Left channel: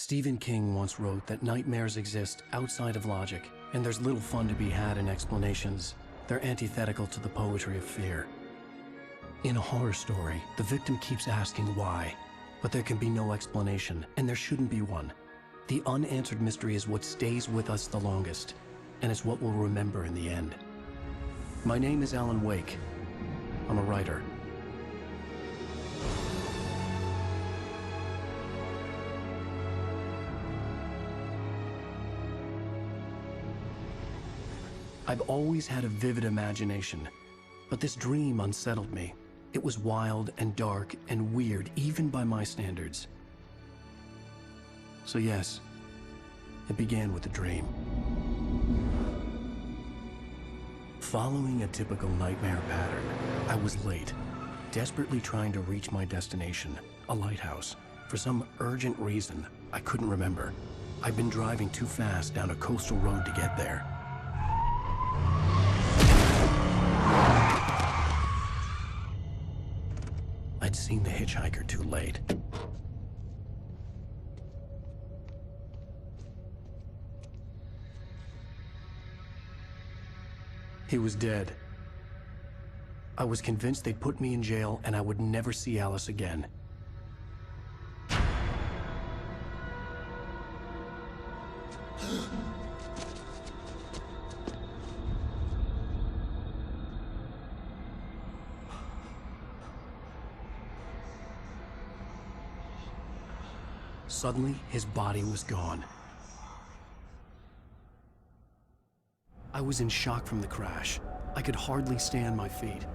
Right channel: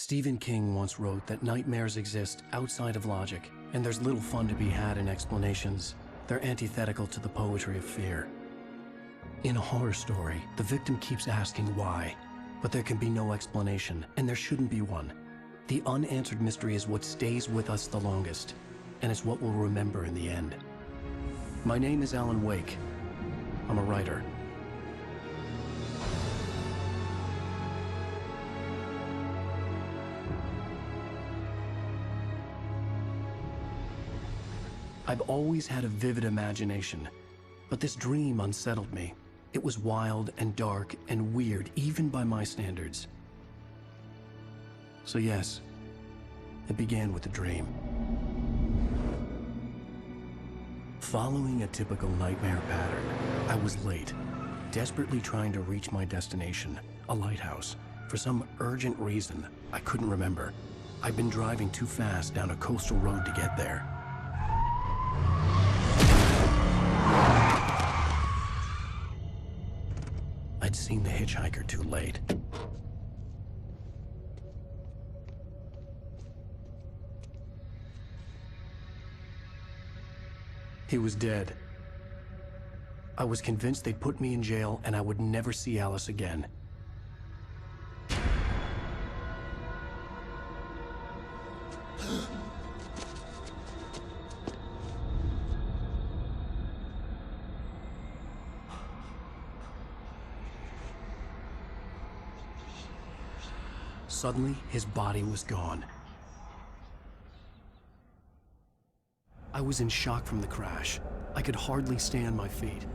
Stephen King once wrote that nightmares exist outside of logic, and there's little fun to be had in explanations. They're antithetical to the poetry of fear. In a horror story, the victim keeps asking why, but there can be no explanation, and there shouldn't be one. The unanswered mystery is what stays with us the longest, and it's what we'll remember in the end. My name is 앨런웨이크. I'm a writer. I've always had a vivid imagination, but this dream unsettled me. It was wild and dark and weird, even by my standards. So yes, it began with a dream. Following a typical nightmare pattern, I was late, desperately trying to reach my destination, a lighthouse. For some urgent reason, I couldn't remember. I'd been driving too fast down a coastal road to get there. I'd seen the hitchhiker too late. He was dead. I was convinced they'd put me in jail and I would never see Alice again. Suddenly, his body was gone. I was in shock from the crash. I could hardly stay on my feet.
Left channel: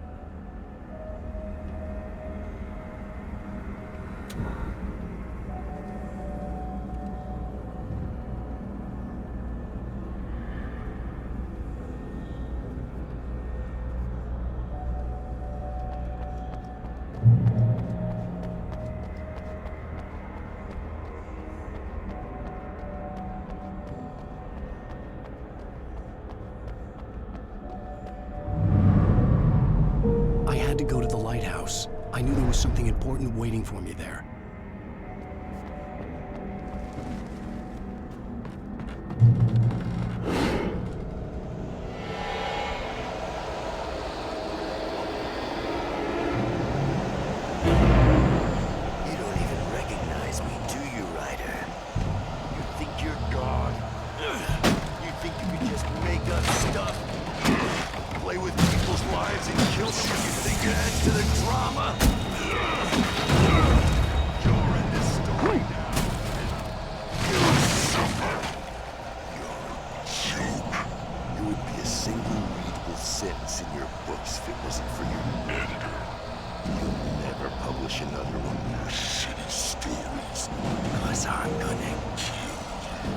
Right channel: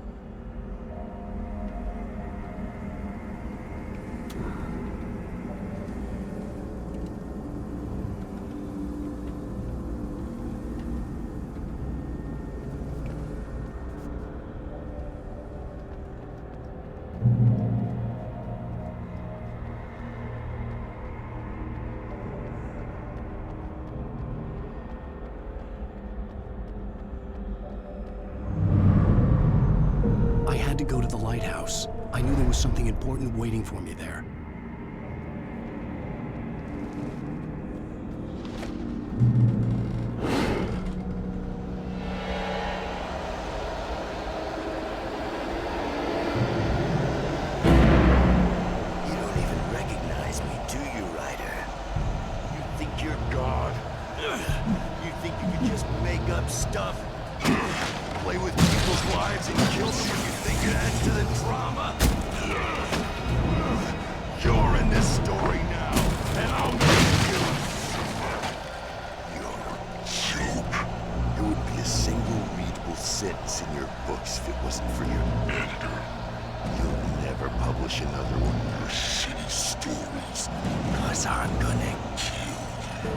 To go to the lighthouse. I knew there was something important waiting for me there. You don't even recognize me, do you, Ryder? You think you're God? You think you could just make up stuff? Play with people's lives and kill them when you think it adds to the drama? You're in this story now, and I'll make you suffer. You're a joke. There wouldn't be a single readable sentence in your books if it wasn't for your editor. You'll never publish another one of your shitty stories, 'cause I'm gonna kill you.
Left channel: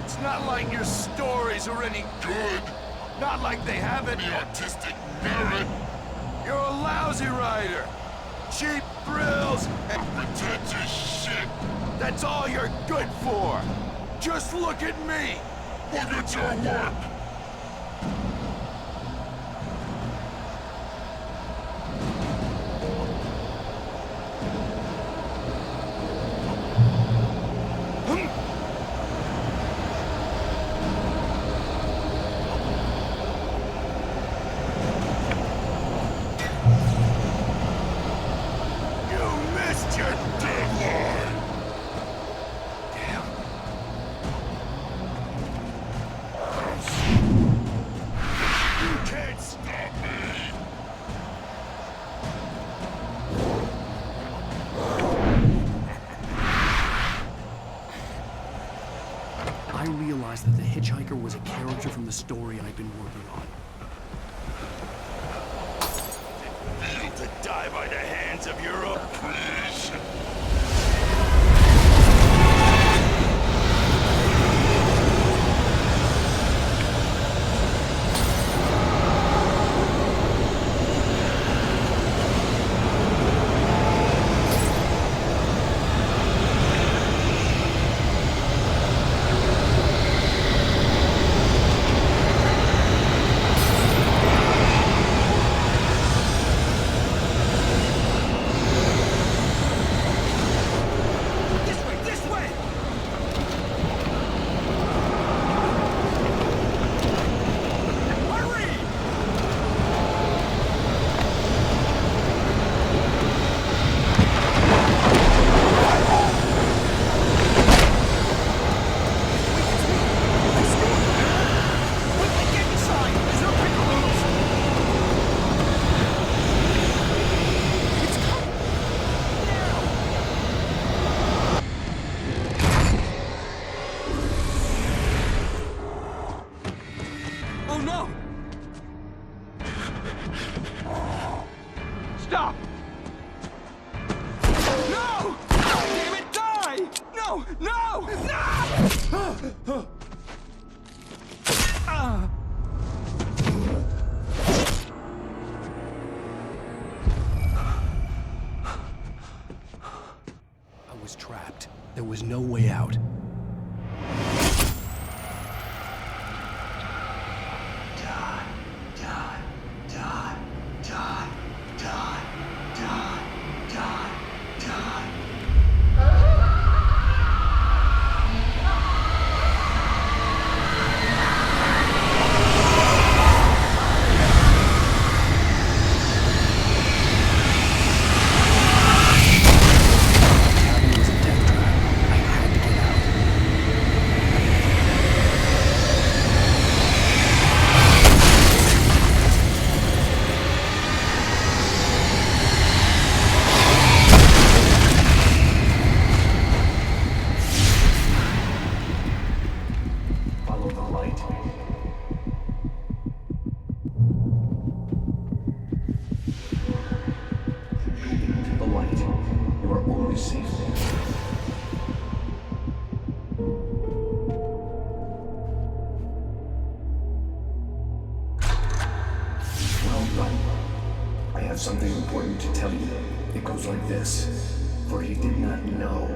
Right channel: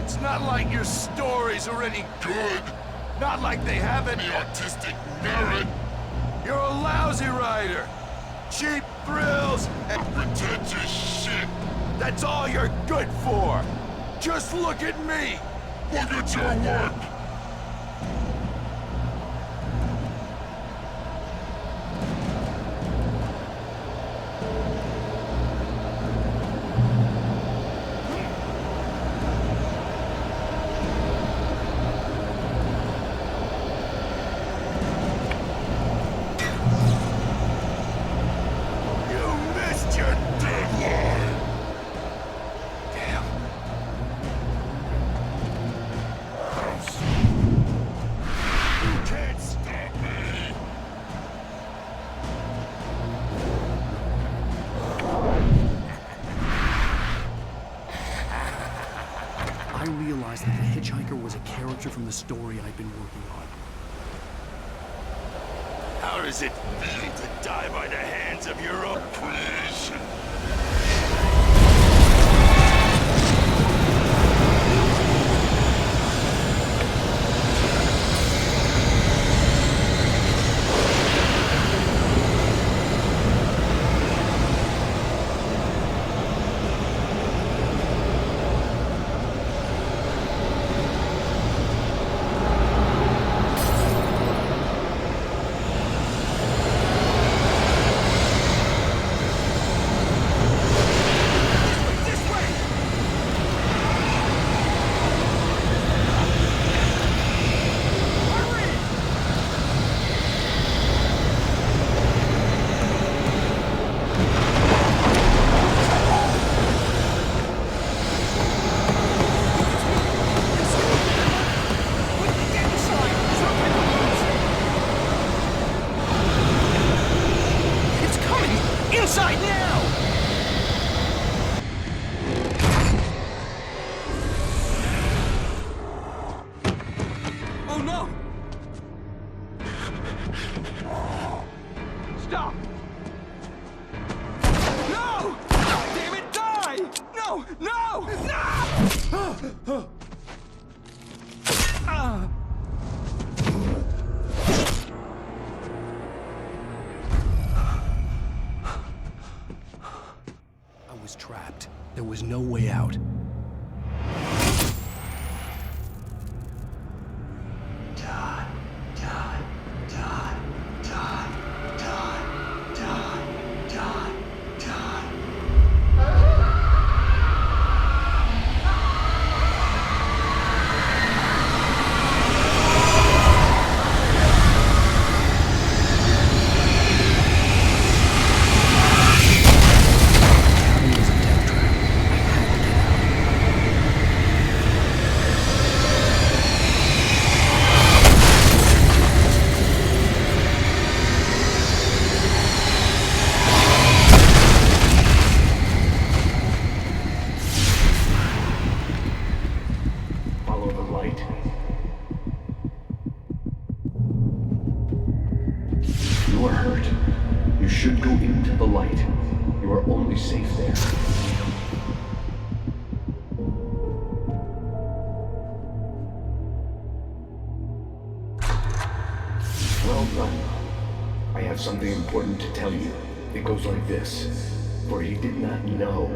It's not like your stories are any good. Not like they have any artistic merit. You're a lousy writer. Cheap thrills and pretentious shit. That's all you're good for. Just look at me. Look at your work. Your deadline! Damn. You can't stop me! I realized that the hitchhiker was a character from the story I'd been working on. How does it feel to die by the hands of your own creation? no! Stop! No! Damn it, die! No! No! No! I was trapped. There was no way out. Die, die, die, die, die, die, die, die. Cabin was a death trap. I had to get out. Follow the light. You are hurt. You should go into the light. You are only safe there. Well done. I have something important to tell you. It goes like this. For he did not know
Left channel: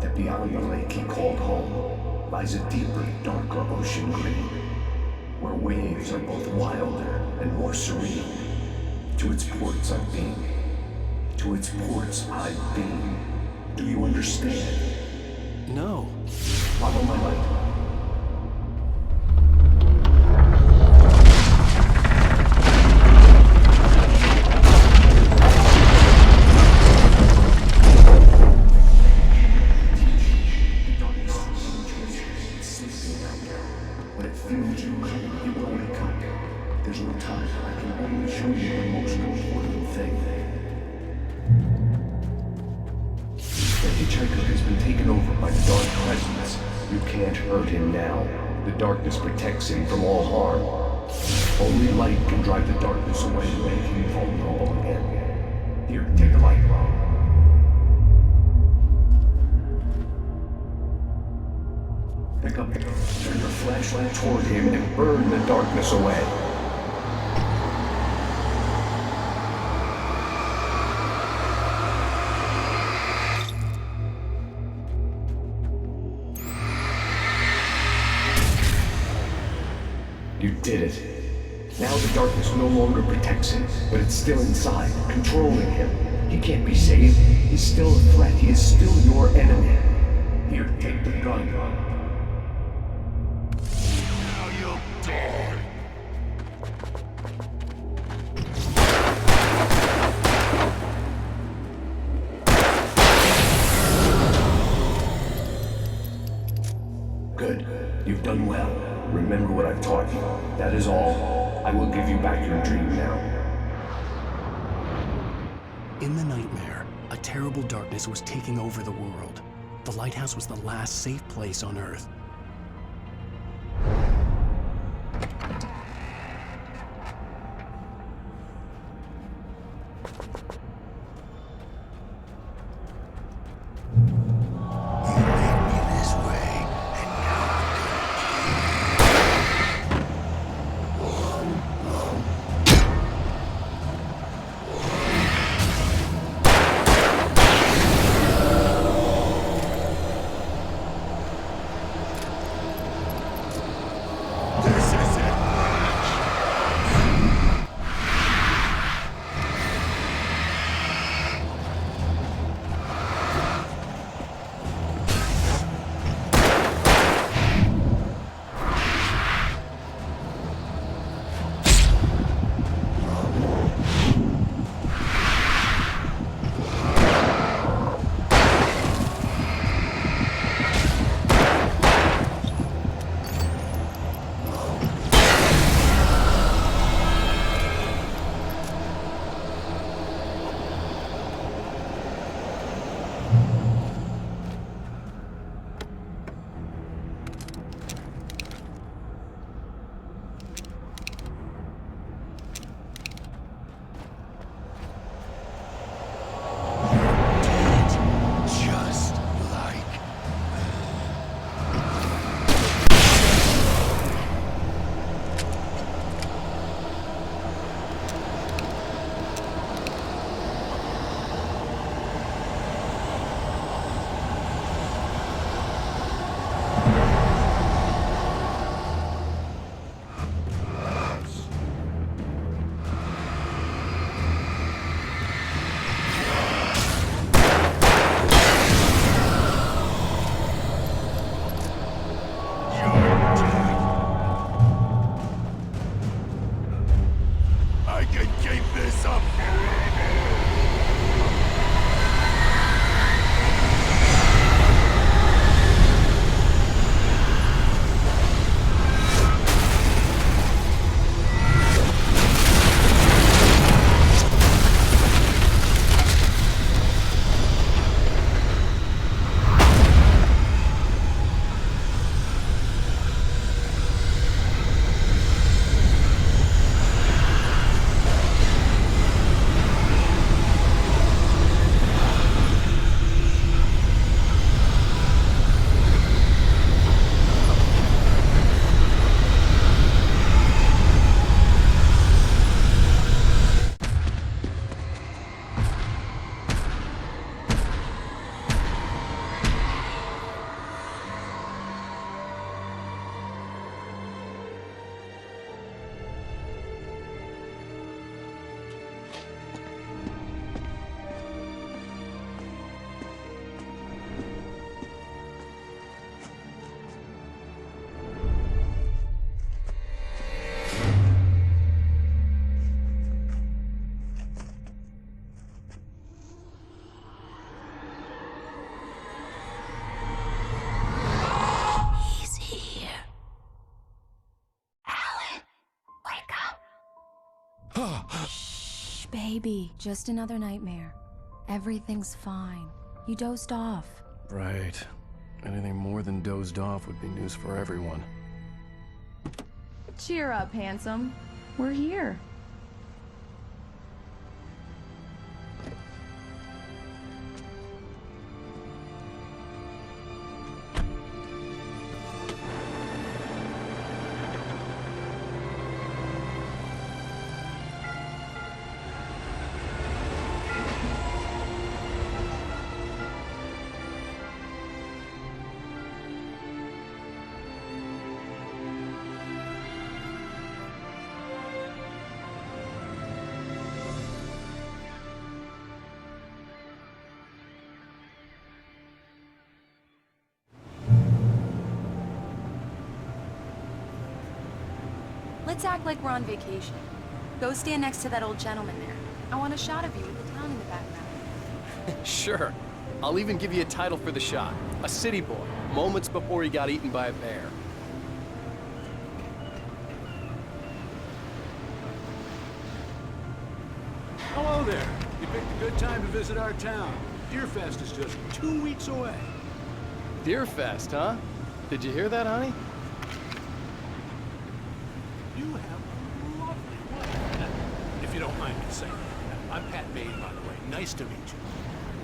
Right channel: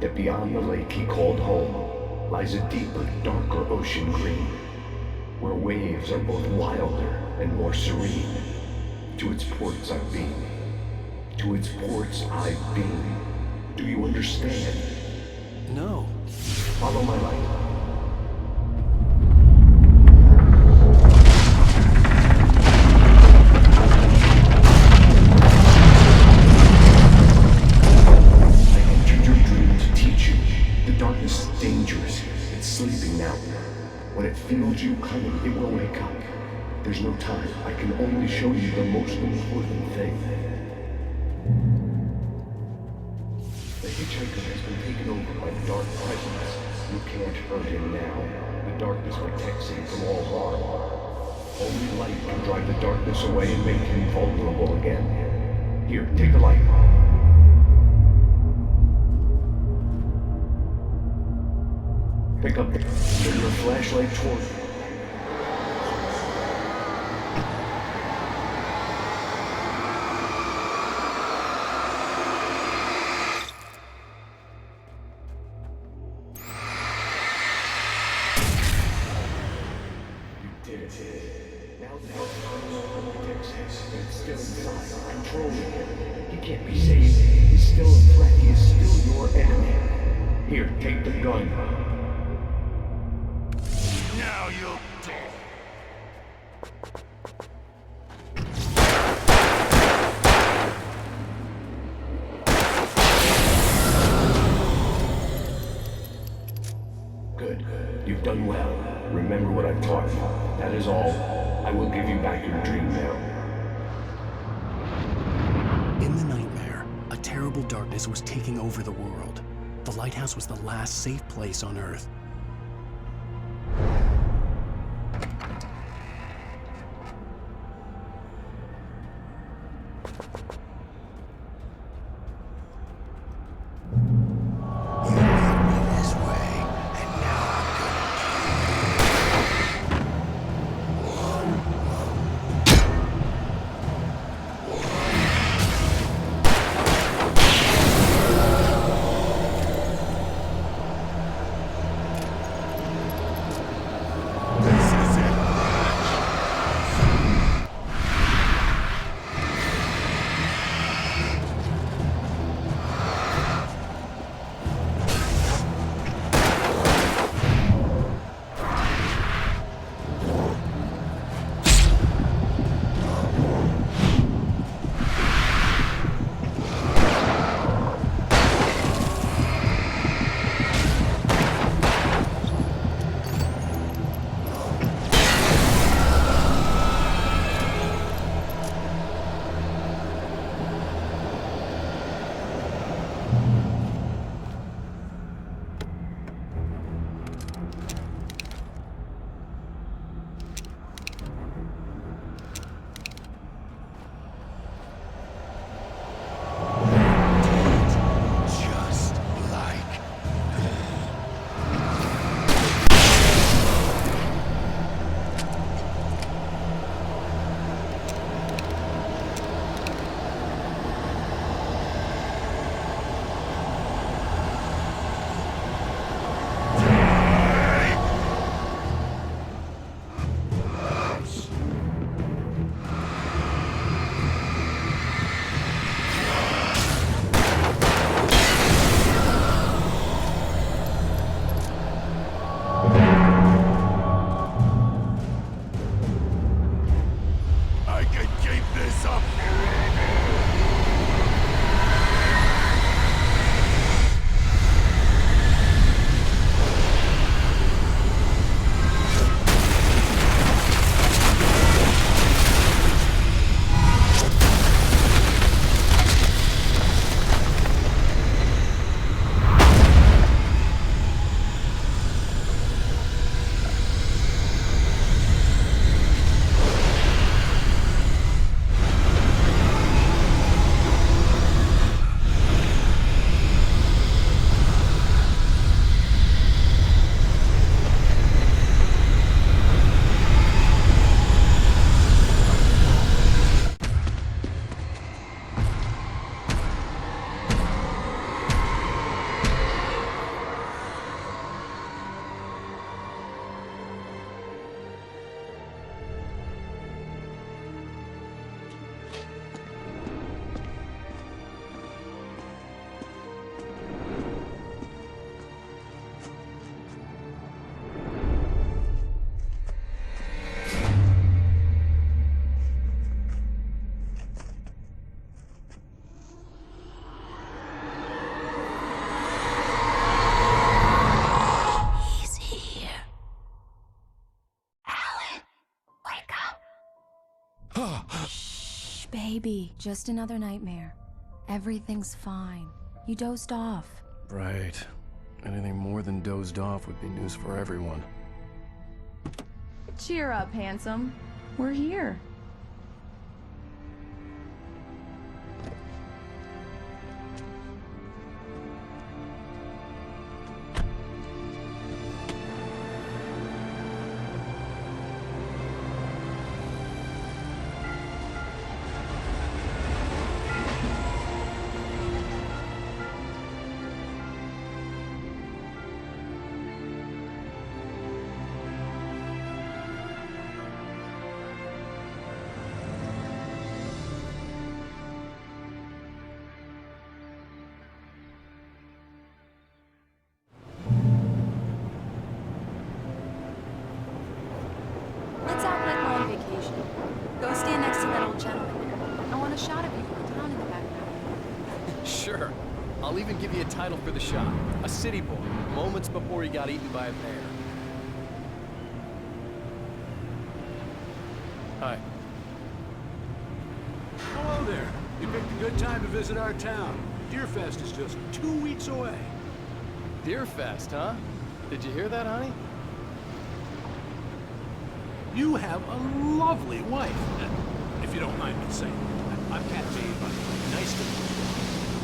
that beyond the lake he called home lies a deeper, darker ocean green, where waves are both wilder and more serene. To its ports I've been. To its ports I've been. Do you understand? No. Follow my light. I entered your dream to teach you. The darkness is dangerous. It's sleeping now. When it feels you coming, it will wake up. There's no time. I can only show you the most important thing. The hitchhiker has been taken over by the dark presence. You can't hurt him now. The darkness protects him from all harm. Only light can drive the darkness away and make him vulnerable again. Here, take the light. Pick up turn your flashlight toward him and burn the darkness away. You did it. Now the darkness no longer protects him, but it's still inside, controlling him. He can't be saved. He's still a threat. He is still your enemy. Here, take the gun. Now you'll die. Good. You've done well. Remember what I've taught you. That is all. I will give you back your dream now. In the nightmare, a terrible darkness was taking over the world. The lighthouse was the last safe place on Earth. You made me this way, and now I'm gonna Baby, just another nightmare. Everything's fine. You dozed off. Right. Anything more than dozed off would be news for everyone. Cheer up, handsome. We're here. Let's act like we're on vacation. Go stand next to that old gentleman there. I want a shot of you with the town in the background. Sure. I'll even give you a title for the shot. A city boy, moments before he got eaten by a bear. Hi. Hello there. You picked a good time to visit our town. Deerfest is just 2 weeks away. Deerfest, huh? Did you hear that, honey? You have a lovely wife, if you don't mind me saying. I'm Pat Maine, by the way. Nice to meet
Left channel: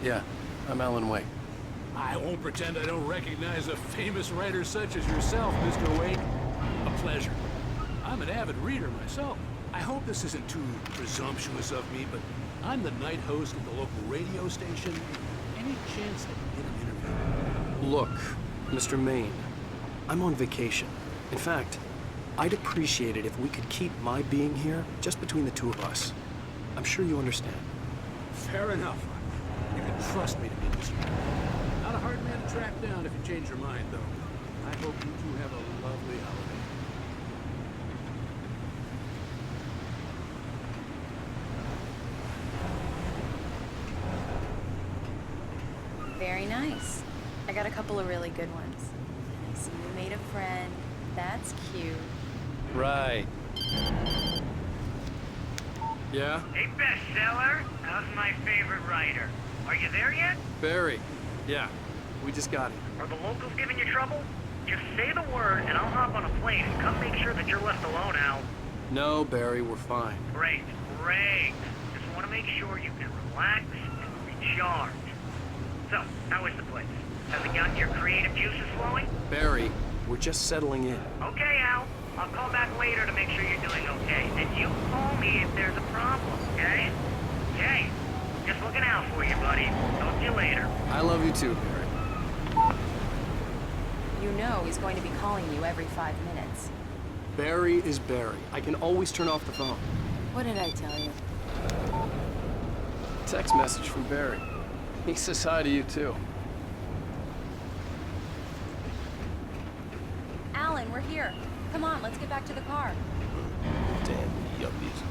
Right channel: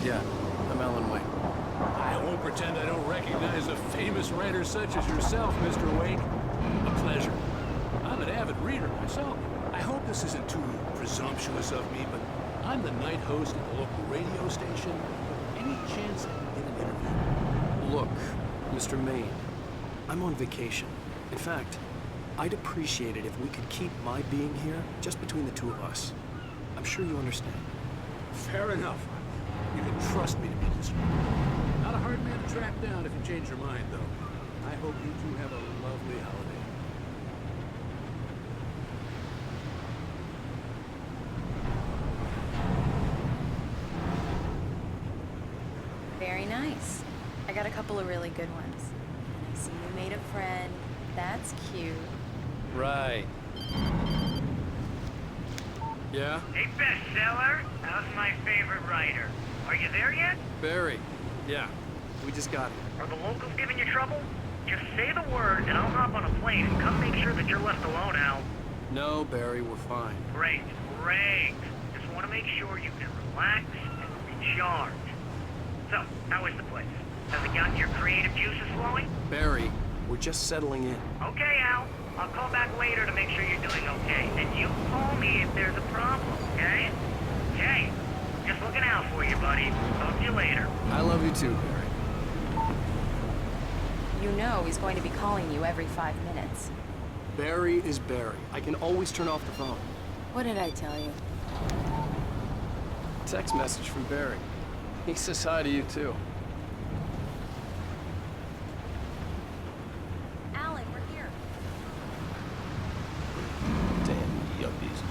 you. Yeah, I'm Alan Wake. I won't pretend I don't recognize a famous writer such as yourself, Mr. Wake. A pleasure. I'm an avid reader myself. I hope this isn't too presumptuous of me, but I'm the night host at the local radio station. Any chance I can get an interview? Look, Mr. Maine, I'm on vacation. In fact, I'd appreciate it if we could keep my being here just between the two of us. I'm sure you understand. Fair enough. You can trust me to be discreet. Not a hard man to track down if you change your mind, though. I hope you two have a lovely holiday. Very nice. I got a couple of really good ones. And I see you made a friend. That's cute. Right. Yeah? Hey, bestseller. How's my favorite writer? Are you there yet? Barry. Yeah. We just got here. Are the locals giving you trouble? Just say the word, and I'll hop on a plane and come make sure that you're left alone, Al. No, Barry, we're fine. Great, great. Just want to make sure you can relax and recharge. So, how is the place? Has it gotten your creative juices flowing? Barry, we're just settling in. Okay, Al. I'll call back later to make sure you're doing okay. And you call me if there's a problem, okay? Okay. Just looking out for you, buddy. Talk to you later. I love you too, Barry. You know he's going to be calling you every 5 minutes. Barry is Barry. I can always turn off the phone. What did I tell you? Text message from Barry. He says hi to you too. Alan, we're here. Come on, let's get back to the car. Damn yuppies.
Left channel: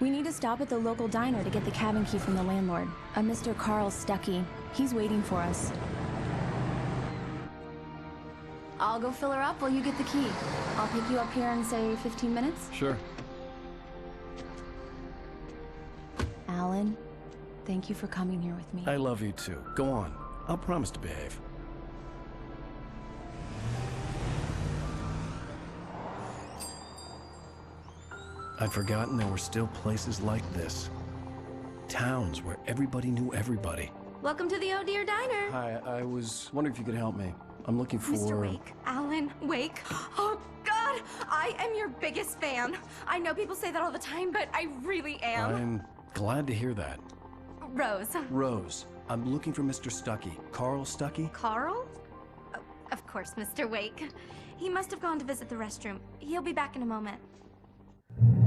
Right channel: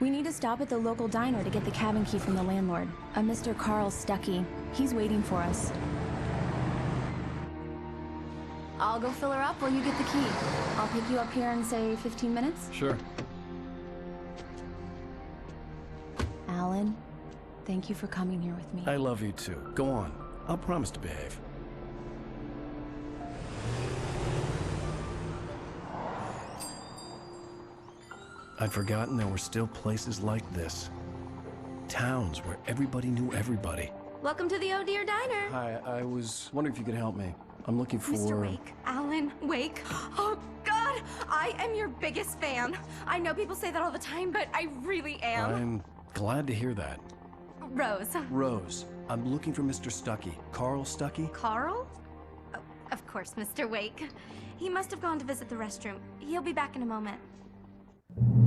We need to stop at the local diner to get the cabin key from the landlord, a Mr. Carl Stuckey. He's waiting for us. I'll go fill her up while you get the key. I'll pick you up here in, say, 15 minutes? Sure. Alan, thank you for coming here with me. I love you too. Go on. I'll promise to behave. I'd forgotten there were still places like this. Towns where everybody knew everybody. Welcome to the Oh Dear Diner. Hi, I was wondering if you could help me. I'm looking for... Mr. Wake. Alan Wake. Oh, God! I am your biggest fan. I know people say that all the time, but I really am. I'm glad to hear that. Rose. Rose, I'm looking for Mr. Stuckey. Carl Stuckey? Carl? Oh, of course, Mr. Wake. He must have gone to visit the restroom. He'll be back in a moment.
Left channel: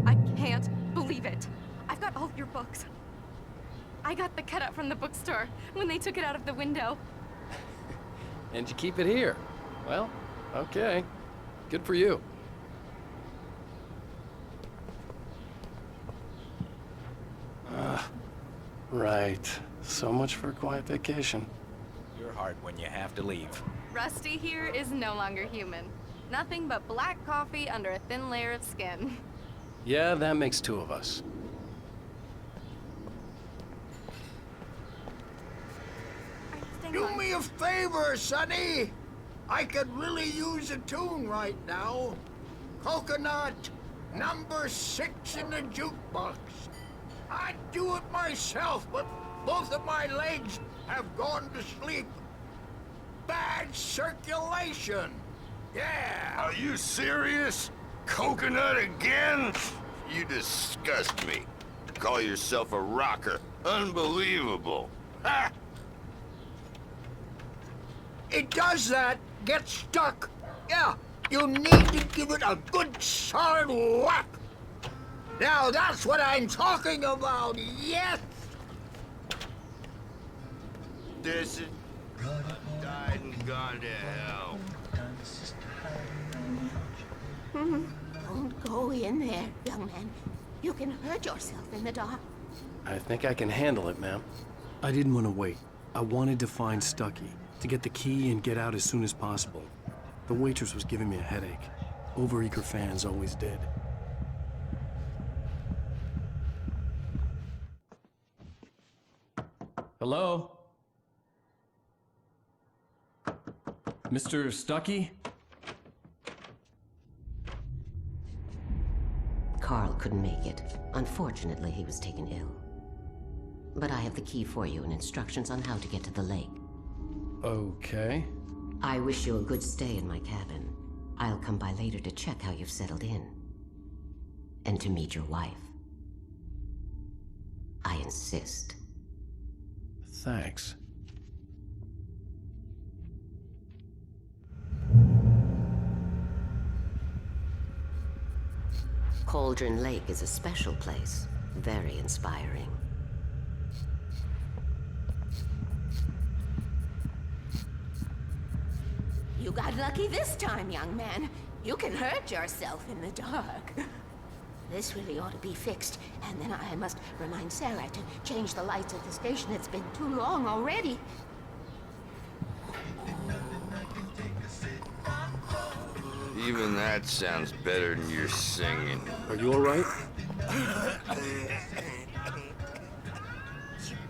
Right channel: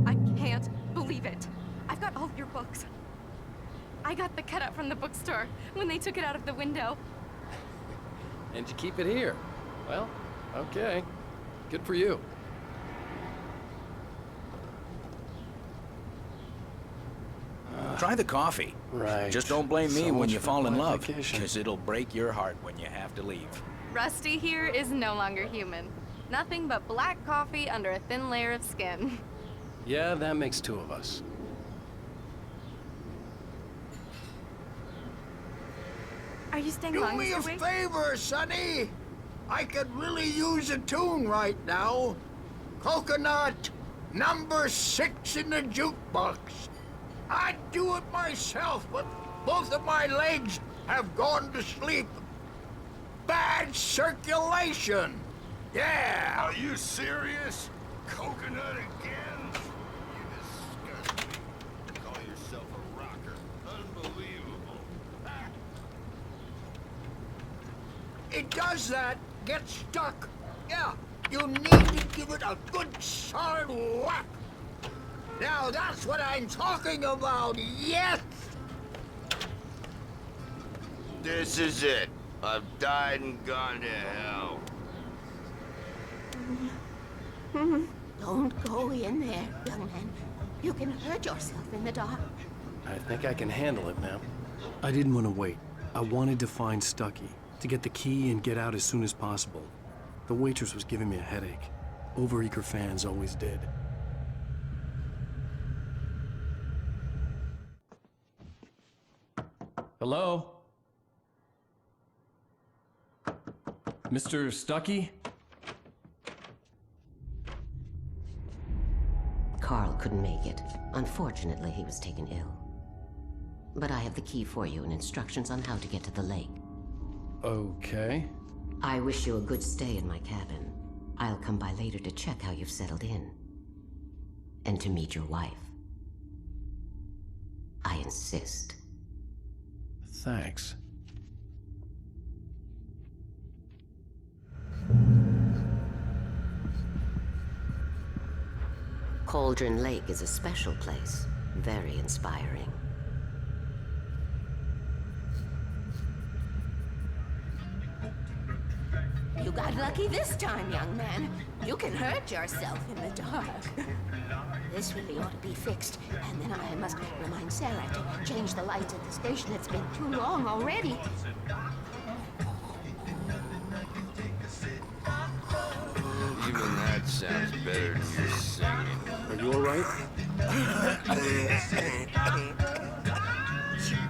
I can't believe it. I've got all your books. I got the cutout from the bookstore when they took it out of the window. And you keep it here. Well, okay. Good for you. Try the coffee. Right. Just don't blame me So when much you for fall in quiet love, vacation. because it'll break your heart when you have to leave. Rusty here is no longer human. Nothing but black coffee under a thin layer of skin. Yeah, that makes two of us. Are you staying Do long, me a Mr. Wig? favor, Sonny. I could really use a tune right now. Coconut, number 6 in the jukebox. I'd do it myself, but both of my legs have gone to sleep. Bad circulation. Yeah. Are you serious? Coconut again? You disgust me. Call yourself a rocker. Unbelievable. Ha! It does that. Get stuck. Yeah, you need to give it a good solid whack. Now that's what I'm talking about, yes! This is it. I've died and gone to hell. Don't go in there, young man. You can hurt yourself in the dark. I think I can handle it, ma'am. I didn't want to wait. I wanted to find Stucky, to get the key and get out as soon as possible. The waitress was giving me a headache. Overeager fans always did. Hello? Mr. Stucky? Carl couldn't make it. Unfortunately, he was taken ill. But I have the key for you and instructions on how to get to the lake. Okay. I wish you a good stay in my cabin. I'll come by later to check how you've settled in. And to meet your wife. I insist. Thanks. Cauldron Lake is a special place. Very inspiring. You got lucky this time, young man. You can hurt yourself in the dark. This really ought to be fixed, and then I must remind Sarah to change the lights at the station. It's been too long already. Even that sounds better than your singing. Are you all right?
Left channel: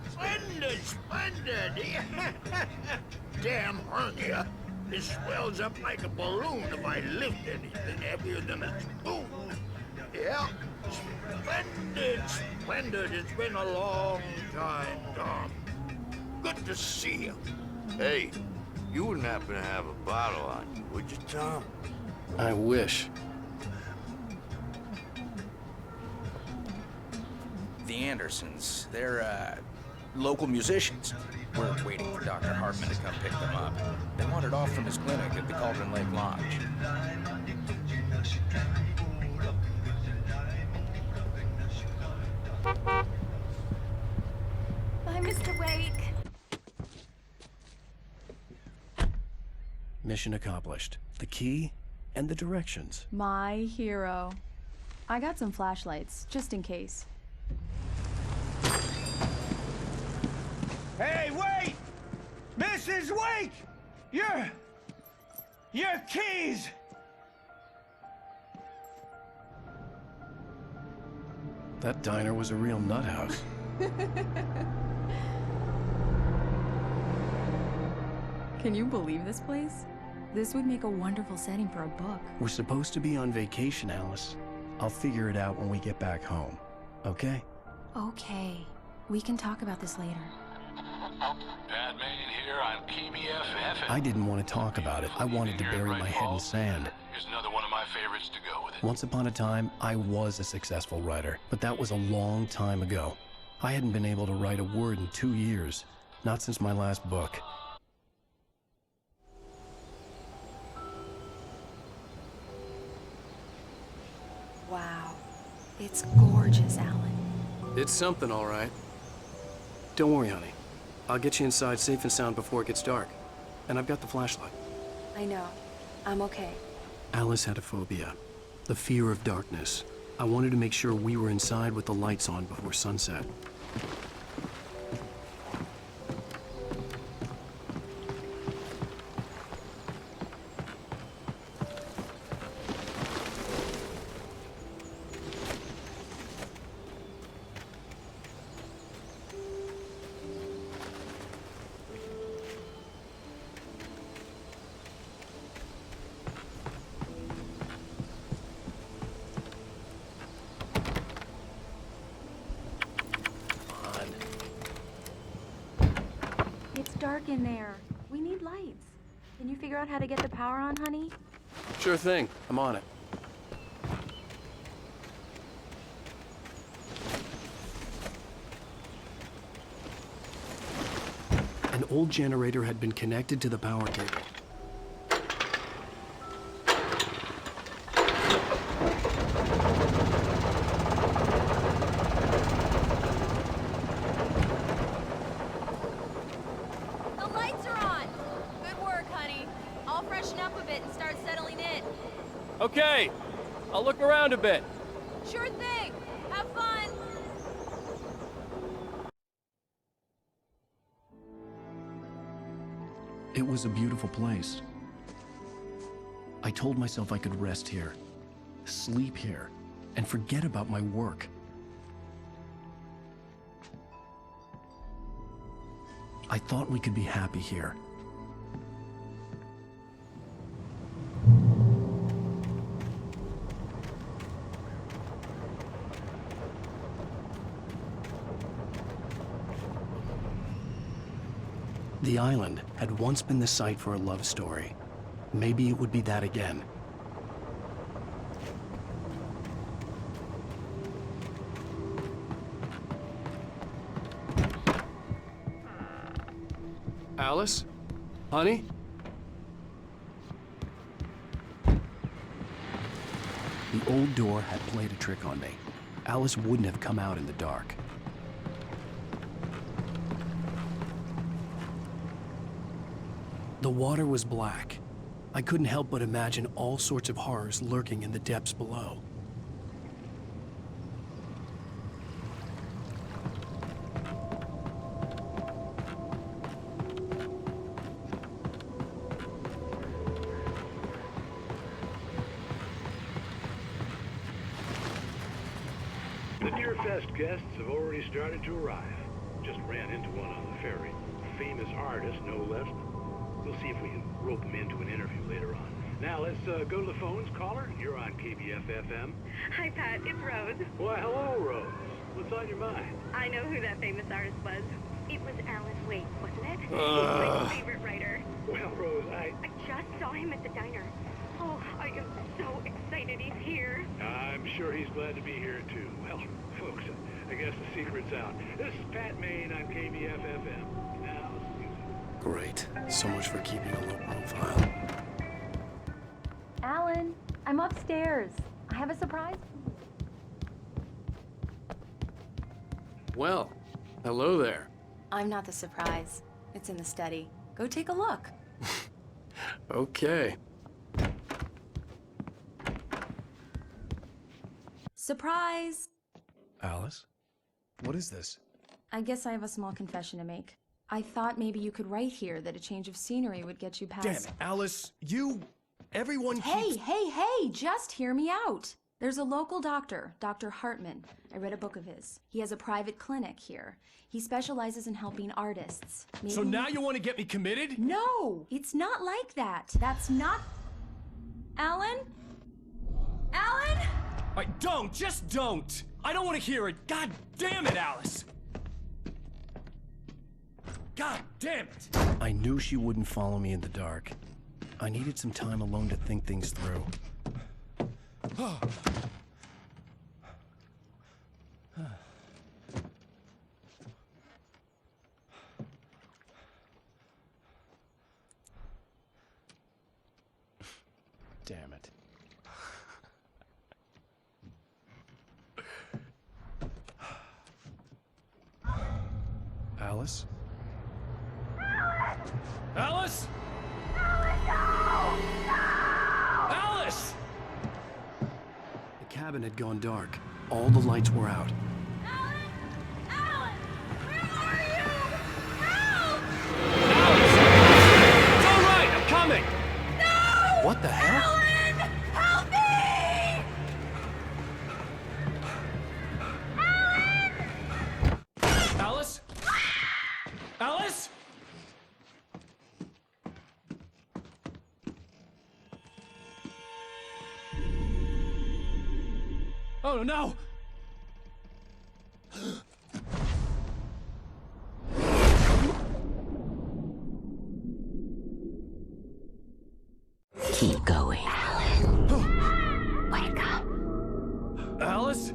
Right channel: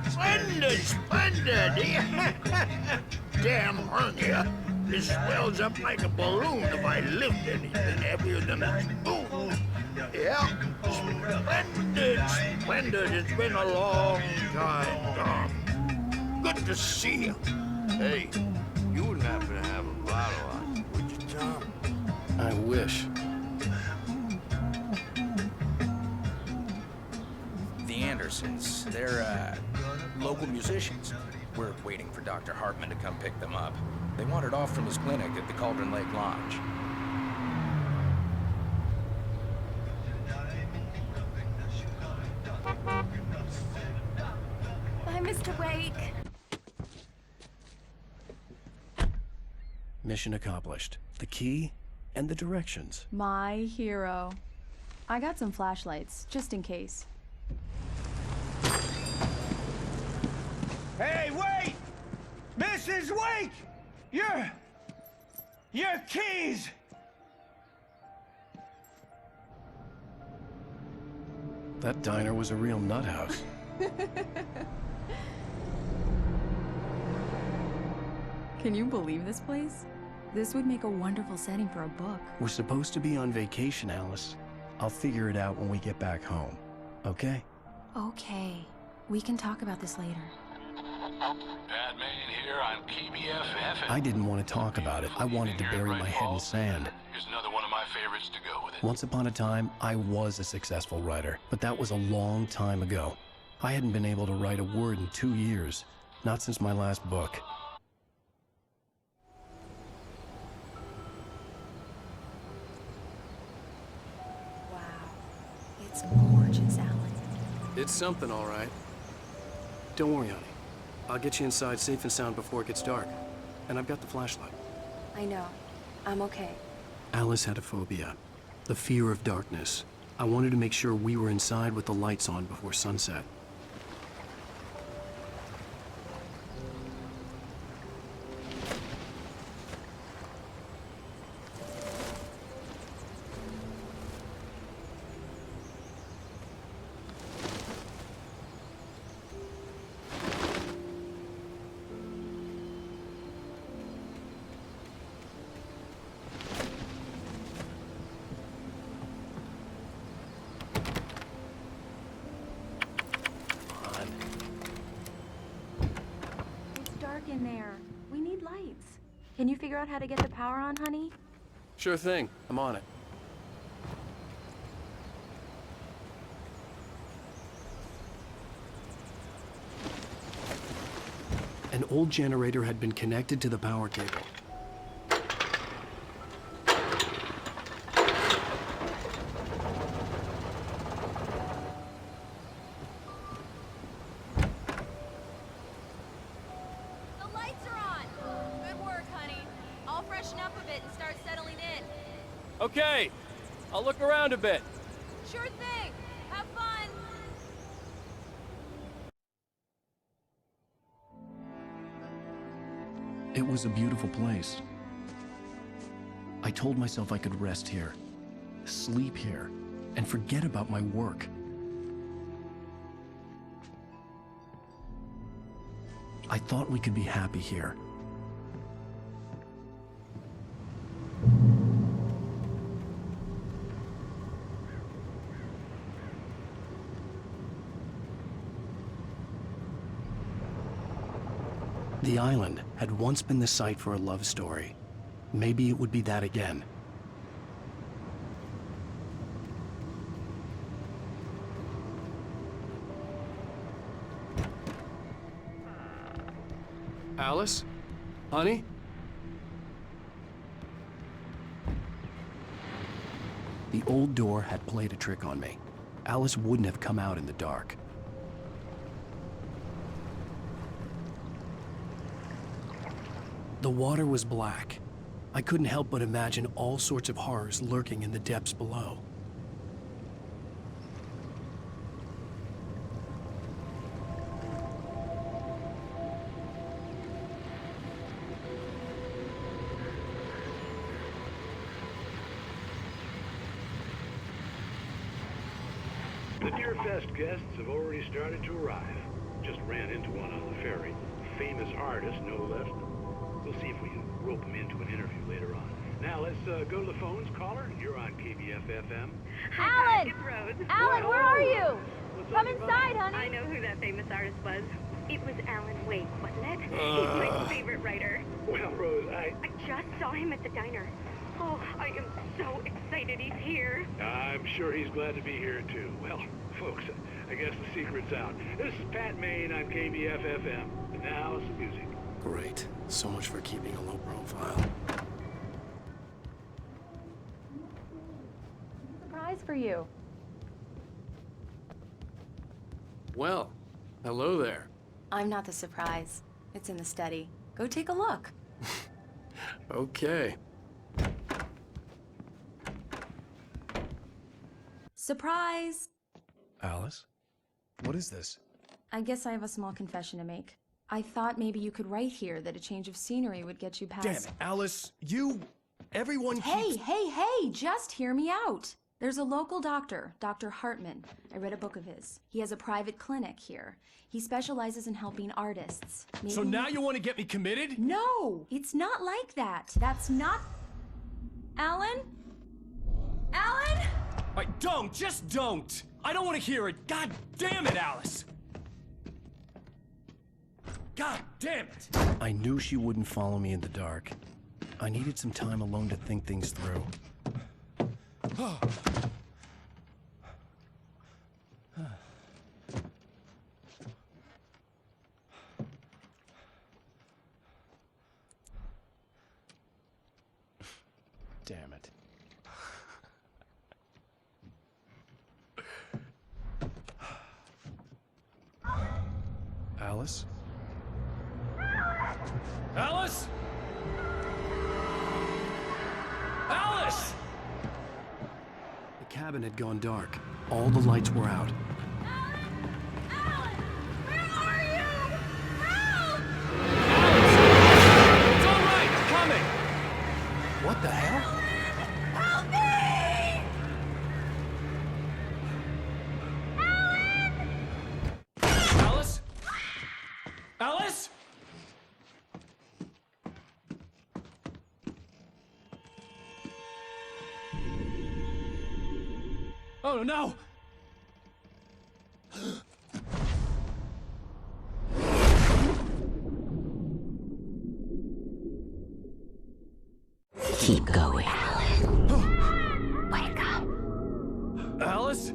Splendid, splendid! Damn hernia. This swells up like a balloon if I lift anything heavier than a spoon. Yeah, splendid, splendid. It's been a long time, Tom. Good to see you. Hey, you wouldn't happen to have a bottle on you, would you, Tom? I wish. The Andersons, they're, local musicians. We're waiting for Dr. Hartman to come pick them up. They wandered off from his clinic at the Cauldron Lake Lodge. Bye, Mr. Wake. Mission accomplished. The key and the directions. My hero. I got some flashlights, just in case. Hey, wait! Mrs. Wake! Your keys! That diner was a real nut house. Can you believe this place? This would make a wonderful setting for a book. We're supposed to be on vacation, Alice. I'll figure it out when we get back home. Okay? Okay. We can talk about this later. Batman here on PBFF. I didn't want to talk about it. I wanted to bury my head in sand. Here's another one of my favorites to go with it. Once upon a time, I was a successful writer, but that was a long time ago. I hadn't been able to write a word in 2 years. Not since my last book. Wow. It's gorgeous, Alan. It's something, all right. Don't worry, honey. I'll get you inside safe and sound before it gets dark. And I've got the flashlight. I know. I'm okay. Alice had a phobia. The fear of darkness. I wanted to make sure we were inside with the lights on before sunset. dark in there. We need lights. Can you figure out how to get the power on, honey? Sure thing. I'm on it. An old generator had been connected to the power cable. The lights are on! Good work, honey. I'll freshen up a bit and start settling in. Okay. I'll look around a bit. Sure thing! Have fun! It was a beautiful place. I told myself I could rest here, sleep here, and forget about my work. I thought we could be happy here. The island had once been the site for a love story. Maybe it would be that again. Alice? Honey? The old door had played a trick on me. Alice wouldn't have come out in the dark. The water was black. I couldn't help but imagine all sorts of horrors lurking in the depths below. The Deer Fest guests have already started to arrive. Just ran into one on the ferry. A famous artist, no less. We'll see if we can rope him into an interview later on. Now, let's go to the phones. Caller, you're on KBF-FM. Hi, Pat. It's Rose. Alan, Hello, where are you? Rose. What's Come on your inside, mind? honey. I know who that famous artist was. It was Alan Wake, wasn't it? He's my favorite writer. Well, Rose, I just saw him at the diner. Oh, I am so excited he's here. I'm sure he's glad to be here, too. Well, folks, I guess the secret's out. This is Pat Maine on KBF-FM. And now, some music. Great. So much for keeping a low profile. Alan, I'm upstairs. I have a surprise for you. Well, hello there. I'm not the surprise. It's in the study. Go take a look. Okay. Surprise! Alice? What is this? I guess I have a small confession to make. I thought maybe you could write here that a change of scenery would get you past— Damn it, Alice! Everyone keeps— Hey, just hear me out! There's a local doctor, Dr. Hartman. I read a book of his. He has a private clinic here. He specializes in helping artists. Maybe— So now you want to get me committed? No! It's not like that. That's not— Alan? Alan? Just don't! I don't want to hear it! God damn it, Alice! God damn it! I knew she wouldn't follow me in the dark. I needed some time alone to think things through. Damn it. Alice? Alice? Alice! The cabin had gone dark. All the lights were out. Alan! Where are you? Help! Alice! It's all right! I'm coming! No! What the hell? Alan! Help me! Alan! Alice? Alice? Oh no! Keep going. Wake up. Alice?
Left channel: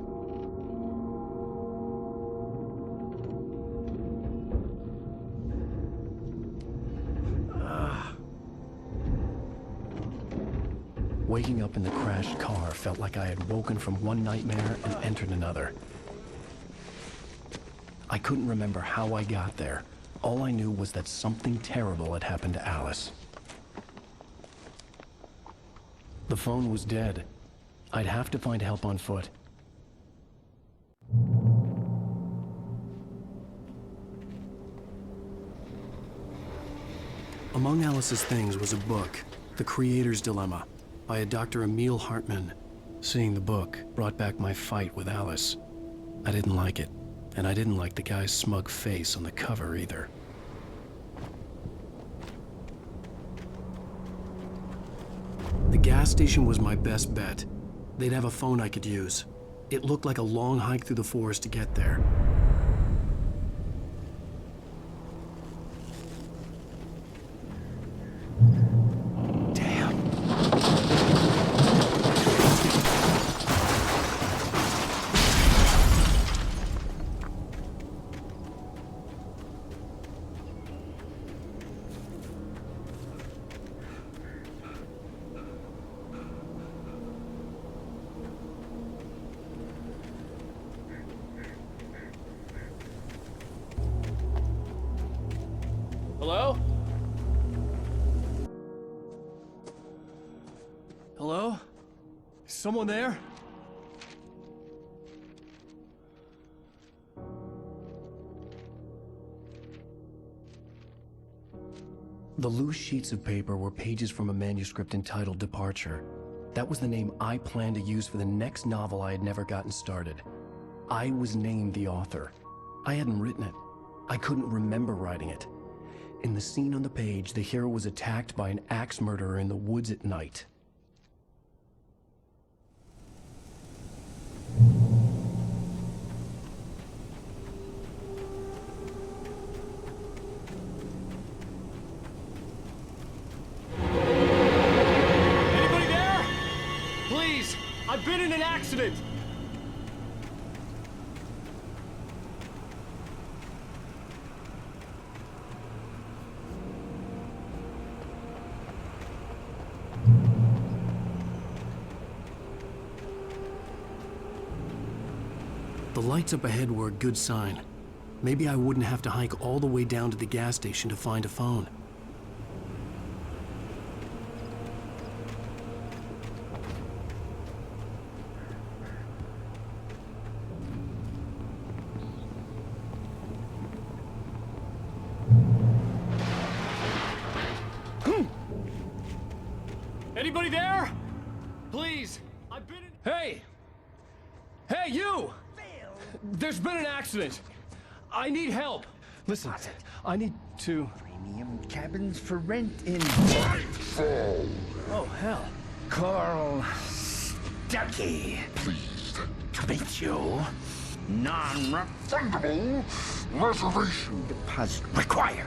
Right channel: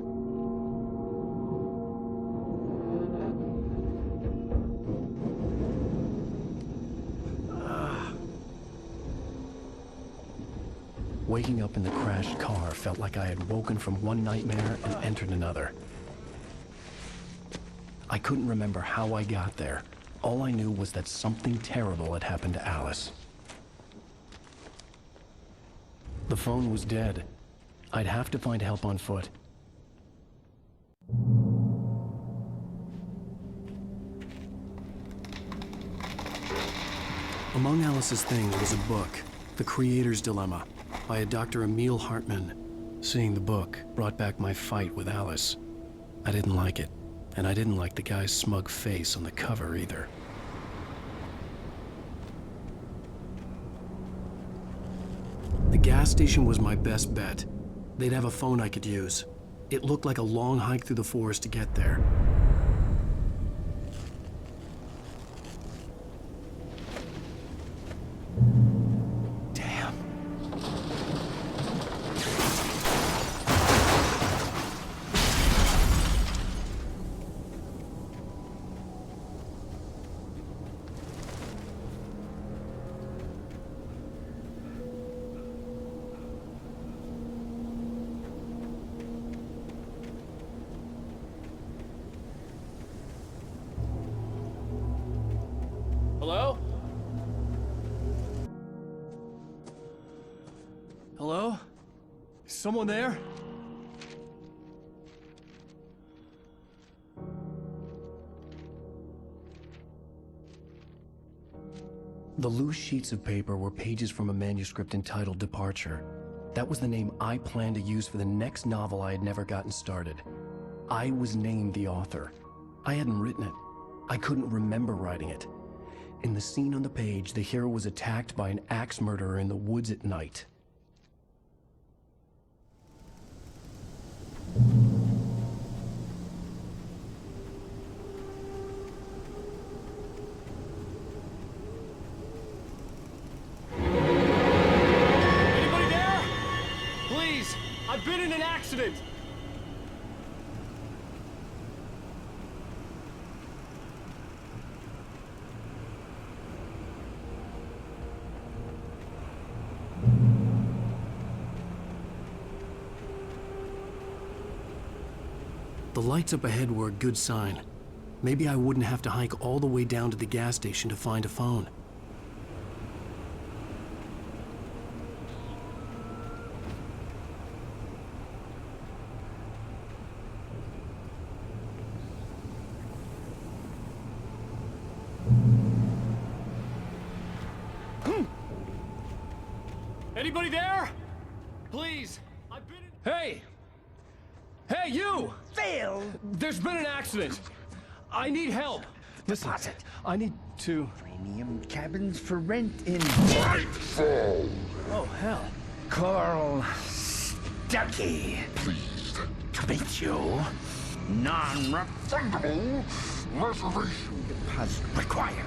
Waking up in the crashed car felt like I had woken from one nightmare and entered another. I couldn't remember how I got there. All I knew was that something terrible had happened to Alice. The phone was dead. I'd have to find help on foot. Among Alice's things was a book, The Creator's Dilemma, by a Dr. Emil Hartman. Seeing the book brought back my fight with Alice. I didn't like it, and I didn't like the guy's smug face on the cover either. The gas station was my best bet. They'd have a phone I could use. It looked like a long hike through the forest to get there. Hello? Hello? Someone there? The loose sheets of paper were pages from a manuscript entitled Departure. That was the name I planned to use for the next novel I had never gotten started. I was named the author. I hadn't written it. I couldn't remember writing it. In the scene on the page, the hero was attacked by an axe murderer in the woods at night. Anybody there? Please, I've been in an accident. The lights up ahead were a good sign. Maybe I wouldn't have to hike all the way down to the gas station to find a phone. Anybody there? Please, I've been in... Hey! Hey, you! Phil! There's been an accident. I need help. Listen, Deposit. I need to... Premium cabins for rent in... Nightfall! Oh, hell. Carl Stuckey. Pleased To meet you. Non-refundable reservation deposit required.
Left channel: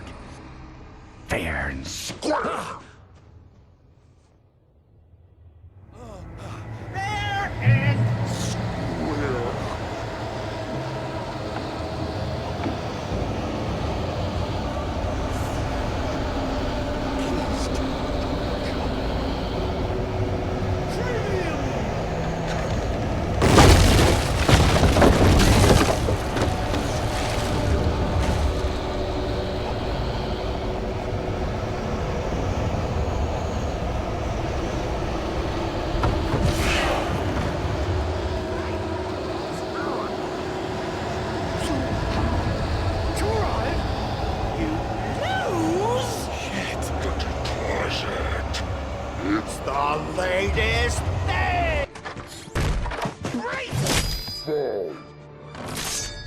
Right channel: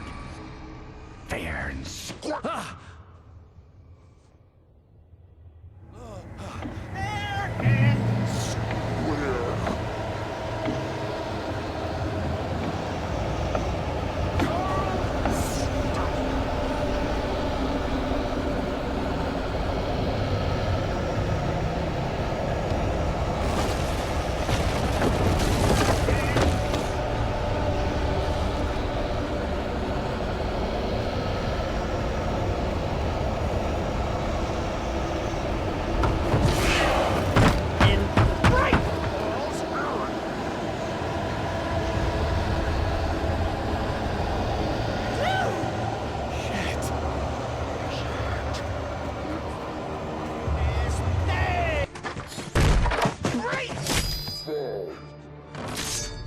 Fair and square. Fair and square.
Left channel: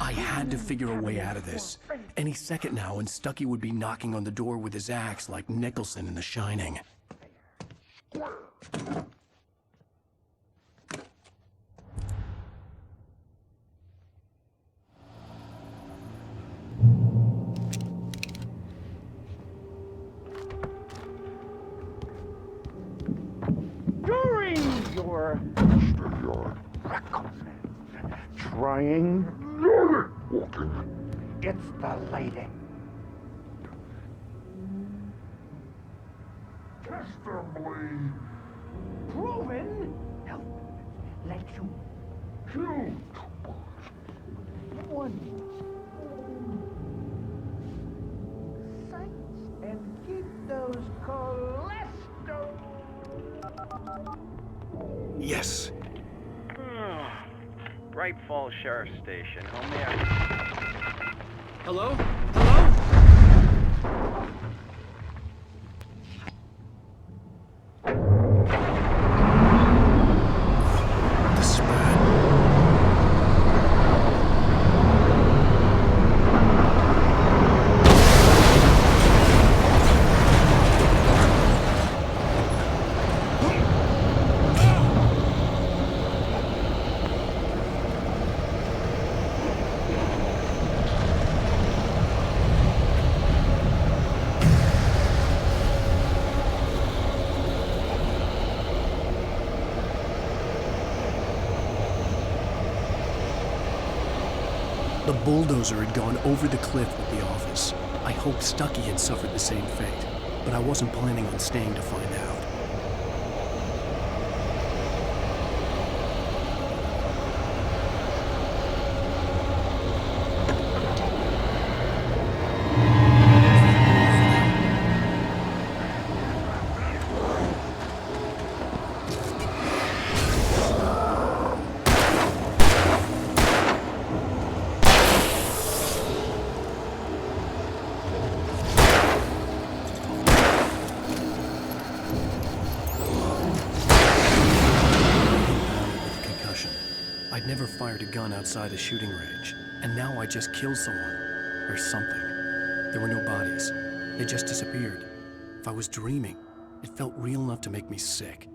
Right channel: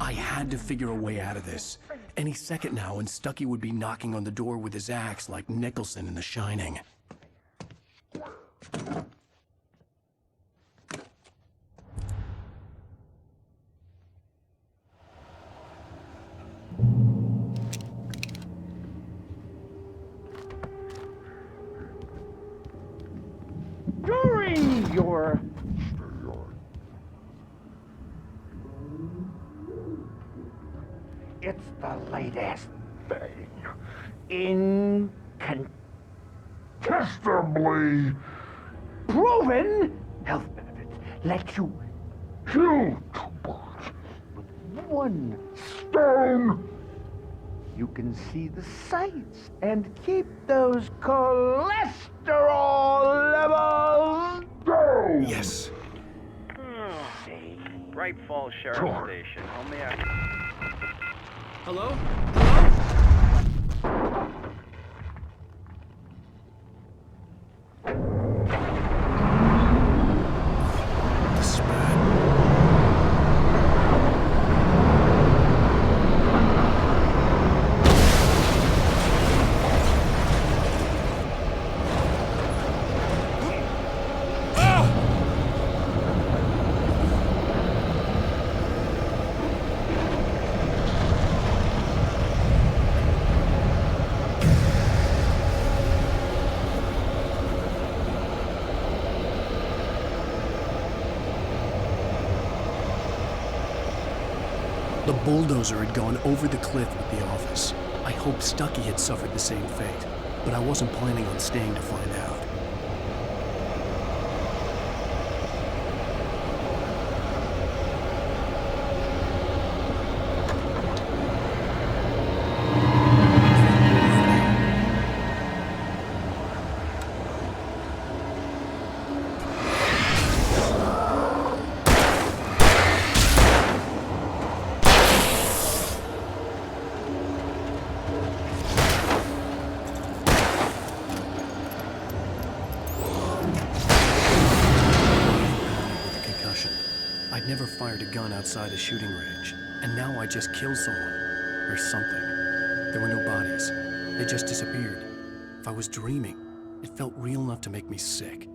I had to figure a way out of this. Any second now, and Stuckey would be knocking on the door with his axe like Nicholson in The Shining. You're trying. It's the latest thing. Incontestably proven health benefits let you kill 2 birds with 1 stone. You can see the sights and keep those cholesterol levels down. Yes. Bright Falls Sheriff Station. How may I... Hello? Hello? This is bad. The bulldozer had gone over the cliff with the office. I hoped Stucky had suffered the same fate, but I wasn't planning on staying to find out. I'd never fired a gun outside a shooting range, and now I just killed someone. Or something. There were no bodies. They just disappeared. If I was dreaming, it felt real enough to make me sick.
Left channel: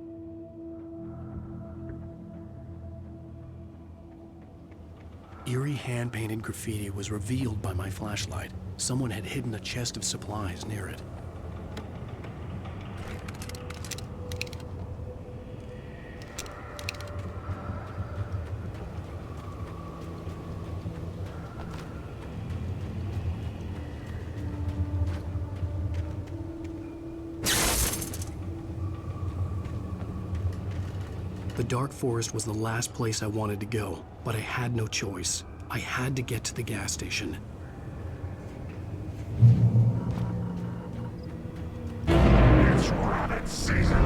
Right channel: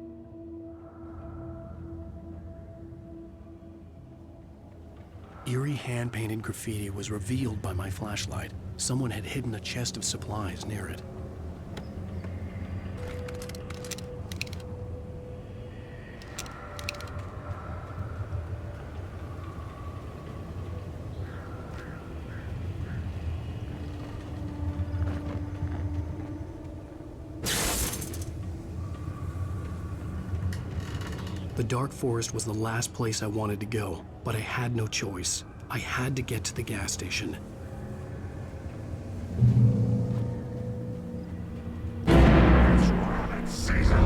Eerie hand-painted graffiti was revealed by my flashlight. Someone had hidden a chest of supplies near it. The dark forest was the last place I wanted to go, but I had no choice. I had to get to the gas station. It's rabbit season.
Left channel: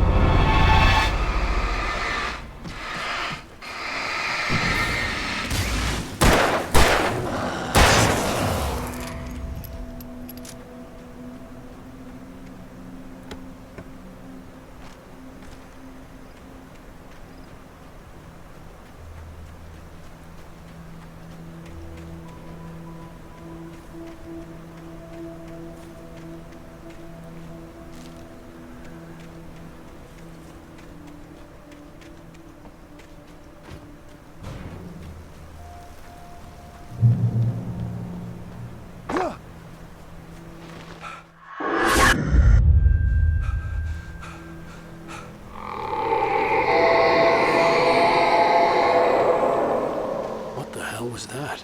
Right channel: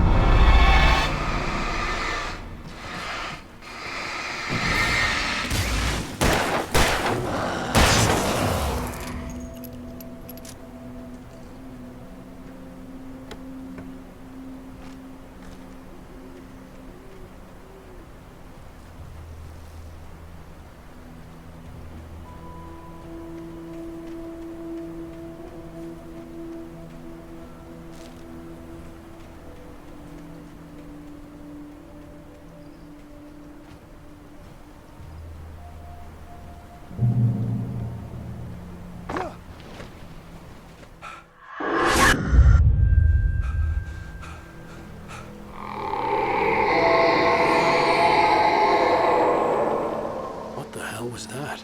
What was that?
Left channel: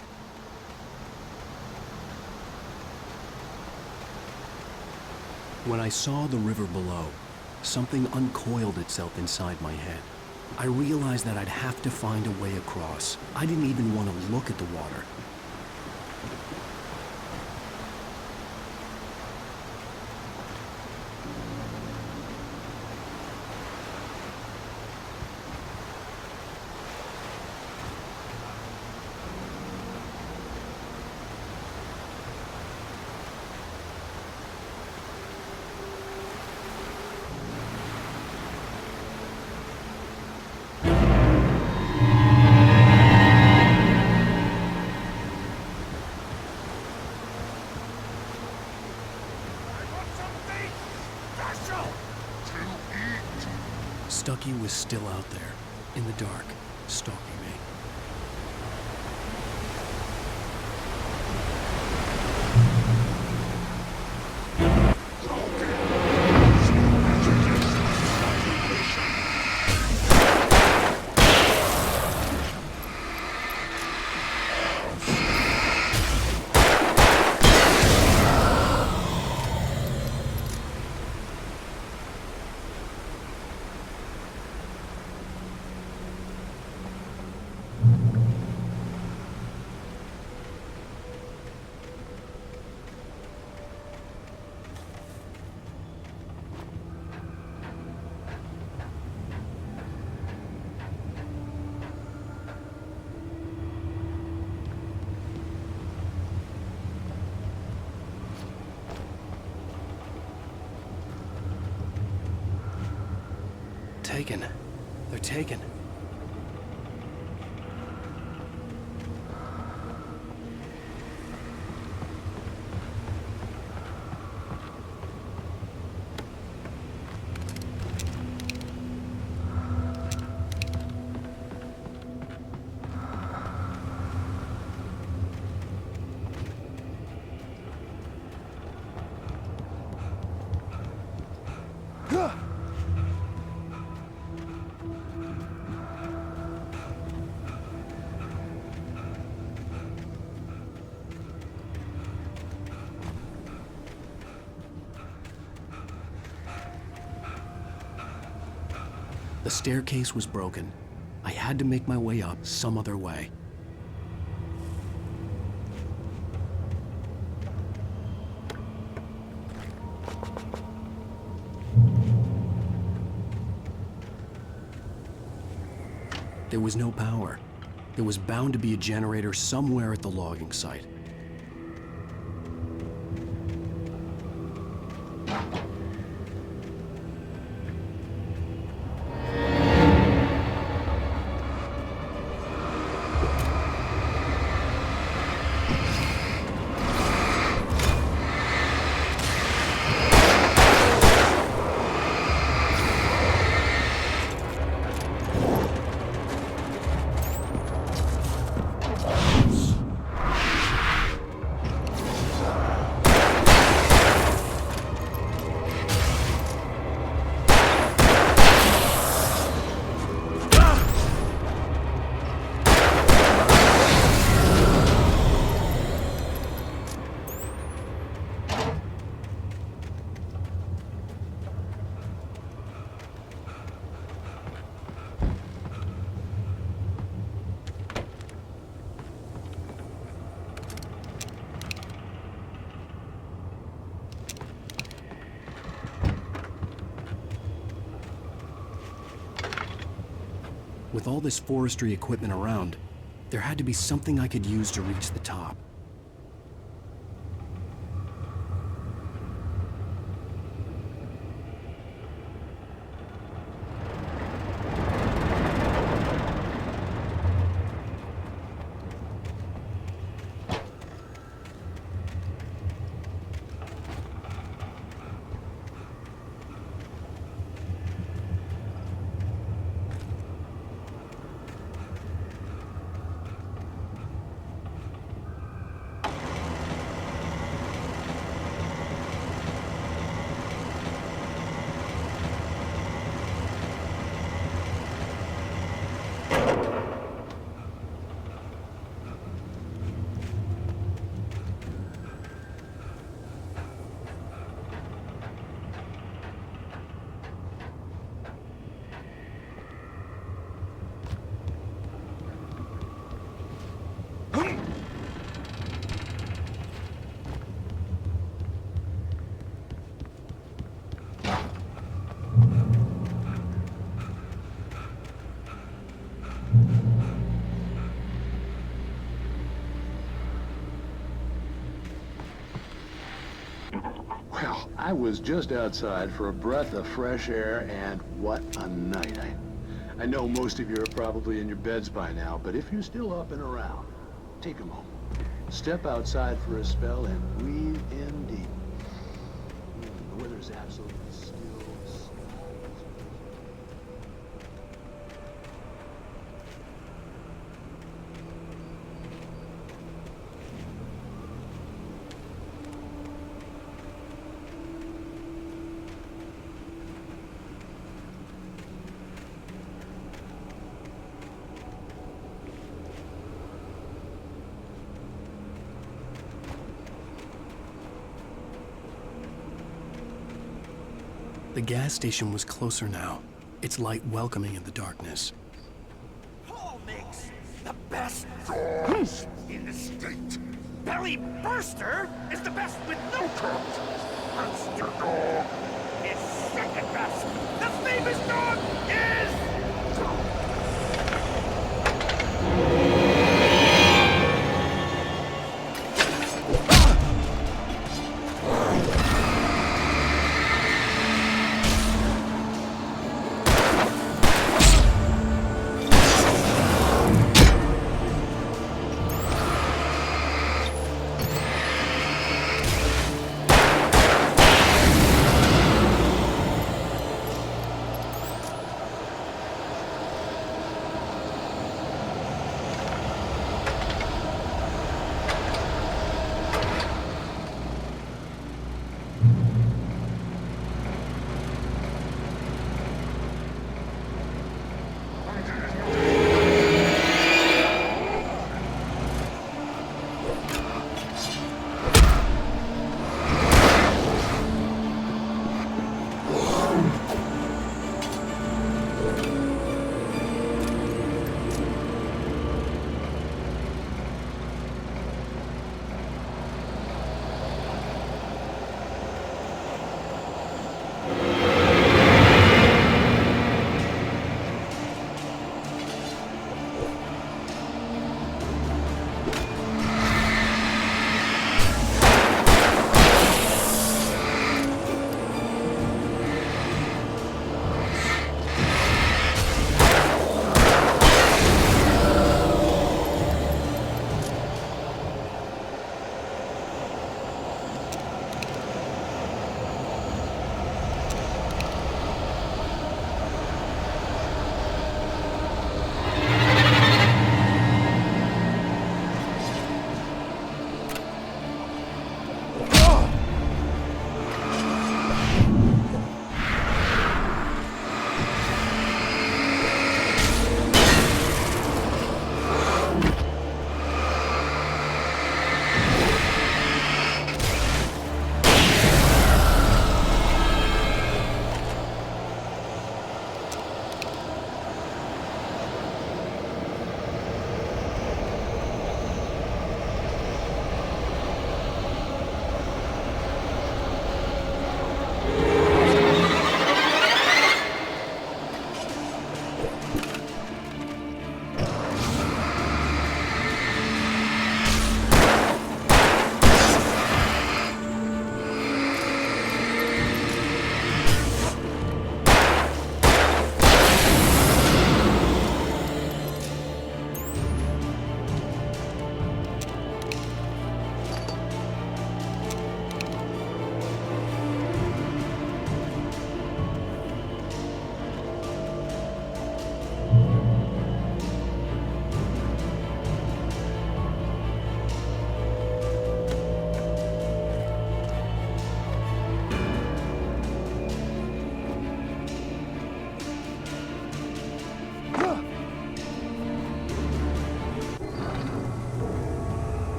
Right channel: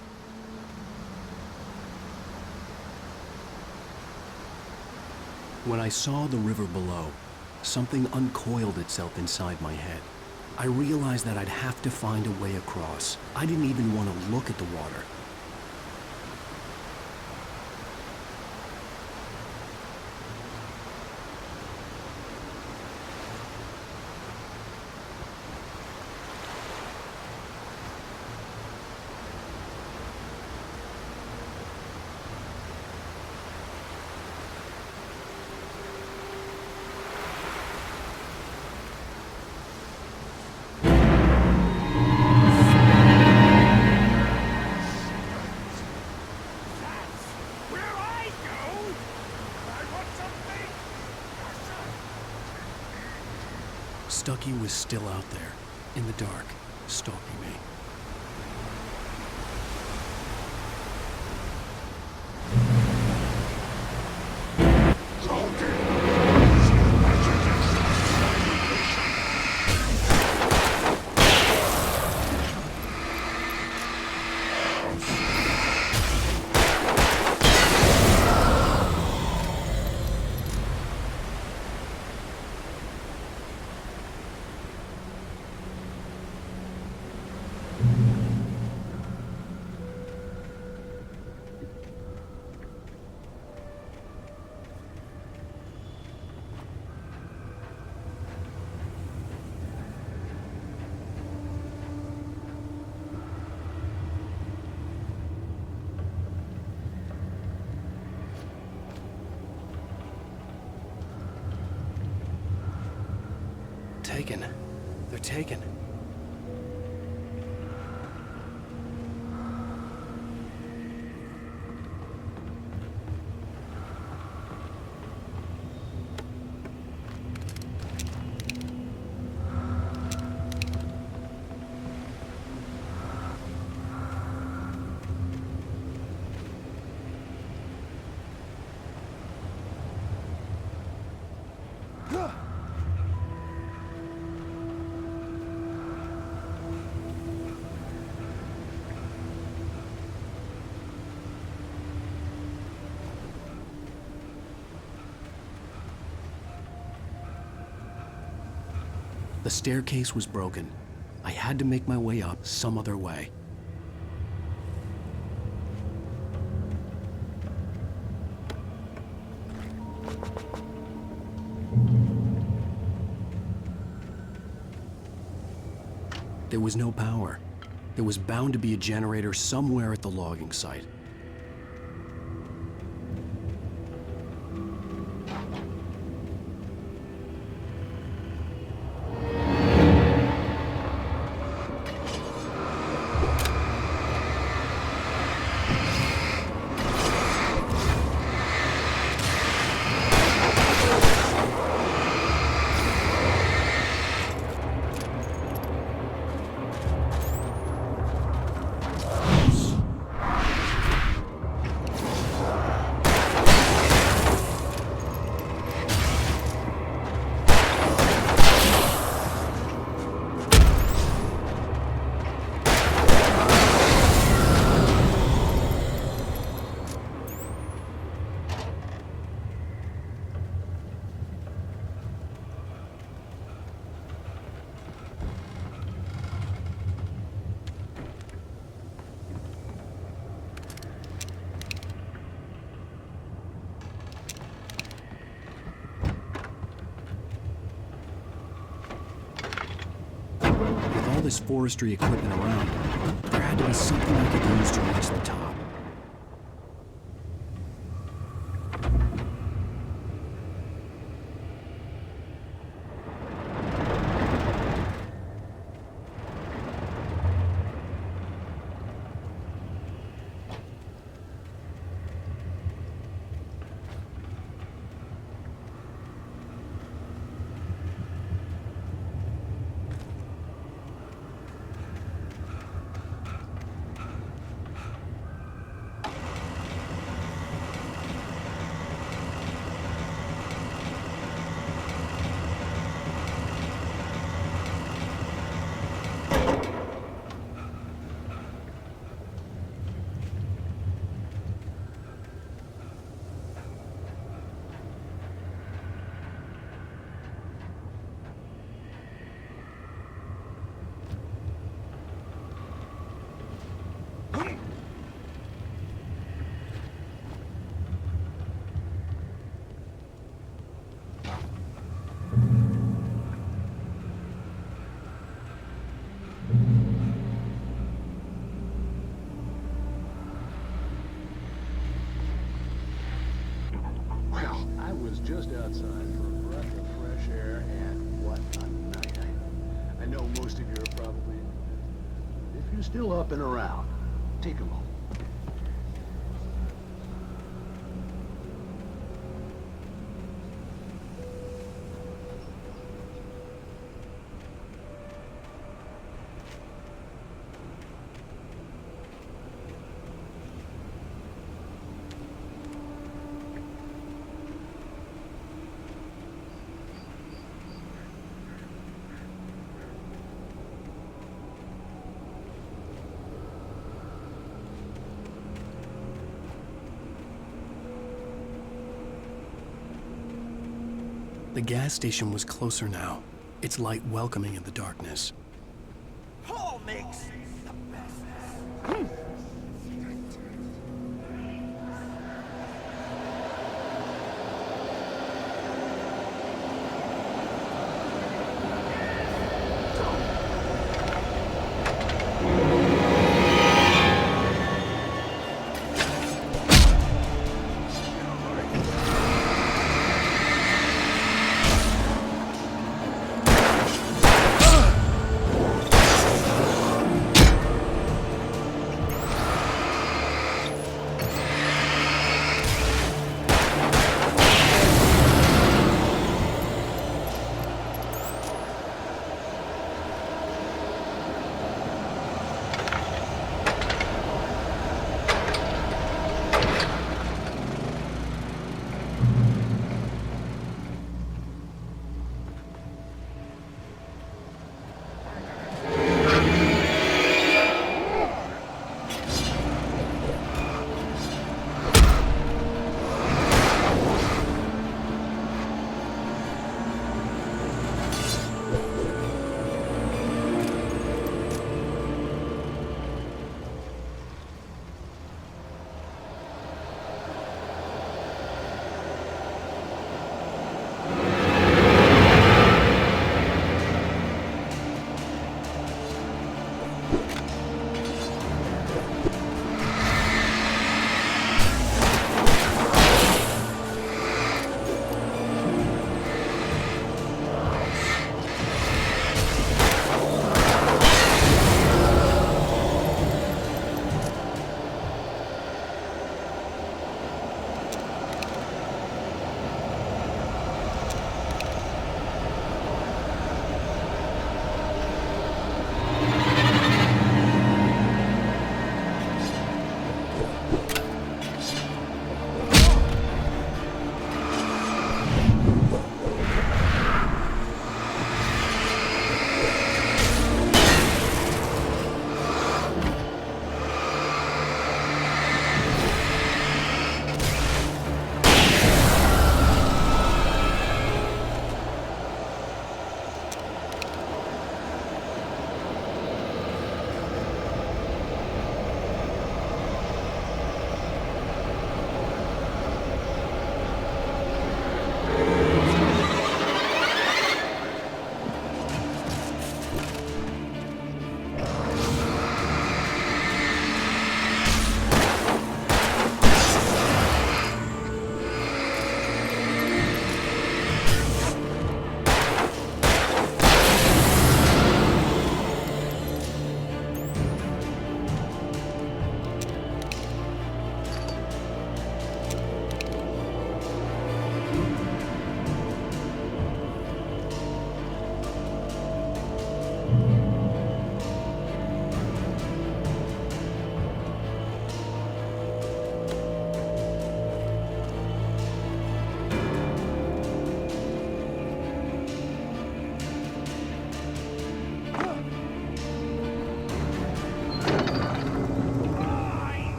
When I saw the river below, something uncoiled itself inside my head. I realized that I'd have to find a way across. I didn't even want to look at the water. Stucky was still out there, in the dark, stalking me. Taken. They're taken. The staircase was broken. I had to make my way up some other way. There was no power. There was bound to be a generator somewhere at the logging site. With all this forestry equipment around, there had to be something I could use to reach the top. Well, I was just outside for a breath of fresh air, and what a night. I know most of you are probably in your beds by now, but if you're still up and around, take a moment. Step outside for a spell and breathe in deep. The weather's absolutely still. The gas station was closer now, its light welcoming in the darkness. Paul makes the best doors in the state. Barry Burster is the best with no coat. Burster dog is second best. The famous dog is...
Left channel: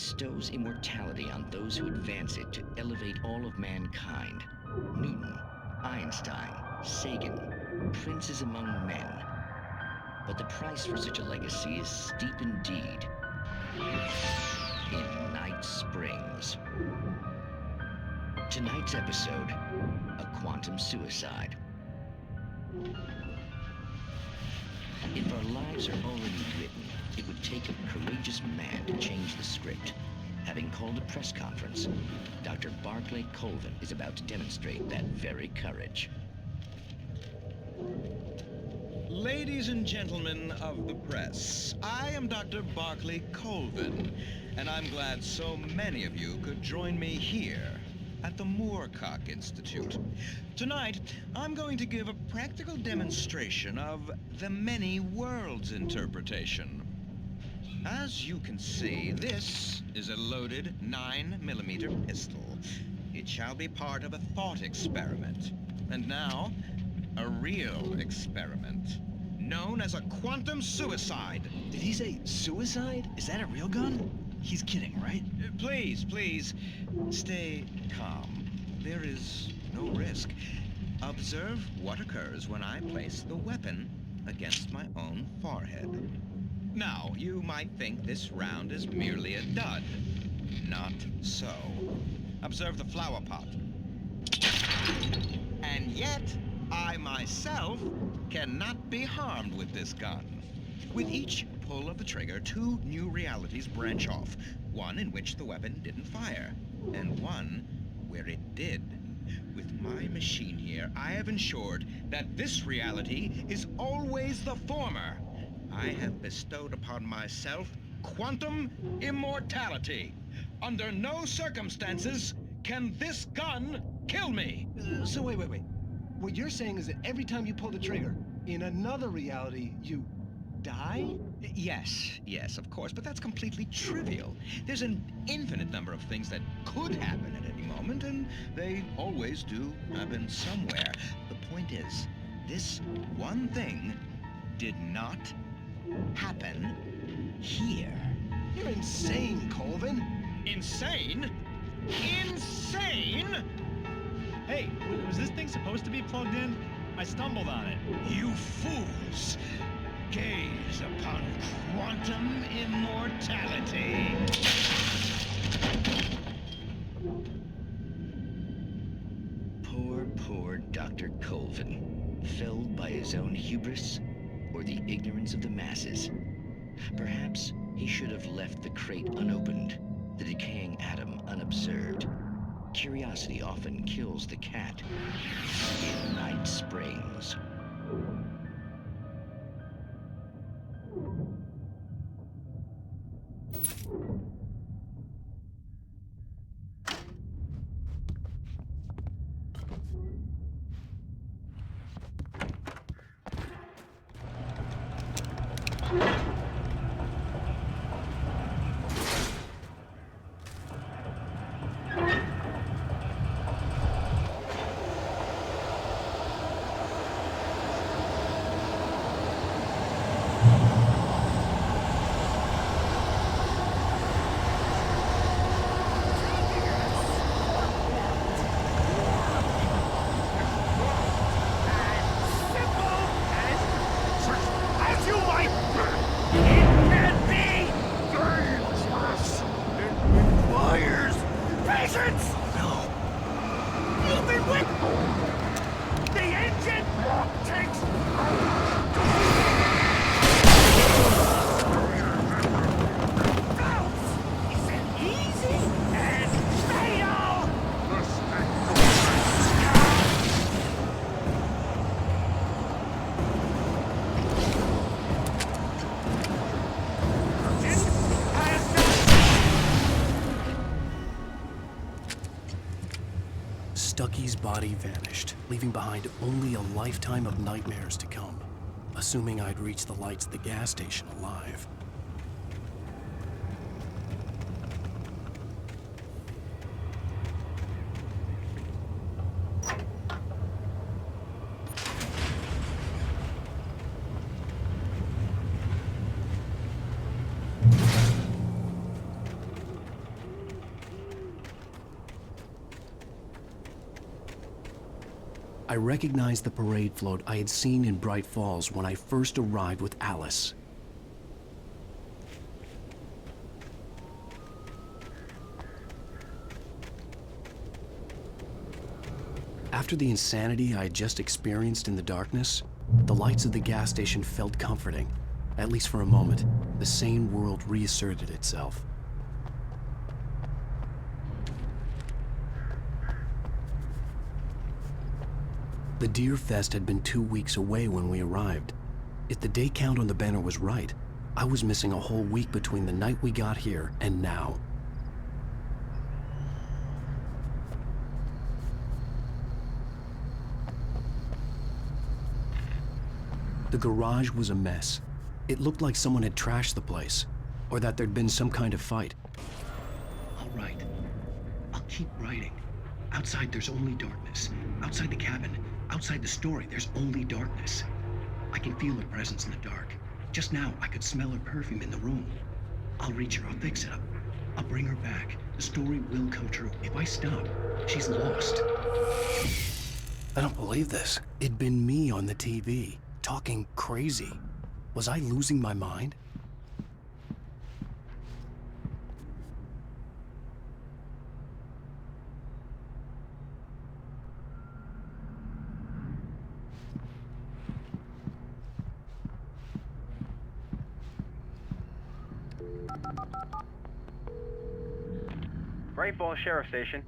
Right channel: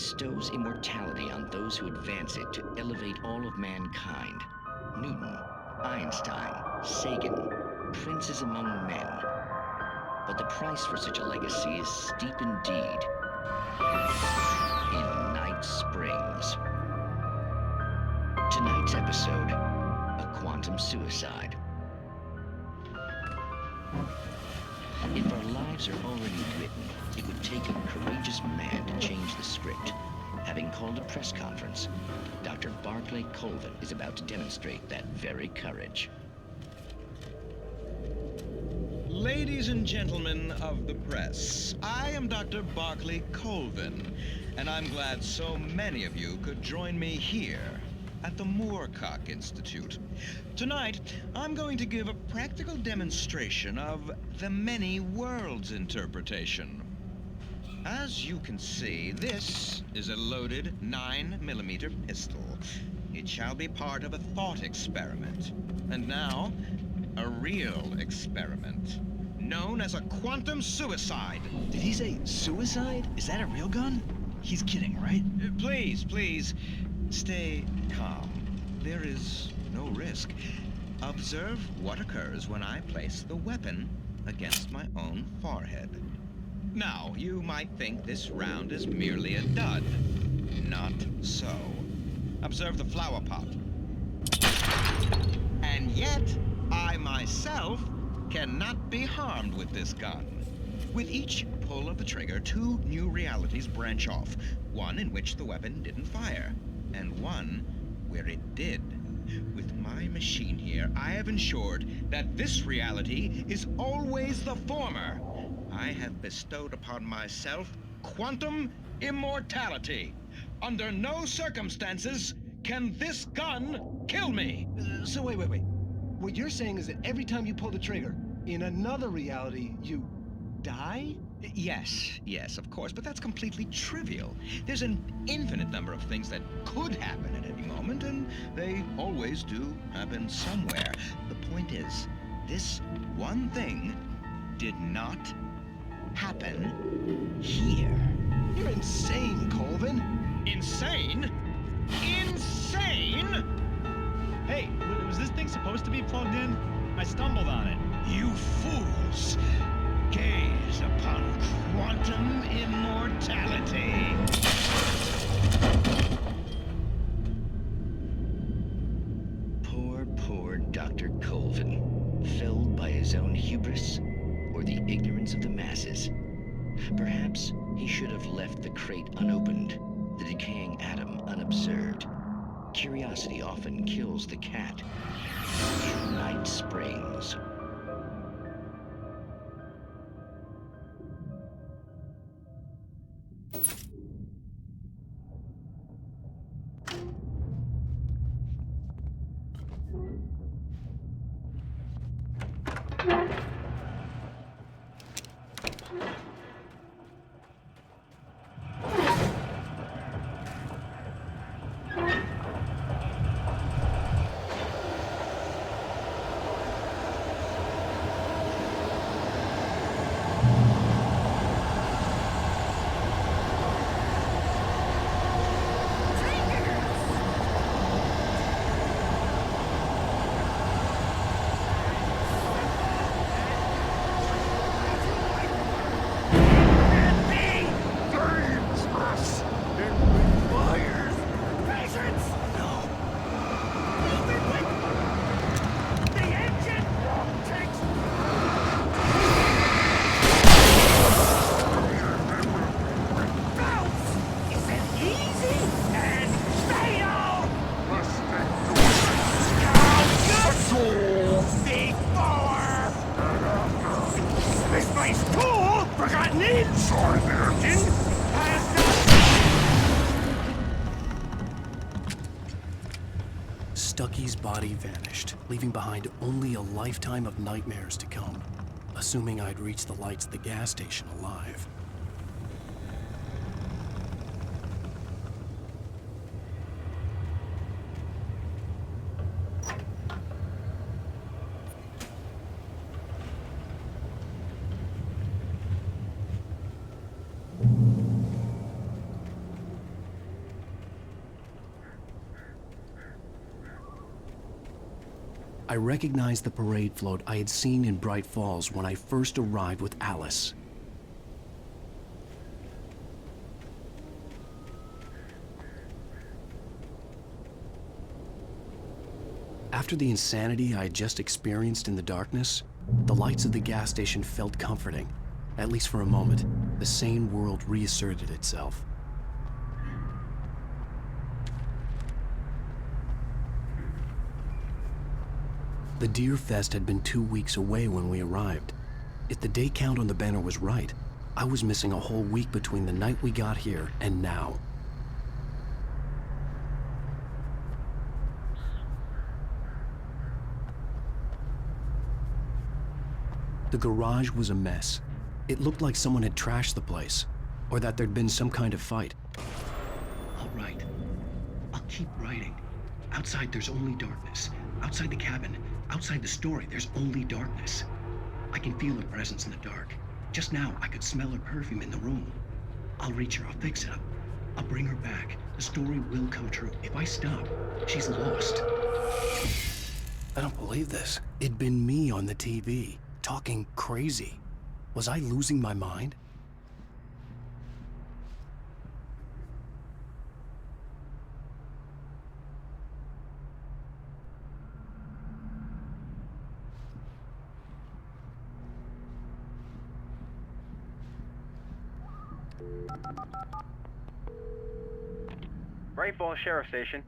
bestows immortality on those who advance it to elevate all of mankind. Newton, Einstein, Sagan, princes among men. But the price for such a legacy is steep indeed. In Night Springs. Tonight's episode, a quantum suicide. If our lives are already written, it would take a courageous man to change the script. Having called a press conference, Dr. Barclay Colvin is about to demonstrate that very courage. Ladies and gentlemen of the press, I am Dr. Barclay Colvin, and I'm glad so many of you could join me here at the Moorcock Institute. Tonight, I'm going to give a practical demonstration of the many worlds interpretation. As you can see, this is a loaded 9mm pistol. It shall be part of a thought experiment. And now, a real experiment, known as a quantum suicide. Did he say suicide? Is that a real gun? He's kidding, right? Please, please, stay calm. There is no risk. Observe what occurs when I place the weapon against my own forehead. Now, you might think this round is merely a dud. Not so. Observe the flower pot. And yet, I myself cannot be harmed with this gun. With each pull of the trigger, 2 new realities branch off. One in which the weapon didn't fire, and one where it did. With my machine here, I have ensured that this reality is always the former. I have bestowed upon myself quantum immortality. Under no circumstances can this gun kill me. So wait. What you're saying is that every time you pull the trigger, in another reality, you die? Yes, of course, but that's completely trivial. There's an infinite number of things that could happen at any moment, and they always do happen somewhere. The point is, this one thing did not happen here. You're insane, Colvin. Insane? Insane? Hey, was this thing supposed to be plugged in? I stumbled on it. You fools! Gaze upon quantum immortality. Poor Dr. Colvin, felled by his own hubris or the ignorance of the masses. Perhaps he should have left the crate unopened, the decaying atom unobserved. Curiosity often kills the cat. In Night Springs. Stucky's body vanished, leaving behind only a lifetime of nightmares to come, assuming I'd reach the lights at the gas station alive. I recognized the parade float I had seen in Bright Falls when I first arrived with Alice. After the insanity I had just experienced in the darkness, the lights of the gas station felt comforting. At least for a moment, the sane world reasserted itself. The Deer Fest had been 2 weeks away when we arrived. If the day count on the banner was right, I was missing a whole week between the night we got here and now. The garage was a mess. It looked like someone had trashed the place, or that there'd been some kind of fight. I'll write. I'll keep writing. Outside, there's only darkness. Outside the cabin, outside the story, there's only darkness. I can feel her presence in the dark. Just now, I could smell her perfume in the room. I'll reach her. I'll fix it up. I'll bring her back. The story will come true. If I stop, she's lost. I don't believe this. It'd been me on the TV, talking crazy. Was I losing my mind? Bright Falls Sheriff Station.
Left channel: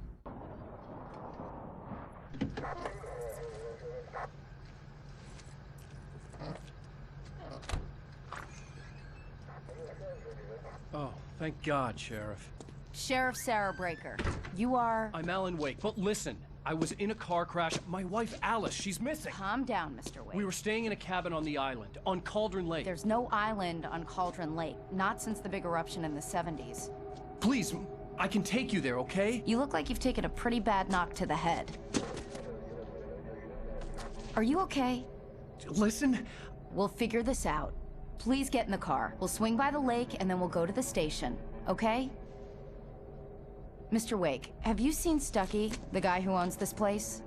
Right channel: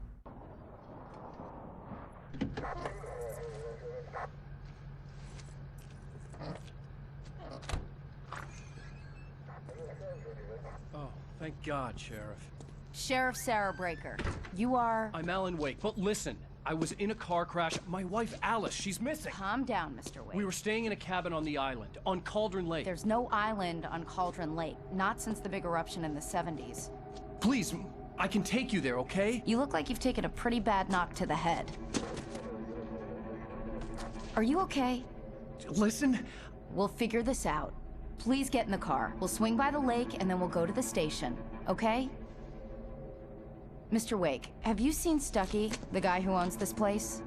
Oh, thank God, Sheriff. Sheriff Sarah Breaker. You are... I'm Alan Wake, but listen. I was in a car crash. My wife, Alice, she's missing. Calm down, Mr. Wake. We were staying in a cabin on the island, on Cauldron Lake. There's no island on Cauldron Lake. Not since the big eruption in the 70s. Please, I can take you there, okay? You look like you've taken a pretty bad knock to the head. Are you okay? Listen. We'll figure this out. Please get in the car. We'll swing by the lake and then we'll go to the station, okay? Mr. Wake, have you seen Stucky, the guy who owns this place?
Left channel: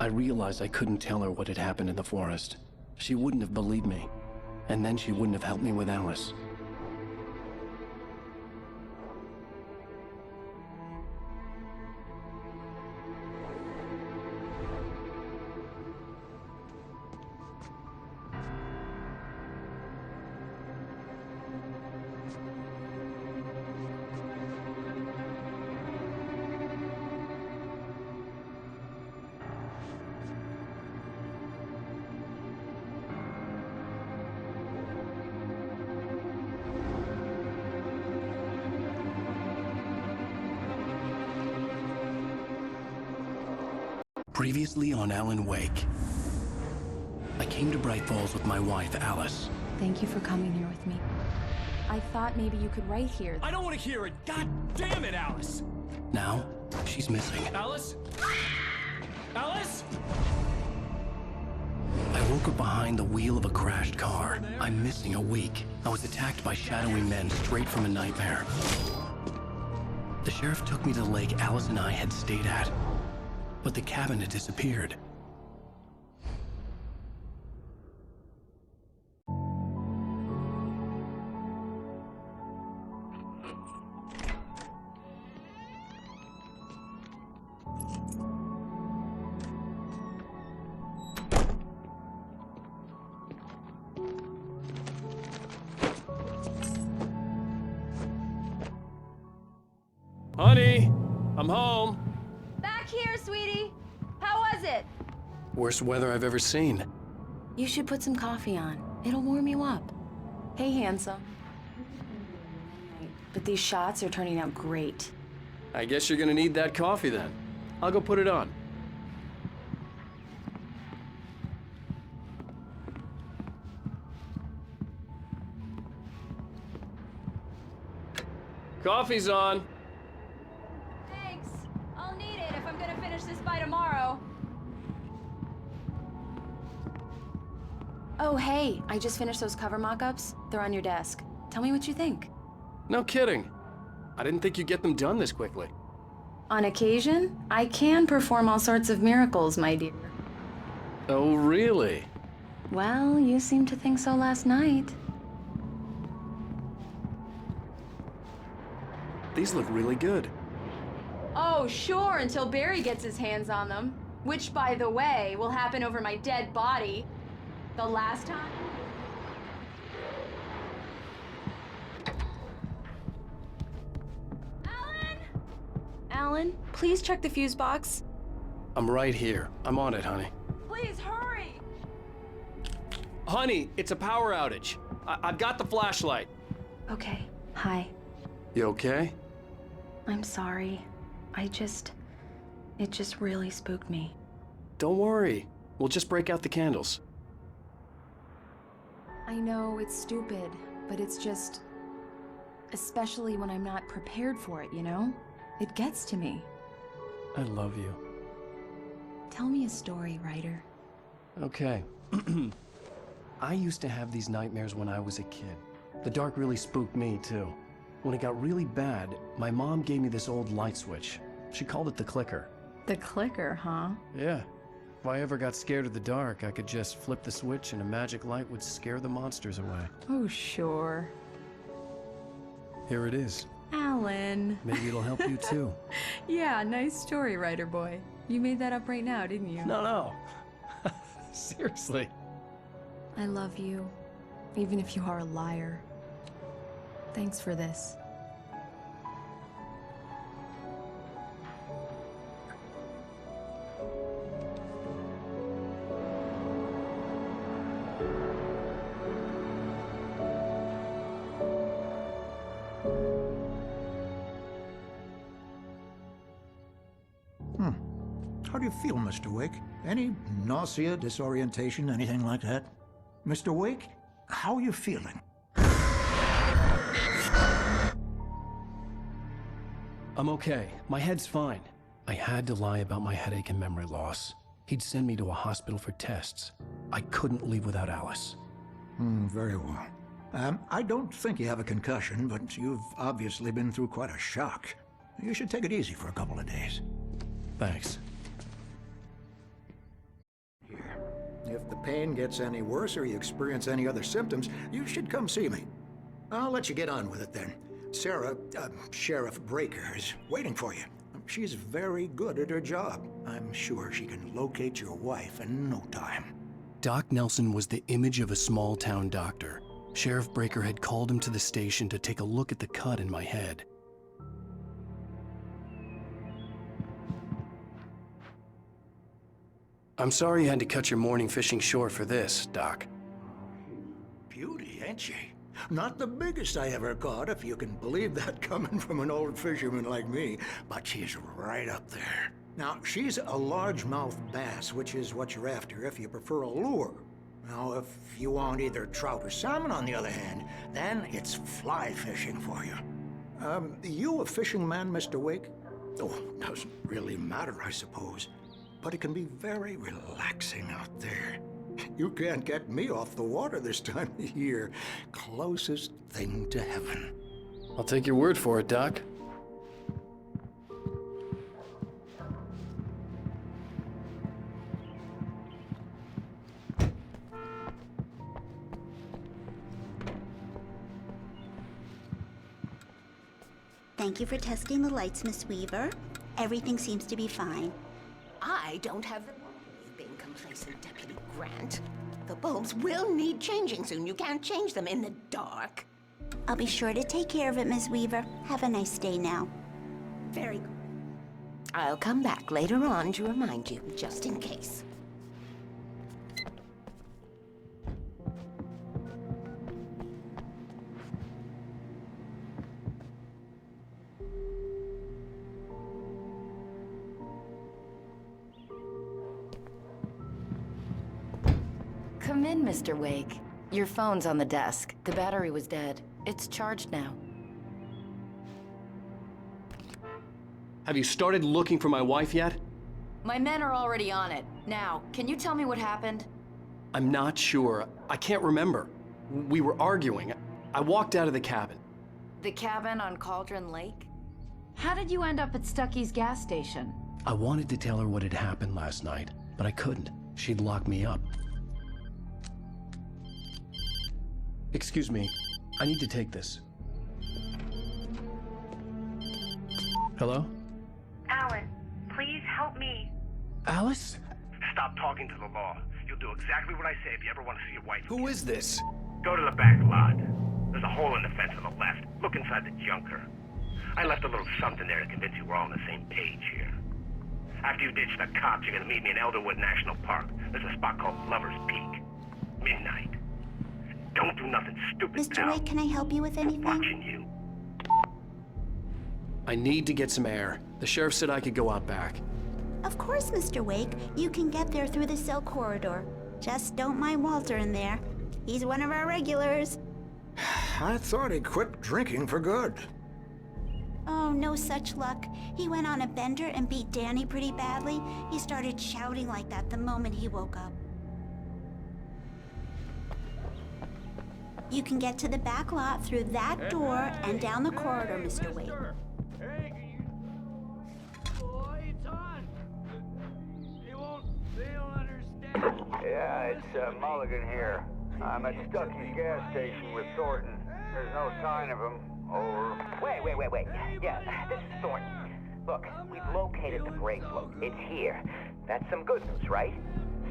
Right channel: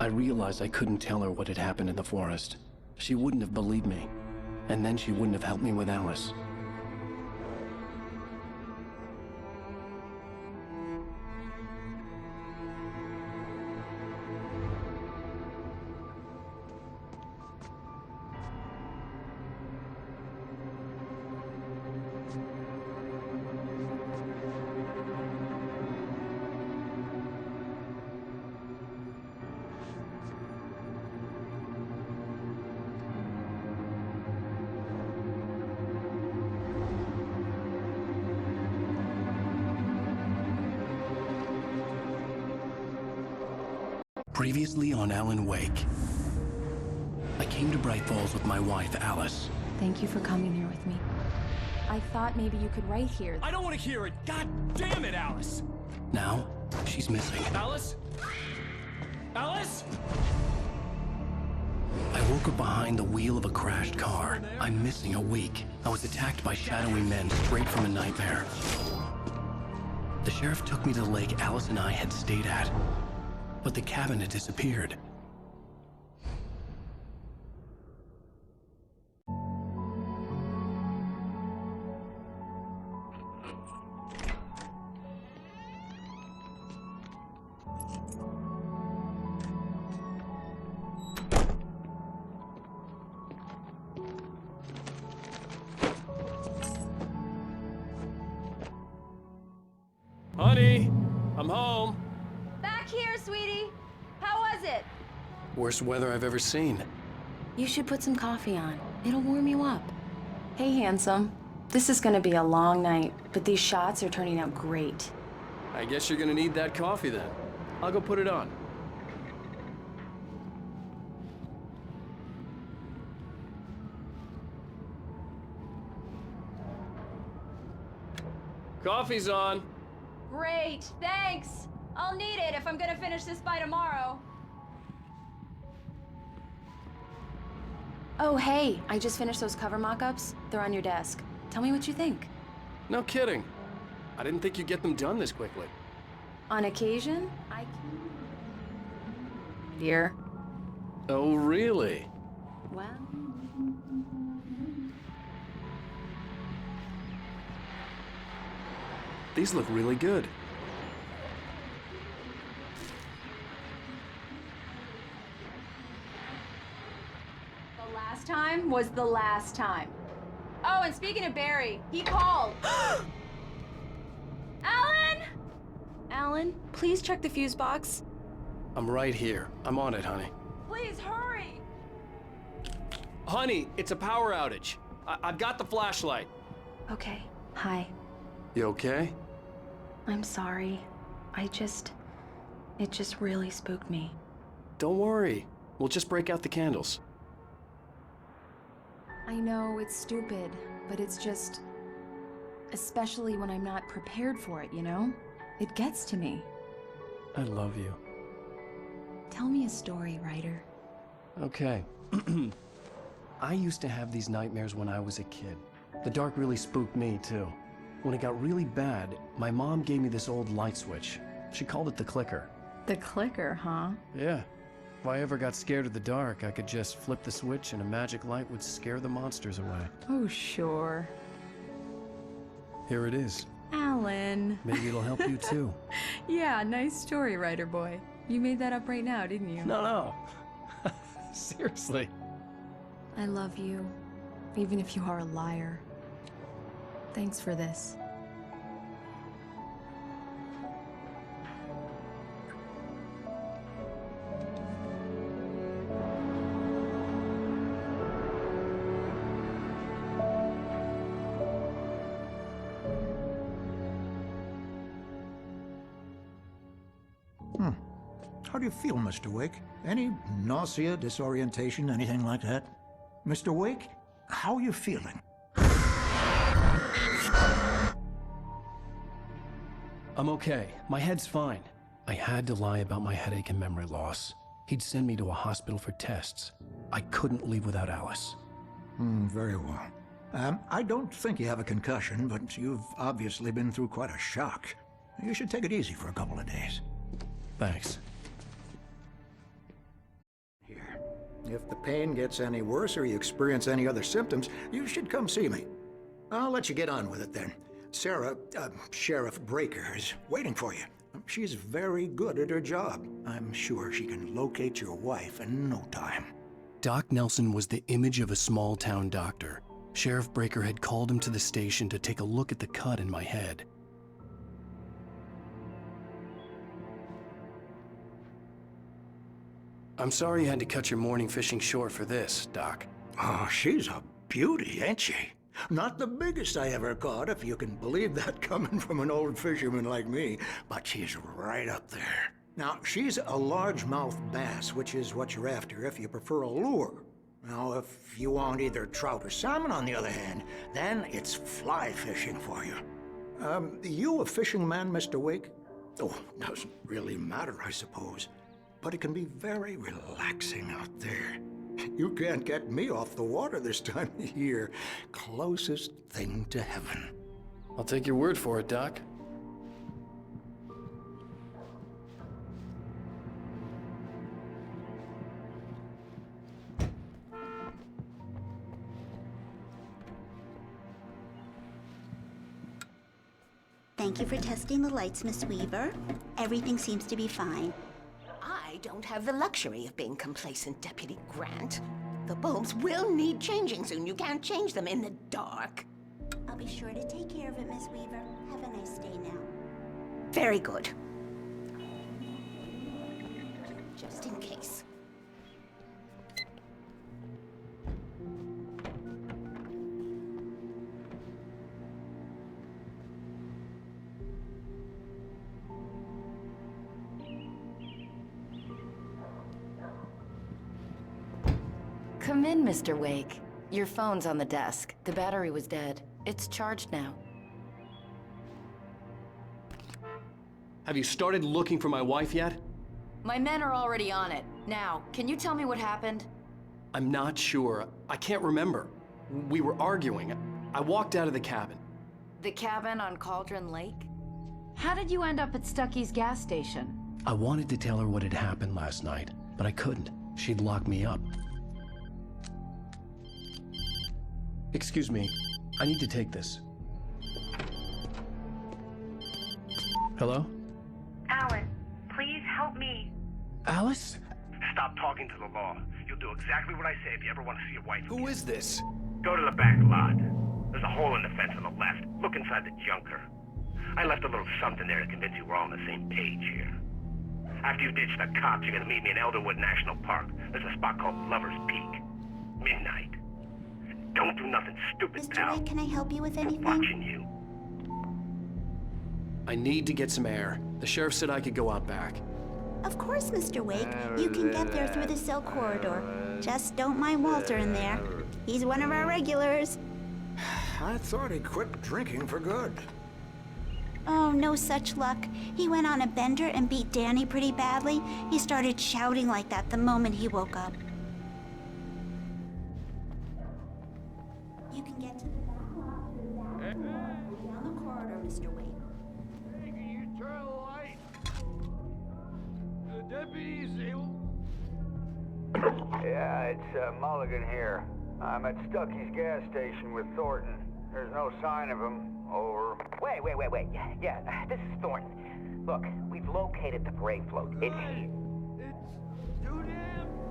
I realized I couldn't tell her what had happened in the forest. She wouldn't have believed me. And then she wouldn't have helped me with Alice. Previously on Alan Wake. I came to Bright Falls with my wife, Alice. Thank you for coming here with me. I thought maybe you could write here. I don't want to hear it! God damn it, Alice! Now, she's missing. Alice? Alice? I woke up behind the wheel of a crashed car. I'm missing a week. I was attacked by shadowy men straight from a nightmare. The sheriff took me to the lake Alice and I had stayed at. But the cabin had disappeared. Honey, I'm home. Back here, sweetie. How was it? Worst weather I've ever seen. You should put some coffee on. It'll warm you up. Hey, handsome. This is gonna be a long night, but these shots are turning out great. I guess you're gonna need that coffee then. I'll go put it on. Coffee's on. Great, thanks. I'll need it if I'm gonna finish this by tomorrow. Oh, hey, I just finished those cover mock-ups. They're on your desk. Tell me what you think. No kidding. I didn't think you'd get them done this quickly. On occasion, I can perform all sorts of miracles, my dear. Oh, really? Well, you seemed to think so last night. These look really good. Oh, sure, until Barry gets his hands on them. Which, by the way, will happen over my dead body. The last time was the last time. Oh, and speaking of Barry, he called. Alan! Alan, please check the fuse box. I'm right here. I'm on it, honey. Please hurry! Honey, it's a power outage. I've got the flashlight. Okay, hi. You okay? I'm sorry. It just really spooked me. Don't worry. We'll just break out the candles. I know it's stupid, but it's just... especially when I'm not prepared for it, you know? It gets to me. I love you. Tell me a story, writer. Okay. I used to have these nightmares when I was a kid. The dark really spooked me, too. When it got really bad, my mom gave me this old light switch. She called it the clicker. The clicker, huh? Yeah. If I ever got scared of the dark, I could just flip the switch and a magic light would scare the monsters away. Oh, sure. Here it is. Alan. Maybe it'll help you, too. Yeah, nice story, writer boy. You made that up right now, didn't you? No. Seriously. I love you, even if you are a liar. Thanks for this. How do you feel, Mr. Wake? Any nausea, disorientation, anything like that? Mr. Wake, how are you feeling? I'm okay. My head's fine. I had to lie about my headache and memory loss. He'd send me to a hospital for tests. I couldn't leave without Alice. Very well. I don't think you have a concussion, but you've obviously been through quite a shock. You should take it easy for a couple of days. Thanks. Here. If the pain gets any worse or you experience any other symptoms, you should come see me. I'll let you get on with it then. Sarah, Sheriff Breaker, is waiting for you. She's very good at her job. I'm sure she can locate your wife in no time. Doc Nelson was the image of a small-town doctor. Sheriff Breaker had called him to the station to take a look at the cut in my head. I'm sorry you had to cut your morning fishing short for this, Doc. Oh, she's a beauty, ain't she? Not the biggest I ever caught, if you can believe that coming from an old fisherman like me, but she's right up there. Now, she's a largemouth bass, which is what you're after if you prefer a lure. Now, if you want either trout or salmon, on the other hand, then it's fly fishing for you. You a fishing man, Mr. Wake? Oh, doesn't really matter, I suppose. But it can be very relaxing out there. You can't get me off the water this time of year. Closest thing to heaven. I'll take your word for it, Doc. Thank you for testing the lights, Miss Weaver. Everything seems to be fine. I don't have the luxury of being complacent, Deputy Grant. The bulbs will need changing soon. You can't change them in the dark. I'll be sure to take care of it, Miss Weaver. Have a nice day now. Very good. I'll come back later on to remind you, just in case. Come in, Mr. Wake. Your phone's on the desk. The battery was dead. It's charged now. Have you started looking for my wife yet? My men are already on it. Now, can you tell me what happened? I'm not sure. I can't remember. We were arguing. I walked out of the cabin. The cabin on Cauldron Lake? How did you end up at Stucky's gas station? I wanted to tell her what had happened last night, but I couldn't. She'd lock me up. Excuse me, I need to take this. Hello? Alan, please help me. Alice? Stop talking to the law. You'll do exactly what I say if you ever want to see your wife. Who is this? Go to the back lot. There's a hole in the fence on the left. Look inside the junker. I left a little something there to convince you we're all on the same page here. After you ditch the cops, you're gonna meet me in Elderwood National Park. There's a spot called Lover's Peak. Midnight. Don't do nothing stupid, Mr. pal. Wake, can I help you with anything? Watching you. I need to get some air. The sheriff said I could go out back. Of course, Mr. Wake. You can get there through the cell corridor. Just don't mind Walter in there. He's one of our regulars. I thought he quit drinking for good. Oh, no such luck. He went on a bender and beat Danny pretty badly. He started shouting like that the moment he woke up. You can get to the back lot through that door and down the corridor, Mr. Wake. Hey, can you turn the lights on? The deputies, they don't understand. Yeah, it's Mulligan here. I'm at Stucky's gas station with Thornton. There's no sign of him. Over. Wait. Yeah, this is Thornton. Look, we've located the brake float. It's here. That's some good news, right?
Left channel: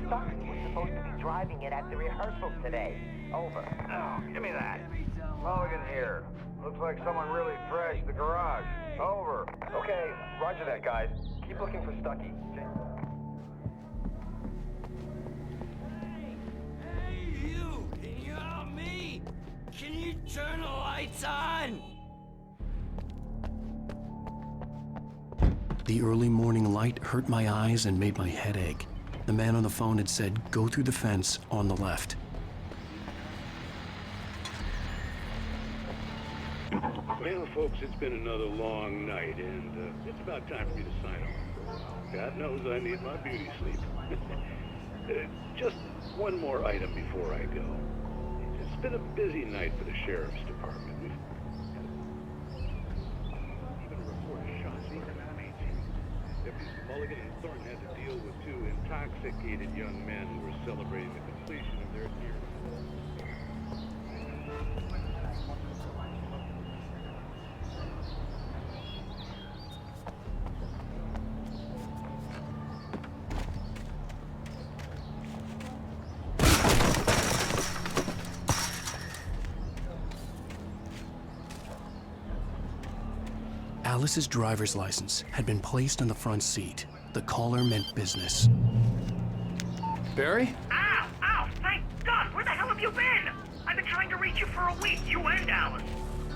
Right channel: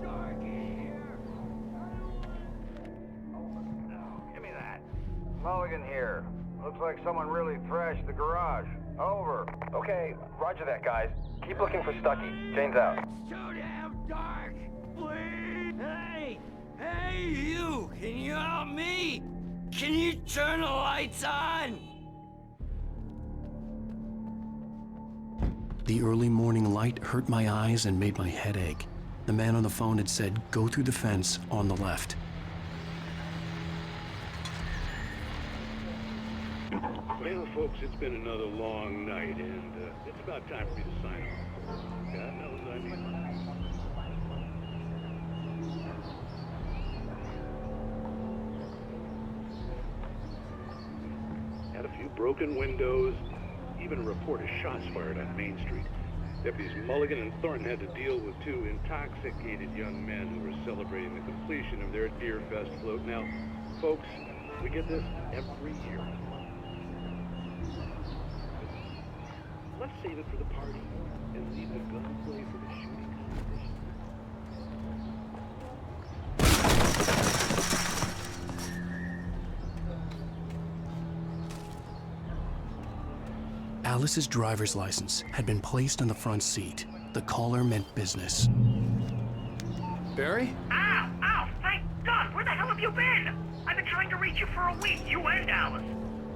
Stucky was supposed to be driving it at the rehearsal today. Over. Oh, give me that. Mulligan here. Looks like someone really trashed the garage. Over. Okay, roger that, guys. Keep looking for Stucky. Jane's out. Hey, you! Can you help me? Can you turn the lights on? The early morning light hurt my eyes and made my head ache. The man on the phone had said, go through the fence on the left. Well, folks, it's been another long night, and it's about time for me to sign off for a while. God knows I need my beauty sleep. Just one more item before I go. It's been a busy night for the Sheriff's Department. We've had a few broken windows, even a report of shots fired on Main Street. Deputies Mulligan and Thornton had to deal with two intoxicated young men who were celebrating the completion of their Deer Fest float. Now, folks, we get this every year. Let's save it for the party and leave the gun away for the shooting. Alice's driver's license had been placed on the front seat. The caller meant business. Barry? Ow! Ow! Thank God! Where the hell have you been? I've been trying to reach you for a week, you and Alice.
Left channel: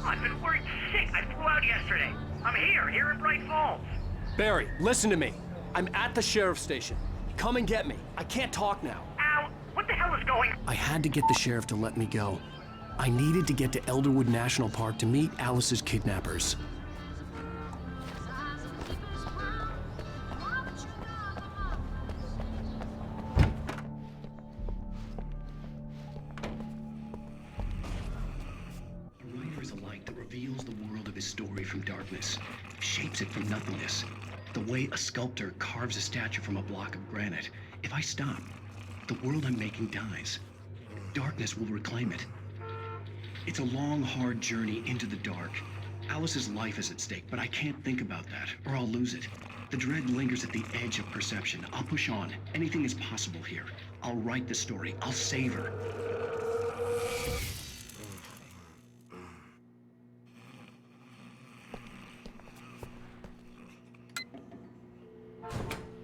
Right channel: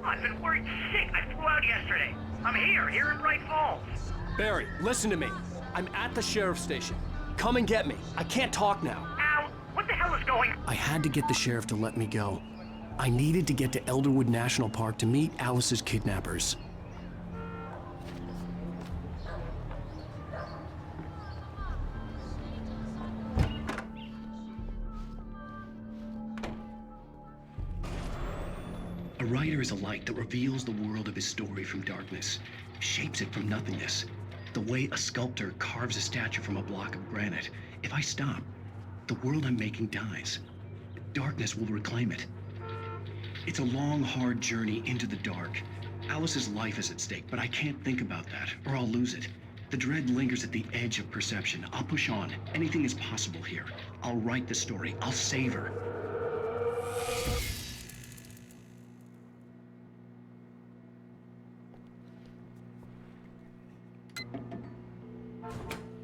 I've been worried sick. I flew out yesterday. I'm here in Bright Falls. Barry, listen to me. I'm at the sheriff's station. Come and get me. I can't talk now. Ow! What the hell is going on? I had to get the sheriff to let me go. I needed to get to Elderwood National Park to meet Alice's kidnappers. A writer is a light that reveals the world of his story from darkness, shapes it from nothingness. The way a sculptor carves a statue from a block of granite. If I stop, the world I'm making dies. Darkness will reclaim it. It's a long, hard journey into the dark. Alice's life is at stake, but I can't think about that, or I'll lose it. The dread lingers at the edge of perception. I'll push on. Anything is possible here. I'll write the story. I'll save her.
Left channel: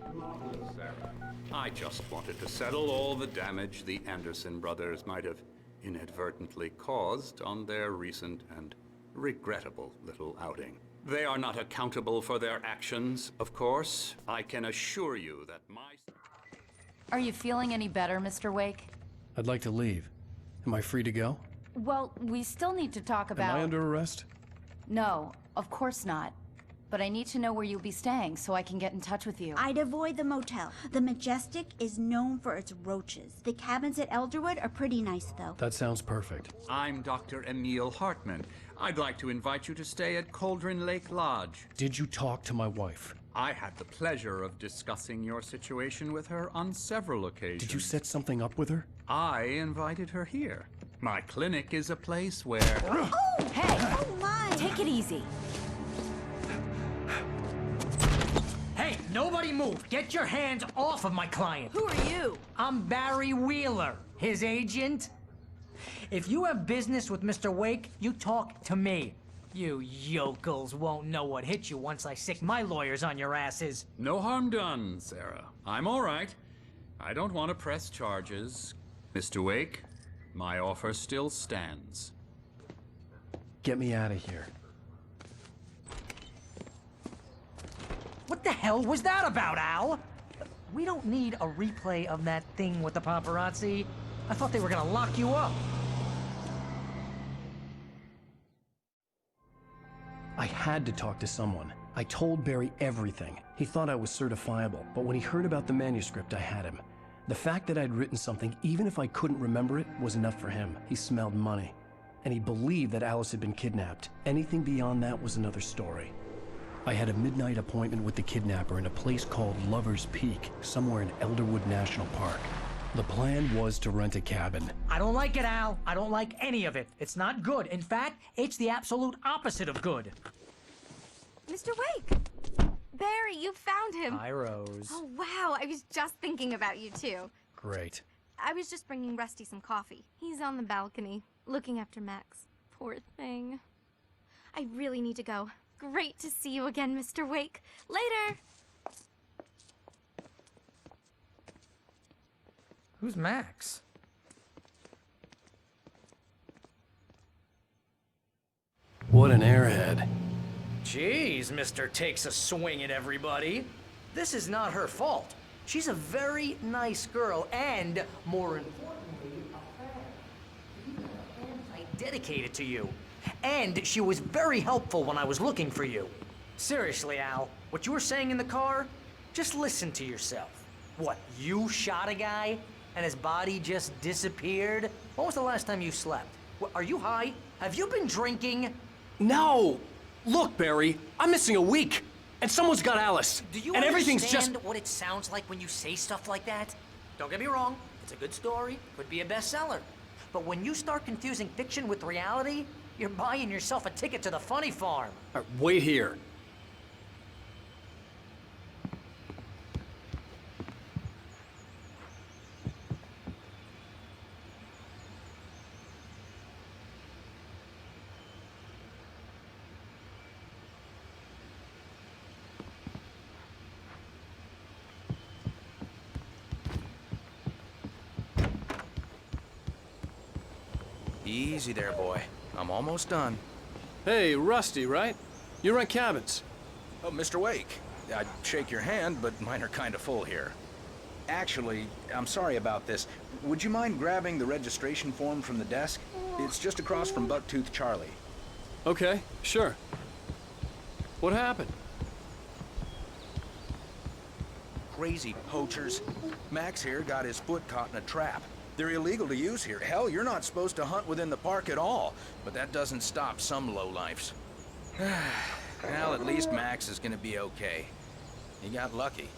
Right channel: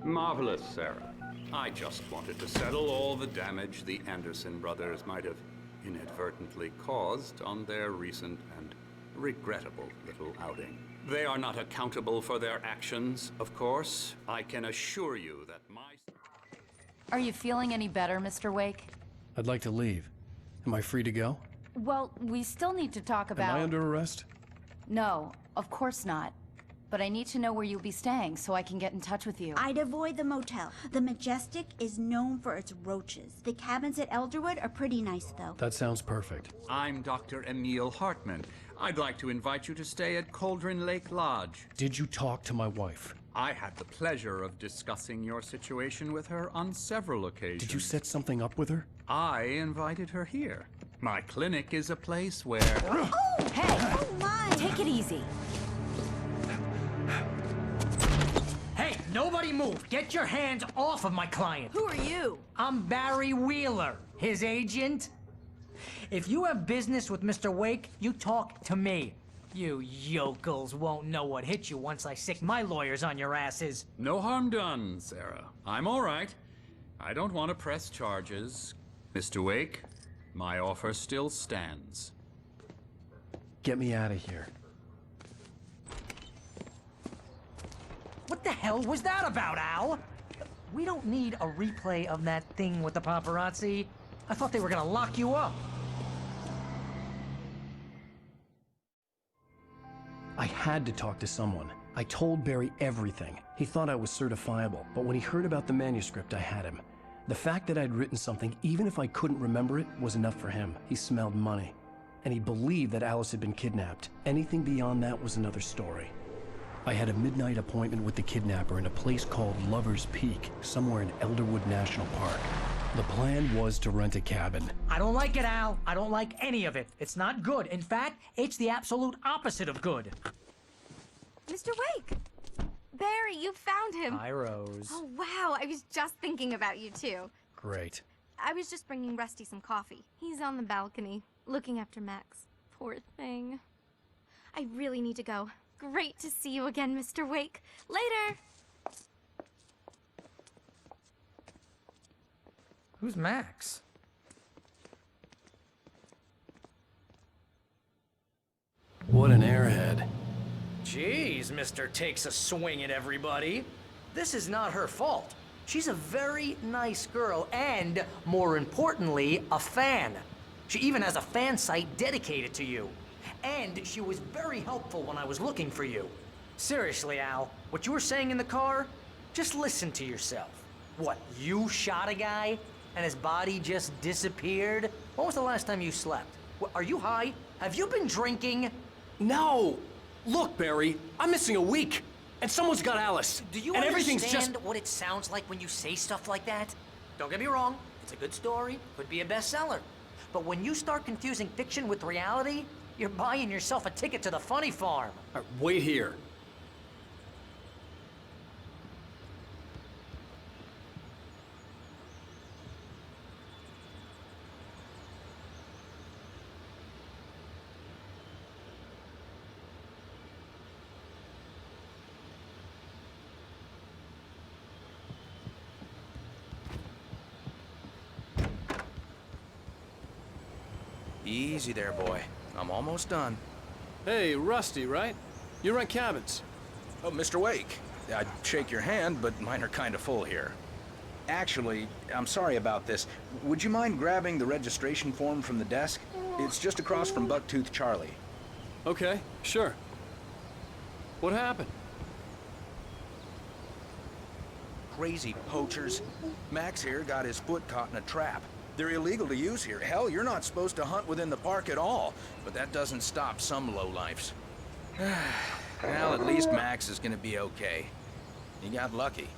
Marvelous, Sarah. I just wanted to settle all the damage the Anderson brothers might have inadvertently caused on their recent and regrettable little outing. They are not accountable for their actions, of course. I can assure you that my... Are you feeling any better, Mr. Wake? I'd like to leave. Am I free to go? Well, we still need to talk about... Am I under arrest? No, of course not. But I need to know where you'll be staying so I can get in touch with you. I'd avoid the motel. The Majestic is known for its roaches. The cabins at Elderwood are pretty nice, though. That sounds perfect. I'm Dr. Emil Hartman. I'd like to invite you to stay at Cauldron Lake Lodge. Did you talk to my wife? I had the pleasure of discussing your situation with her on several occasions. Did you set something up with her? I invited her here. My clinic is a place where... Oh, hey! Oh, my! Take it easy. Hey, nobody move! Get your hands off of my client! Who are you? I'm Barry Wheeler, his agent. If you have business with Mr. Wake, you talk to me. You yokels won't know what hit you once I sick my lawyers on your asses. No harm done, Sarah. I'm all right. I don't want to press charges. Mr. Wake, my offer still stands. Get me out of here. What the hell was that about, Al? We don't need a replay of that thing with the paparazzi. I thought they were gonna lock you up. I had to talk to someone. I told Barry everything. He thought I was certifiable, but when he heard about the manuscript, I had him. The fact that I'd written something, even if I couldn't remember it, was enough for him. He smelled money. And he believed that Alice had been kidnapped. Anything beyond that was another story. I had a midnight appointment with the kidnapper in a place called Lover's Peak, somewhere in Elderwood National Park. The plan was to rent a cabin. I don't like it, Al. I don't like any of it. It's not good. In fact, it's the absolute opposite of good. Mr. Wake! Barry, you found him. Hi, Rose. Oh, wow. I was just thinking about you, too. Great. I was just bringing Rusty some coffee. He's on the balcony, looking after Max. Poor thing. I really need to go. Great to see you again, Mr. Wake. Later! Who's Max? What an airhead. Jeez, Mr. Takes a swing at everybody. This is not her fault. She's a very nice girl and, more importantly, a fan. She even has a fan site dedicated to you. And she was very helpful when I was looking for you. Seriously, Al, what you were saying in the car? Just listen to yourself. What, you shot a guy and his body just disappeared? When was the last time you slept? What, are you high? Have you been drinking? No! Look, Barry, I'm missing a week, and someone's got Alice. Do you and everything's understand just... what it sounds like when you say stuff like that? Don't get me wrong, it's a good story, could be a bestseller. But when you start confusing fiction with reality, you're buying yourself a ticket to the funny farm. Wait here. Easy there, boy. I'm almost done. Hey, Rusty, right? You rent cabins. Oh, Mr. Wake. I'd shake your hand, but mine are kind of full here. Actually, I'm sorry about this. Would you mind grabbing the registration form from the desk? It's just across from Bucktooth Charlie. Okay, sure. What happened? Crazy poachers. Max here got his foot caught in a trap. They're illegal to use here. Hell, you're not supposed to hunt within the park at all. But that doesn't stop some lowlifes. Well, at least Max is gonna be okay. He got lucky.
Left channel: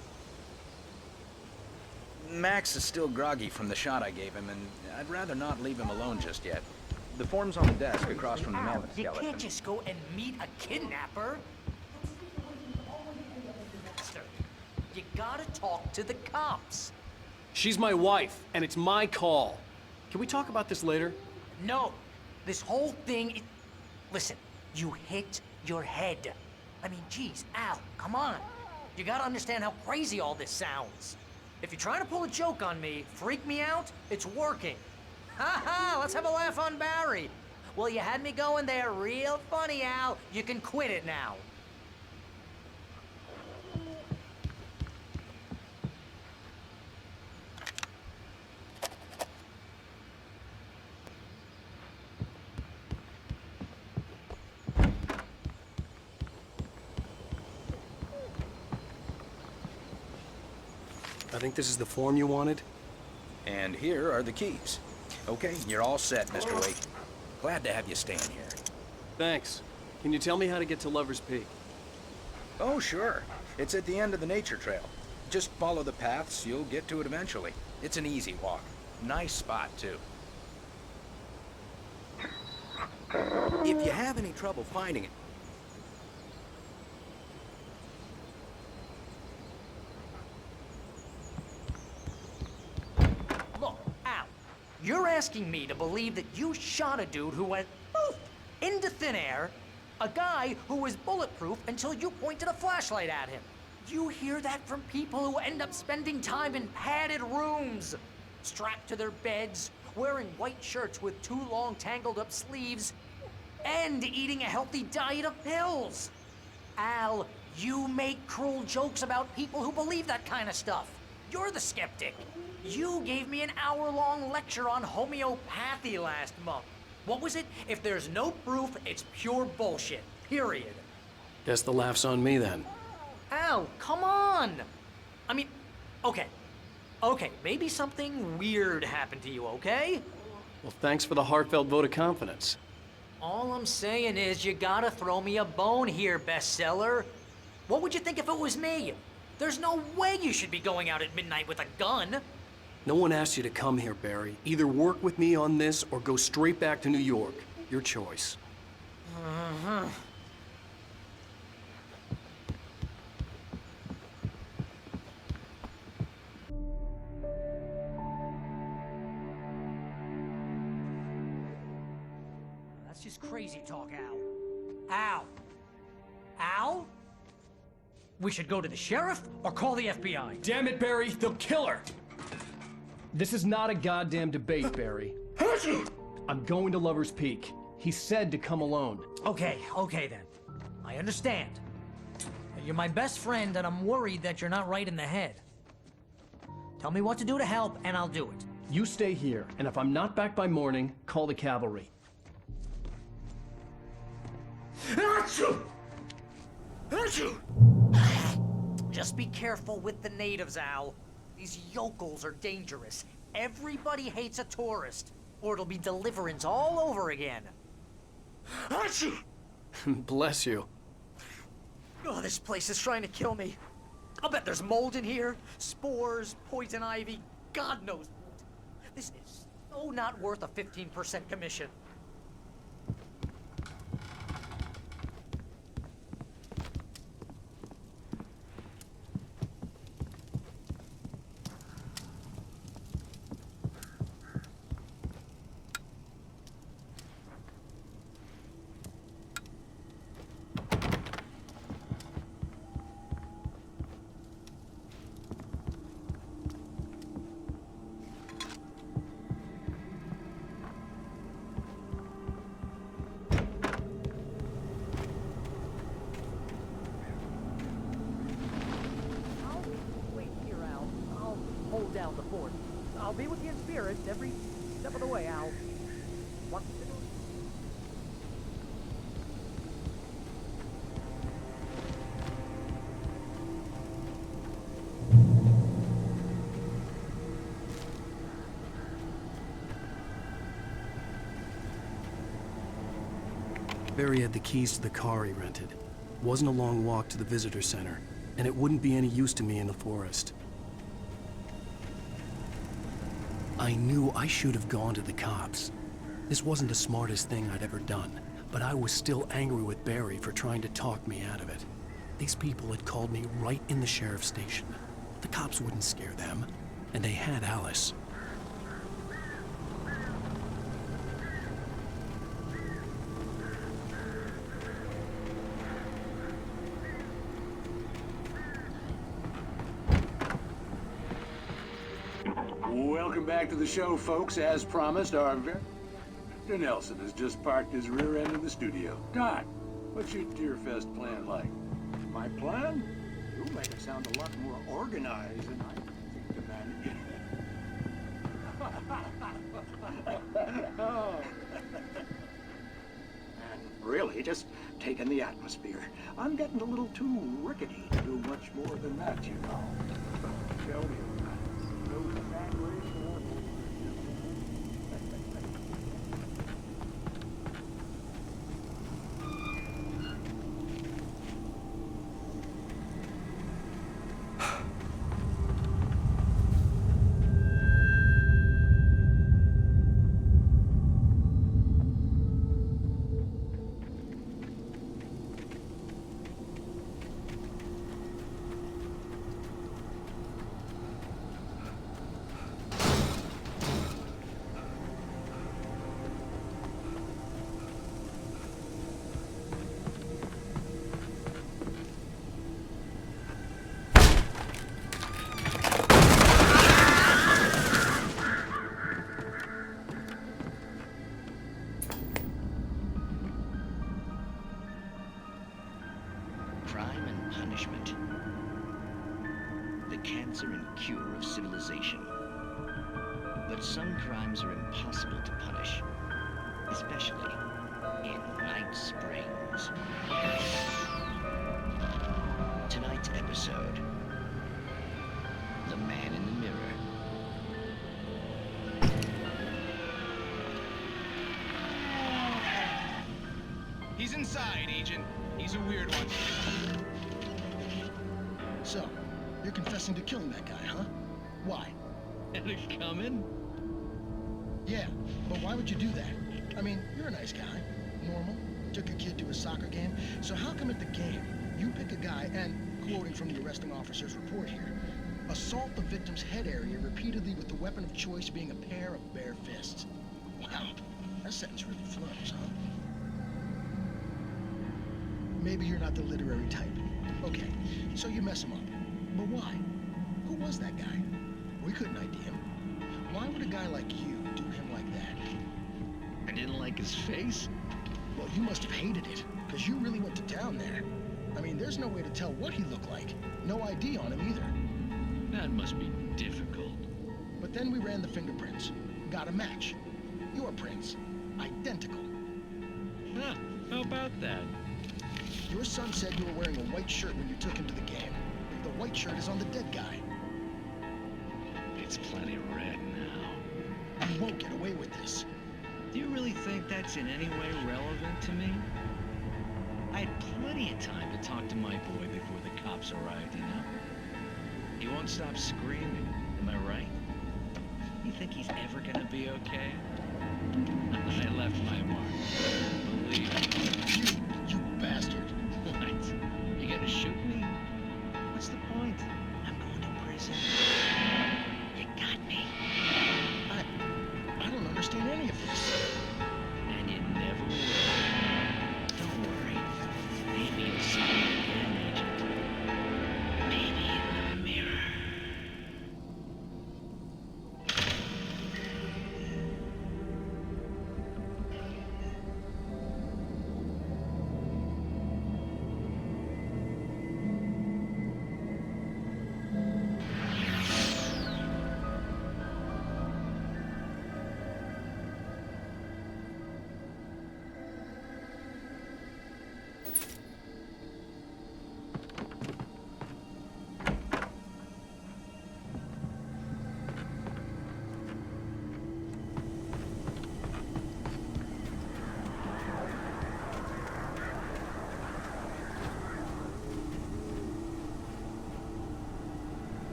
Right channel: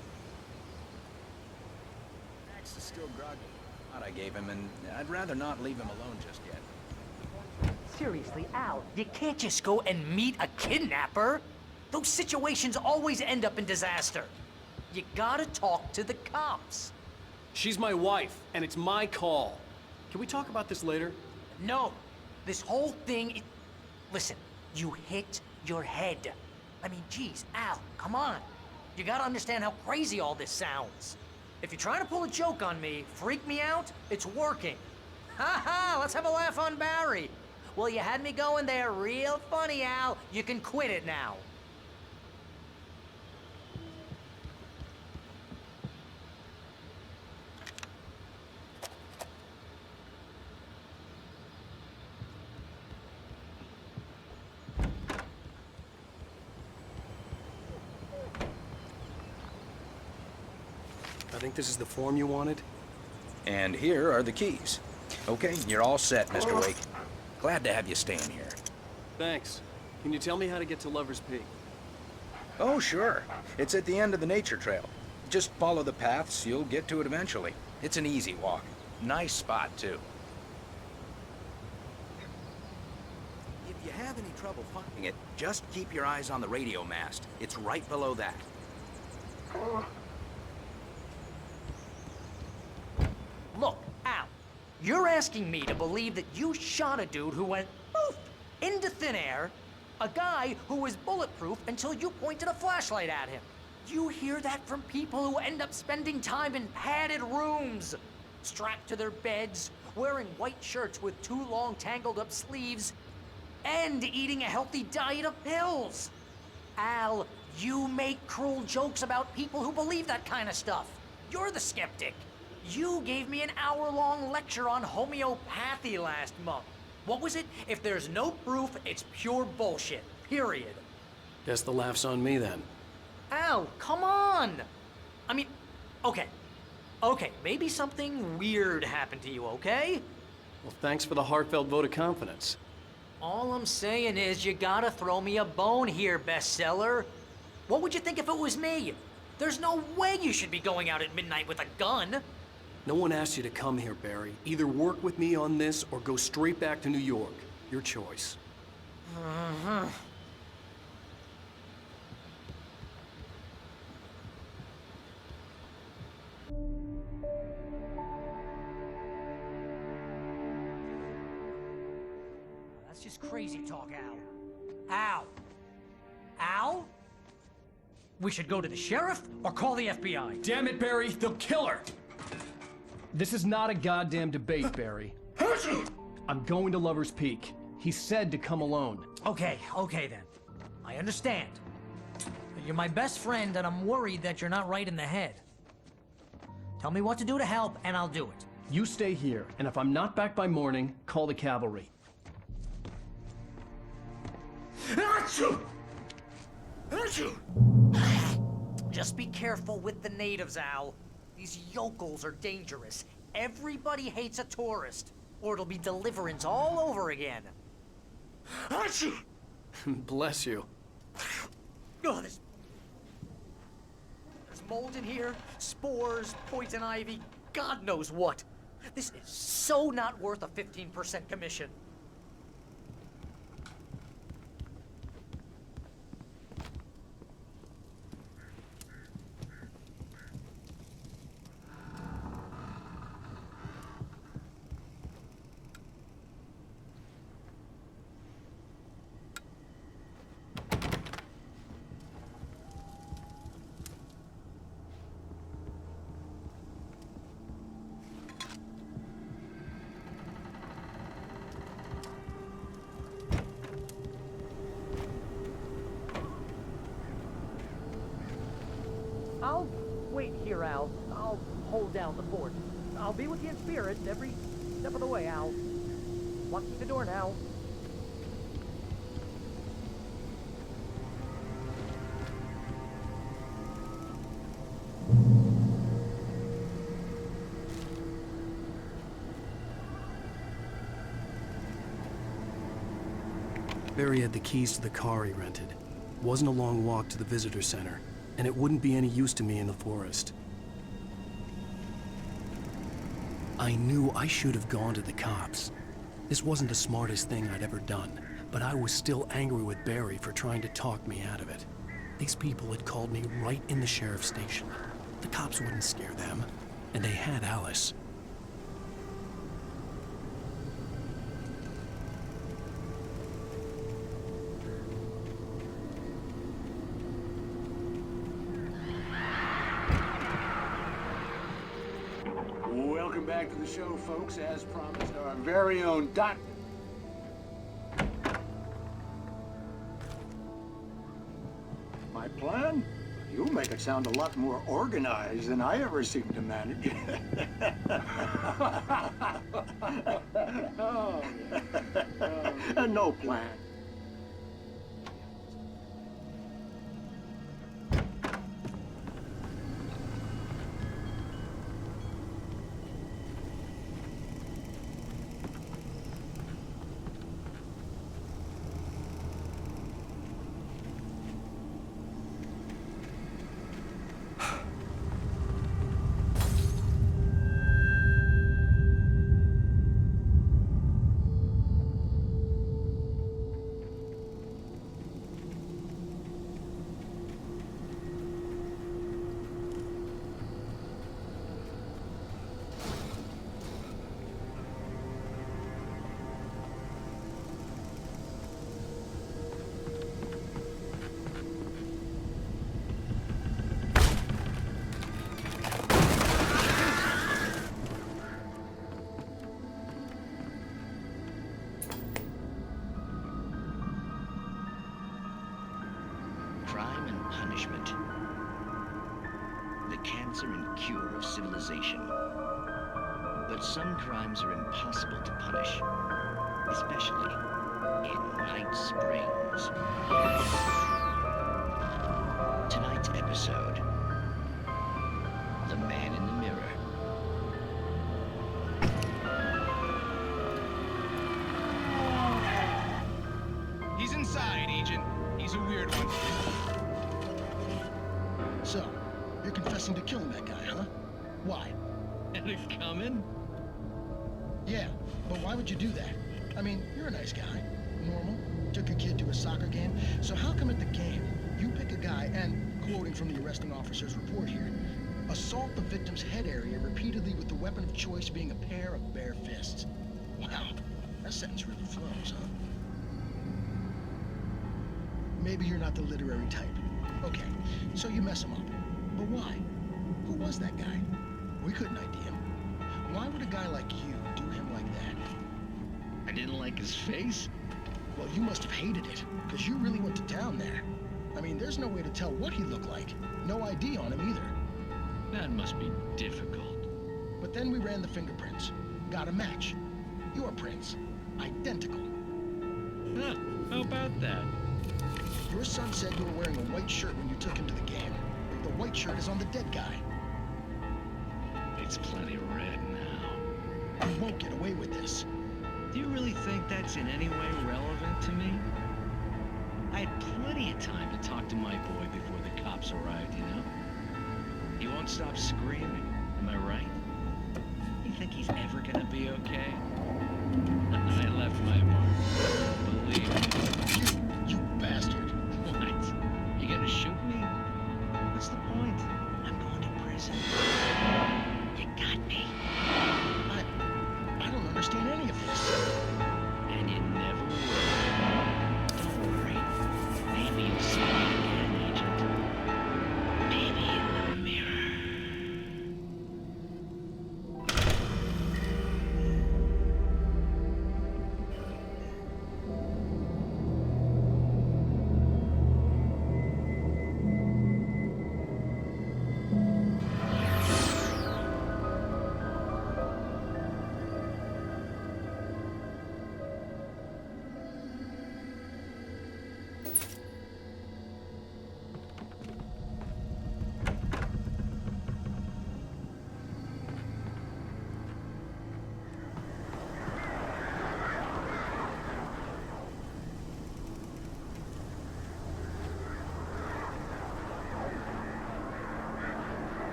Max is still groggy from the shot I gave him, and I'd rather not leave him alone just yet. The form's on the desk across Seriously, from the Al, medicine you skeleton. can't just go and meet a kidnapper. Those situations always end up in disaster. You gotta talk to the cops. She's my wife, and it's my call. Can we talk about this later? No. This whole thing... Listen, you hit your head. I mean, geez, Al, come on. You gotta understand how crazy all this sounds. If you're trying to pull a joke on me, freak me out, it's working. Ha ha, let's have a laugh on Barry. Well, you had me going there real funny, Al. You can quit it now. I think this is the form you wanted. And here are the keys. Okay, you're all set, Mr. Wake. Glad to have you staying here. Thanks. Can you tell me how to get to Lover's Peak? Oh, sure. It's at the end of the nature trail. Just follow the paths, you'll get to it eventually. It's an easy walk. Nice spot, too. If you have any trouble finding it, just keep your eyes on the radio mast. It's right below that. Look, Al, you're asking me to believe that you shot a dude who went poof into thin air, a guy who was bulletproof until you pointed a flashlight at him. You hear that from people who end up spending time in padded rooms, strapped to their beds, wearing white shirts with too long tangled up sleeves, and eating a healthy diet of pills. Al, you make cruel jokes about people who believe that kind of stuff. You're the skeptic. You gave me an hour-long lecture on homeopathy last month. What was it? If there's no proof, it's pure bullshit. Period. Guess the laugh's on me then. Al, come on! I mean, okay, maybe something weird happened to you, okay? Well, thanks for the heartfelt vote of confidence. All I'm saying is you gotta throw me a bone here, bestseller. What would you think if it was me? There's no way you should be going out at midnight with a gun. No one asked you to come here, Barry. Either work with me on this or go straight back to New York. Your choice. That's just crazy talk, Al. Al? We should go to the sheriff or call the FBI. Damn it, Barry, they'll kill her! This is not a goddamn debate, Barry. I'm going to Lover's Peak. He said to come alone. Okay then. I understand. You're my best friend, and I'm worried that you're not right in the head. Tell me what to do to help, and I'll do it. You stay here, and if I'm not back by morning, call the cavalry. Just be careful with the natives, Al. These yokels are dangerous. Everybody hates a tourist, or it'll be Deliverance all over again. Bless you. Oh, this place is trying to kill me. I'll bet there's mold in here, spores, poison ivy, God knows what. This is so not worth a 15% commission. I'll wait here, Al. I'll hold down the fort. I'll be with you in spirit every step of the way, Al. Locking the door now. Barry had the keys to the car he rented. Wasn't a long walk to the visitor center, and it wouldn't be any use to me in the forest. I knew I should have gone to the cops. This wasn't the smartest thing I'd ever done, but I was still angry with Barry for trying to talk me out of it. These people had called me right in the sheriff's station. The cops wouldn't scare them, and they had Alice. Welcome back to the show, folks. As promised, our very own Dr. Nelson has just parked his rear end in the studio. Doc, what's your Deerfest plan like? My plan? You make it sound a lot more organized than I ever seem to manage. No plan, really. Just taking the atmosphere. I'm getting a little too rickety to do much more than that, you know. cancer and cure of civilization. But some crimes are impossible to punish, especially in Night Springs. Tonight's episode, The Man in the Mirror. He's inside, Agent. He's a weird one. So, you're confessing to killing that guy, huh? Why? Had it coming? Yeah, but why would you do that? I mean, you're a nice guy. Normal. Took a kid to a soccer game. So how come at the game, you pick a guy and, quoting from the arresting officer's report here, assault the victim's head area repeatedly with the weapon of choice being a pair of bare fists? Wow, that sentence really flows, huh? Maybe you're not the literary type. Okay, so you mess him up. But why? Who was that guy? We couldn't ID him. Why would a guy like you do him like that? I didn't like his face? Well, you must have hated it, because you really went to town there. I mean, there's no way to tell what he looked like. No ID on him either. That must be difficult. But then we ran the fingerprints. Got a match. Your prints. Identical. Huh, how about that? Your son said you were wearing a white shirt when you took him to the game. The white shirt is on the dead guy. It's plenty red now. You won't get away with this. Do you really think that's in any way relevant to me? I had plenty of time to talk to my boy before the cops arrived, you know? He won't stop screaming, am I right? You think he's ever gonna be okay? I left my mark. Believe me. You bastard. What? You gonna shoot me? What's the point? I'm going to prison. You got me. I don't understand any of this. And you never will. Don't worry. Maybe you'll see me again, Agent. Maybe in the mirror.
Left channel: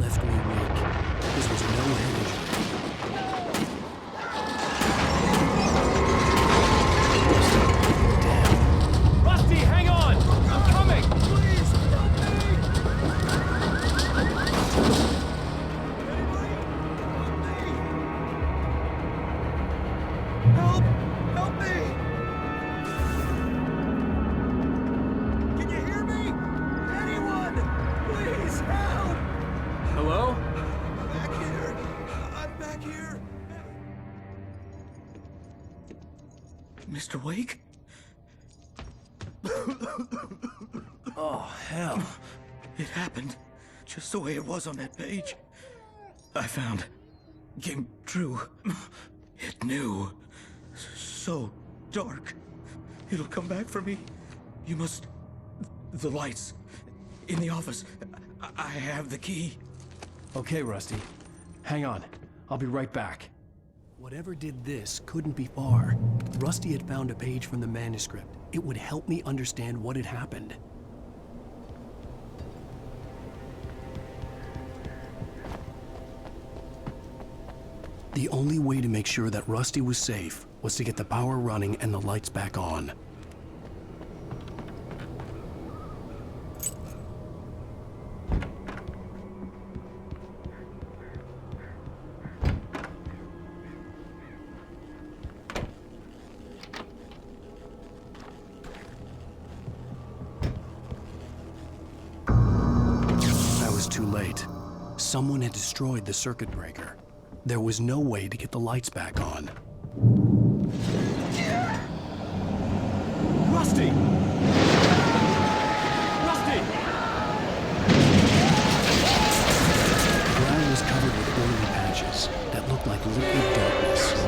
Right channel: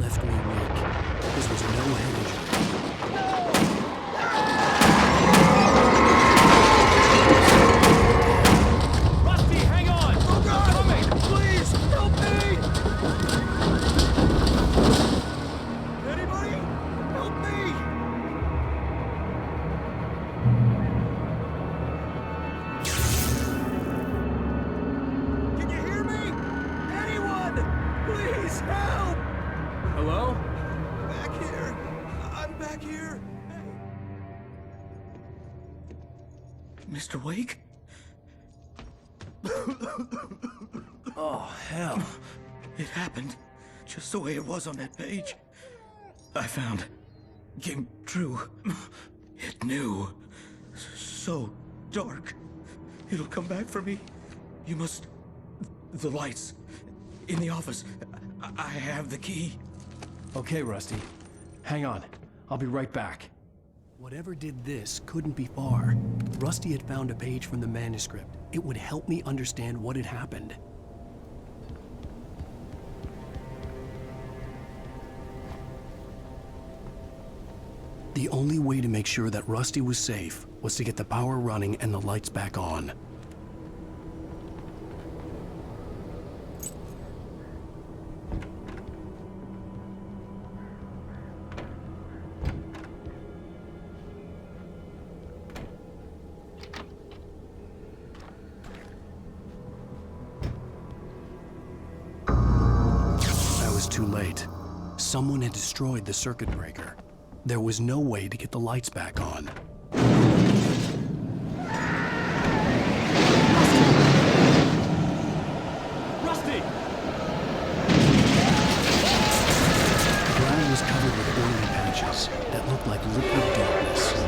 Left me weak. This was no hedge. Rusty, hang on! I'm coming! Please, help me! Anybody? Help me! Help me! Can you hear me? Anyone? Please, help! Hello? Back here. I'm back here. Mr. Wake? Oh, hell. It happened just the way it was on that page. I found. Came true. It knew. So dark. It'll come back for me. You must... The lights. In the office. I have the key. Okay, Rusty. Hang on. I'll be right back. Whatever did this couldn't be far. Rusty had found a page from the manuscript. It would help me understand what had happened. The only way to make sure that Rusty was safe was to get the power running and the lights back on. I was too late. Someone had destroyed the circuit breaker. There was no way to get the lights back on. Rusty! Rusty! The ground was covered with oily patches that looked like liquid darkness.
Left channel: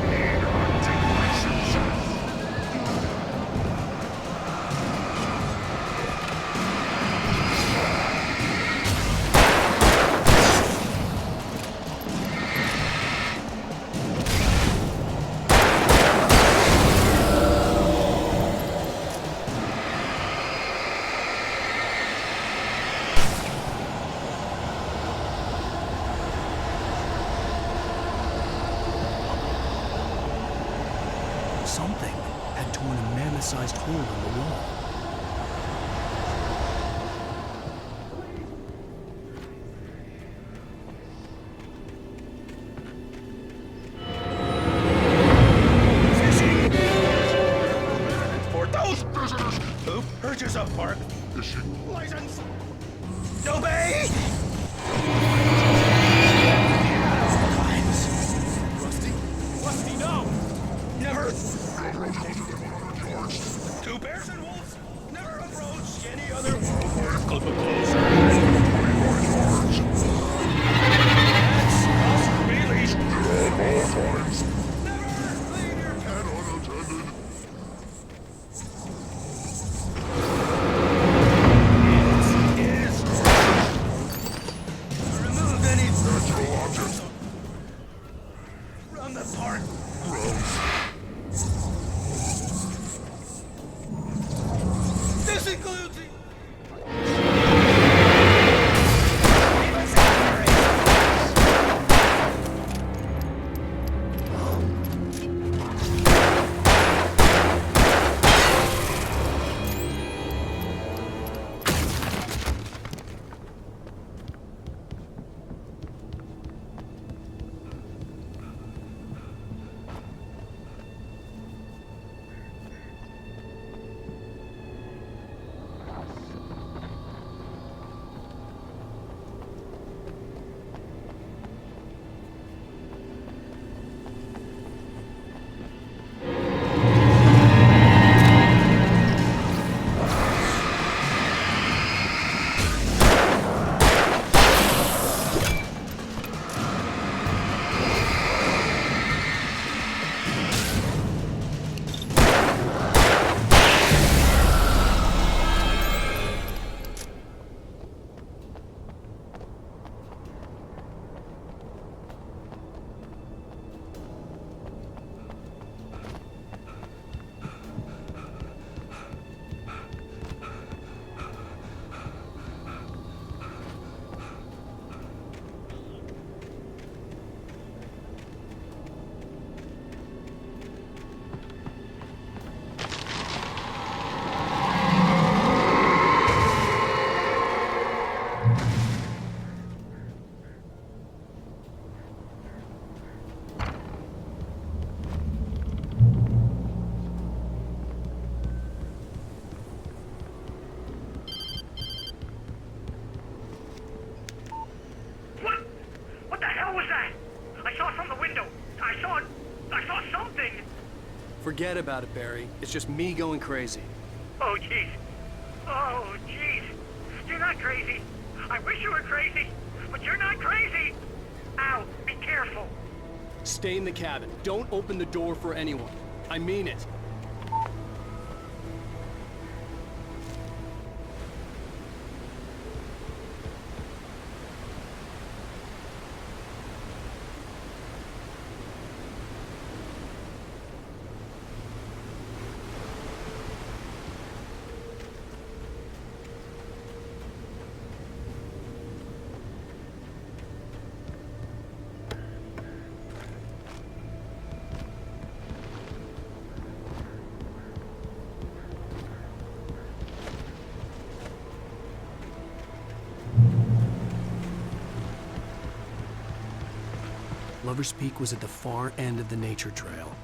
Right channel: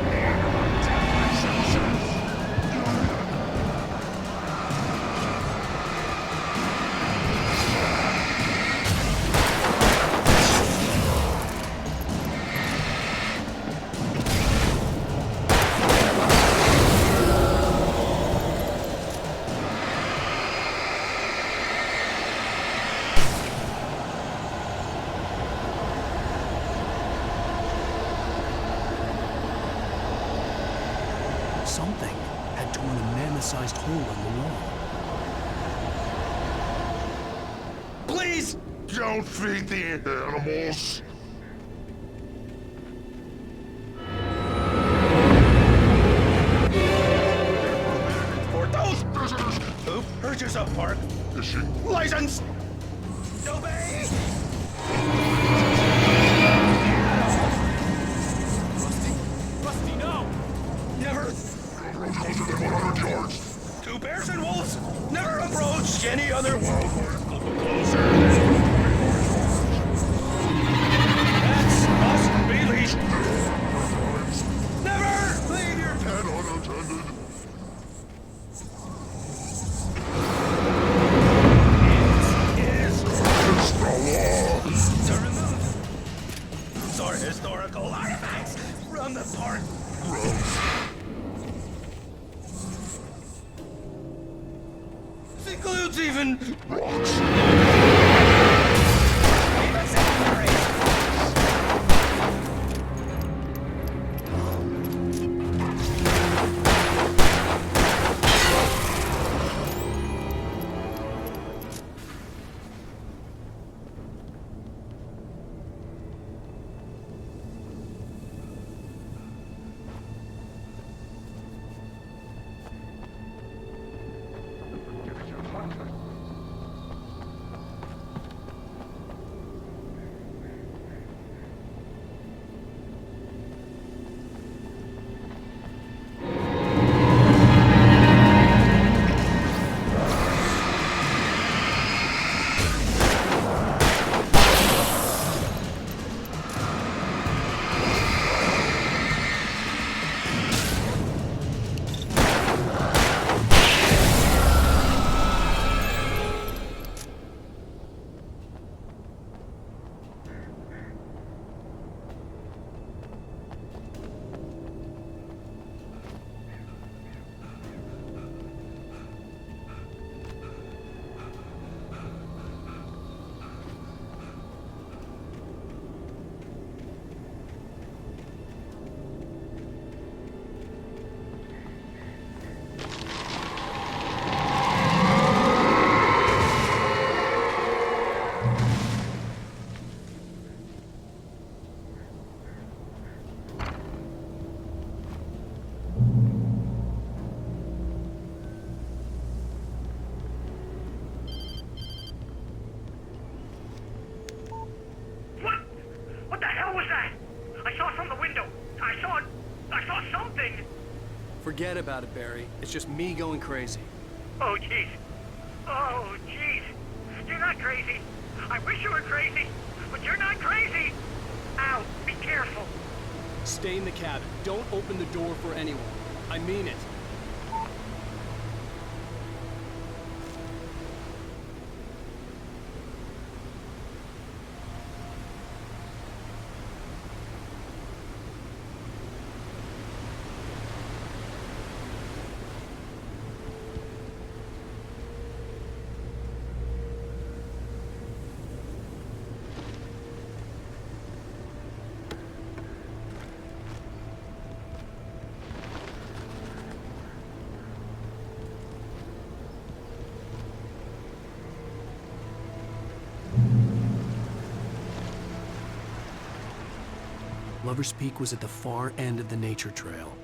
Something had torn a mammoth-sized hole in the wall. Please don't feed the animals. For those visitors who purchase a park fishing license, obey! At all times. Rusty? Rusty, no! Never approach closer than 100 yards. Two bears and wolves never approach any other wildlife closer than 25 yards. Pets must be leashed at all times. Never leave your pet unattended. It is against the law to remove any natural objects or historical artifacts from the park. Gross. This includes even rocks. Even cemeteries. Forget about it, Barry. It's just me going crazy. Oh, jeez. Oh, jeez. You're not crazy. I wish you were crazy, but you're not crazy. Ow, be careful. Stay in the cabin. Don't open the door for anyone. I mean it. Lover's Peak was at the far end of the nature trail.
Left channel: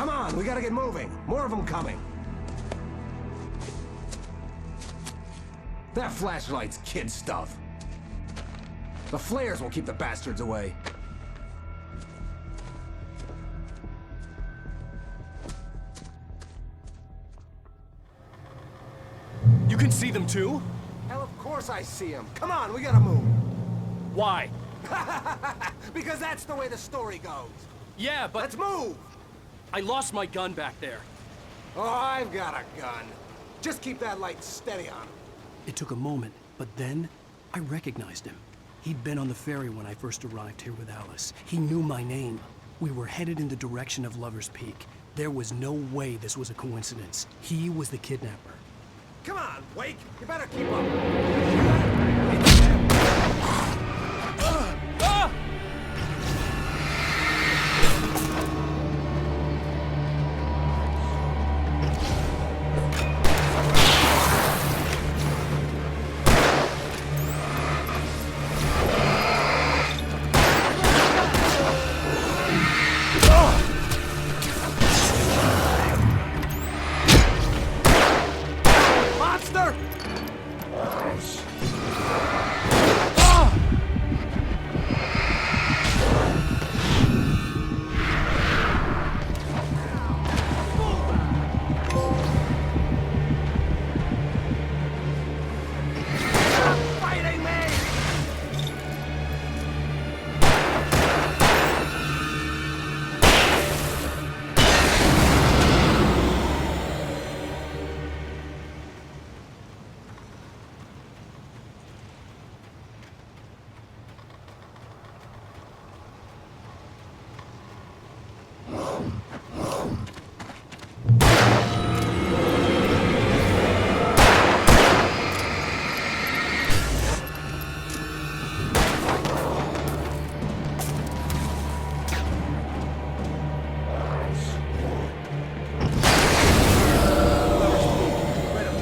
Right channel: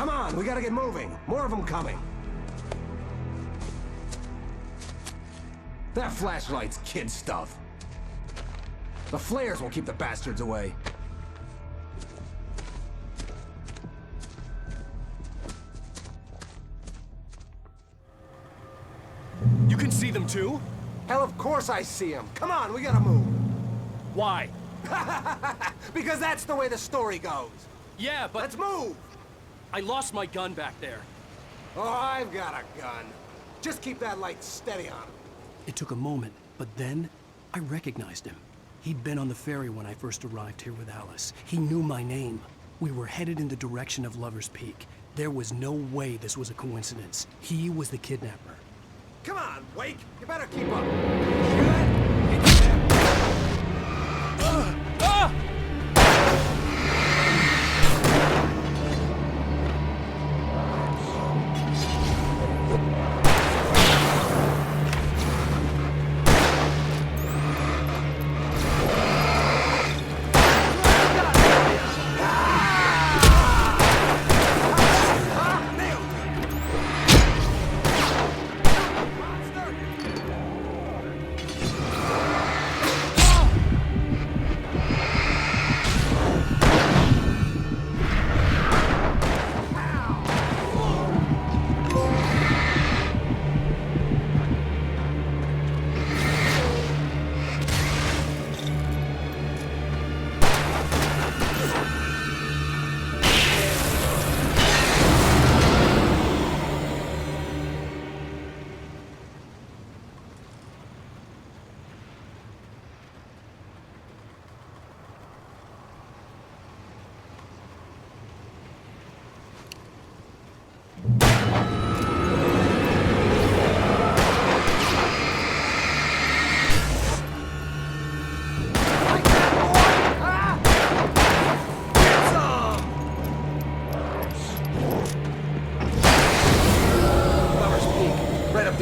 Come on, we gotta get moving. More of them coming. That flashlight's kid stuff. The flares will keep the bastards away. You can see them too? Hell, of course I see them. Come on, we gotta move. Why? Because that's the way the story goes. Yeah, but... Let's move! I lost my gun back there. Oh, I've got a gun. Just keep that light steady on him. It took a moment, but then I recognized him. He'd been on the ferry when I first arrived here with Alice. He knew my name. We were headed in the direction of Lover's Peak. There was no way this was a coincidence. He was the kidnapper. Come on, Wake! You better keep up. Hear that? It's them.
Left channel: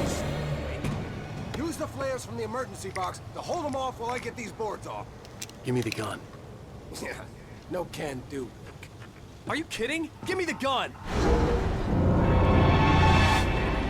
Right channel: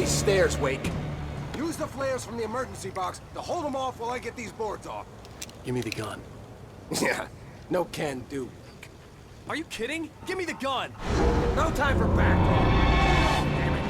Stairs, Wake. Use the flares from the emergency box to hold them off while I get these boards off. Give me the gun. Yeah, no can do, Wake. Are you kidding? Give me the gun! No time for back talk. Damn it.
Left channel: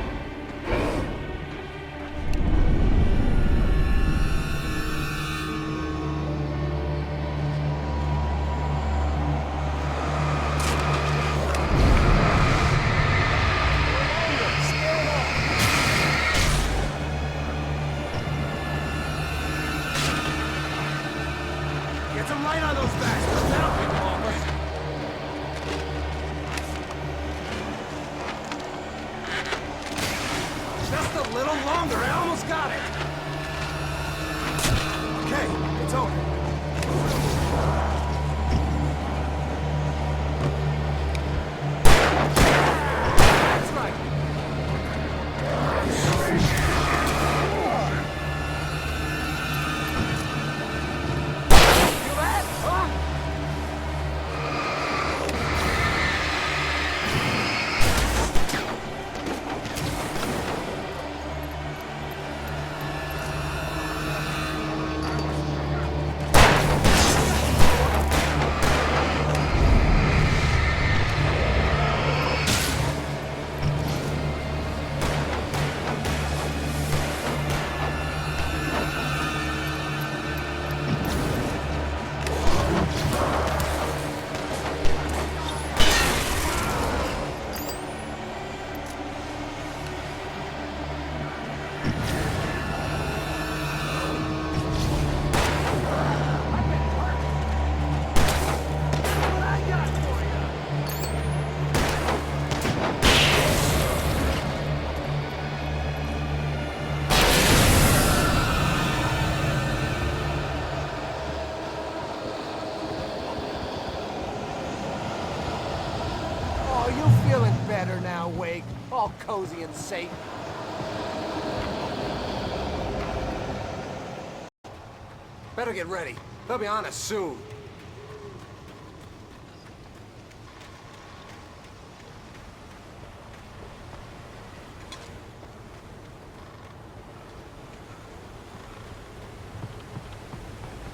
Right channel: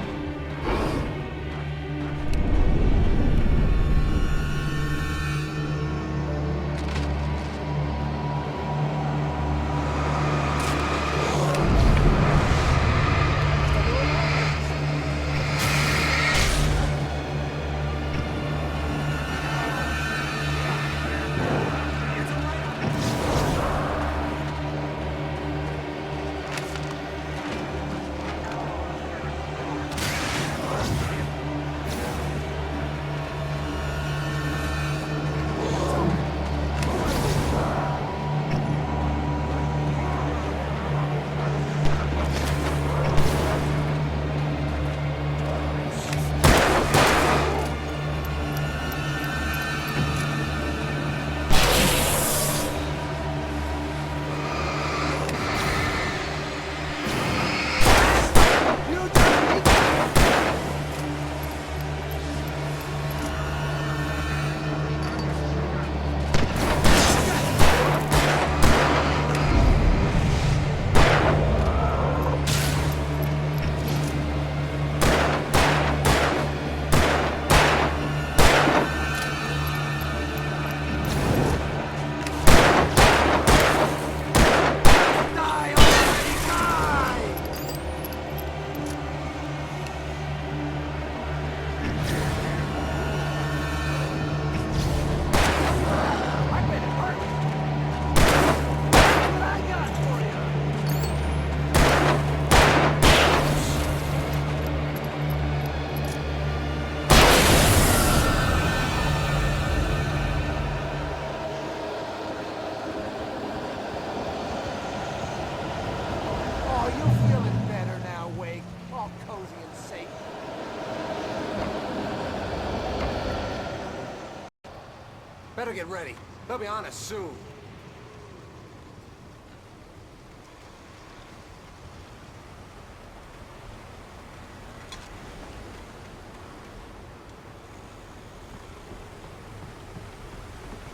Wake, all cozy and safe. Better get ready. They'll be on us soon.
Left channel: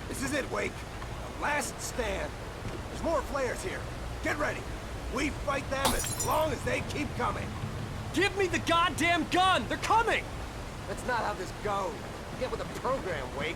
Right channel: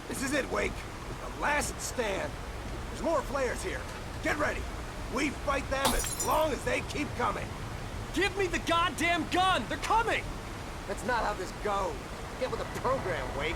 This is it, Wake. The last stand. There's more flares here. Get ready. We fight them as long as they keep coming. Give me the goddamn gun! They're coming! That's not how this goes. Get with the program, Wake.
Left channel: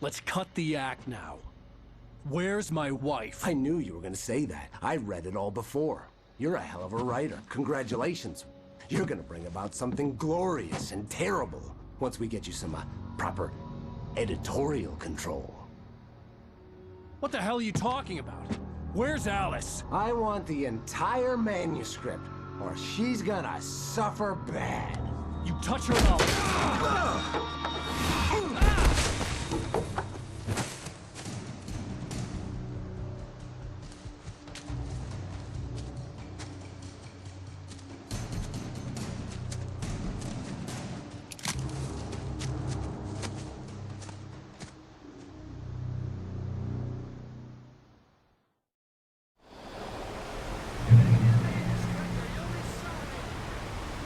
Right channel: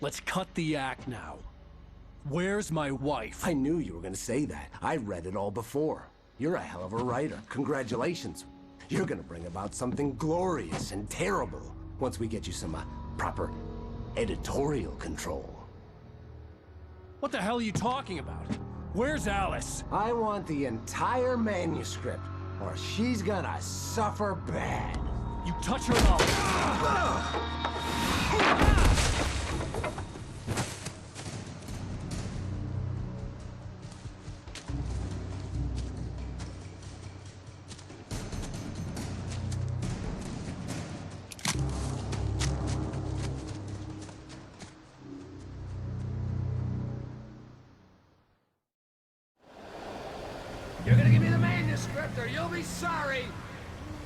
Let's cut the act now. Where's my wife? I knew you were gonna say that. I read it all before. You're a hell of a writer. Congratulations. You're gonna bring about something glorious and terrible once we get you some proper editorial control. What the hell are you talking about? Where's Alice? I want the entire manuscript, or she's gonna suffer bad. You touch her now. You're gonna give me the manuscript or you'll be sorry!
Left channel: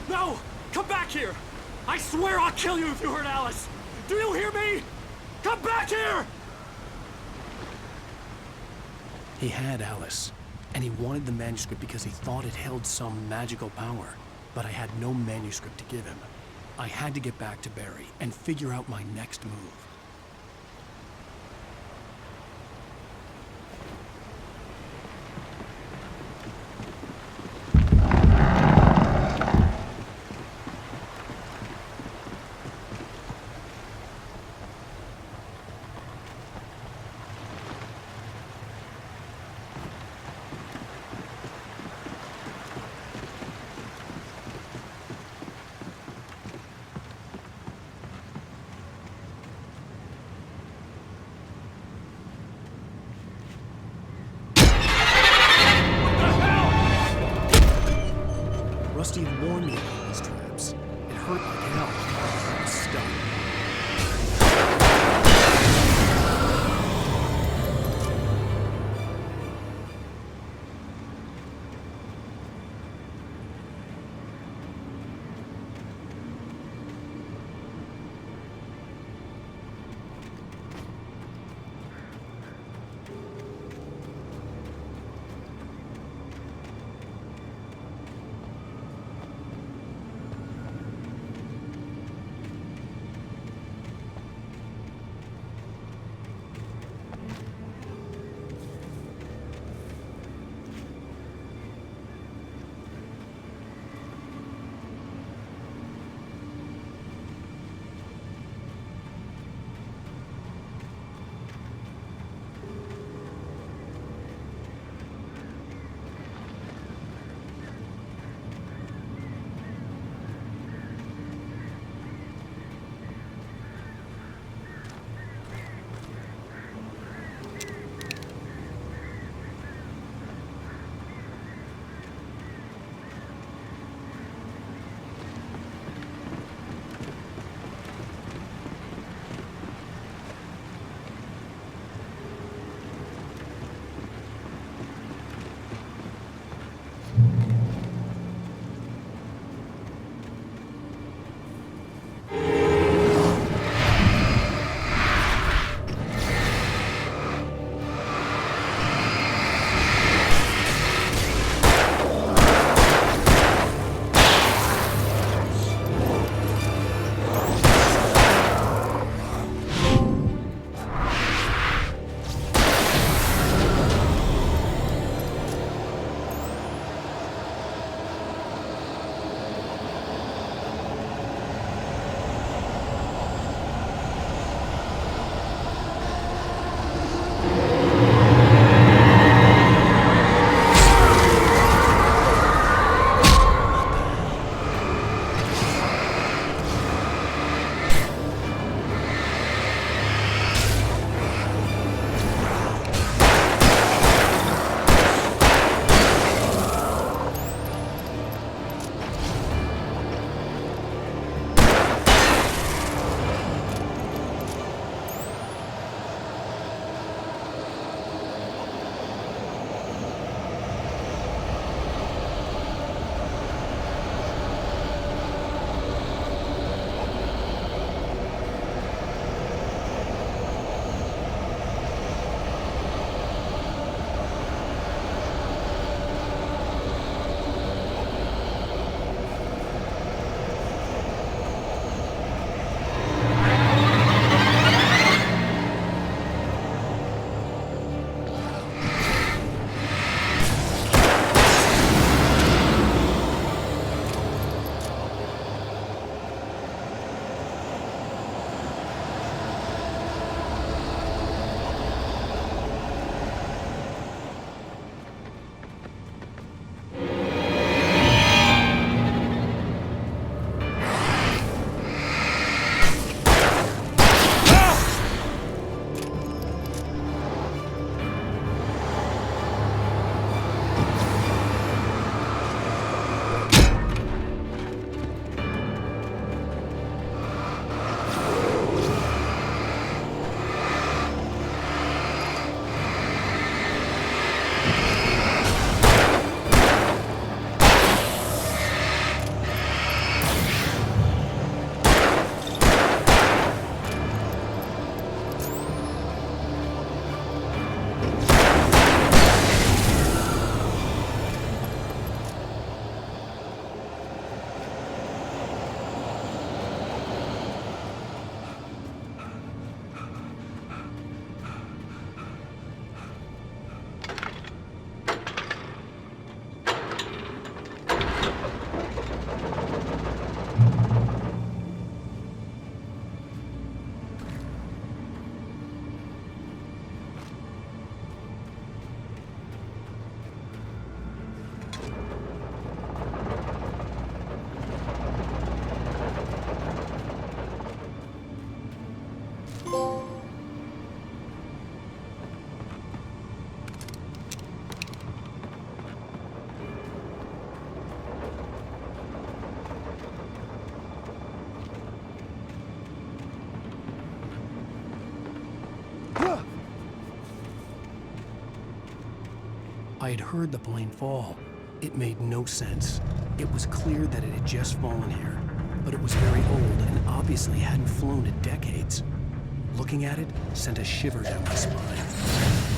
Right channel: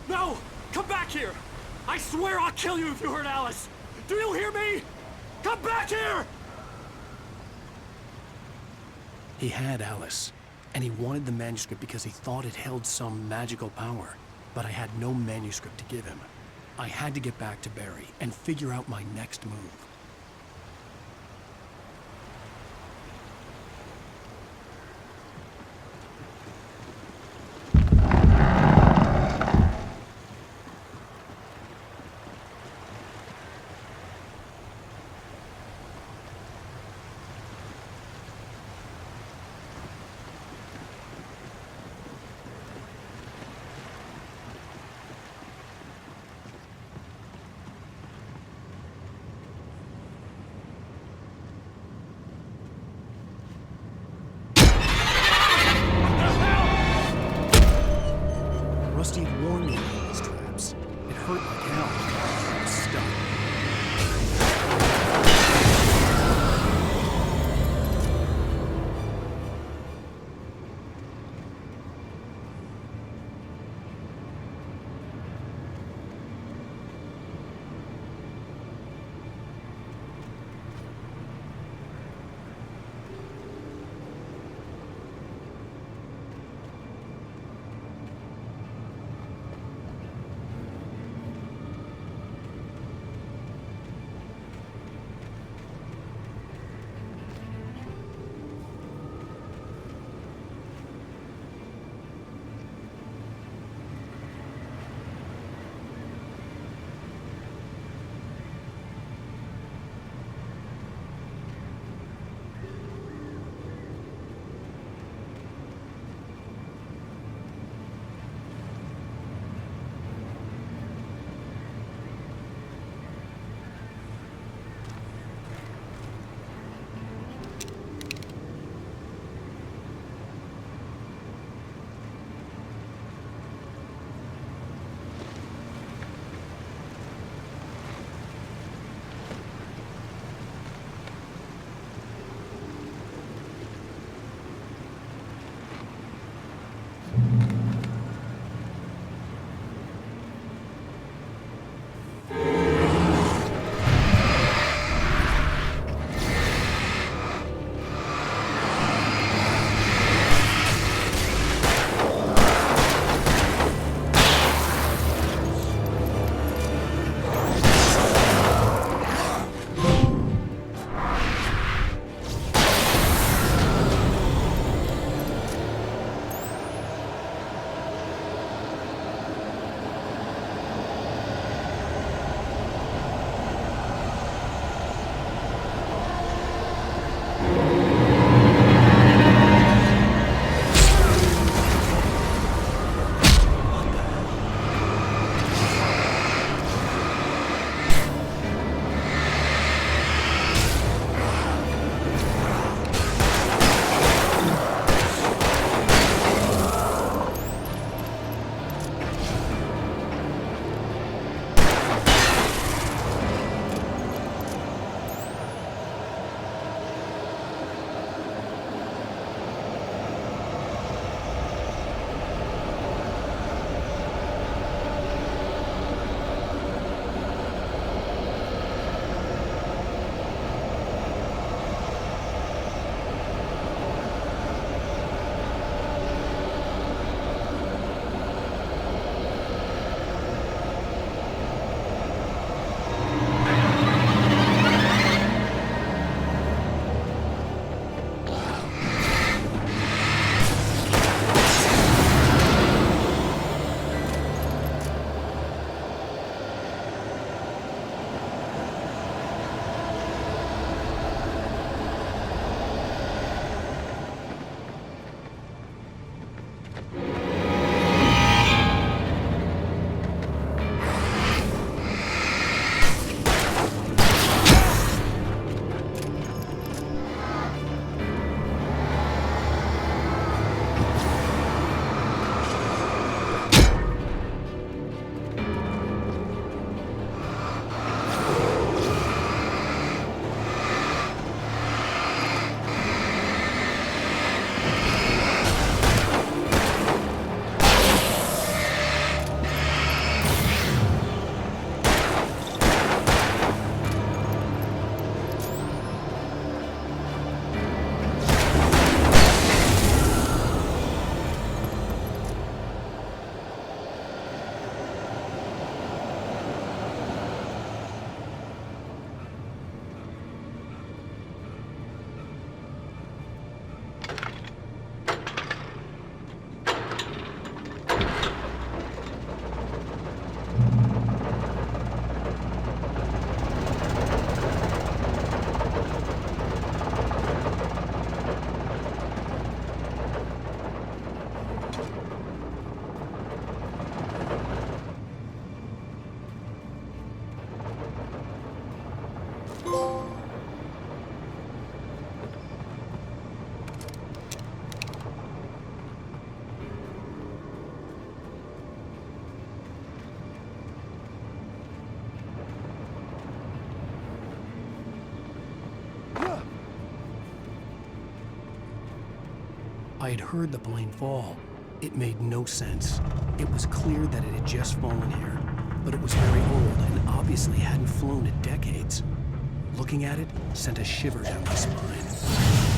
No! Come back here! I swear I'll kill you if you hurt Alice! Do you hear me? Come back here! He had Alice, and he wanted the manuscript because he thought it held some magical power. But I had no manuscript to give him. I had to get back to Barry and figure out my next move. Rusty had warned me about these traps. It hurt like hell. I was stuck. I had heard the plane fall. It made no sense. It was clear that it had just fallen here, but it was very old and obviously hadn't flown in decades. Looking at it sent a shiver down my spine.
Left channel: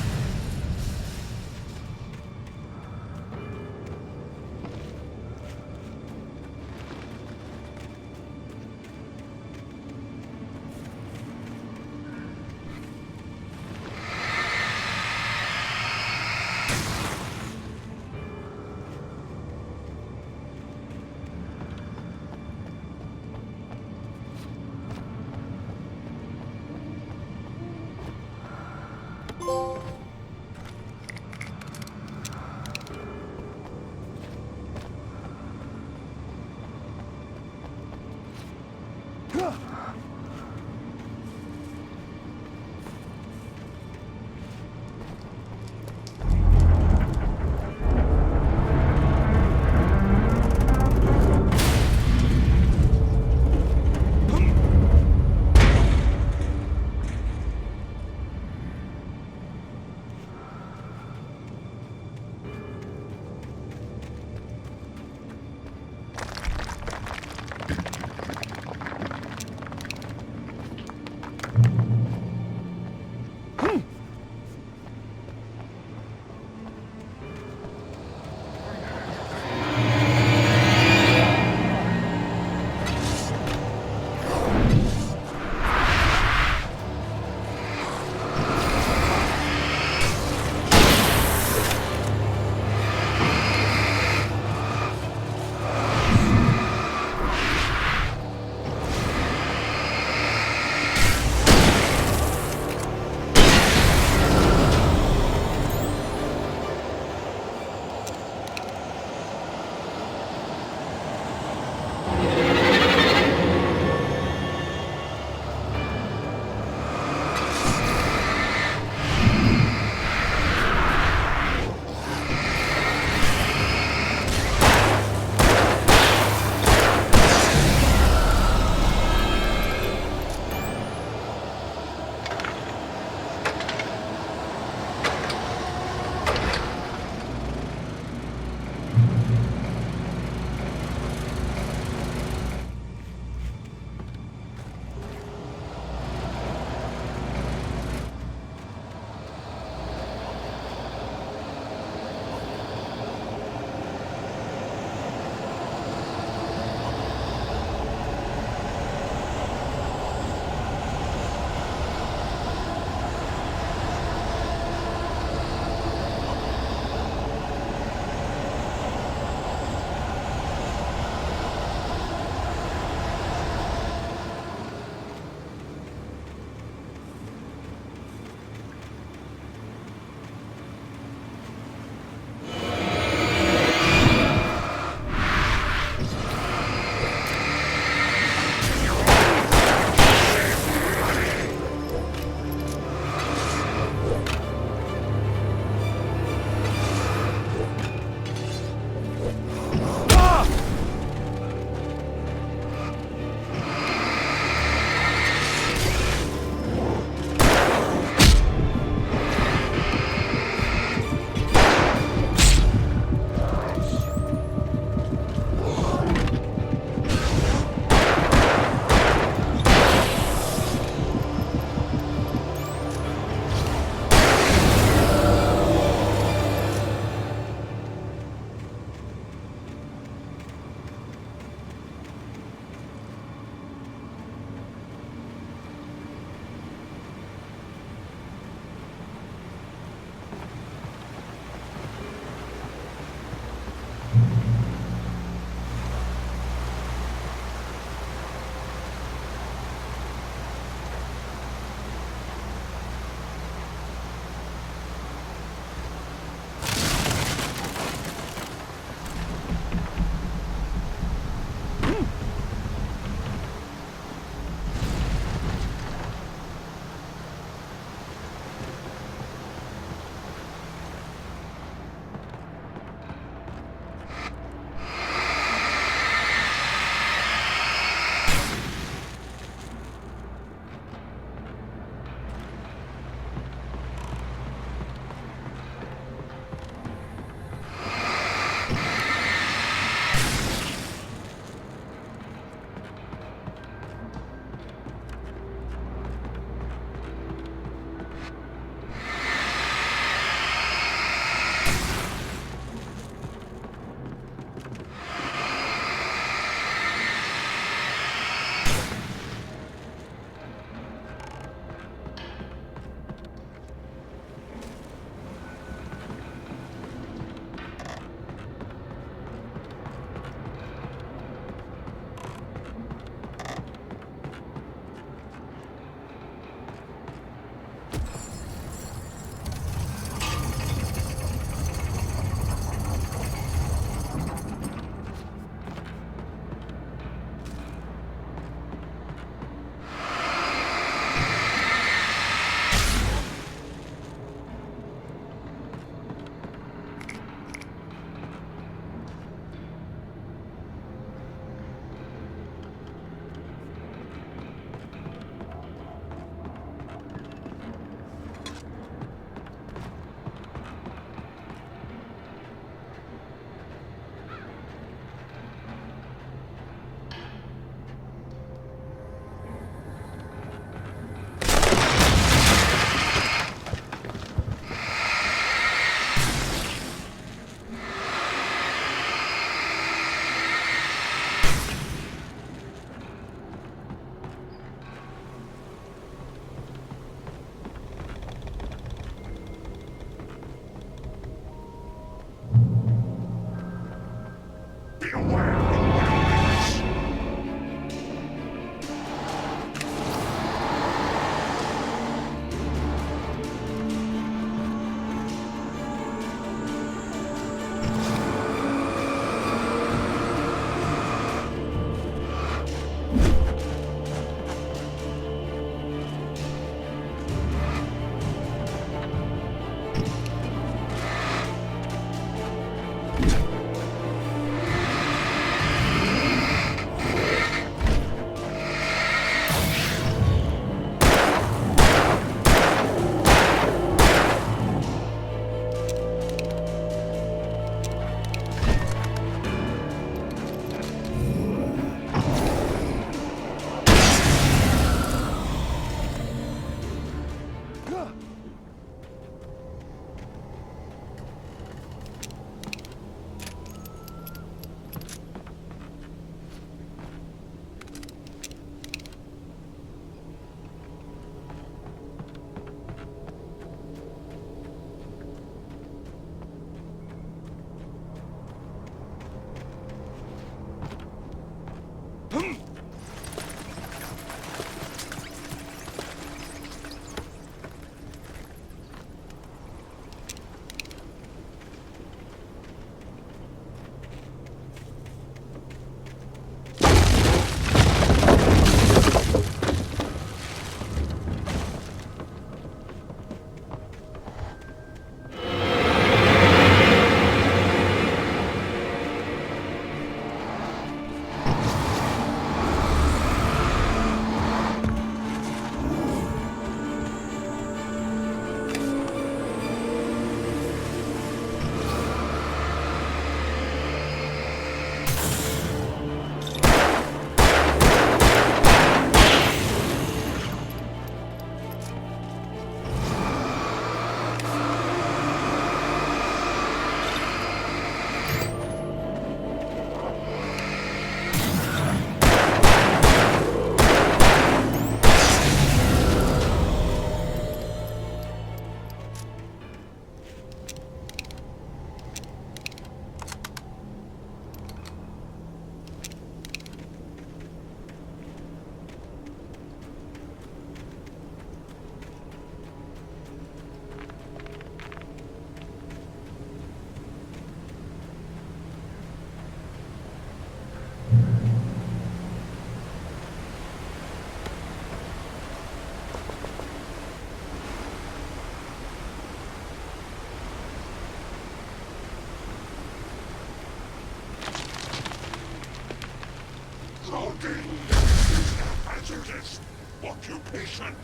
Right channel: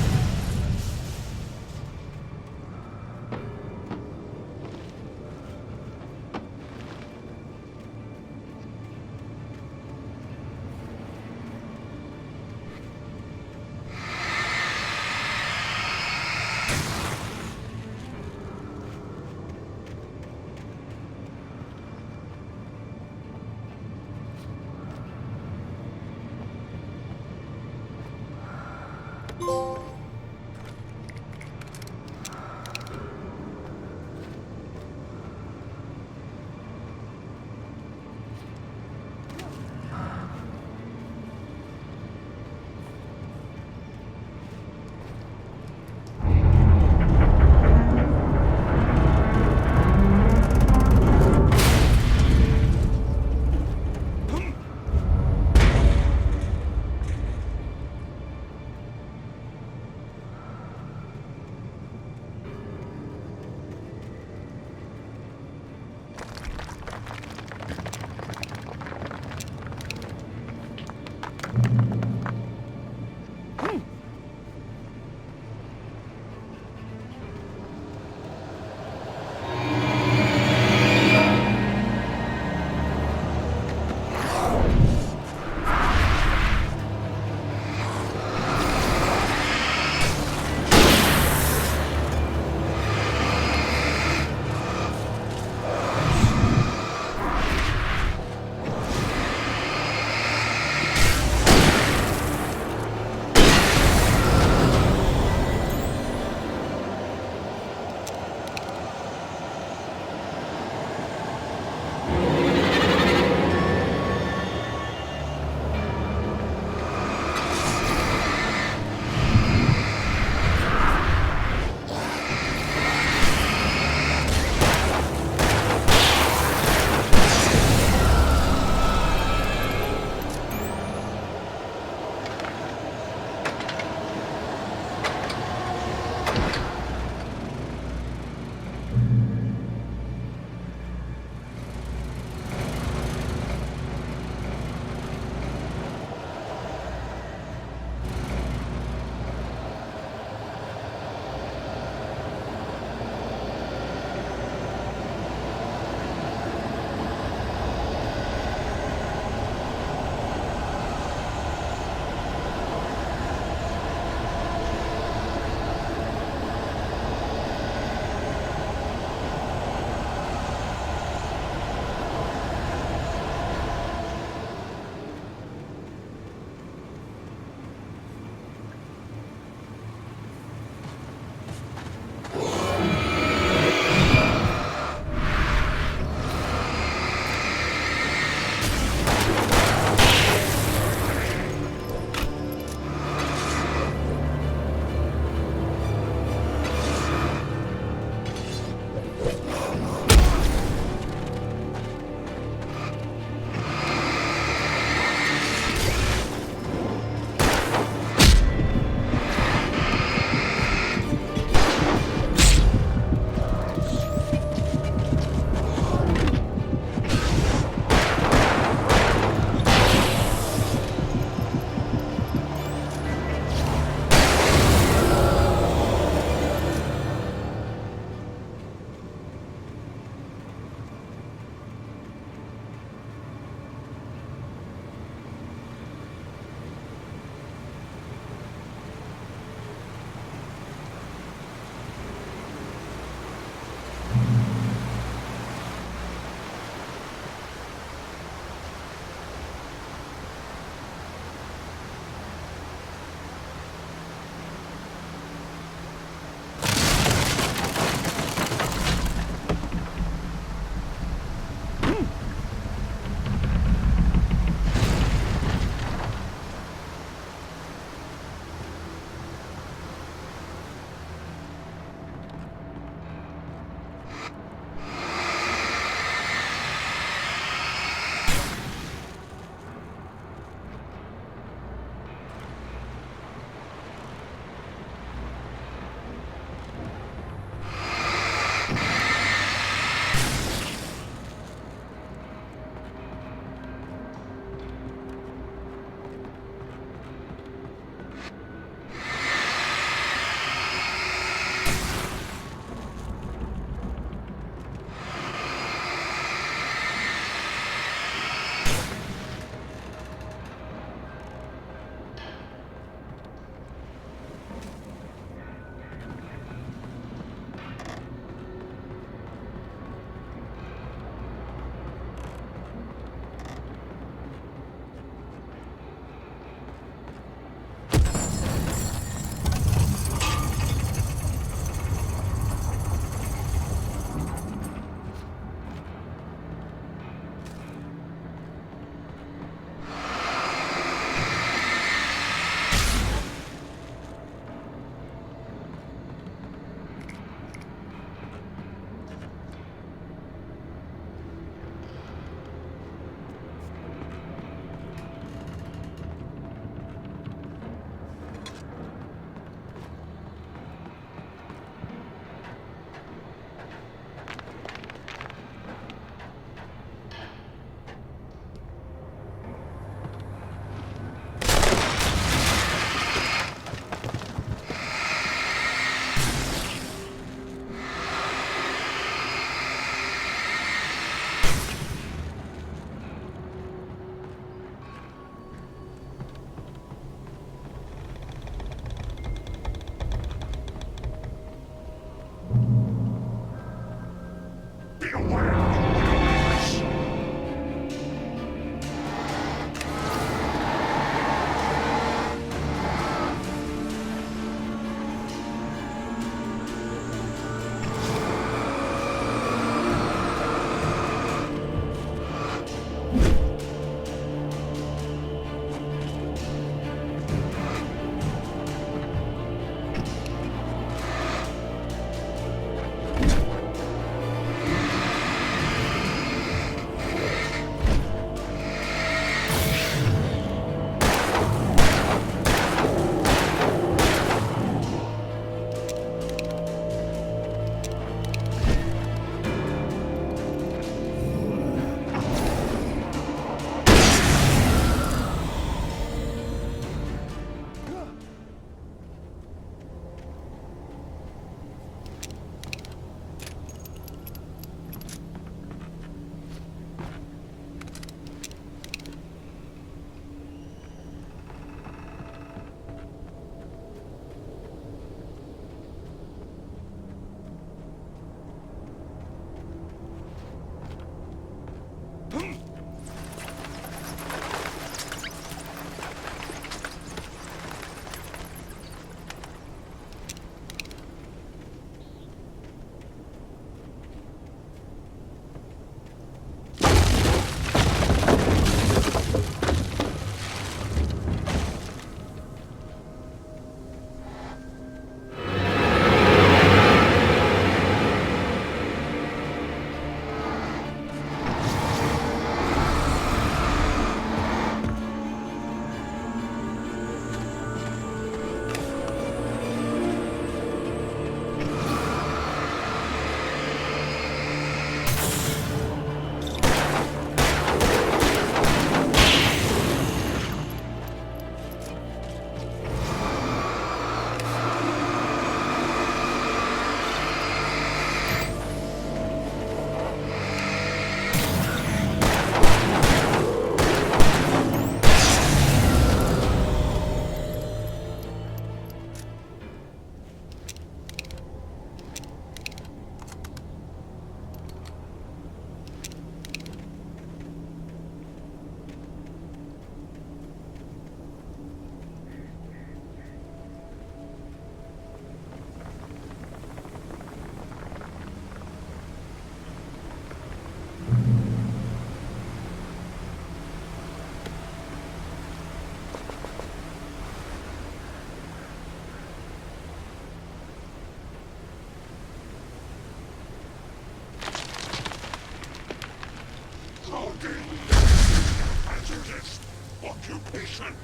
hazardous occupation.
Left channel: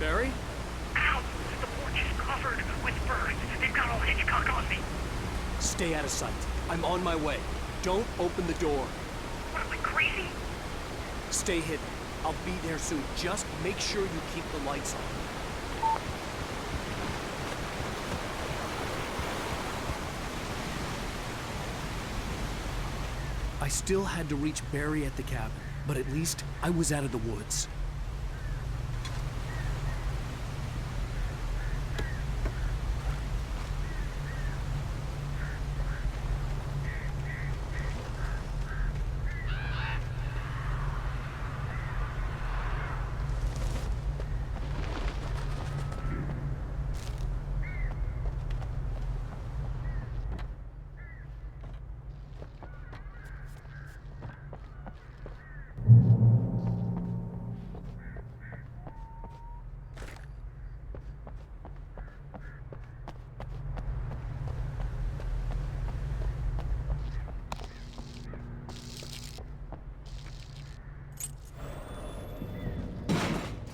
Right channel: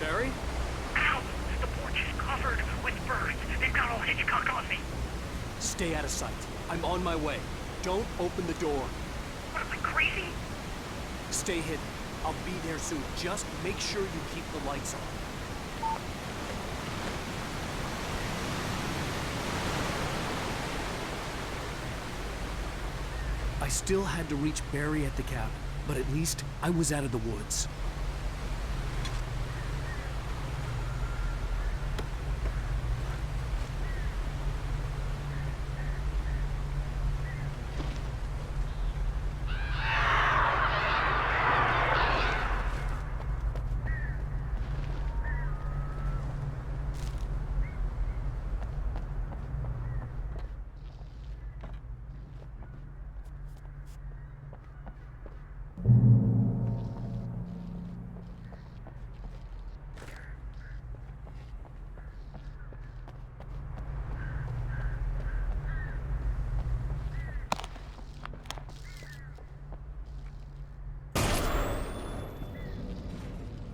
Barry? Ow! The porch is covered with birds. They've got all Hitchcock on me. Stay out of sight. I'm on my way. Don't open the door. What am I, crazy? Stay hidden. I'll be there soon. Just make sure you keep the lights on. I still had to reach Barry at the cabin, but at least I was out of the woods.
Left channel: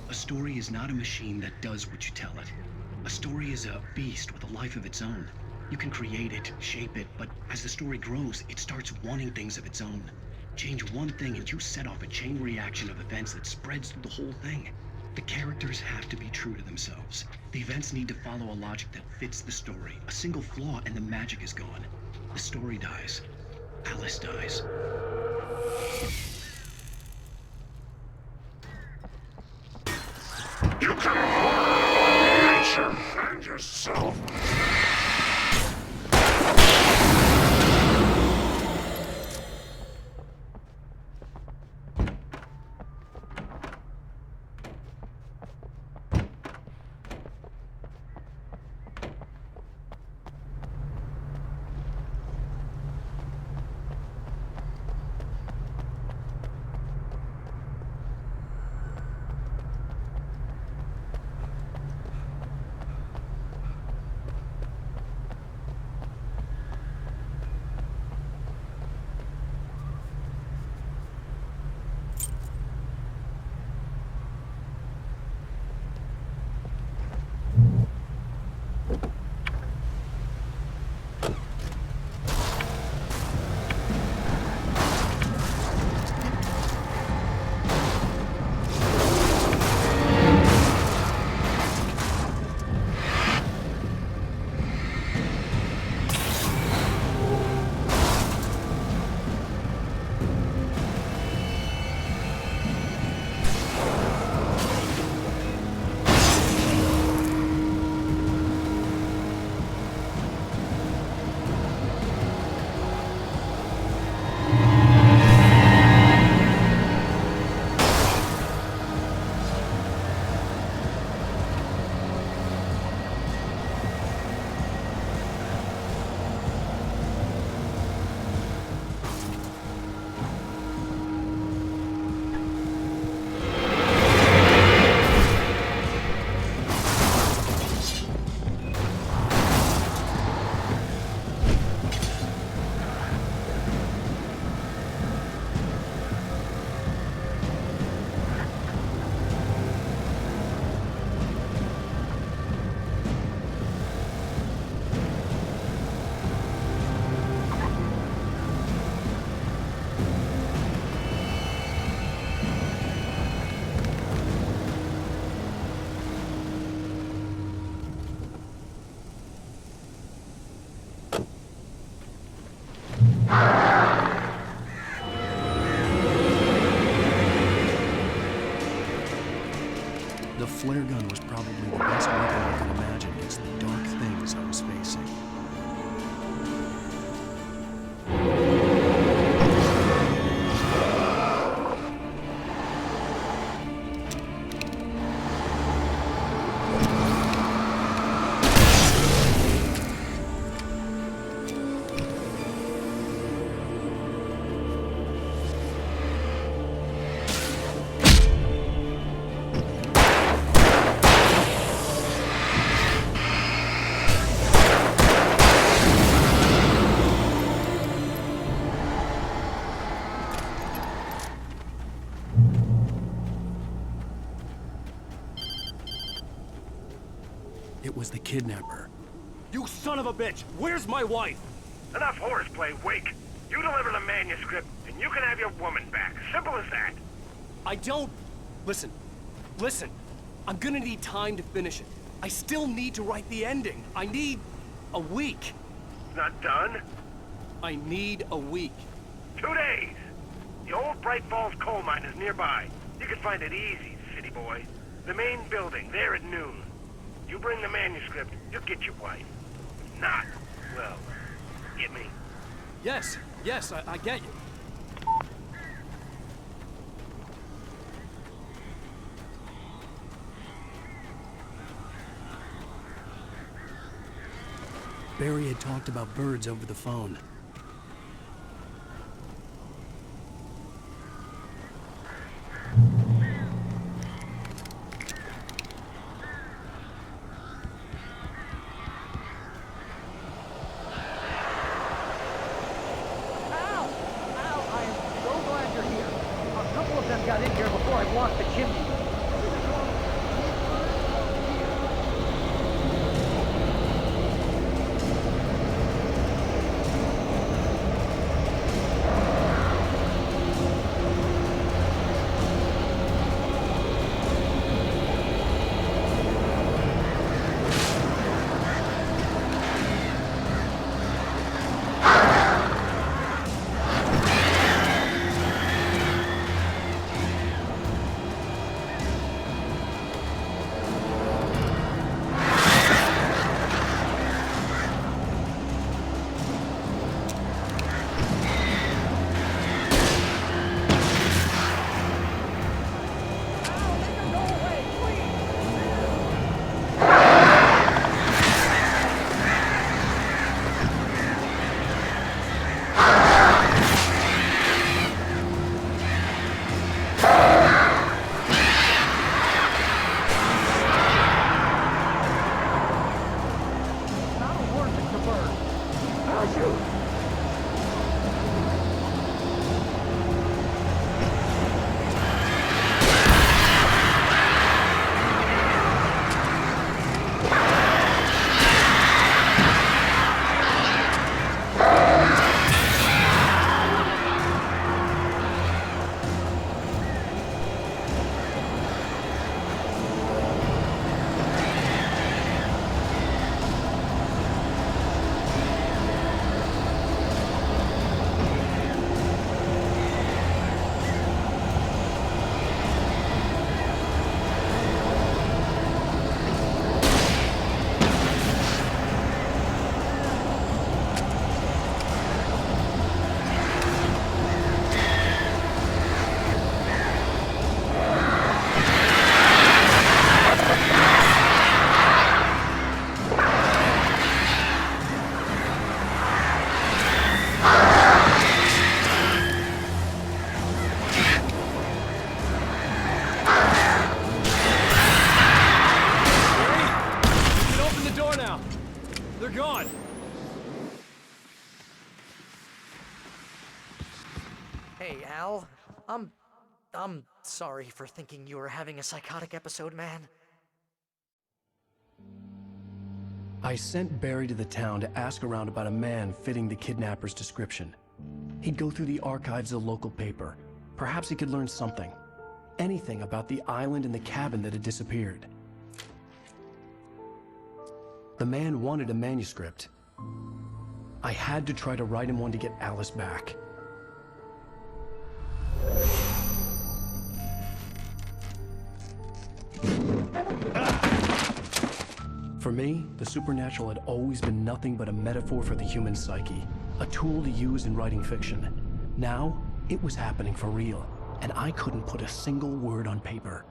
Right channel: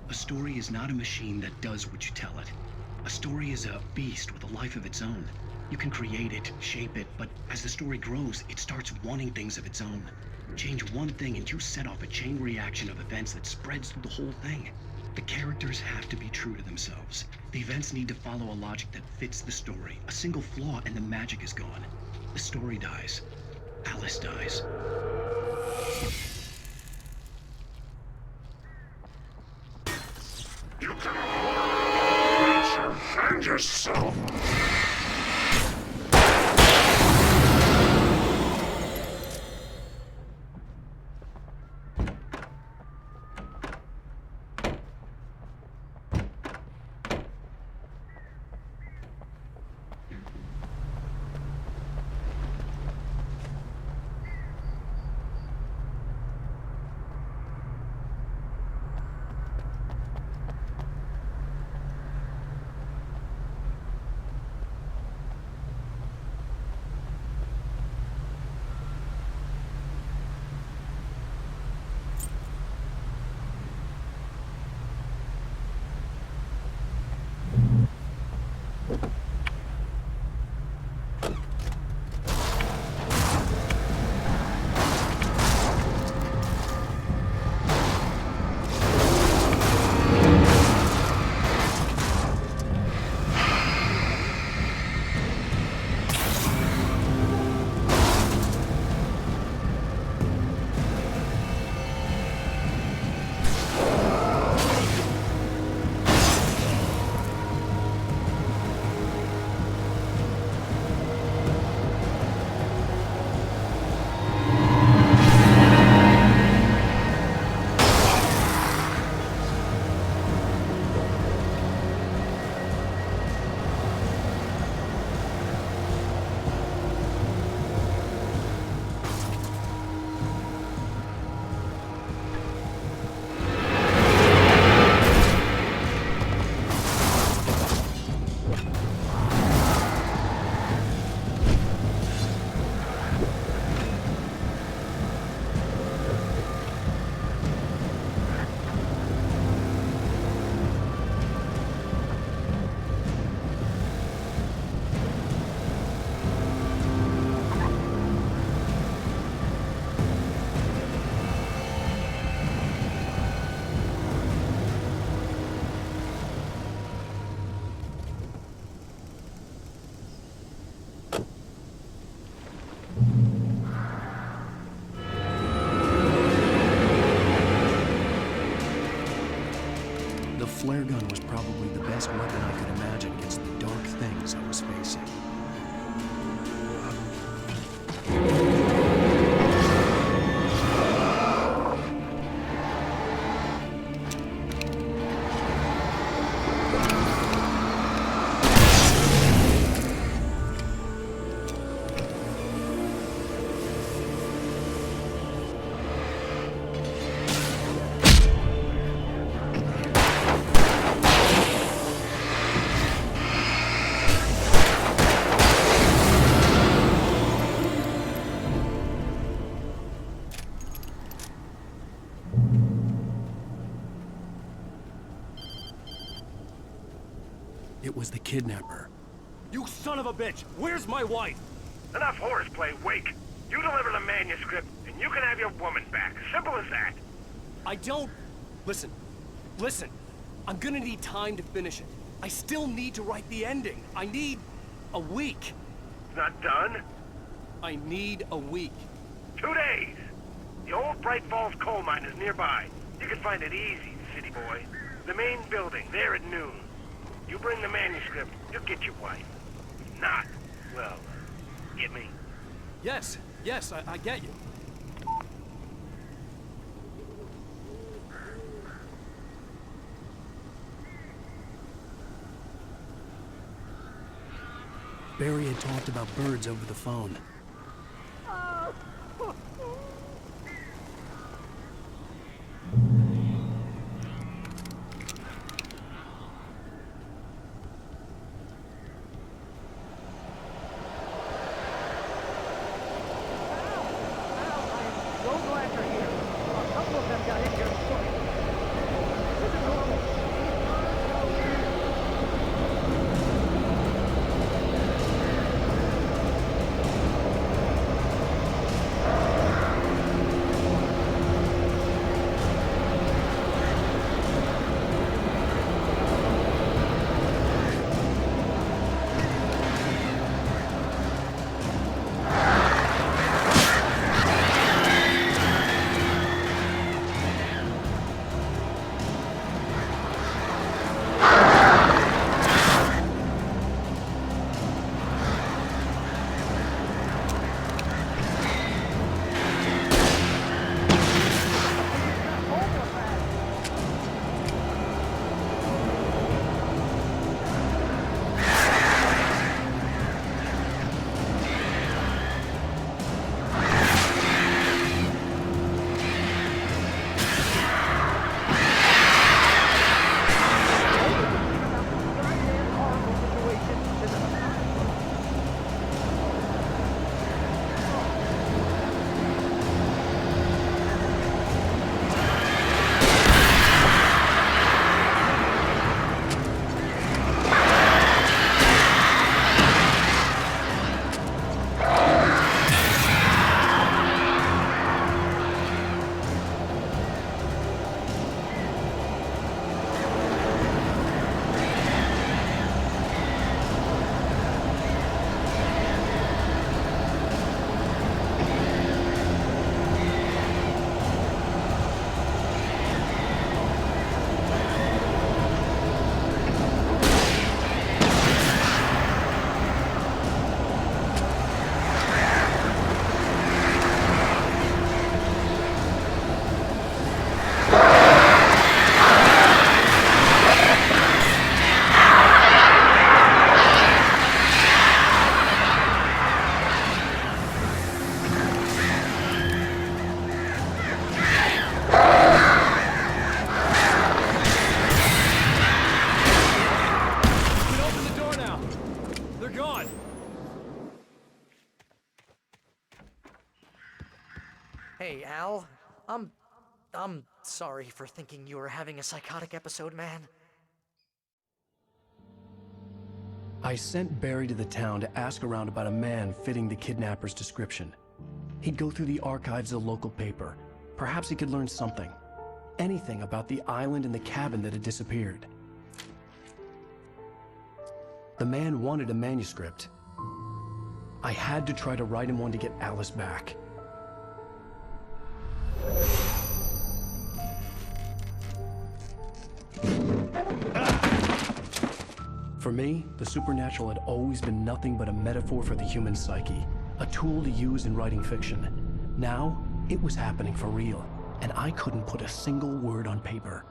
A story is not a machine that does what you tell it. A story is a beast with a life of its own. You can create it, shape it, but as the story grows, it starts wanting things of its own. Change one thing and you set off a chain reaction of events that spreads through the whole thing. The characters have to be true to themselves. The events need to follow a logic that fits the story. A single flaw and the magic is gone. The story dies. Alice dies. You can harm nature and yourself. The flare gun was probably the best weapon I could imagine against the dark things I was facing. It was the kidnapper. You son of a bitch! Where's my wife? Enough horseplay, Wake. You deliver the manuscript, and you can have your woman back. Simple as that. I don't... Listen. I'm gonna need time to finish it. I still need to write the ending. I need a week. It's not done? I need a week. 2 days. The old Bright Falls coal mine is nearby. You can find it easy, city boy. The main building, there at noon. You bring the manuscript, you'll get your wife. If not, well, get me? Yes, I get you. Barry had talked about birds over the phone. So glad you're here. A couple of them got in here before I blocked the chimney. This isn't normal. These birds are weird. Hey, Al. I'm sorry for thinking you were having a psychotic episode, man. I sent Barry to the town to ask around about a man fitting the kidnapper's description. He'd go through the archives of the local paper. Perhaps he could learn something. Anything about the island and the cabin that had disappeared. The man wanted a manuscript. I had to try to write him one to get Alice back. For me, the supernatural had always been nothing but a metaphor for the human psyche, a tool to use in writing fiction. Now, it was happening for real, and I couldn't put a single word on paper.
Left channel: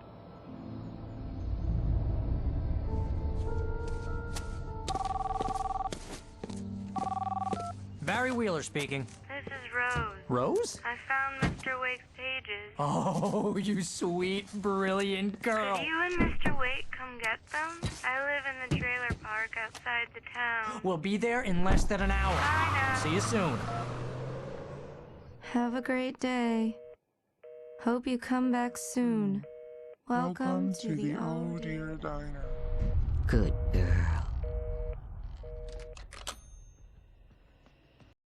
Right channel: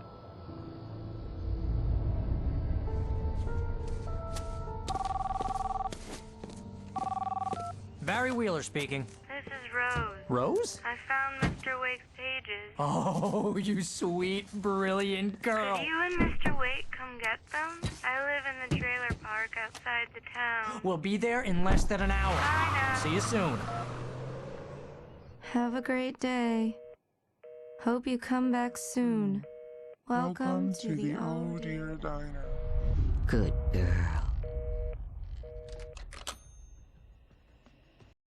Barry Wheeler speaking. This is Rose. Rose? I found Mr. Wake's pages. Oh, you sweet, brilliant girl. Could you and Mr. Wake come get them? I live in the trailer park outside the town. We'll be there in less than an hour. I know. See you soon. Have a great day. Hope you come back soon. Welcome to the old dear diner. Good girl.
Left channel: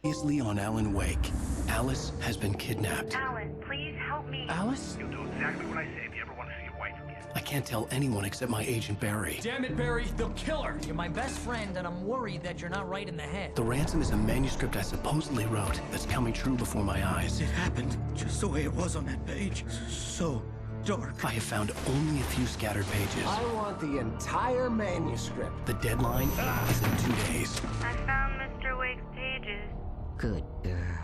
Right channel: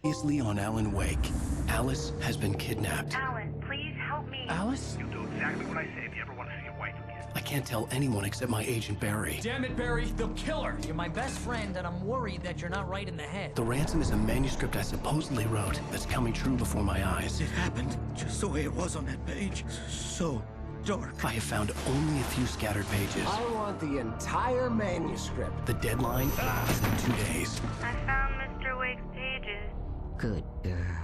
Previously on Alan Wake, Alice has been kidnapped. Alan, please help me. Alice? You'll do exactly exactly what I say if you ever want to see your wife again. I can't tell anyone except my agent Barry. Damn it, Barry, they'll kill her! You're my best friend, and I'm worried that you're not right in the head. The ransom is a manuscript I supposedly wrote that's coming true before my eyes. It happened just the way it was on that page. So dark. I have found only a few scattered pages. I want the entire manuscript. The deadline is in 2 days. I found Mr. Wake's pages. Good girl.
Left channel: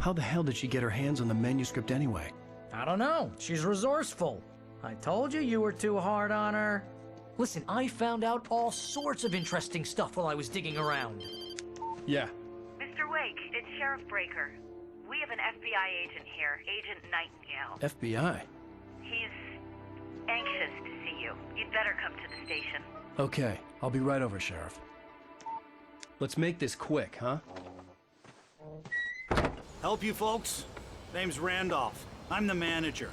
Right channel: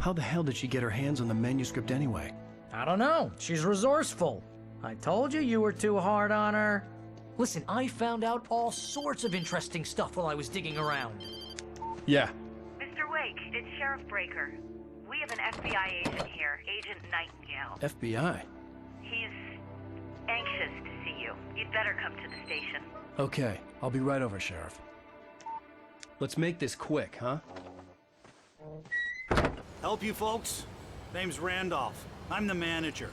How the hell did she get her hands on the manuscript anyway? I don't know. She's resourceful. I told you were too hard on her. Listen, I found out all sorts of interesting stuff while I was digging around. Yeah. Mr. Wake, it's Sheriff Breaker. We have an FBI agent here, Agent Nightingale. FBI? He's anxious to see you. You'd better come to the station. Okay, I'll be right over, Sheriff. Let's make this quick, huh? Help you folks? Name's Randolph. I'm the manager.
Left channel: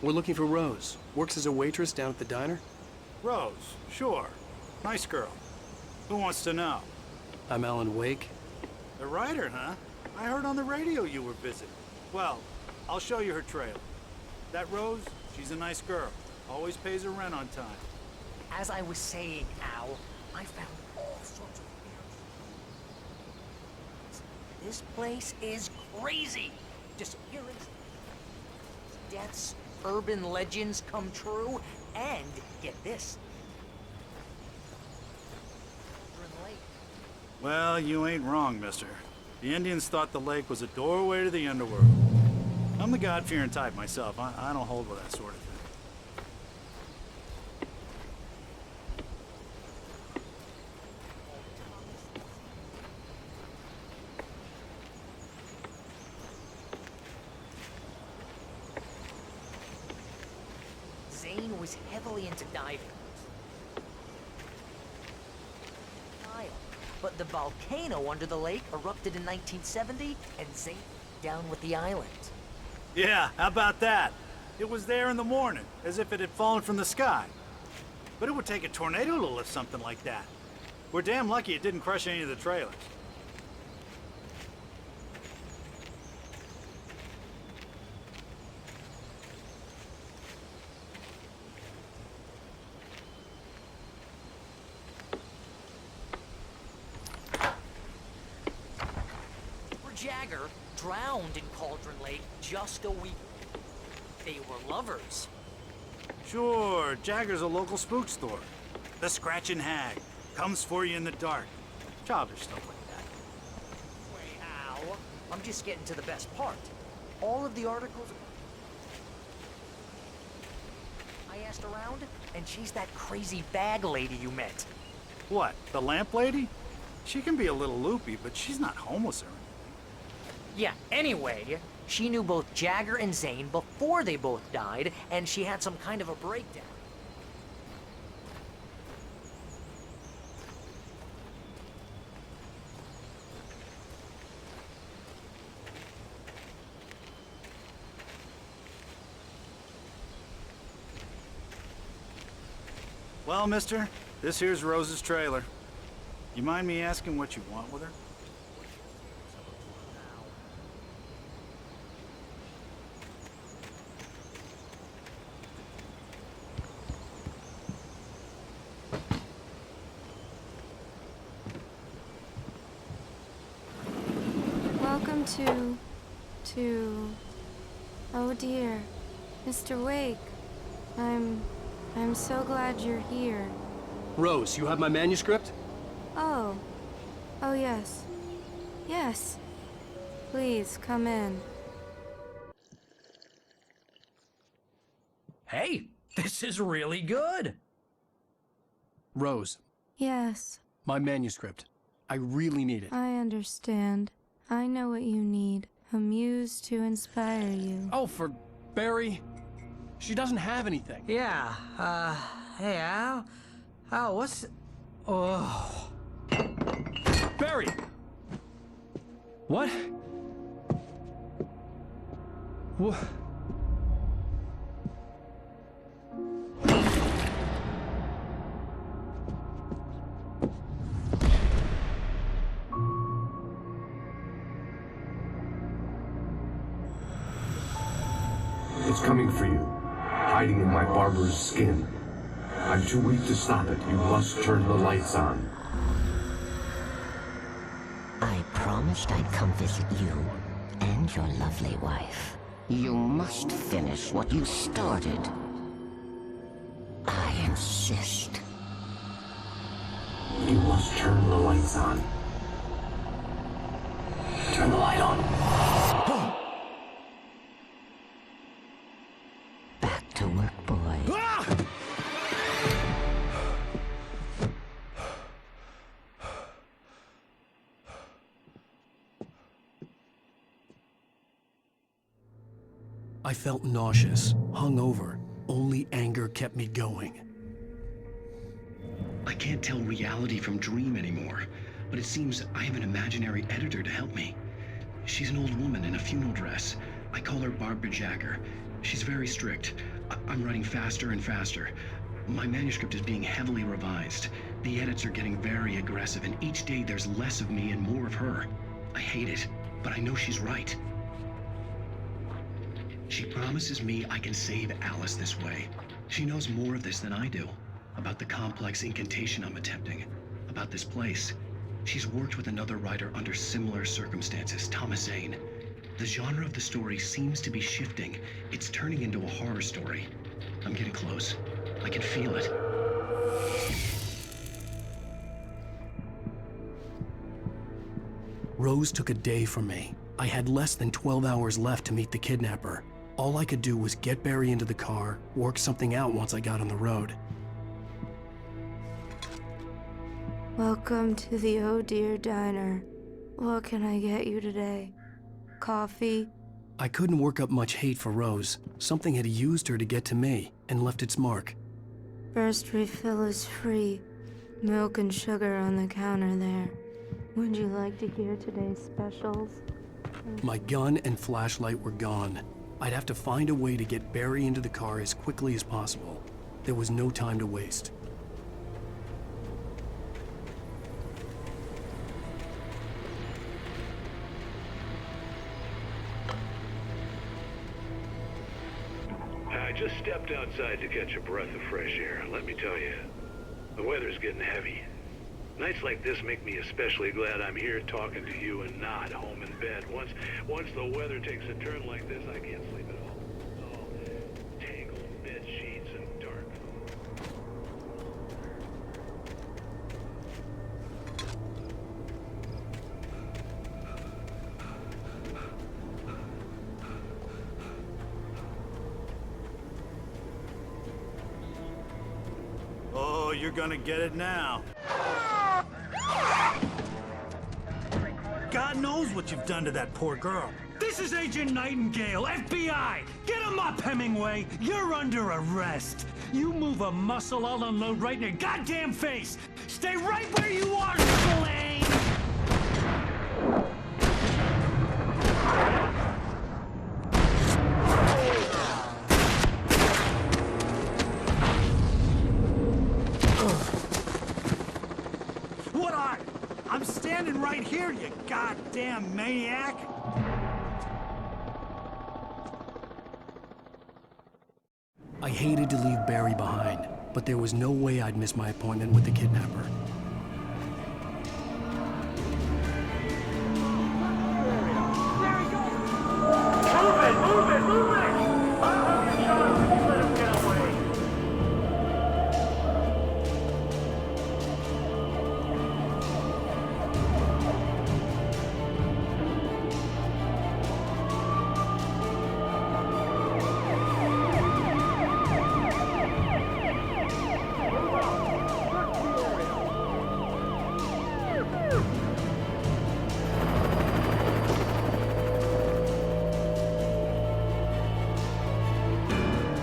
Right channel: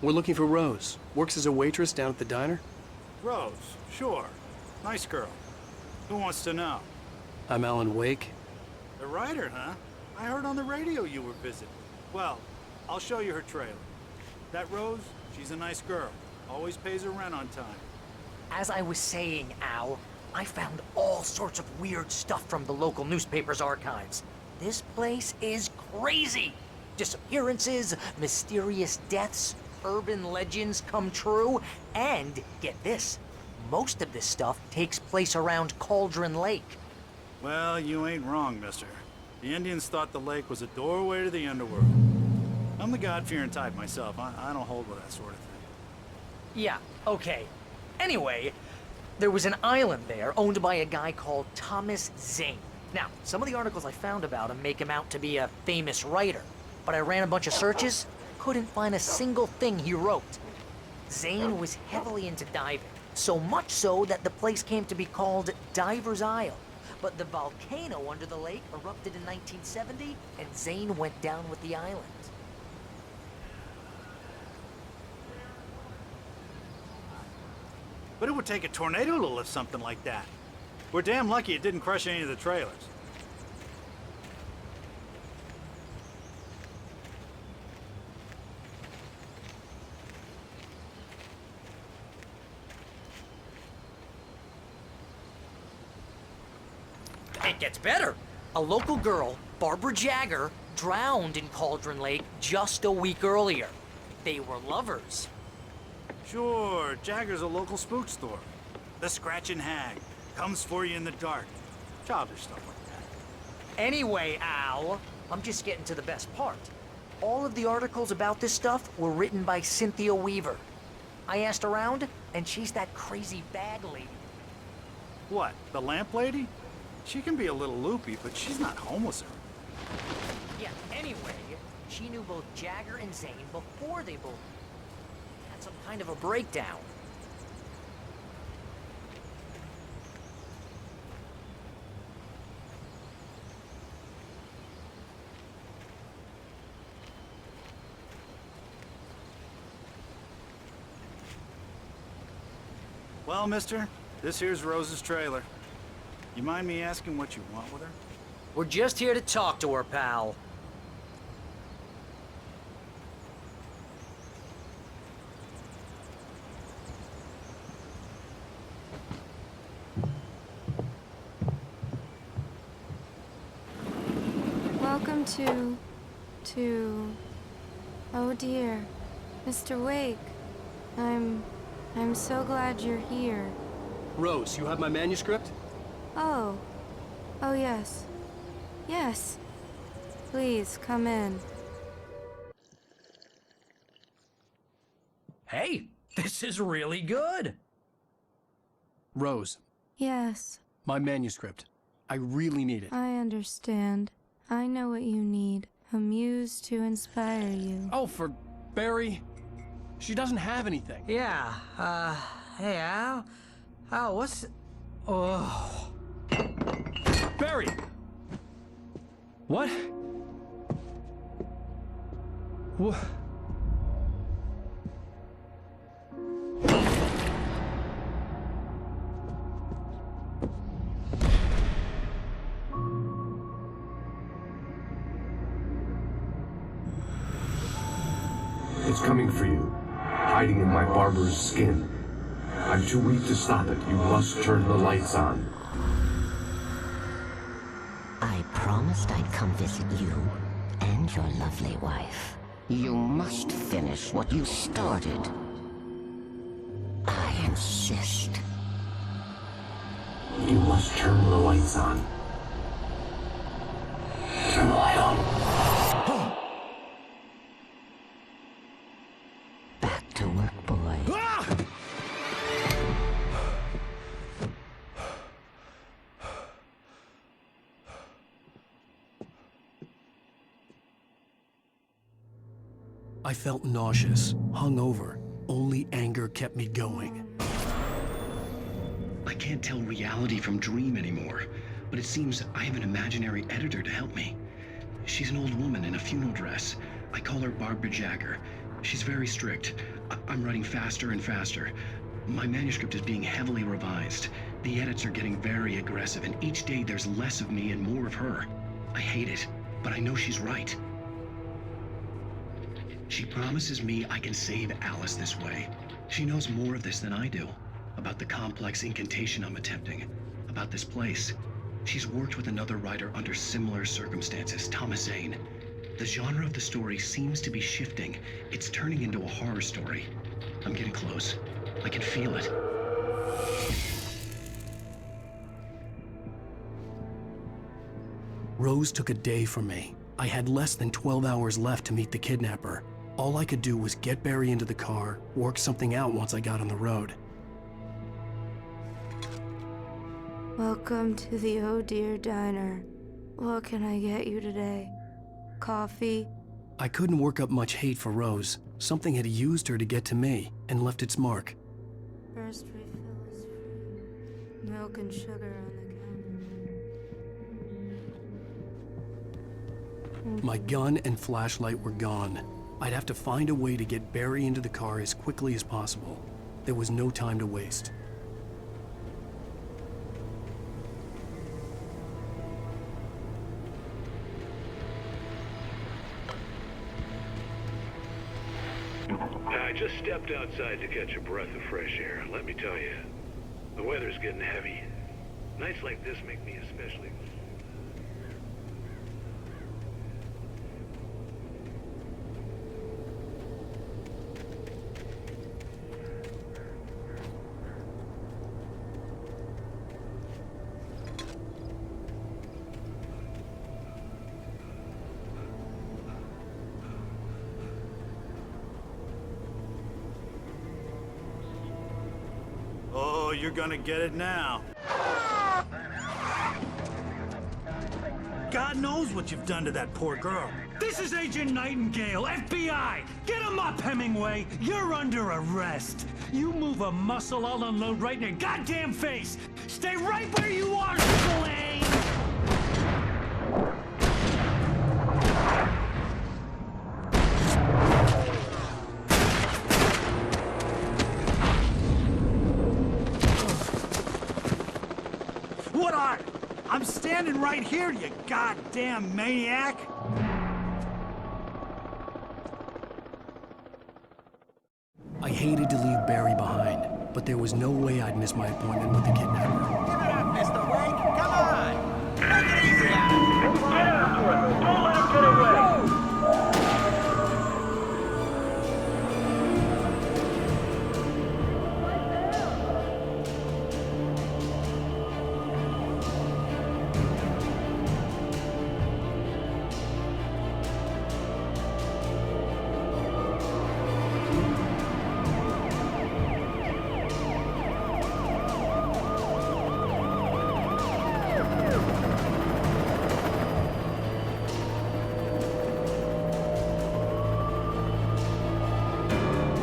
We're looking for Rose. Works as a waitress down at the diner. Rose, sure. Nice girl. Who wants to know? I'm Alan Wake. The writer, huh? I heard on the radio you were visiting. Well, I'll show you her trailer. That Rose, she's a nice girl. Always pays her rent on time. As I was saying, Al, I found all sorts of weird stuff from the local newspaper's archives. This place is crazy. Disappearances, mysterious deaths, urban legends come true, and get this, most of this stuff takes place around Cauldron Lake. Well, you ain't wrong, mister. The Indians thought the lake was a doorway to the underworld. I'm the God-fearing type myself. I don't hold with that sort of thing. Yeah, okay. Anyway, there was an island there owned by a guy called Thomas Zane. Now, some of the articles I found about him make him out to be a famous writer, but I ran a bunch of searches, couldn't find a single thing he wrote. Zane was heavily into diving, so much so that the place came to be called Diver's Isle. But the volcano under the lake erupted in 1970, and Zane went down with the island. Yeah, how about that? It was there in the morning, as if it had fallen from the sky. But it would take a tornado to lift something like that. We're damn lucky it didn't crush any of the trailers. It gets better. A local girl, Barbara Jagger, drowned in Cauldron Lake just a week earlier. They were lovers. Sure, Jagger's a local spook store. The Scratching Hag. Comes for you in the dark. Childish stuff like that. Anyway, Al, I'm just getting to the best part. All of the articles about this stuff were written by Cynthia Weaver. I asked around, and she's that crazy bag lady you met. What, the lamp lady? She can be a little loopy, but she's not homeless or anything. Yeah, anyway, she knew both Jagger and Zane before they both died, and she had some kind of a breakdown. Well, mister, this here's Rose's trailer. You mind me asking what you want with her? We're just here to talk to her, pal. Welcome to... Oh dear. Mr. Wake. I'm so glad you're here. Rose, you have my manuscript? Oh. Oh, yes. Yes. Please, come in. Hey, this is really good. Rose, Yes, my manuscript. I really need it. I understand. I know what you need. A muse to inspire you. Oh, for Barry. She doesn't have anything. Yeah, hey, Al? Al, what's... Oh... Barry! What? What? coming for you, hiding in my barber's skin. I'm too weak to stop it. You must turn the lights on. I promised I'd come visit you and your lovely wife. You must finish what you started. I insist. You must turn the lights on. Turn the light on. Back to work, boy. I felt nauseous, hungover. Only anger kept me going. I can't tell reality from dream anymore, but it seems I have an imaginary editor to help me. She's an old woman in a funeral dress. I call her Barbara Jagger. She's very strict. I'm writing faster and faster. My manuscript is being heavily revised. The edits are getting very aggressive, and each day there's less of me and more of her. I hate it, but I know she's right. She promises me I can save Alice this way. She knows more of this than I do. About the complex incantation I'm attempting. About this place. She's worked with another writer under similar circumstances, Thomas Zane. The genre of the story seems to be shifting. It's turning into a horror story. I'm getting close. I can feel it. Rose took a day from me. I had less than 12 hours left to meet the kidnapper. All I could do was get Barry into the car, work something out once I got on the road. Welcome to the Oh Dear Diner. What can I get you today? Coffee? I couldn't work up much hate for Rose. Something had used her to get to me and left its mark. First refill is free. Milk and sugar on the counter there. Would you like to hear today's specials? My gun and flashlight were gone. I'd have to find a way to get Barry into the car as quickly as possible. There was no time to waste. I just stepped outside to catch a breath of fresh air. Let me tell you, the weather's getting heavy. Nights like this make me especially glad I'm here talking to you and not home in bed. Once the weather takes a turn like this, I can't sleep at all. Tangled bed sheets and dark. Oh, you're gonna get it now. God knows what you've done to that poor girl. This is Agent Nightingale, FBI! Get him up, Hemingway! You're under arrest! You move a muscle, I'll unload right in your goddamn face! Stay right where you are, Spillane! What are? I'm standing right here, you goddamn maniac! I hated to leave Barry behind, but there was no way I'd miss my appointment with the kidnapper.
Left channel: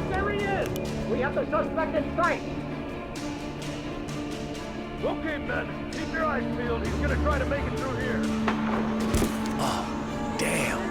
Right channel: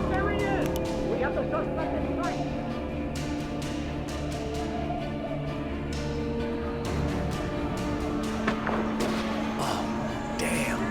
There he is! We have the suspect in sight! Okay, men, keep your eyes peeled. He's gonna try to make it through here. Oh, damn.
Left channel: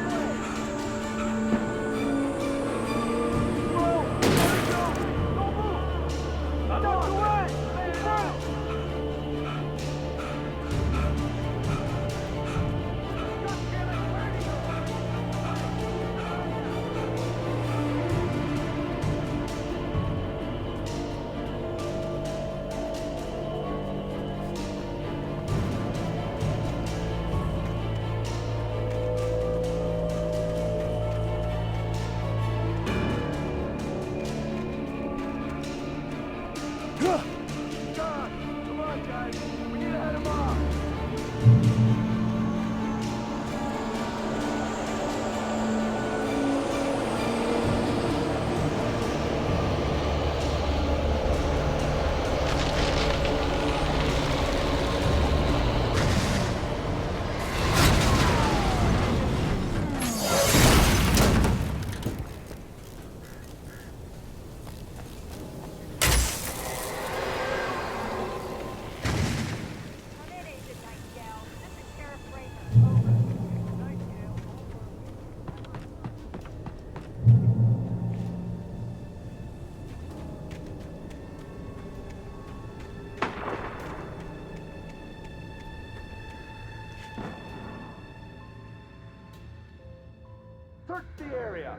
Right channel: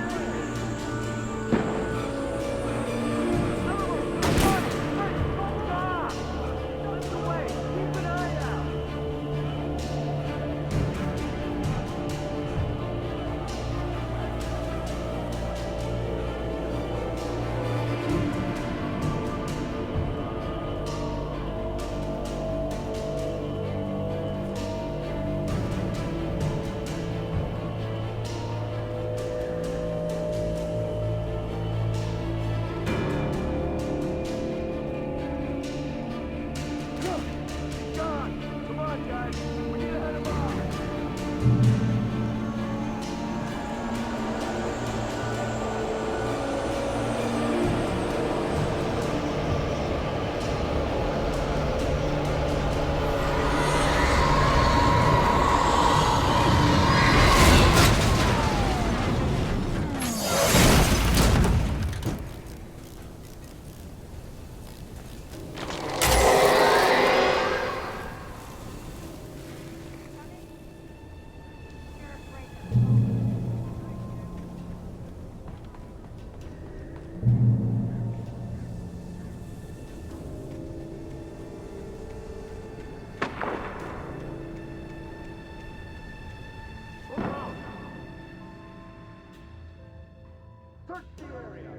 Gone! Come on, guys! We need to head him off! Search the area!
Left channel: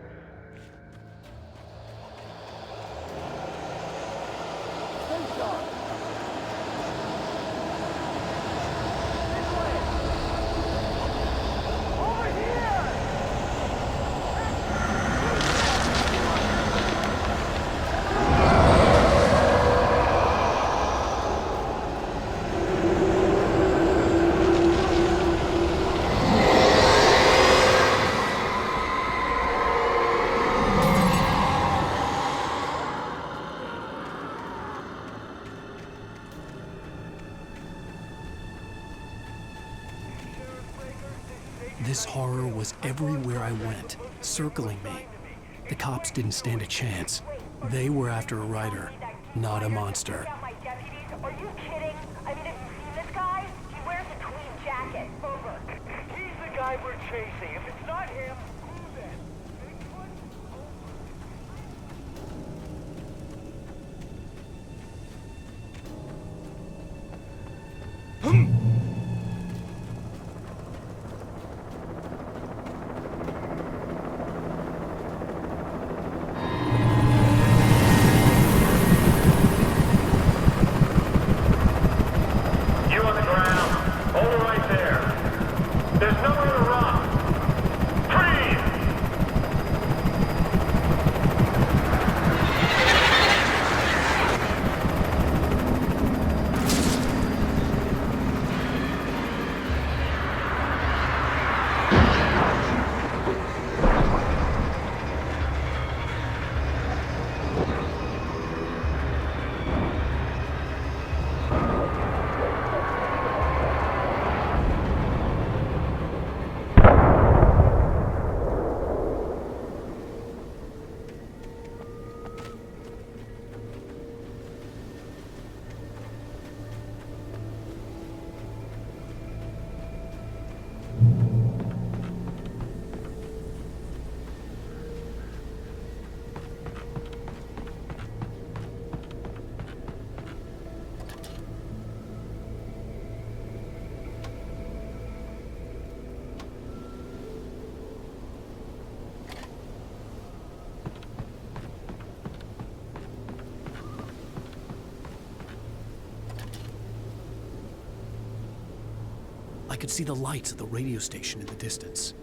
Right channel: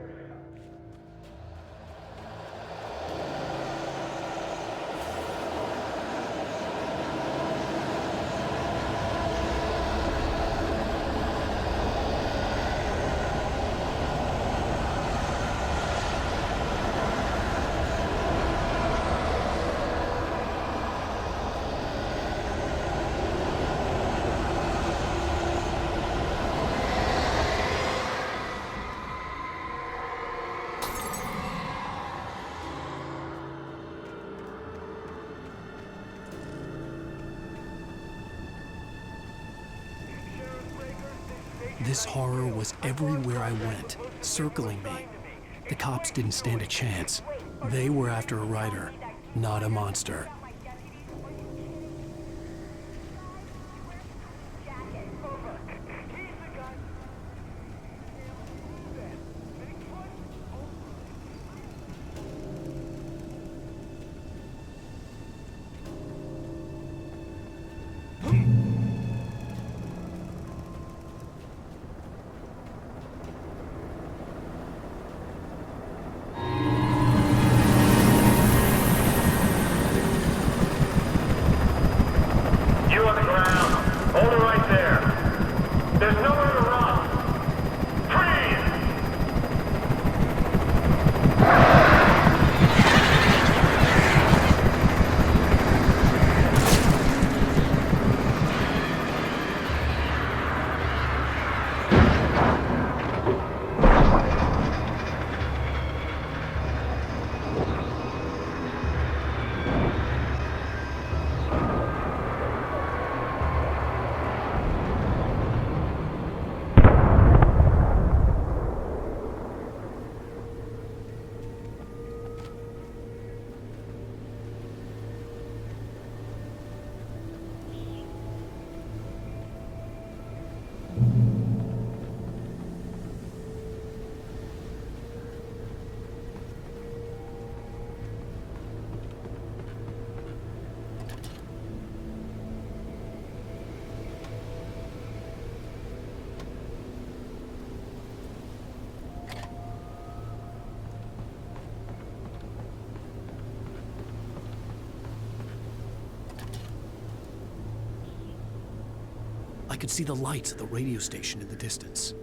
Stay sharp! This horror was everywhere I went, circling me. The cops didn't stand a chance. They were after a writer, not a monster. Are you kidding? I mean, have you seen this guy? He wears a tweed jacket. Over. He's the guy we're chasing. If it's not him, who then? Bigfoot? You on the ground. Hold it right there. There's nowhere to run. Freeze! I could see the lights of the radio station in the distance.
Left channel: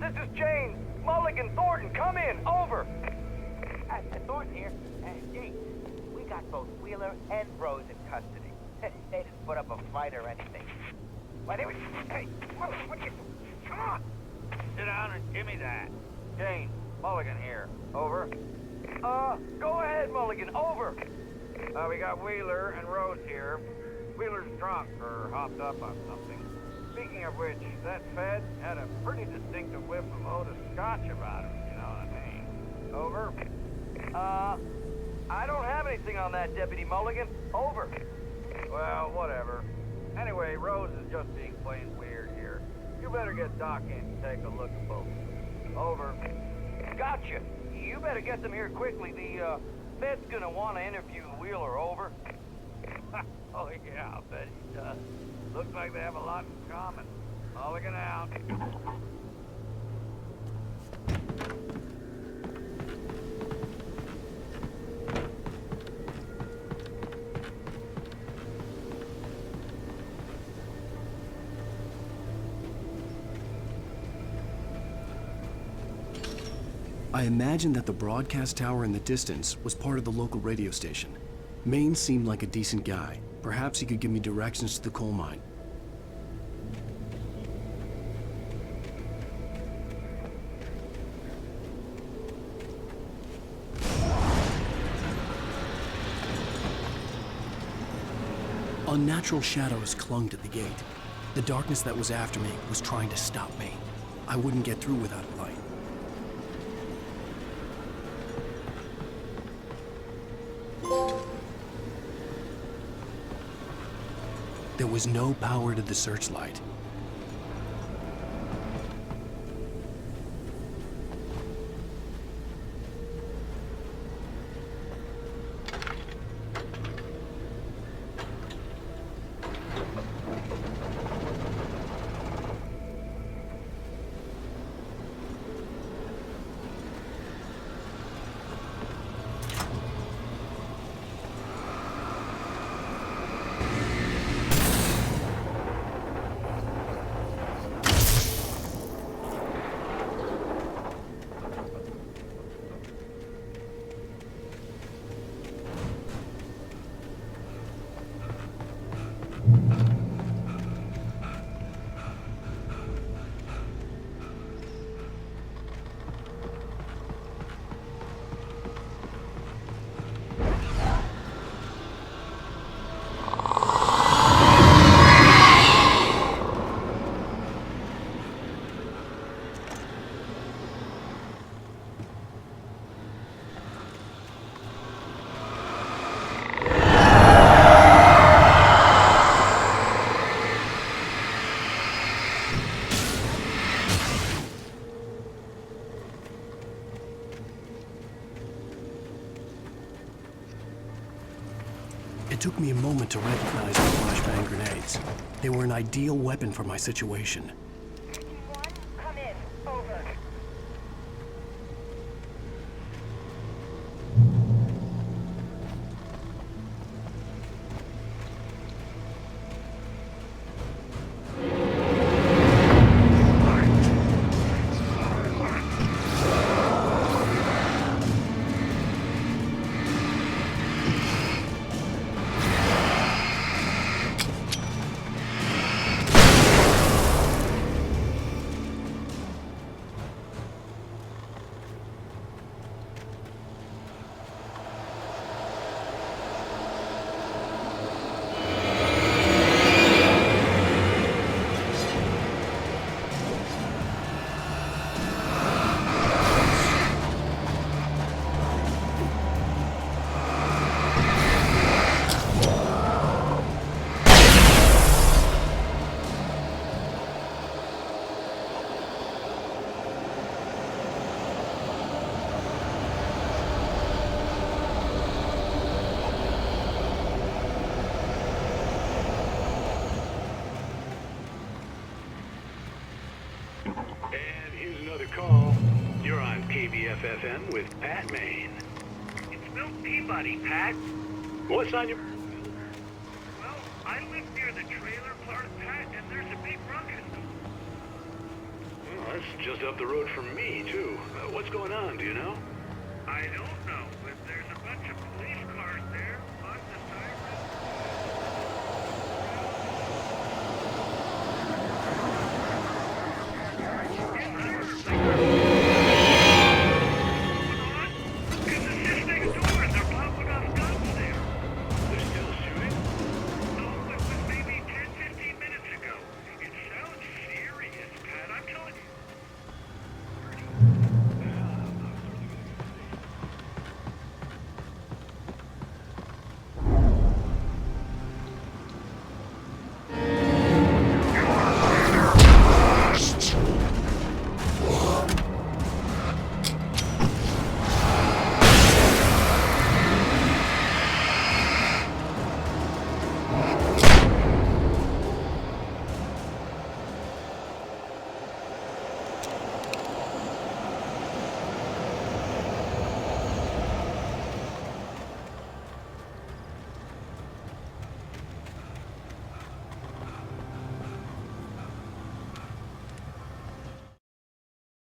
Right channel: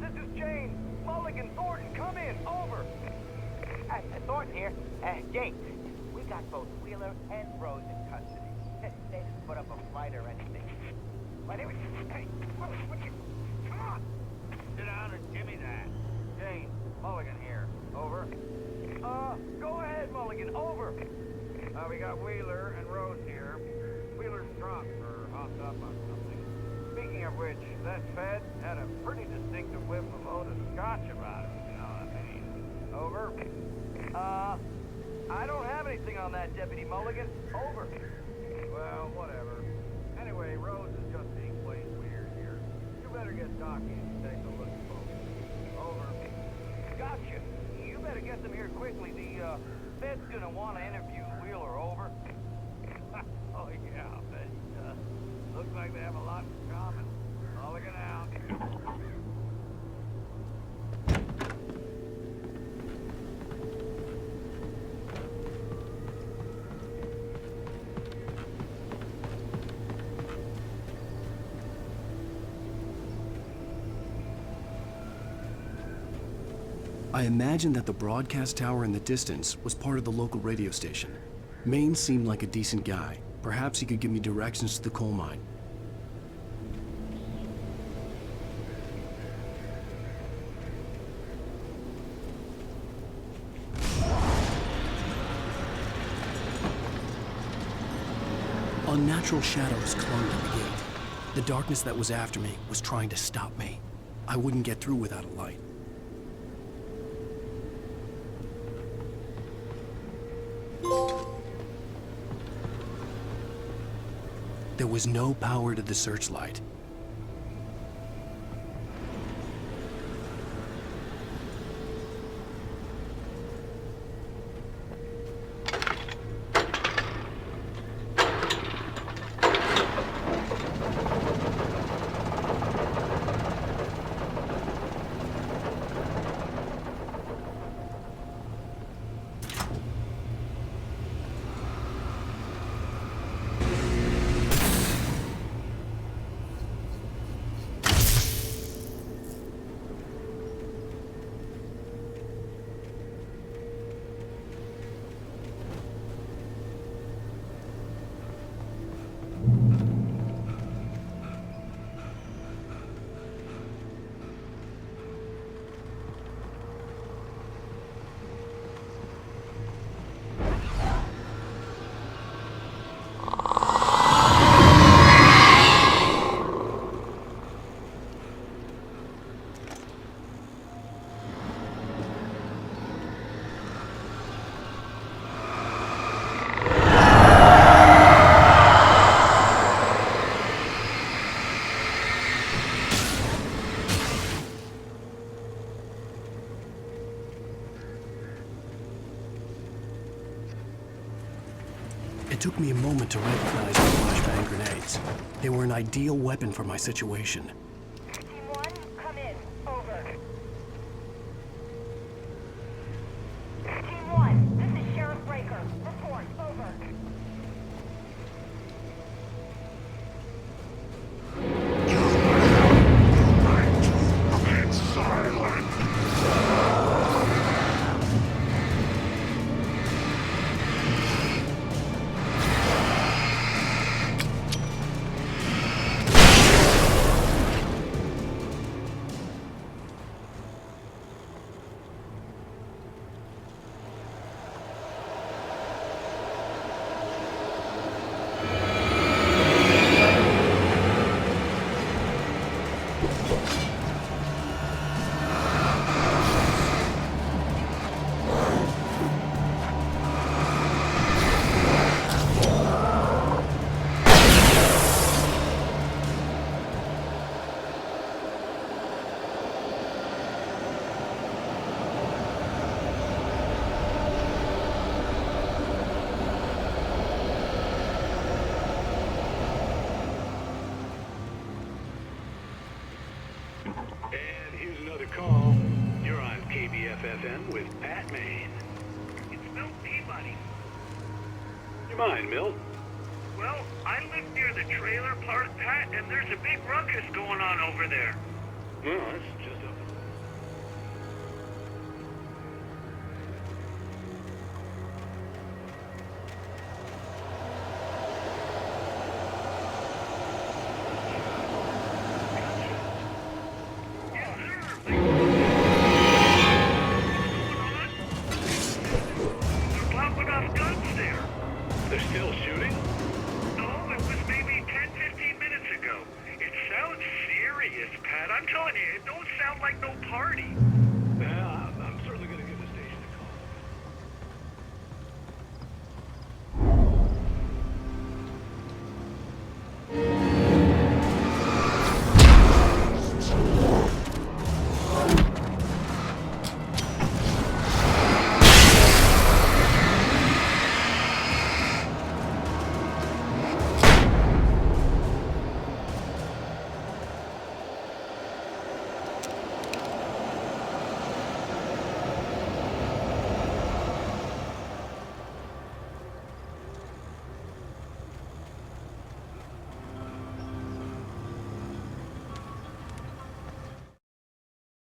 This is Jane. Mulligan, Thornton, come in. Over. Thornton here. Jane, we got both Wheeler and Rose in custody. They didn't put up a fight or anything. Why, they were... Hey, what are you doing? Come on! Sit down and give me that. Jane, Mulligan here. Over. Go ahead, Mulligan. Over. We got Wheeler and Rose here. Wheeler's drunk or hopped up on something. Speaking of which, that Fed had a pretty distinctive whiff of Otis Scotch about him, you know what I mean. Over. I don't have anything on that, Deputy Mulligan. Over. Well, whatever. Anyway, Rose is just being plain weird here. You better get Doc in to take a look at both. Over. Gotcha. You better get them here quickly. The, Fed's gonna want to interview Wheeler. Over. Oh, yeah, I'll bet he does. Looks like they have a lot in common. Mulligan out. I imagined that the broadcast tower in the distance was part of the local radio station. Maine seemed like a decent guy. Perhaps he could give me directions to the coal mine. Unnatural shadows clung to the gate. The darkness that was after me was trying to stop me. I wouldn't get through without a light. There was no power to the searchlight. It took me a moment to recognize the flashbang grenades. They were an ideal weapon for my situation. Team 1, come in. Over. Team 1, this is Sheriff Breaker. Report. Over. And here's another call. You're on KBFFM with Pat Maine. It's Milt Peabody, Pat. What's on your mind, Milt? Well, I live near the trailer park, Pat, and there's a big ruckus going on over there. Well, that's just up the road from me, too. What's going on, do you know? I don't know, but there's a bunch of police cars there, plus a They're still shooting? No, it was maybe 10, 15 minutes ago. It sounds serious, Pat. I'm telling you, it don't sound like no party. Yeah, I'm certainly going to give the station a call.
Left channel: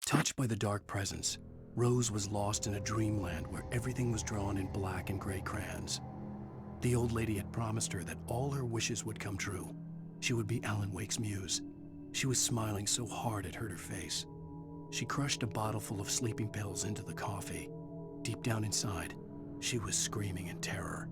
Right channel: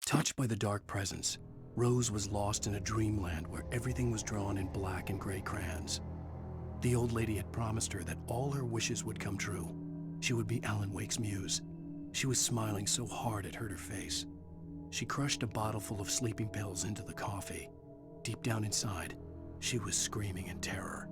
Touched by the dark presence, Rose was lost in a dreamland where everything was drawn in black and gray crayons. The old lady had promised her that all her wishes would come true. She would be Alan Wake's muse. She was smiling so hard it hurt her face. She crushed a bottle full of sleeping pills into the coffee. Deep down inside, she was screaming in terror.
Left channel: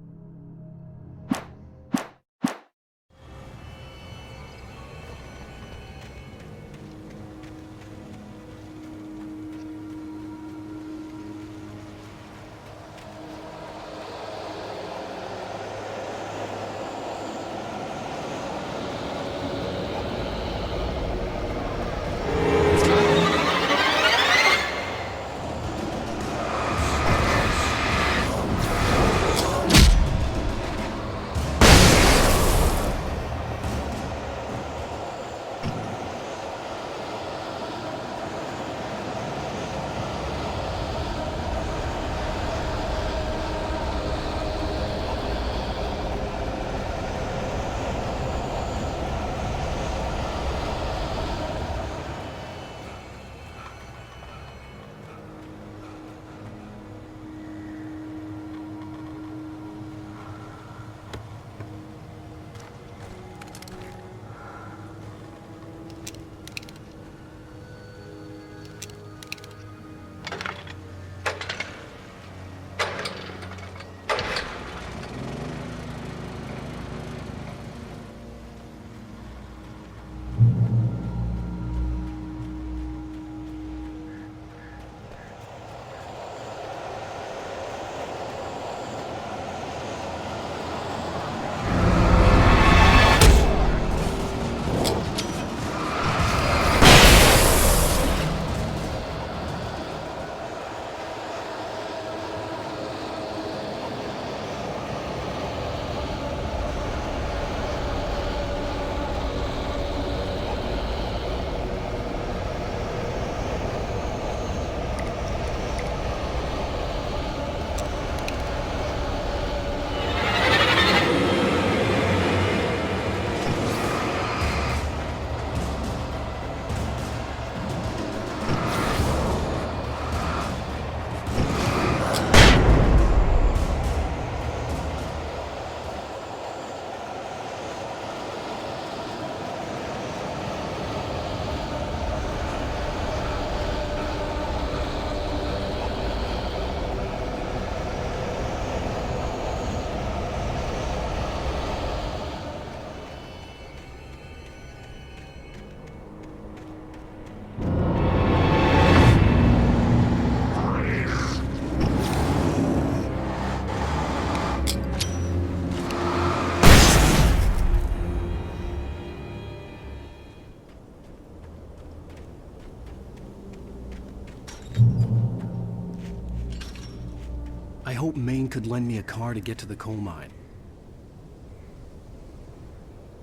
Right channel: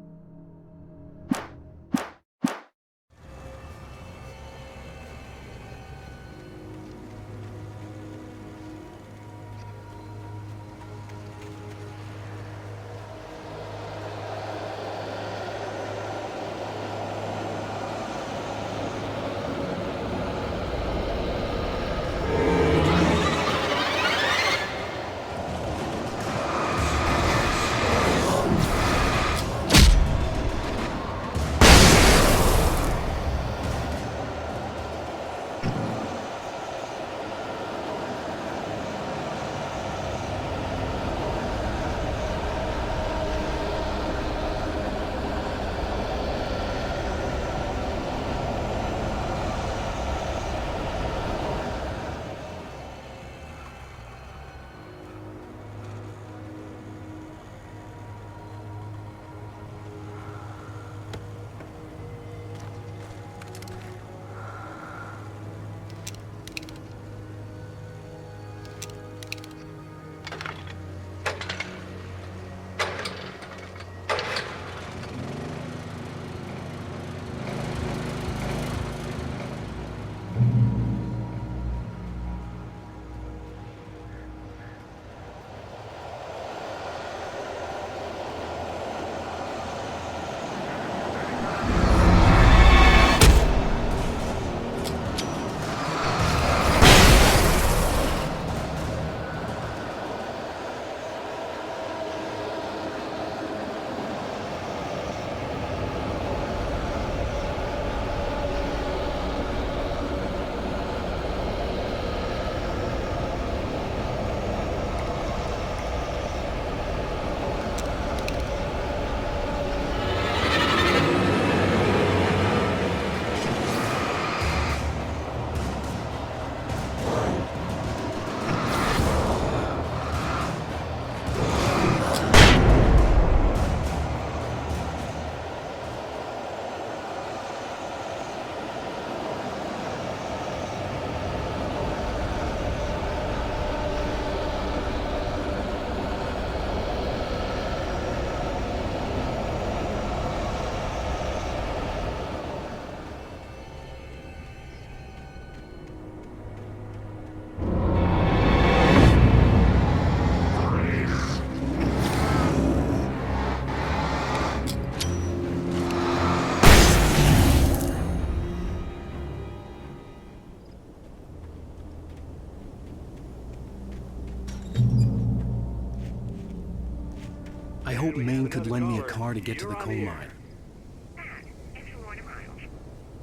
I hope Maine could lend me a car to get to the coal mine.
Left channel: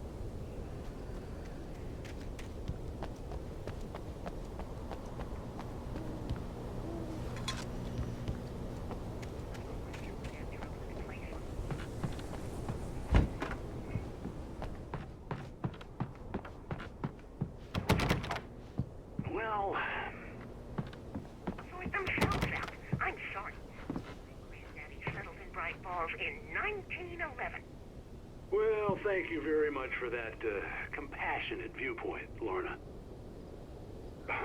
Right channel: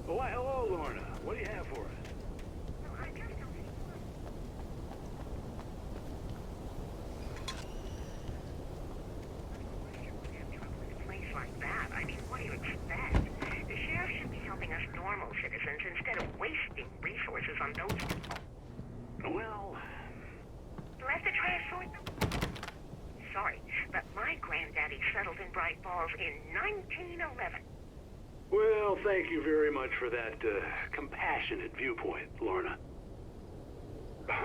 Why, hello, Lorna. What do you have for us? Well, let the try to sort themselves out. I'm sorry, but my granddaddy settled in Bright Falls in 1911. well, thank you very much for that compassionate viewpoint, Lorna.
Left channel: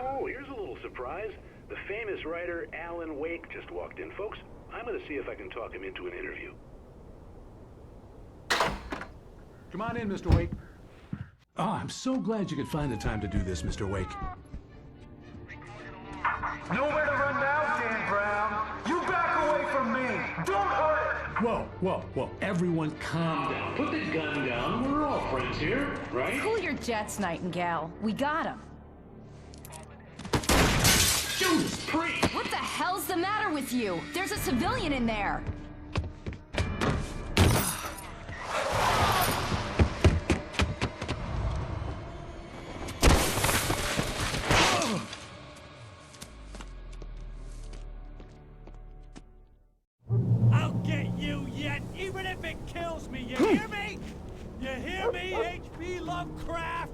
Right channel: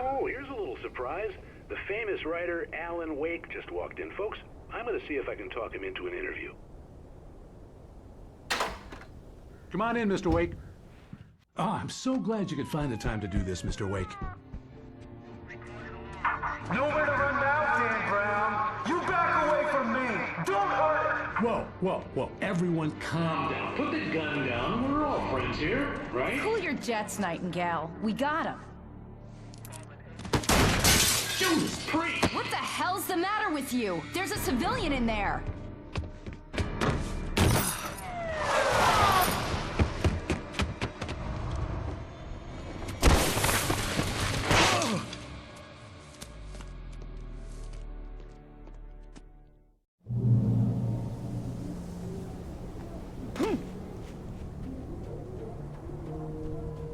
Oh, here's a little surprise. The famous writer Alan Wake just walked in. Folks, I'm going to see if I can talk him into an interview. Come on in, Mr. Wake. Oh, I'm so glad you could find the time to do this, Mr. Wake. Nowhere to run now, Dan Brown. You back away from me. Don't hurt it. Whoa, whoa, whoa. Everyone calm down. Put the gun down. We're all friends here, right? Cool your jets, Nightingale. We got him. Judas Priest! What the hell's the matter with you? There's a civilian in there. I'll get you yet, even if it kills me. You hear me? You hear me, H.P. Lovecraft?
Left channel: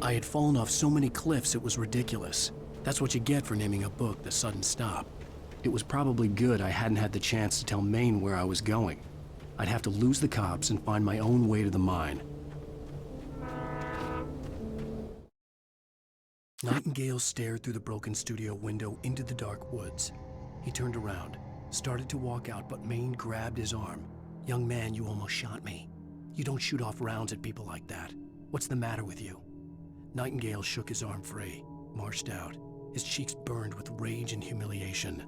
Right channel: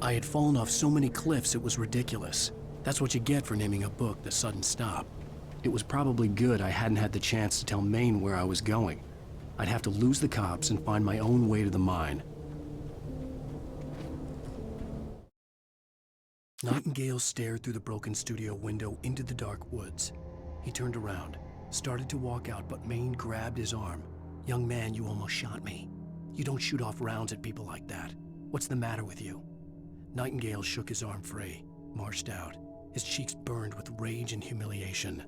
I had fallen off so many cliffs it was ridiculous. That's what you get for naming a book The Sudden Stop. It was probably good I hadn't had the chance to tell Maine where I was going. I'd have to lose the cops and find my own way to the mine. Nightingale stared through the broken studio window into the dark woods. He turned around, started to walk out, but Maine grabbed his arm. "Young man, you almost shot me. You don't shoot off rounds at people like that. What's the matter with you?" Nightingale shook his arm free, marched out. His cheeks burned with rage and humiliation.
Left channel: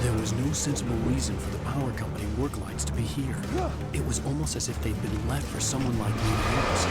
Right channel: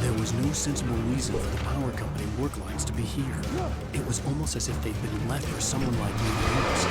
There was no sensible reason for the power company work lines to be here. It was almost as if they'd been left for someone like me to use.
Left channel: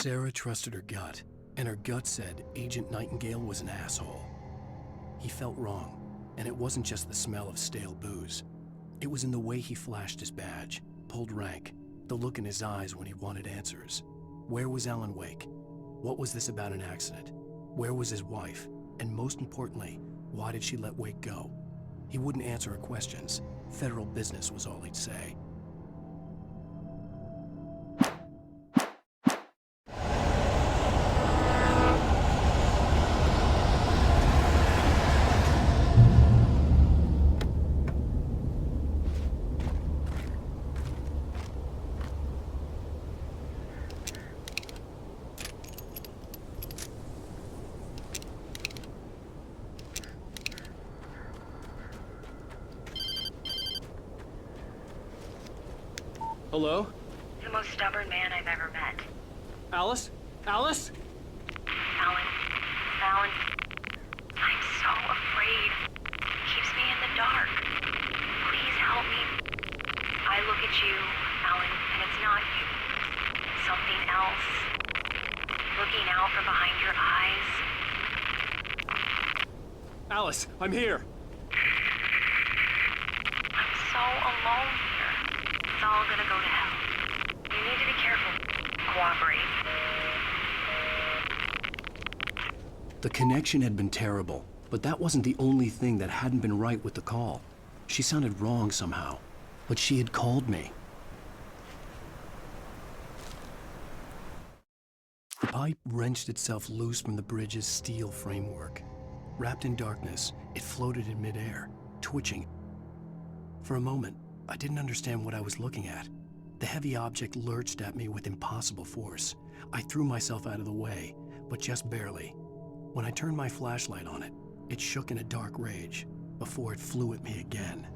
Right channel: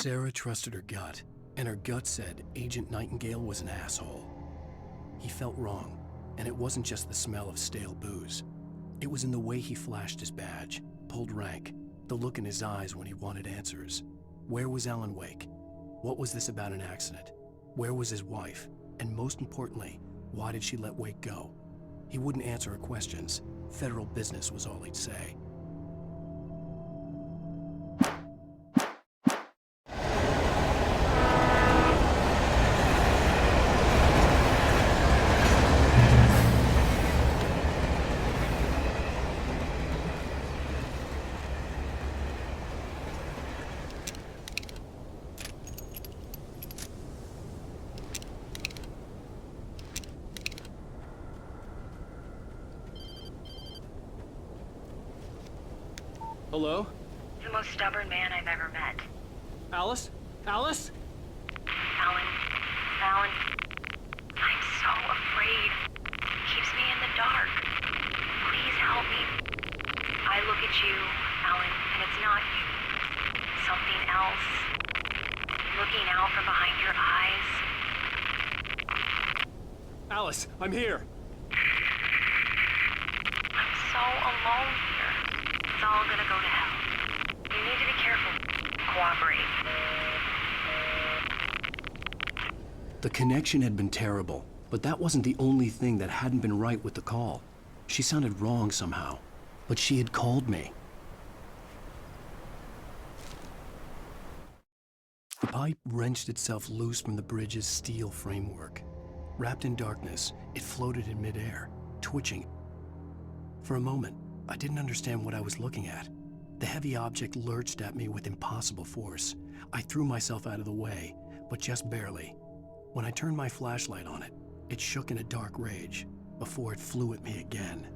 Sarah trusted her gut, and her gut said Agent Nightingale was an asshole. He felt wrong, and it wasn't just the smell of stale booze. It was in the way he flashed his badge, pulled rank, the look in his eyes when he wanted answers. Where was Ellernwake? What was this about an accident? Where was his wife? And most importantly, why did she let Wake go? He wouldn't answer her questions. Federal business was all he'd say. Hello? The most stubborn man I've ever met. Alice? Alice? Alan. Alan. I'm so afraid. It keeps me in the dark. Please help me. I look at you, Alan, and it's not you. It's something else. Looking out from behind your eyes. Alice, I'm here. I'm so alone here. It's all gonna go to hell. You need to be careful. Cooperate. The connection had been terrible, but that wasn't the only thing that hadn't been right with the call. She sounded wrong somehow, but she had called me. The pipe wrenched itself loose from the bridge's steel framework. Wrapped in darkness, it floated in midair, twitching. For a moment, I didn't understand what I was looking at. The heavy object lurched at me with impossible force. I threw myself out of the way, but just barely. When I turned my flashlight on it, it shook in a dark rage before it flew at me again.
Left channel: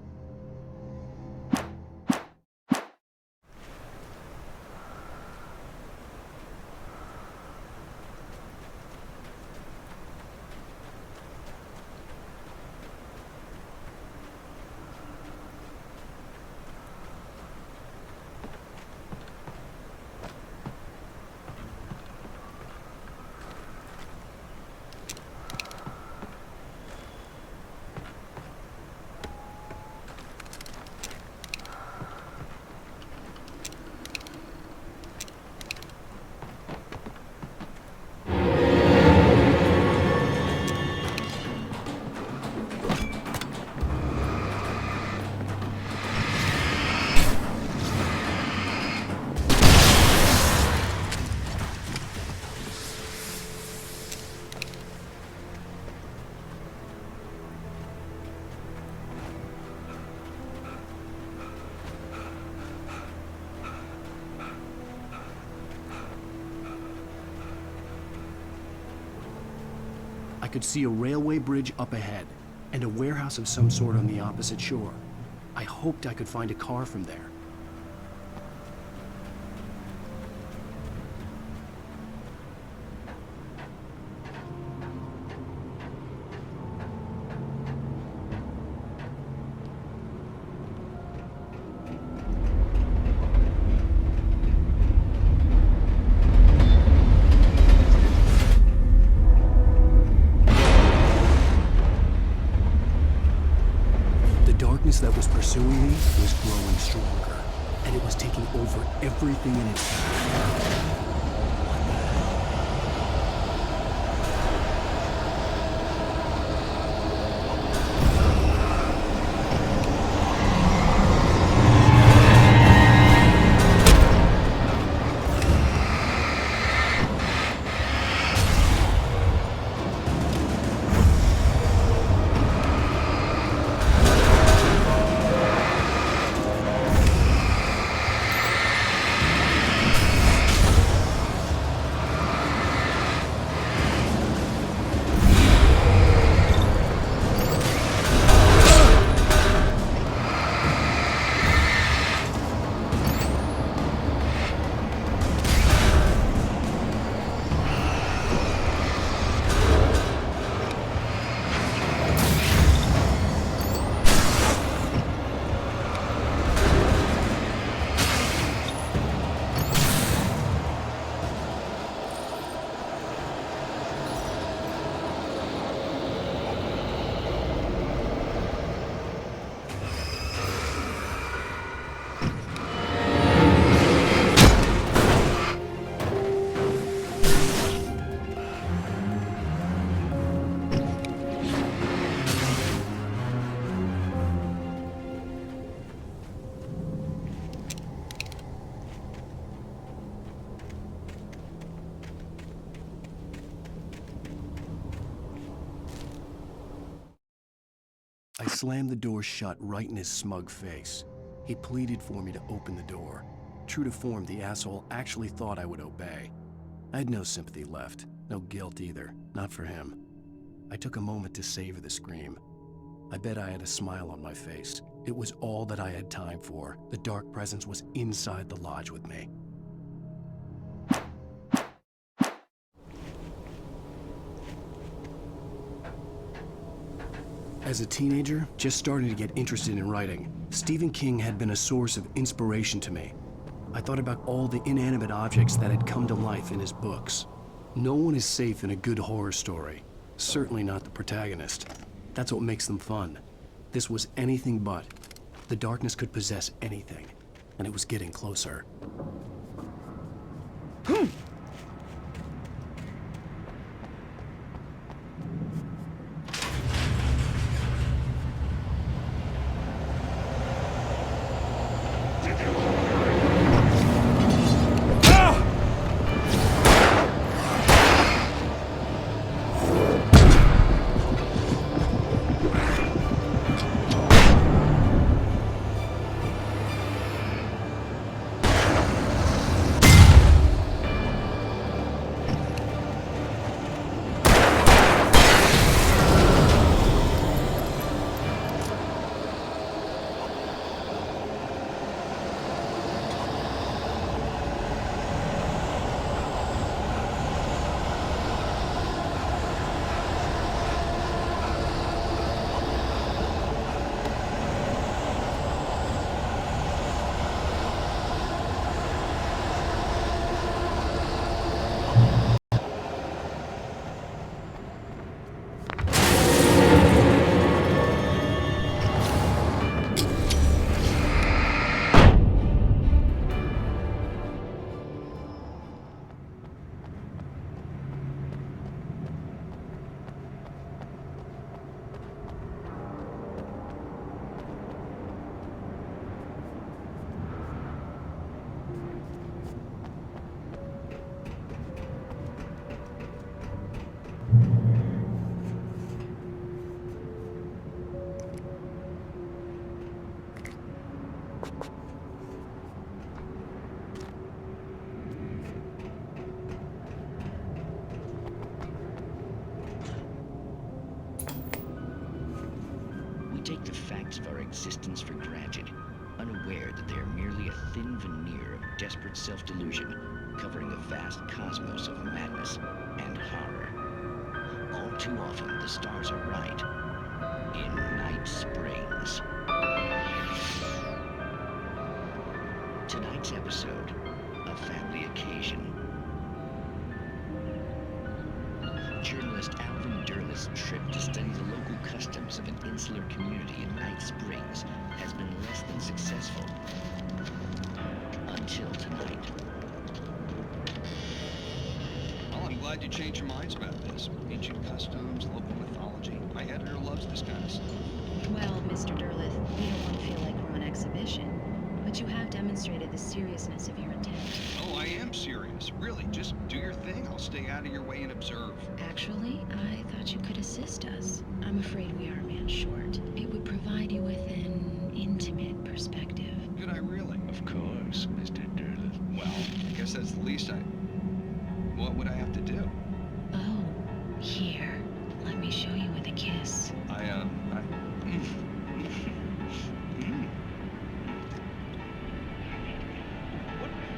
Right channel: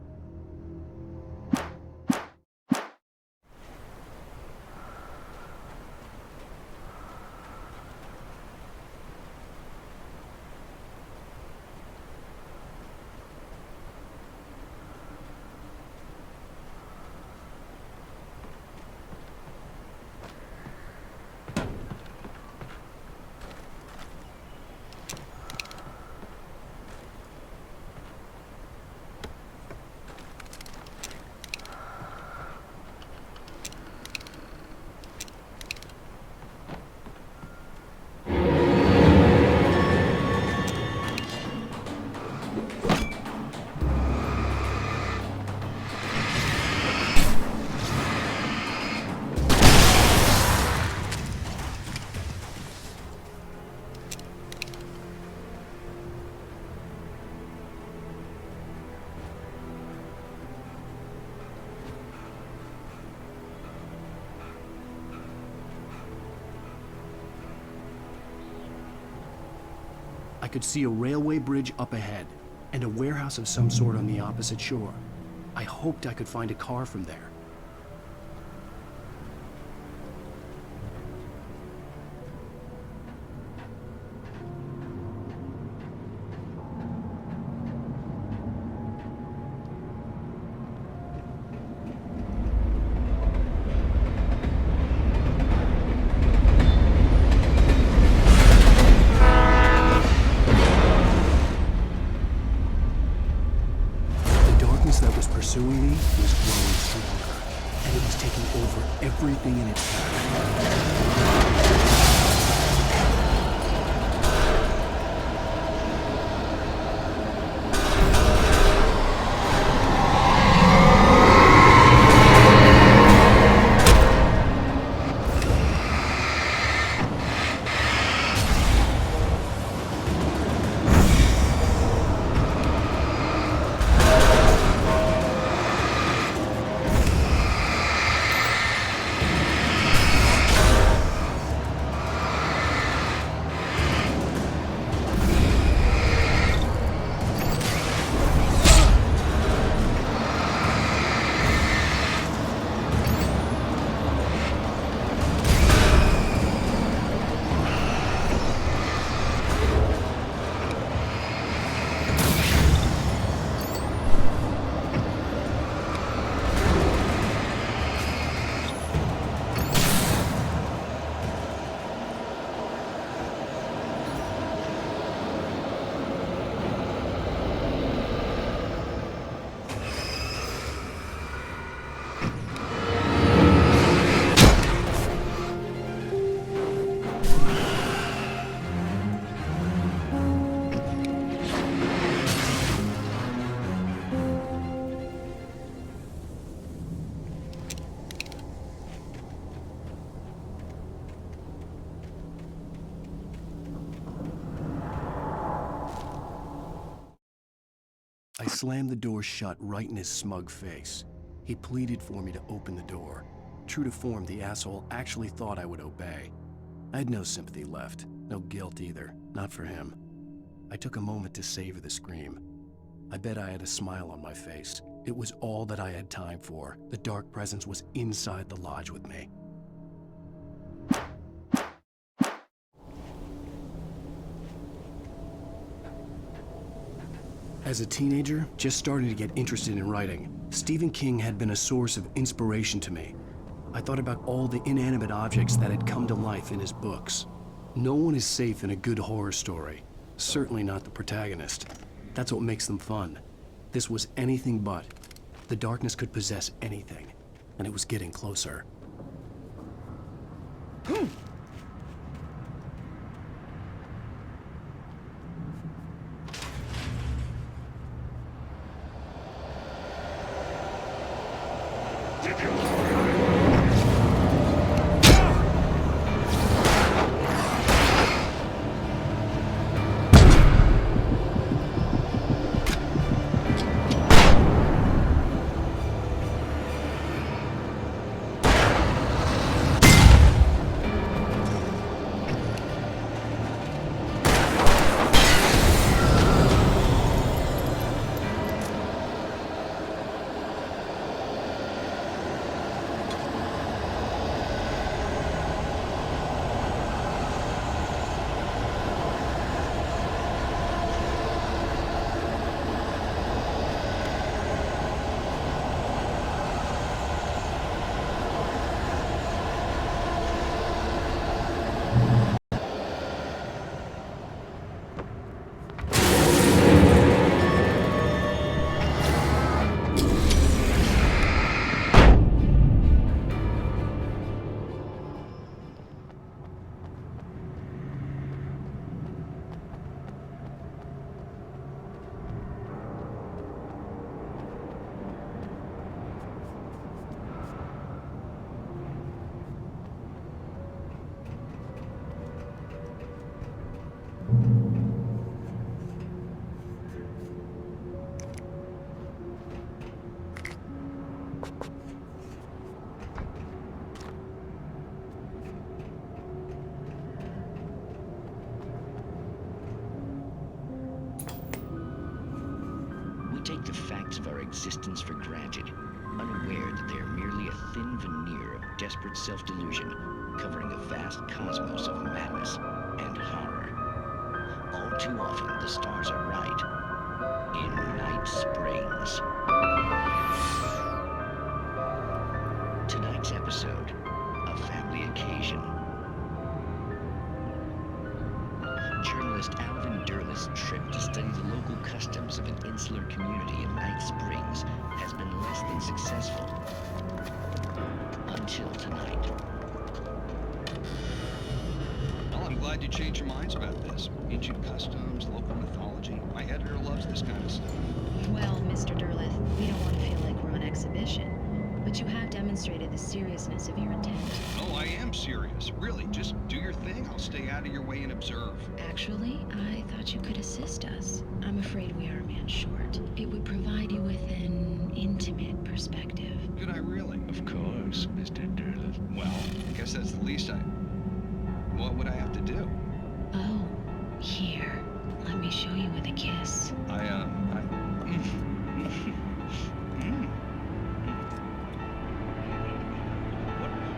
I could see a railway bridge up ahead, and a warehouse of some sort on the opposite shore. I hoped I could find a car from there. That was pursuing me was growing stronger, and it was taking over everything in its path. slammed the door shut right in his smug face. He pleaded for me to open the door. True to form, the asshole actually thought I would obey. I had no sympathy left, no guilt either, not for him. I took a moment to savor the scream. I bet I had a smile on my face. It was all that I had time for. The dark presence was inside the lodge with me. As a teenager, just starting to get interested in writing, Stephen King had been a source of inspiration to me. I thought about all the inanimate objects that had come to life in his books. No one is safe in a good horror story. Certainly not the protagonist. That's what makes them fun. This was anything but. The darkness could possess anything, and it was getting closer. We take the facts of our existence for granted, unaware that they are merely a thin veneer of desperate self-delusion covering a vast cosmos of madness and horror. All too often, the stars are right. In Night Springs. Tonight's episode, a family occasion. Journalist Alvin Derleth's trip to study the local customs of an insular community in Night Springs has been less than successful. Until tonight. Well, I'm glad you changed your minds about this. Ancient customs, local mythology. My editor loves this kind of stuff. Well, Mr. Derleth, we don't want to feel like we're on exhibition. But you have demonstrated the seriousness of your intent. Oh, I am serious. Really, just do your thing. I'll stay out of your way and observe. Actually, I thought you could assist us. I'm afraid we are a man short. It would provide you with an intimate perspective. Could I really? Of course, Mr. Derleth. Well, I guess that's the least I... What would I have to do? Oh, here. Let me show you with a kiss.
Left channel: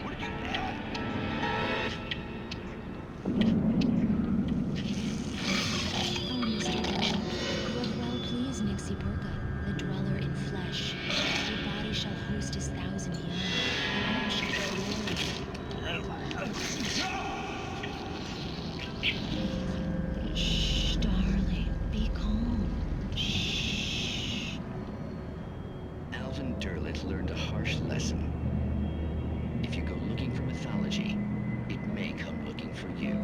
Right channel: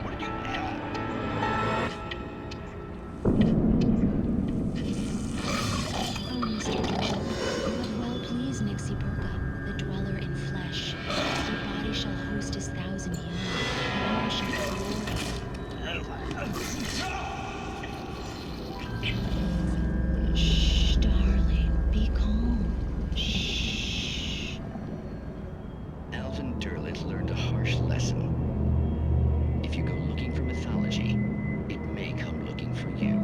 What did you... Oh, Mr. Derleth, you have well pleased Nixie Perka, the dweller in flesh. Your body shall host his 1,000 young, and all shall be glory. Shh, darling, be calm. Shh. Alvin Derleth learned a harsh lesson. If you go looking for mythology, it may come looking for you.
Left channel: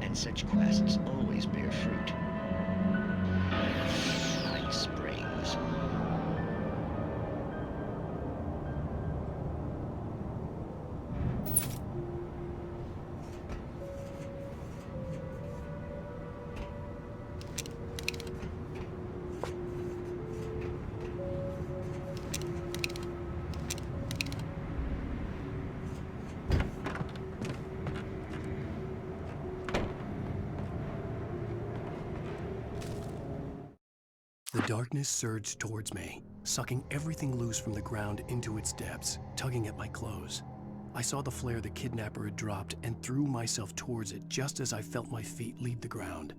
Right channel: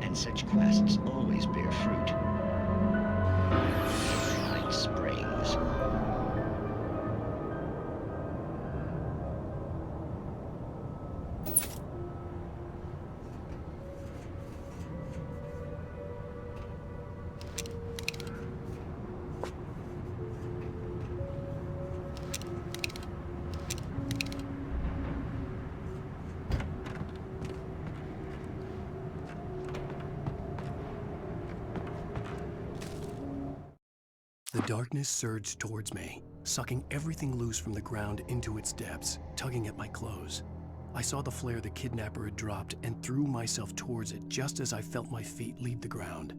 And such quests always bear fruit. Night Springs. darkness surged towards me, sucking everything loose from the ground into its depths, tugging at my clothes. I saw the flare the kidnapper had dropped and threw myself towards it just as I felt my feet leave the ground.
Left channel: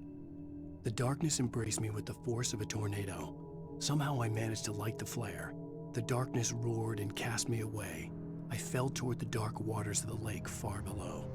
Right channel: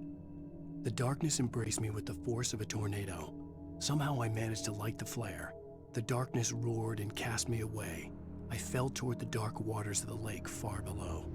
The darkness embraced me with the force of a tornado. Somehow I managed to light the flare. The darkness roared and cast me away. I fell toward the dark waters of the lake far below.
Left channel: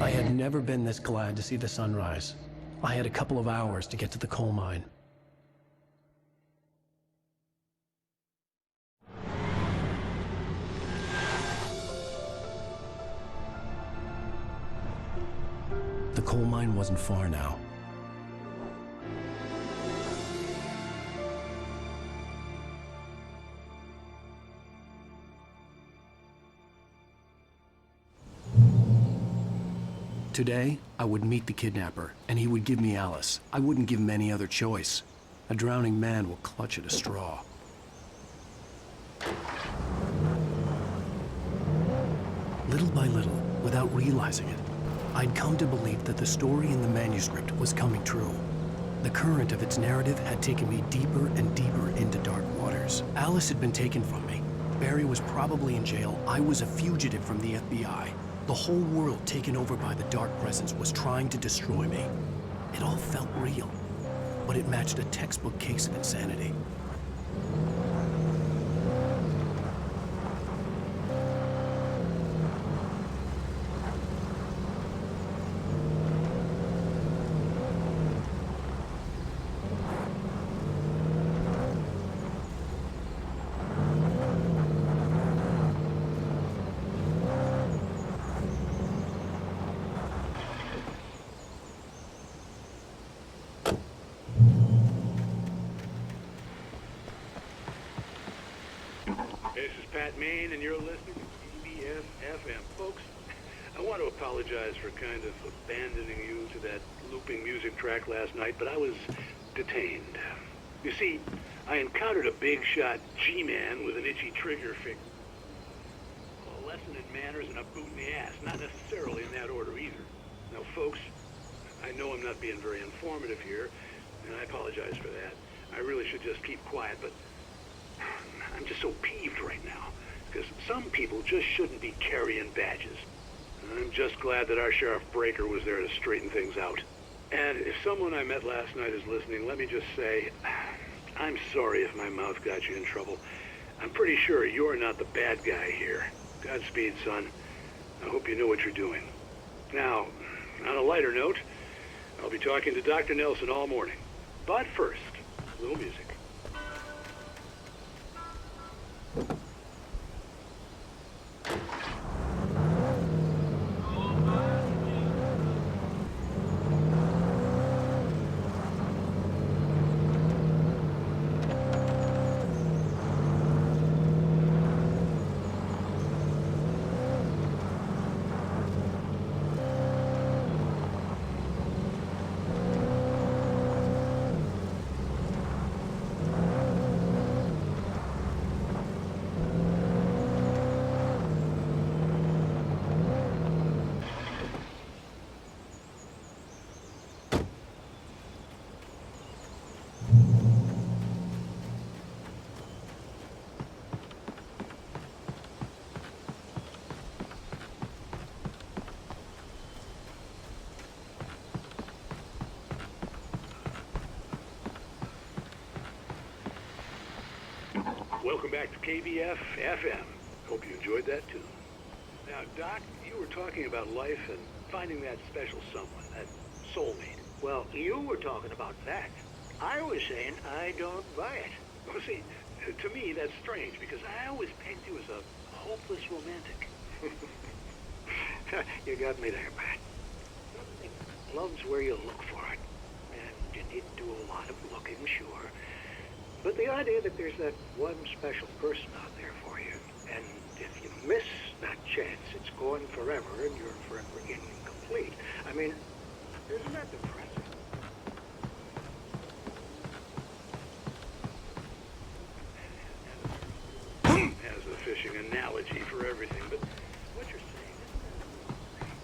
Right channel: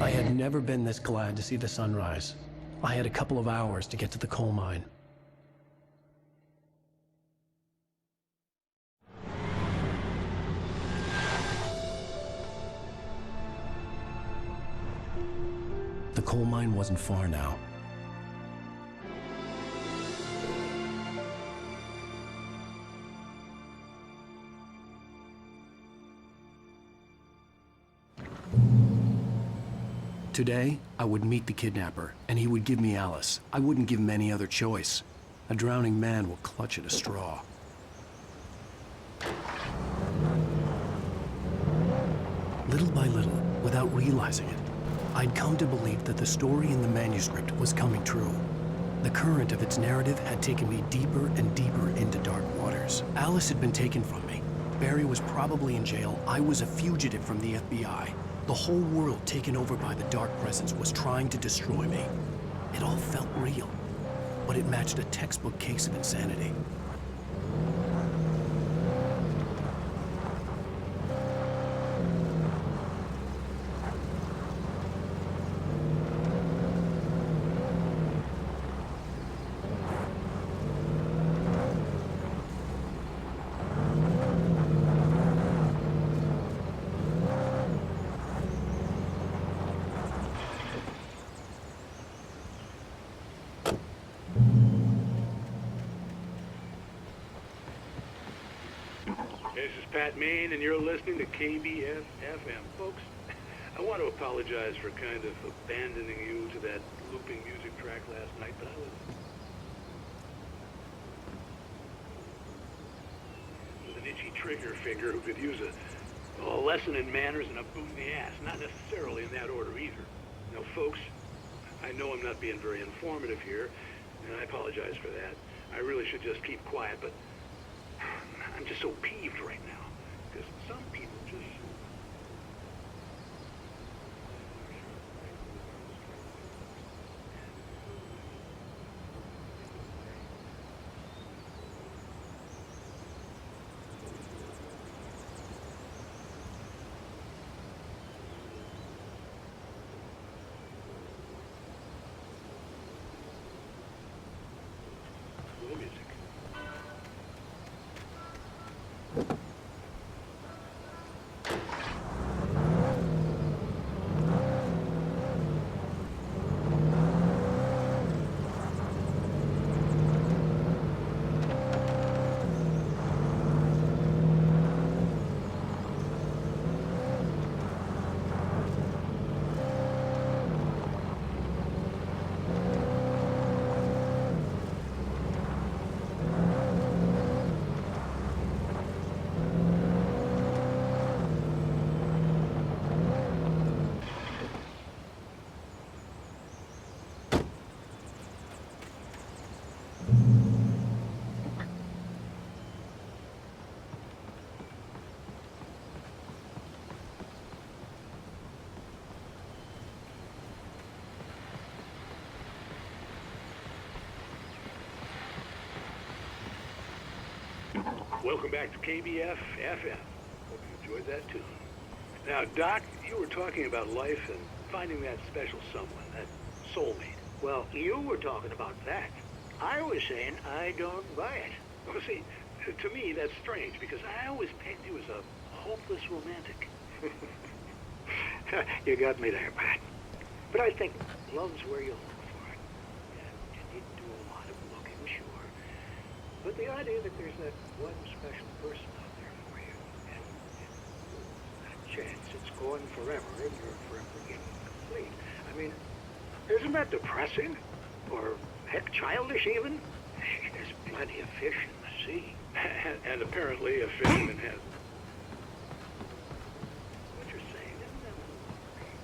I had never been this glad to see the sunrise. I had a couple of hours to get to the coal mine. The coal mine wasn't far now. Today, I would meet the kidnapper, and he would give me Alice. I wouldn't give him any other choice. A drowning man will clutch at a straw. Little by little, without realizing it, I'd come to believe that the story in the manuscript was coming true. The current of its narrative had taken me deeper and deeper into dark waters. Alice had been taken from me. Barry was probably in jail. I was a fugitive from the FBI. The whole world taken over by the dark presence was trying to destroy me. It all felt real, but it matched a textbook case of insanity. This is Pat Main, and you're listening to KBF-FM. Folks, I want to apologize for kind of abandoning you to that looping music track last night, but I was detained. You see, I encountered a big-shot G-man with an itchy trigger finger who could use a lesson in manners and a boot in the ass. Not necessarily in that order either. Now, folks, I know I'm not being very informative here, and I apologize for that. I really should just keep quiet, but I'm just so peeved right now, because some people just shouldn't be carrying badges. I'm just glad that our Sheriff Breaker was there to straighten things out. And if someone I met last night is listening, let me just say, I'm sorry if my mouth got you in trouble. I'm pretty sure you're not the bad guy here. Godspeed, son. I hope you know what you're doing. Now, on a lighter note, I'll be talking to Dr. Nelson all morning. But first, a little music. Welcome back to KBF FM. Hope you enjoyed that tune. Now, Doc, you were talking about life and finding that special someone, that soulmate. Well, you were talking about that. I was saying I don't buy it. Well, see, to me, that's strange, because I always pegged you as a hopeless romantic. You got me there, Pat. But I think love's where you look for it. And you need to do a lot of looking, sure. But the idea that there's that one special person out there for you, and if you miss that chance, it's gone forever and you're forever incomplete. I mean, isn't that depressing? Or heck, childish even? There's plenty of fish in the sea. And apparently a fisherman has a fishing analogy for everything, but what you're saying, isn't that a little harsh?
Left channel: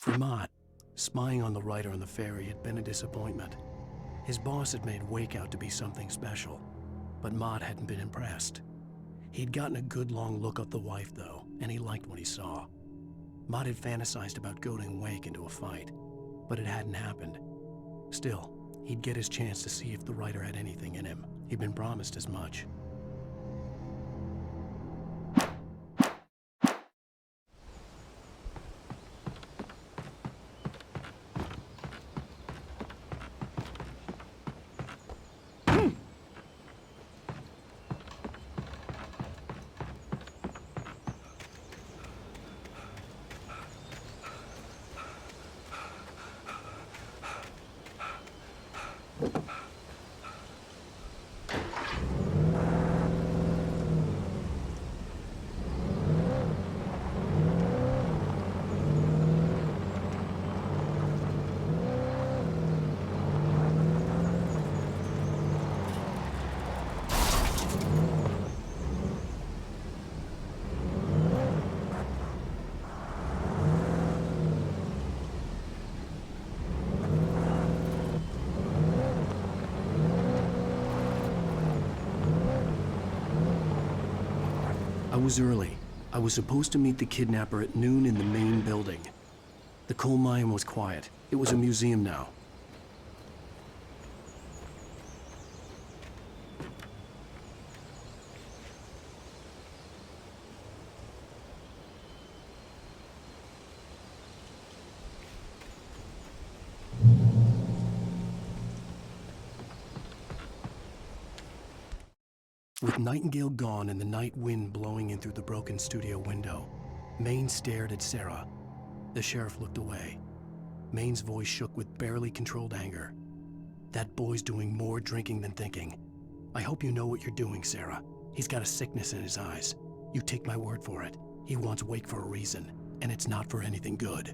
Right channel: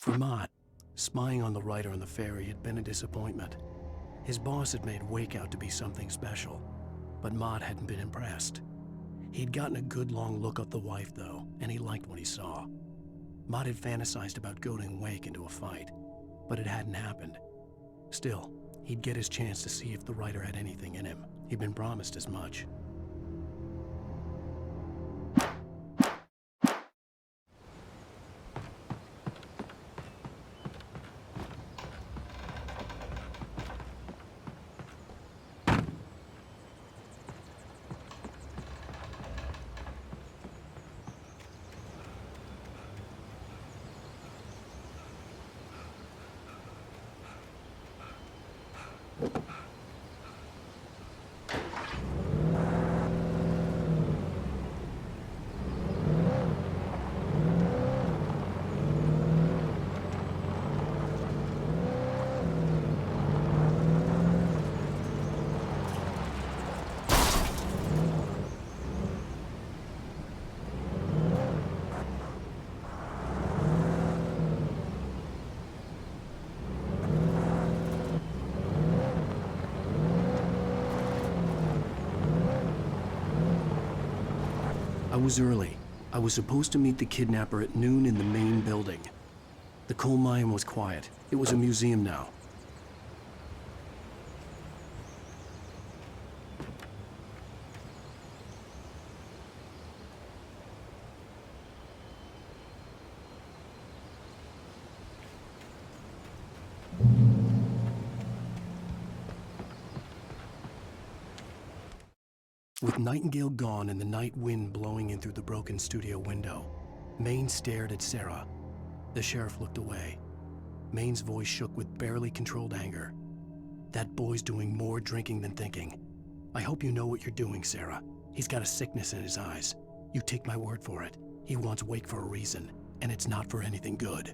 For Mott, spying on the writer on the ferry had been a disappointment. His boss had made Wake out to be something special, but Mott hadn't been impressed. He'd gotten a good long look at the wife, though, and he liked what he saw. Mott had fantasized about goading Wake into a fight, but it hadn't happened. Still, he'd get his chance to see if the writer had anything in him. He'd been promised as much. I was early. I was supposed to meet the kidnapper at noon in the main building. The coal mine was quiet. It was a museum now. With Nightingale gone and the night wind blowing in through the broken studio window, Maine stared at Sarah. The sheriff looked away. Maine's voice shook with barely controlled anger. That boy's doing more drinking than thinking. I hope you know what you're doing, Sarah. He's got a sickness in his eyes. You take my word for it. He wants Wake for a reason, and it's not for anything good.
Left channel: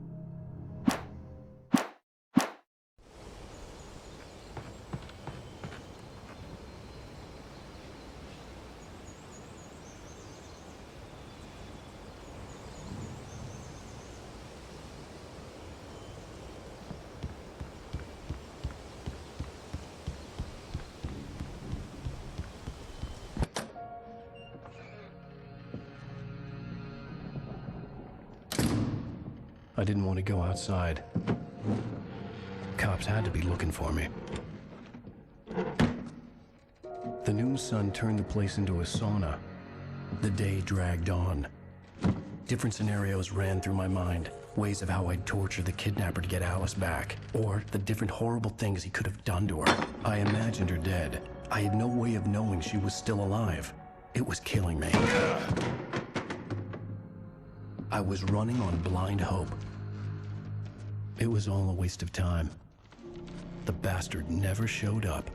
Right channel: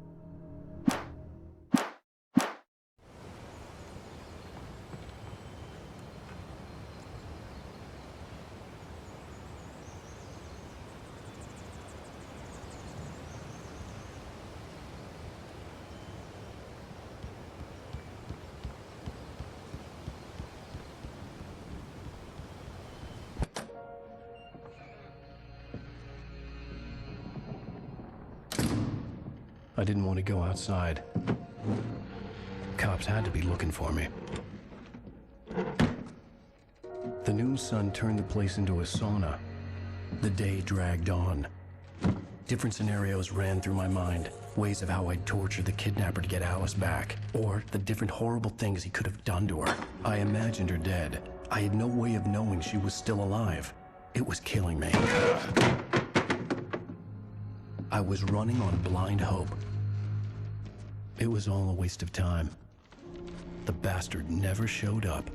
I didn't want to go outside. Cops had to be looking for me. The noon sun turned the place into a sauna. The day dragged on. Different scenarios ran through my mind. Ways of how I'd torture the kidnapper to get Alice back. Or the different horrible things he could have done to her. I imagined her dead. I had no way of knowing she was still alive. It was killing me. I was running on blind hope. It was all a waste of time. The bastard never showed up.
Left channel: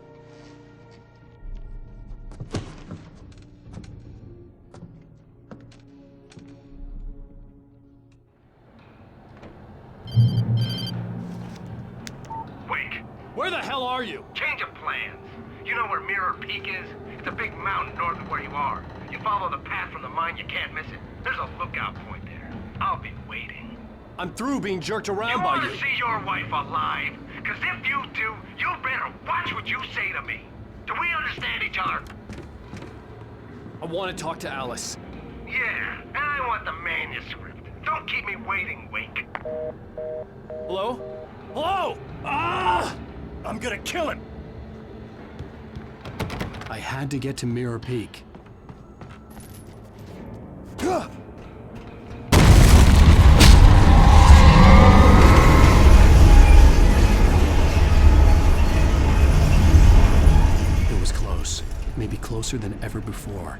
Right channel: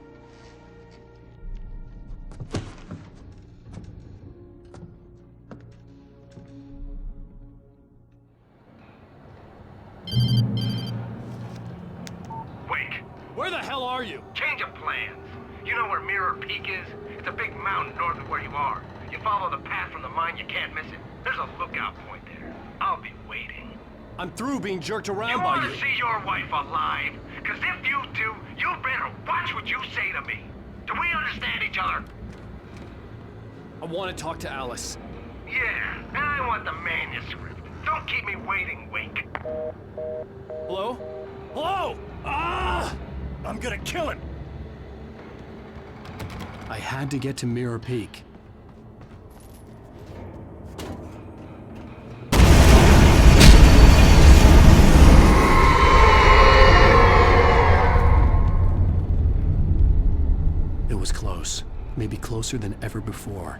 Wake! Where the hell are you? Change of plans. You know where Mirror Peak is? It's a big mountain north of where you are. You follow the path from the mine, you can't miss it. There's a lookout point there. I'll be waiting. I'm through being jerked around by you. You want to see your wife alive? Because if you do, you better watch what you say to me. Do we understand each other? I want to talk to Alice. Yeah, and I want the manuscript. Don't keep me waiting, Wake. Hello? Hello! Ah! I'm gonna kill him! I had to get to Mirror Peak. It was close. Maybe closer than ever before.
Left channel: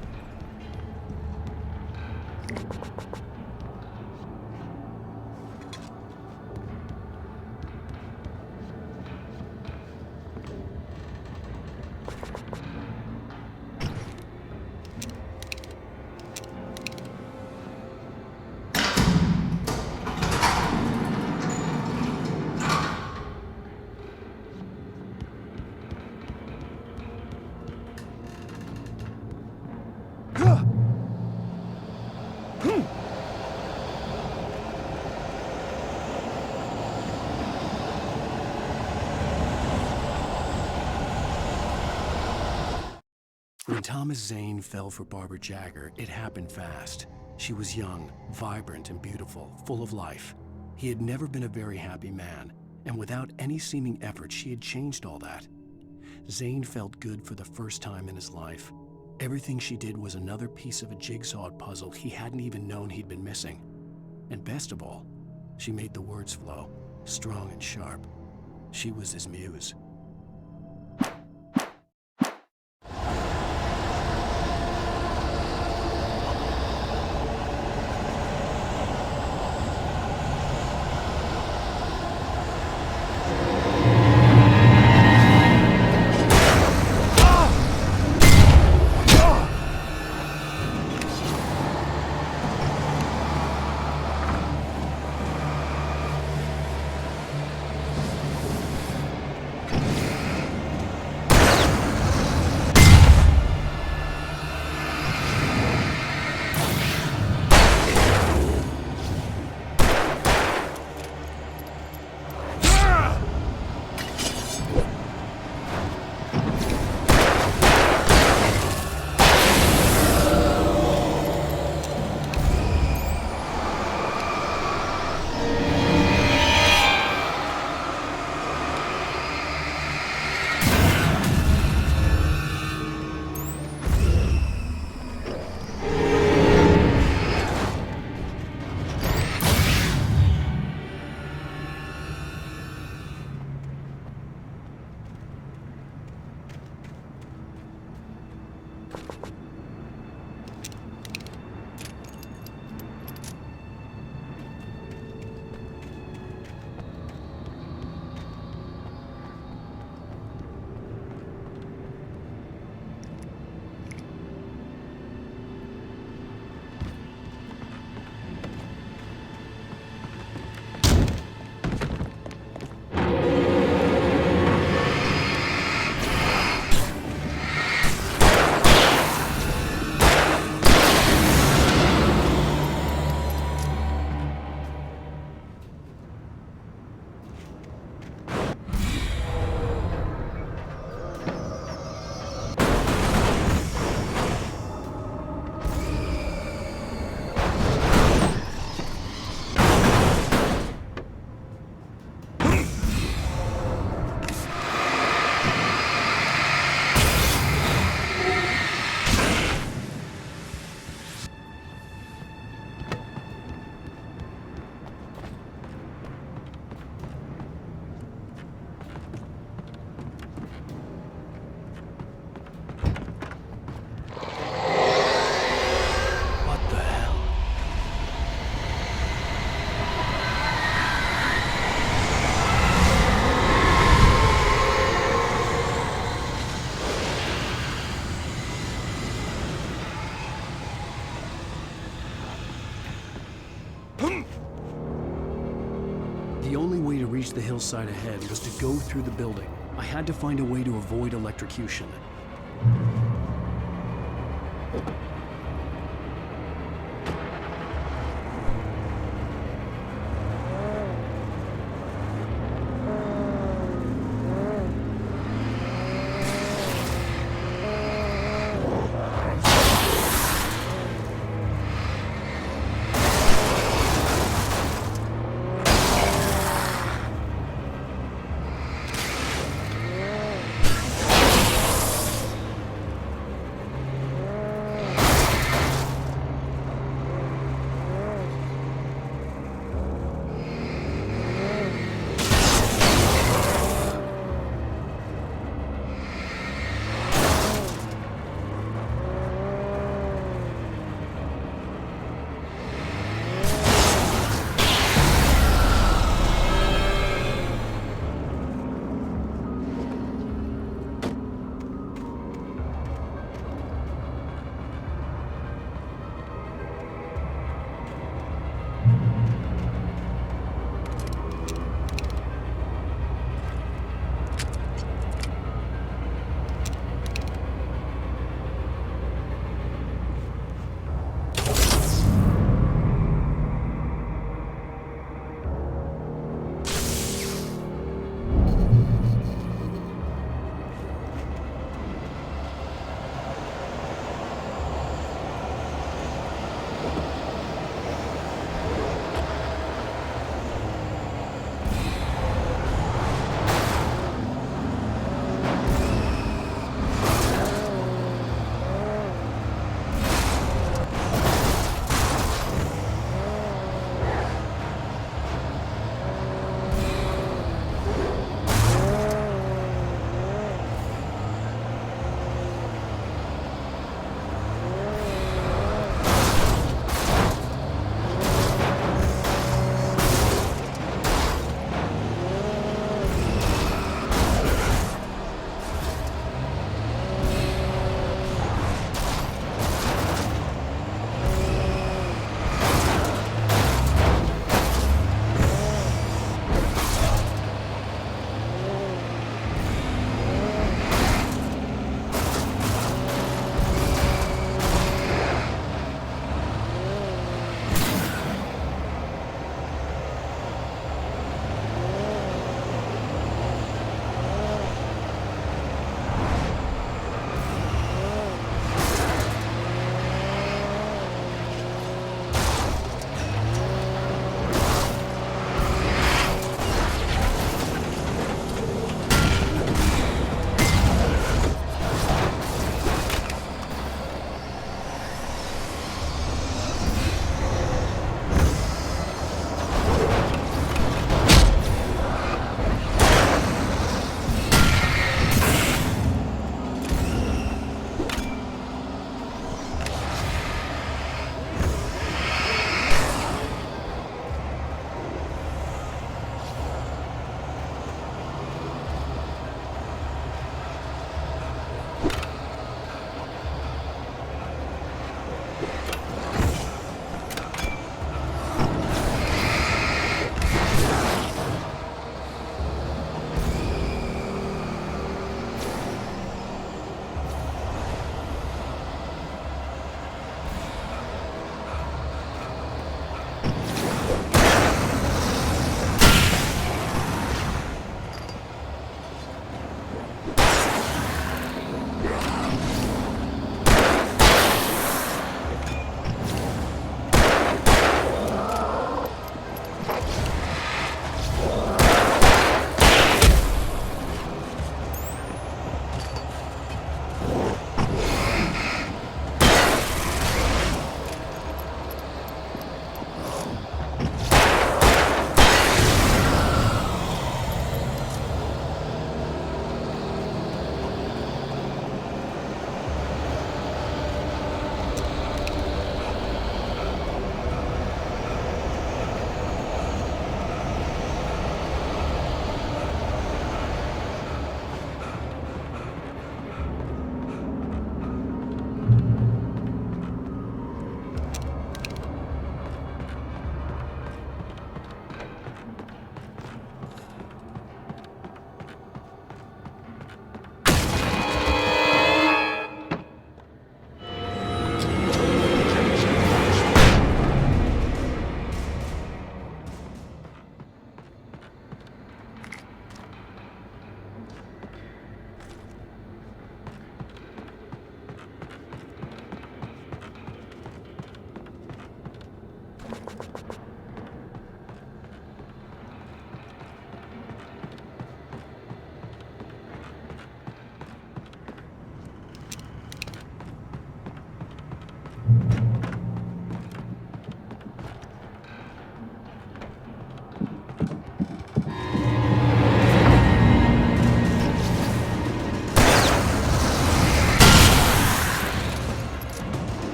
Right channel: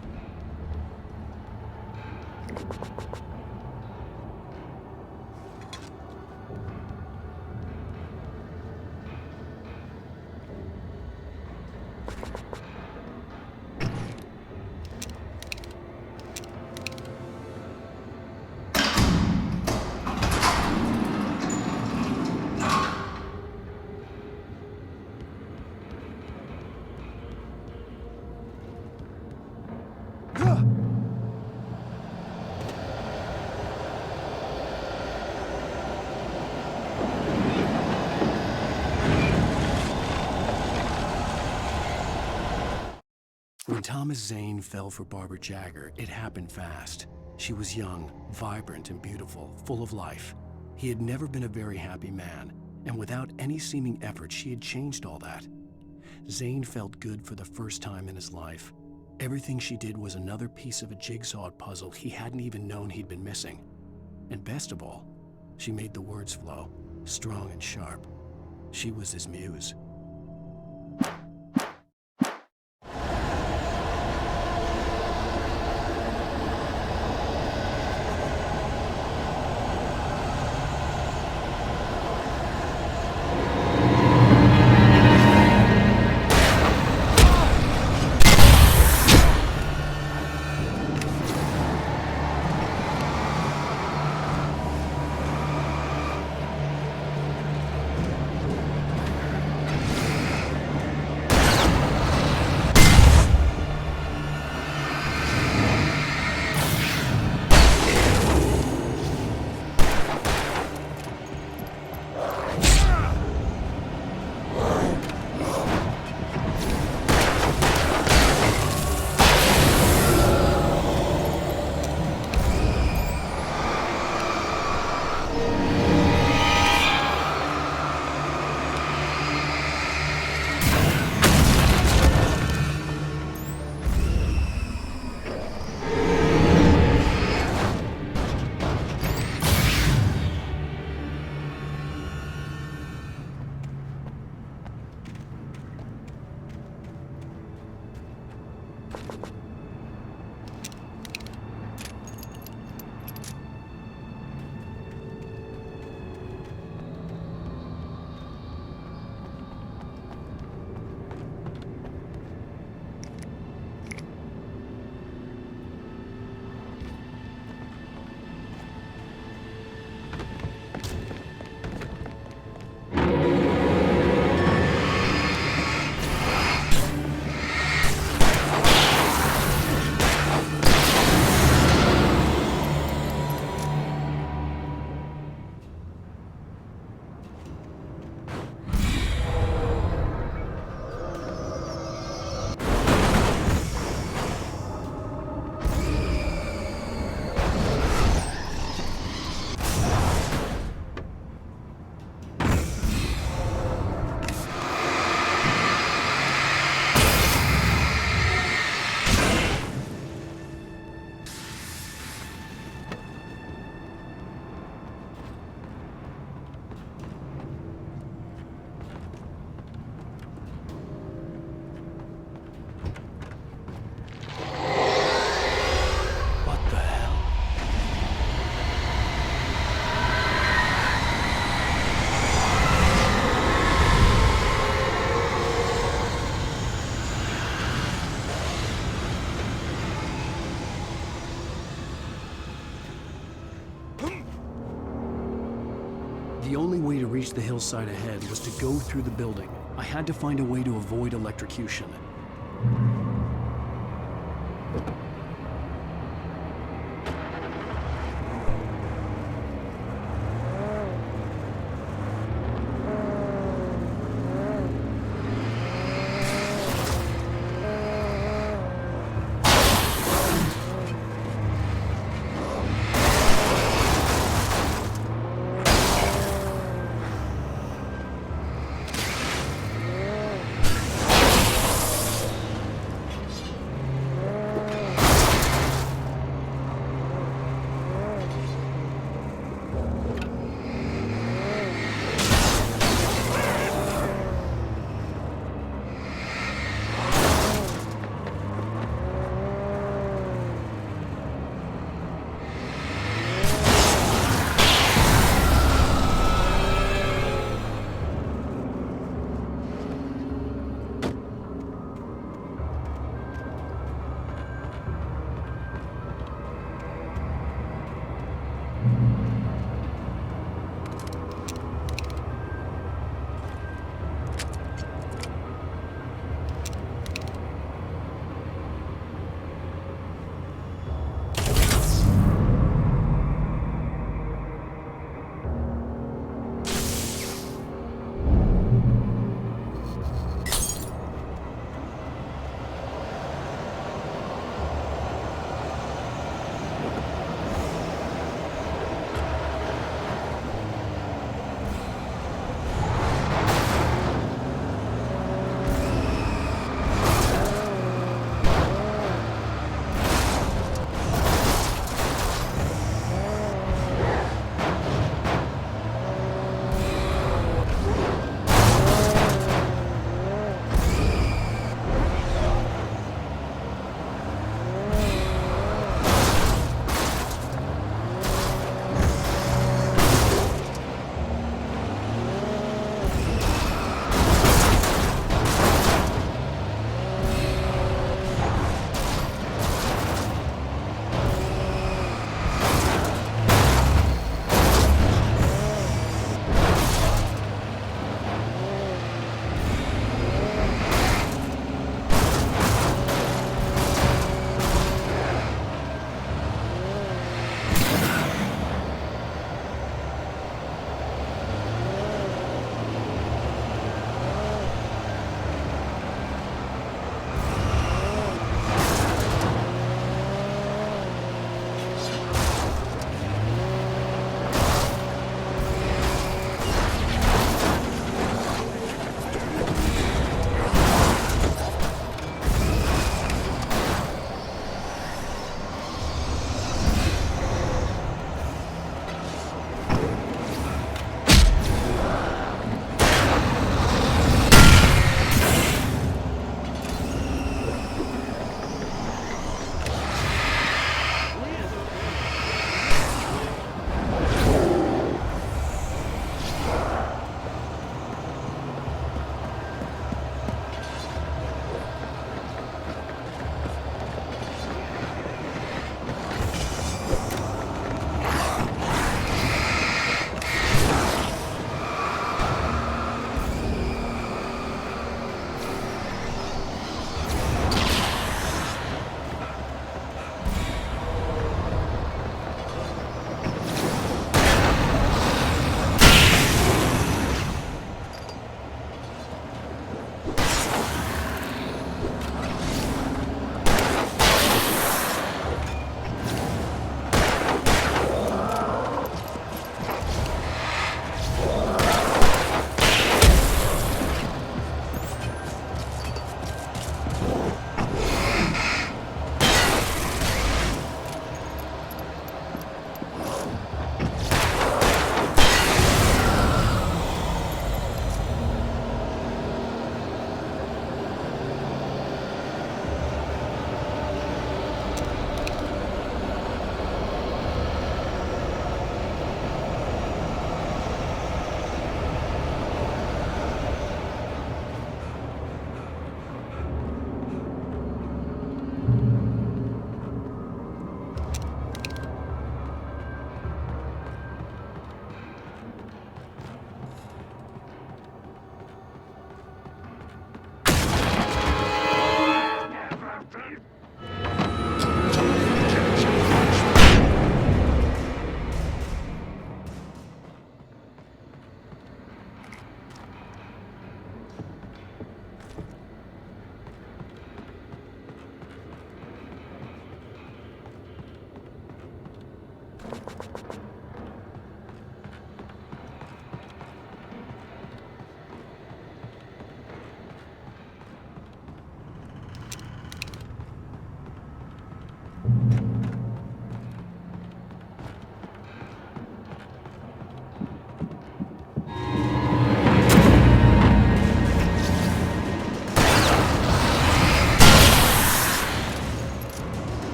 When Thomas Zane fell for Barbara Jagger, it happened fast. She was young, vibrant, and beautiful, full of life. He had never been a very happy man, and without any seeming effort, she had changed all that. Zane felt good for the first time in his life. Everything she did was another piece of a jigsaw puzzle he hadn't even known he'd been missing. And best of all, she made the words flow, strong and sharp. She was his muse. The only way to reach the hillside ahead was to go through the building. I had to find a way to avoid electrocution.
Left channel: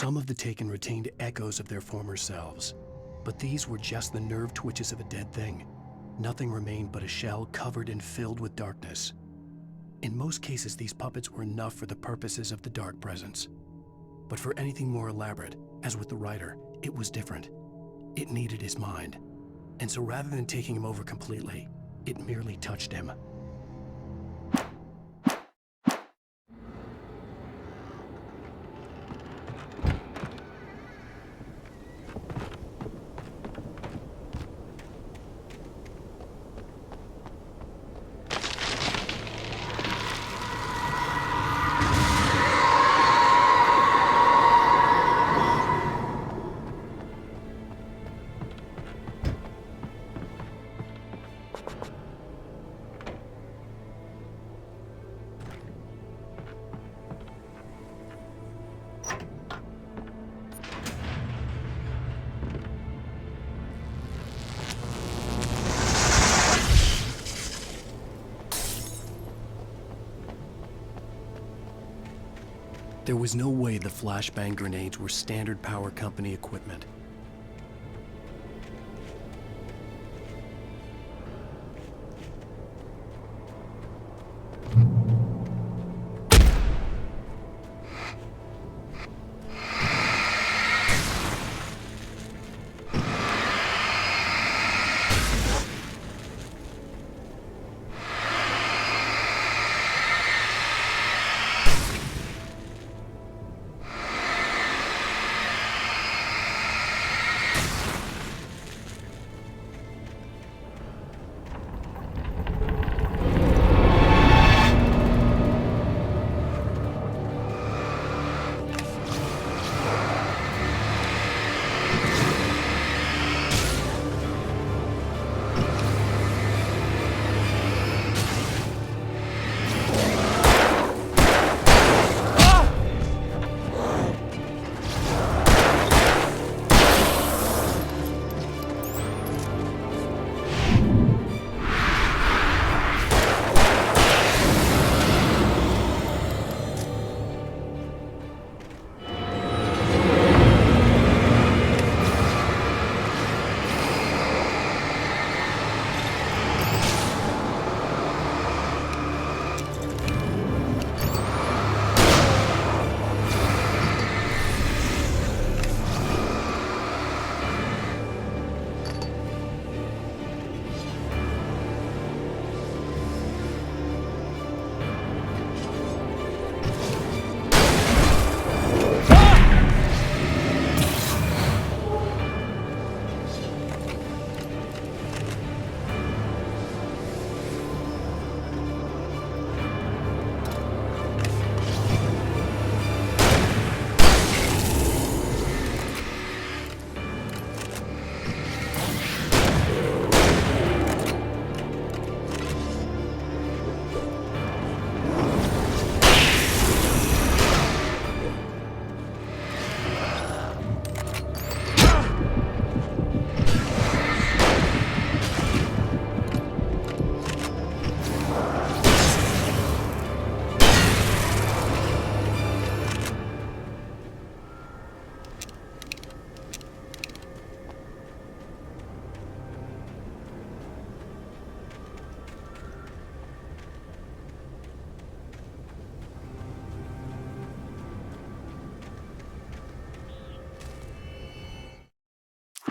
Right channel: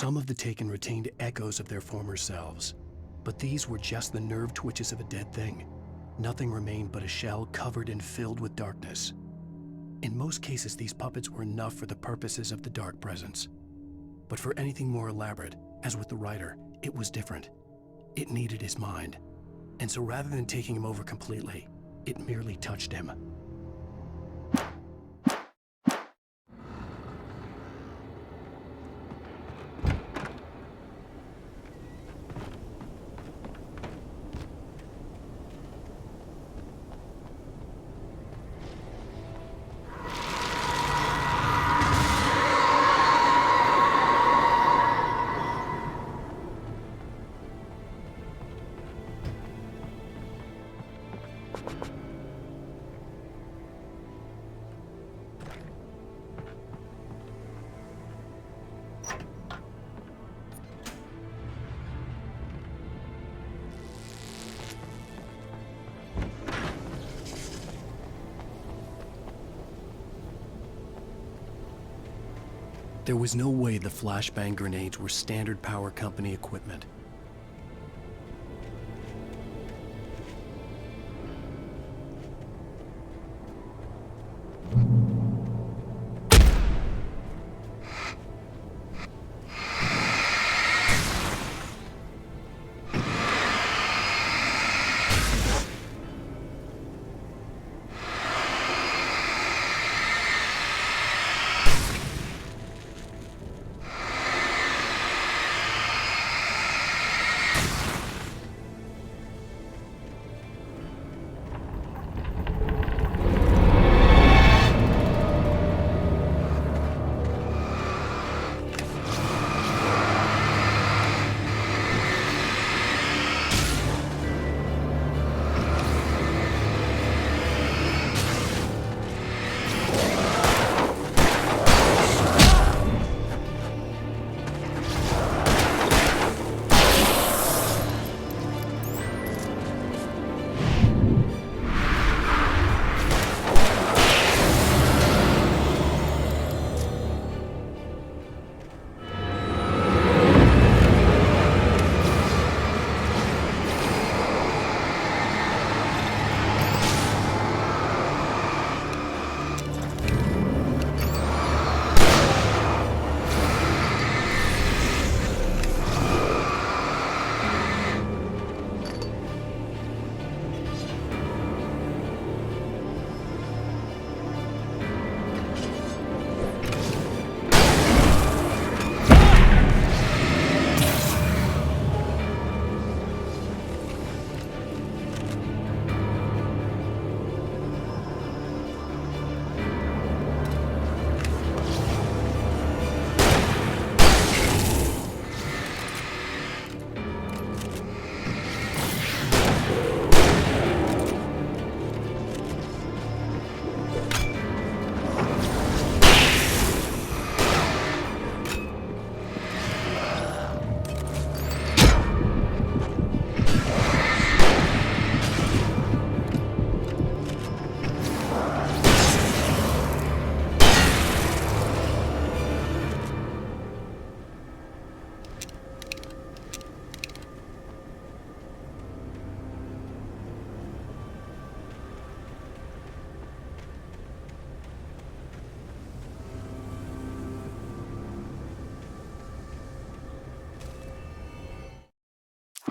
Some of the taken retained echoes of their former selves, but these were just the nerve twitches of a dead thing. Nothing remained but a shell covered and filled with darkness. In most cases, these puppets were enough for the purposes of the dark presence. But for anything more elaborate, as with the writer, it was different. It needed his mind. And so rather than taking him over completely, it merely touched him. There was no way the flashbang grenades were standard power company equipment.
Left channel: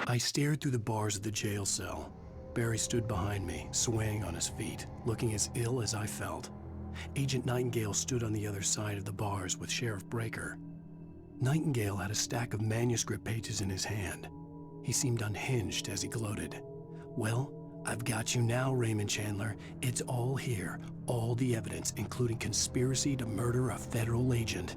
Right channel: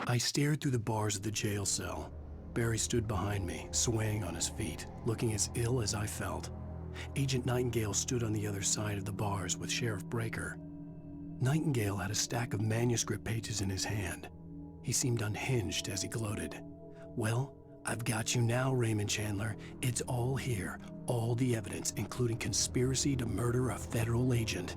I stared through the bars of the jail cell. Barry stood behind me, swaying on his feet, looking as ill as I felt. Agent Nightingale stood on the other side of the bars with Sheriff Breaker. Nightingale had a stack of manuscript pages in his hand. He seemed unhinged as he gloated. "Well, I've got you now, Raymond Chandler. It's all here. All the evidence, including conspiracy to murder a federal agent."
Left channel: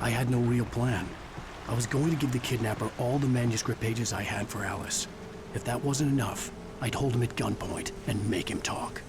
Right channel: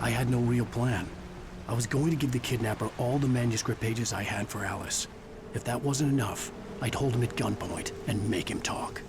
I had no real plan. I was going to give the kidnapper all the manuscript pages I had for Alice. If that wasn't enough, I'd hold him at gunpoint and make him talk.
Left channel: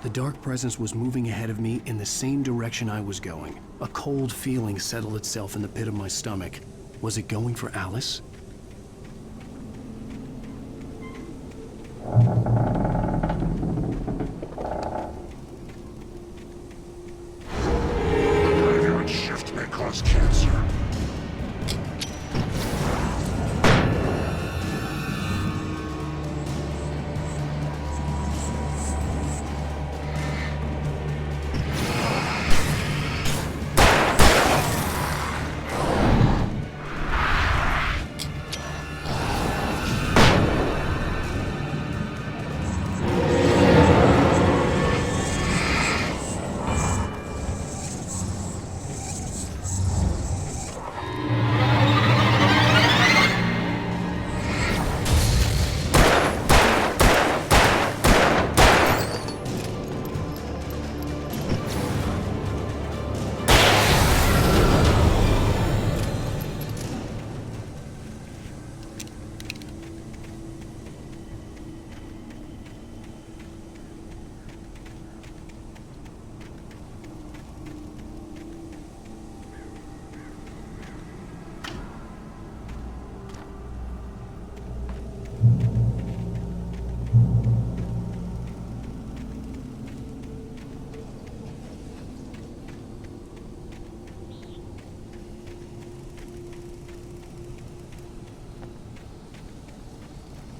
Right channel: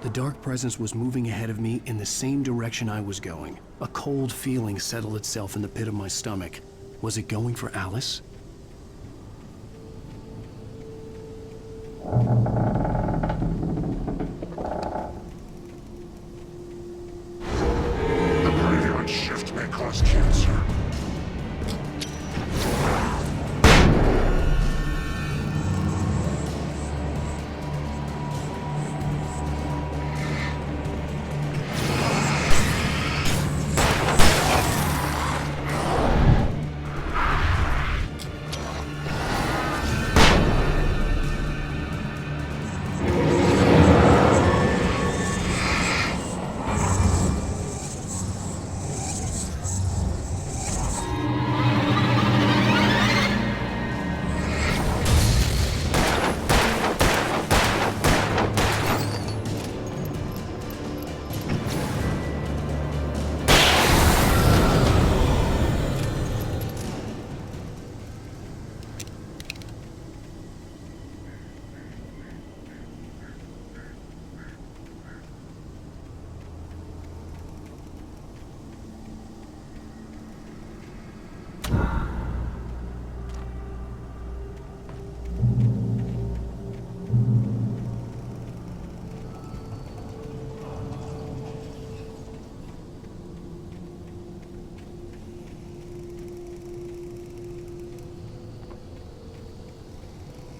The dark presence was moving ahead of me in the same direction I was going. A cold feeling settled itself in the pit of my stomach. Was it going for Alice? The graveyard shift may cause cancer.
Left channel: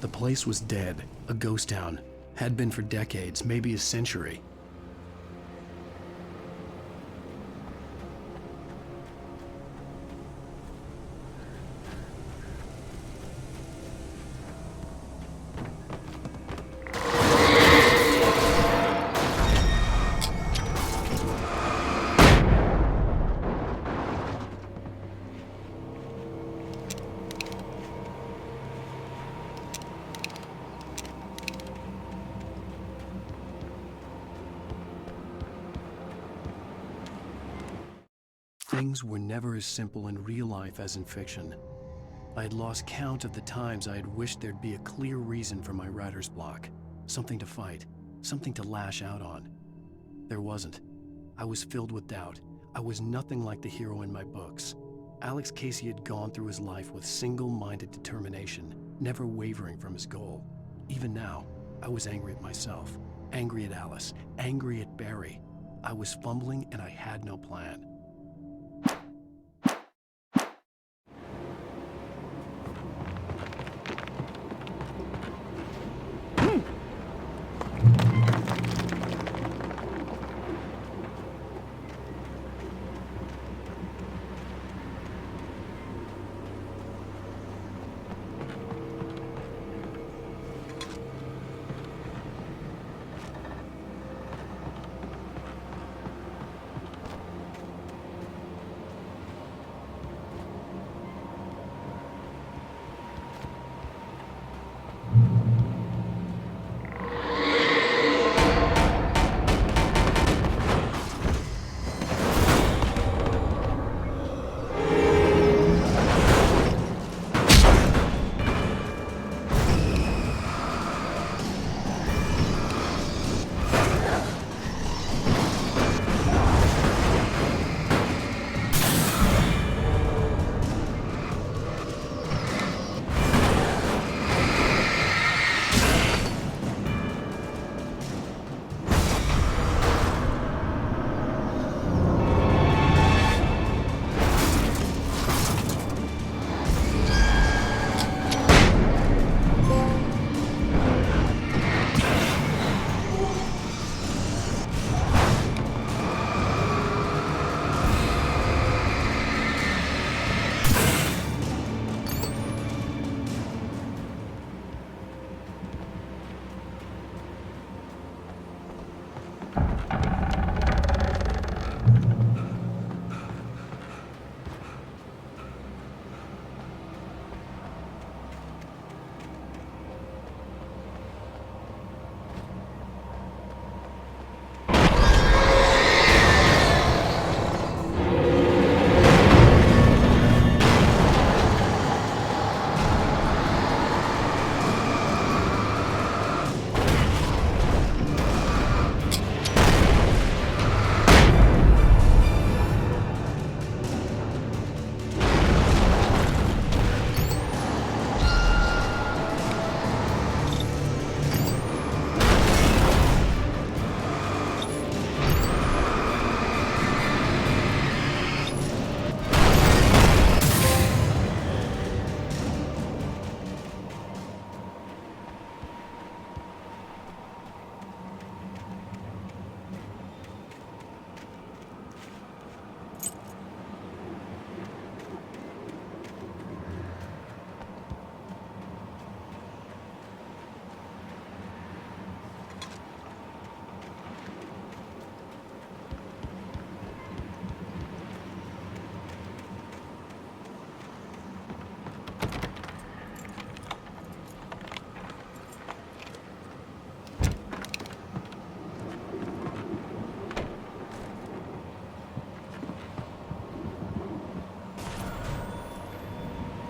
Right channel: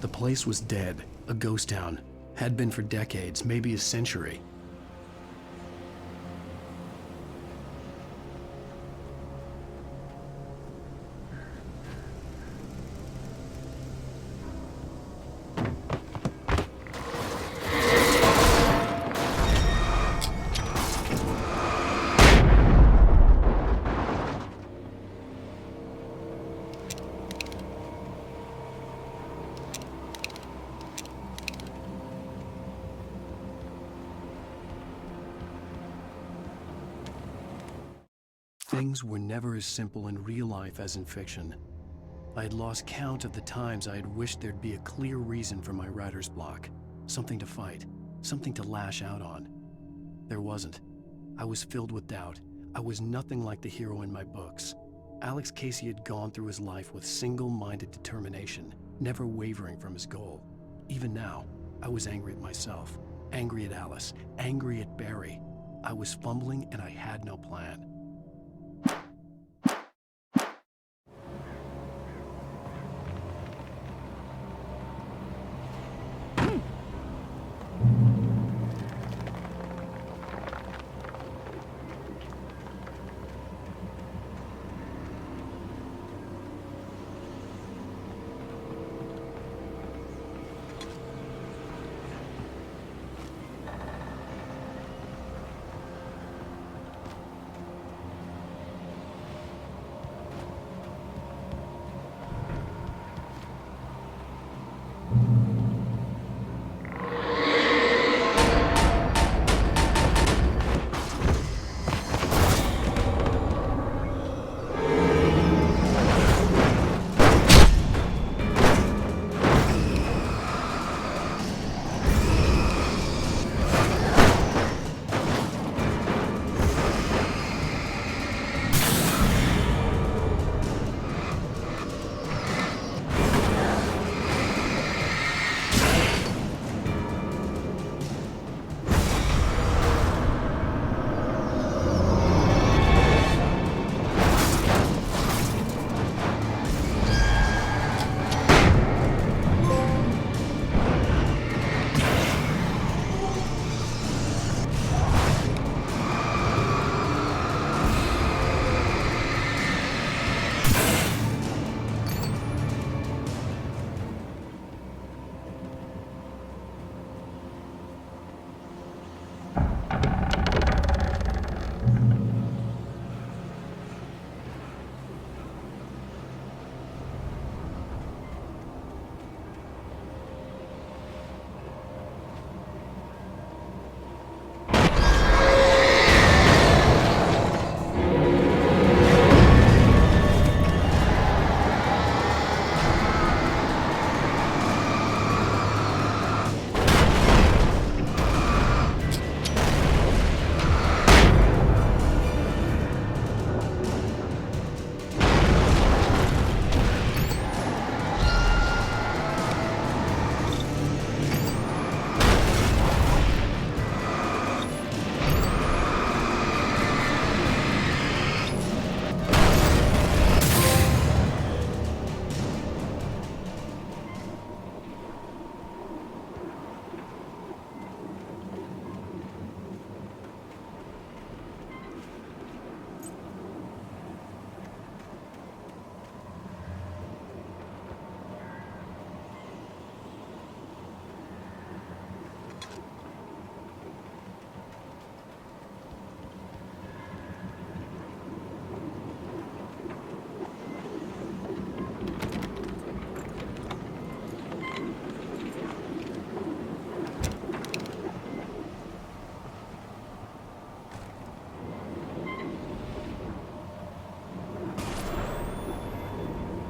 The place was dead, a ghost town. Had been for decades, maybe a century. things were never as simple in real life as in fiction. I had lost count of the times I had wished there'd be a clear reason for my writer's block. Something to fight, something to lash out on. There wasn't. I was filled with doubt. I was nothing like the hero in my books. Alex Casey had gone through his life with single-minded determination, never wavering from his goal. Even now, I was angry at myself, angry at Alice, angry at Barry. I was fumbling and I had no plan.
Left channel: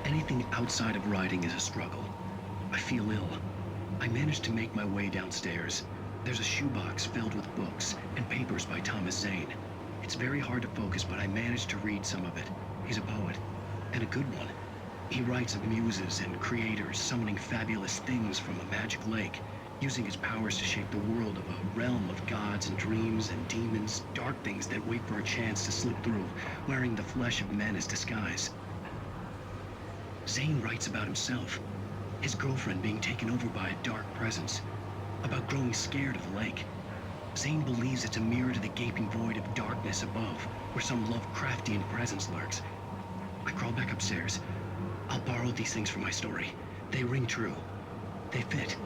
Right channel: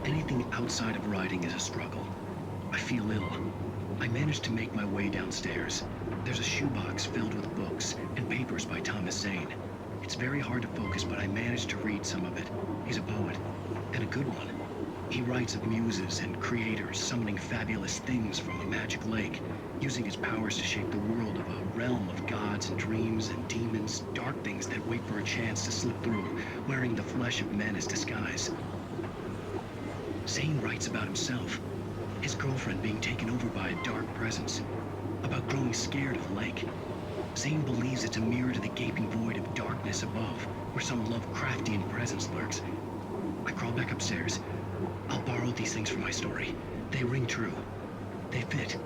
Anything outside of writing is a struggle. I feel ill. I managed to make my way downstairs. There's a shoebox filled with books and papers by Thomas Zane. It's very hard to focus, but I managed to read some of it. He's a poet, and a good one. He writes of muses and creators summoning fabulous things from a magic lake, using his powers to shape the world of a realm of gods and dreams and demons, dark things that wait for a chance to slip through, wearing the flesh of men as disguise. Zane writes about himself, his girlfriend being taken over by a dark presence, about growing scared of the lake. Zane believes it's a mirror to the gaping void of darkness above, where some Lovecraftian presence lurks. I crawl back upstairs. I'll borrow these things for my story. They ring true. They fit.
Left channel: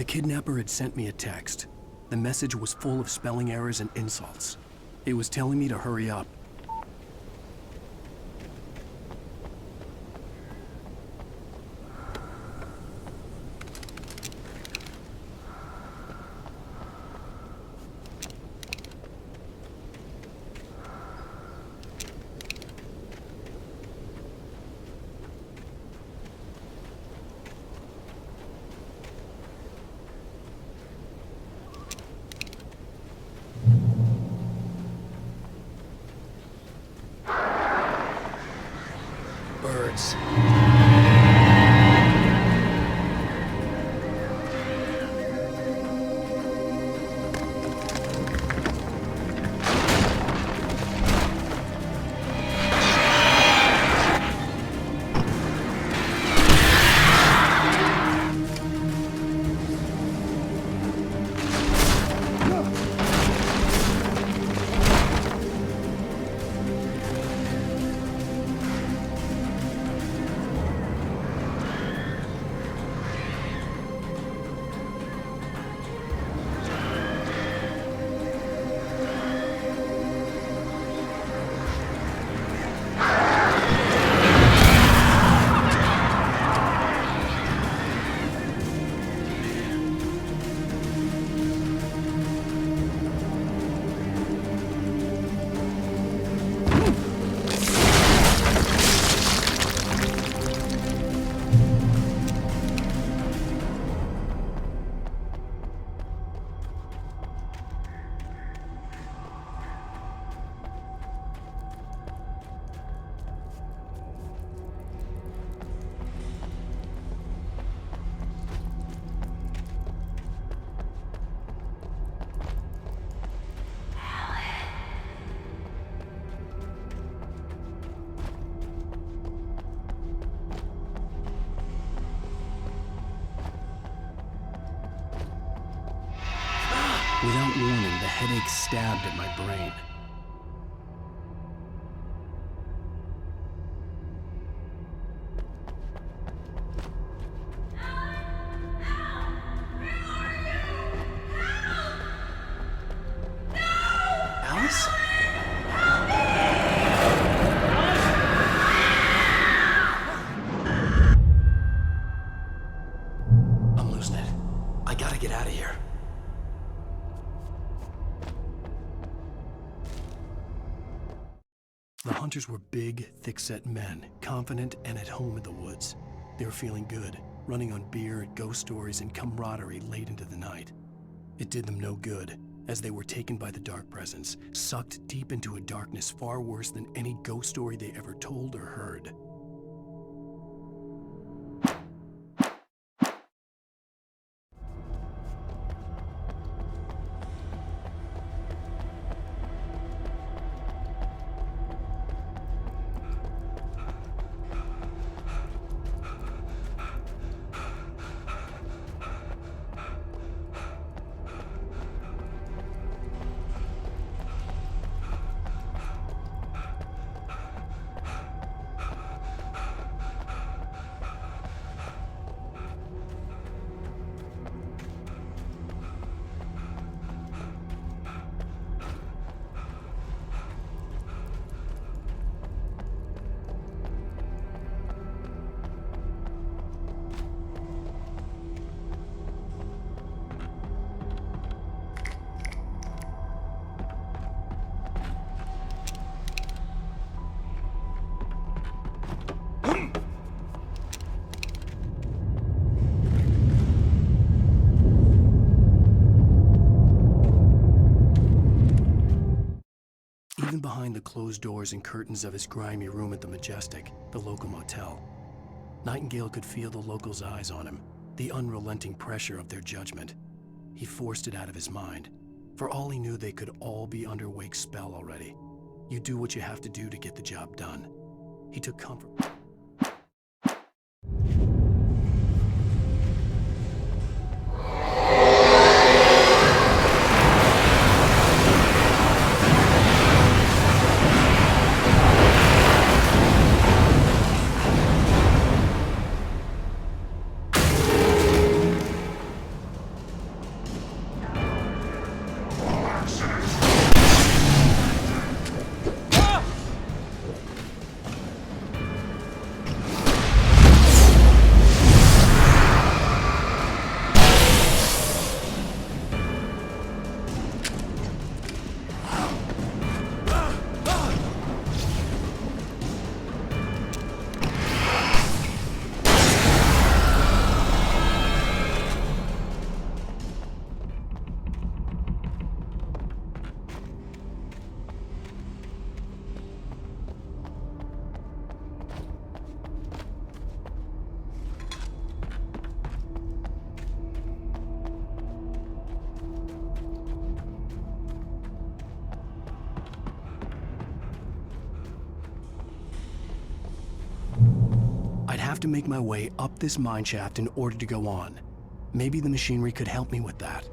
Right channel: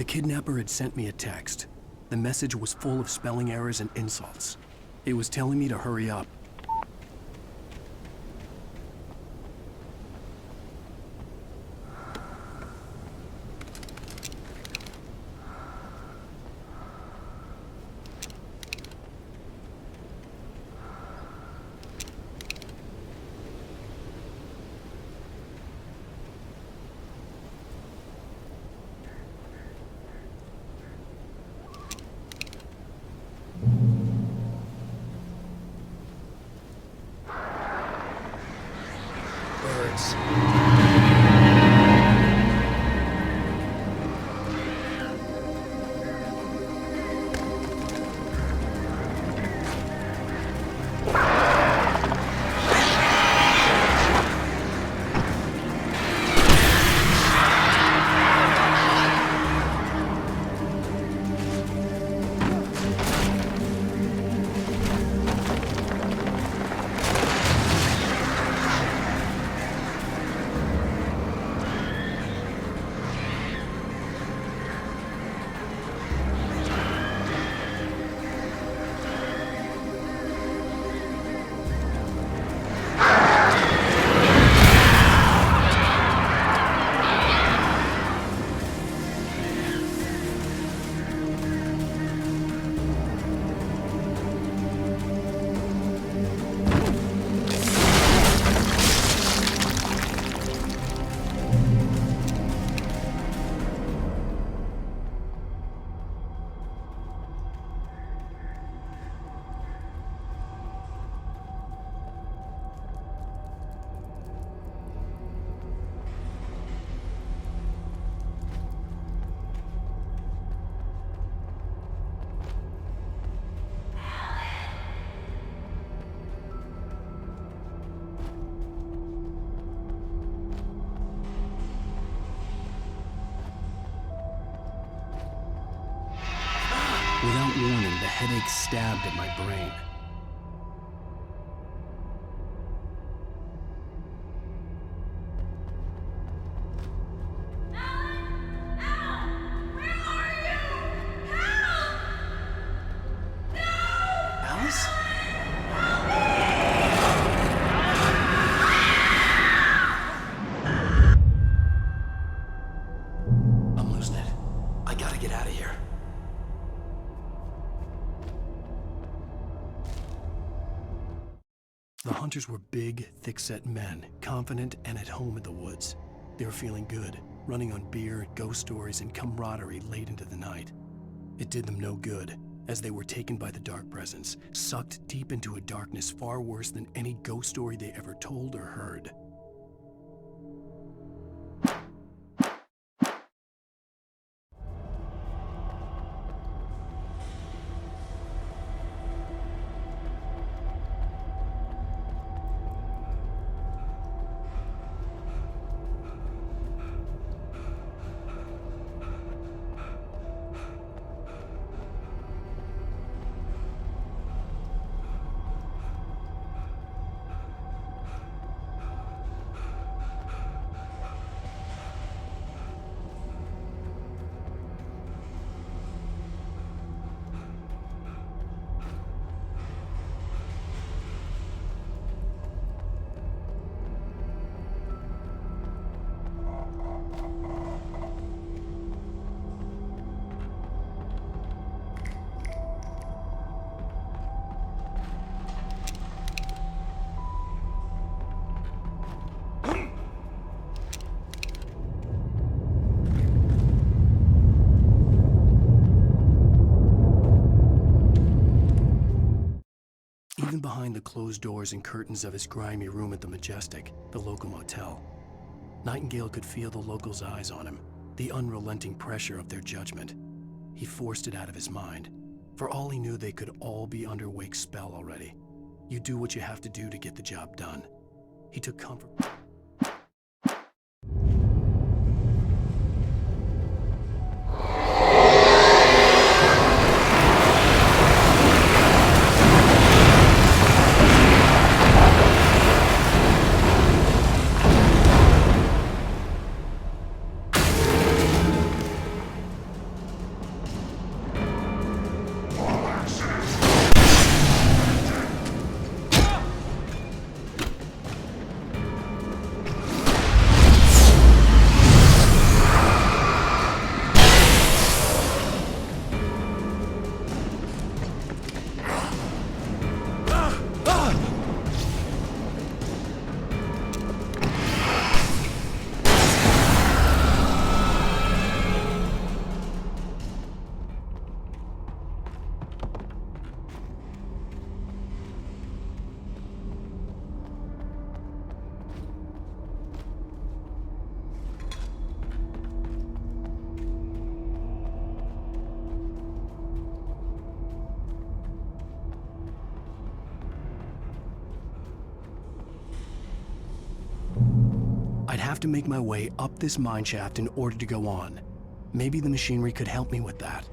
The kidnapper had sent me a text. The message was full of spelling errors and insults. It was telling me to hurry up. Birds. Without warning, the headache stabbed at my brain. Alice? I'm losing it. I gotta get out of here. The hunters were big, thick-set men, confident and at home in the woods. They were feeling good, running on beer, ghost stories, and camaraderie late into the night. It did them no good, as they were taken by the dark presence, sucked deep into a darkness far worse than any ghost story they ever told or heard. Even behind the closed doors and curtains of his grimy room at the Majestic, the local motel, Nightingale could feel the locals' eyes on him, the unrelenting pressure of their judgment. He forced it out of his mind. For all he knew, they could all be under Wake's spell already. You do what you have to do to get the job done. He took comfort. have to make my way up this mine shaft in order to go on. Maybe the machinery could help me with that.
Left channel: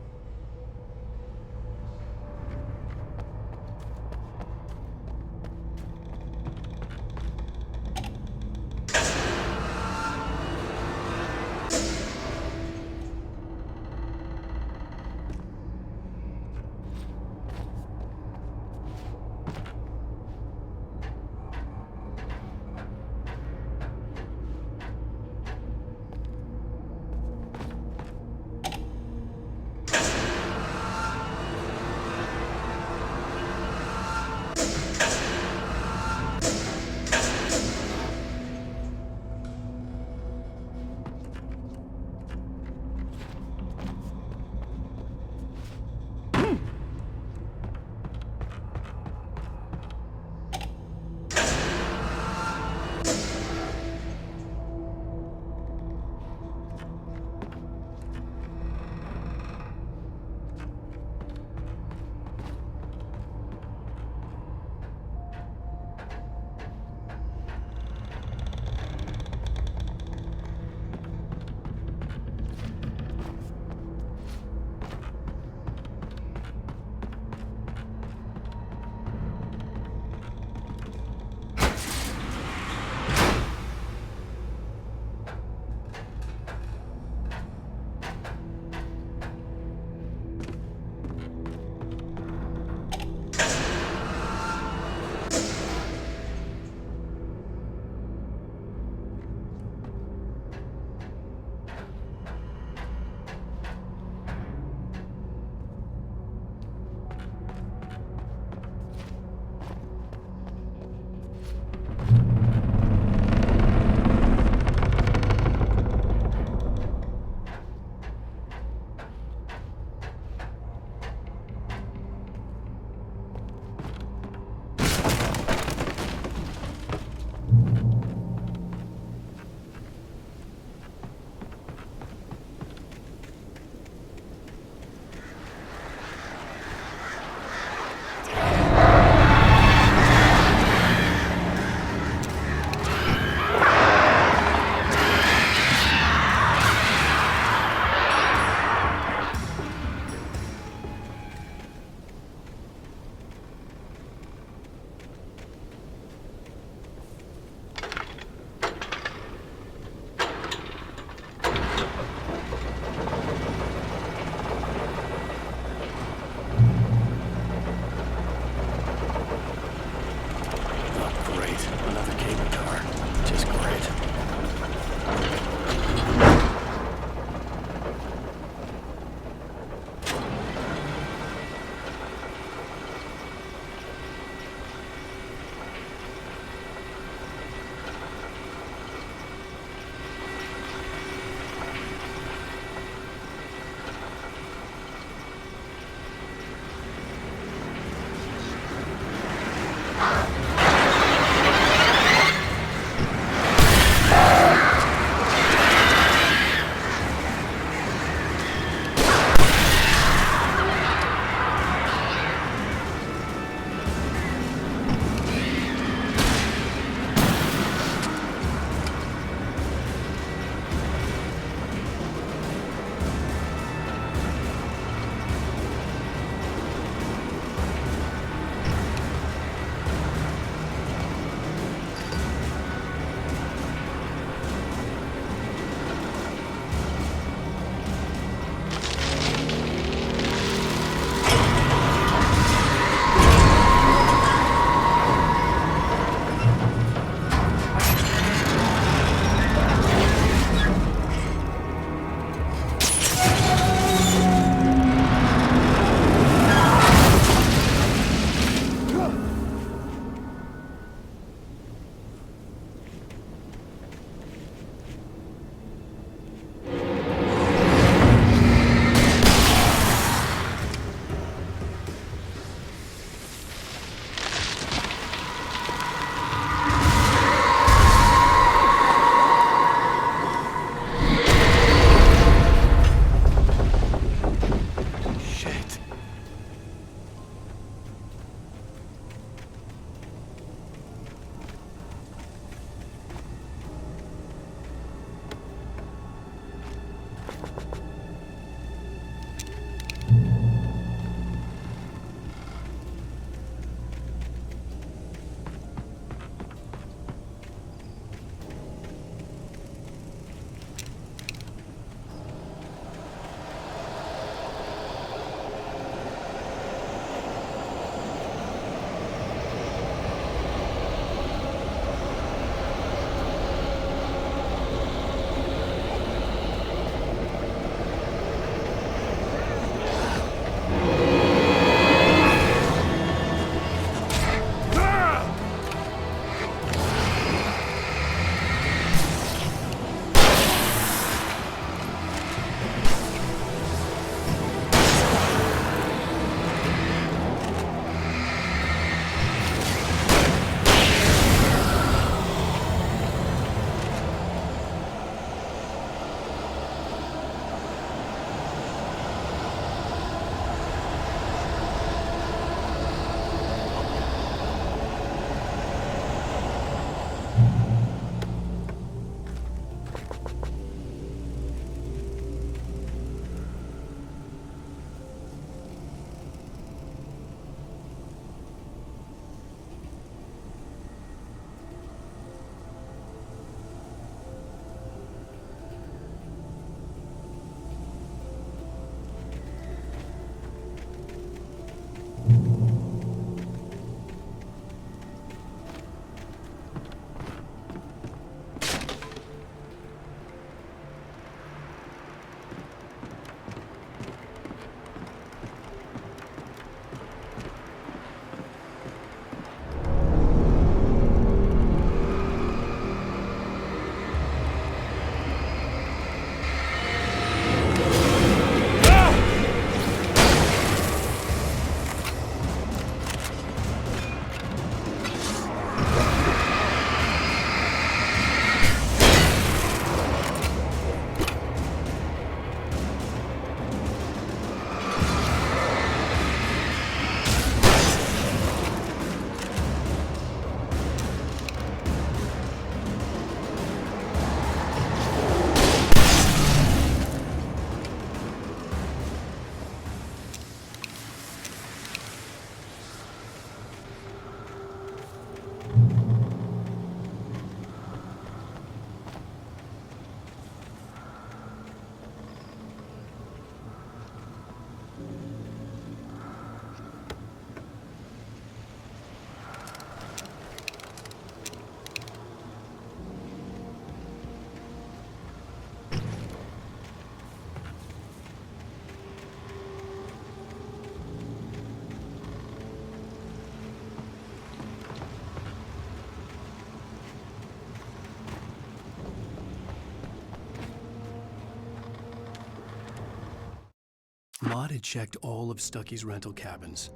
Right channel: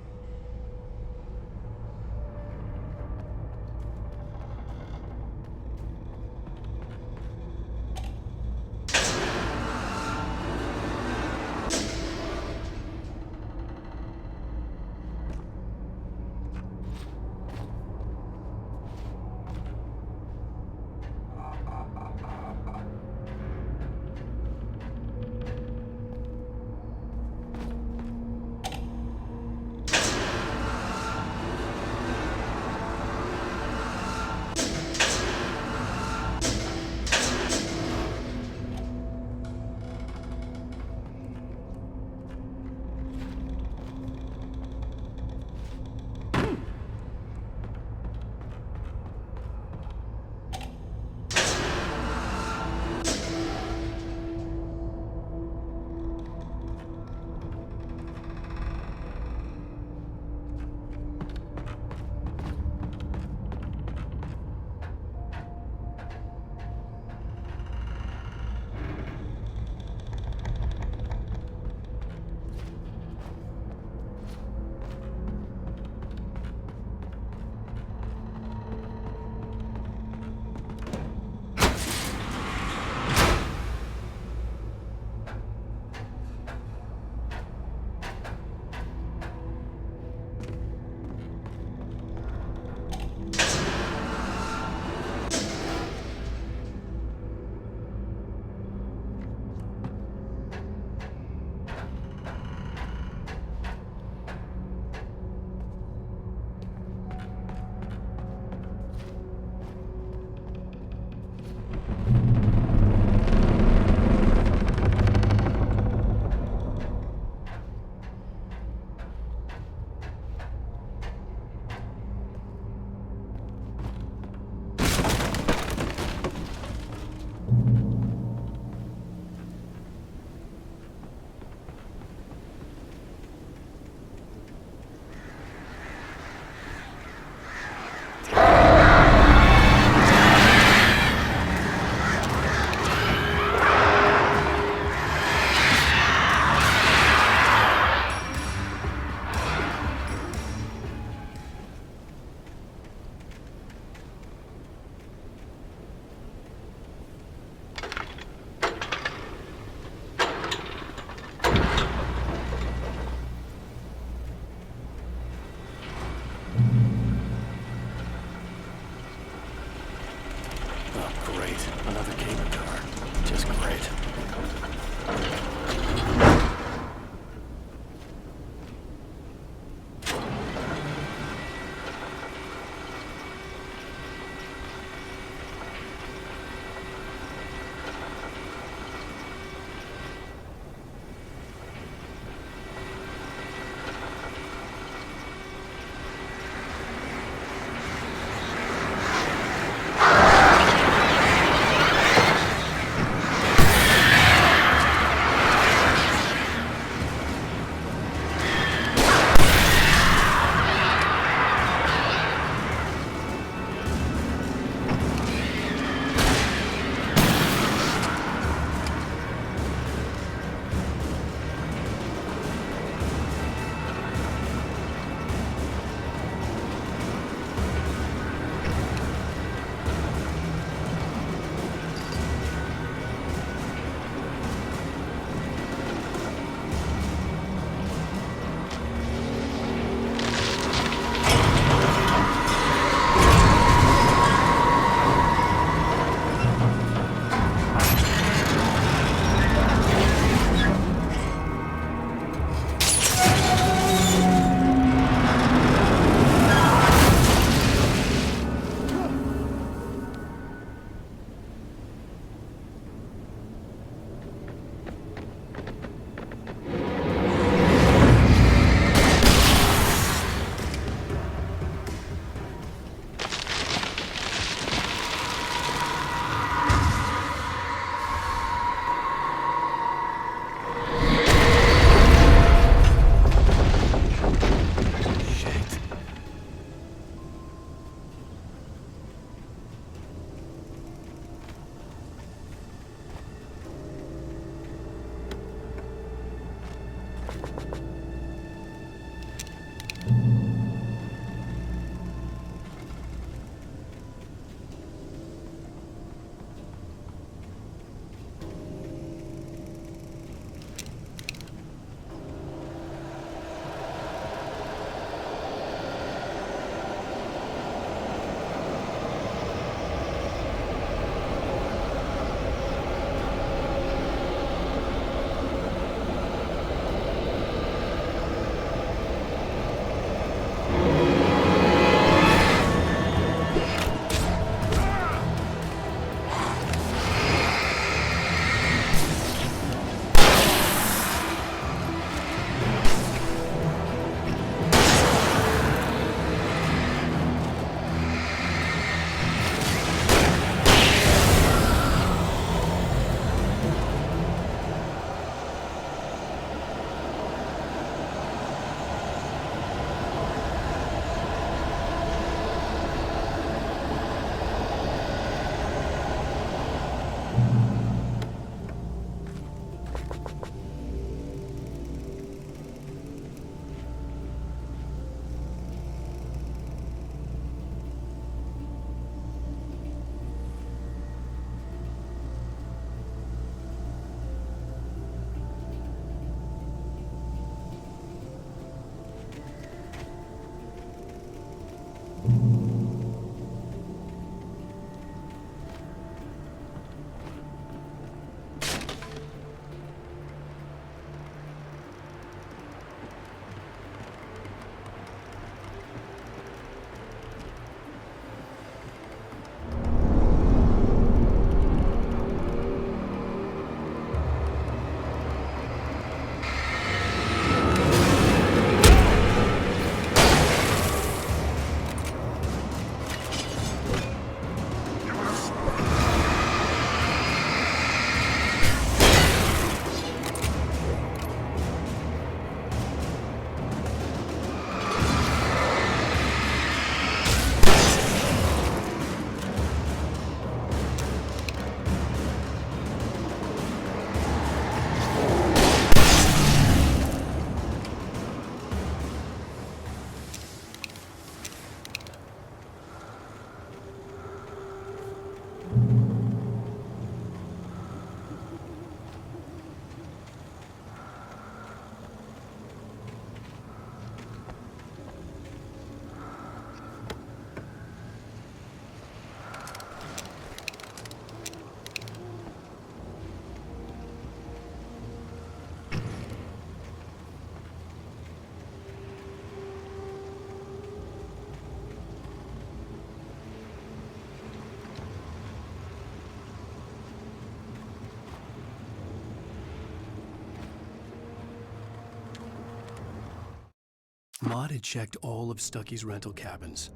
Maud had checked all of Stucky's rental cabins.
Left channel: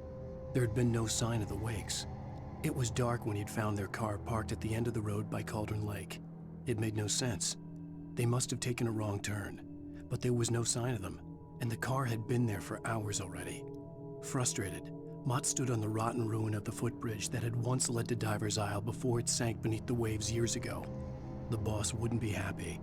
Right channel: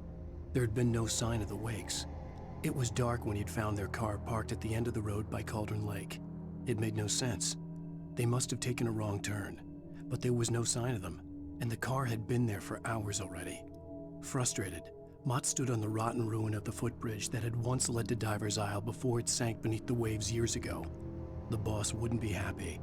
There had been no sign of the Wakes. It was dark when he'd found their car parked at the end of the road by Cauldron Lake. It made no sense. They must have taken a wrong turn, but there was no sign of them, and the car had been there for hours already. Frustrated, Mott stood on the rotten ruin of the footbridge that had once led to Diver's Isle before it sank beneath the waves years ago. The boss wouldn't be happy.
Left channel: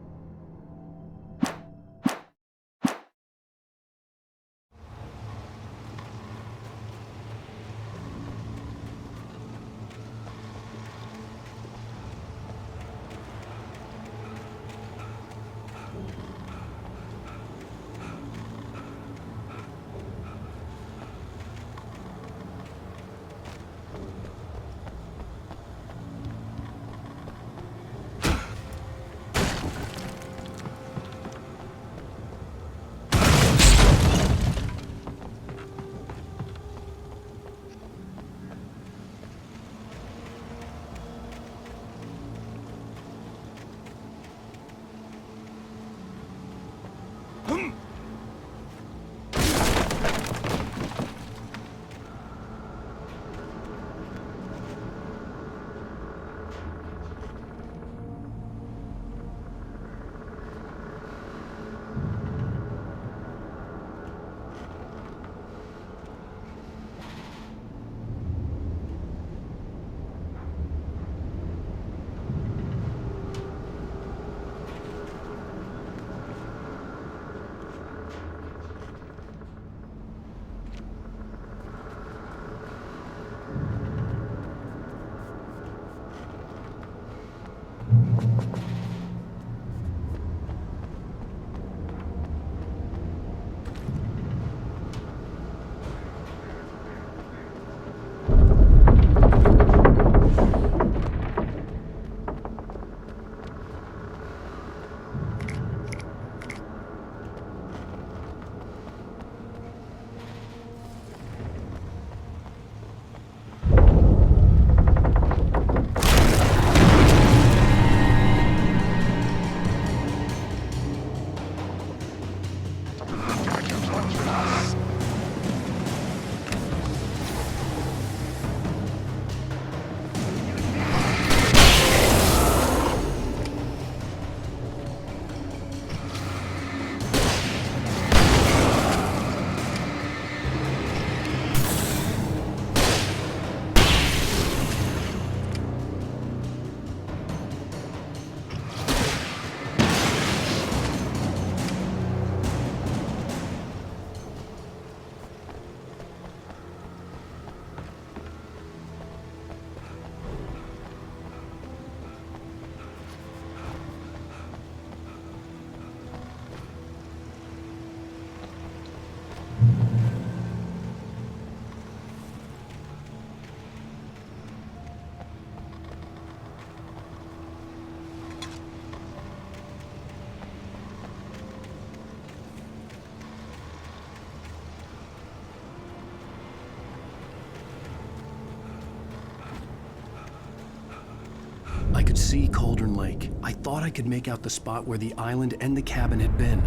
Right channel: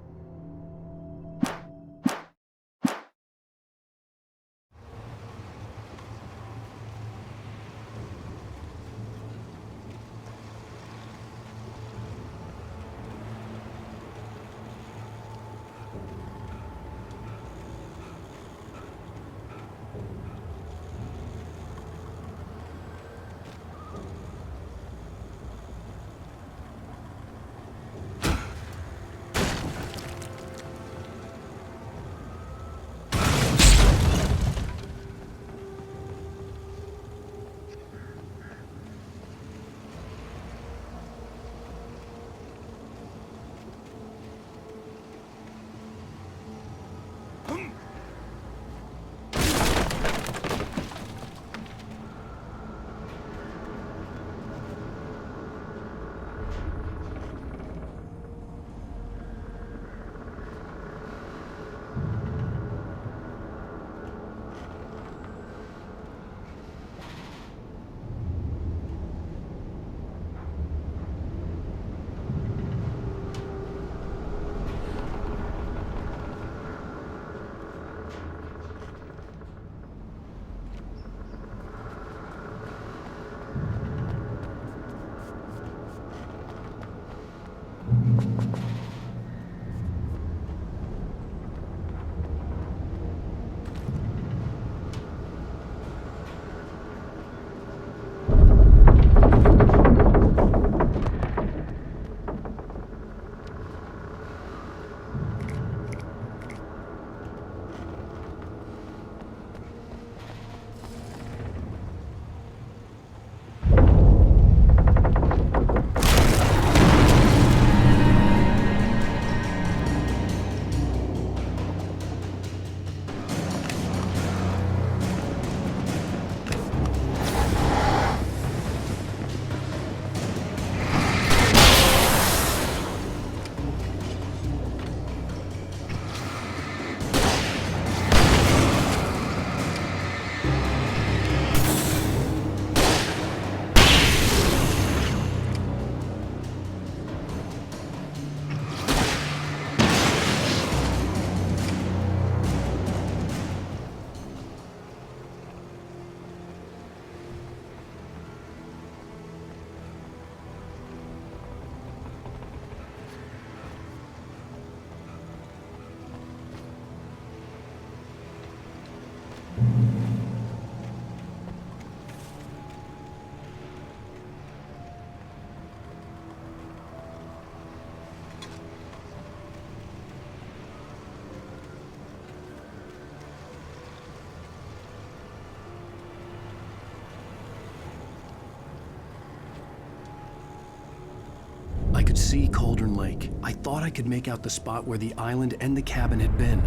I could see Cauldron Lake. I thought I could make out the spot where the island and the cabin had been.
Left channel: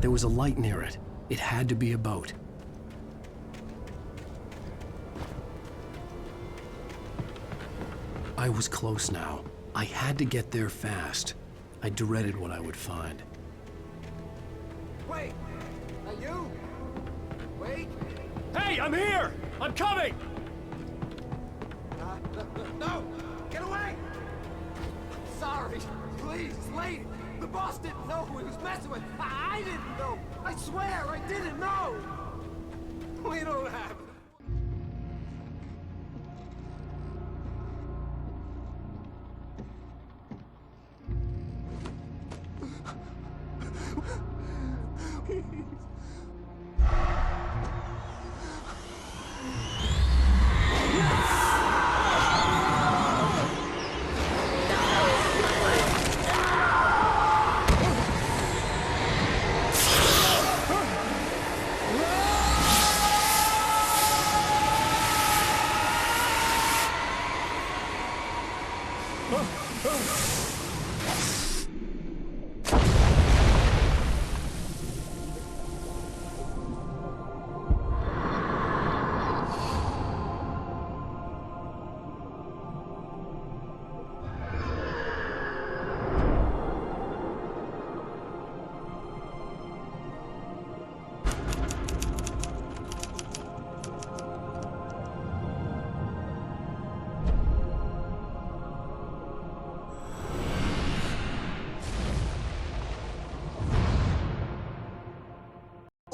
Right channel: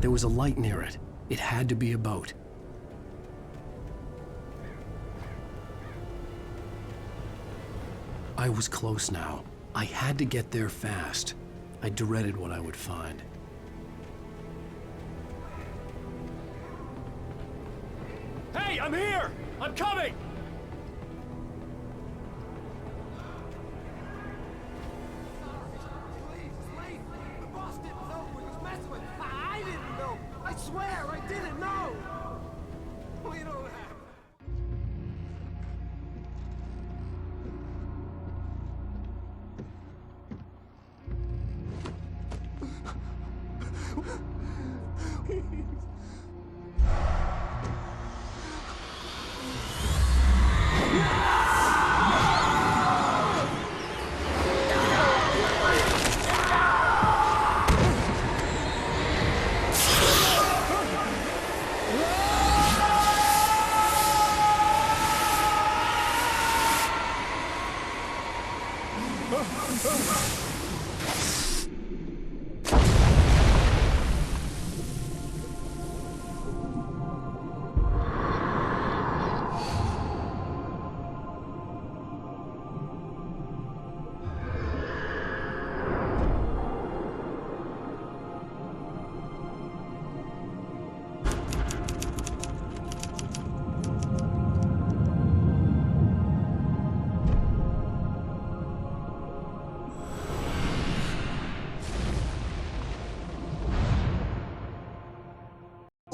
There was a light near it. It had to be a boat. I was close now. I had to get there fast. I dreaded what I would find. Wait! Are you? Wait! Hey, I'm here! I'm coming! No! Get away! Sorry. Please, lady. The boss didn't know who he was messing with. I didn't know. I swear I didn't know. We don't have...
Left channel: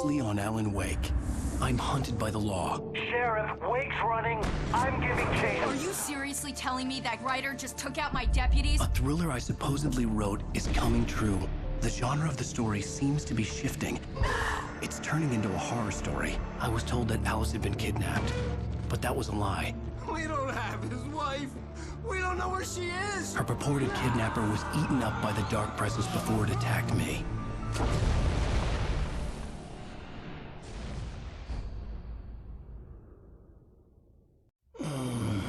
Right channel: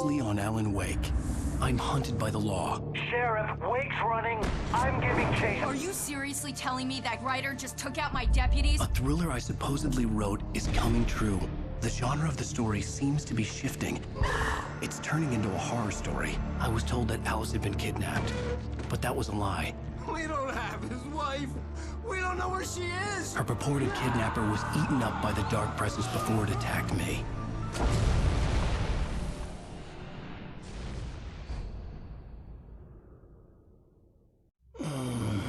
fiercely on Alan Wake. I'm hunted by the law. Sheriff, Wake's running. I'm giving chase. Are you seriously telling me that writer just took out my deputies? A thriller I supposedly wrote is coming true. The genre of the story seems to be shifting. It's turning into a horror story. I was told that Alice had been kidnapped, but that was a lie. We don't have his wife. We don't know where she is. Her purported kidnapper was eaten up by the dark presence before it attacked me.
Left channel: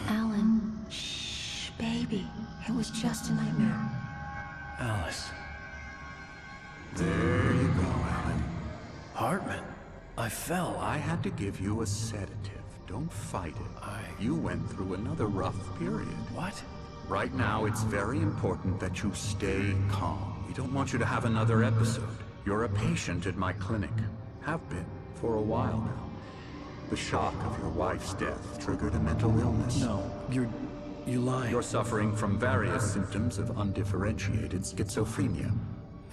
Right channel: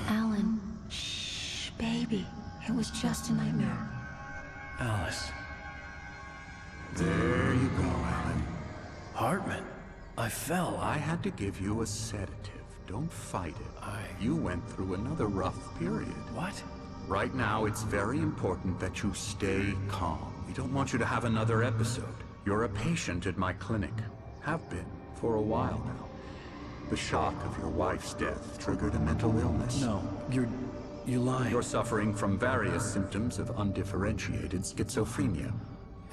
Alan, shh, baby. It was just a nightmare. Alice. There you go, Alan. Hartman, I fell. I had to give you a sedative. Don't fight it. You went through another rough period. What? Right now, it's very important that you stay calm. We don't want you to have another episode. You're a patient at my clinic. Have been for a while now. The shock of your wife's death triggered a mental illness. No, you're lying. You're suffering from various symptoms of undifferentiated schizophrenia.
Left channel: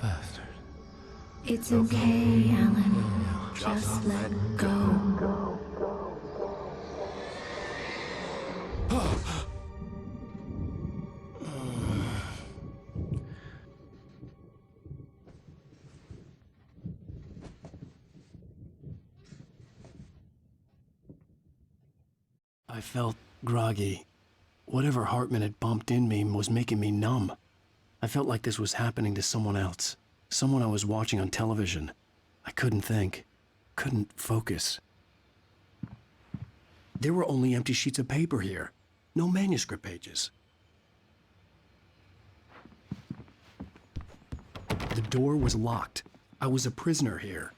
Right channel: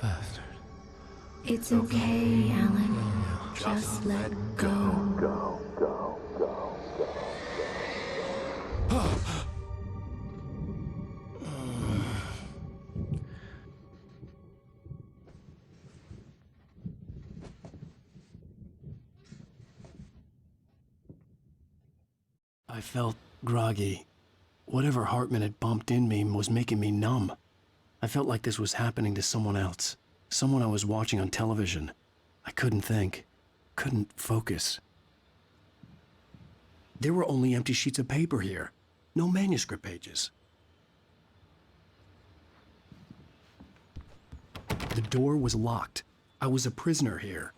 Bastard. It's okay, Alan. Just let go. I felt groggy. Whatever Hartman had bumped in me was making me numb. I felt like this was happening to someone else. Someone I was watching on television. I couldn't think. Couldn't focus. There were only empty sheets of paper here. No manuscript pages. The door was locked. I was a prisoner here.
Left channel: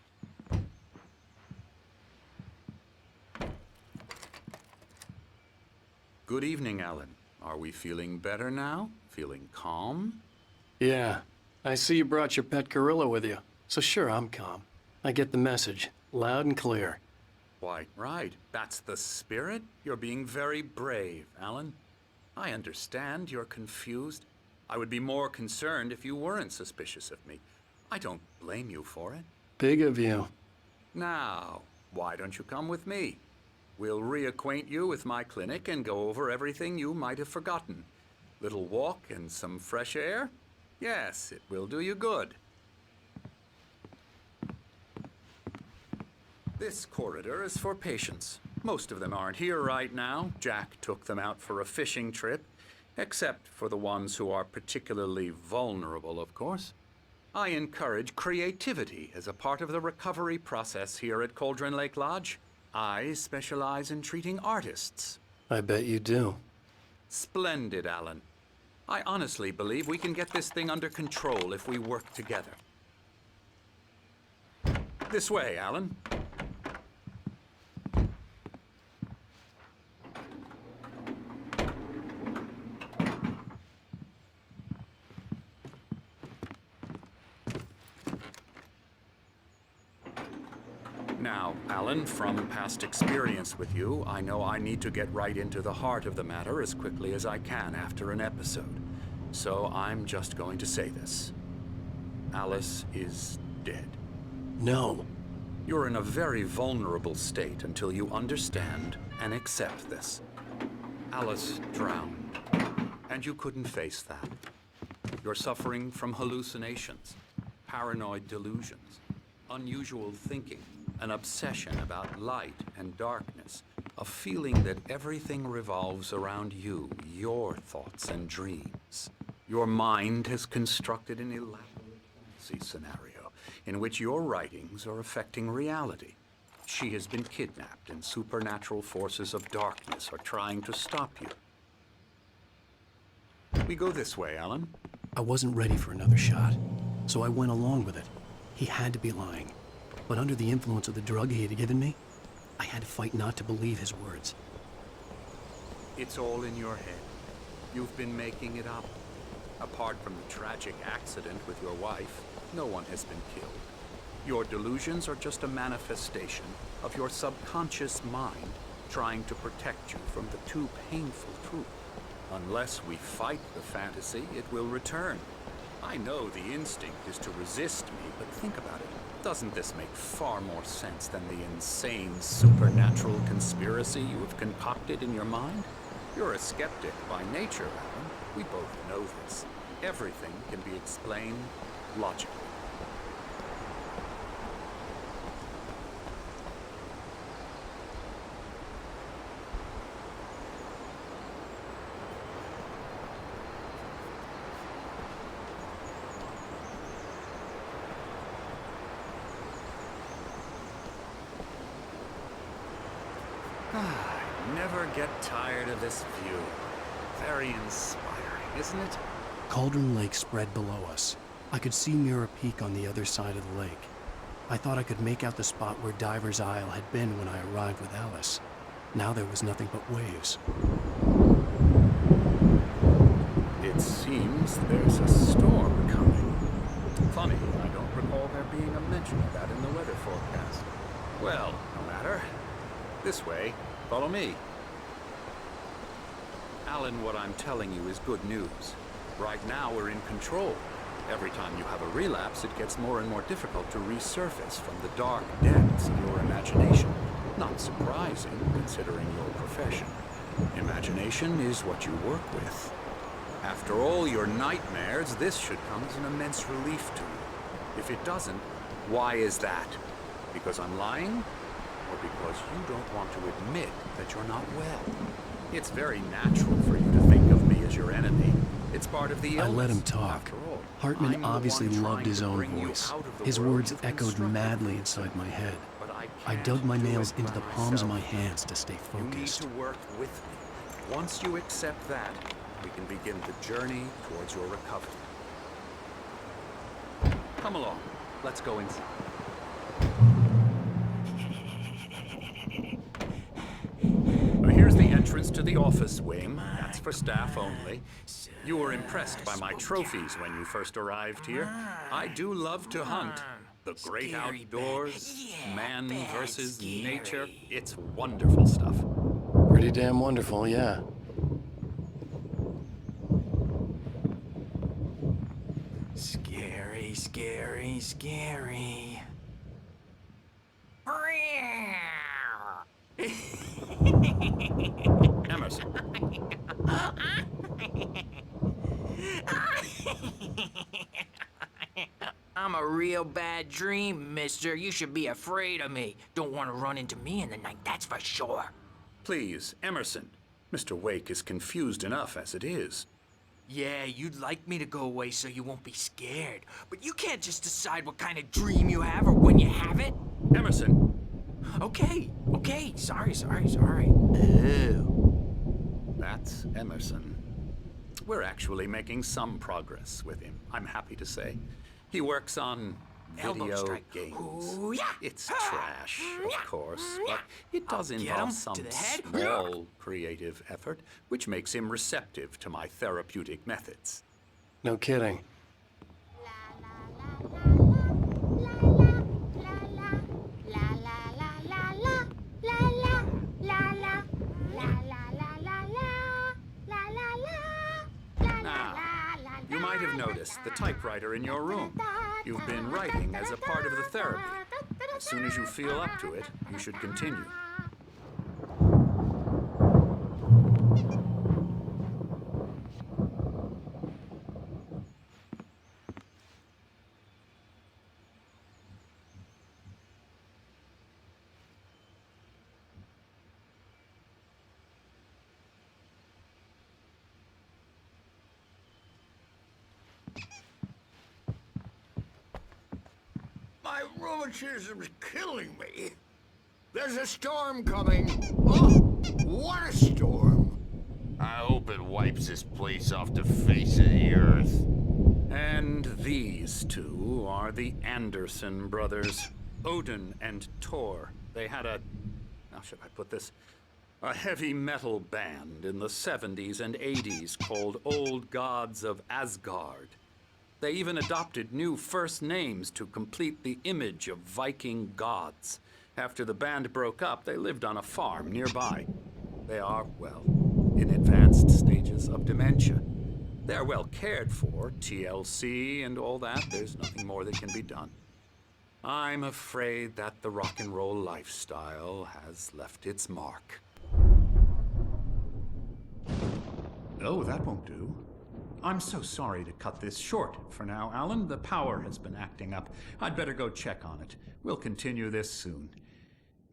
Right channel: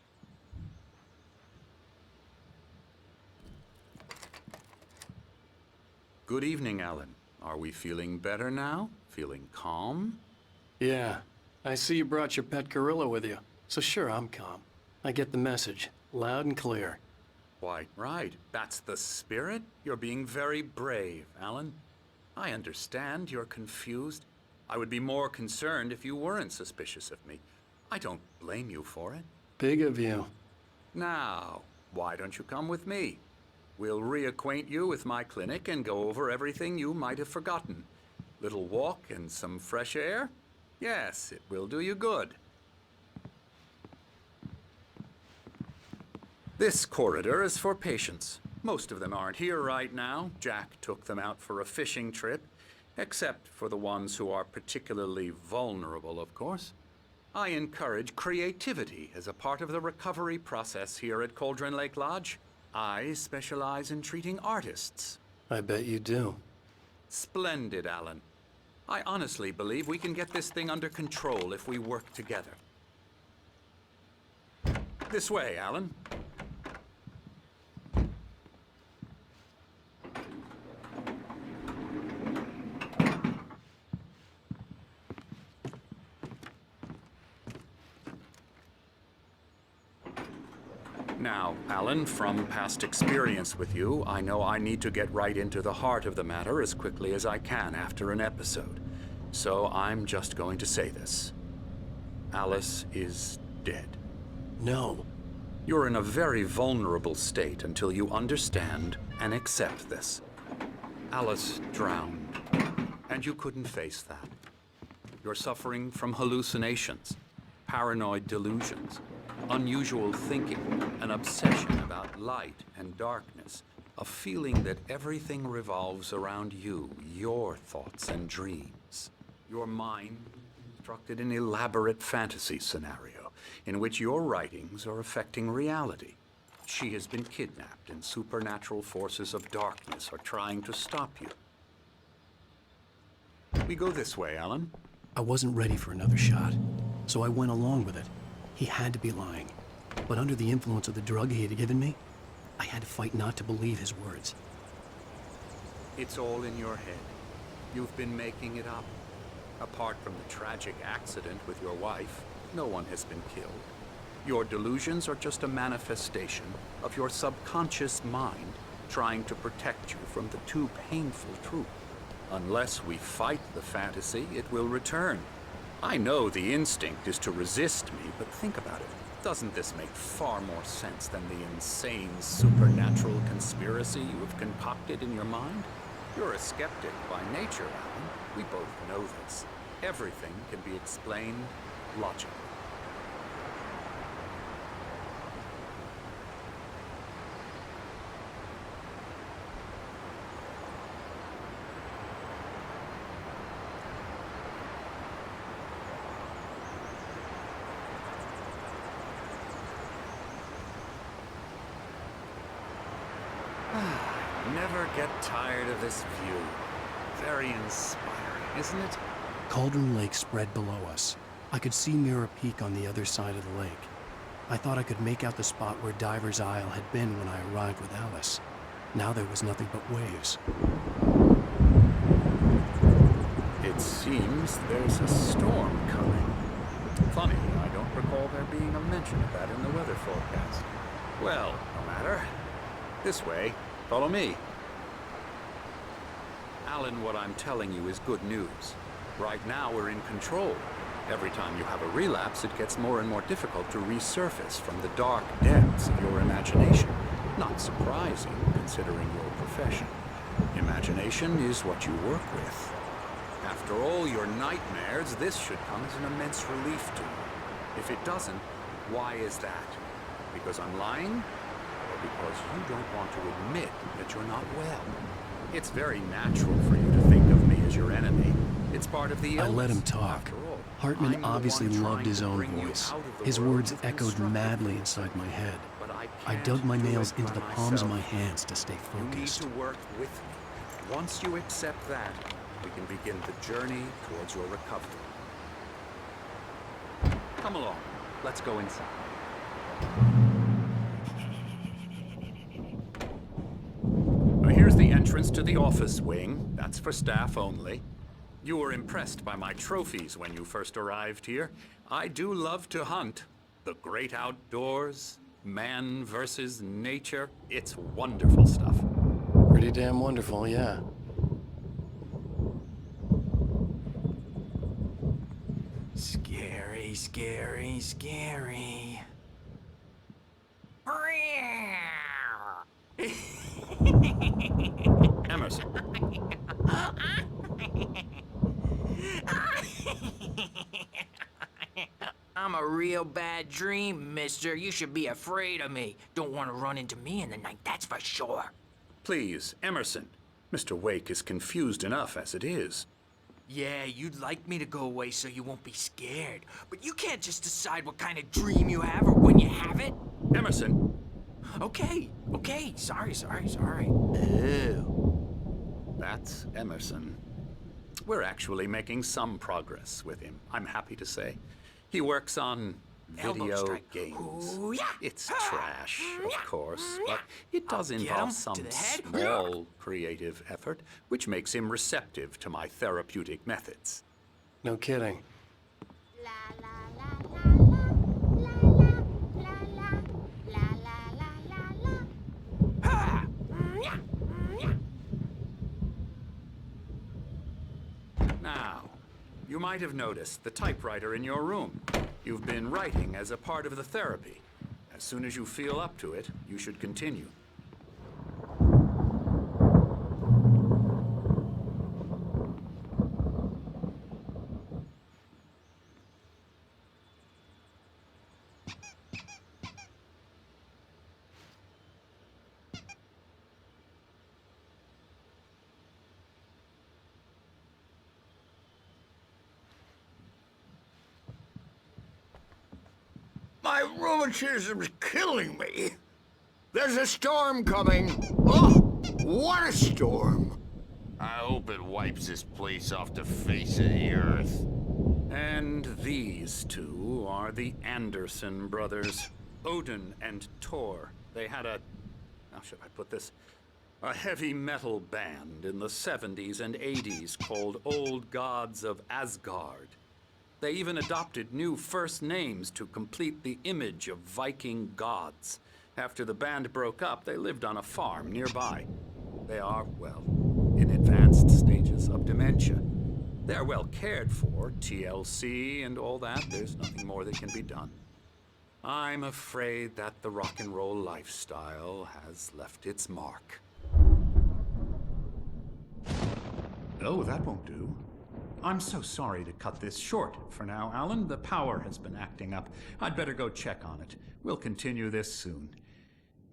Good evening, Alan. Are we feeling better now? Feeling calm? Yeah. I see you brought your pet gorilla with you. So sure, I'm calm. I get the message. Loud and clear. Why, right. That's the spirit. You're being very brave, Alan. I understand you're confused. I would be more concerned if you weren't suspicious of me. I don't blame you for it. Big of you. Now, why don't you come with me? We'll reacquaint you with my clinic and go over everything you might have forgotten. Little walk and some fresh air? Yes, it will do you good. This corridor is for patients. Most of them aren't here right now. Jack took them out for a fishing trip, except for the ones who are particularly vulnerable, of course. I encourage creativity as a part of the recovery process here at Cauldron Lake Lodge. I specialize in treating artists. I bet you do. Splendid, Alan. I honestly believe we can get this thing under control if we work together. This way, Alan. Now, Alan, from past experience with you, I know I need to get right into the heart of the matter as quickly as I can after an episode. So I'm just going to say this. Alice is dead. No. You're in a very vulnerable state until you understand and accept this. Alice drowned, and you couldn't face that. You're suffering from hallucinations, paranoid delusions, unusual thinking, an obsession about light and darkness, a feeling that everything revolves around you, your thoughts and dreams. Your mind has constructed an elaborate fantasy scenario in which your writings are affecting reality. She has been kidnapped and supernatural forces of darkness are trying to stop you. We go this way, Alan. I wasn't ready for another shot, so I went along with it. He had to be lying. But under the influence of the drug he had given me, I had to fight not to believe his words. It's all in your head. You've been making it up. Apart from the tragic accident with your wife, no one has been killed. Your delusions are just a manifestation of your subconscious mind trying to protect you from the too painful truth. Unless we fight the fantasy, it will return. I know the instinct is to resist me, but think about it. Doesn't this make far more sense than the insane supernatural conspiracy you have concocted in your mind? You're a skeptic by nature, Alan. We both know this. Everything can be explained logically. I never get tired of this view. Very inspiring, isn't it? Cauldron Lake spread below us. I could see Mirror Peak on the other side of the lake. I thought I could make out the spot where Diver's Isle had been when I arrived with Alice. Now there was nothing but waves. It seems there's a storm coming. Funny, I don't recall there being a mention of that in the weather forecast. Well, no matter. This way. Follow me. Alan, what I'm telling you is good news. Right now, we're in control. Every time you have a relapse, it gets more and more difficult to resurface from the dark depths of your imagination. Not surprising, considering your profession. Imagination is what you work with. After all your nightmares, this should come as an immense relief to you. If it doesn't, why is that? Because I'm lying? Or because you don't want to admit that you're not well? It's very natural for you to think of me as your enemy. It's part of the illness. I let him talk. Hartman obviously loved his own voice. His words echoed madly inside my head. I dug my nails into the palms of my hands to stay focused. You need to work with me. Once you accept that, we can begin the journey towards your recovery. Come along. Let's go inside. Here's the entrance to the office wing. That's for staff only. You were impressed by my trophies when you first arrived here. I do love to hunt. The great outdoors, man versus nature. It's wonderful stuff. Pretty damn wonderful, yeah. Scary, scary, scary. Emerson. I'm a real bad dream, mister. You should be afraid of me. Don't want to run into me in the night, that's for sure. Please, Emerson. Mr. Wake is confused enough as it is. Yeah, you'd like me to go away so you won't be scared. But you can't just decide what kind of dream you have or when you have it. Emerson. Okay. Sorry. Ew. That's Emerson. We're actually making some progress with him, I'm happy to say. He works on video games. Ooh, yeah. It's trash, of course, but it does involve some small creative effort, which makes him receptive to my therapeutic methods. No kidding. Now, you might have noticed the typewriter in your room. You've been writing as a part of the therapy. As soon as you feel up to it, you should continue. My rheumatism's killing me. There's a storm coming. Oh, what a storm. I hope it wipes this place off the face of the earth. And these two are the Anderson brothers, Odin and Tor. They had how should I put this? A heavy metal band in the 70s and 80s called Old Gods of Asgard. They even adopted new first names to complete the image of Viking gods. After the band broke up, they lived on a farm nearby. They are, well, in advanced stages of dementia. They're well cared for, TLC and all that. There's nothing more that can be done. I'm afraid that the rock and roll lifestyle has left its mark. Oh, that won't do. I'm so sorry to cut this short for now, Alan. The power has been acting up. I'd better go check on it. We'll continue this soon.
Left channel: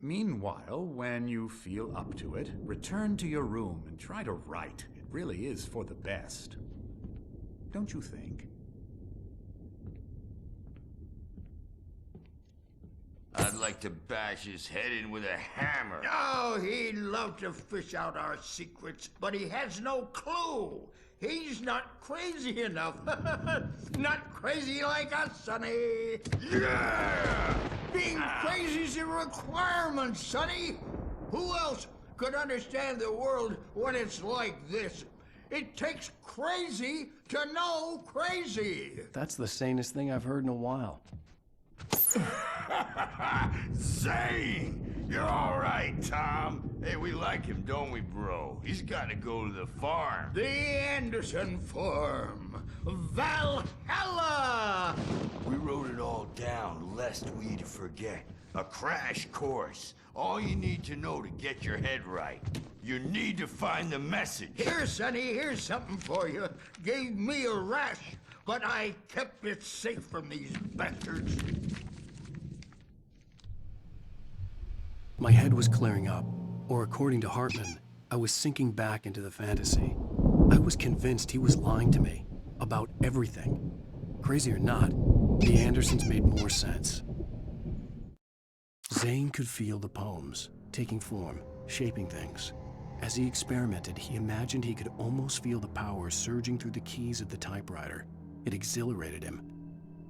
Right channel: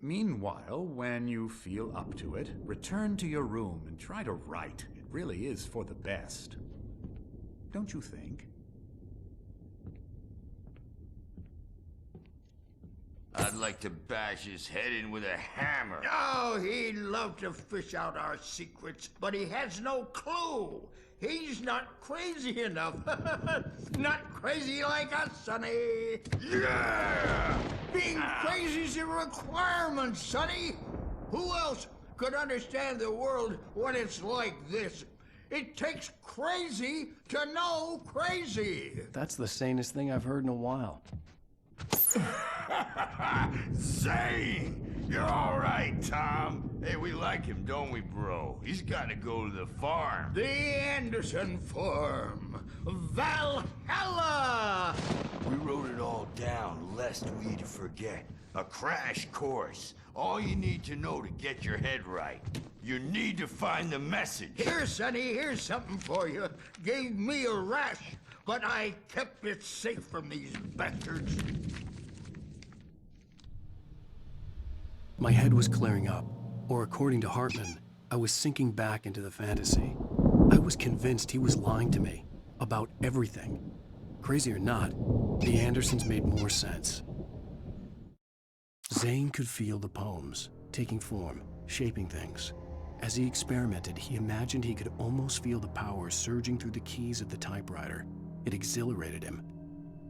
Meanwhile, when you feel up to it, return to your room and try to write. It really is for the best. Don't you think? I'd like to bash his head in with a hammer. Oh, he'd love to fish out our secrets, but he has no clue. He's not crazy enough. Not crazy like us, Sonny. Yeah! Being crazy's a requirement, Sonny. Who else could understand the world when it's like this? It takes crazy to know crazy. That's the sanest thing I've heard in a while. Zane! You're all right, Tom. Hey, we like him, don't we, bro? He's got to go to the farm. The Anderson farm. Valhalla! We wrote it all down, lest we forget. A crash course. All you need to know to get your head right. You need to find the message. Here, Sonny, here's something for you. Gave me a rash, but I kept it safe from these bastards. My head was clearing up, or according to Hartman, I was sinking back into the fantasy. I was convinced he was lying to me about everything. Crazy or not, the Andersons made more sense. Zane could feel the poems, taking form, shaping things. As he experimented, he imagined he could almost feel the power surging through the keys of the typewriter. It exhilarated him.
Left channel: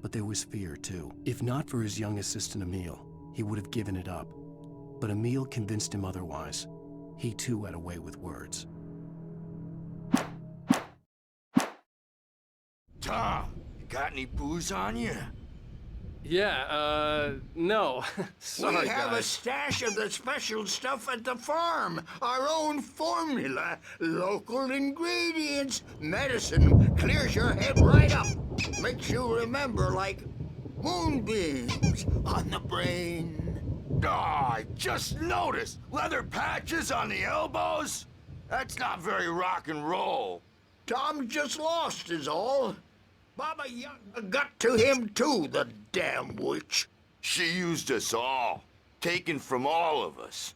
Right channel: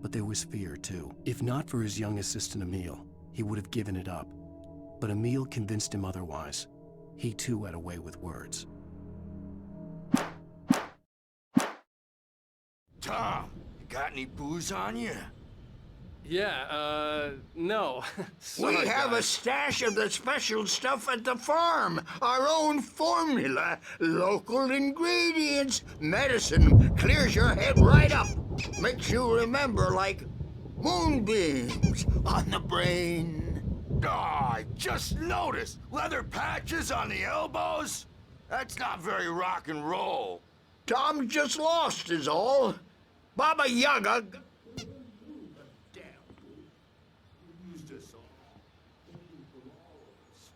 But there was fear, too. If not for his young assistant Emil, he would have given it up. But Emil convinced him otherwise. He too had a way with words. Tom, you got any booze on you? Yeah, no. Sorry, we have guys. a stash of the special stuff at the farm. Our own formula. Local ingredients. Medicine clears your head right up. Makes you remember like moonbeams on the brain. Oh, I just noticed. Leather patches on the elbows? That's not very rock and roll. Tom just lost is all. Baba Yaga got to him too, the damn witch. She used us all. Taken from all of us.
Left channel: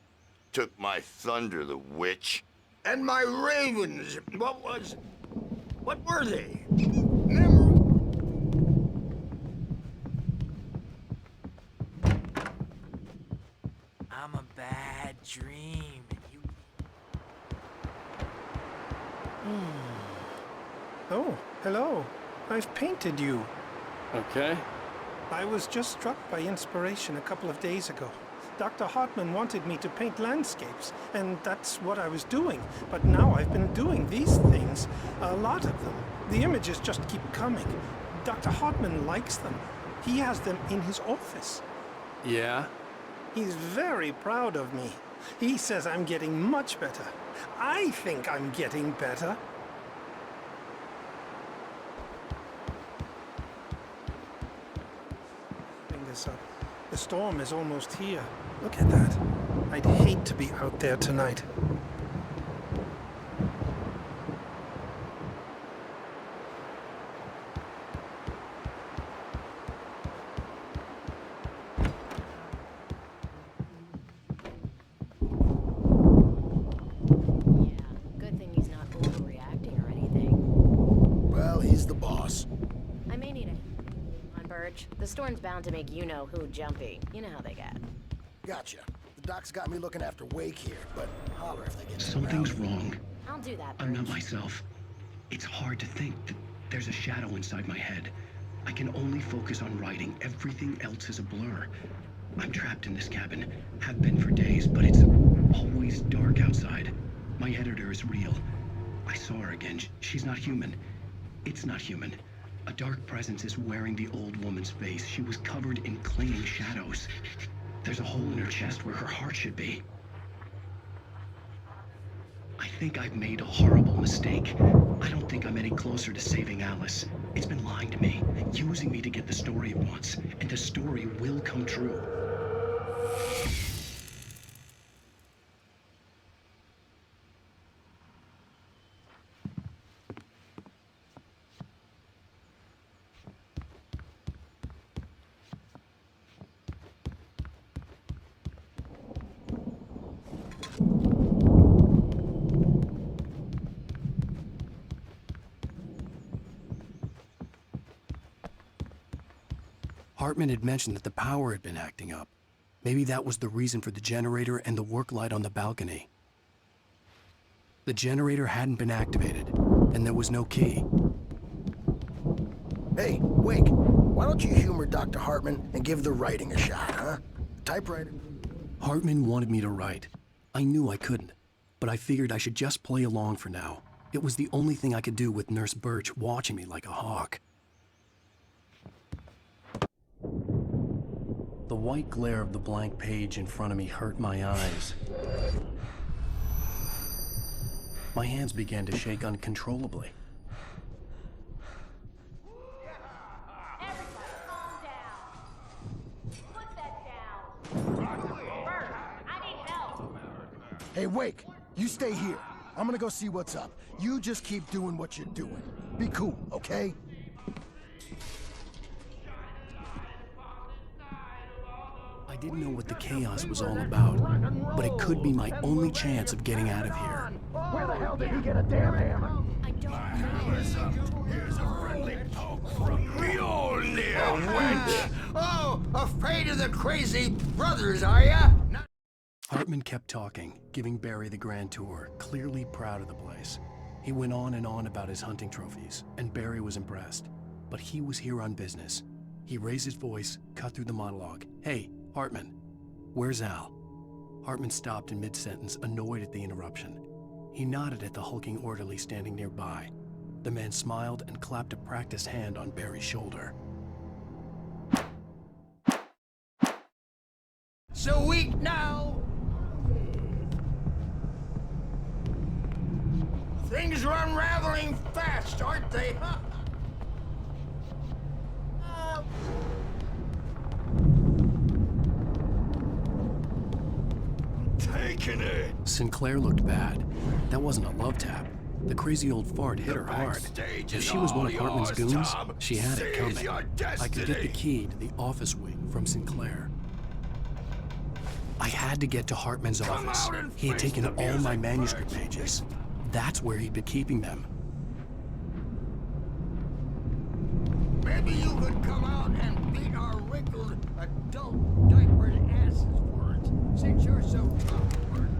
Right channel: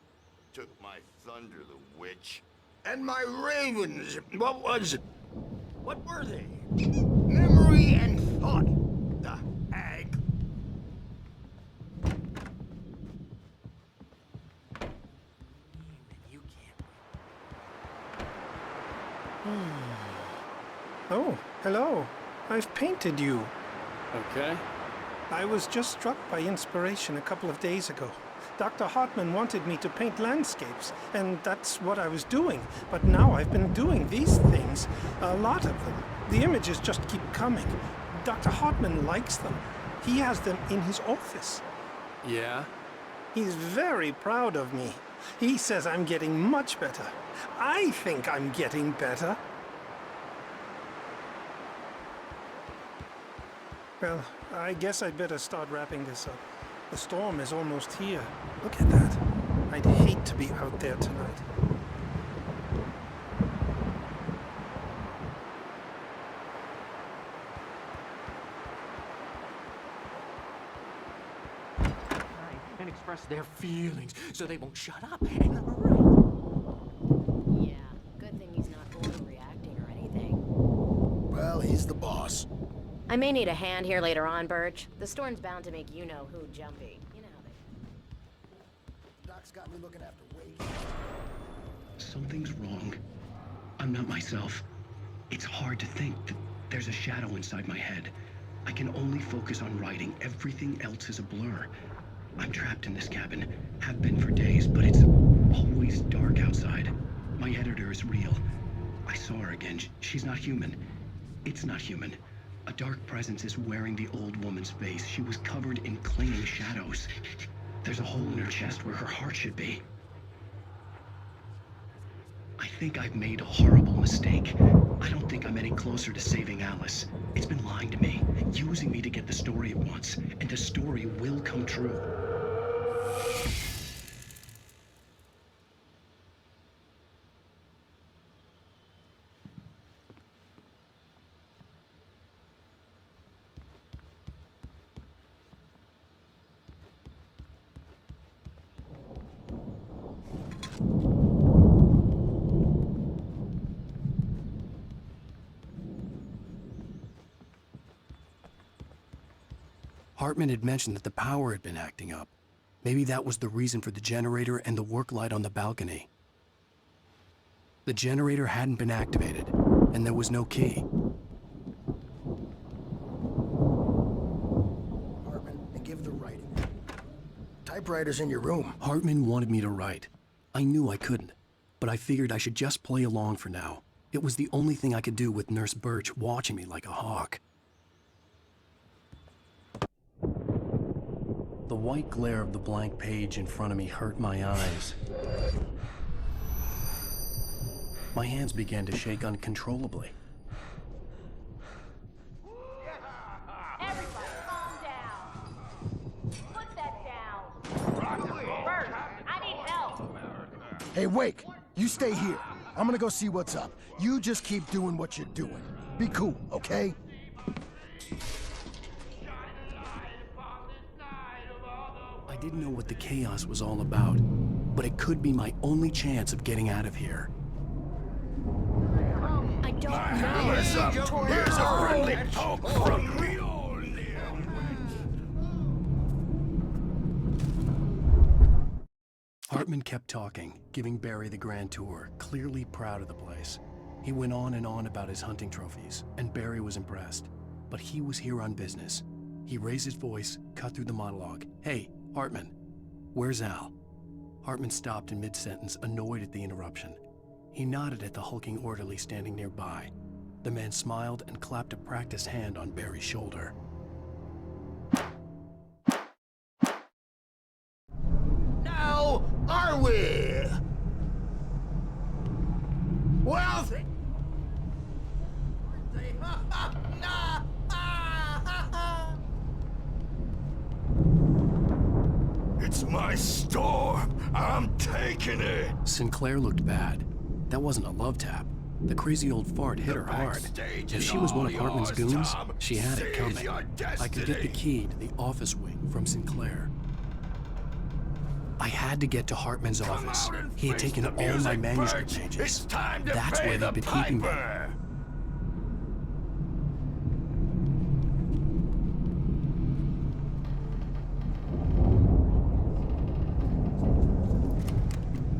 Took my thunder, the witch. And my ravens. What were they? Memory and thought. The hag. I'm a bad dream, and you can't. Oh, hello. I've painted you. Okay. I was just struck by inspiration a couple of days ago. Dr. Hartman wanted me to paint landscapes, and that's what I was doing. But now I've been doing these things, a lot of them. The images just keep coming. Dr. Hartman likes them. He has them in his office. Yeah? He's very proud of me. He says I'm getting much better. I think I'm getting better. Well, I guess I'd better start wrapping this up. The storm is almost here. Look at that. I'd hate to be out there tonight. And express their feelings so they won't shut up and run. Yeah, good thing he's not overreacting or anything. Well, he's the boss. I may need a hand here later on, Birch. The storm's bound to make you-know-who jumpy. You know how they get. Gotcha. The doc's got me looking after Wake here, but holler if they get Something's wrong. I'll do that. I'm not myself. It's hard to think that there's a shadow inside my head. I can only focus on writing. Everything else is a blur. I'm trapped in this cabin. Have been for days, but it's always dark outside. My editor is real. I saw her again. She's not human. It's not human. A dark presence is wearing the old woman's face. She was covered in clinging shadows. There's a hole in her chest where her heart should be. I think I've made a horrible mistake. I don't think I'm any closer to saving Alice. It's been lying to me, using me to get the story it wants, and the story will come true. Hartman had mentioned that the power had been acting up. Maybe that was the reason for the generator and the work light on the balcony. The generator hadn't been activated, and there was no key. Hey, Wake, why don't you humor Dr. Hartman and give the writing a shot, huh? The typewriter's in your room. Hartman wanted me to write. I knew I couldn't, but I figured I should just play along for now. It was the only thing I could do with Nurse Birch watching me like a hawk. The white glare of the blank page in front of me hurt my eyes. My hands began to shake uncontrollably. Everybody, calm down. Put that down. Bert, I need help. Hey, Wake, you stay here. I'm gonna go see what's up. You just keep doing what you're doing. Be cool, okay? I didn't know what the chaos was all about, but it could be my only chance of getting out of here. Where the hell did he get a damn hammer? I don't My know. hammer's up. Here's a friendly poke from Mjolnir, wench. Oh, afraid of the crazy brothers, are ya? Hartman kept talking, giving Barry the grand tour, clearly proud of the place. He went on and on about his hunting trophies, and Barry was impressed. But he was here on business. He raised his voice, cut through the monologue. Hey, Hartman, where's Al? Hartman stopped in mid-sentence, annoyed at the interruption. He nodded at the hulking orderly standing nearby. The man smiled and clapped a practiced hand on Barry's shoulder. So weak now, are we? Well, things are unraveling fast, aren't they? It's my store. I'm taking it. Sinclair looked bad. That wasn't a love tap. The crazy old fart hit her hard. If she was one of Hartman's goons, she had it coming. I could get the key to the office wing from Sinclair. I had to get to Hartman's office. He had taken all my manuscript pages. That's where he'd been keeping them. Maybe you could come out and beat our wrinkled adult diapered asses for it, since you're so awkward.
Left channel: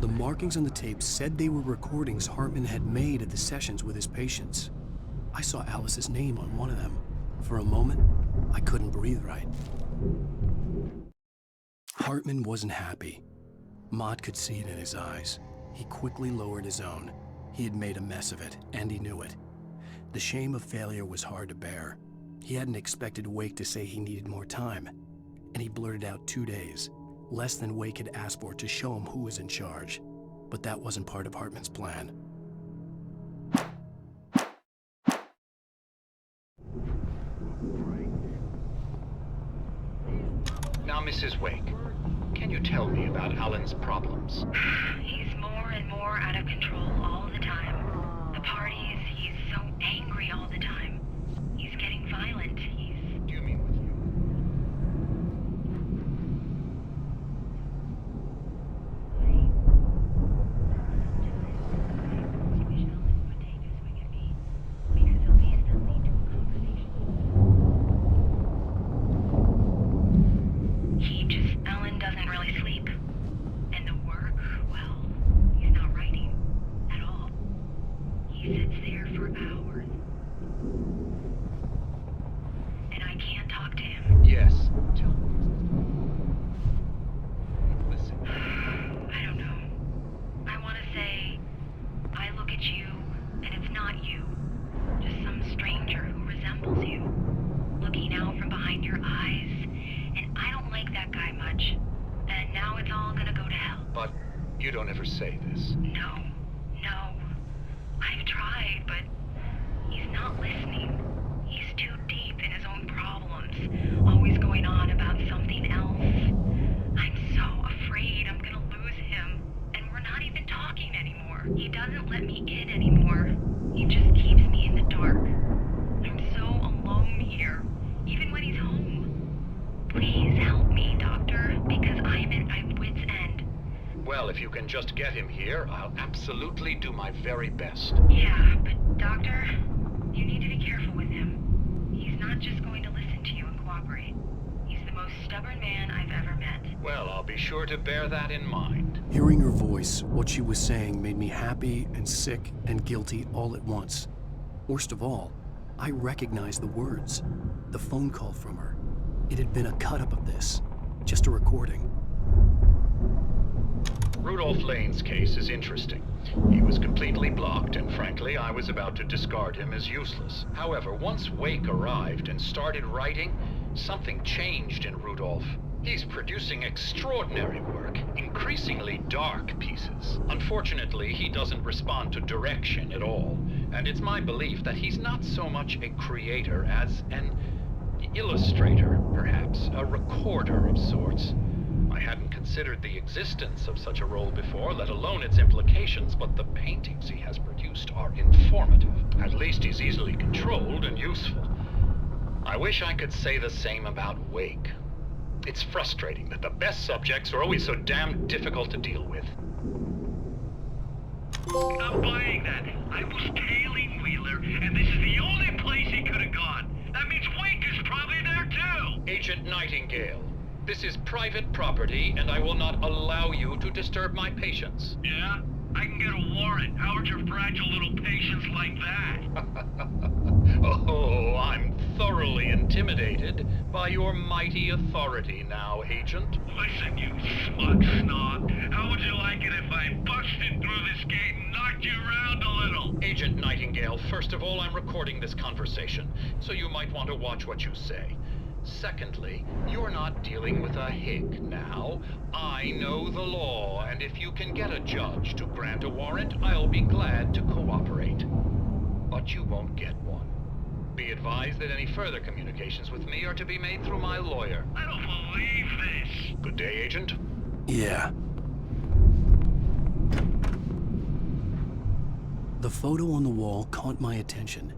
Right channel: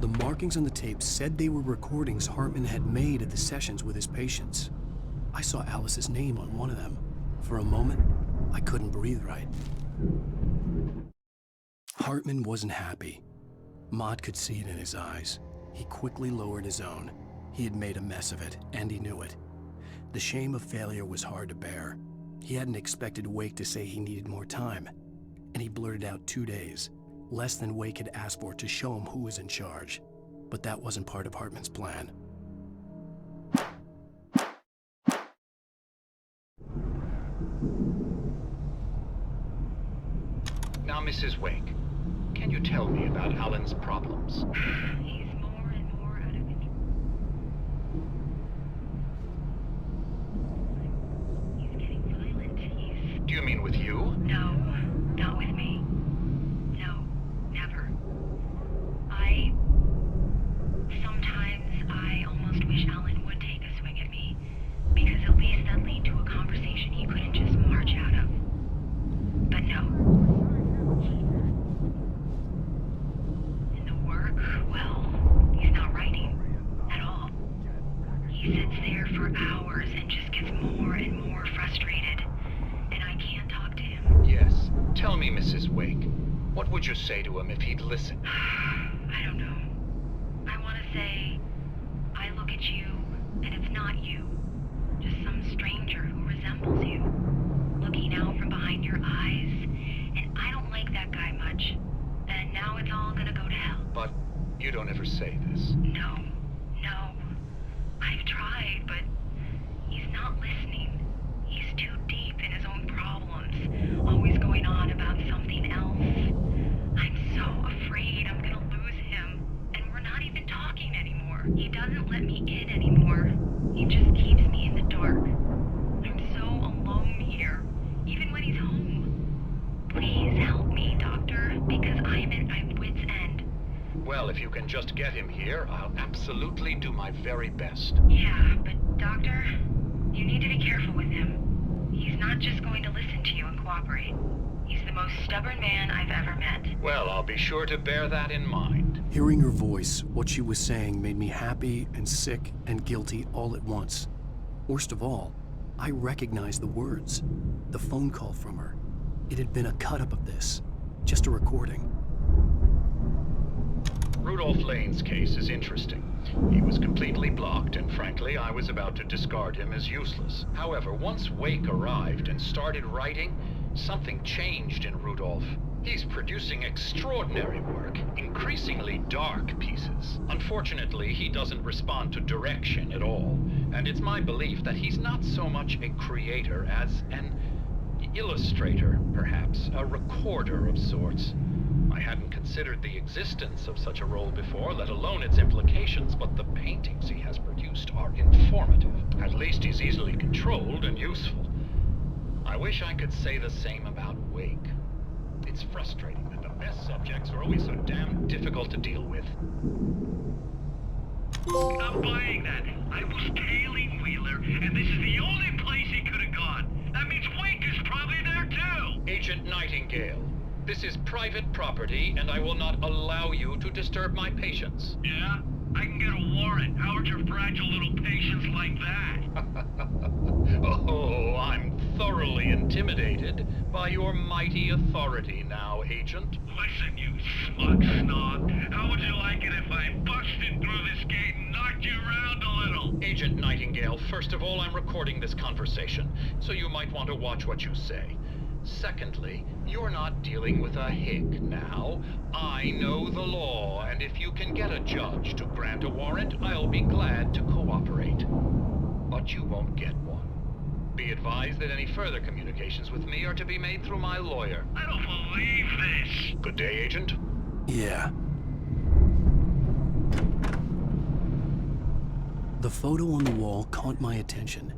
The markings on the tape said they were recordings Hartman had made at the sessions with his patients. I saw Alice's name on one of them. For a moment, I couldn't breathe right. Hartman wasn't happy. Maude could see it in his eyes. He quickly lowered his own. He had made a mess of it, and he knew it. The shame of failure was hard to bear. He hadn't expected Wake to say he needed more time, and he blurted out 2 days, less than Wake had asked for to show him who was in charge. But that wasn't part of Hartman's plan. Now, Mrs. Wake, can you tell me about Alan's problems? He's more and more out of control all the time. The parties, he's so angry all the time. He's getting violent. Do you mean with you? No, not with me. No, never. Sometimes I almost wish Alan would take a swing at me, because at least that lead to a conversation he couldn't just march out of. But no. Alan doesn't really sleep. And the work, well, he's not writing at all. He sits there for hours and just gets more and more frustrated. And I can't talk to him. Yes. Tell me, Mrs. Wake, what would you say to him if he'd listen? I don't know. I want to say, I look at you, and it's not you. Just some stranger who resembles you. Looking out from behind your eyes. And I don't like that guy much. And now it's all gonna go to hell. But you don't ever say this. No. I've tried, but he's not listening. He's too deep in his own problems, always going on about something else. I'm so afraid I'm gonna lose him, and we're not even talking anymore. He doesn't let me in anymore. He just keeps me in the dark. I'm so alone here, even when he's home. Please help me, Doctor, because I'm at my wit's end. Well, if you can just get him here, I'll absolutely do my very best. Yeah, but Doctor, you need to be careful with him. He's not just going to listen to you and cooperate. He's the most stubborn man I've ever met. Well, I'll be sure to bear that in mind. Hearing her voice, what she was saying made me happy and sick and guilty all at once. Worst of all, I recognized the words. The phone call from her. It had been a cut-up of this. Just a recording. Rudolph Lane's case is interesting. He was completely blocked, and frankly, I was about to discard him as useless. However, once Wake arrived and started writing, something changed in Rudolph. He's producing extraordinary work, increasingly dark pieces. Unfortunately, he doesn't respond to direction at all, and it's my belief that he's not so much a creator as an illustrator, perhaps, a recorder of sorts. I hadn't considered the existence of such a role before, let alone its implications, but the paintings he has produced are informative. At least he's easily controlled and useful. I wish I could say the same about Wake. It's frustrating that the best subjects are always so damn difficult to deal with. I'm buying that. I was tailing Wheeler, and this is the only place he could have gone. That means Wake is probably there too! Agent Nightingale, this is private property, and I will not allow you to disturb my patients. Yeah? I can get a warrant. How'd your fragile little patients like that? Oh, I'm thoroughly intimidated by your mighty authority now, Agent. Listen, you smug snob. How would you like it if I busted through this gate and knocked you around a little? Agent Nightingale, first of all, I'm recording this conversation, so you might want to watch what you say. Secondly, you're not dealing with a hick now. I know the law, and if you can get a judge to grant a warrant, I'll be glad to cooperate. But you won't get one. Be advised that any further communications with me are to be made through my lawyer. I don't believe this. Good day, Agent. Yeah. The photo on the wall caught my attention.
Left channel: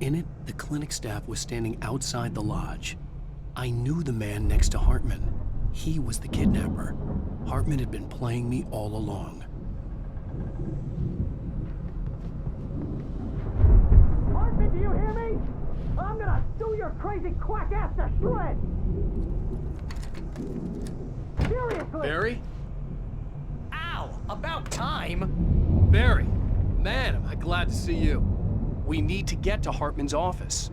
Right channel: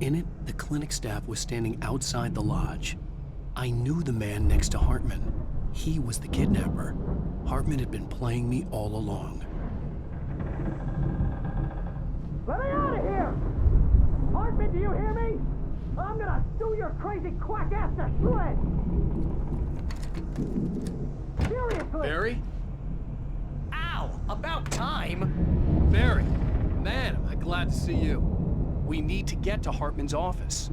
In it, the clinic staff was standing outside the lodge. I knew the man next to Hartman. He was the kidnapper. Hartman had been playing me all along. Let me out of here! Hartman, do you hear me? I'm gonna do your crazy quack ass to shreds! Seriously! Barry? Ow! About time! Barry! Man, am I glad to see you. We need to get to Hartman's office.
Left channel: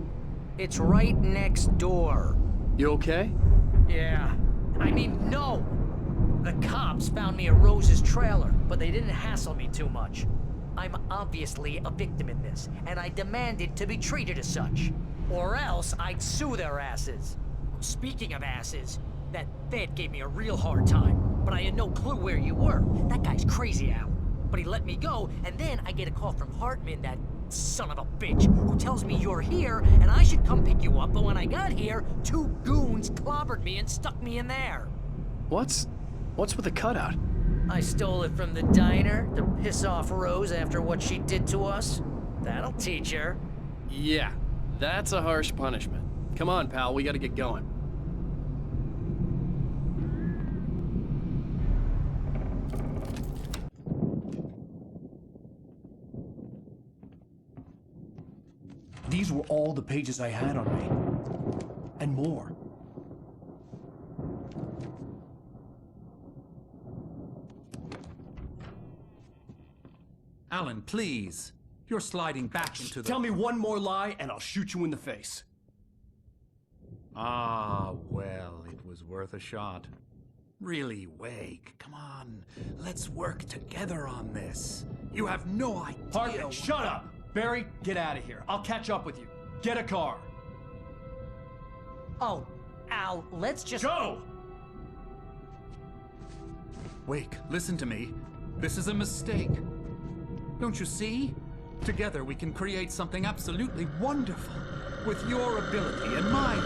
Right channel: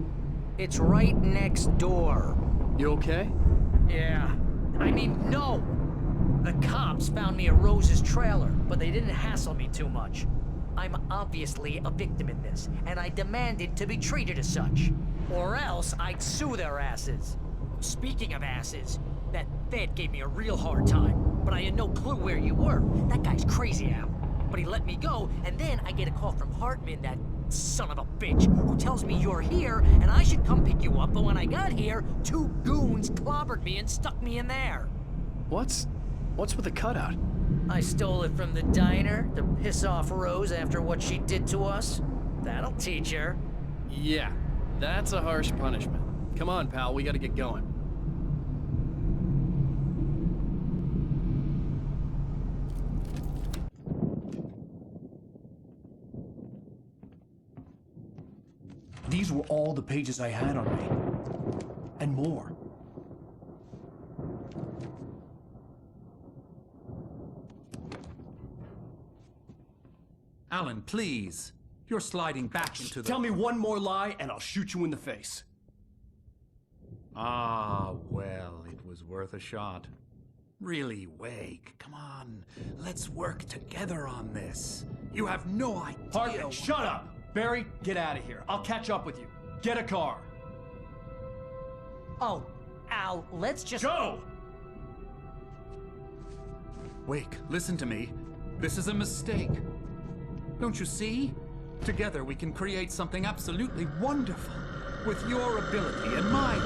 It's right next door. You okay? Yeah. I mean, no! The cops found me at Rose's trailer, but they didn't hassle me too much. I'm obviously a victim in this, and I demanded to be treated as such. Or else I'd sue their asses. Speaking of asses, that Fed gave me a real hard time, but I had no clue where you were. That guy's crazy, Al. But he let me go, and then I get a call from Hartman, that son of a bitch, who tells me you're here, and I should come pick you up, but when I got here, 2 goons clobbered me and stuck me in there. What's with the cutout? I stole it from the diner to piss off Rose after what she did to us. That'll teach her. Yeah, that's a harsh punishment. Come on, pal, we gotta get going. These were all the pages I had on me. And more. Alan, please. You're sliding back into the... Tell me one more lie and I'll shoot you in the face. Ah, well, it was worth a shot. Really, Wake, come on. Let's work together on this. You have no idea... Hartman, shut up! Barry, get out of here. I'll catch up with you. Get a car. Oh, Al, let's just... Go! Wake, listen to me. This is a mistake. Don't you see? Together we can create something absolutely wonderful. With your ability and mine.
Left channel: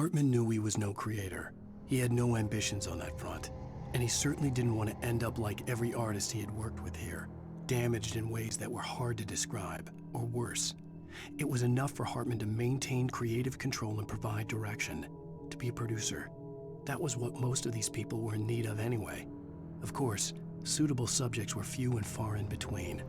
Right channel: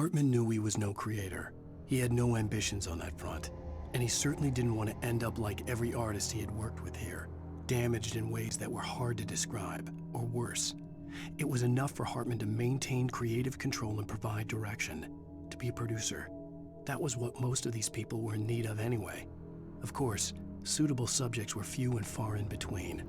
Hartman knew he was no creator. He had no ambitions on that front. And he certainly didn't want to end up like every artist he had worked with here, damaged in ways that were hard to describe, or worse. It was enough for Hartman to maintain creative control and provide direction, to be a producer. That was what most of these people were in need of anyway. Of course, suitable subjects were few and far in between.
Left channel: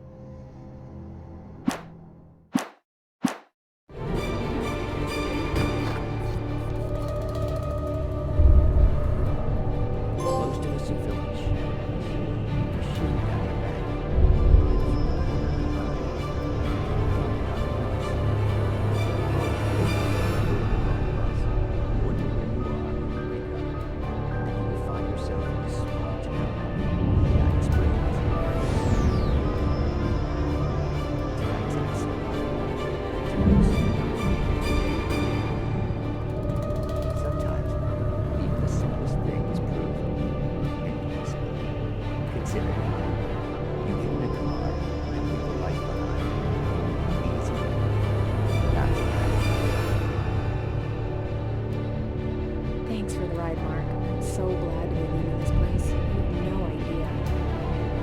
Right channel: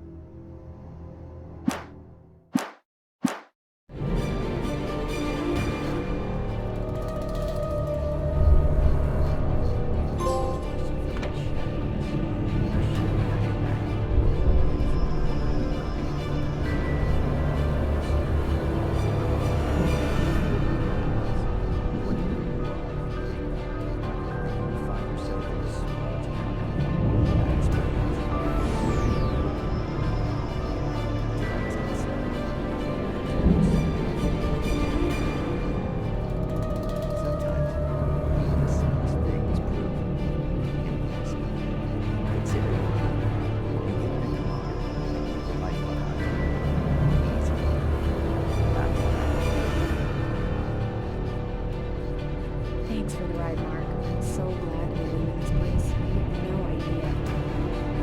Thanks for the ride, Mark. I'm so glad to be leaving this place. You have no idea.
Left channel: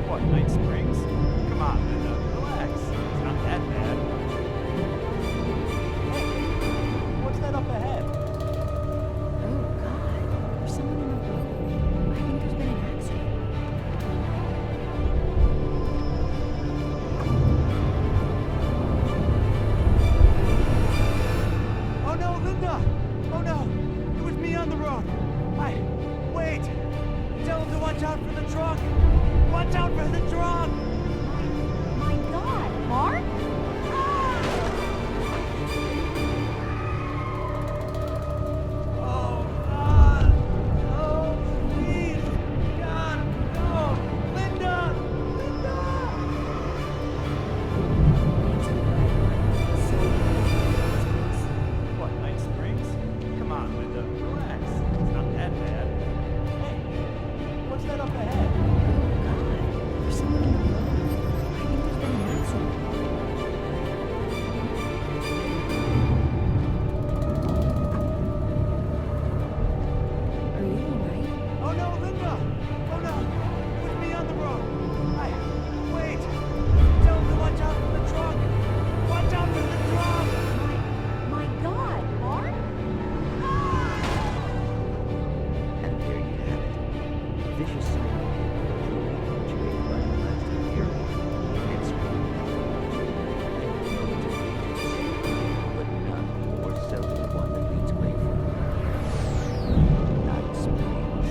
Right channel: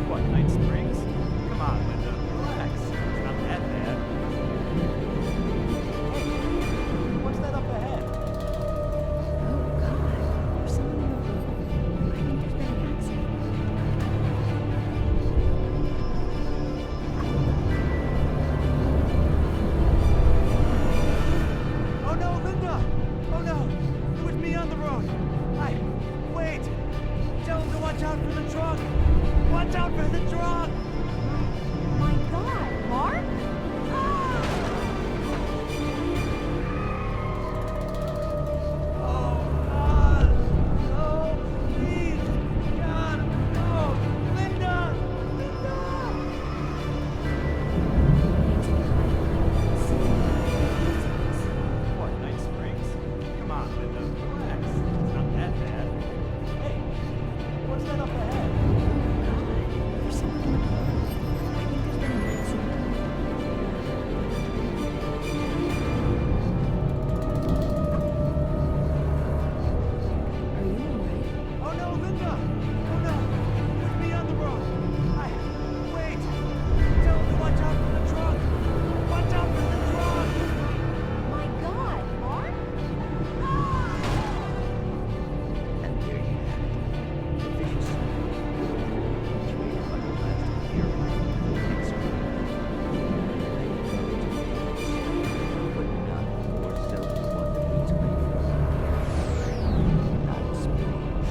What, Night Springs? Come on, Linda. Relax. It's not that bad. Hey, what's that up ahead? Oh, God. There's someone in the road. I think there's been an accident. Oh no, Linda! Oh no! It was me on the road! Wait! Tell him to watch out for the truck! Watch out for the truck! My God, Mark? right up ahead. Oh, God. There's someone in the road. I think there's been an accident. Are you alright? Oh no, Linda! Oh no! It was me on the road! Wait! Tell him to watch out for the trunk! Watch out for the trunk! My God, Mark? And there you have it. A vicious cycle, brutally punctuated by the blast of ear horn and screaming metal. Many roads are dangerous, but none more so than the one that leads away from Night Springs.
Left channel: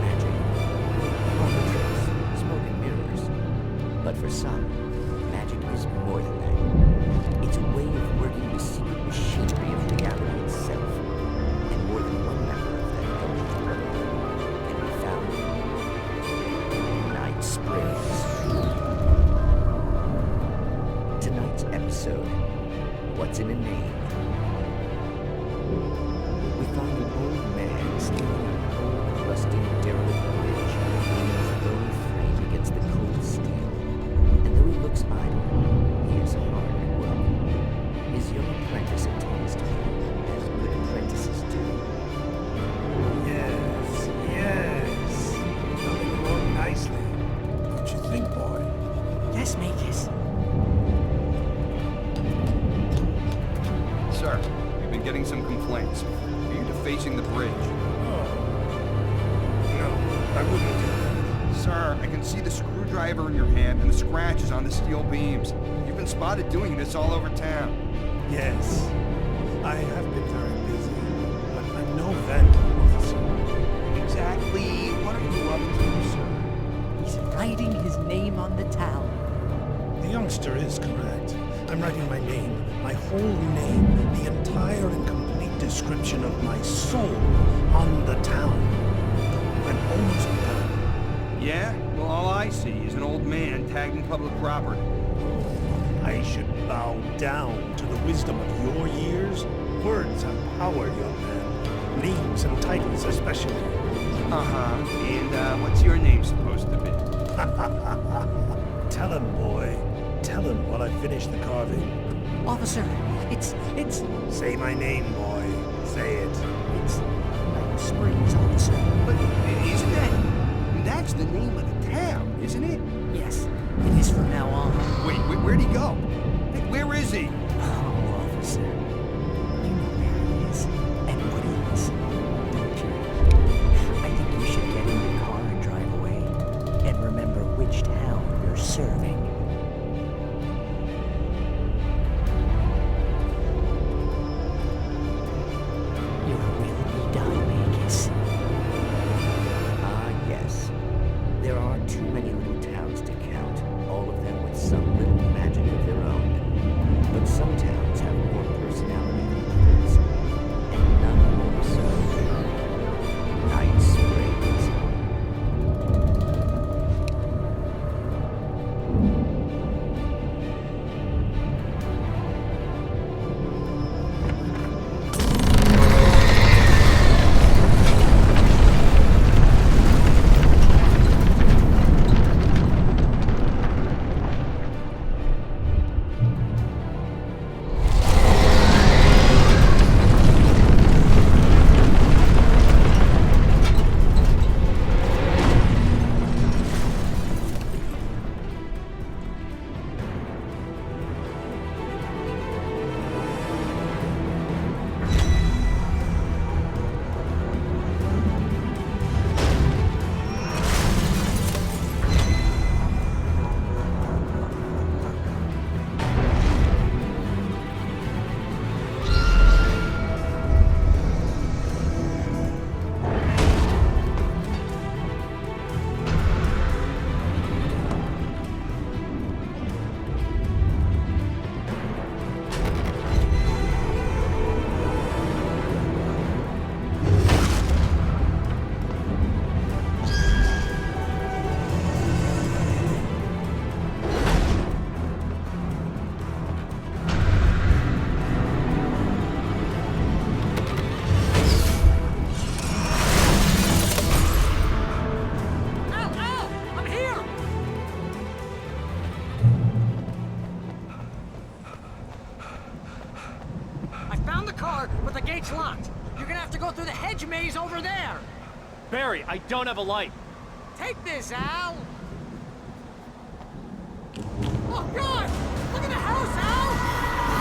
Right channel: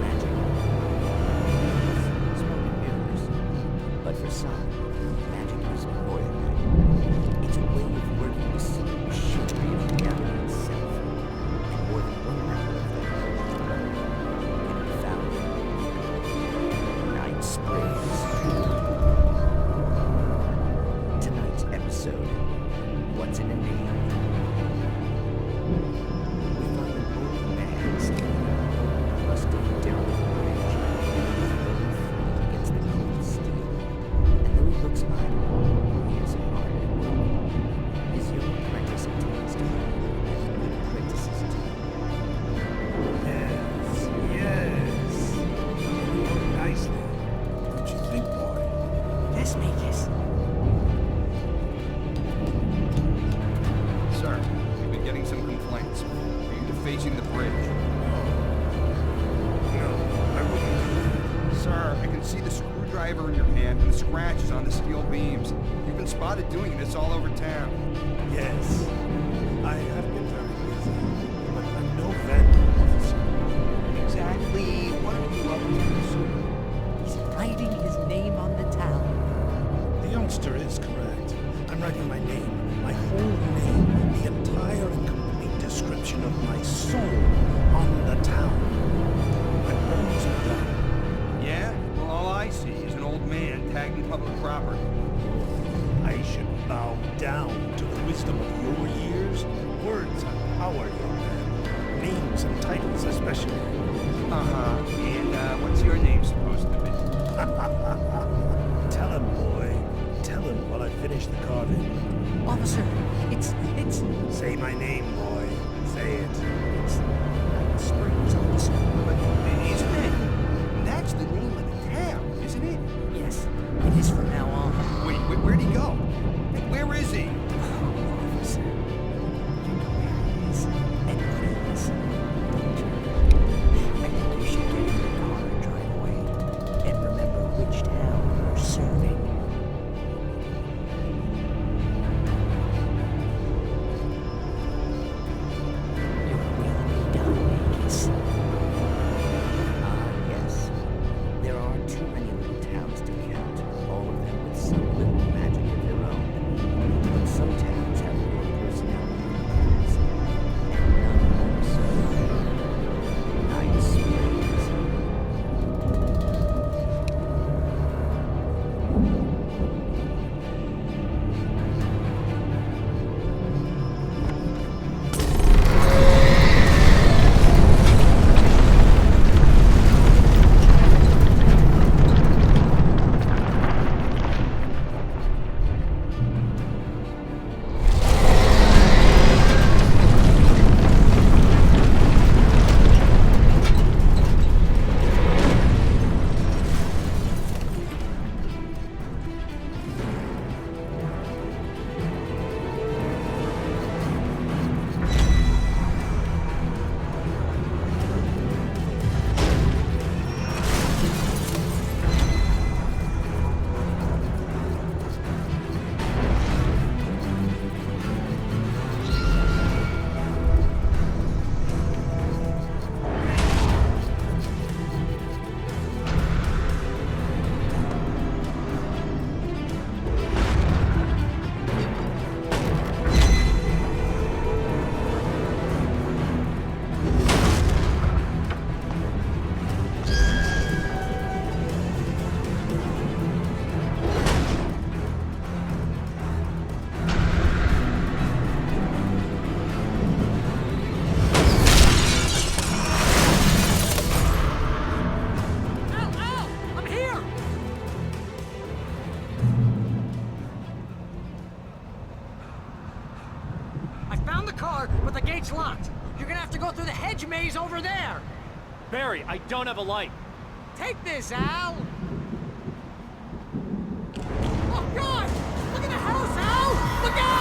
Magic. All the tricks, smoke and mirrors. But for some, magic is more than that. It's a way of working the secret machinery of reality itself. And more than one member of the Elven Brotherhood can be found in Night Springs. Tonight's episode, What's in a Name? We find an old man standing on an old, rusting, derelict bridge, leaning his bony frame against the cold steel. And though he looks idle, he is hard at work. His young apprentice attends to him, as good apprentices do. Yes, yes. Coming along nicely. Don't you think, boy? Yes, Magus. Sir, we've been getting some complaints. Are you defacing the bridge? No, I wouldn't do that. Sir, I can see the screwdriver in your hand and the scratches on the steel beams. You've been spotted doing this all over town. Yes, I have been very busy, but I'm no vandal, officer. Exactly. What are you up to, sir? He's writing his name on the town. The youngster is correct. I'm writing my name, my whole name, the entire and complete description of my soul on the town. I'm almost done. Yeah? Well, all I see is an old man tagged in public property. Oh, I should bow down to the wisdom of your years. Words have power, young man. Names and titles especially. Uh-huh. And, what's your name supposed to be? Tell him, boy. Tell him while I finish the carving. Officer, it's... Say my name, boy. Say it. It's Night Springs, officer. But isn't that... That's the name of the town, isn't it? Yes, it is from now on. Wait, where'd he go? Hey, where is he? Oh, officer. You know where he is and what he is, don't you? I think you should get in your car and drive away. And remember which town you're serving. Your will be done, Magus. Ah, yes. There are too many little towns to count, all of them with some little magic of their own. But some towns have more personality than others, and none more so than Night Springs. found the car, but the gate's locked. You're gonna have to go through the hedge maze over there. Barry, I don't have a light. Take this, Al. Oh, God! Look at the house, Al! Look out!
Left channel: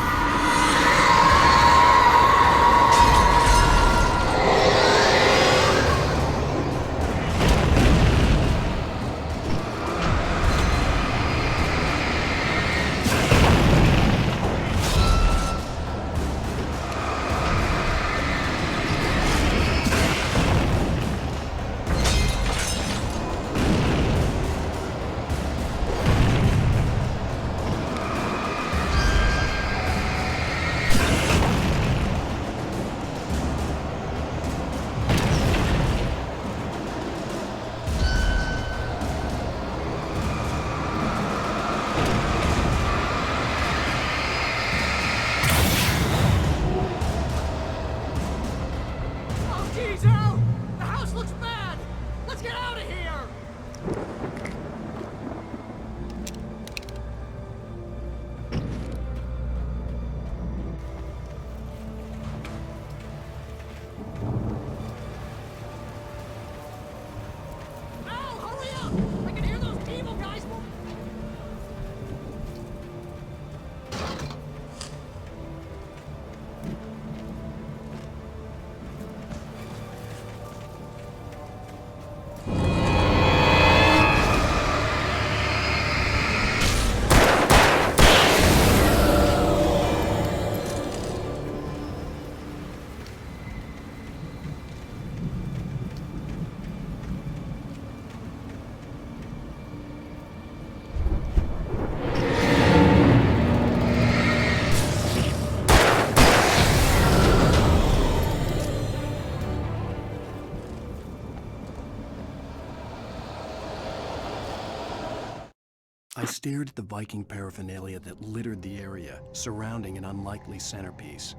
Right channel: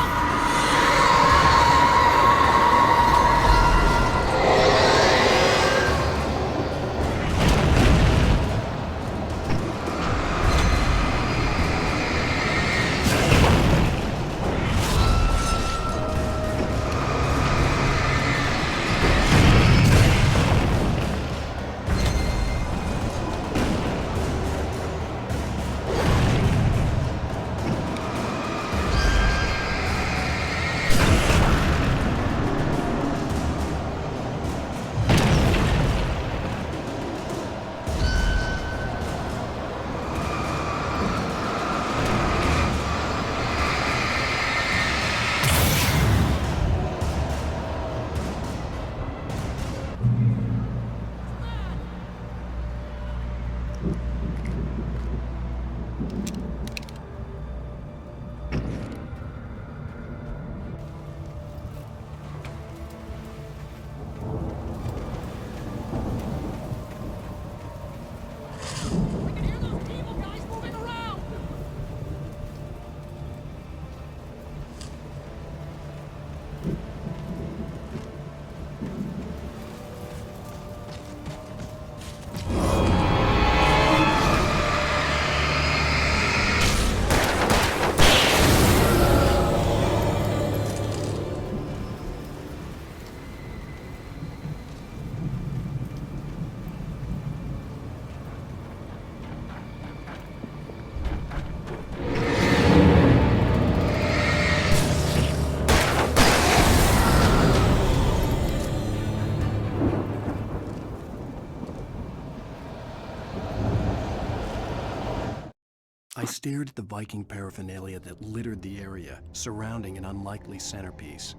I stared at the Viking paraphernalia that littered the area, surrounding an unlikely centerpiece.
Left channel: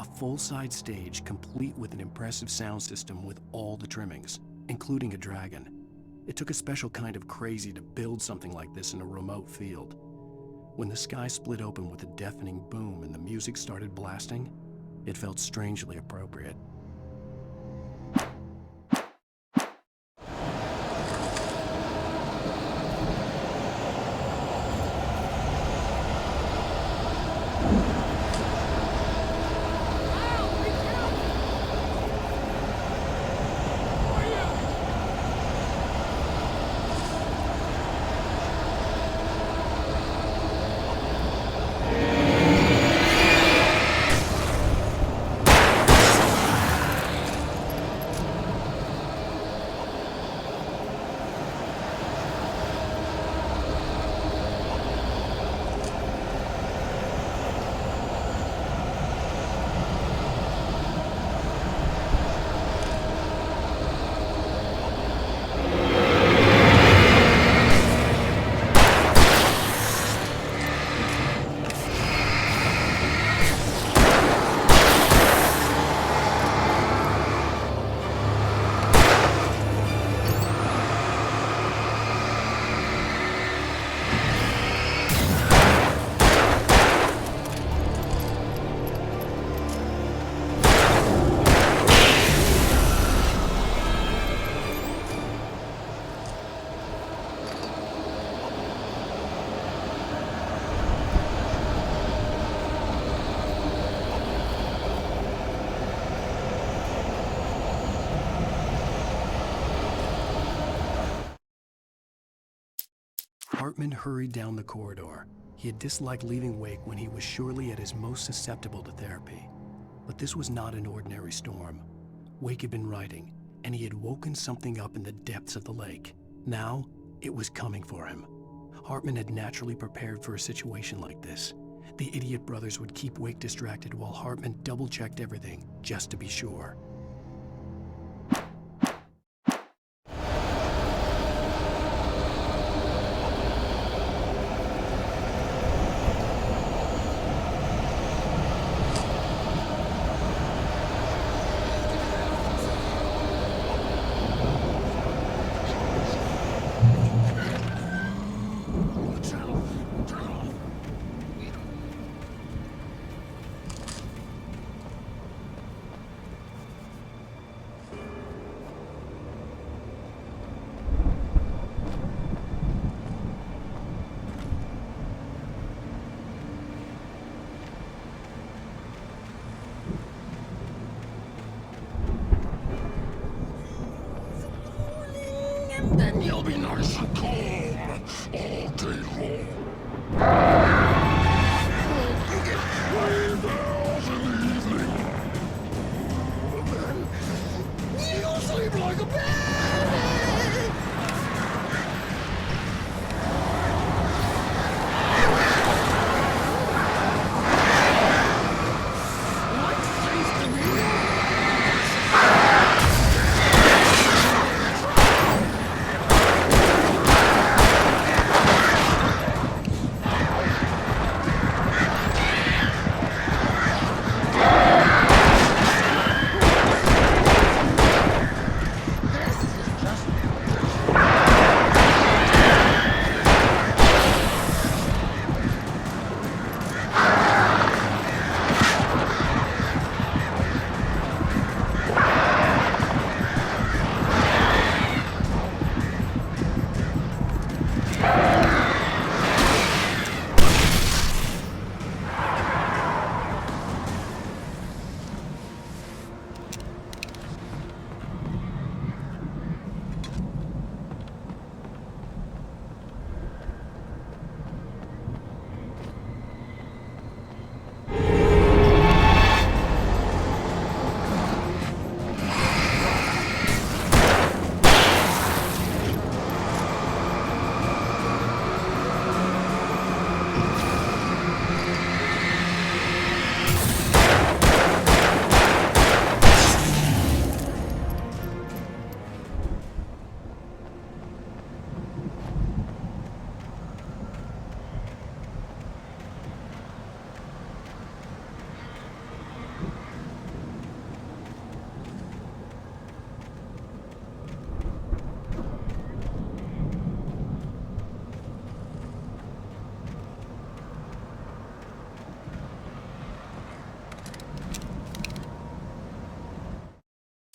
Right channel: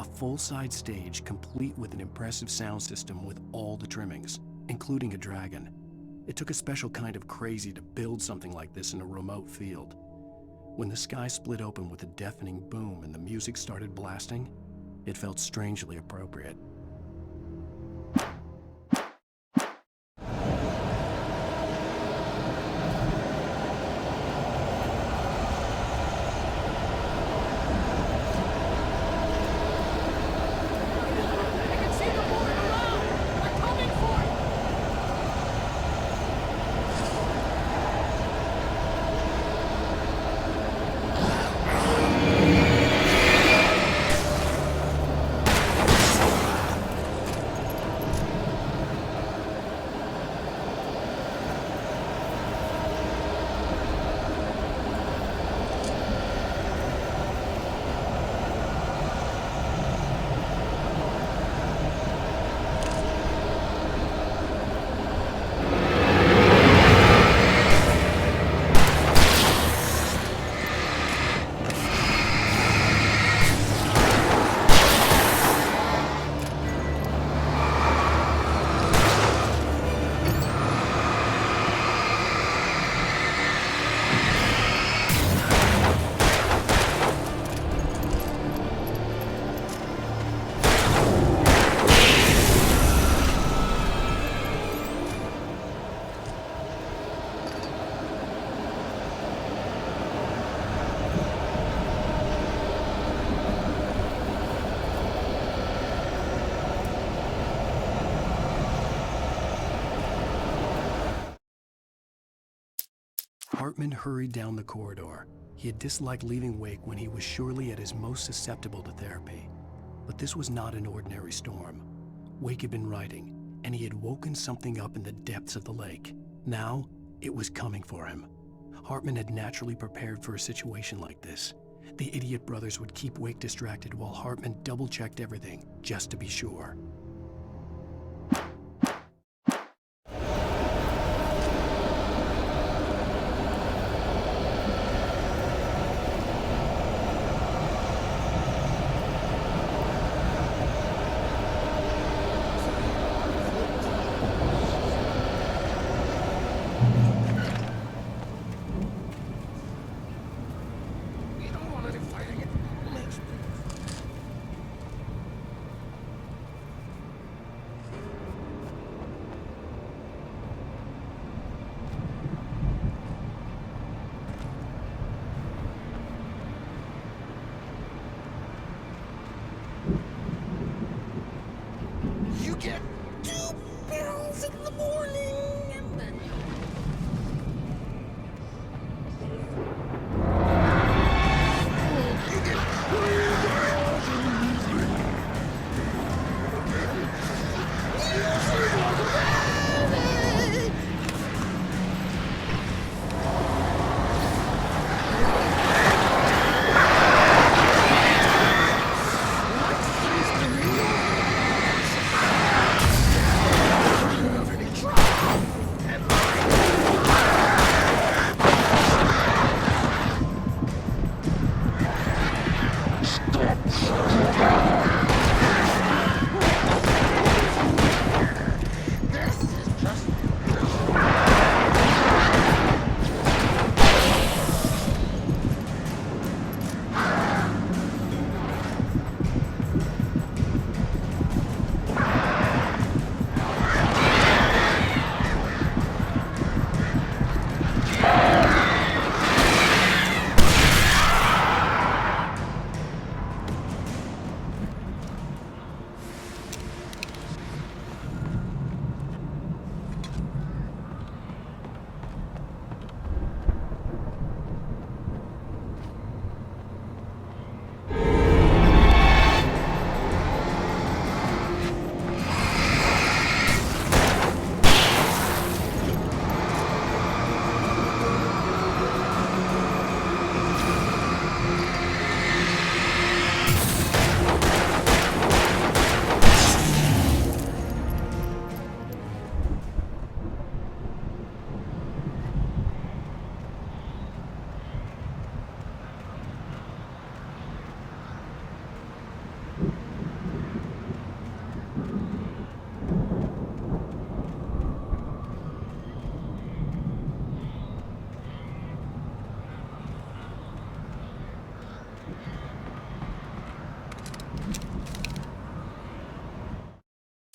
A full-size stage complete with an impressive sound system with all the trimmings, including a dragon. It took a special kind of crazy to build something like this in a remote field. When the sky split open with a deafening boom and the music started blasting, it felt strangely appropriate. Hartman hurried down the corridor. He had disliked leaving Wake when he was surely at his most susceptible to therapy. But this was not an ordinary storm. Wake had been writing, and he had woken something up in the depths of the lake. Now, it was coming for him. Hartman had naturally prepared for a situation like this. The idiot brothers would keep Wake distracted while Hartman double-checked everything, just to be sure.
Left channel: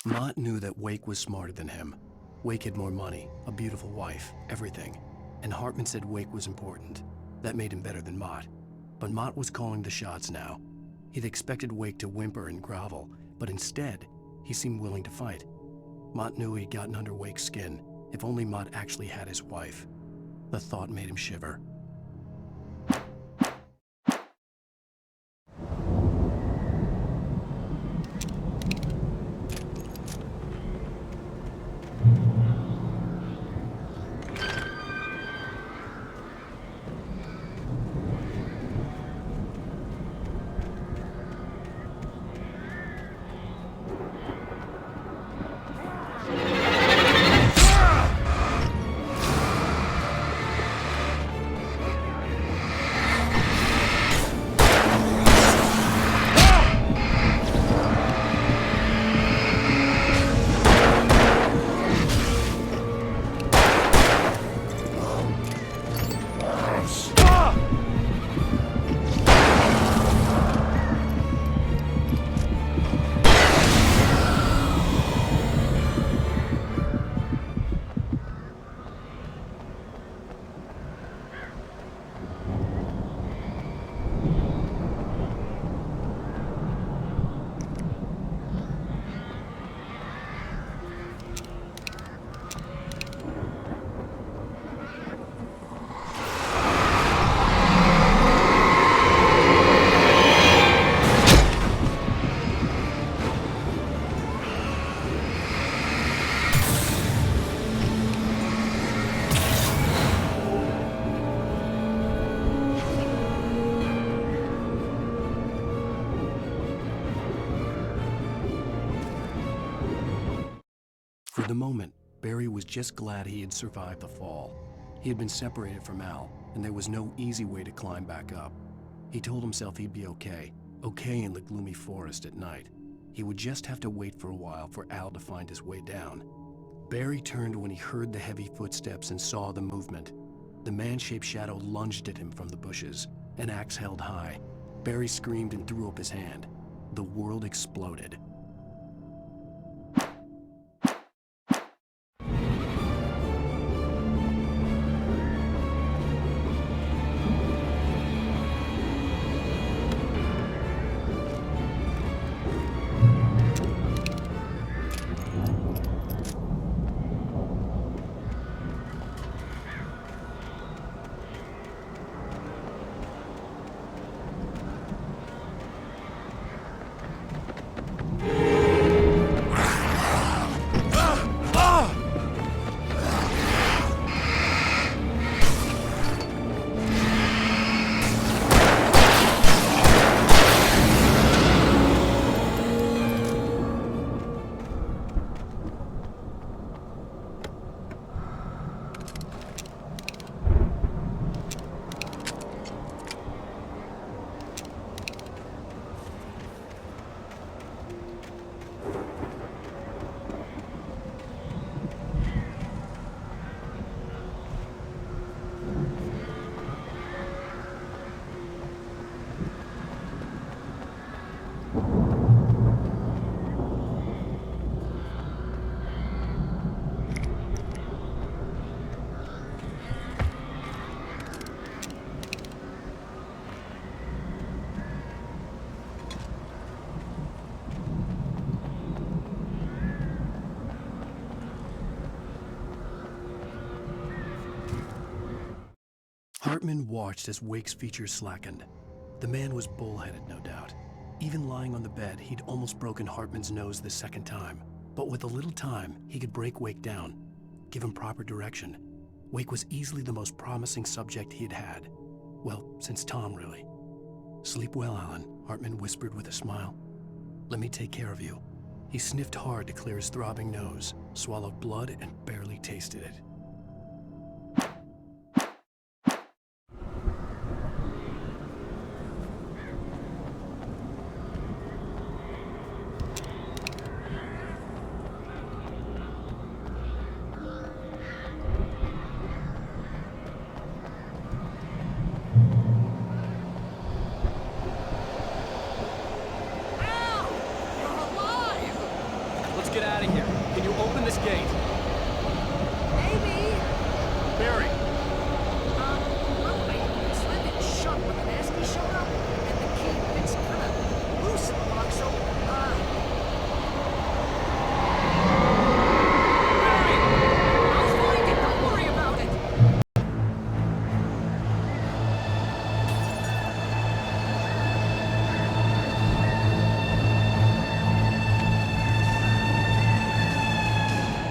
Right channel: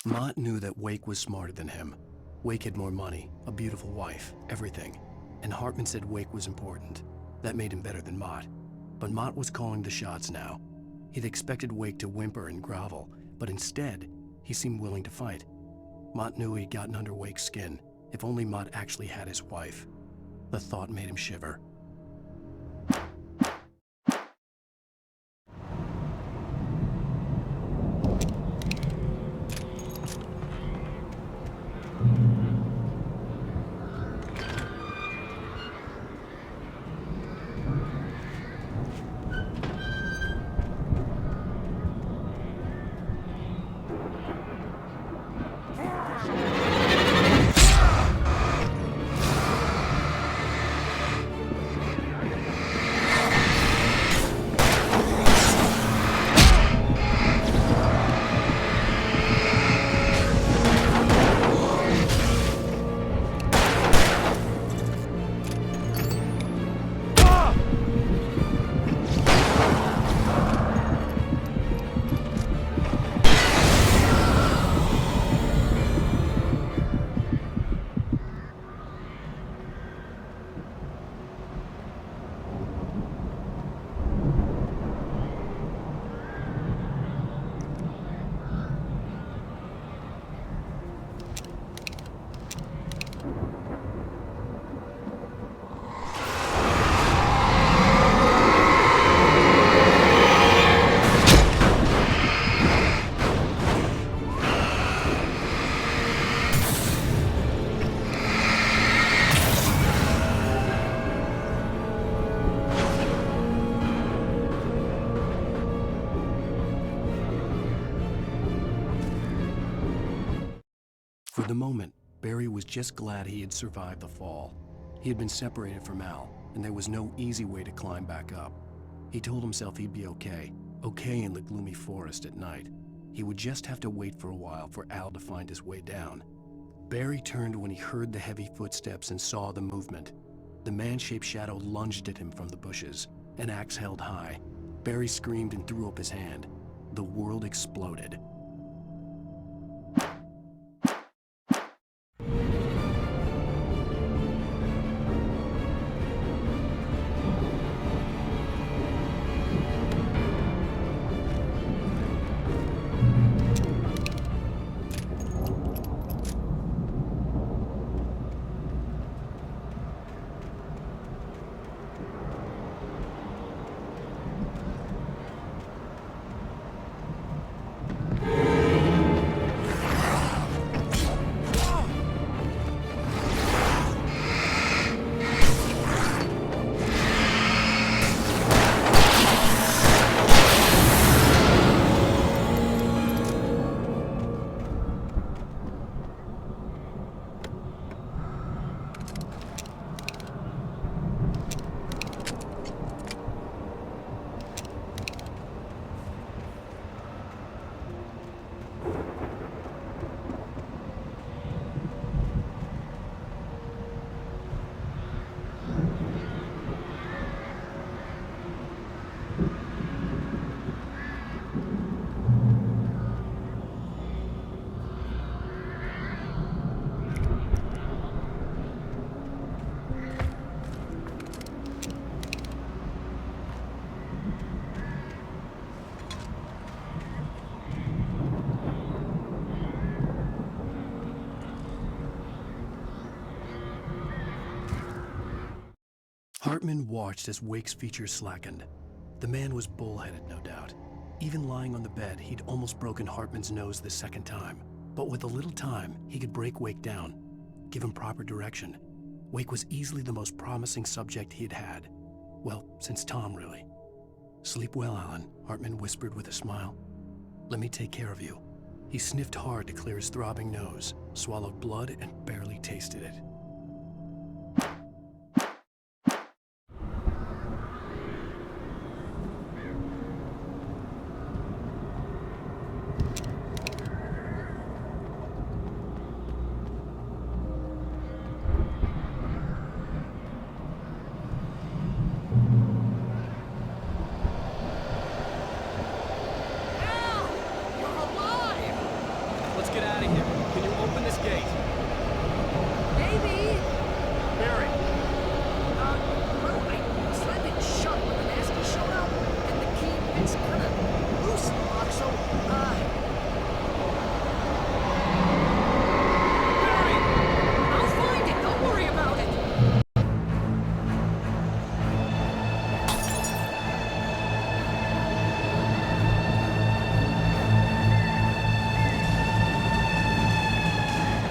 Mott knew that Wake was smarter than him. Wake had more money, a beautiful wife, everything. And Hartman said Wake was important. That made him better than Mott. But Mott was calling the shots now. He'd expected Wake to whimper and grovel, but instead, he seemed willing to fight. Mott knew he'd gotten under Wake's skin, if only Mott actually had his wife. The thought made him shiver. For the moment, Barry was just glad he had survived the fall. He had been separated from Al, and there was no easy way to climb back up. He told himself he'd be okay in the gloomy forest at night. He would just have to wait for a while for Al to find his way down. Barry turned when he heard the heavy footsteps and saw the movement. The man-shaped shadow lunged at him from the bushes, an axe held high. Barry screamed and threw up his hand. The world exploded. Hartman watched as Wake's features slackened. The man was bullheaded, no doubt. Even lying on the bed, he'd almost broken Hartman's nose the second time. But with a little time, he could break Wake down, give him proper direction. Wake was easily the most promising subject he had had. Well, since Tom, really. "Sleep well, Alan," Hartman whispered with a smile. "Let me take care of you." He sniffed hard to clear his throbbing nose, swallowed blood, and barely tasted it. get out of here. Can you open this gate? Maybe. Barry. Well, I slammed it shut when the nasty showed up, and the key fits kind of loose in the lock, so, Barry! I'll find it, don't worry about it!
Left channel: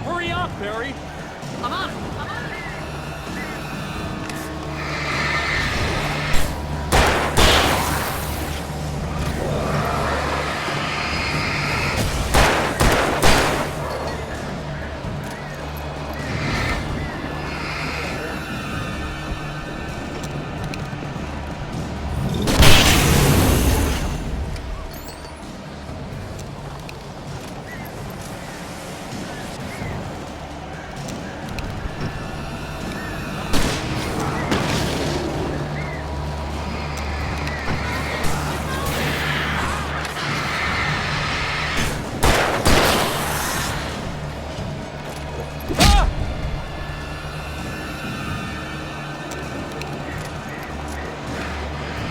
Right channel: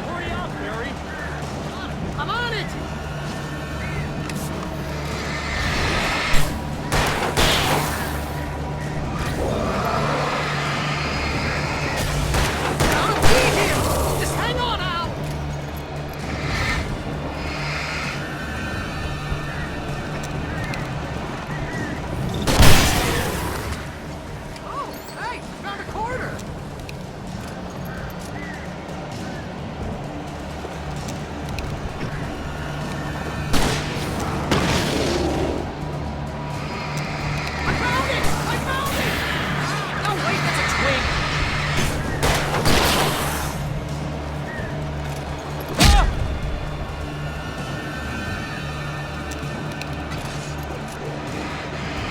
Hurry up, Barry! I'm on it! I'm on it! Just hang on, Al! Oh, hey, found a corner!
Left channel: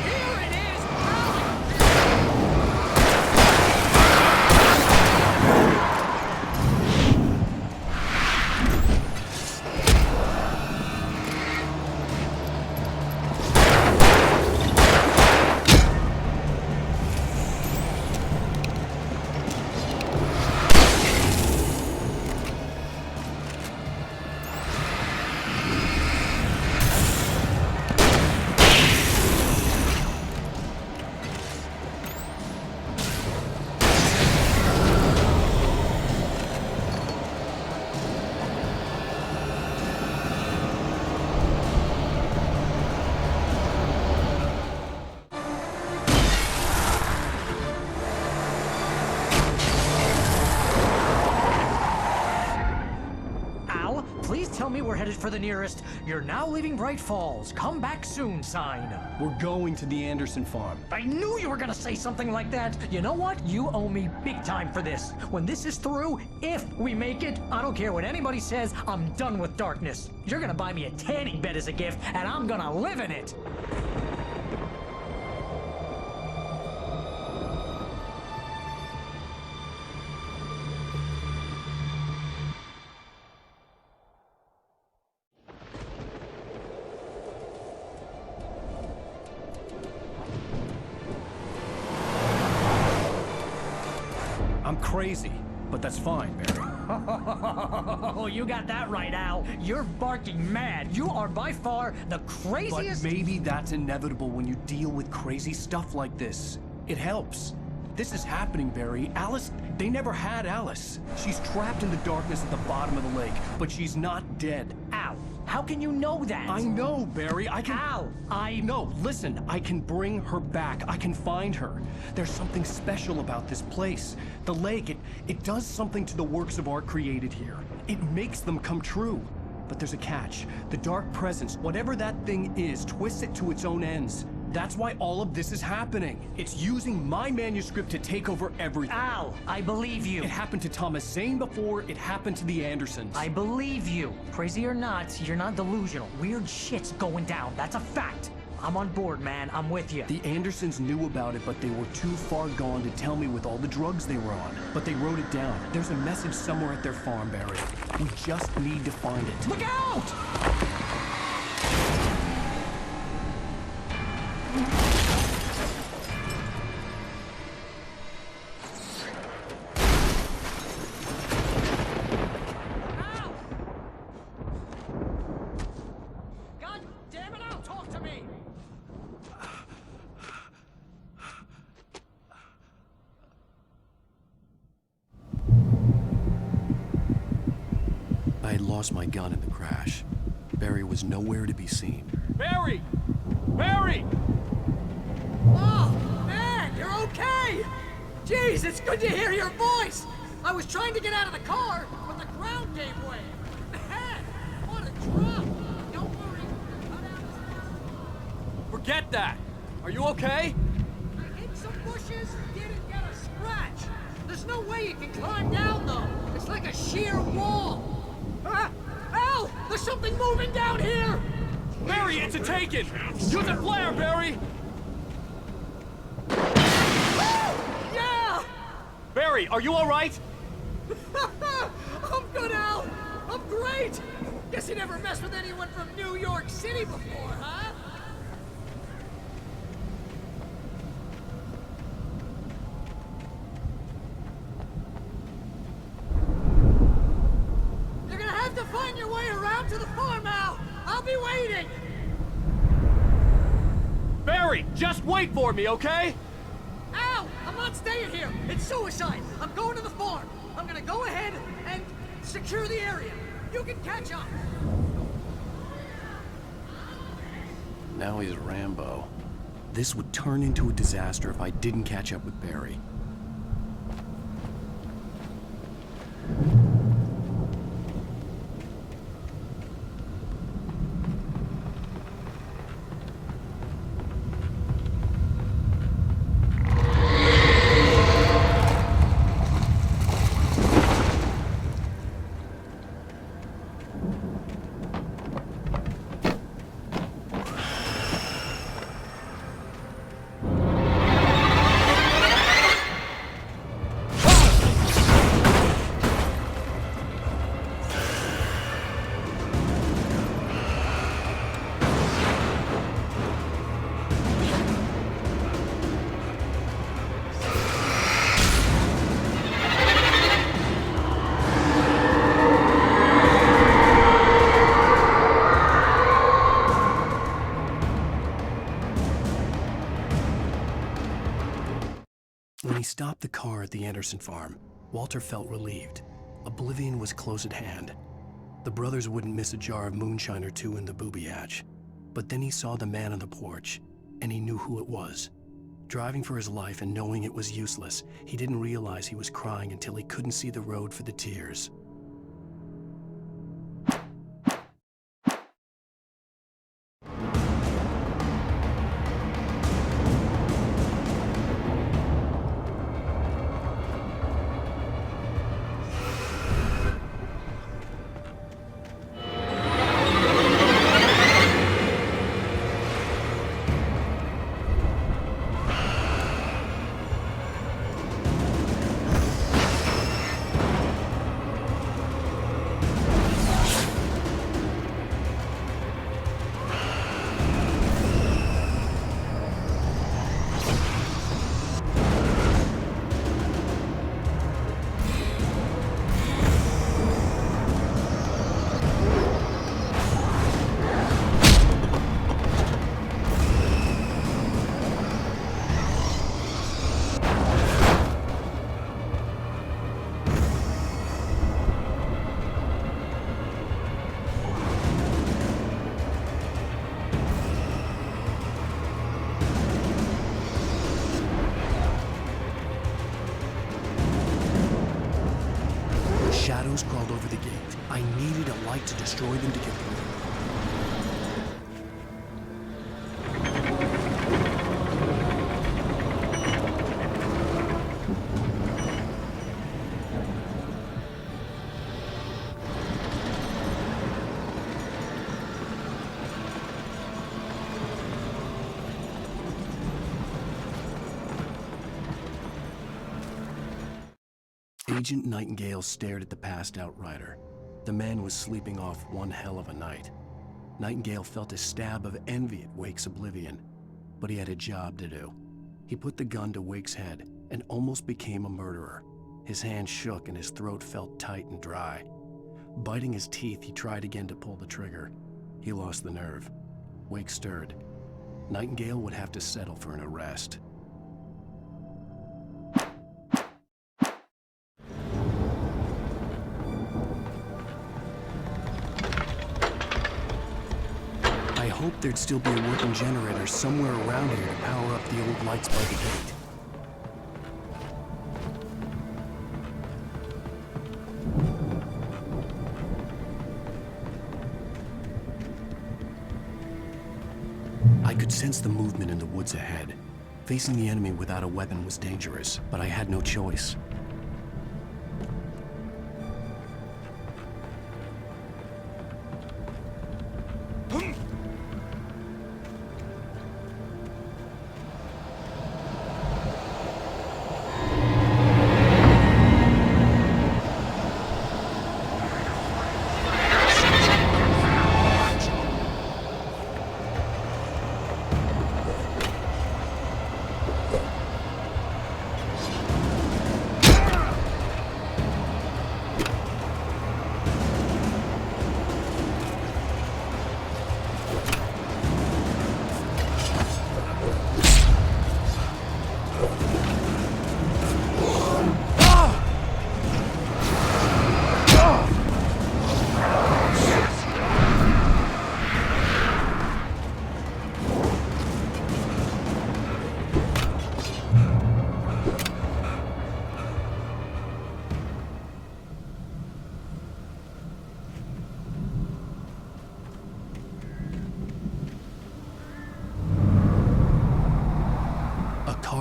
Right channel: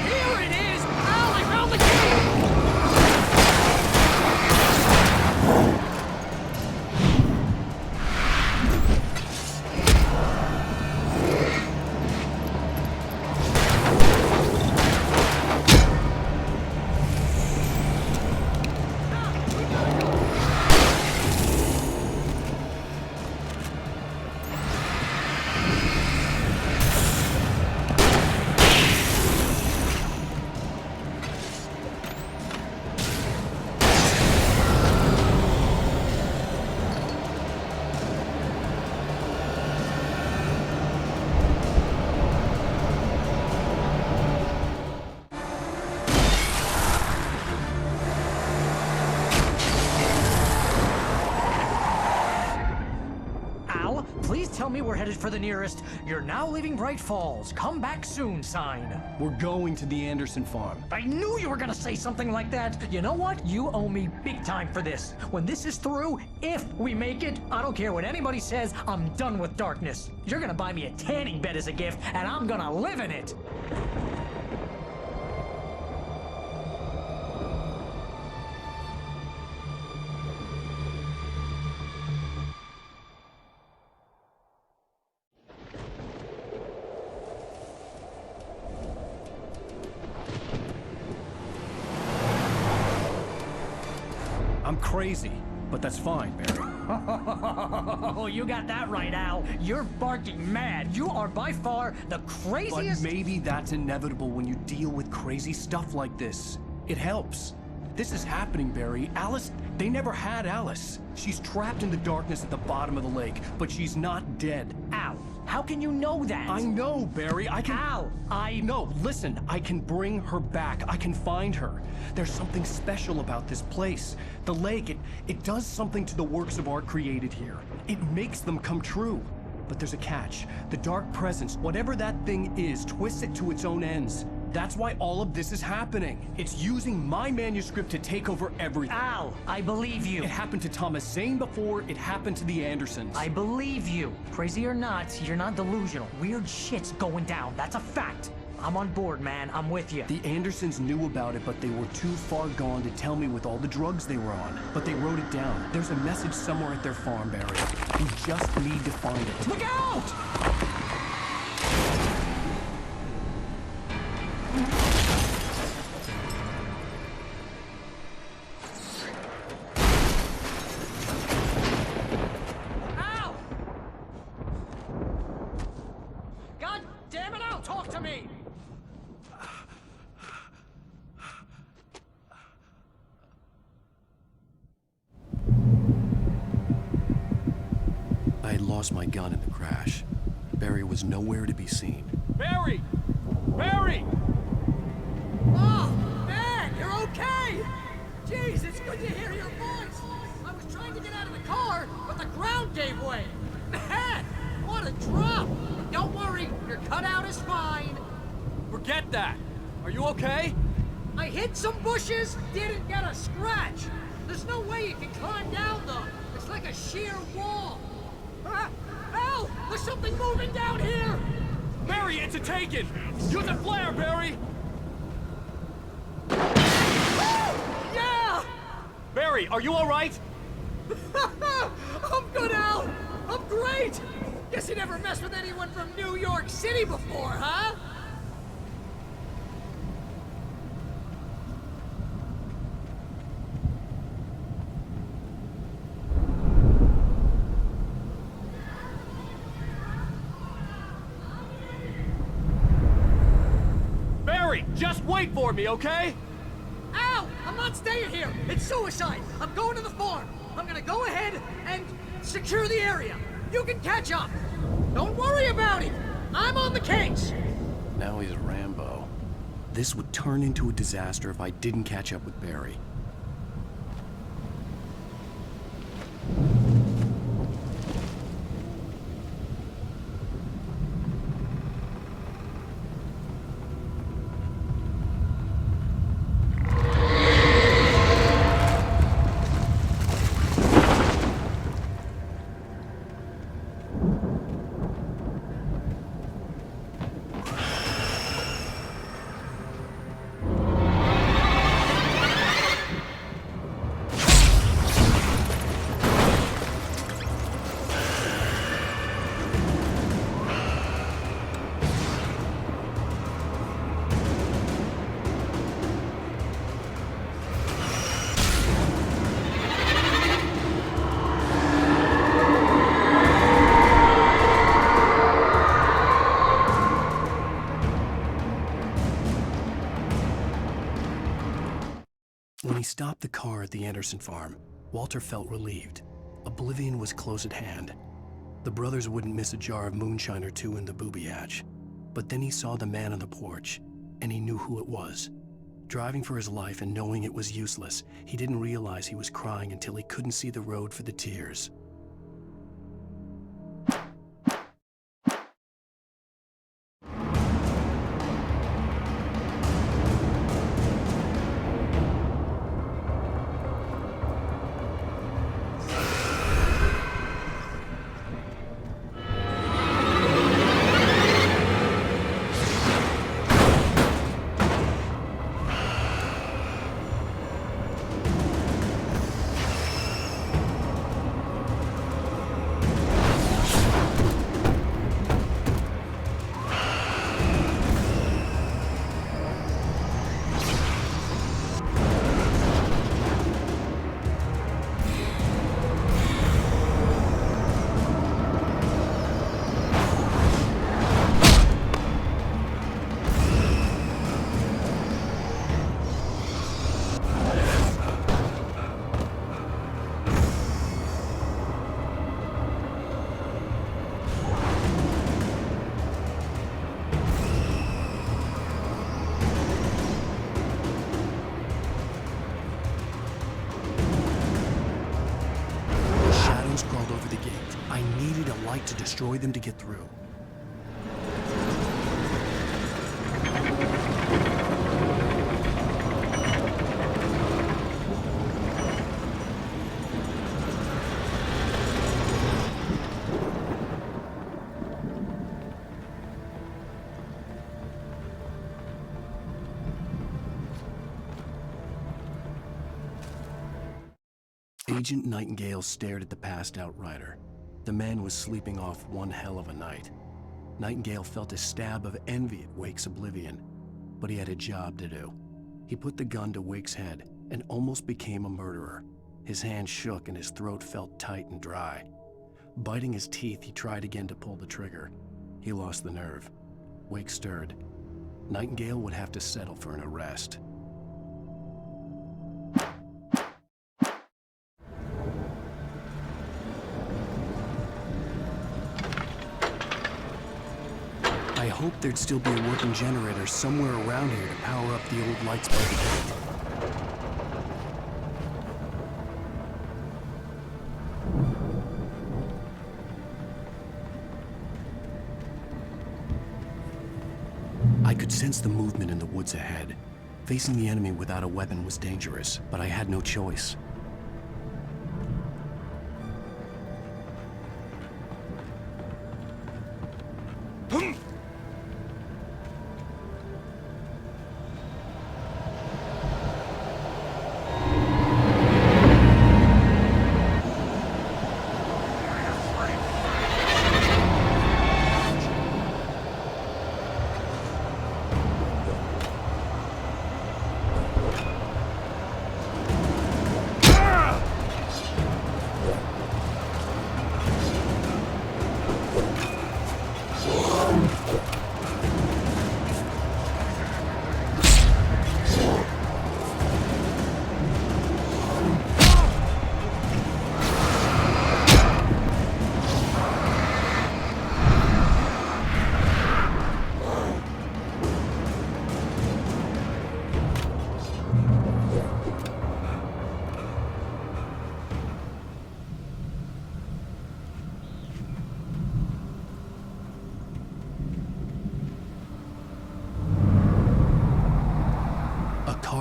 Here it is! Al, I found the Al, please tell me we're headed for the nearest "You're now leaving Bright Falls. Come back soon" sign. We're going to the Anderson farm. I knew you were gonna say something like that. You know what? You owe me big time for this. When this is through, if we make it, I don't care what anybody says, I'm done with darkness. You're gonna buy me a tanning bed as a gift, and I'm gonna live in it. I'm crazy, but that's fine, Barry. Oh, you got that right, Al. You're barking mad. You are by far the craziest. But maybe that's inevitable when you deal with crazy stuff like this. It helps. This is happening, Barry. Alice, they never had Alice. She's trapped in the darkness at the bottom of the lake, but she's not dead. Al, how can you know that? I know, Barry. I can... Al, No, listen. I can bring her back. I can find her. There's something special about this place. The lake, it does something to the works of art created here. It makes them come true. But there's a catch. The dark presence, whatever that thing is, twists it to its own ends. That's why all of this is happening. It's using my manuscript to take over everything. Al, I believe you. It happened to Thomas Zane before, it happened to the Andersons. I believe you. Crazy or not, you're not delusional. Weird shit's going down. That's a fact. I'm on board, man. I'm with you. The Andersons knew about it, but they were too far gone to tell me with all the drugs they were on. But they wrote it down. There's a message somewhere at their farm, Barry. We just need to find it. Look out! Ow! God damn it, Al, talk to me! I had lost my gun in the crash. Barry was nowhere to be seen. Barry! Barry! Oh, man, you're okay! Jeez, it's good to hear your voice! I was trying to get out of the car, but the ground gave way. Man, what a drop! Don't worry, your cutout is fine. Forget that! Are you okay? I hit some bushes, didn't get a scratch. There's no way you can climb down, though. It's like a sheer wall. Al! There's something moving down here! Barry, it's a taken! Use a flare, Barry! Yeah! Barry, are you alright? I'm good, Al! I'm great! Guess you never messed with anyone from New York City before, huh? You're gonna have to find your way around to the farm, Al! I'll be waiting! Barry, just wait for me, okay? Al! I'm not staying here! It's suicide! I'm going to the farm! I'm gonna go ahead and secure the area! You can catch up! Don't worry about it! I'm on the case! Now he's Rambo. This would turn into a disaster if I didn't catch up with Barry. When he stopped the car at the Anderson farm, Walter felt relieved. Oblivion was close at hand. The brothers wouldn't miss a jar of moonshine or two in the booby hatch. But then he saw the man on the porch, and he knew who it was. Driving for his life and knowing it was useless, he didn't realize he was crying until he couldn't see the road for the tears. Crawled over the gate. I needed a light to destroy them to get through. Agent Nightingale stared at the passed-out rider. The man was sleeping off one hell of a night. Nightingale felt a stab of envy at Wake's oblivion, but he had a job to do. He put the gun to Wake's head and almost became a murderer. His hand shook and his throat felt tight and dry. Biting his teeth, he tried again to pull the trigger. He lost the nerve. Wake stirred. Nightingale would have to settle for an arrest. I hoped there'd still be a working generator somewhere around here to power up the old lights by the gate. I could sense the movement in the woods ahead. Facing the enemy without a weapon was dangerous, but I had no choice.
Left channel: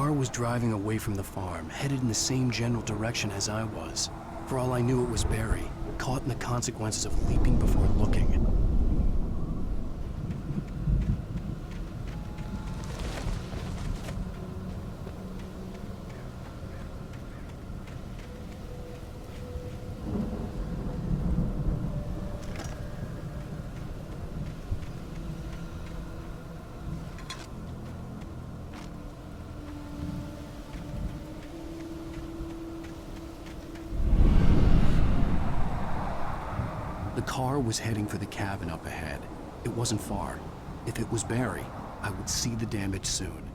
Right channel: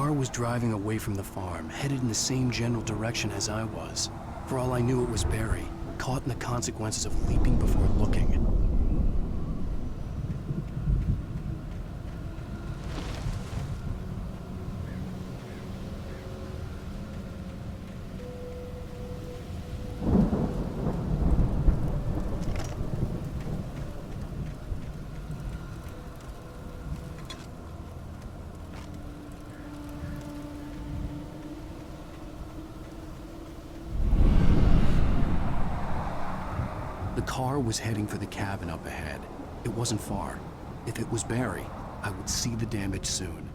car was driving away from the farm, headed in the same general direction as I was. For all I knew, it was Barry, caught in the consequences of leaping before looking. The car was heading for the cabin up ahead. It wasn't far. If it was Barry, I would see the damage soon.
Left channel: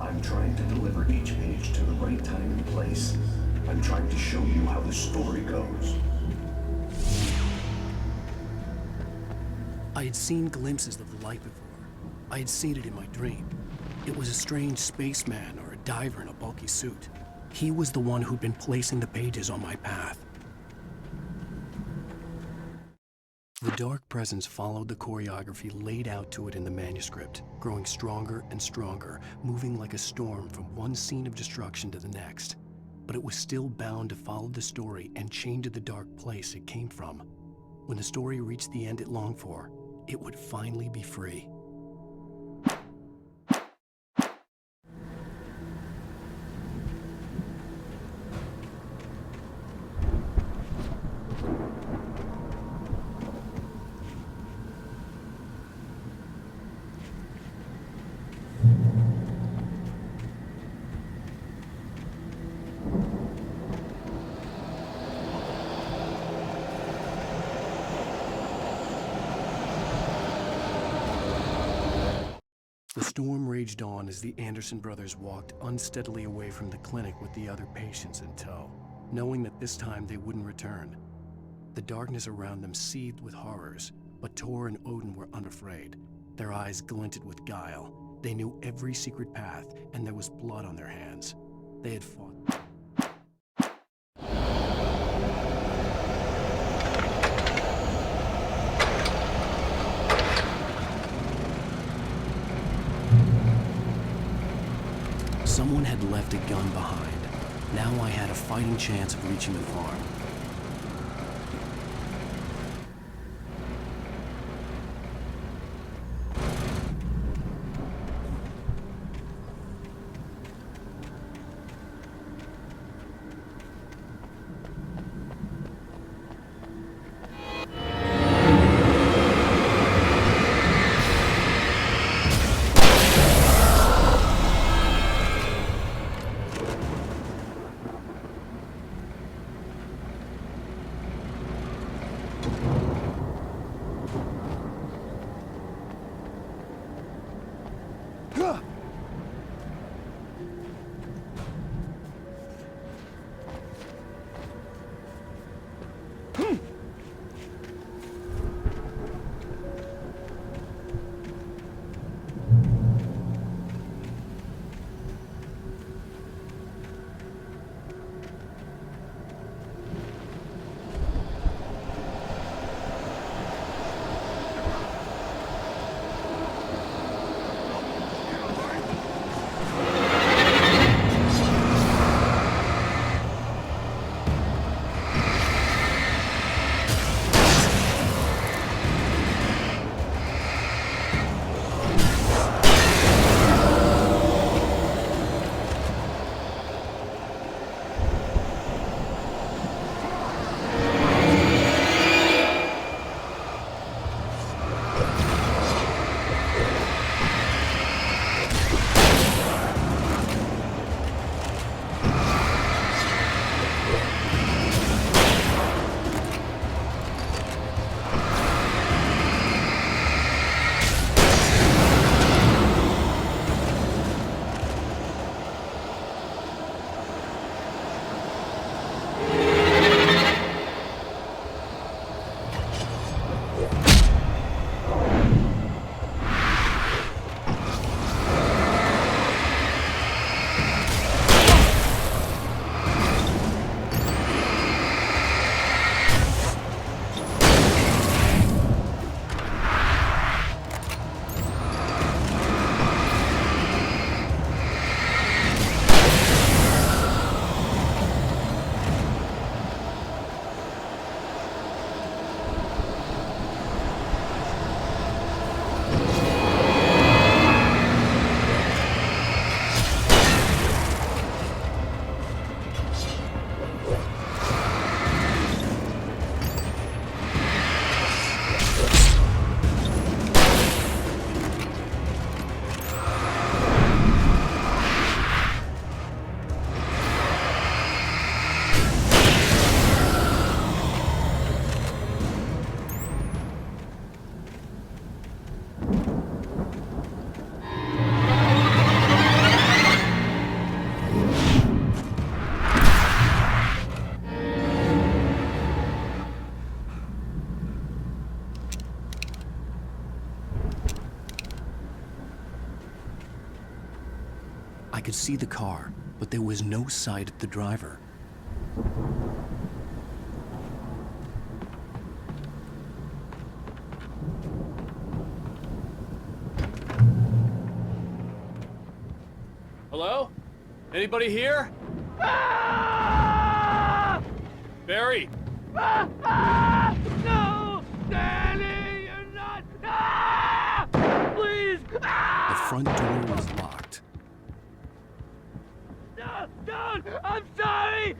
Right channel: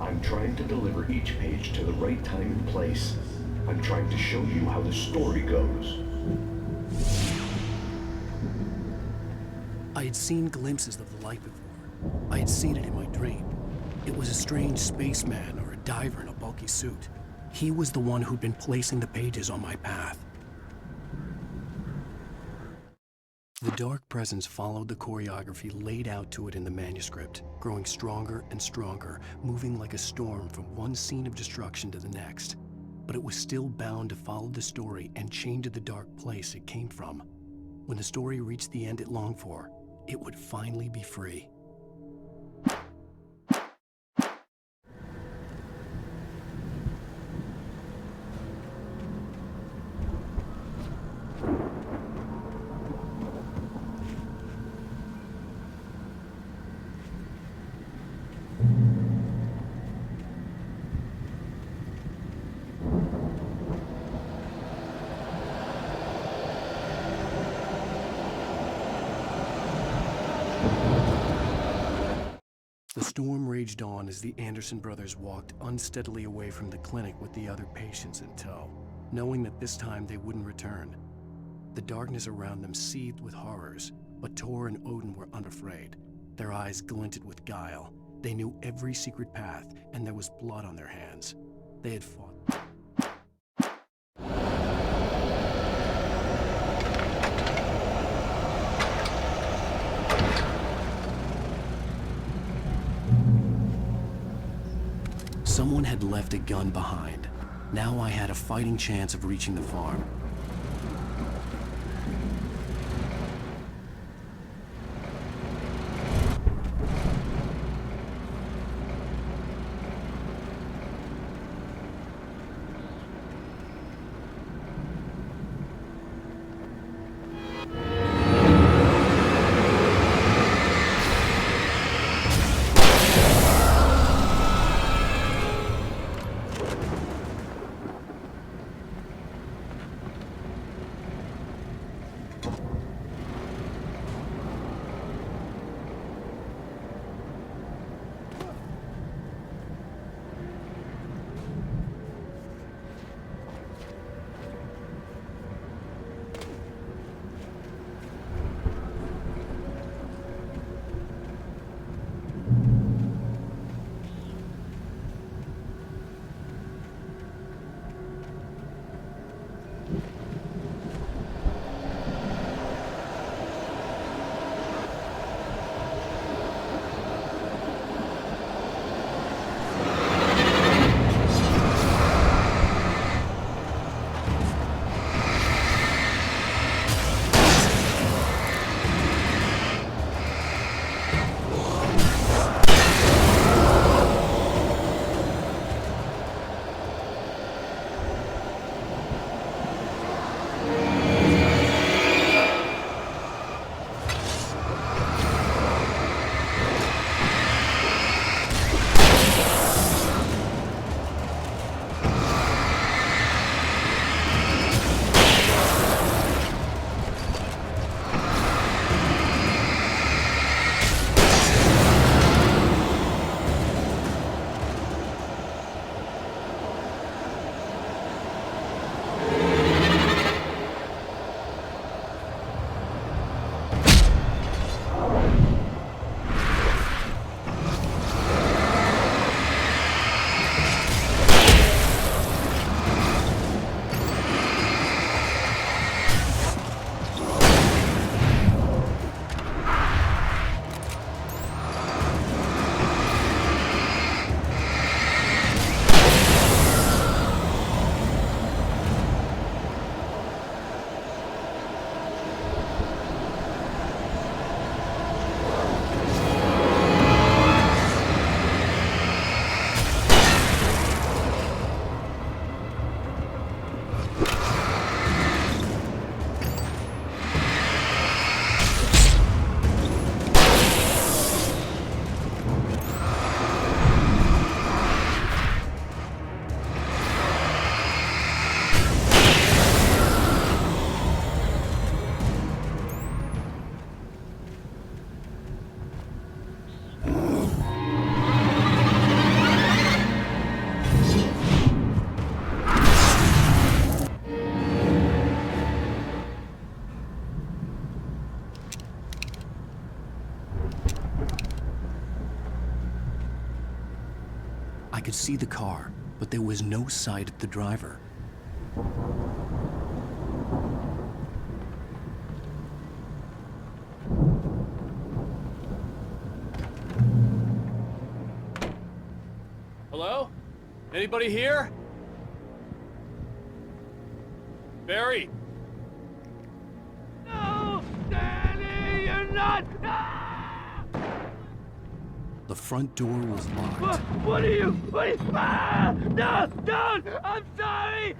I'm trying to deliver each page to the right time and place. I'm trying to show you how the story goes. I had seen glimpses of the light before. I had seen it in my dream. It was a strange spaceman or a diver in a bulky suit. He was the one who'd been placing the pages on my path. The dark presence followed the choreography laid out to it in the manuscript, growing stronger and stronger, moving like a storm from one scene of destruction to the next. But it was still bound to follow the story and chained to the dark place it came from. When the story reached the end it longed for, it would finally be free. The storm raged on as the Anderson brothers walked unsteadily away from the clinic with the other patients in tow, knowing that this time they wouldn't return. The darkness around them seethed with horrors, but Tor and Odin were unafraid. Their eyes glinted with guile. They knew every secret path, and there was blood on their hands. They had fought. Someone had left a gun behind. Now I had a fighting chance of reaching the farm. could see the car, but there was no sight of the driver. Hello? Anybody here? Barry! No! Danny, you're not! Please! The front door was locked. What are you? No! Don't! I'm sorry!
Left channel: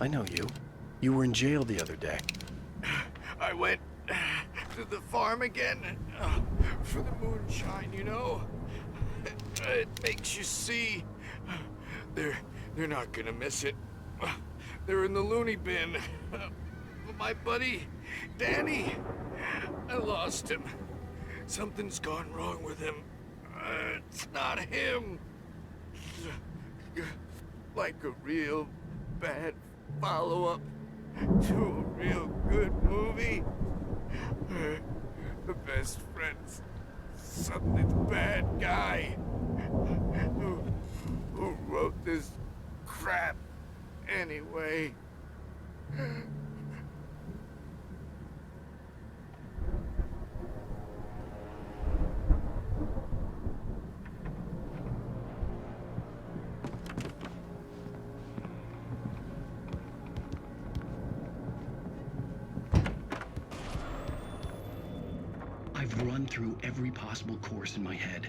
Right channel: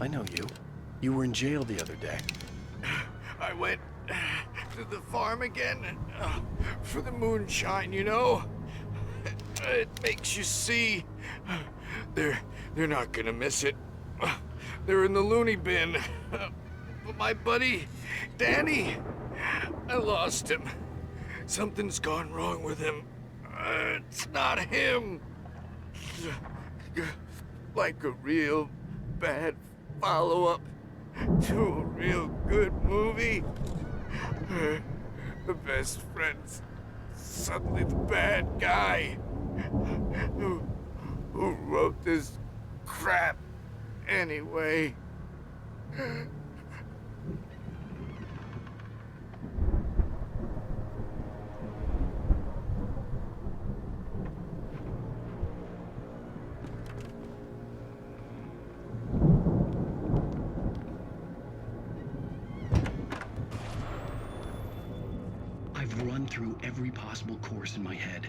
I know you. You were in jail the other day. I went to the farm again for the moonshine, you know? It makes you see. They're not gonna miss it. They're in the loony bin. But my buddy, Danny, I lost him. Something's gone wrong with him. It's not him. Like a real bad follow-up to a real good movie. The best friend's suddenly the bad guy. Who wrote this crap anyway? I've run through every possible course in my head.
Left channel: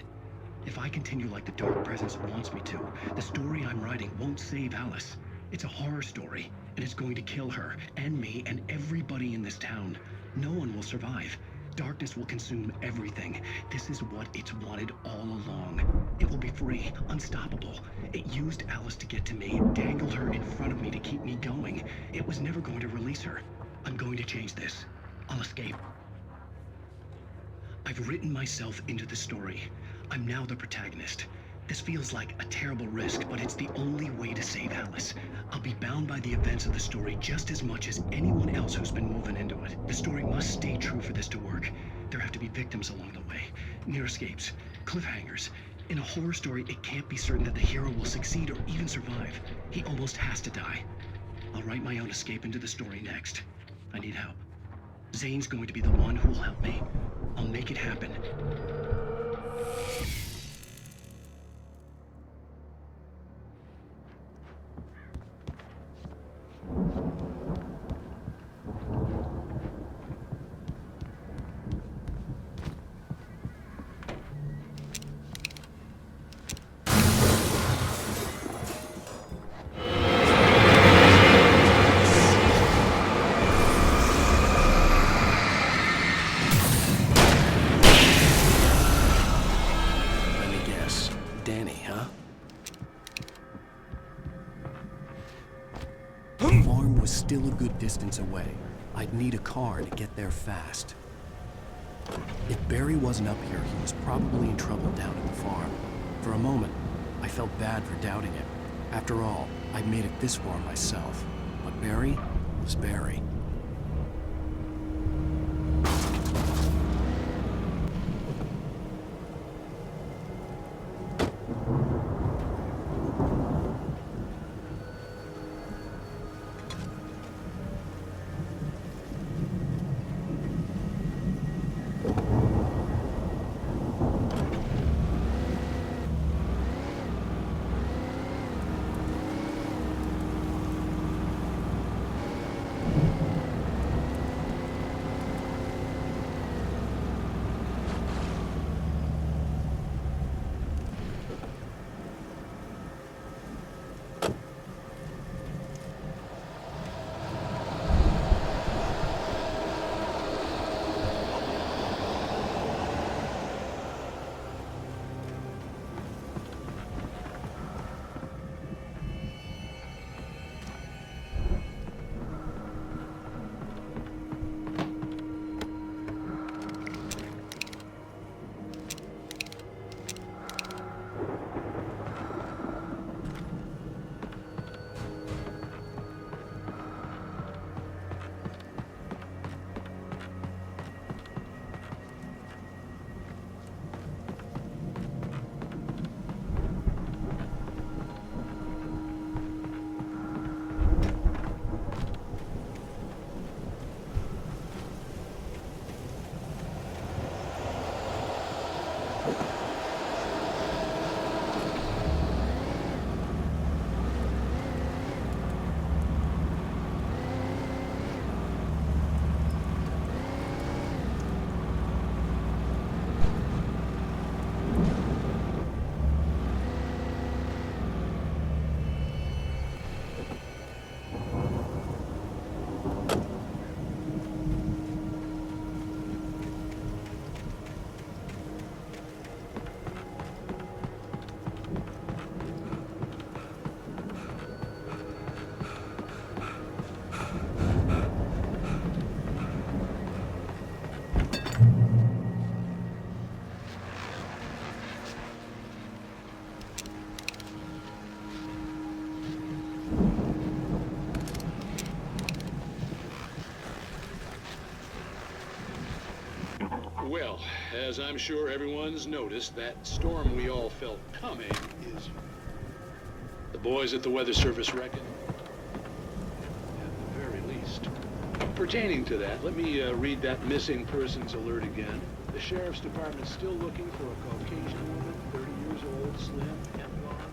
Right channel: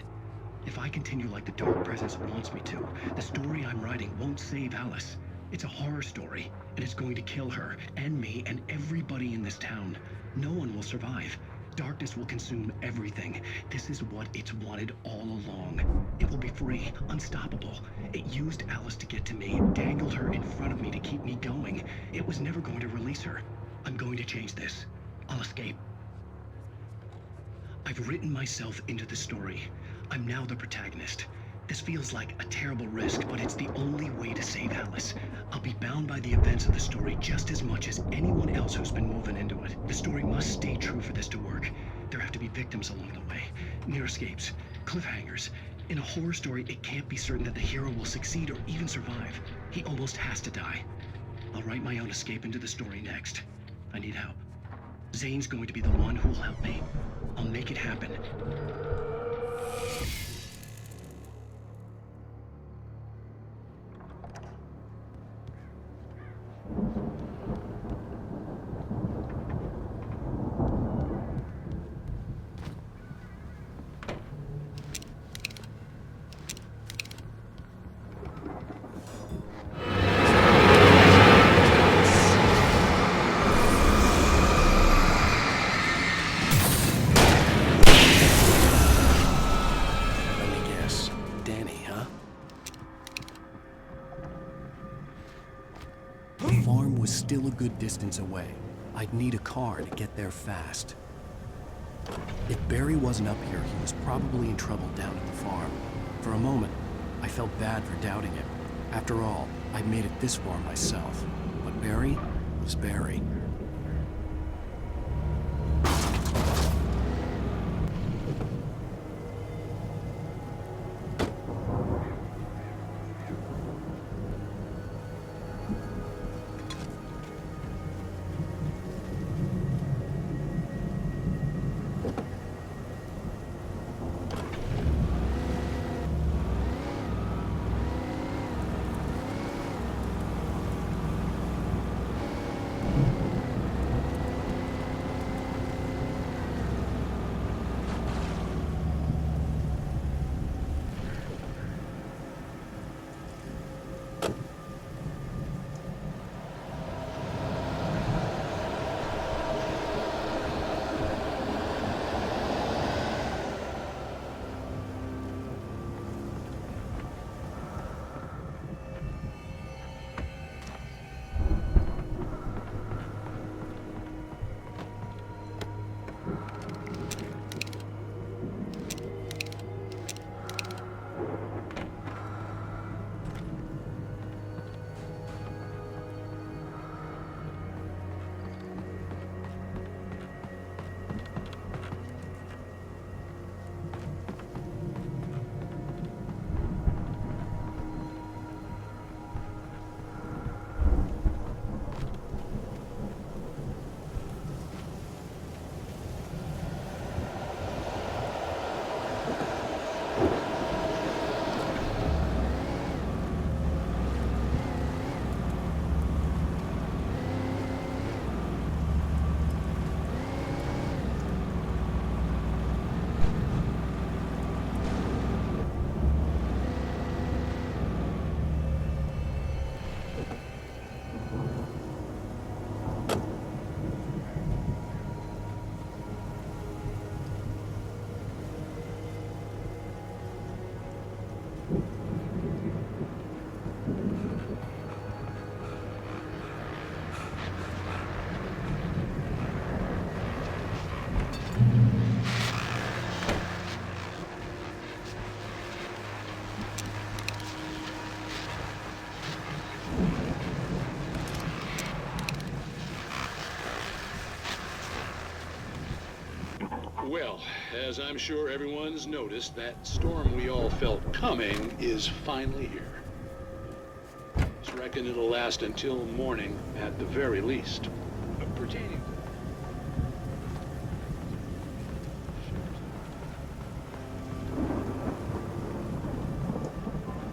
If I continue like the Dark Presence wants me to, the story I'm writing won't save Alice. It's a horror story, and it's going to kill her, and me, and everybody in this town. No one will survive. Darkness will consume everything. This is what it's wanted all along. It will be free, unstoppable. It used Alice to get to me, dangled her in front of me to keep me going. It was never going to release her. I'm going to change this. I'll escape. I've written myself into the story. I'm now the protagonist. This feels like a terrible risk, but it's the only way to save Alice. I'll be bound by the events of the story just as much as anyone else who's been woven into it. The story must stay true for this to work. There have to be victims along the way, near escapes, cliffhangers. In a horror story, it can't be certain that the hero will succeed or even survive. He almost has to die. I'll write my own escape into the story next. I need help. Zane's going to be the one who will help me. I'll make it happen. Still a good distance away. I'd need a car to get there fast. If Barry wasn't up here, he was probably in trouble down at the farm. For a moment, I felt bad for doubting him. After all, I'd made it this far myself. But Barry was Barry. Well, as I'm sure everyone's noticed, that storm we all felt coming is finally here. The boys at the Weather Service reckon it'll last until morning at the very least. Pertaining to that, let me read that missing persons alert again. The Sheriff's Department's still looking for a Caucasian, 30 years old, slim, and blonde.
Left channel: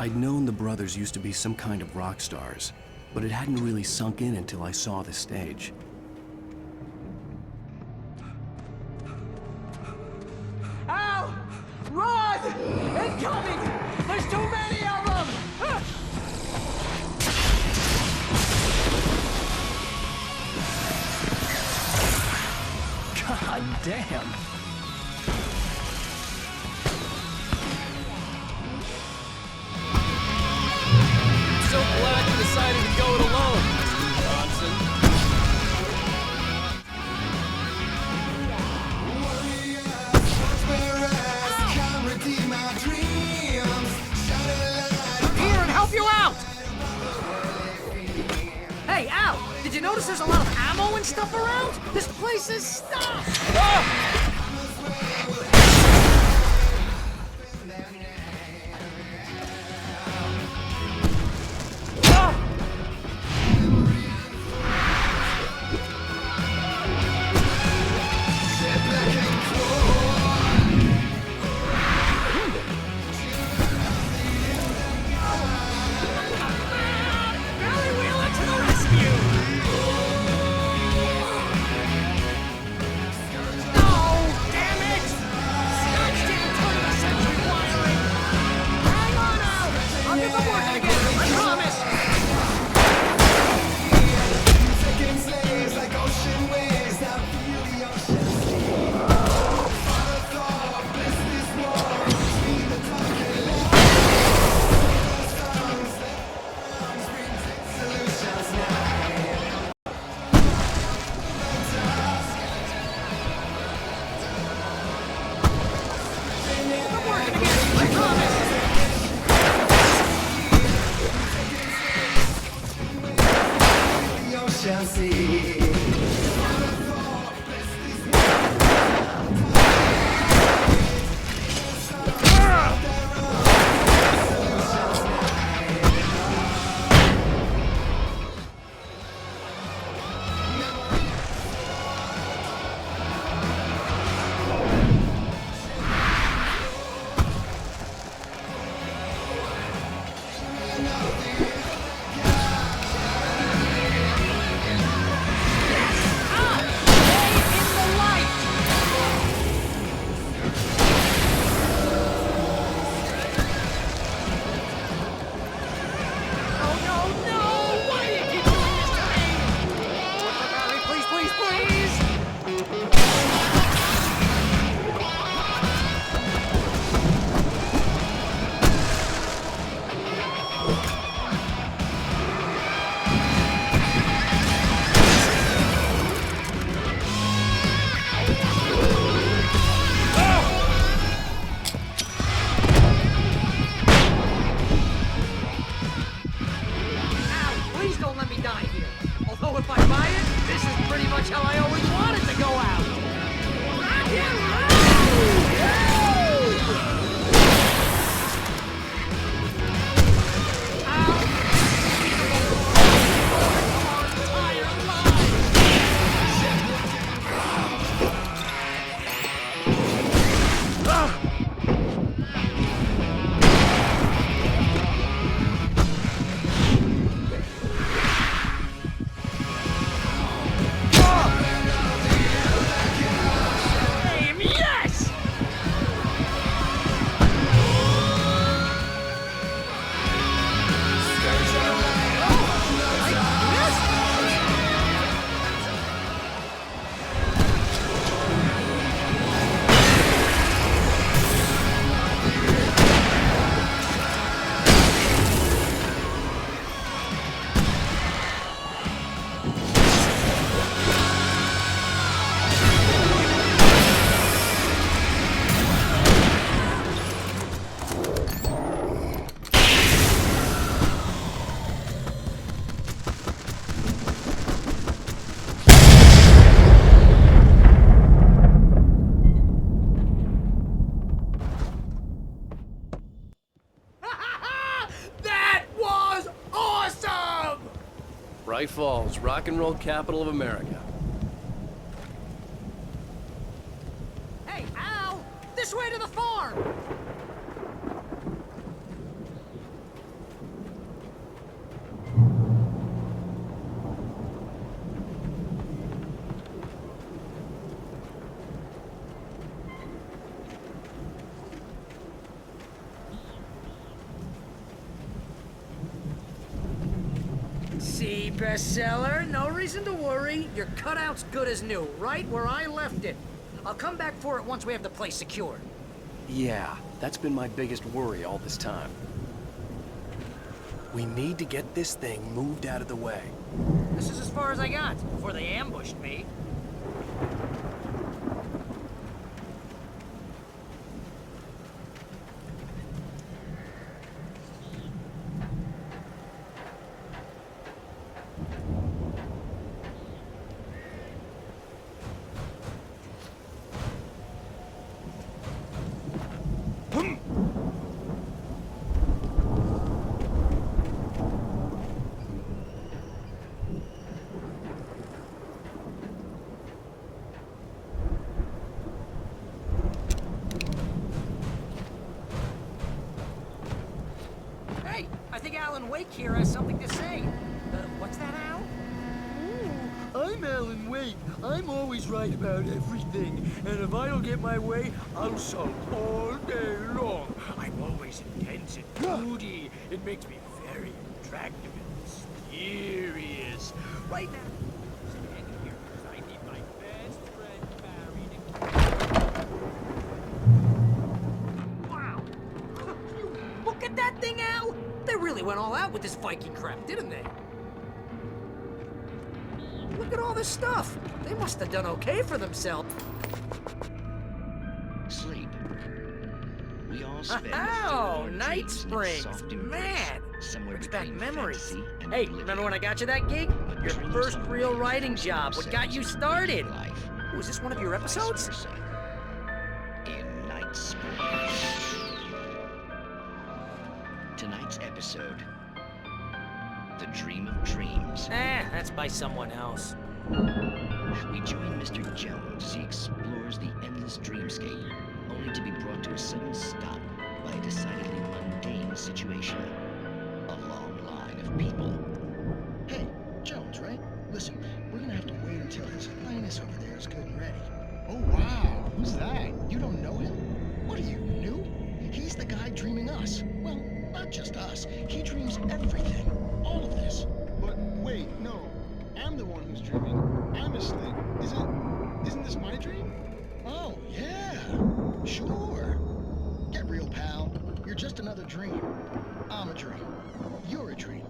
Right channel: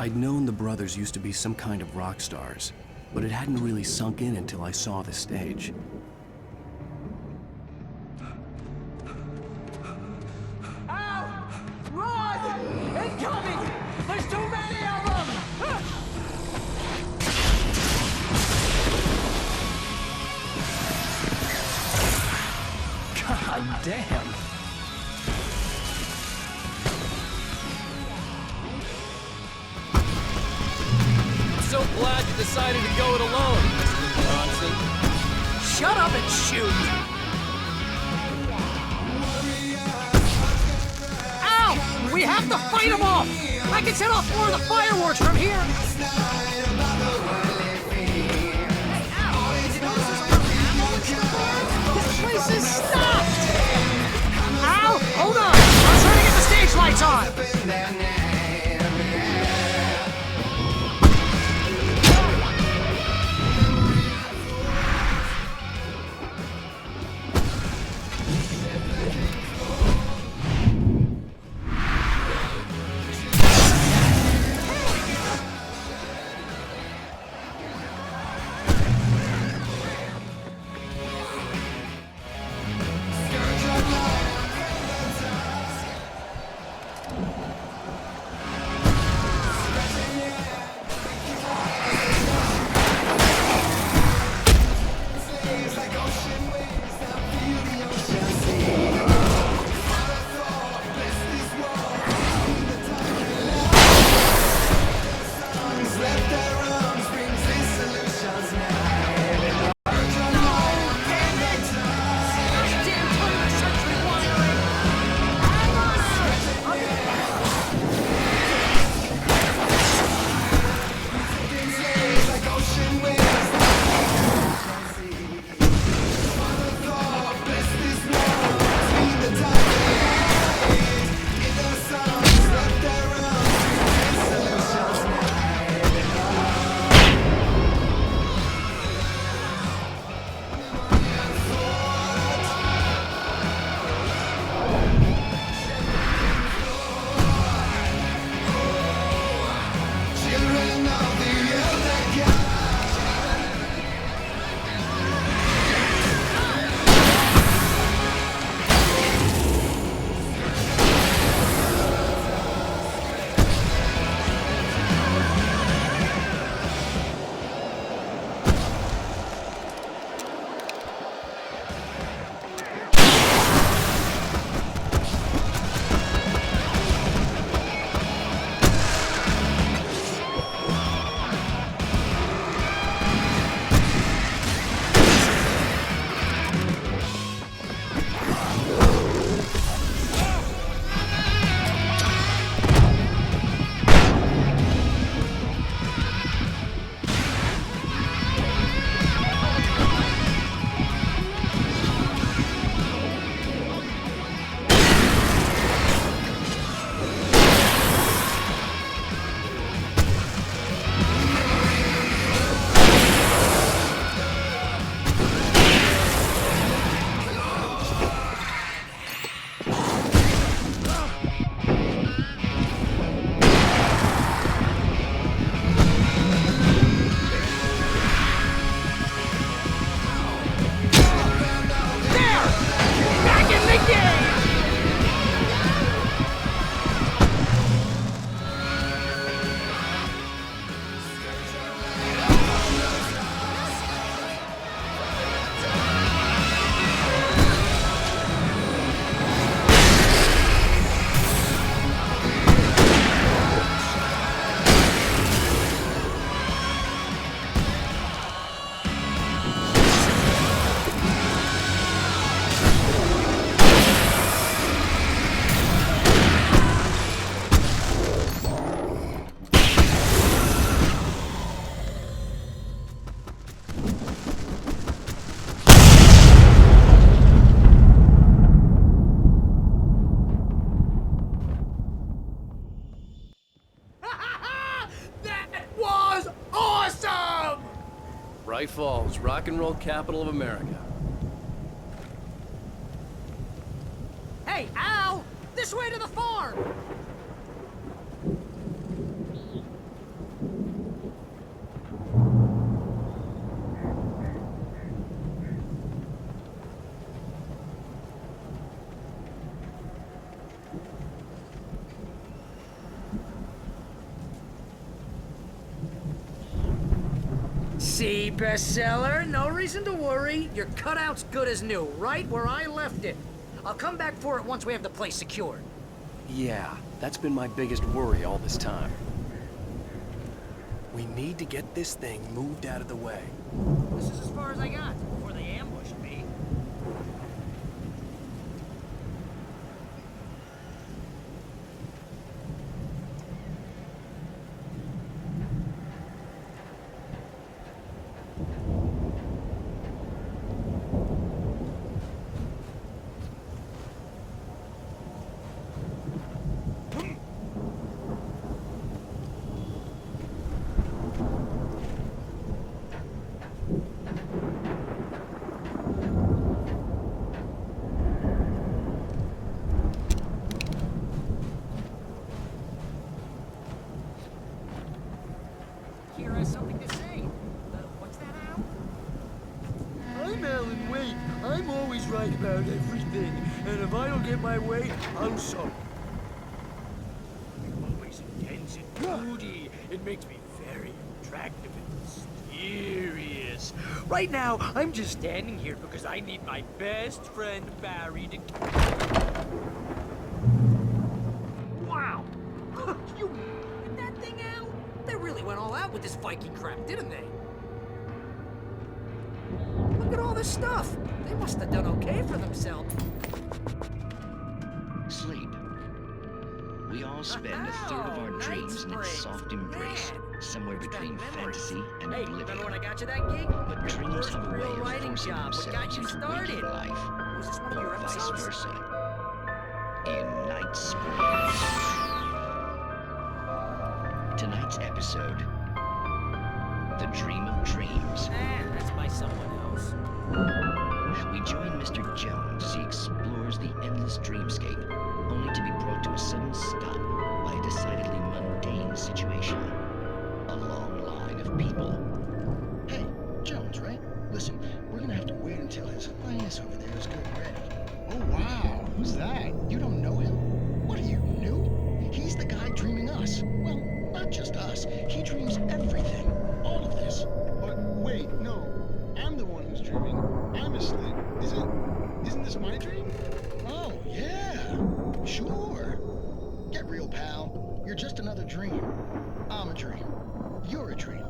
I'd known the brothers used to be some kind of rock stars, but it hadn't really sunk in until I saw the stage. Ow! Run! Incoming! There's too many of them! God damn. So glad you decided to go it alone, Mr. Johnson. Shut up and shoot! Ow! We have to fight them off! I can set off more of the fireworks from here and help you out! Hey, Al! Did you notice there's a lot of ammo and stuff around? This place is stopped! Al! Hold on! I'm trying to get the stage lights on! Bright Falls, rock and roll capital of America. Hey, Al! This way to the farm! see, bestseller. No reason to worry. Your cutout's good as new, right where I left it. I'll come back for it once we have the place secured. Yeah, that's been my biggest worry all this time. We need to get this thing moved out of the way. This is as far as I got before they ambushed me. Here has something to say. What's that, Al? I'm Alan Wake. I'm always right about everything. And if I don't get my way, I'll sulk all day long. I'm always intense and moody. It makes me very attractive and mysterious. Right now, I'm just standing here because I need my best friend Barry to... Wow! You look at that thing, Al! They really went all out with this Viking crap, didn't they? Look at all this stuff. They must have done okay for themselves. Sleep. We all spend a third of our dreams in its soft embrace, somewhere between fantasy and Hey, oblivion. remember when I got you that gig? But Your first real writing job. What got you started? Was this one of your episodes? Vice versa. In Night Sport. Tonight's episode, The Dream of Dreams. That's by someone else. We join Mr. Jones as he explores the endless dreamscape, only to be brought to a sudden stop by a decidedly mundane situation. A long line of people. Hey, Jones, right? Listen, we're gonna have to wait until His Highness over there is good and ready. Oh, wow. Who's that? You don't know him? What are you, new? He's the guy dreaming us. Well, not just us. He dreams everything. All of this. But wait, no. I'm the one who's dreaming. I'm asleep. Isn't this my dream? Oh, yeah. Sure. Get real, pal. You're just another dream. I'm a dream. You're a dream.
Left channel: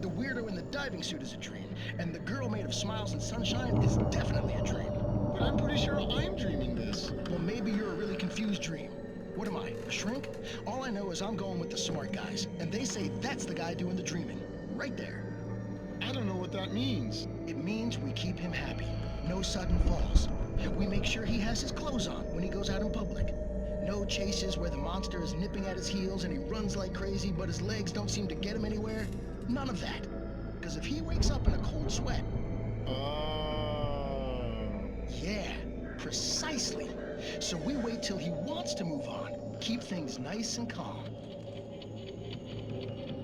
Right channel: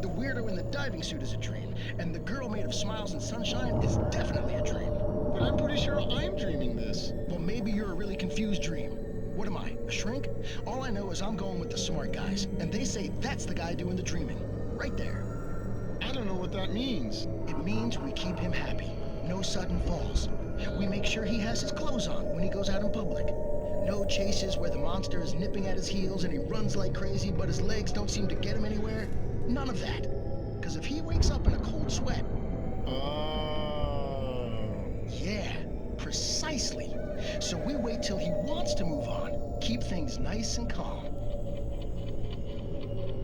The weirdo in the diving suit is a dream. And the girl made of smiles and sunshine is definitely a dream. But I'm pretty sure I'm dreaming this. Well, maybe you're a really confused dream. What am I, a shrink? All I know is I'm going with the smart guys, and they say that's the guy doing the dreaming. Right there. I don't know what that means. It means we keep him happy. No sudden falls. We make sure he has his clothes on when he goes out in public. No chases where the monster is nipping at his heels and he runs like crazy, but his legs don't seem to get him anywhere. None of that. Because if he wakes up in a cold sweat... Yeah, precisely. So we wait till he wants to move on. Keep things nice and calm.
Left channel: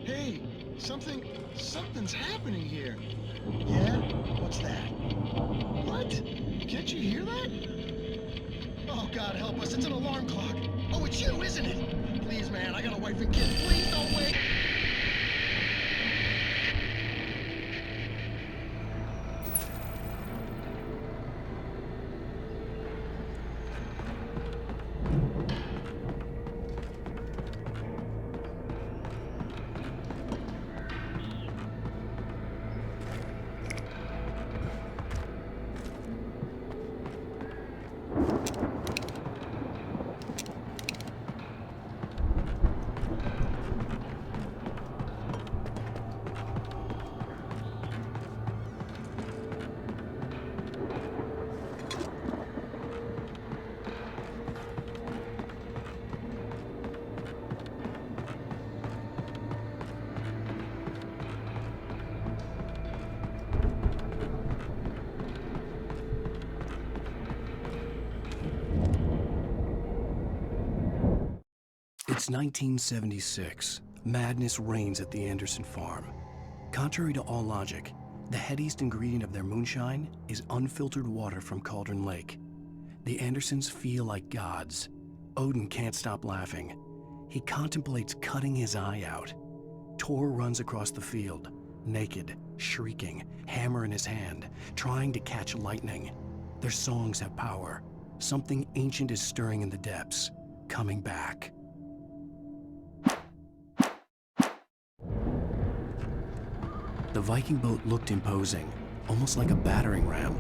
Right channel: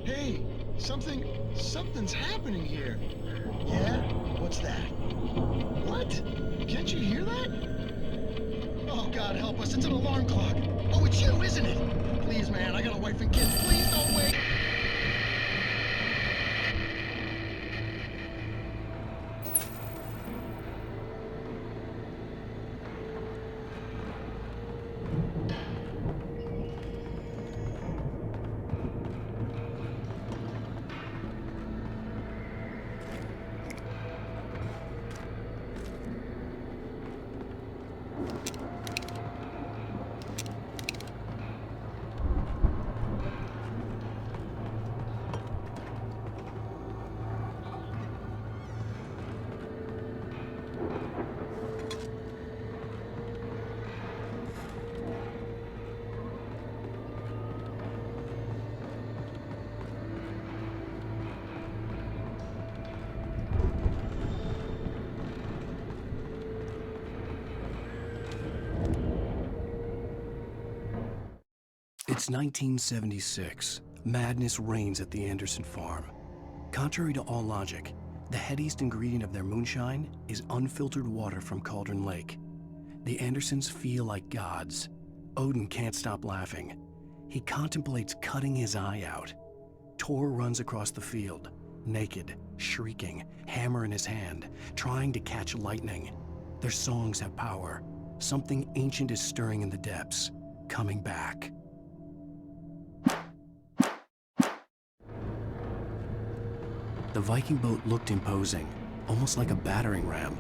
Hey, something's happening here. Yeah? What's that? What? Can't you hear that? Oh, God help us, it's an alarm clock. Oh, it's you, isn't it? Please, man, I got a wife and kids. Please don't wait. It's 1976. Madness reigns at the Anderson farm. Contrary to all logic, the headiest ingredient of their moonshine is unfiltered water from Cauldron Lake. The Andersons feel like gods. Odin can't stop laughing. He contemplates cutting his eye out. Tor runs across the field. naked, shrieking, hammer in his hand, trying to catch lightning. Their songs have power. Something ancient is stirring in the depths, coming back. The Viking boat looked imposing, almost like a battering ram.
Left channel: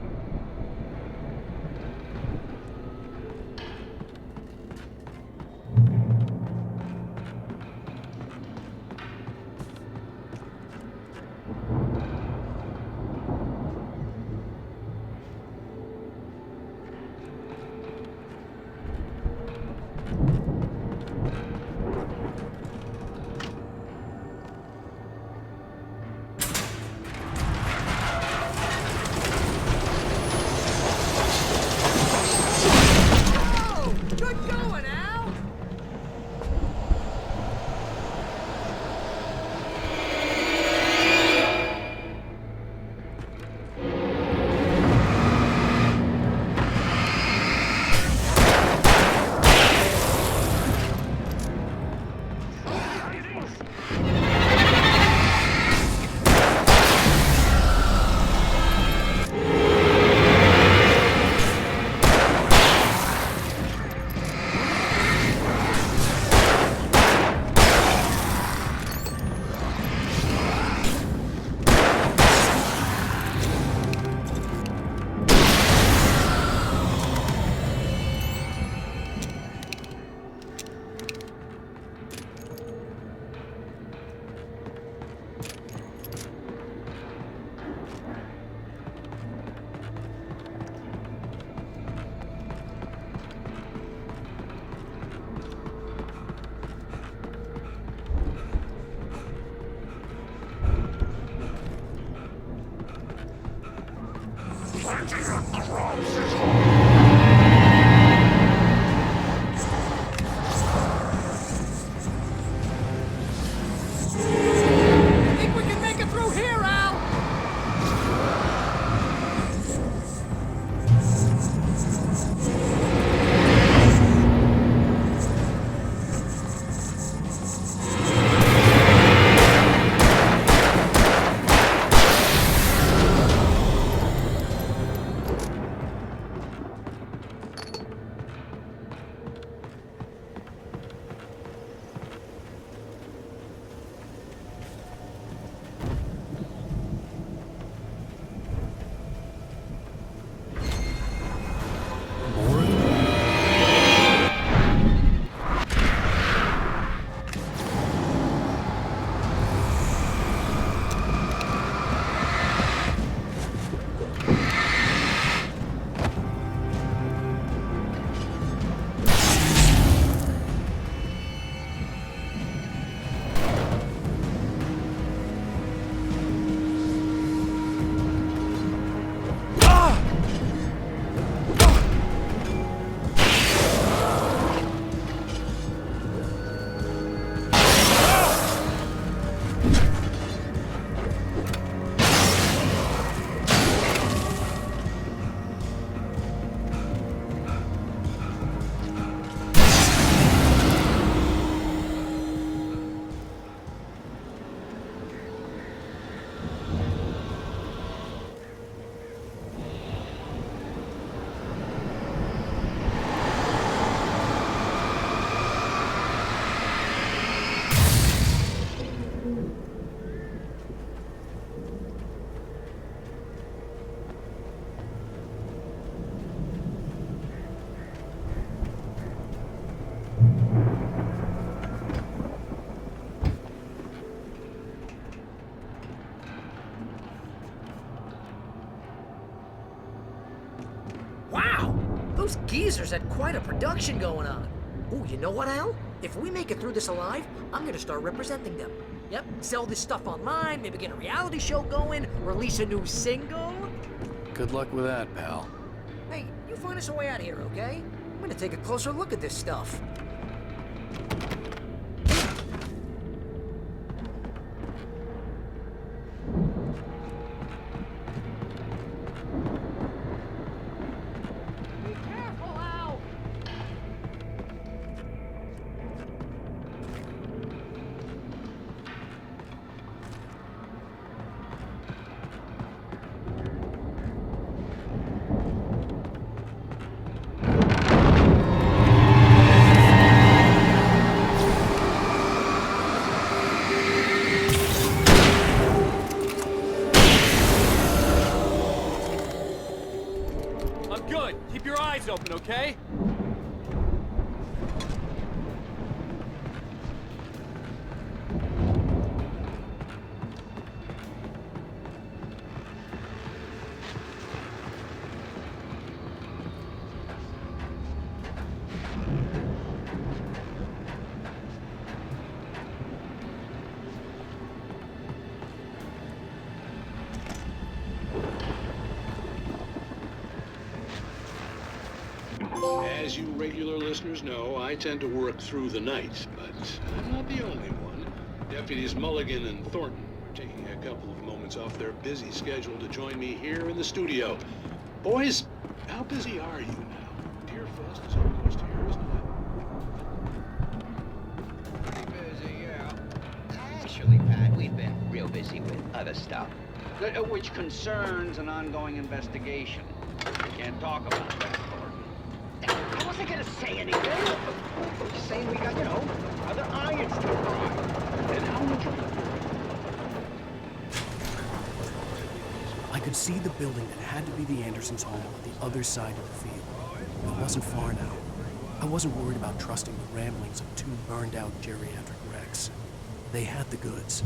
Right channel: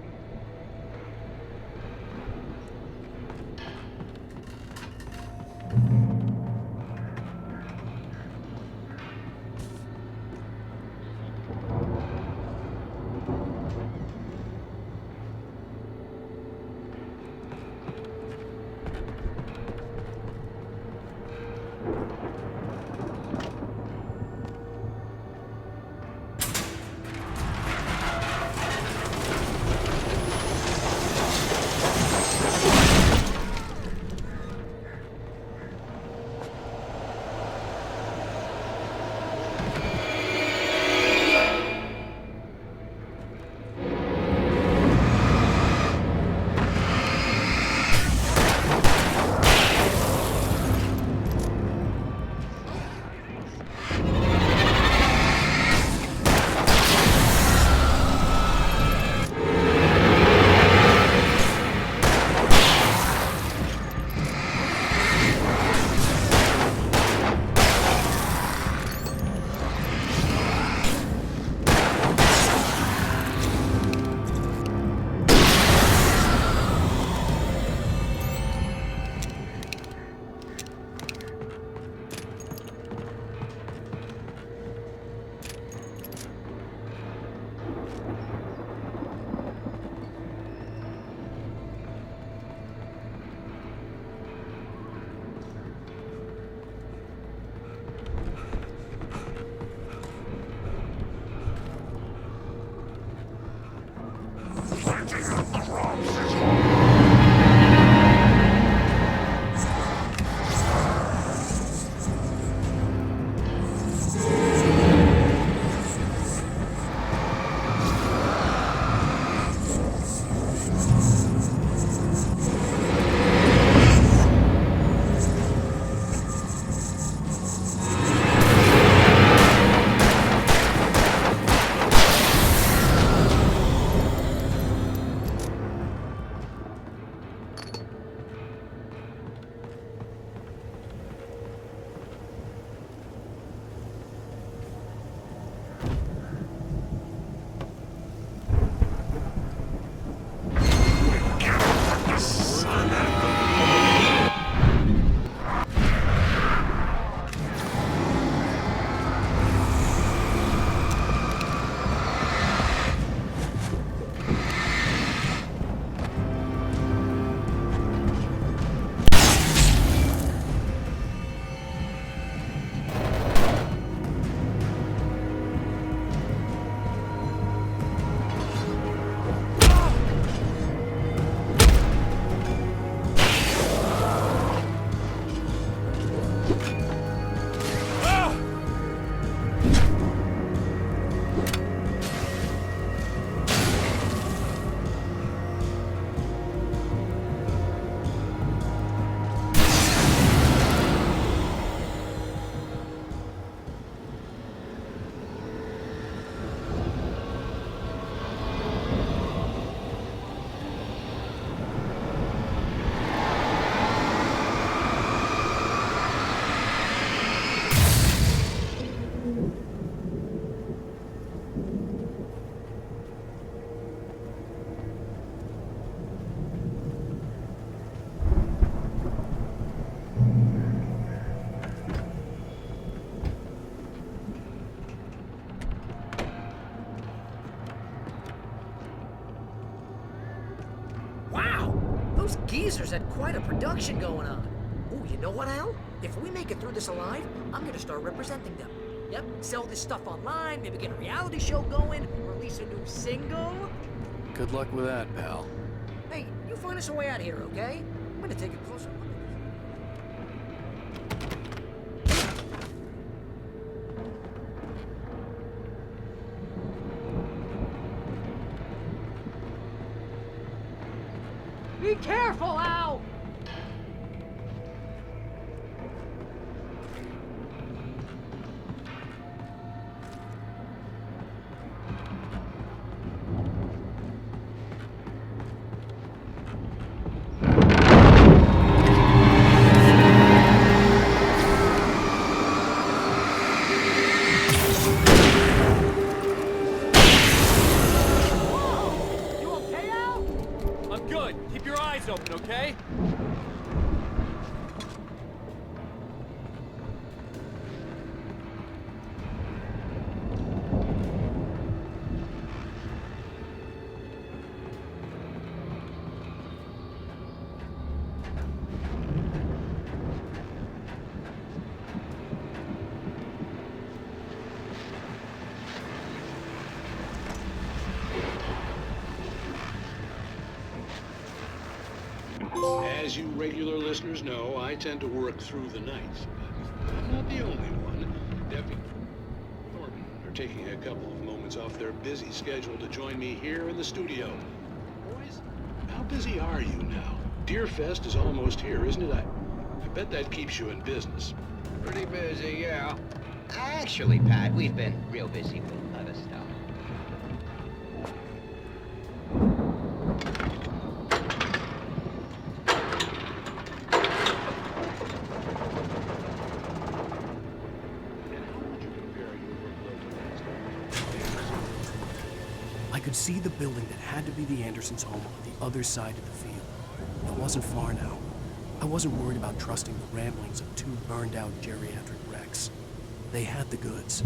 Those geezers had quite a production going on. Oh, you know what, Al? If we make it through this alive, I'm gonna start representing them. Yep, sell this stuff online, maybe get a reality show going, release a new single. Good luck with that, pal. Hey, you find us a way out of here, okay? I'm gonna take a closer look at this stuff. Be careful, Al! As you regular listeners know, I tend to work through the night, but I'm not the only one. Deputies Mulligan and Thornton are taking a couple of moments off their busy schedule to join me here in the studio. Boys, how busy are you now? Deerfest is almost here, isn't it? I bet that keeps you in business. Pretty busy, yeah. Actually, Pat, we've been real busy with other stuff, which concerns an ongoing investigation. I can't talk about it. I wasn't gonna say anything. Just saying we got other irons to fry. And how would you compare your I could see the building that had to be the Andersons' home on the other side of the field. It wasn't far now. I wasn't worried about trusting the ramblings of two burned-out geriatric wrecks. They had the goods.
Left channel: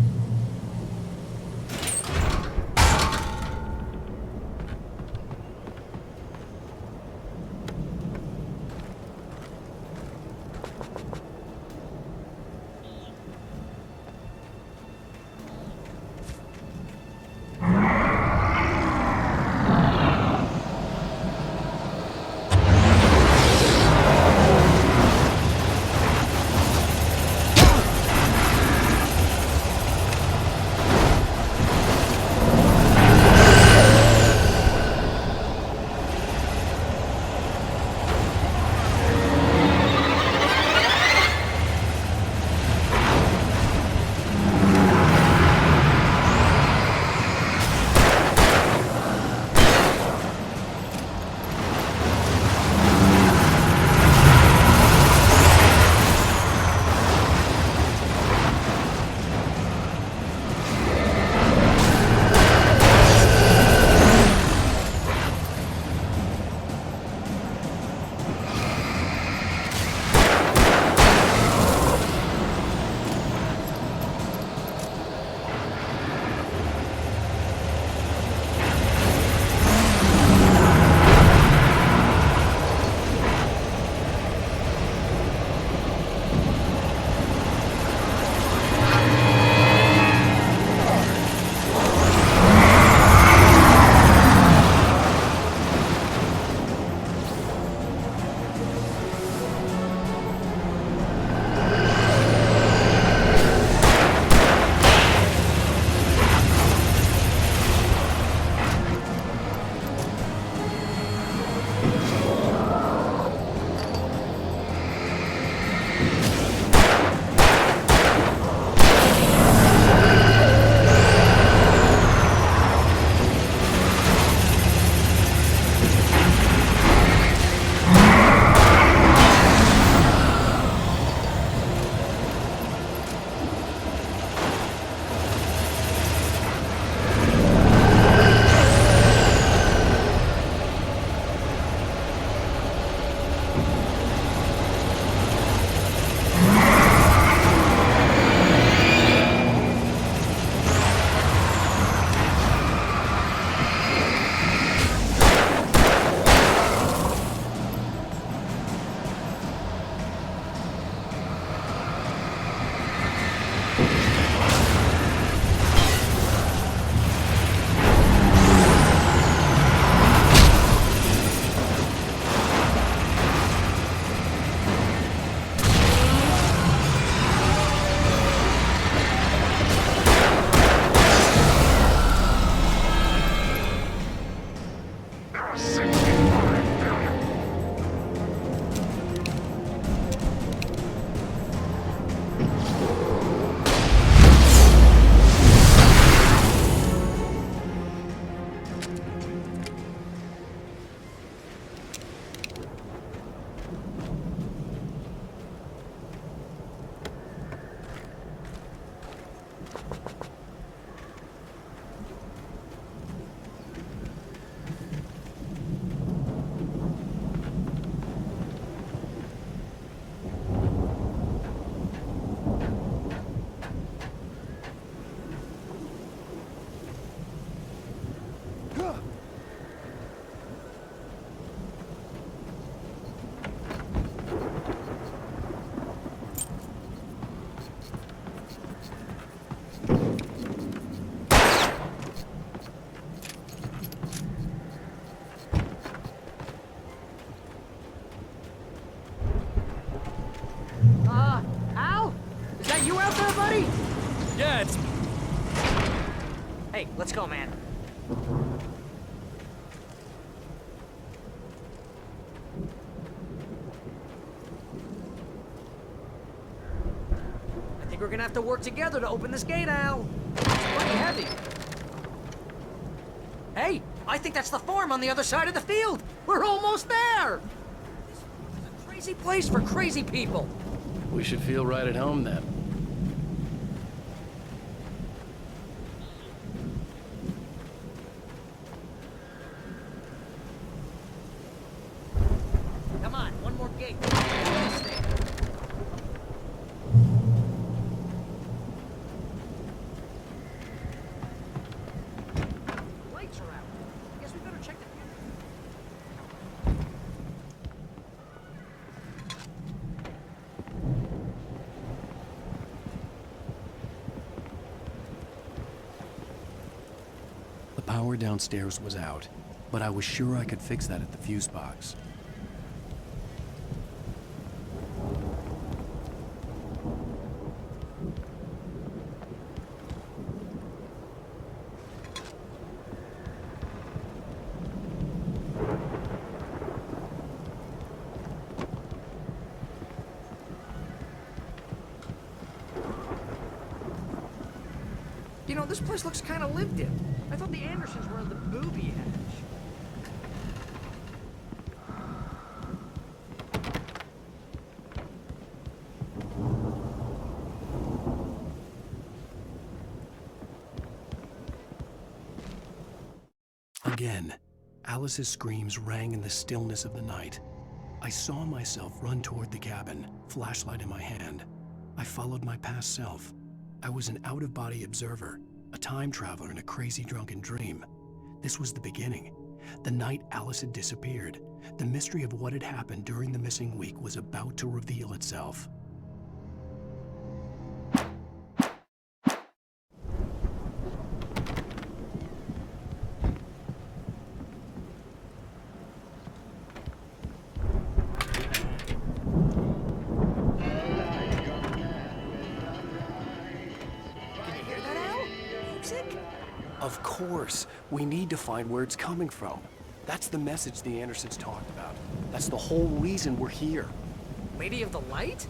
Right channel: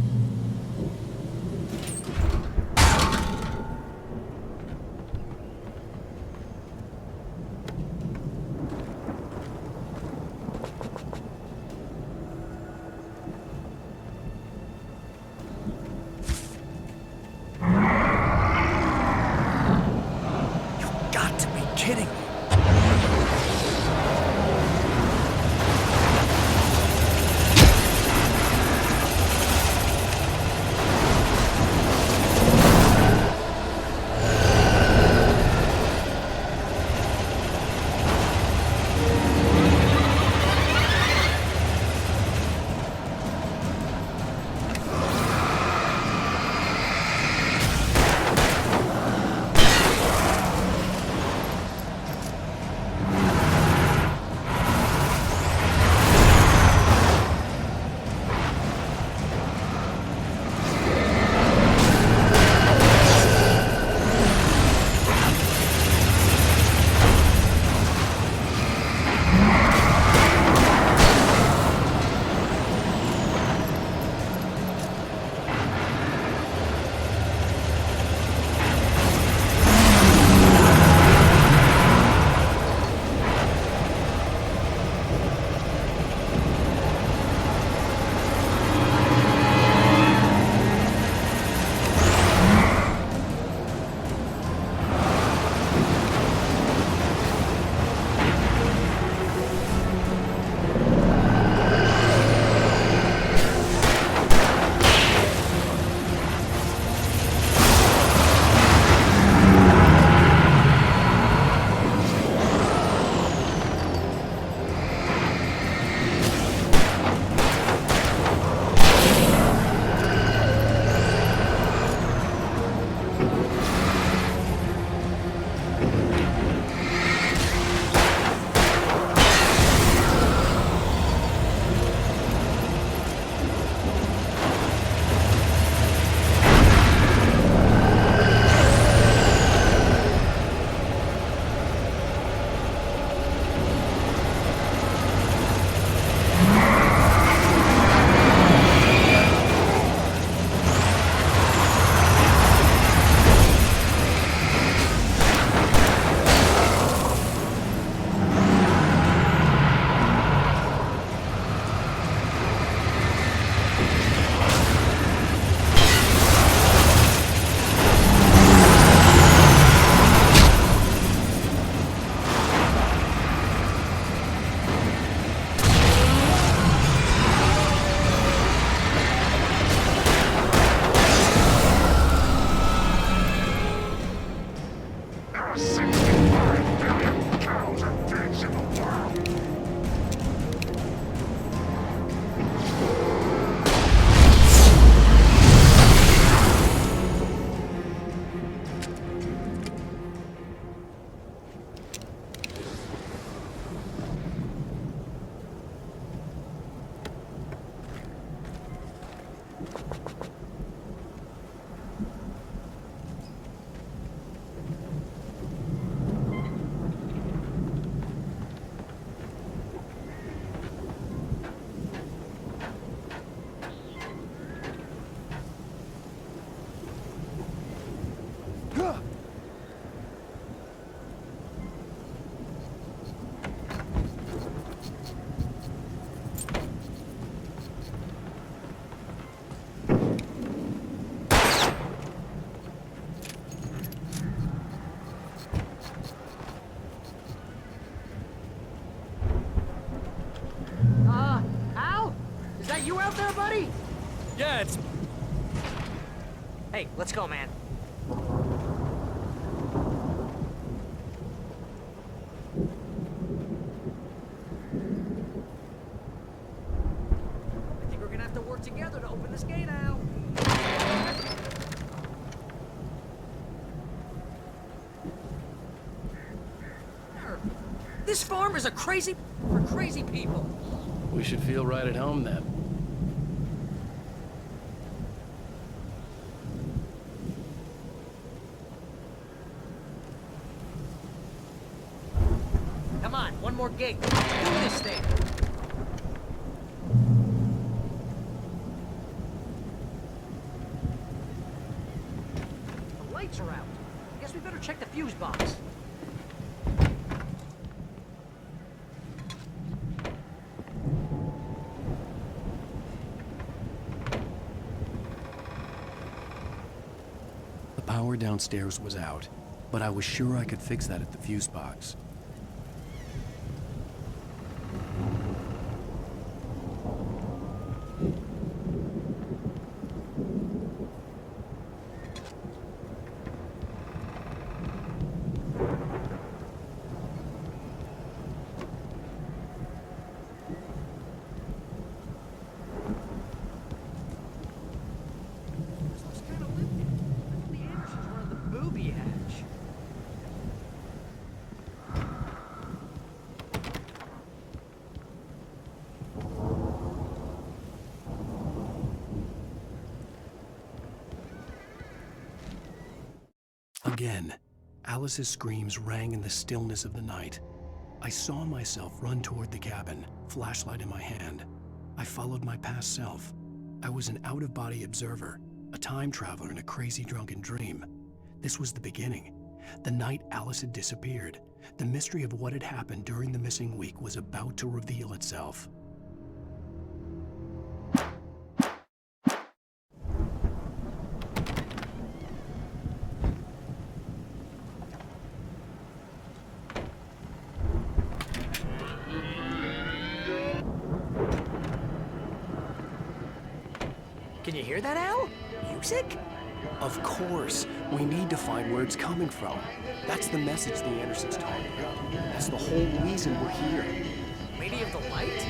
Is that you out there, buddy? Yeah, it's... Hey, let's go, man. I think we're gonna have to work together to open this gate, Al. It's quite heavy. Hey, I think that's the farm on the other side of the field. We're almost there. This farm is a crazy place for crazy people. We should feel right at home then. Come on, one more gate. Do this thing. The lights are out. Guess we better check the fuse box. The power downstairs was out, but I was sure I could fix that at the fuse box. You know, this place looks kind of lived in. I thought the Andersons were in the booby hatch. Again, Alice's screams rang in the stillness of the night. I saw myself run toward the cabin, flashlight in my hand. I followed my past self. I was an out-of-body observer, a time traveler in a crazy drunken dream. This was the beginning. The night Alice had disappeared. The mystery of what had happened during the missing week was about to reveal itself. Can you hear that, Al? Music? Of course. We need to find where it's coming from. That's the message the Andersons talked about. That's the whole reason we're here. Lady of the Light?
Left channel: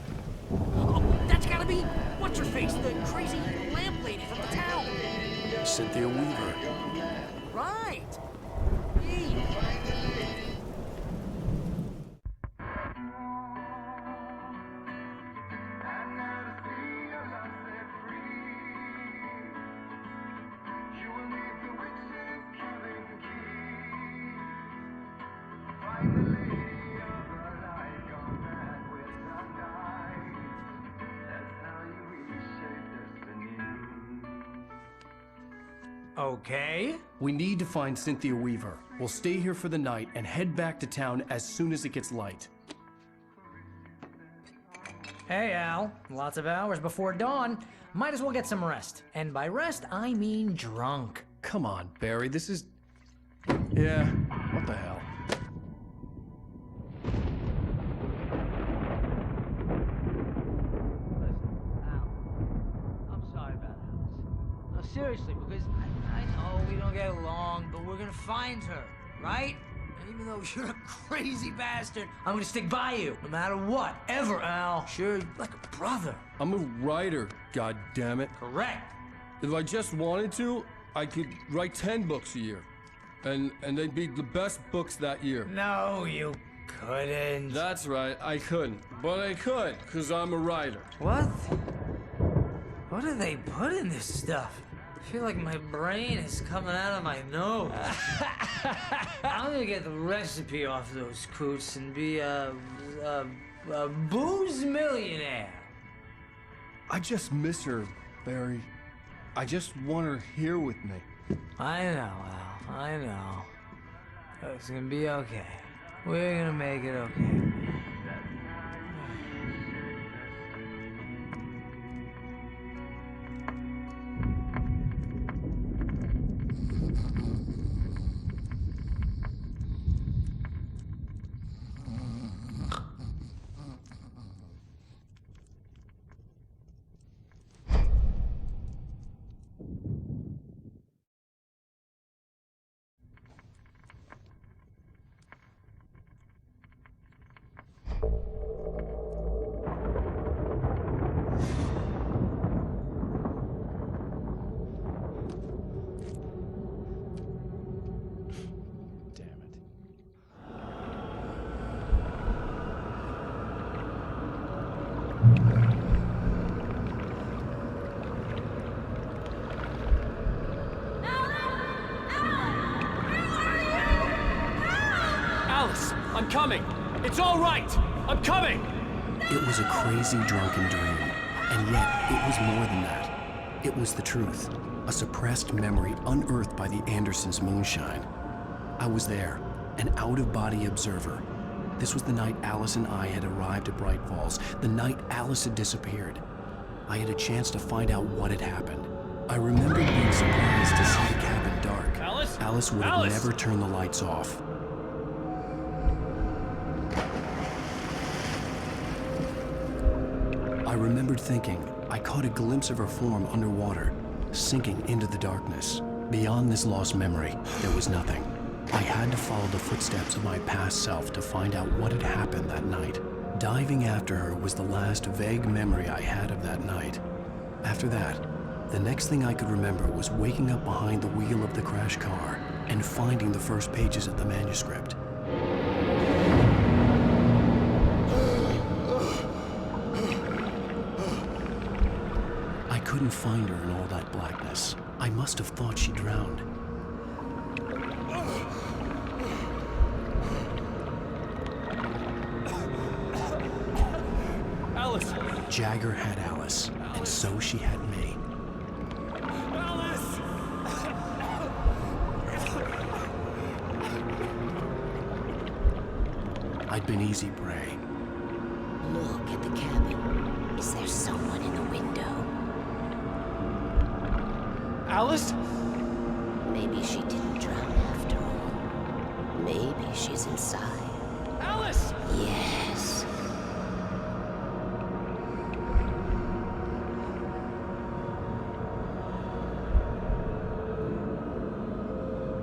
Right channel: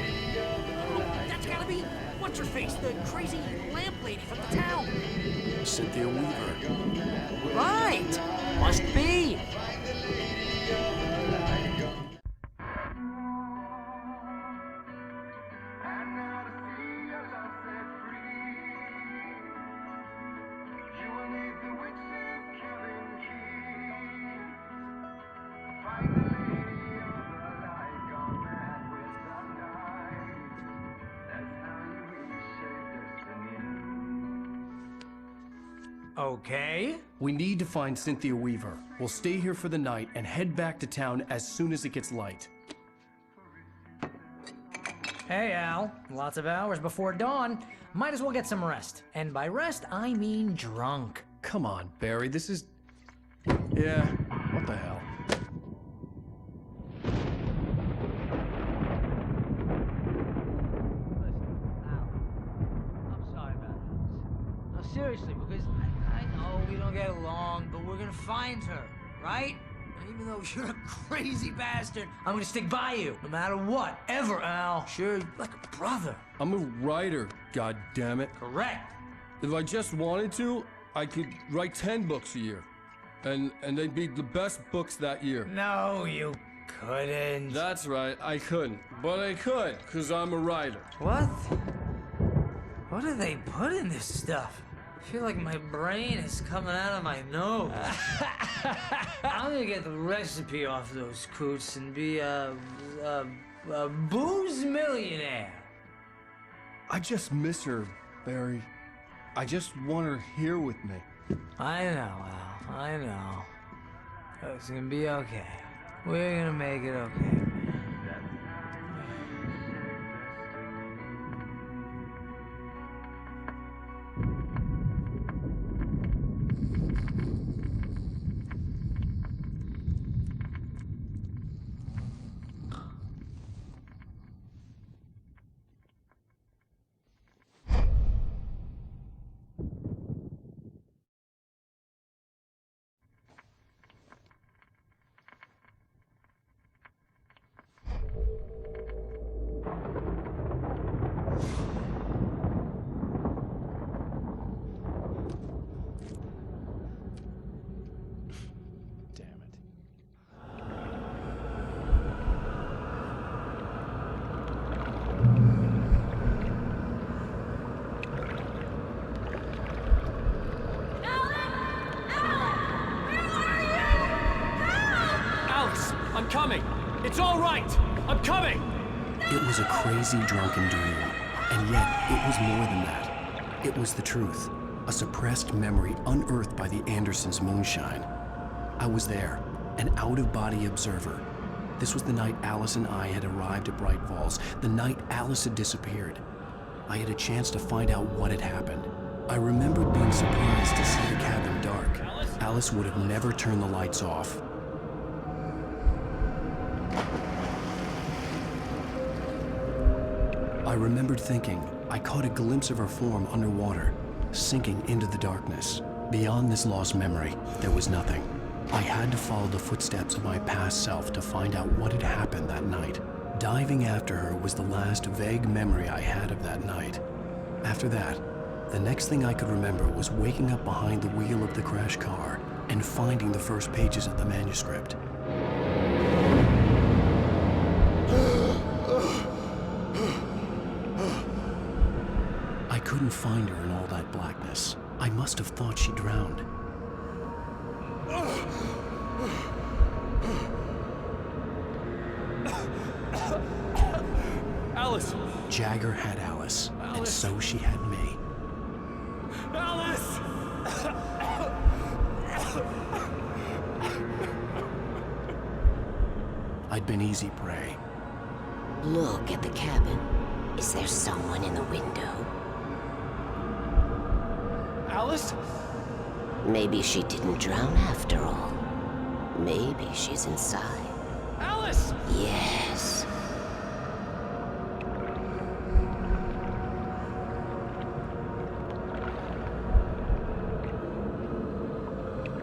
Oh, that's gotta be... What's-her-face? The crazy lamp lady from the town. Cynthia Weaver. Right! Must be. Okay. We need to find Cynthia Weaver. We'll stay here for the night and head back to town as soon as it gets light. Hey, Al. Lots of hours before dawn. Might as well get some rest. And by rest, I mean drunk. Come on, Barry, this is... Yeah, what the hell? Seriously, because I know we don't get along, but we're gonna find her, right? And even though you're a crazy bastard, I'm gonna stick by you, no matter what, ever, Al. Sure, like a brother. I'm a writer, goddammit. Correct. If I just wanted to, I could write 10 books a year. And they'd be the best books that year. No, you couldn't. That's right, I couldn't. But I could, because I'm a writer. What? What do they put in this stuff? I feel like my brain is coming out of my nose. I'm gonna get the recipe off those coots and be a booze millionaire. I just miss her, Barry. I just want her here with me. I know, Al. I know. It's gonna be okay. We're gonna make it okay. coming. It's all right. I'm coming. It was a crazy, drunken dream, and yet it was more than that. It was the truth, a suppressed memory unearthed by the Andersons' moonshine. I was there, an out-of-body observer. This was the night Alice and I had arrived at Bright Falls, the night Alice had disappeared. I had a chance to find out what had happened. I remembered being surprised to see the cabin dark. Alice would have never turned the lights off. I remembered thinking I caught a glimpse of her form underwater, sinking into the darkness. Beyond this lost memory, there was nothing. I had to follow the footsteps of my past self to find out what had happened that night. Diving after her was the last vague memory I had of that night. After that, the next thing I could remember was waking up behind the wheel of the crashed car and finding the first pages of the manuscript. I couldn't find her in all that blackness. I must have thought she drowned. Alice! Jagger had Alice, and so she had me. Alice! I'd been easy prey. Look at the cabin. Is there someone in the window? Alice? Maybe she didn't drown after all. Maybe she's inside. Alice! Yes.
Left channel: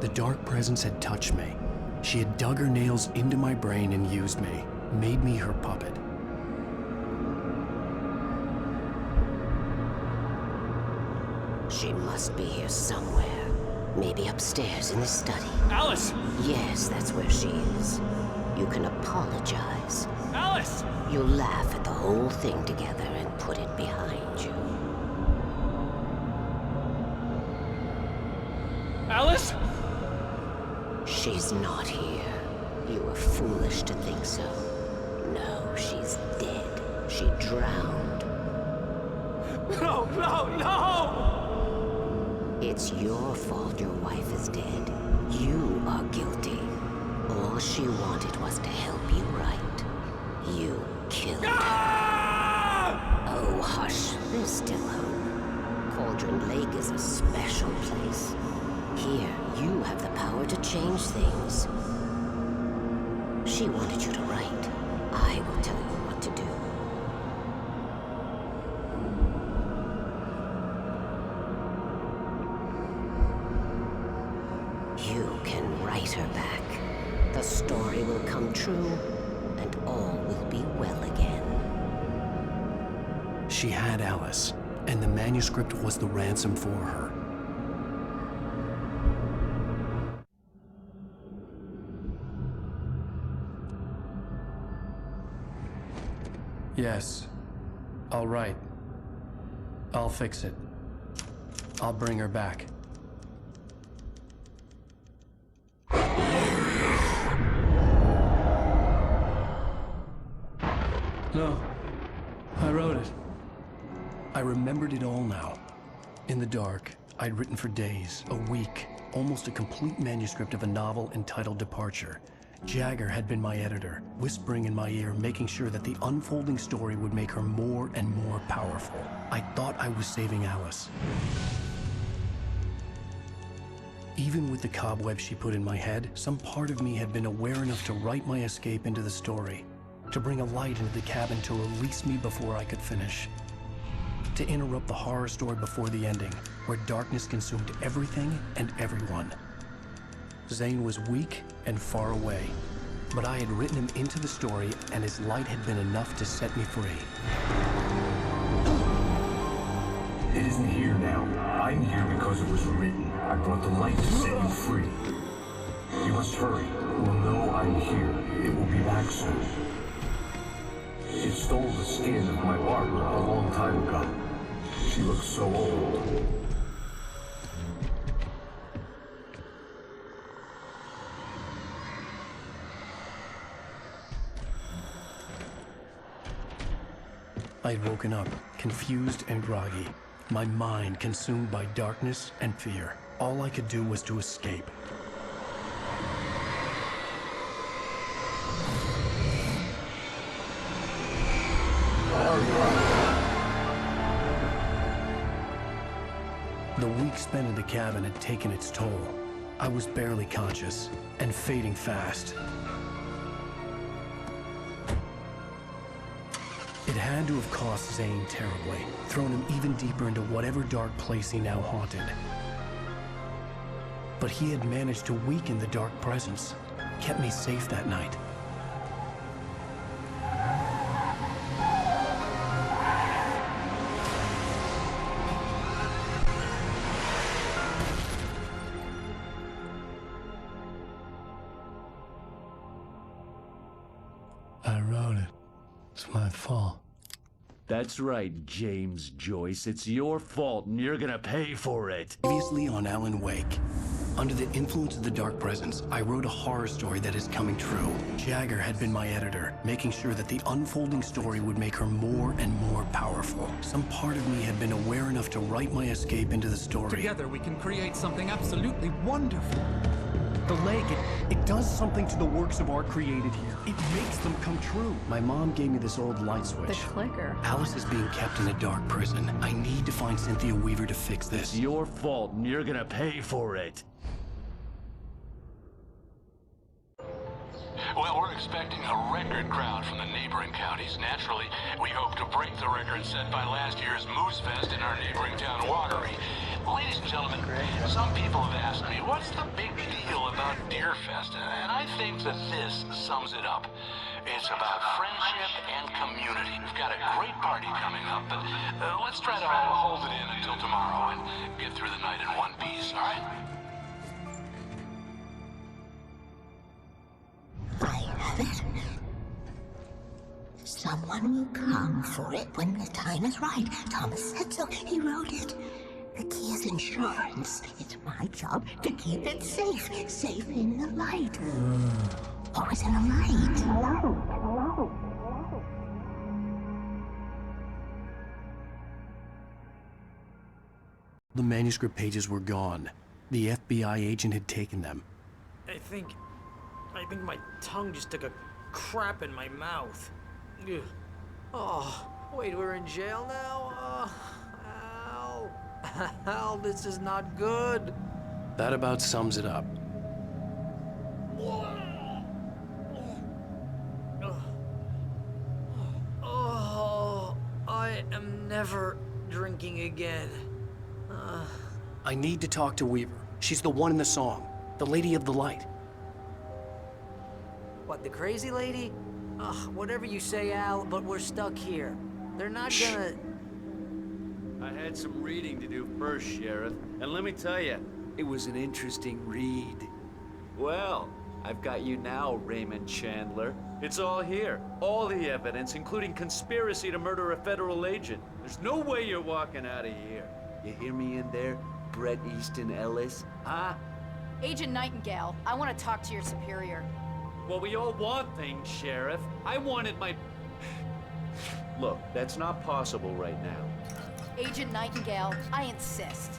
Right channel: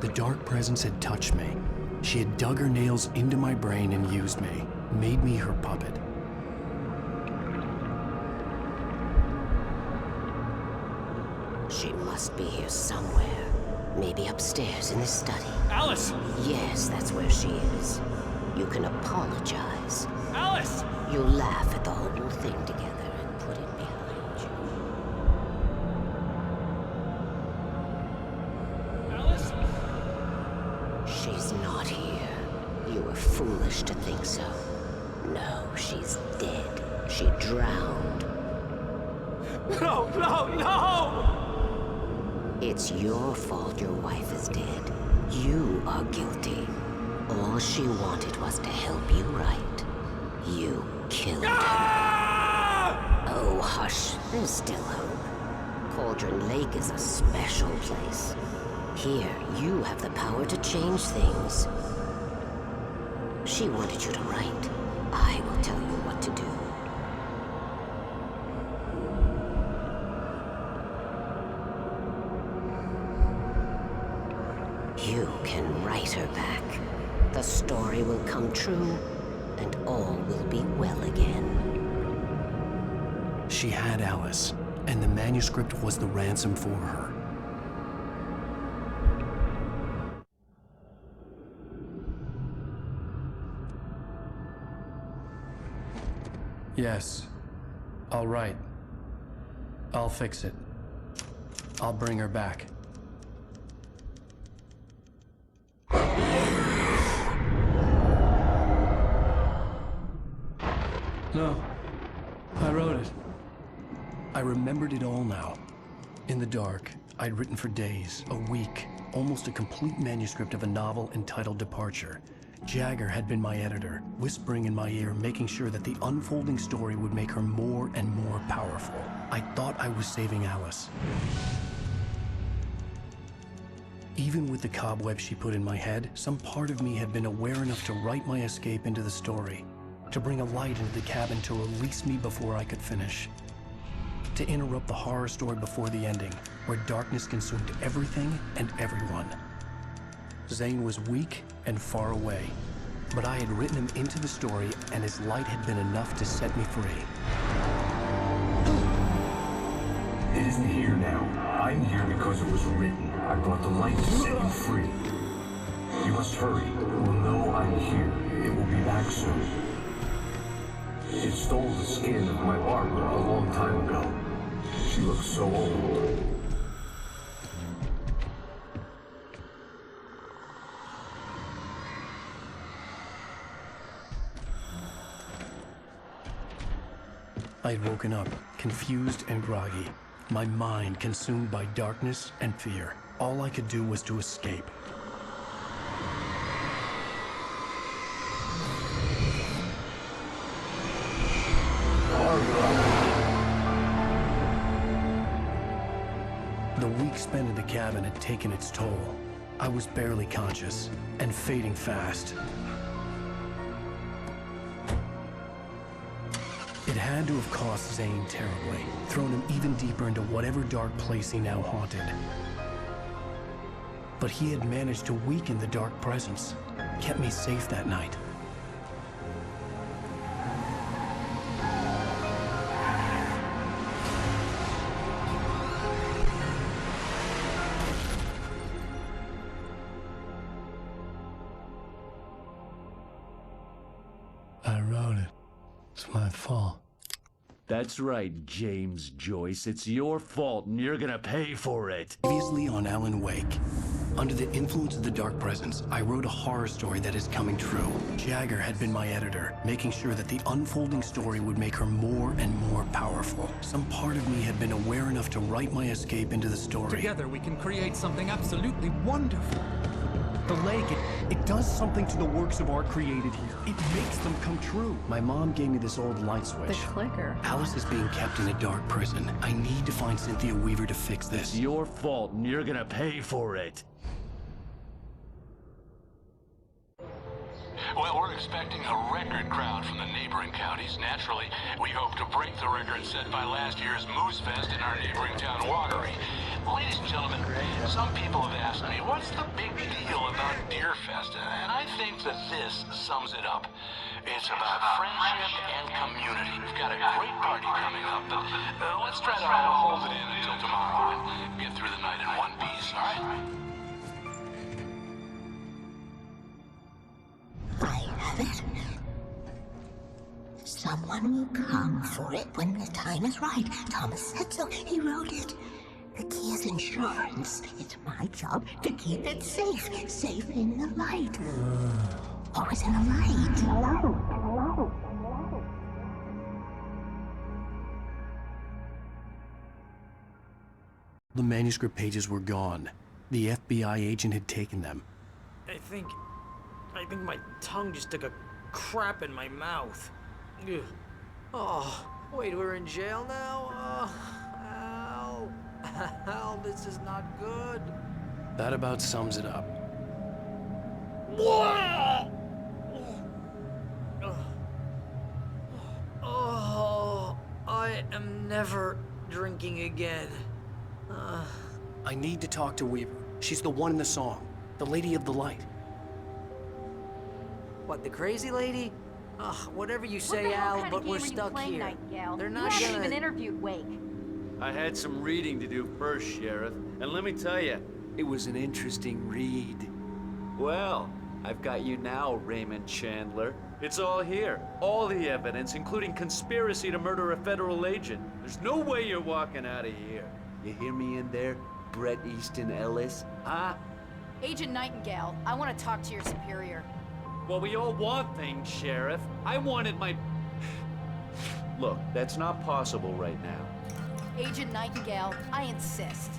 The dark presence had touched me. She had dug her nails into my brain and used me, made me her puppet. She must be here somewhere. Maybe upstairs in the study. Alice! Yes, that's where she is. You can apologize. Alice! You'll laugh at the whole thing together and put it behind you. Alice? She's not here. You were foolish to think so. No, she's dead. She drowned. No, no, no! It's your fault your wife is dead. You are guilty. All she wanted was to help you right. You killed her. Oh, hush. There's still hope. Cauldron Lake is a special place. Here, you have the power to change things. She wanted you to write. I will tell you what to do. You can write her back. The story will come true, and all will be well again. She had Alice, and the manuscript was the ransom for her. Yes. All right. I'll fix it. I'll bring her back. No. I wrote it. I remembered it all now. In the dark, I'd written for days, a week, almost a complete manuscript of a novel entitled Departure. Jagger had been my editor, whispering in my ear, making sure that the unfolding story would make her more and more powerful. I thought I was saving Alice. Even with the cobwebs she put in my head, some part of me had been aware enough to write my escape into the story, to bring a light into the cabin to release me before I could finish, to interrupt the horror story before the ending, where darkness consumed everything and everyone. Zane was weak and far away, but I had written him into the story, and his light had been enough to set me free. It isn't here now. I'm here because it was written. I brought the light to set you free. You must hurry. It will know I'm here. It will be back soon. It stole the skin of my Barbara a long time ago. She looks so old. I had woken up, confused and groggy, my mind consumed by darkness and fear. All I could do was to escape. The week spent in the cabin had taken its toll. I was barely conscious and fading fast. It had to have cost Zane terribly, thrown him even deeper into whatever dark place he now haunted. But he had managed to weaken the dark presence, kept me safe that night. I wrote it. It's my fault. That's right, James Joyce. It's your fault, and you're gonna pay for it. Previously on 앨런웨이크. Under the influence of the dark presence, I wrote a horror story that is coming true. Jagger had been my editor, making sure that the unfolding story would make her more and more powerful. Some part of me had been aware enough to write my escape into the story. Together we can create something absolutely wonderful. The leg, it does something to the works of art created here. It makes them come true. My mom gave me this old light switch. The clicker. Alice is being kept in a dark prison. I need to find Cynthia Weaver to fix this. It's your fault, and you're gonna pay for it. Well, we're expecting a record crowd from the neighboring counties. Naturally, we hope to break the record set by last year's Moose Fest in our neighboring town, Watery. Ladies and gentlemen, some people have asked me, what's the big deal about Deer Fest? And I think that this sums it up. It's about friendship and community. We've got a great party coming up, but let's try to hold it in until tomorrow and get through the night in one piece, all right? I have it. Someone will come for it when the time is right. Thomas said so. He wrote it. The key is insurance. It's my job to keep it safe. Safe in the light. Always in the light. The manuscript pages were gone. The FBI agent had taken them. I think my tongue just took a crap in my mouth. Ugh. Oh, wait, we're in jail now? Al. Al, this is not good. That about sums it up. Oh, I am never drinking again. I need to talk to Weaver. She's the one in the song. The Lady of the Light. What, the crazy lady? Ugh, whatever you say, Al, but we're stuck here. They're not gonna... interviewed Wake. I had some reading to do first, Sheriff, and let me tell you, it was an interesting read. Well, I've got you now, Raymond Chandler. It's all here. All the evidence, including conspiracy to murder a federal agent. There's no way you're walking out of here. You hear me in there, Bret Easton Ellis? Huh? Agent Nightingale, I want to talk to your superior. Well, we all want things, Sheriff. I wanted my... Look, that's not possible right now. Agent Nightingale, I insist.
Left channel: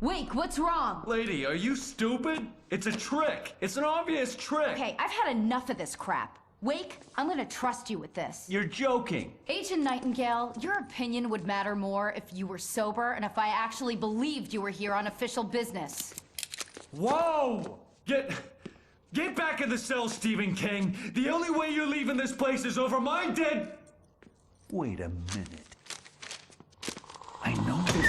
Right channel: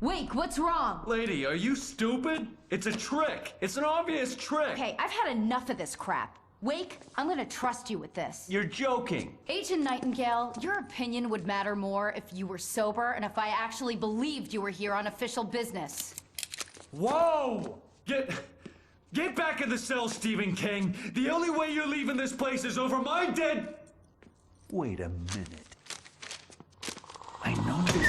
Wake, what's wrong? Lady, are you stupid? It's a trick. It's an obvious trick. Okay, I've had enough of this crap. Wake, I'm gonna trust you with this. You're joking. Agent Nightingale, your opinion would matter more if you were sober and if I actually believed you were here on official business. Whoa! Get back in the cell, Stephen King. The only way you're leaving this place is over my dead... Wait a minute. I know this...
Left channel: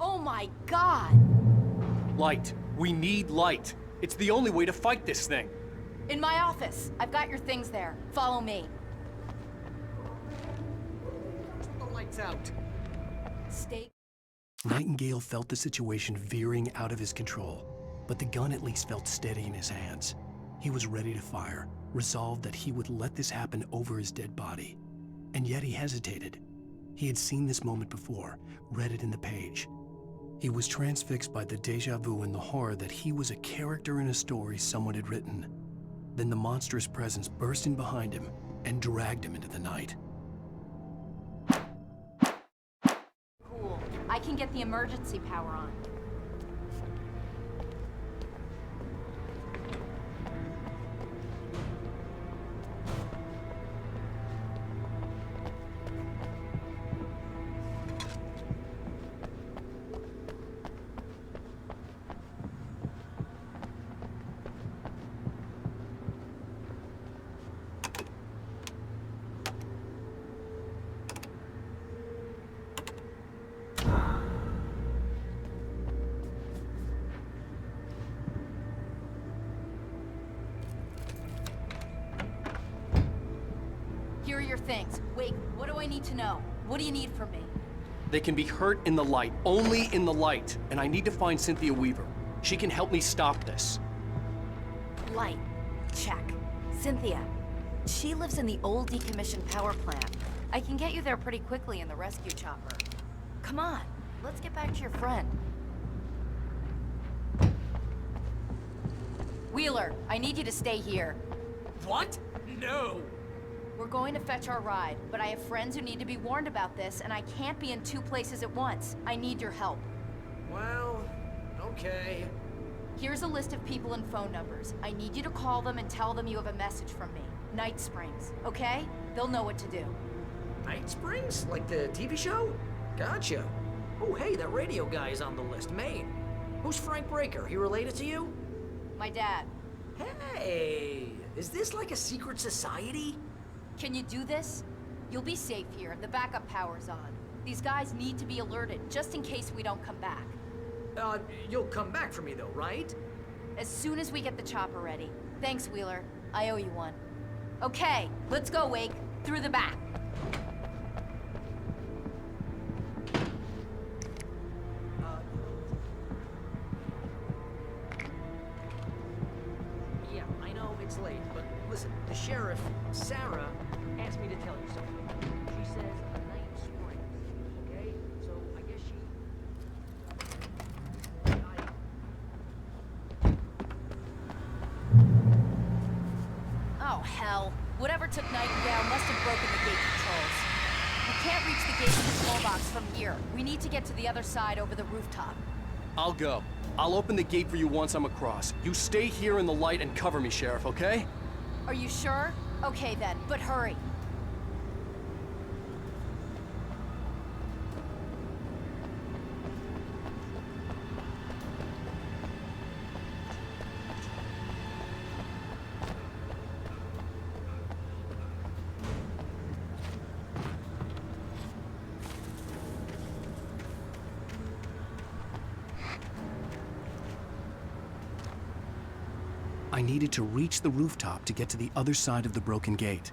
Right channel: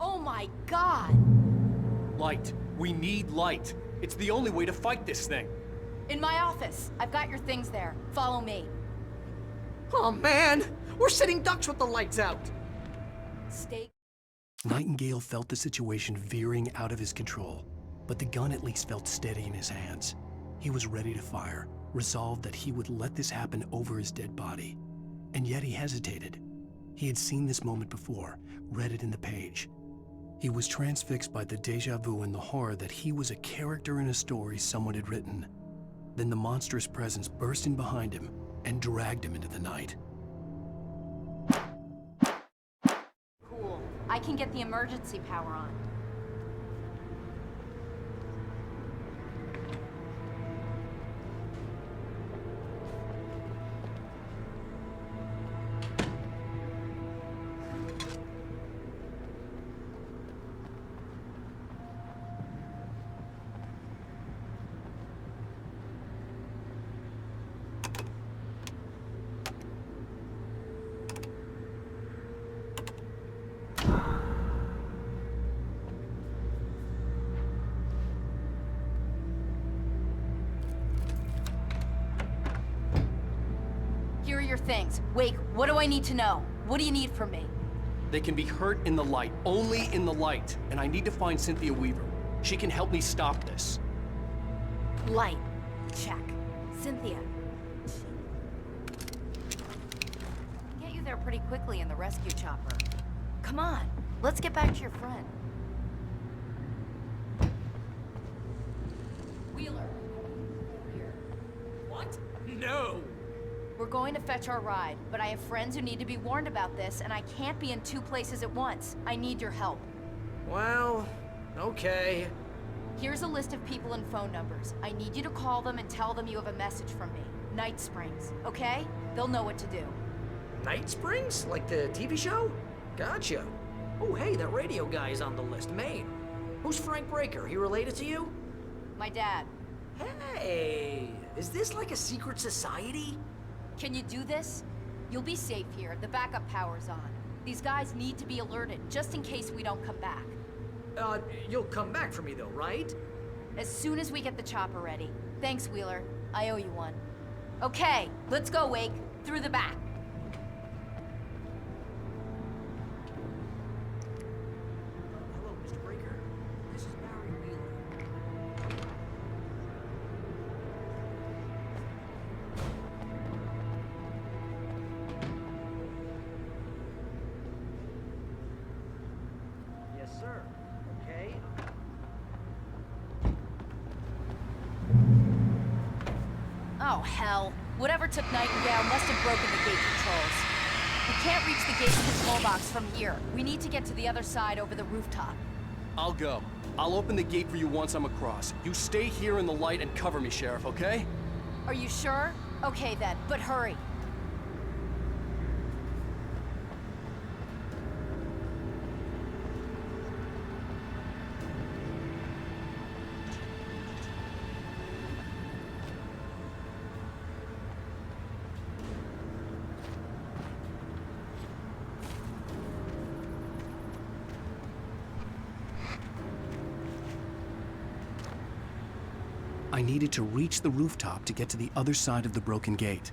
Oh my God! Light. We need light. It's the only way to fight this thing. In my office. I've got your things there. Follow me. Oh man, we're sitting ducks with the lights out. Stay. Nightingale felt the situation veering out of his control, but the gun at least felt steady in his hands. He was ready to fire, resolved that he would let this happen over his dead body. And yet he hesitated. He had seen this moment before, read it in the page. He was transfixed by the deja vu and the horror that he was a character in a story someone had written. Then the monstrous presence burst in behind him and dragged him into the night. Cool. I can get the emergency power on. Here are your things. Wake, what do I need to know? What do you need from me? They can be hurt in the light, only in the light. And I need to find Cynthia Weaver. She can help me stop this. Light. Check. Cynthia. She lives in the old decommissioned power plant. I can get you there pretty quickly in the rescue chopper. Come on, let's get back to your friend. Wheeler, I need you to stay here. What? No! We're going to fetch our ride, but I have friends who need to be warned about this, and I can't be in two places at once. I need your help. Well, okay. Here's a list of people and phone numbers. I need you to call them and tell them you have a message from me. Night Springs, okay? They'll know what to do. Night Springs? Like the TV show? Gotcha. Oh, hey, that radio guy is on the list. Maine. Who's Frank Breaker? He related to you? My dad. Hey, is this like a secret society? Can you do this? You'll be safe here. The backup power's on. These guys need to be alerted, just in case we don't come back. You'll come back for me though, right? As soon as we get the chopper ready. Thanks, Wheeler. I owe you one. Okay, let's go, Wake. Through the back. Hello, Mr. Breaker. This is Barry Wheeler. Yeah, I know it's late, but listen, the sheriff, Sarah, asked me to tell you something. She says her name's Springs, okay? So I guess she... Yes, sir. Okay, Oh, hell. Whatever took Nightingale must have broken the gate controls. We can't reach the gate control box from here. We need to get to the other side over the rooftop. I'll go. I'll open the gate for you once I'm across. You stay here in the light and cover me, Sheriff, okay? Are you sure? Okay then, but hurry. I needed to reach the rooftop to get to the other side of the broken gate.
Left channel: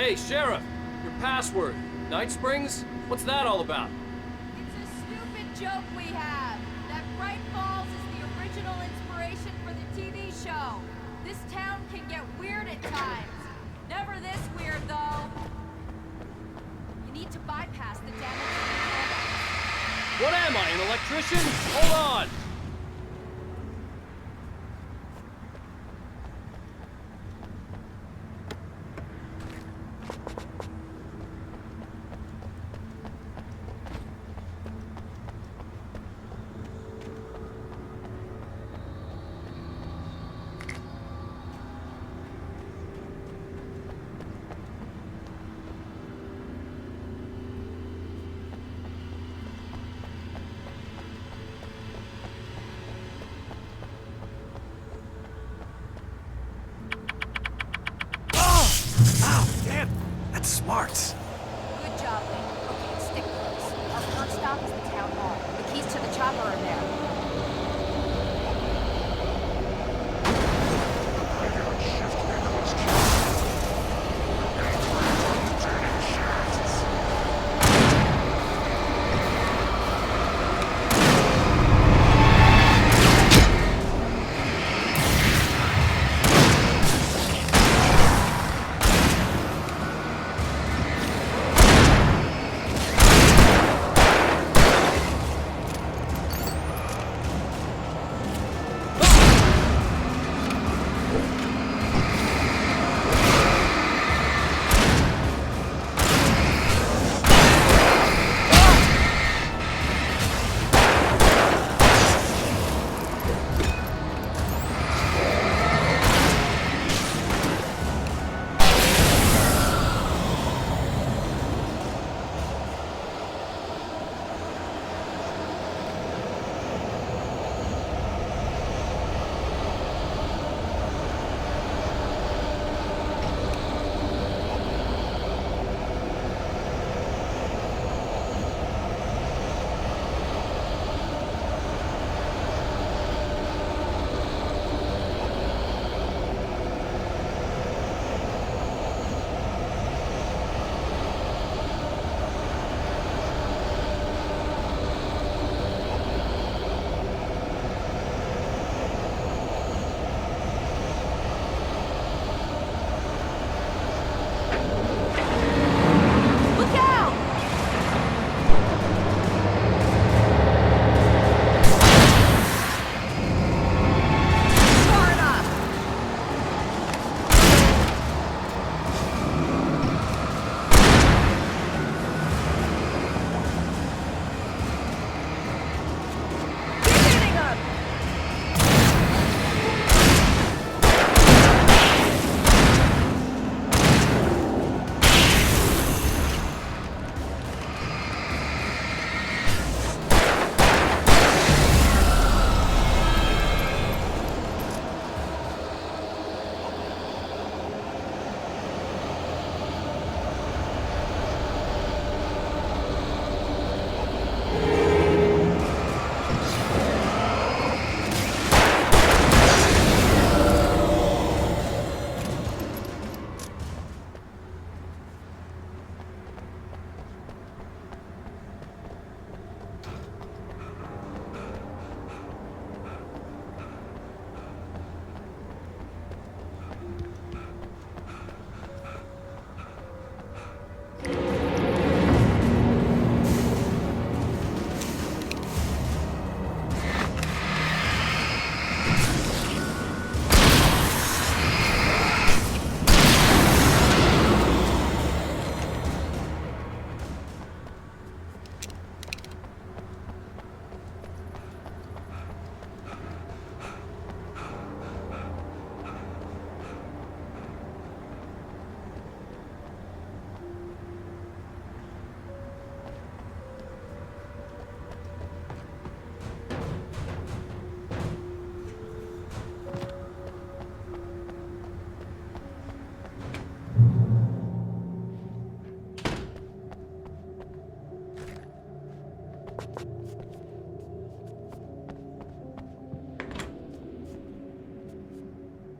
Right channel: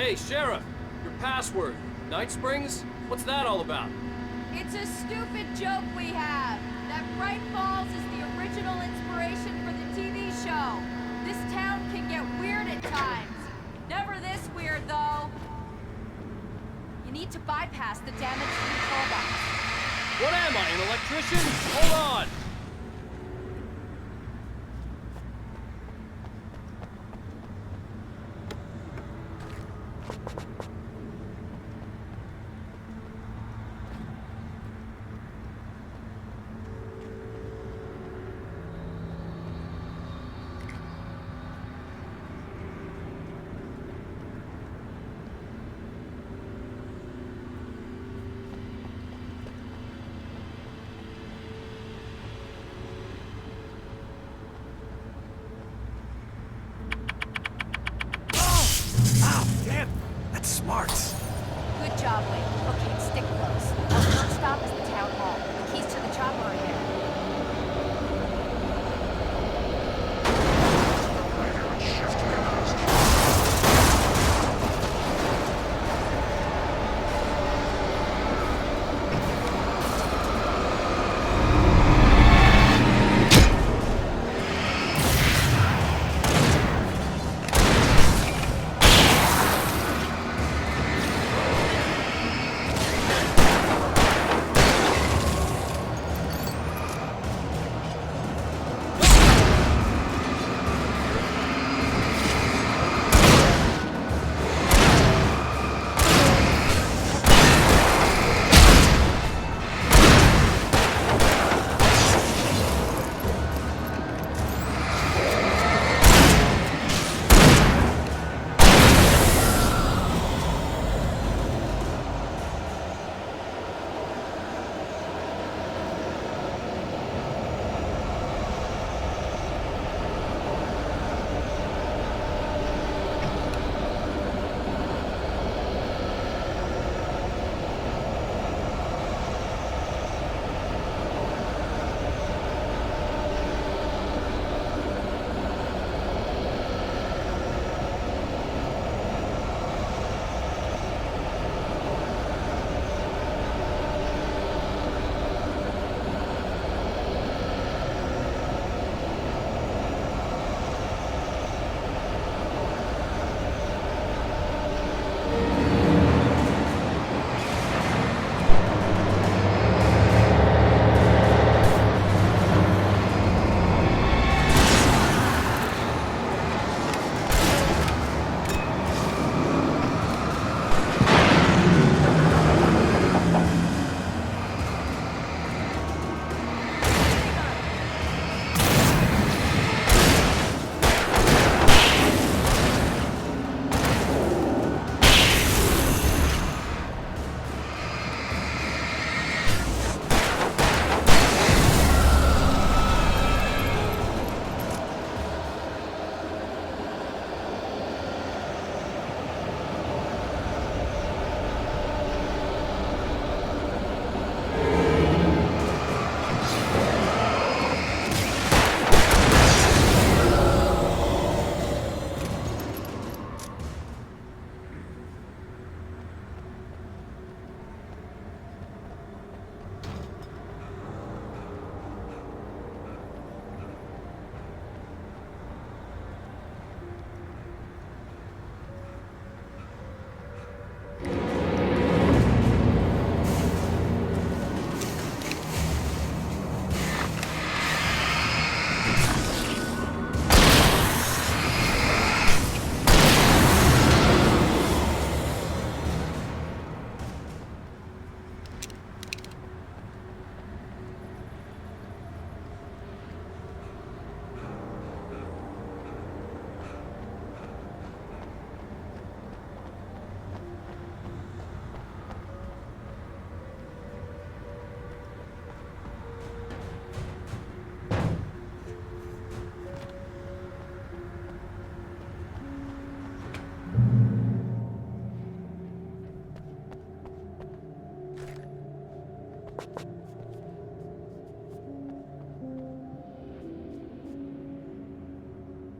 Hey, Sheriff, your password. Night Springs? What's that all about? It's a stupid joke we have. That Bright Falls is the original inspiration for the TV show. This town can get weird at times. Never this weird, though. You need to bypass the damaged control box. What am I, an electrician? Hold on! Ow, damn! That's smart. Good job, Wade. Okay, stick close. Our first stop is the town hall. The keys to the chopper are there.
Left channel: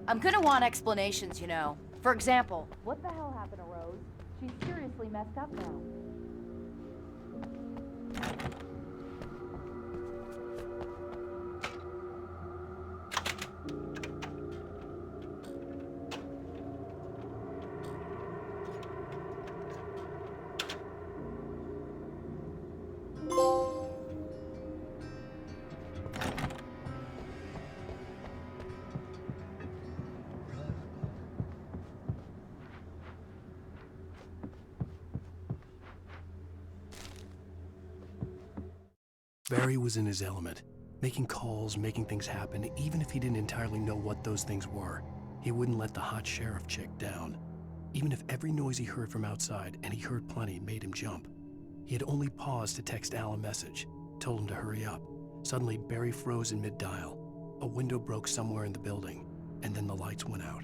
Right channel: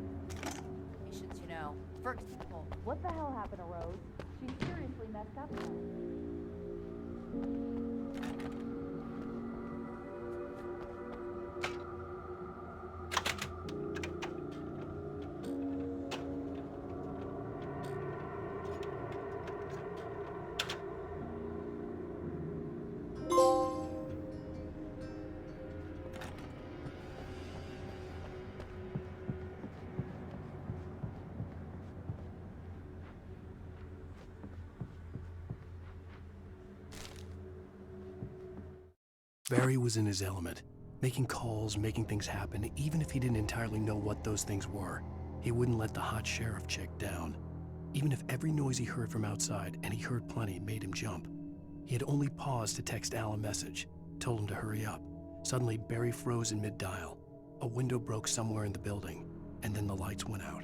I'm gonna want explanations, you know. For example, what the hell happened to Rose? She's seriously messed up now. Barry was in his element, making calls, making things happen, even if he didn't entirely know what those things were. He wouldn't let the hot sheriff chick down. Even if every noise he heard from outside, and he heard plenty, made him jump. He had only paused to text Al a message, told him to hurry up. Suddenly, Barry froze in mid-dial. A window broke somewhere in the building, and then the lights went out.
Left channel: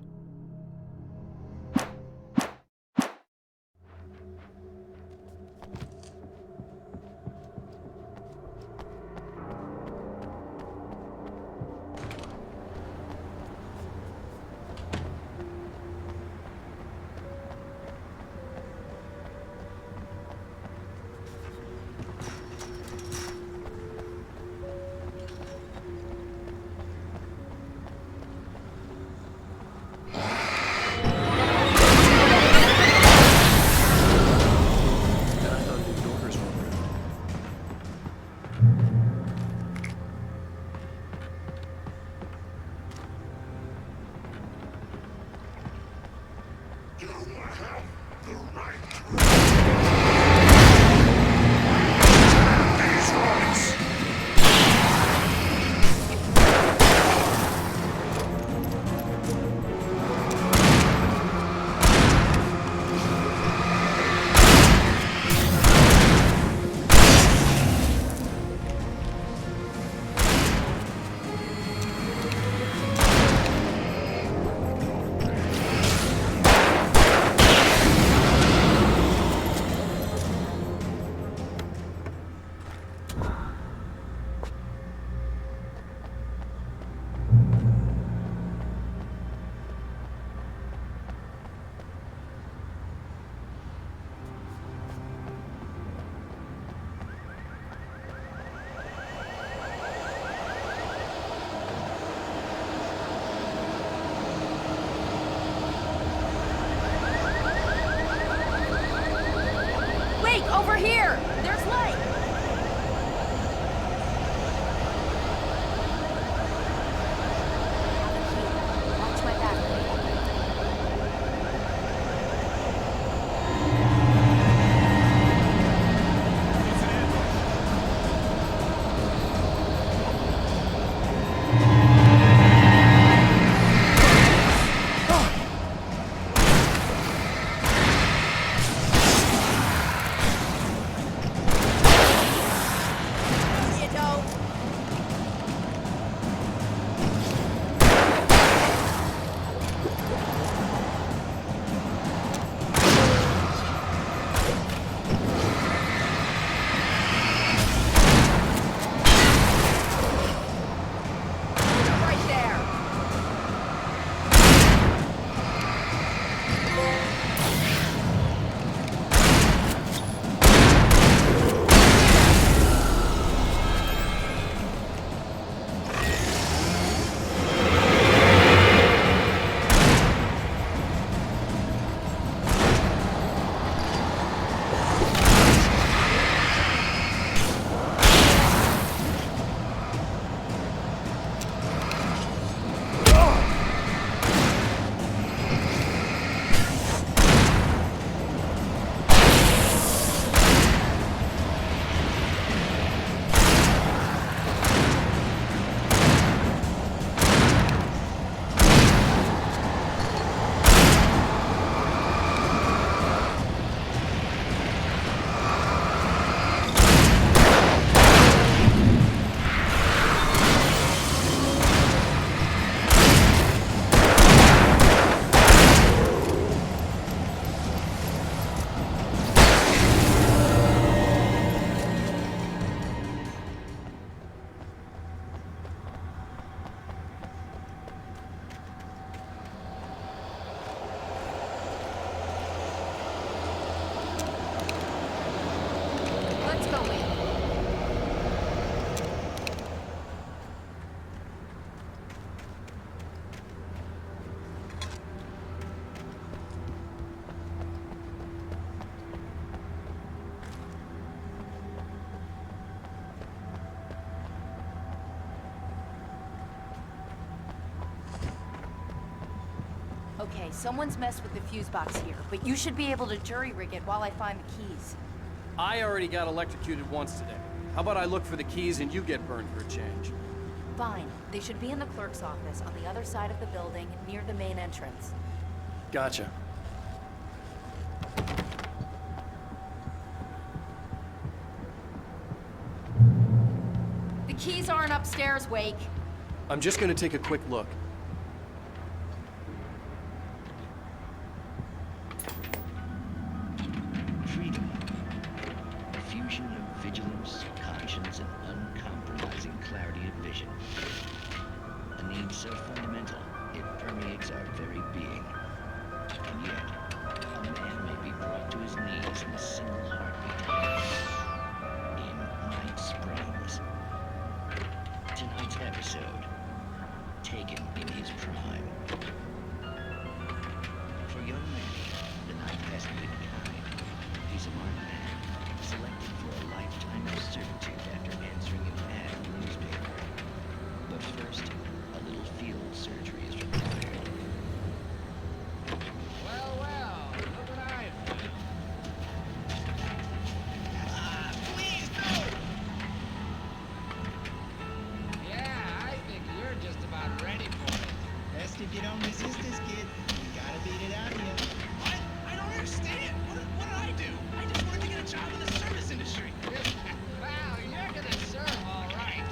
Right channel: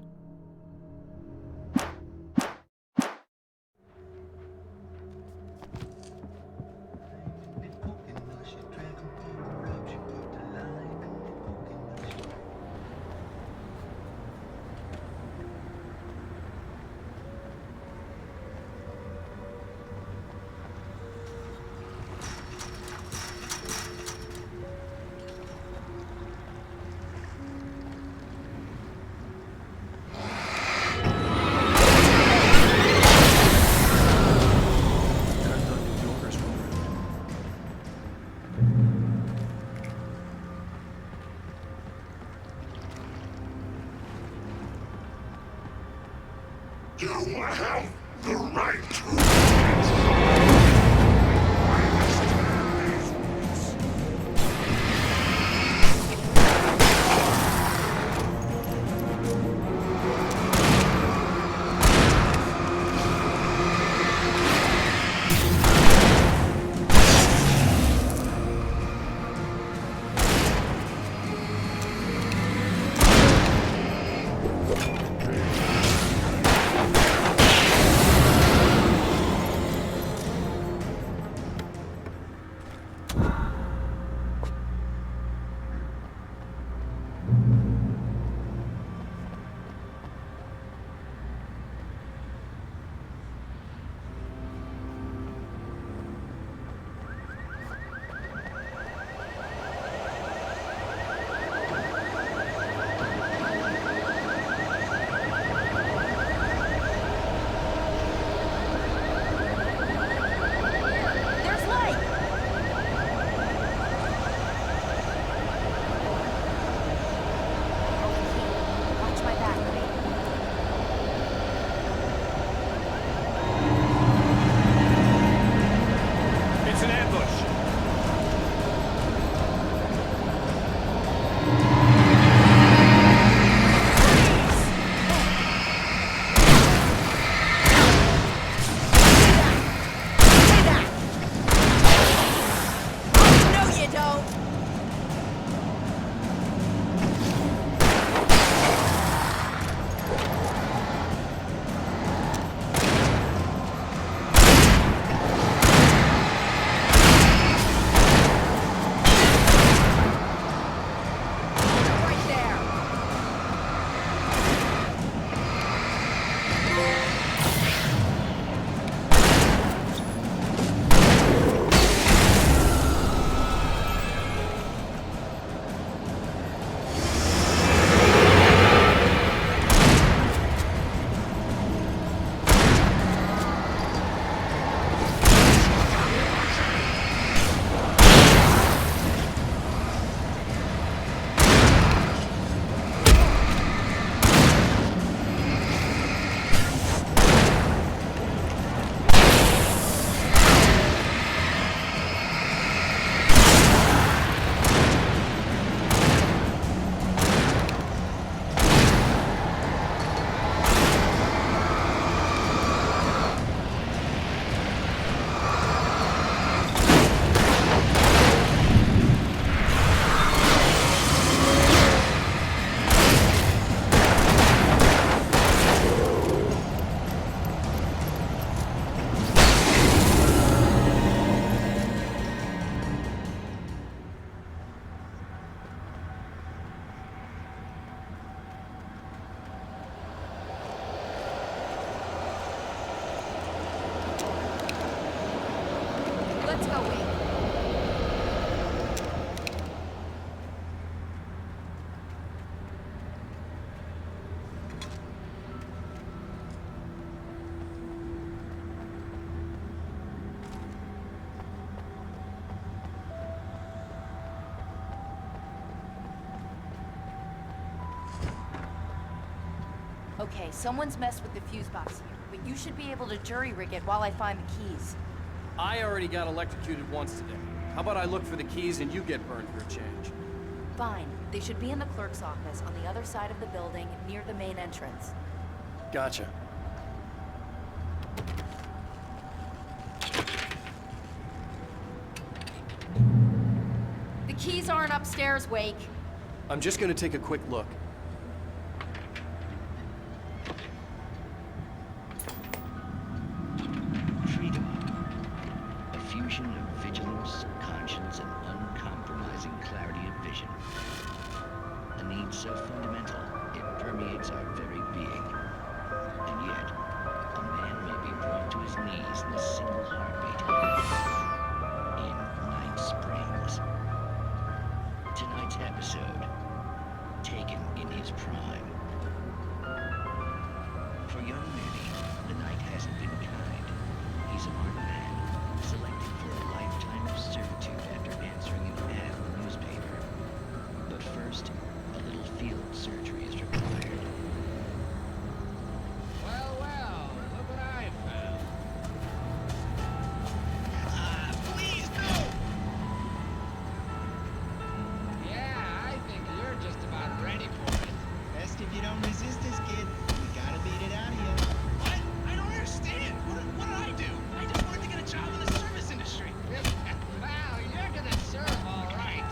You have the right to these rights. Let's go, Wade. Okay, someone's messed with the fuse box here, but you should be able to jury-rig it while I find the keys. I already got electrocuted once today. How about I look for the keys and you get burned for a change? Fine. They should be in the clerk's office on the other side of the building, near the main entrance. Gotcha. The keys aren't upstairs, Wake. I'm just gonna take a quick look. Freedom. A fusion of vigilance, conscience, and uncompromising clarity of vision. A need so fundamental, it permeates our very being. And yet, a man may be brought to his knees in a single heartbeat. In Night Springs. Tonight's episode, taken in his prime. For young Manny, the night hasn't been kind. He's a marked man, selected for a lifetime of servitude after answering an ad in the newspaper. But first, a little field surgery is required. Well, well, look what I found. Please, no! Yeah, I think you're just about ready for it. Best if you don't resist this, kid. We gotta beat it out of you. What? I don't understand. What did I do? I just wanted to get a job in the service industry. Wow, you're gonna serve all right.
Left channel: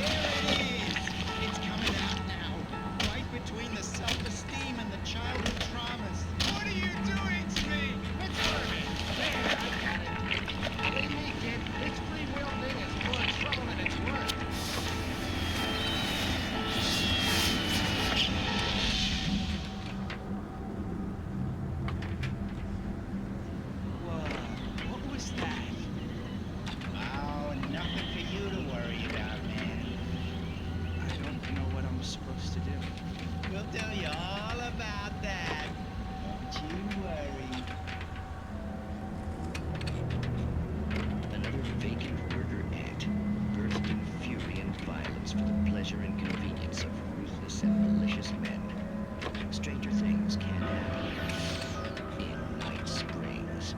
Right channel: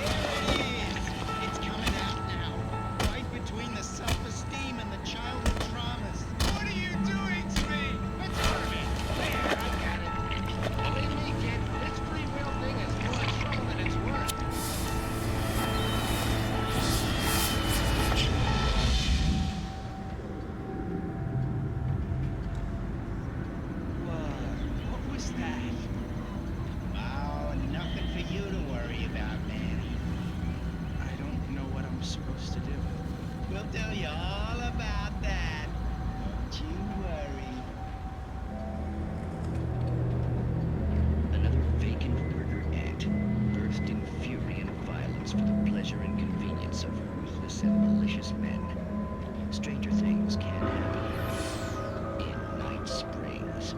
There it is! It's coming out now. Right between the self-esteem and the childhood traumas. What are you doing to me? It's Herman. There, I got it. Believe me, kid, this free will thing is more trouble than it's worth. What was that? Oh, nothing for you to worry about, Manny. I don't know what I'm supposed to do. We'll tell you all about that. Don't you worry. Another vacant worker ant, birthed in fury and violence for the pleasure and convenience of ruthless and malicious men. Stranger things can happen in Night Springs.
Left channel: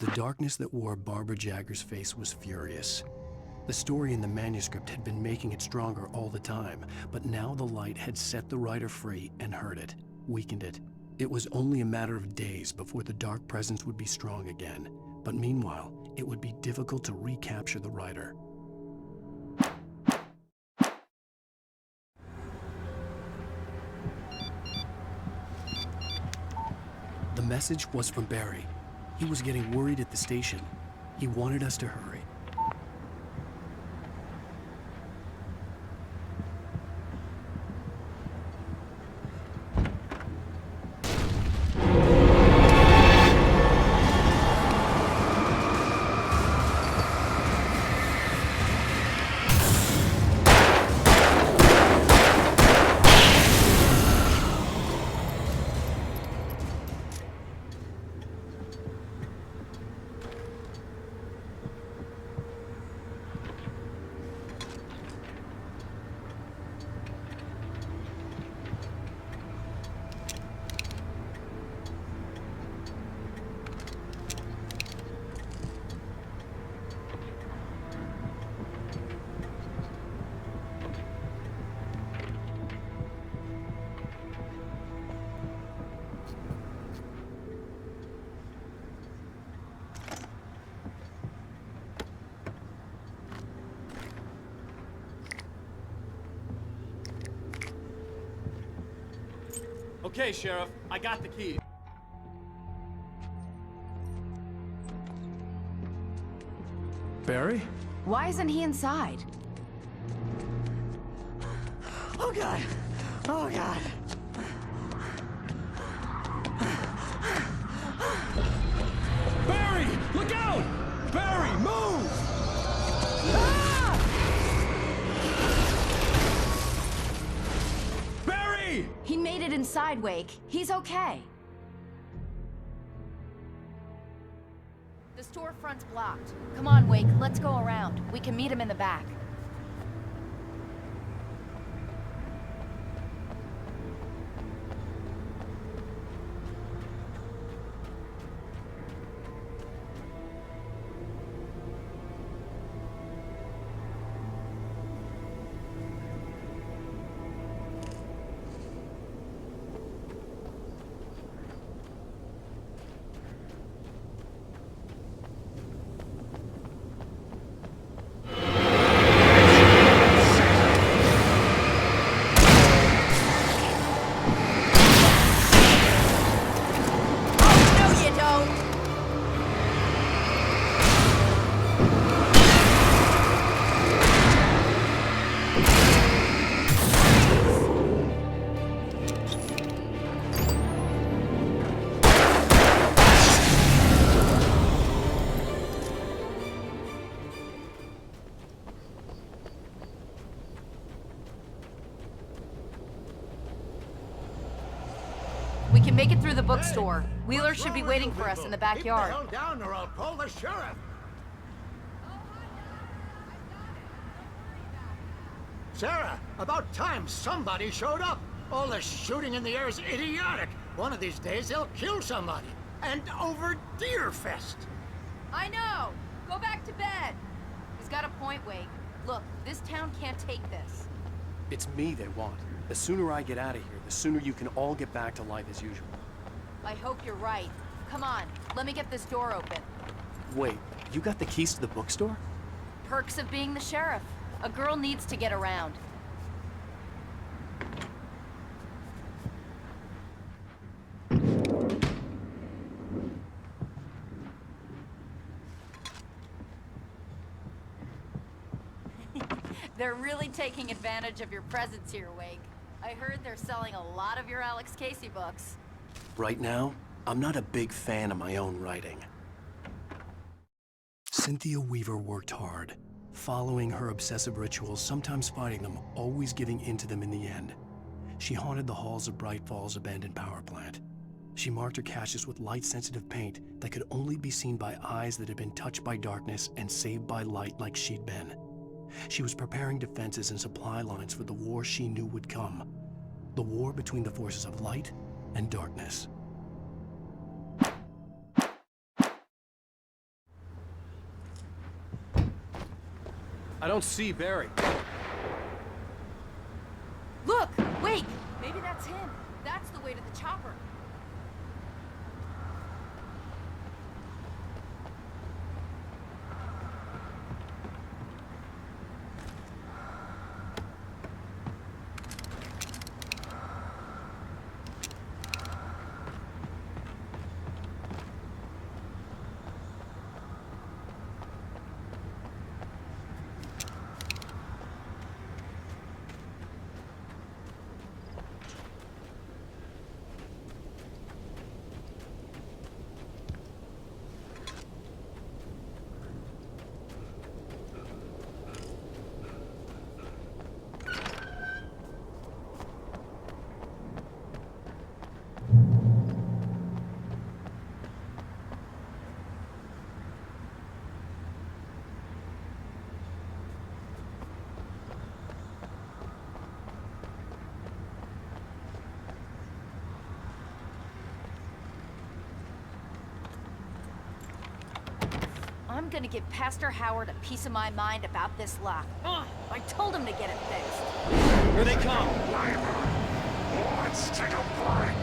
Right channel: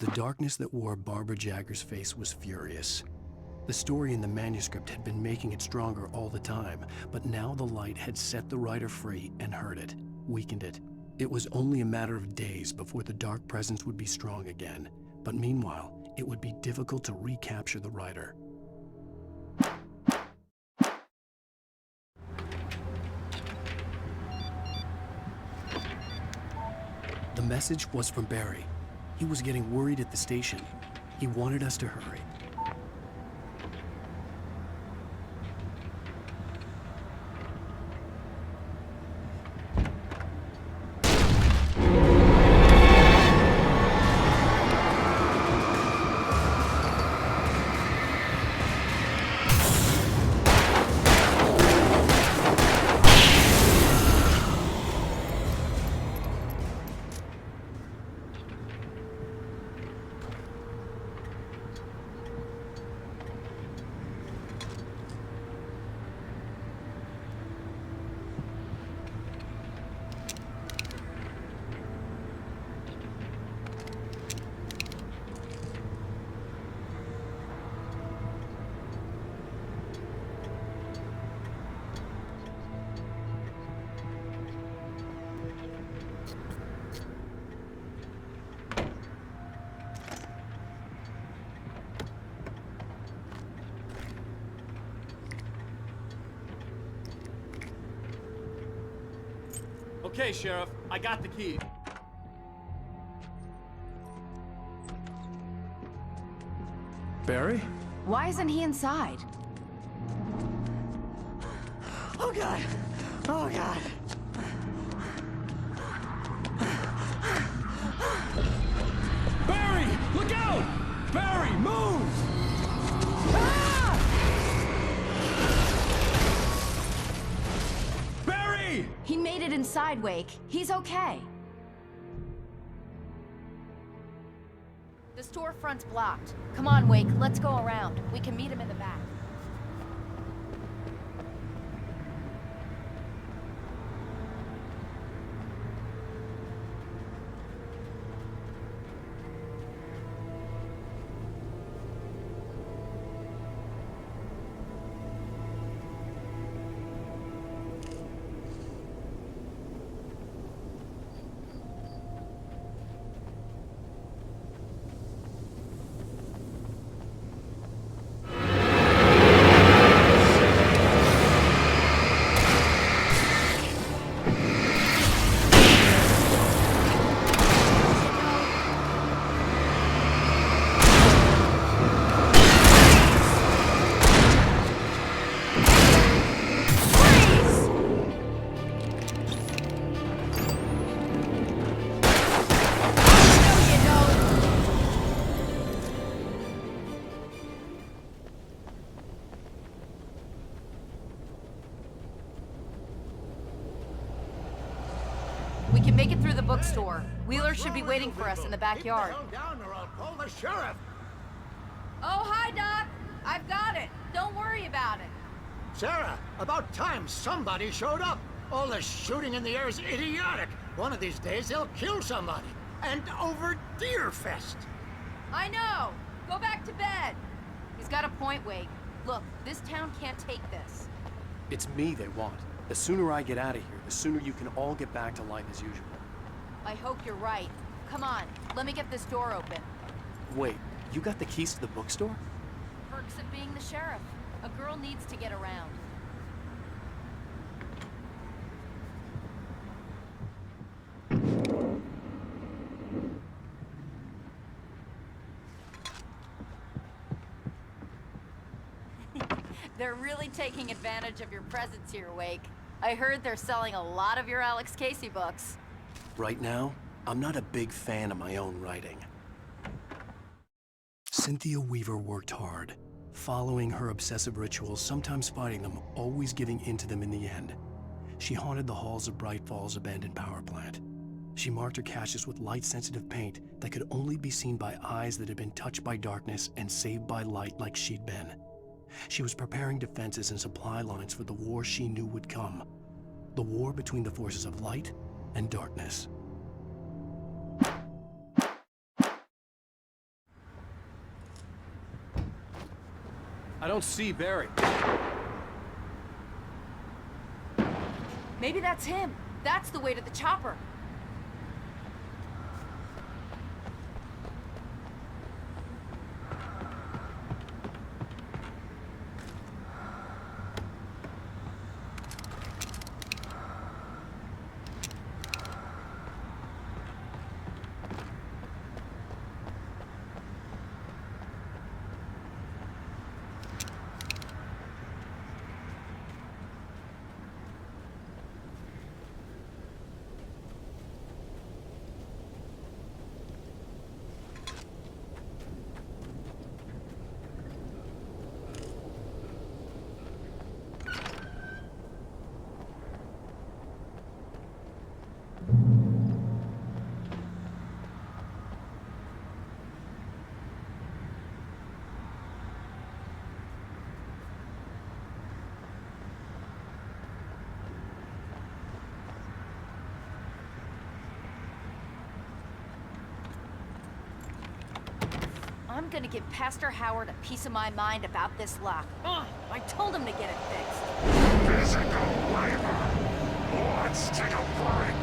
The darkness that wore Barbara Jagger's face was furious. The story in the manuscript had been making it stronger all the time, but now the light had set the writer free and hurt it, weakened it. It was only a matter of days before the dark presence would be strong again, but meanwhile, it would be difficult to recapture the writer. The message was from Barry. He was getting worried at the station. He wanted us to hurry. Okay, Sheriff, I got the key. Barry? Why isn't he inside? Oh God! Oh God! Barry! Look out! Barry, move! Barry! He made it inside, Wake. He's okay. The storefront's blocked. Come on, Wake, let's go around. We can meet him in the back. We can make it through the bookstore. Wheeler should be waiting for us in the backyard. Keep the hell down or I'll call the sheriff. Oh, hi, Doc. I've got it. Don't worry about it. Sarah, about time somebody showed up. All the shooting in the air is idiotic. One of these days they'll kill somebody. And over Deerfest. I know. Go back to bed. He's got a point, Wake. Look, this town can't take this. It's me they want. The sooner I get out of here, the sooner you can all get back to life as usual. I hope you're right. Come on, let me get this door open. Wait, you got the keys to the bookstore? Perks of being the sheriff. A girl needs to get around. They're really taking advantage of your presence here, Wake. I heard they're selling a lot of your Alex Casey books. Right now, I'm not a big fan of my own writing. Cynthia Weaver worked hard, following her obsessive rituals, sometimes fighting them, always giving in to them in the end. She haunted the halls of Bright Falls' abandoned power plant. She marked her caches with light-sensitive paint that could only be seen by eyes that had been touched by darkness and saved by light like she'd been. She was preparing defenses and supply lines for the war she knew would come. The war between the forces of light and darkness. I don't see Barry. Look, Wake! Maybe that's him. That's the way to the chopper. I'm gonna give Pastor Howard a piece of my mind about this lock. I told him to get it fixed. Let's go, Weaver. Let's take a break.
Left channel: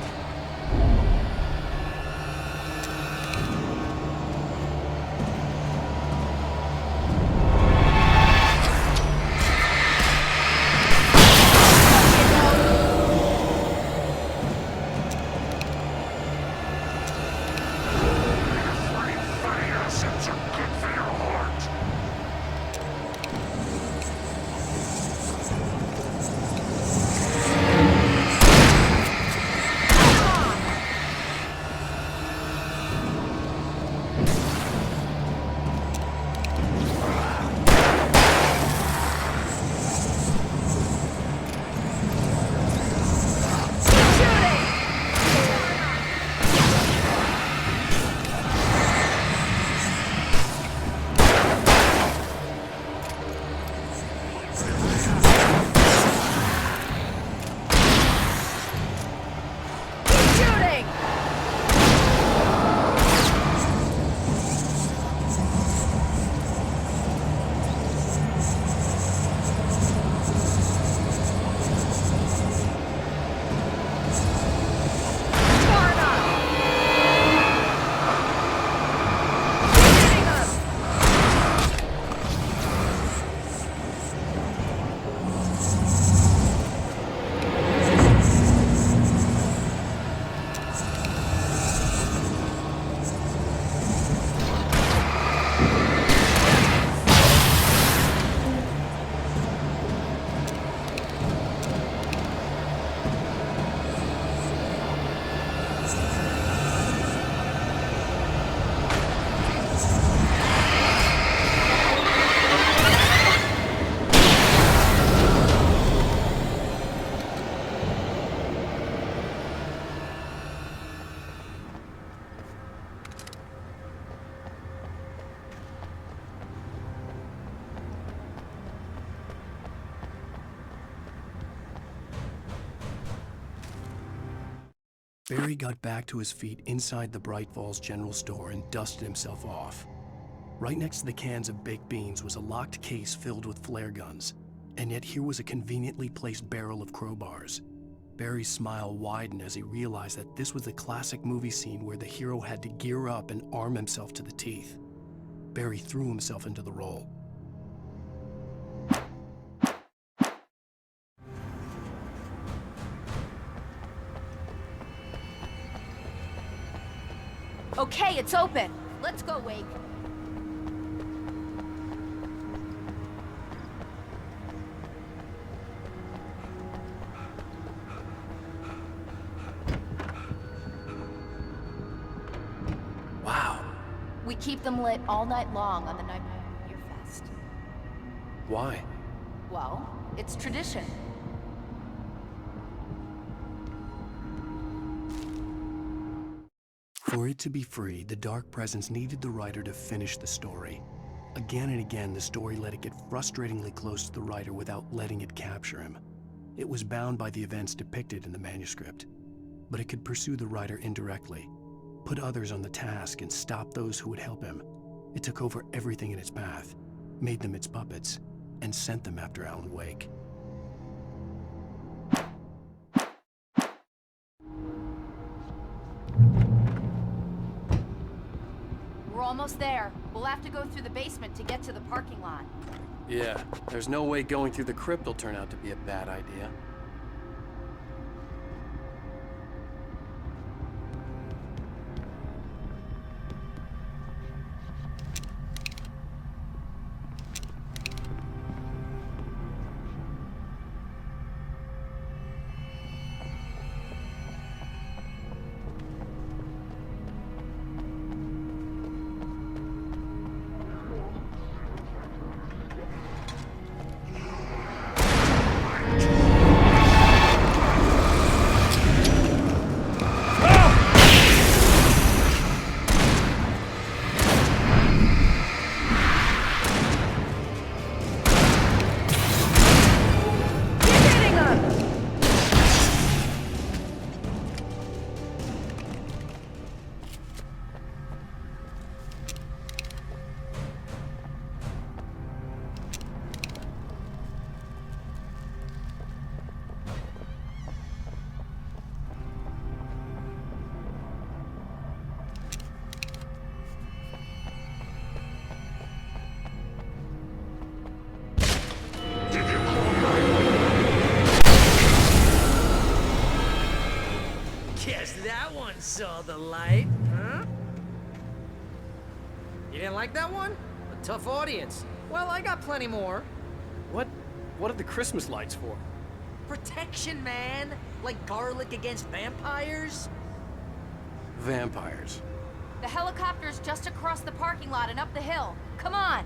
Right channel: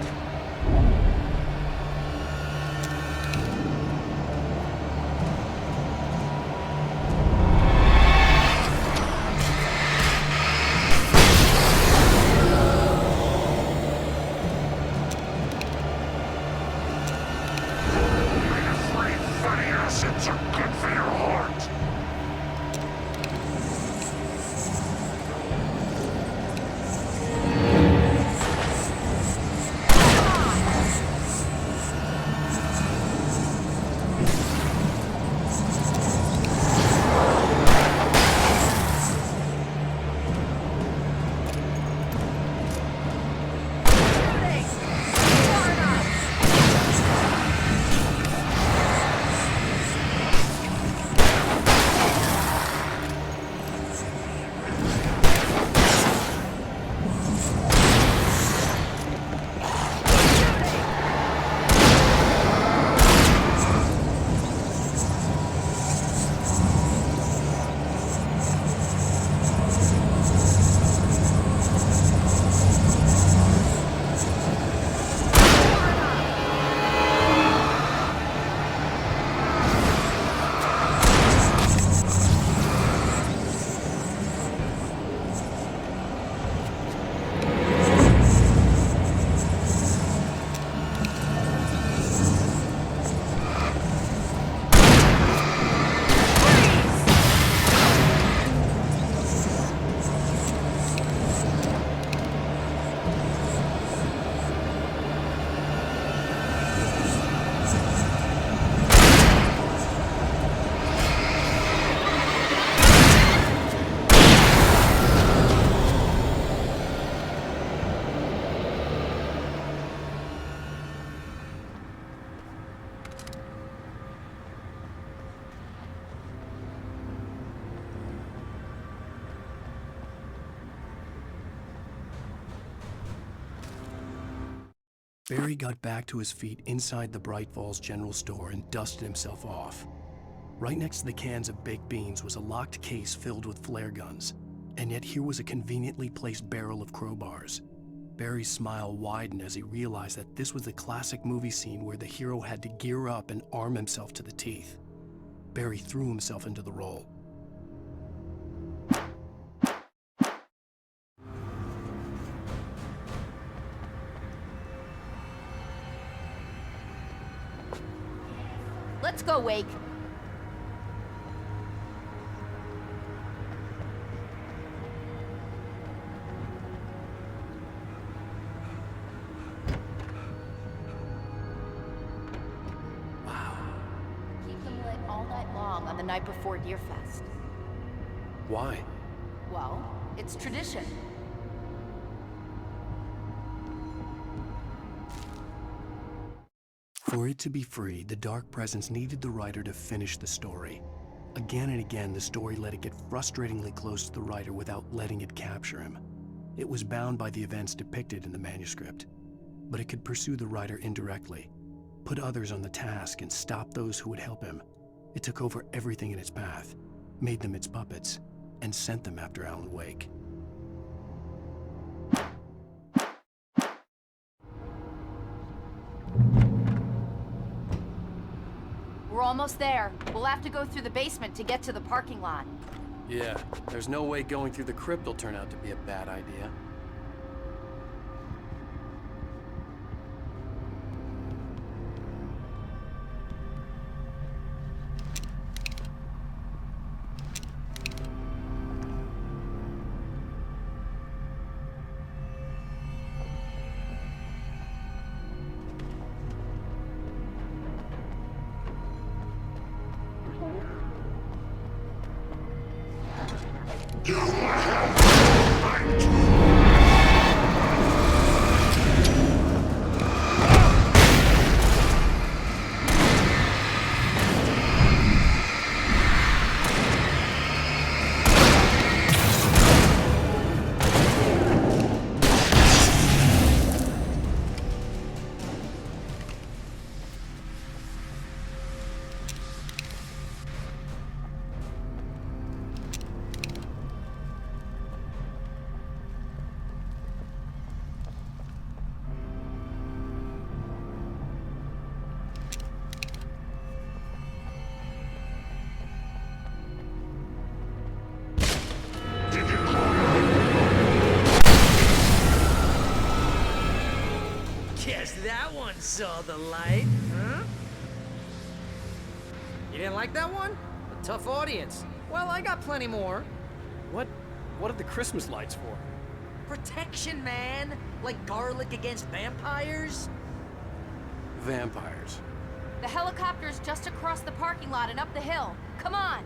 Barry got back to his feet inside the Bright Falls General Store and dusted himself off. Right next to the cans of baked beans was a locked case filled with flare guns, and yet here was a conveniently placed barrel of crowbars. Barry's smile widened as he realized that this was the classic movie scene where the hero had to gear up and arm himself to the teeth. Barry threw himself into the role. Okay, it's open. Let's go, Wake. Wow. We keep them lit all night long on the night before Deerfest. Why? Well, it's tradition. For it to be free, the Dark Presence needed the writer to finish the story. Again and again, the story let it get frustratingly close to the writer without letting it capture him. It was bound by the events depicted in the manuscript, but it could pursue the writer indirectly, put others on the task, and stop those who would help him. It took over everything in its path, made them its puppets, and sent them after Alan Wake. We're almost there. We'll have to go through the basement to get to the parking lot. Yeah, there's no way going through the crypt will turn out to be a bad idea. Guess that one saw the light, huh? You didn't like that one? A tough audience. Well, I got plenty more. What are the Christmas lights for? Protection, man. Like garlic against vampires. Vampires. The helicopter's just across the parking lot and up the hill. Come on!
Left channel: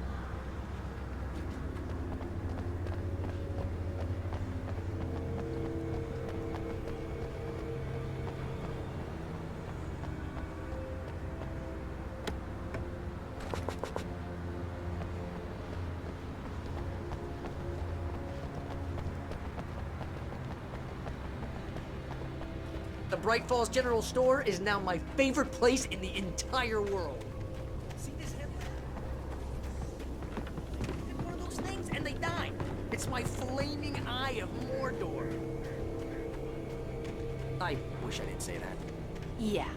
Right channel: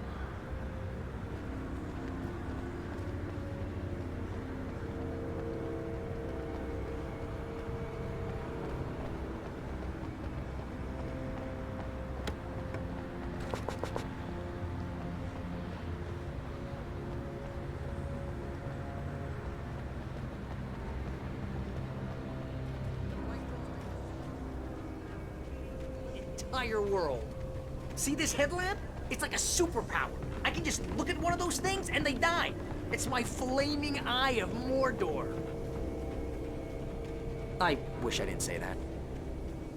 The Bright Falls General Store is now my favorite place in the entire world. See this headlamp? It's like a superpower. I can just look at one of those things and they die. It's my flaming eye of Mordor. I wish I didn't say that. Yeah.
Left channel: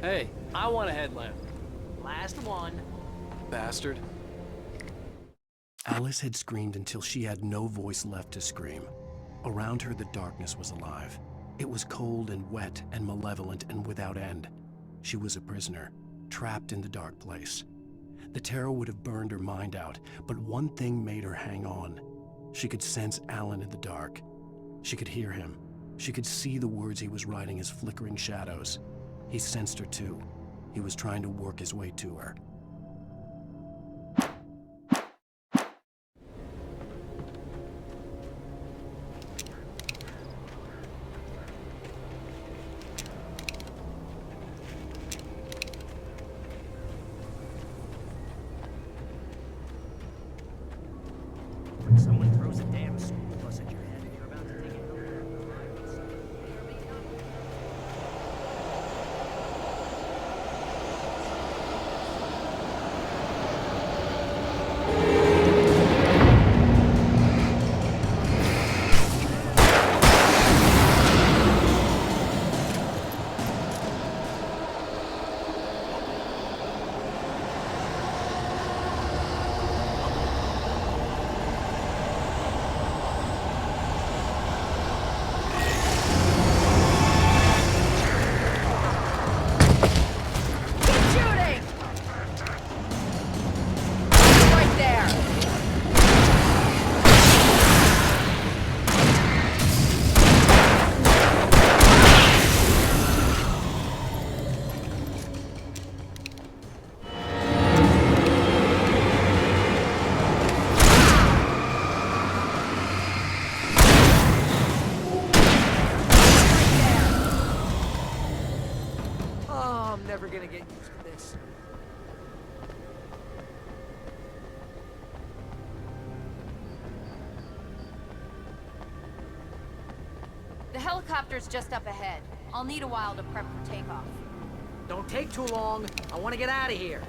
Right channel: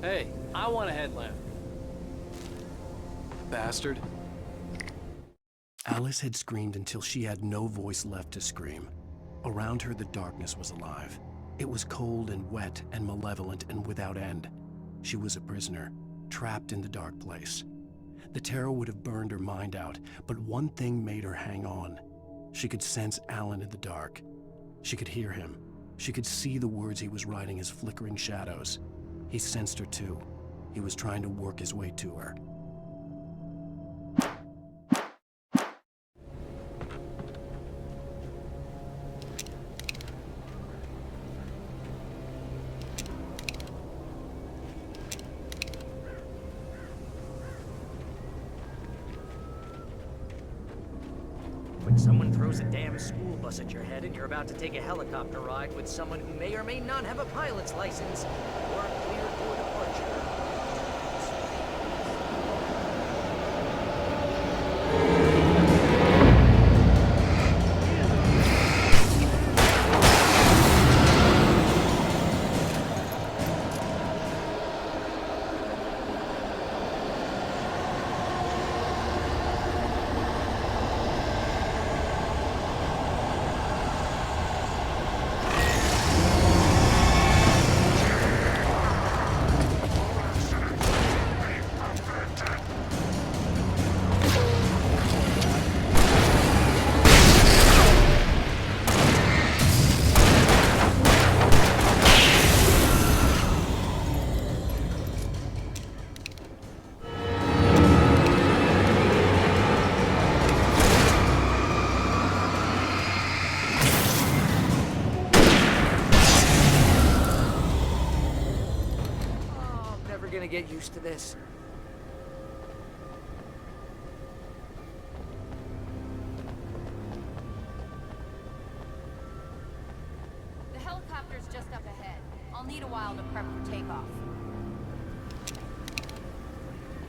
Hey, I want a headlamp. Last one. Bastard. Alice had screamed until she had no voice left to scream. Around her, the darkness was alive. It was cold and wet and malevolent and without end. She was a prisoner, trapped in the dark place. The terror would have burned her mind out, but one thing made her hang on. She could sense Alan in the dark. She could hear him. She could see the words he was writing as flickering shadows. He sensed her too. He was trying to work his way to her. When someone throws There's a damn school bus at your head, and you're about to take a helicopter ride with someone who may or may not have a pilot's license or a clear for departure. Never gonna get used to this. The helicopter's just up ahead. I'll need a while to prep for takeoff. Don't take too long. I want to get out of here.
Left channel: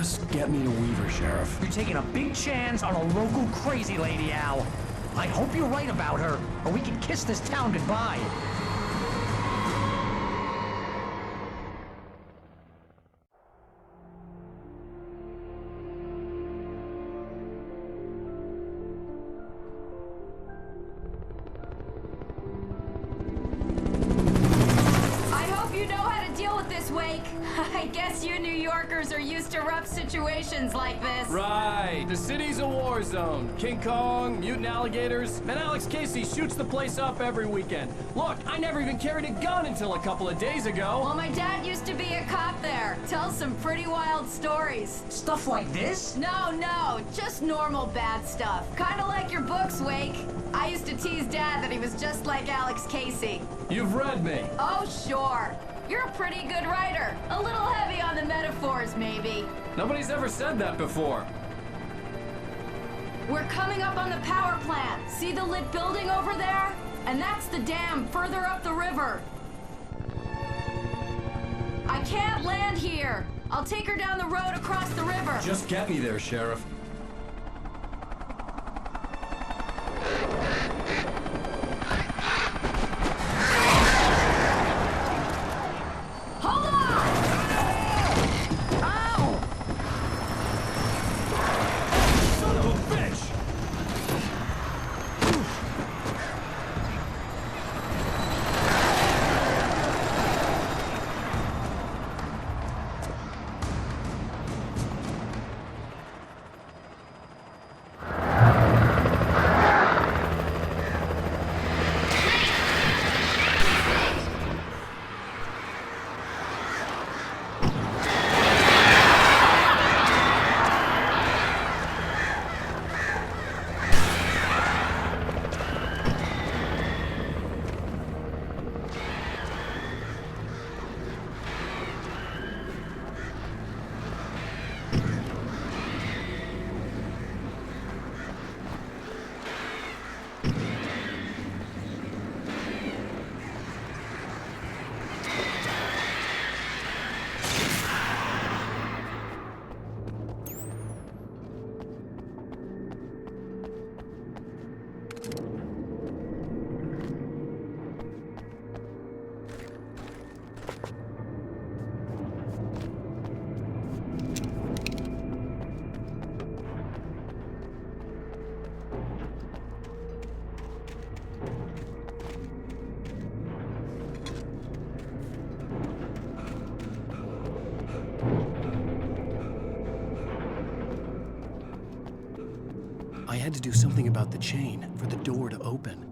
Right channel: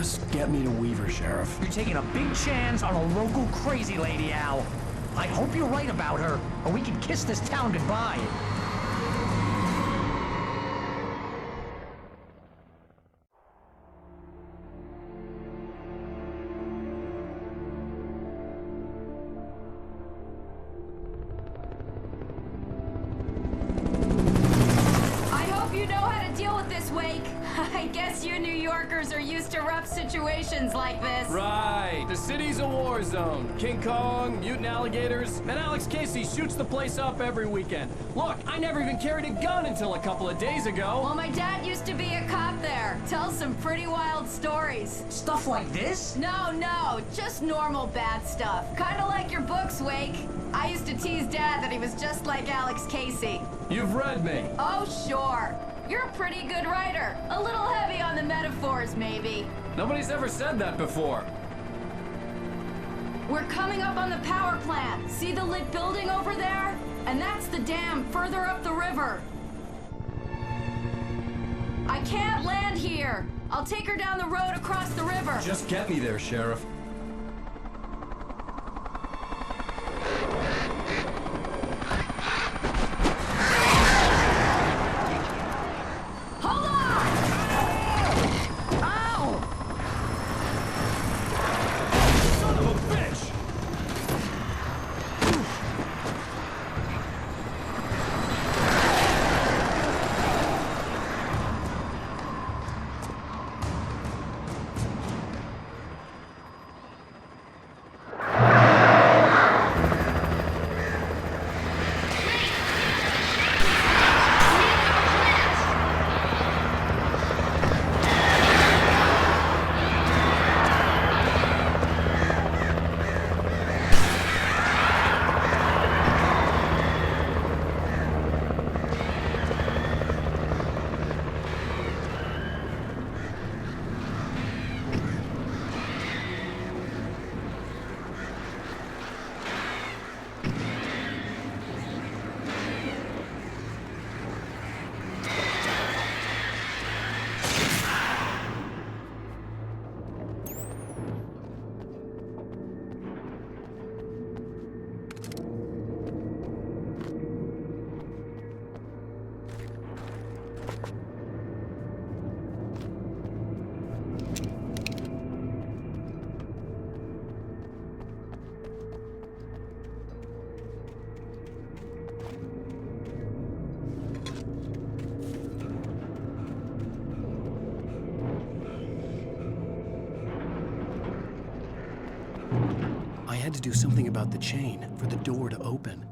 Just get me to Weaver, Sheriff. You're taking a big chance on a local crazy lady, Al. I hope you're right about her, or we can kiss this town goodbye. I guess you New Yorkers are used to rough situations like this. Right. The city's a war zone. King Kong, mutant alligators, and Alex Casey shoots the place up every weekend. Look, I never even carried a gun until a couple of days ago. Well, my dad used to be a cop there. Tells some pretty wild stories. Stuff like this? No, just normal bad stuff. Kinda like your books, Wake. I used to tease Dad that he was just like Alex Casey. You've read me. Oh, sure. You're a pretty good writer. A little heavy on the metaphors, maybe. Nobody's ever said that before. We're coming up on the power plant. See the lit building over there? And that's the dam further up the river. I can't land here. I'll take her down the road across the river. Just get me there, Sheriff. I had to do something about the chain for the door to open.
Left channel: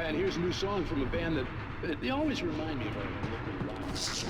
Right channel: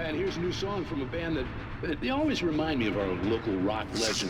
And here's a new song from a band that they always remind me of our local rock legends.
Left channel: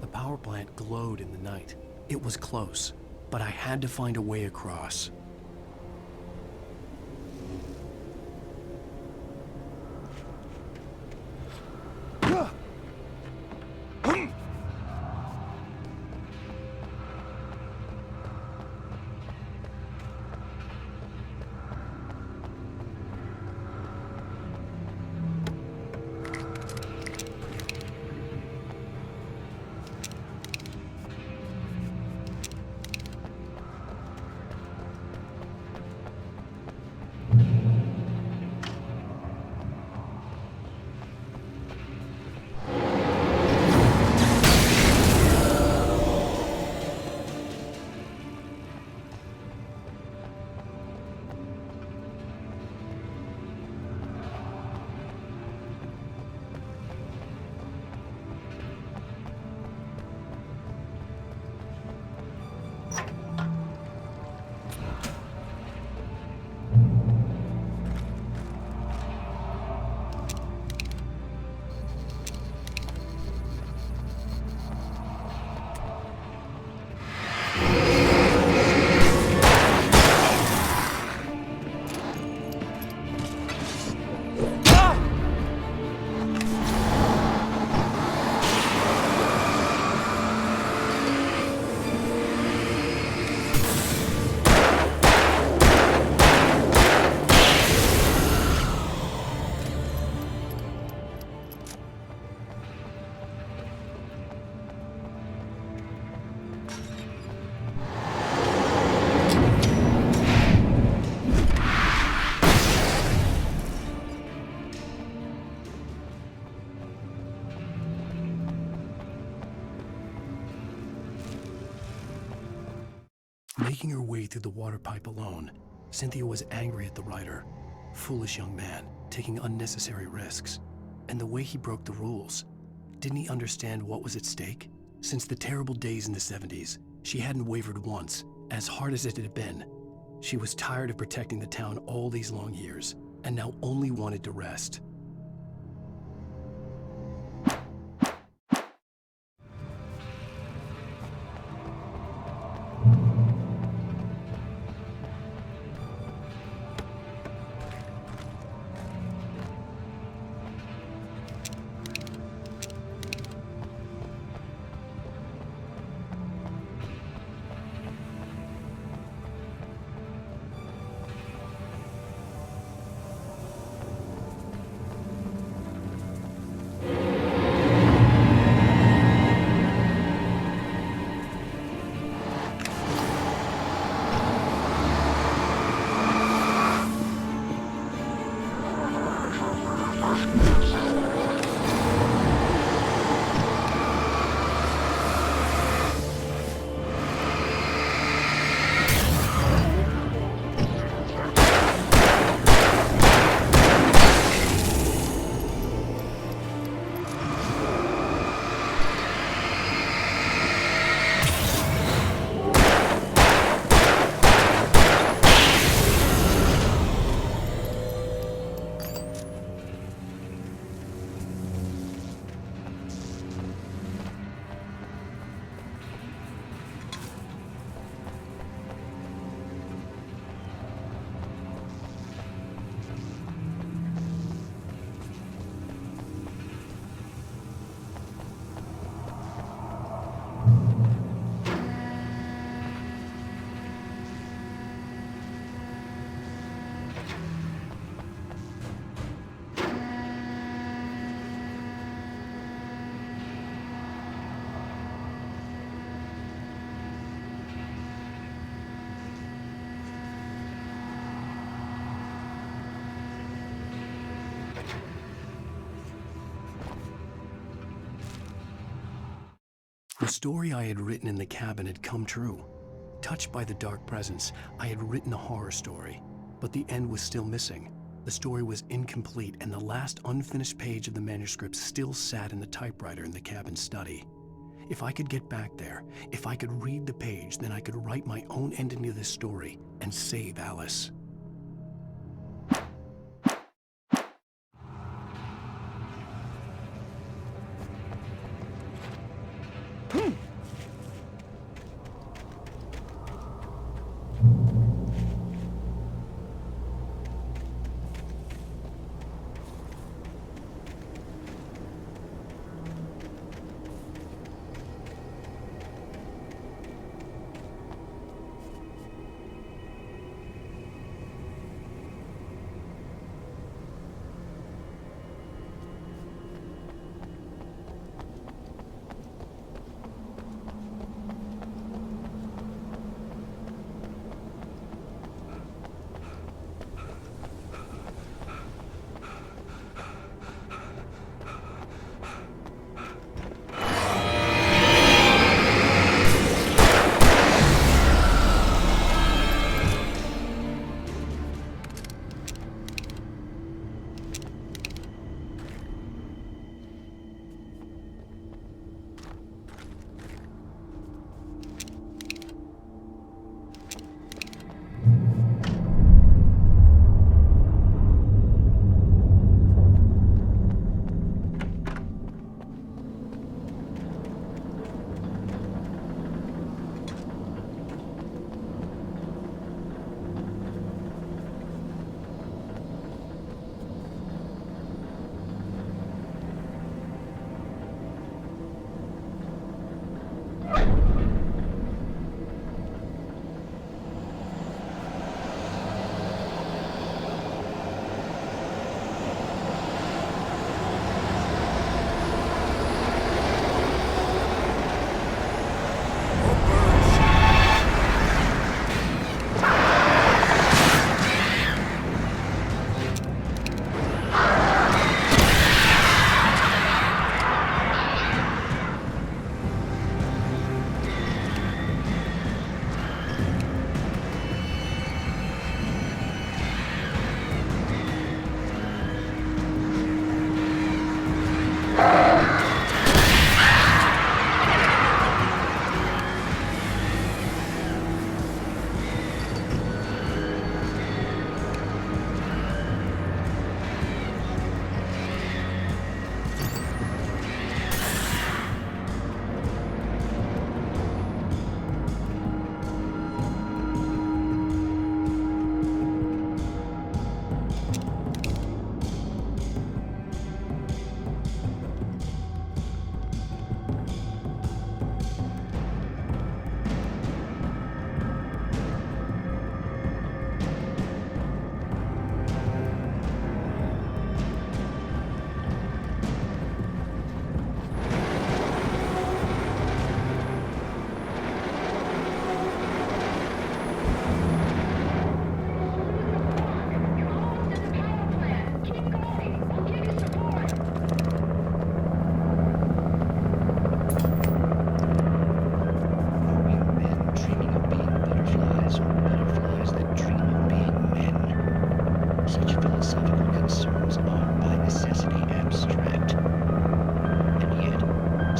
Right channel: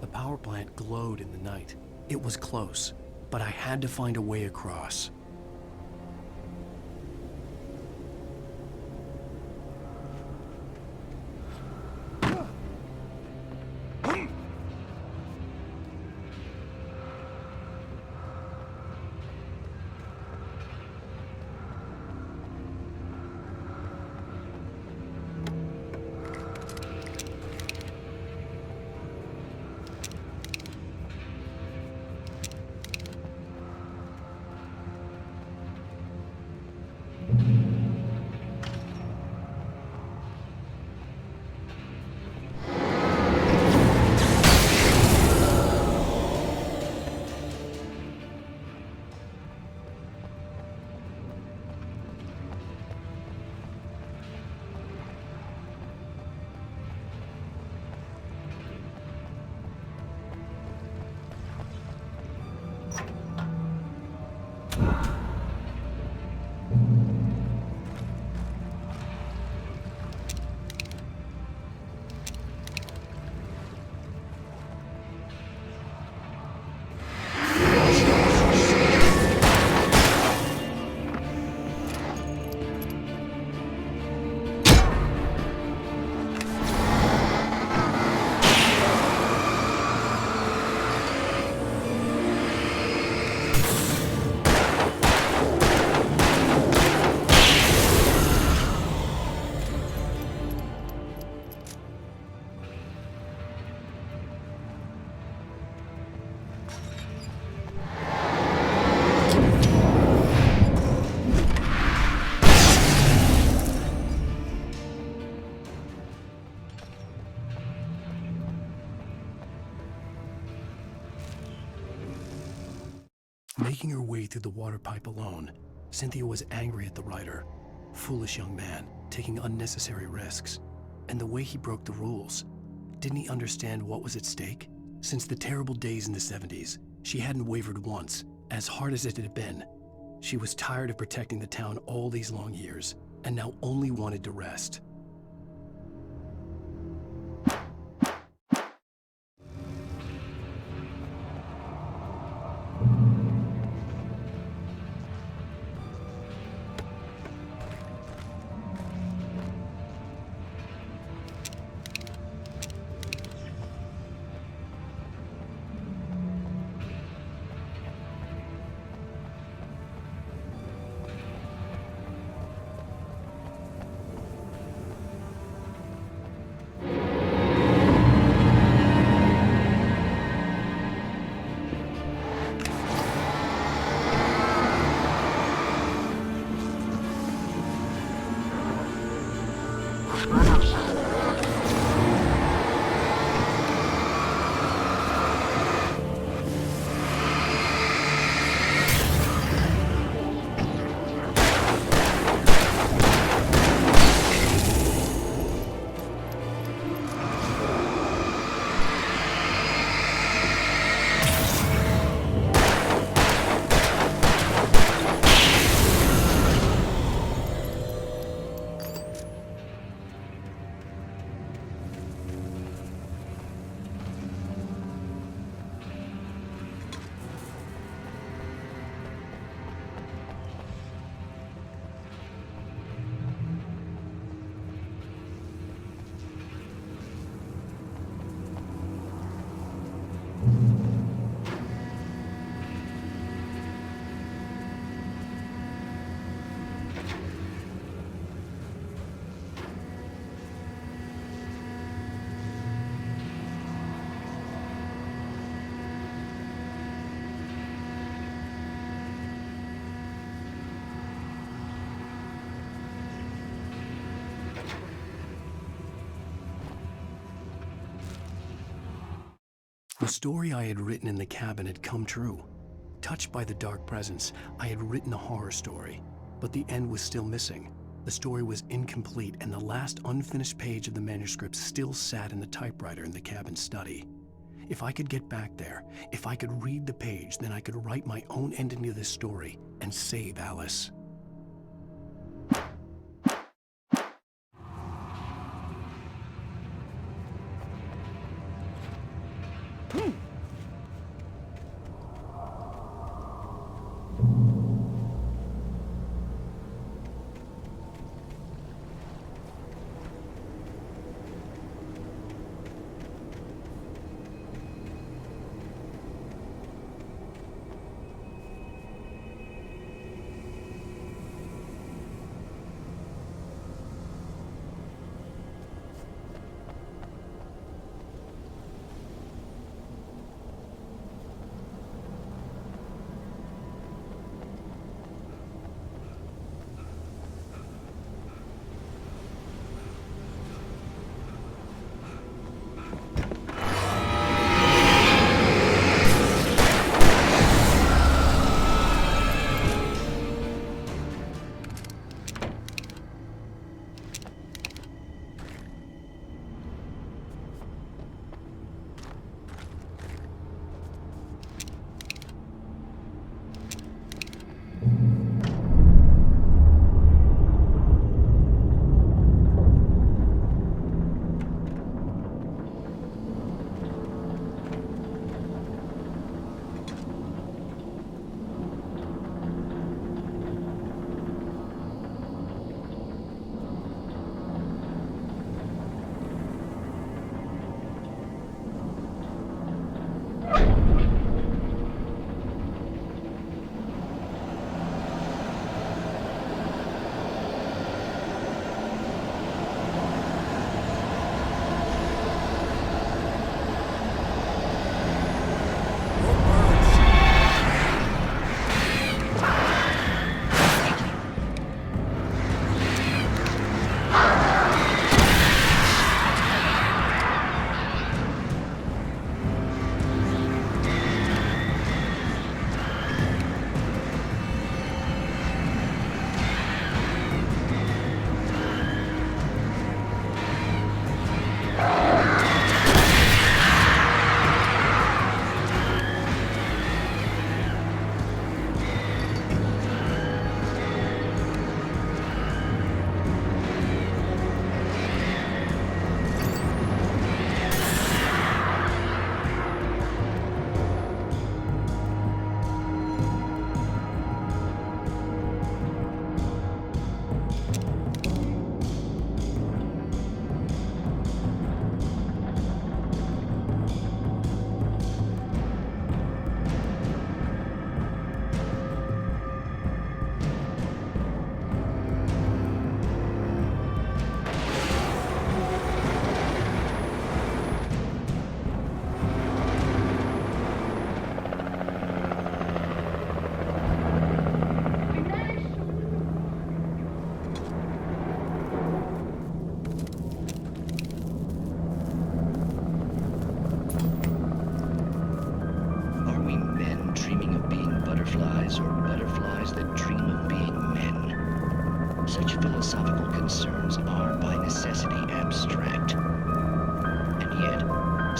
The power plant glowed in the night. It was close, but I had to find a way across. Making her way through the water pipe alone, Cynthia was angry at the writer. Foolish young man, taking unnecessary risks. And the way he broke the rules. Didn't he understand what was at stake? Since the terrible days in the 70s, she hadn't wavered once, as hard as it had been. She was tired of protecting the town all these long years, and now only wanted to rest. The story I had written in the cabin had come true. Touched by the dark presence, I had written a horror story, but the end was still missing. The story was incomplete, and the last unfinished page of the manuscript still sat in the typewriter in the cabin study. If I could get back there, if I could read the page, then I could write my own ending to this story and save Alice.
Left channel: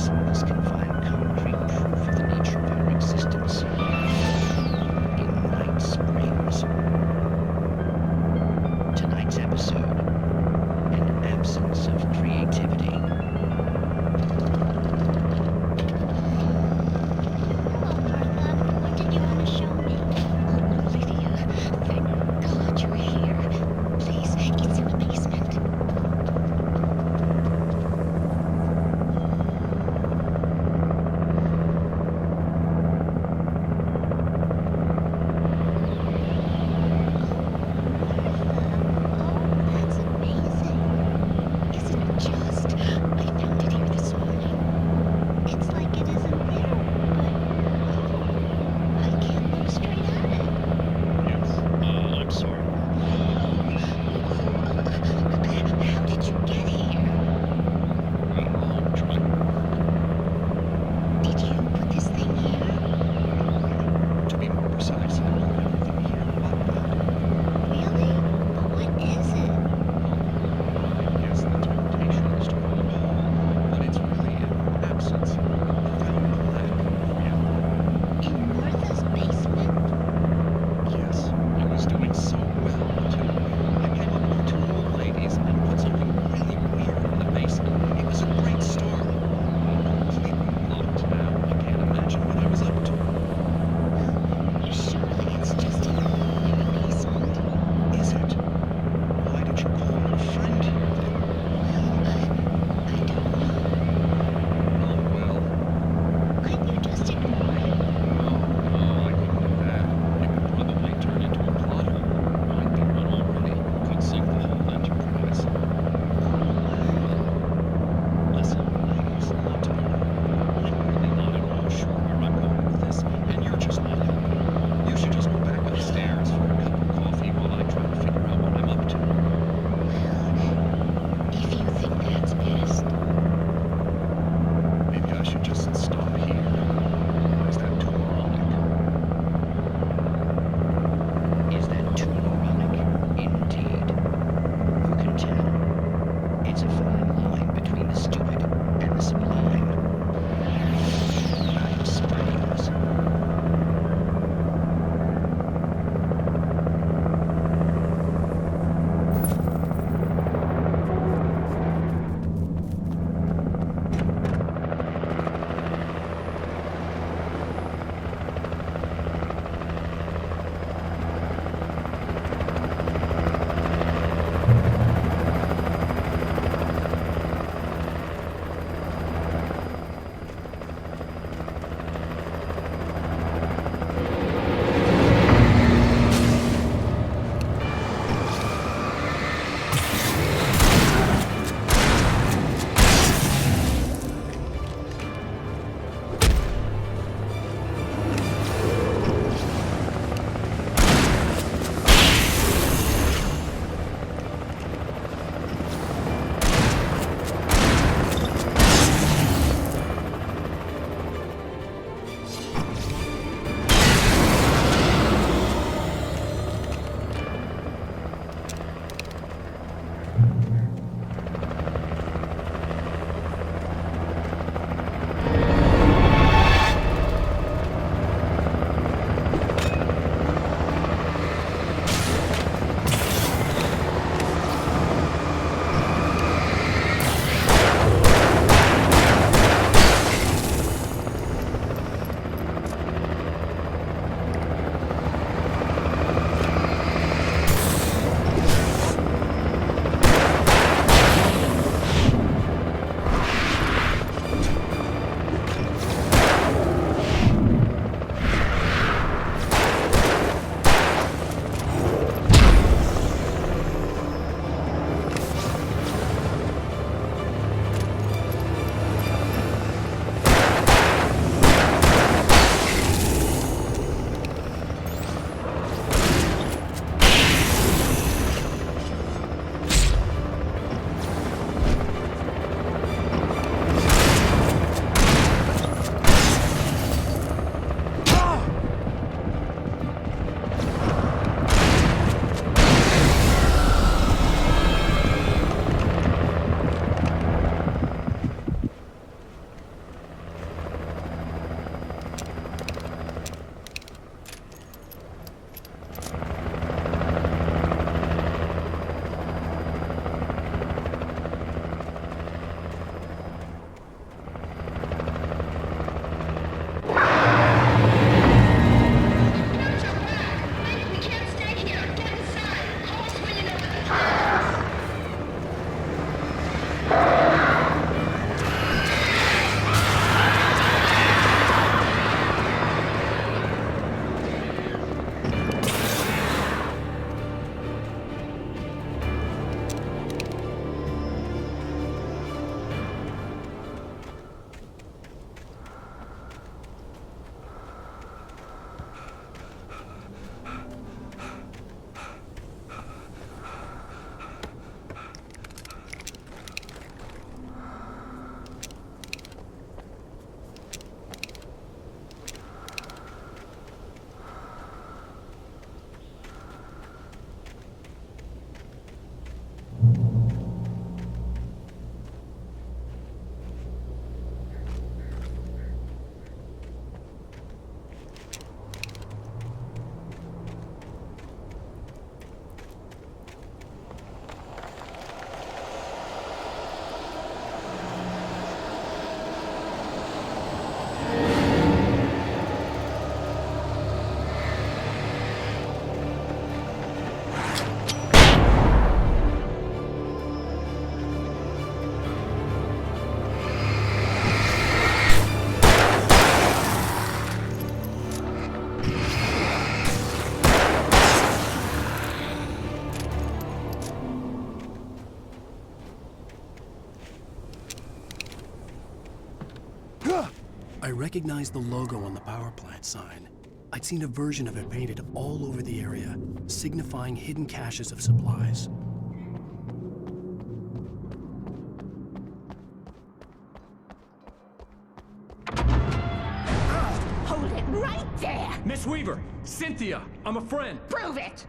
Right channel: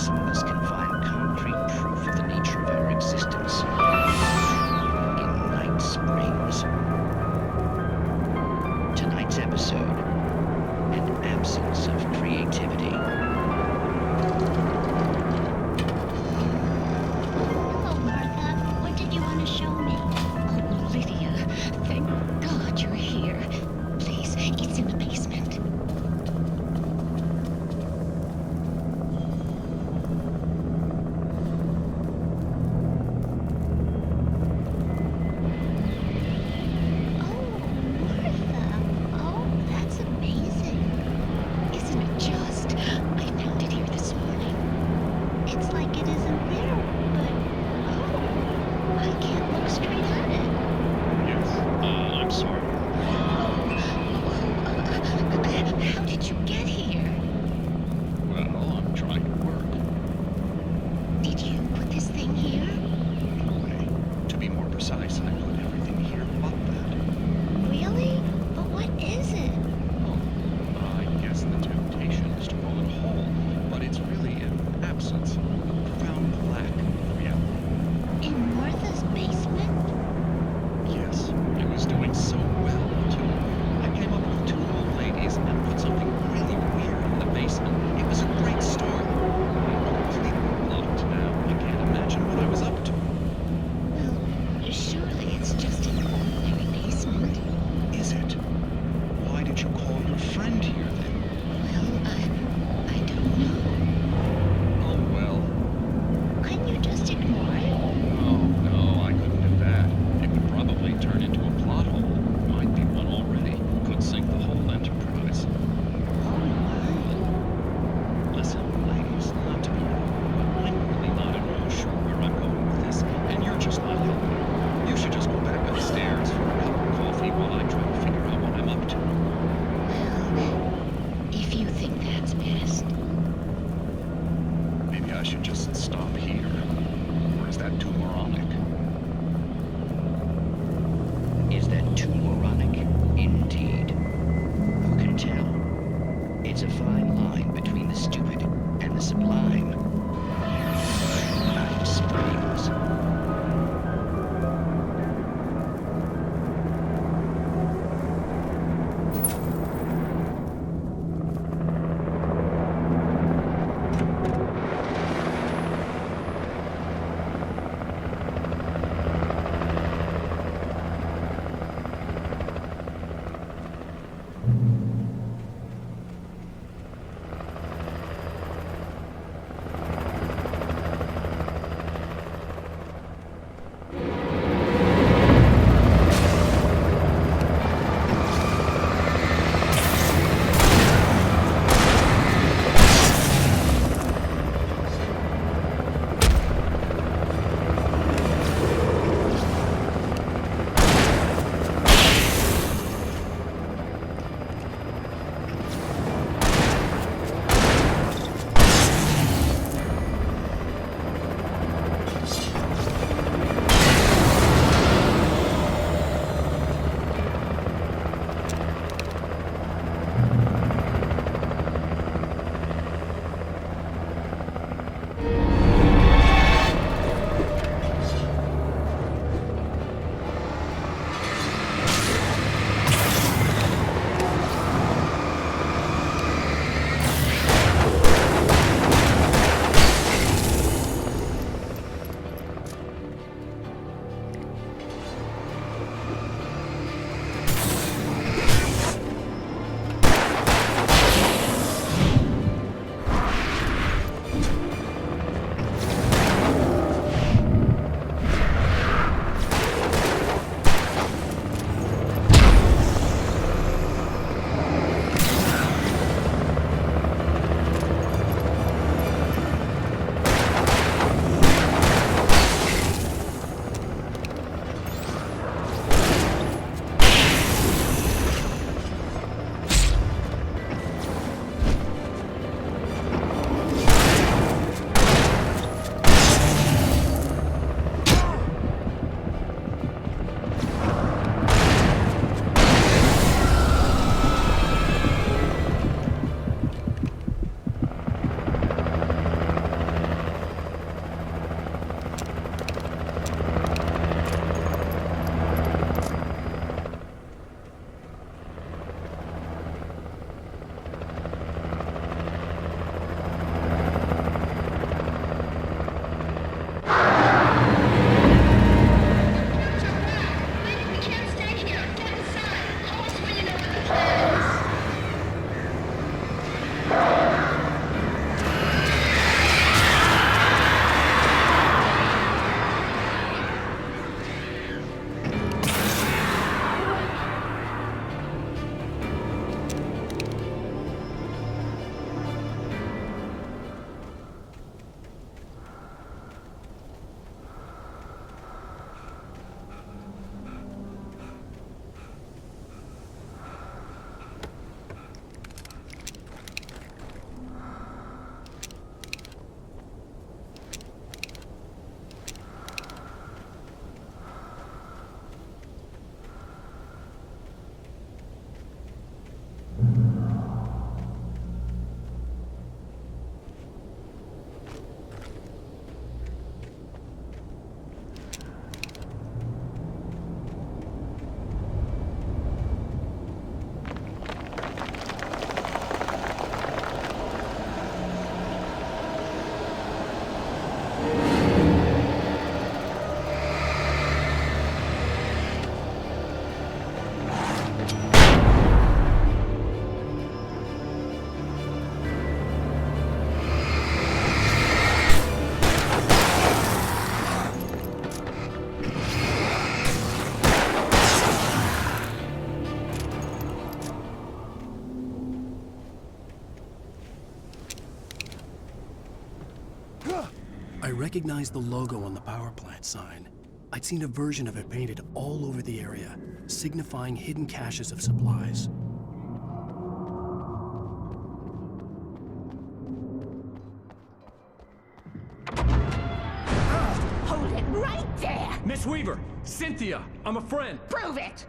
Fossils can find concrete proof of the nature of our existence in Night Springs. Tonight's episode, an absence of creativity. Hello, Martha. What did you want to show me? Oh, Lydia. Thank God you're here. Please, it's in the basement. I recognized the logo on the power plant sign. I'd seen a version of it painted all over the area, signifying hidden caches of supplies. Hold it right there! Miss Weaver, Cynthia, I'm a friend. Prove it!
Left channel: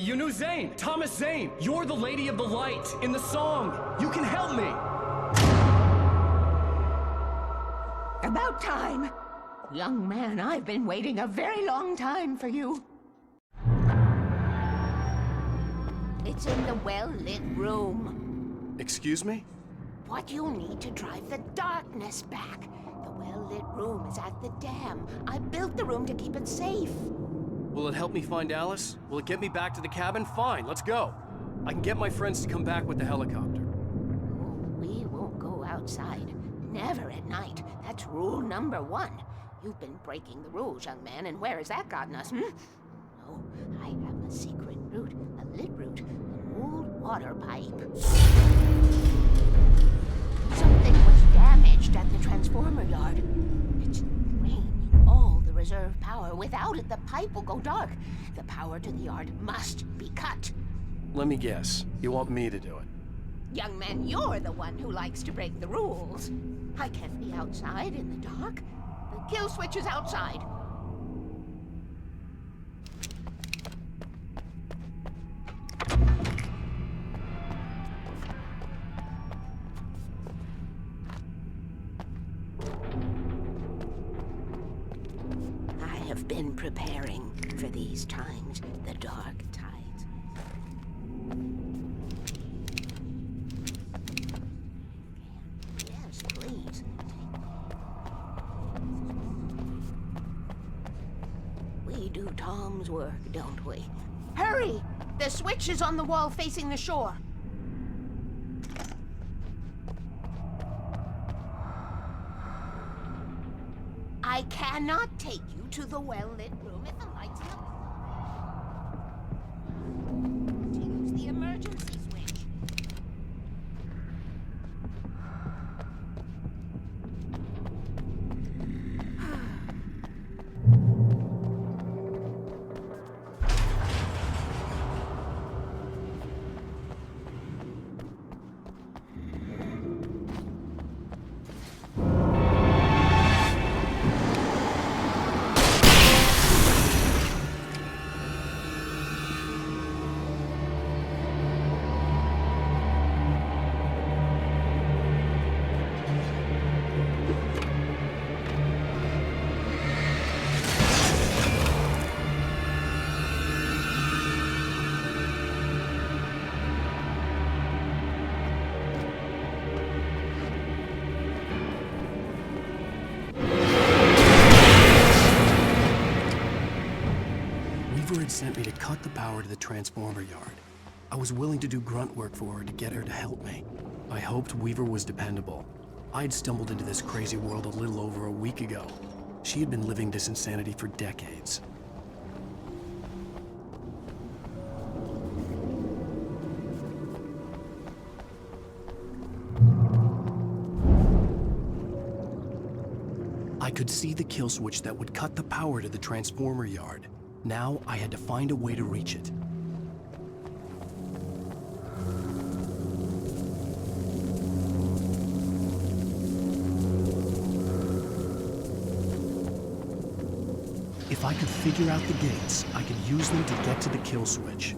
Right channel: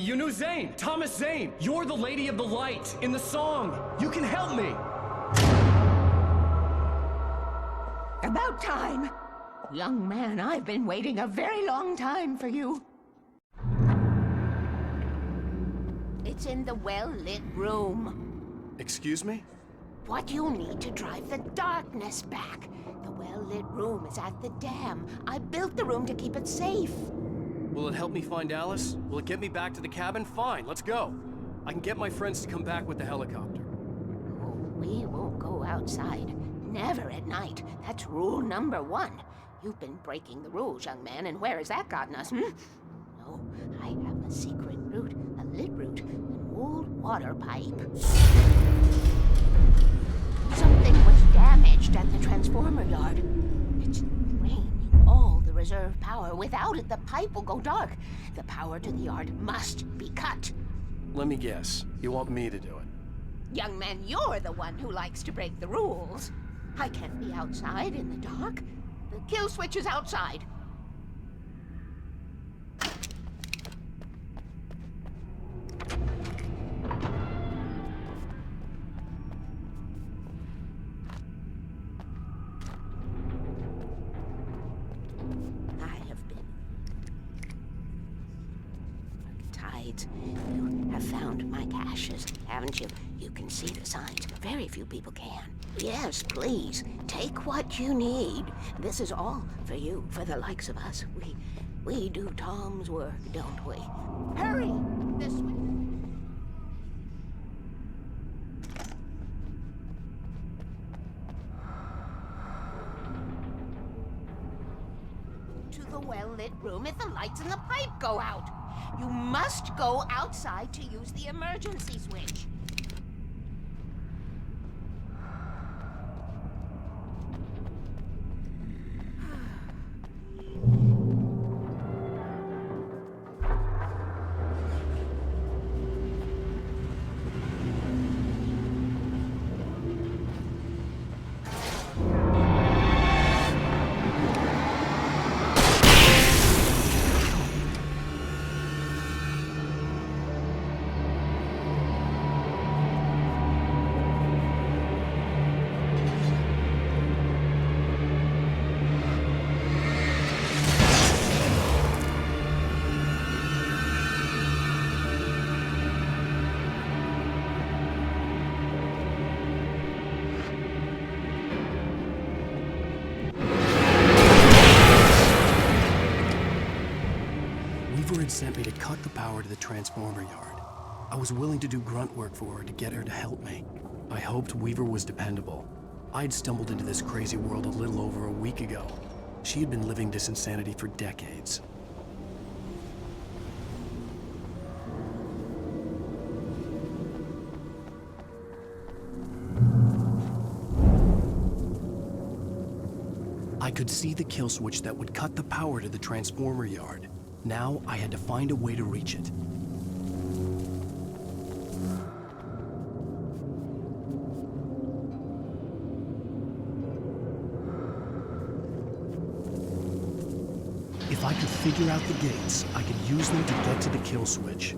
You knew Zane, Thomas Zane. You're the Lady of the Light in the song. You can help me. About time. Young man, I've been waiting a very long time for you. It's in the well-lit room. Excuse me? What you'll need to drive the darkness back. The well-lit room is at the dam. I built the room to keep it safe. Will it help me find Alice? Will it get me back to the cabin? Fine, let's go. I can get my friends to come back with the helicopter. Oh, we won't go outside. Never at night. That's rule number 1. You've been breaking the rules, young man, and where has that gotten us, No, I have a secret route, a lit route, an old water pipe. Something was damaged at the transformer yard. It's draining all the reserve power. Without it, the pipe will go dark. The power to the yard must be cut. Let me guess. You want me to do it? Young man, you're the one who likes to break the rules. I can't be outside in the dark. The kill switch is outside. I have been preparing for these times, the dark tides. You have found my caches, haven't you? You can see the signs. Very few people can. Yes, please. Take what you need. This is all for you, for the likes of us. We do Tom's work, don't we? Hurry! The switch is on the wall facing the shore. I cannot take you to the well-lit room if the lights in the pipe go out. You must go outside to use the emergency switch. Weaver had sent me to cut the power to the transformer yard. I was willing to do grunt work for her to get her to help me. I hoped Weaver was dependable. I'd stumbled into this crazy world a little over a week ago. She had been living this insanity for decades. I could see the kill switch that would cut the power to the transformer yard. Now I had to find a way to reach it. If I could figure out the gates, I could use them to get to the kill switch.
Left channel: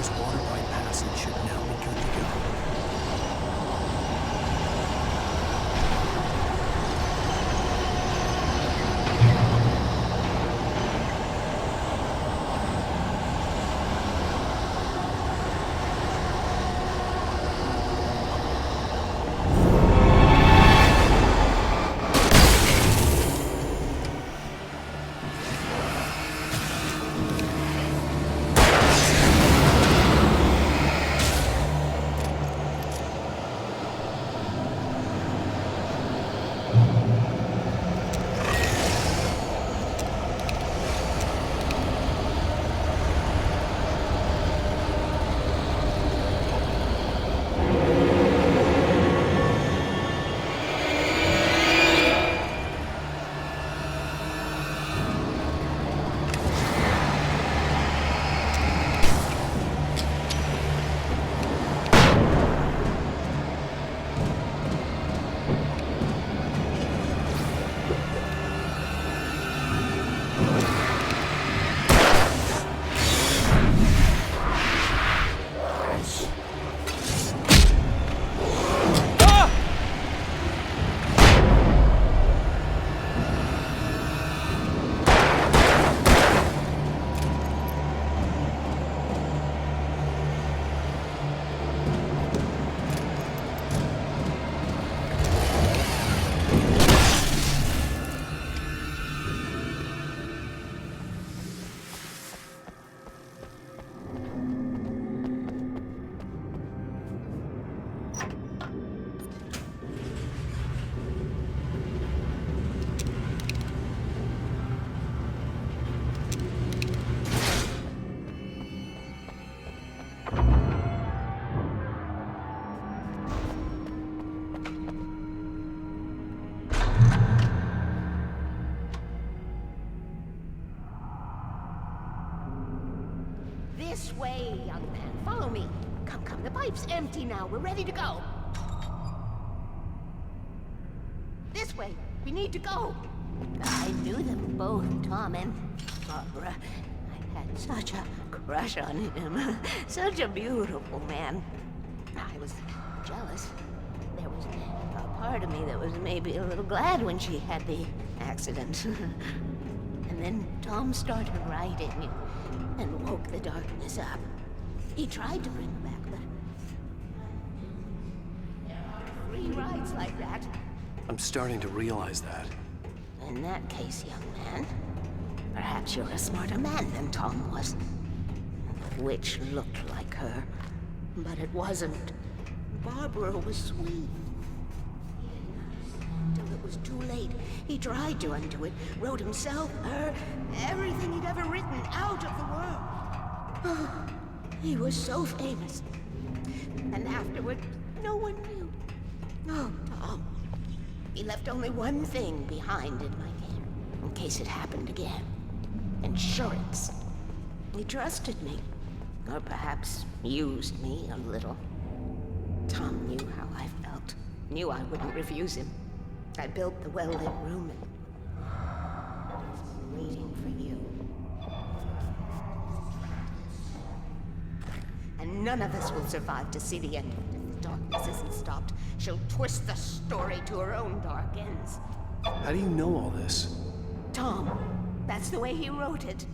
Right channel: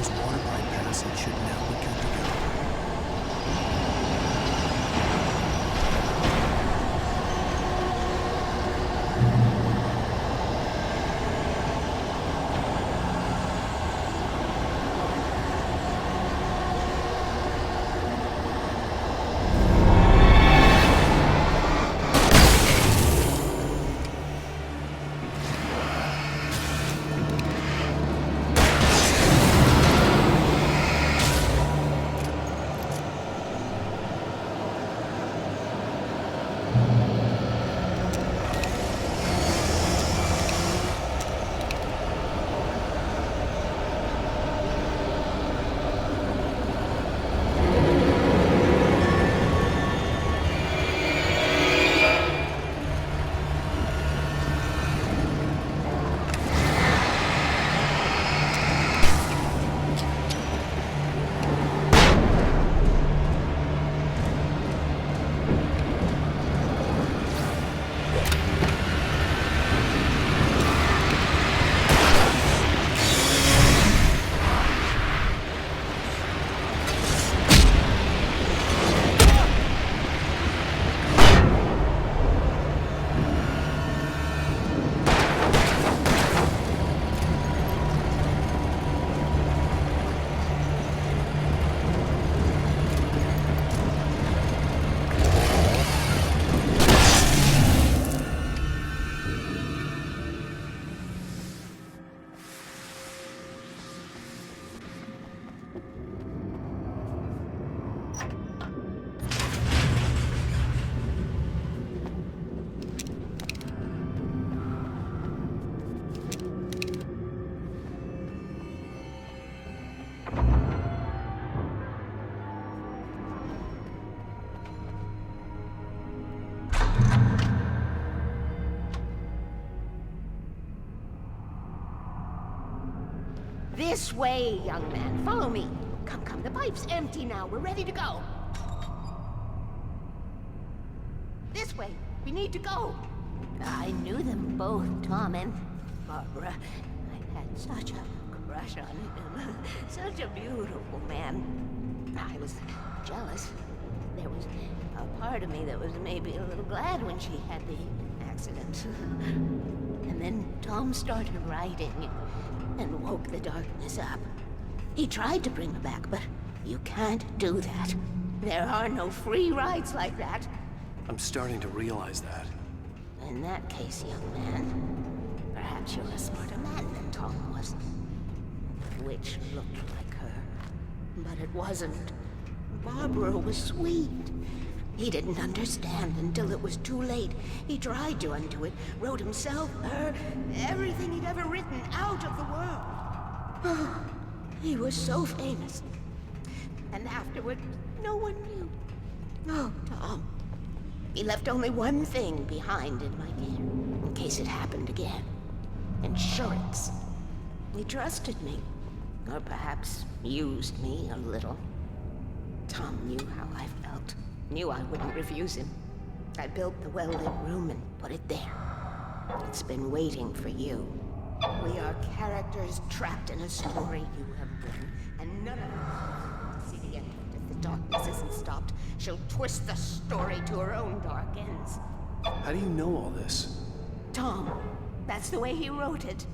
first water pipe passage should now be good to go. This way, young man. Follow me. Come, come. The pipe's empty now. We're ready to go. This way. We need to go. I knew them both, Tom and Barbara. I had such a crush on him. Such a beautiful man. I was jealous. There was a part of me that was maybe a little glad when she had the accident. And then Tom started writing and woke the darkness up. He tried to bring her back, but you can't do that. There are no free rides like that. I'm starting to realize that. In that case, young man, perhaps you're a smarter man than Tom was. The witch looked like her, but it wasn't. Barbara was sweet. He didn't understand until it was too late. He tried to undo it, wrote himself, her, everything he'd ever written out of the world. Oh, he was so famous. And afterward, no one knew. Oh, Tom. He left only one thing behind in my care, in case it happened again. Insurance. He trusted me, or perhaps used me a little. Tom knew how I felt, knew I wouldn't refuse him. I built the well-lit room and put it there. It's been waiting for you. We are characters trapped in a story you have written, and none of us will survive to see the end of it if the darkness isn't stopped. She'll twist the story to her own dark ends. How do you know all this? Tom, that's the way he wrote it.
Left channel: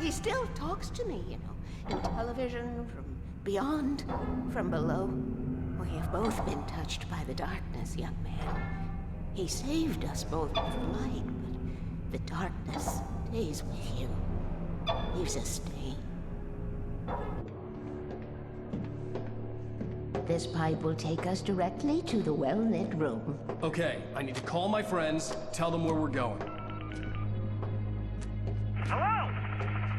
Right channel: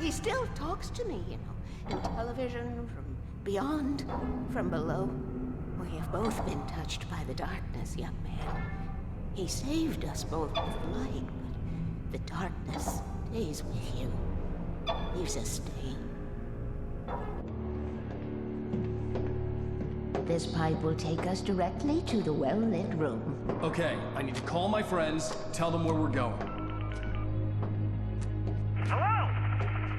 He still talks to me, you know, in television, from beyond, from below. We have both been touched by the darkness, young man. He saved us both with light, but the darkness stays with you. Leaves a stain. This pipe will take us directly to the well-lit room. Okay, I need to call my friends, tell them where we're going. Hello?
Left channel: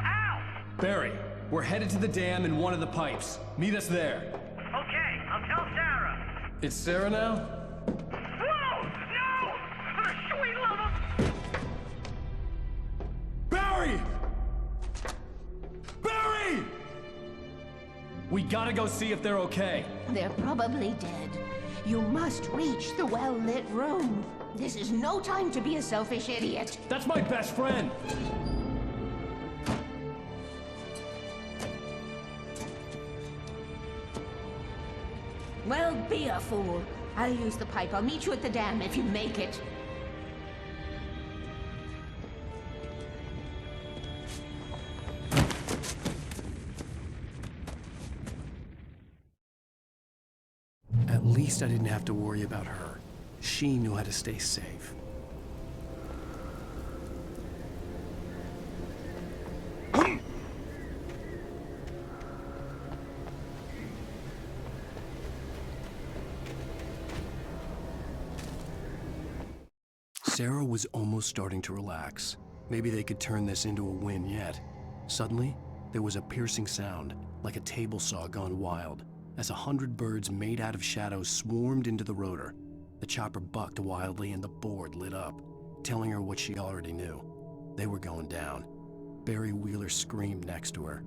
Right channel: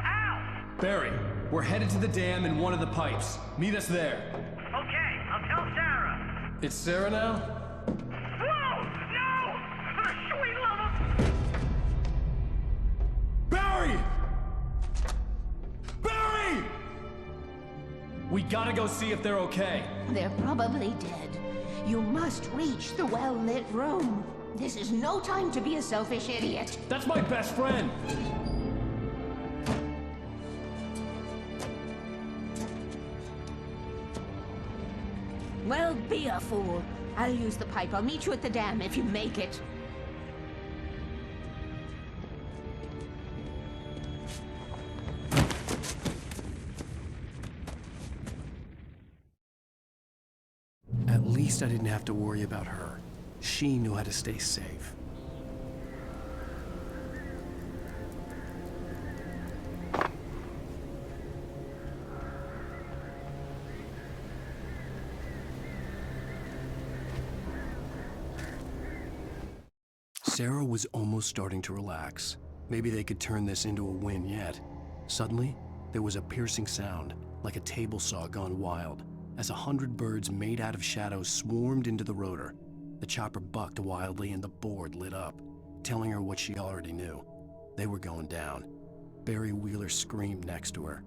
Al! Barry, we're headed to the dam in one of the pipes. Meet us there. Okay, I'll tell Sarah. It's Sarah now? Whoa! No! For the sweet love of... Barry! Barry! We gotta go see if they're okay. They're probably dead. You must reach the well-lit room. This is no time to be a selfish idiot. That's my best friend. Well, be a fool. I'll use the pipe. I'll meet you at the dam if you make it. At least I didn't have to worry about her. She knew how to stay safe. Sarah was almost starting to relax. Maybe they could turn this into a win yet. Suddenly, there was a piercing sound, like a table saw gone wild, as 100 birds made out of shadows swarmed into the rotor. The chopper bucked wildly and the board lit up, telling her what she already knew. They were going down. Barry Wheeler screamed next to her.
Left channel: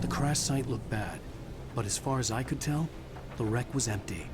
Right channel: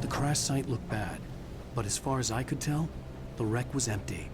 The crash site looked bad, but as far as I could tell, the wreck was empty.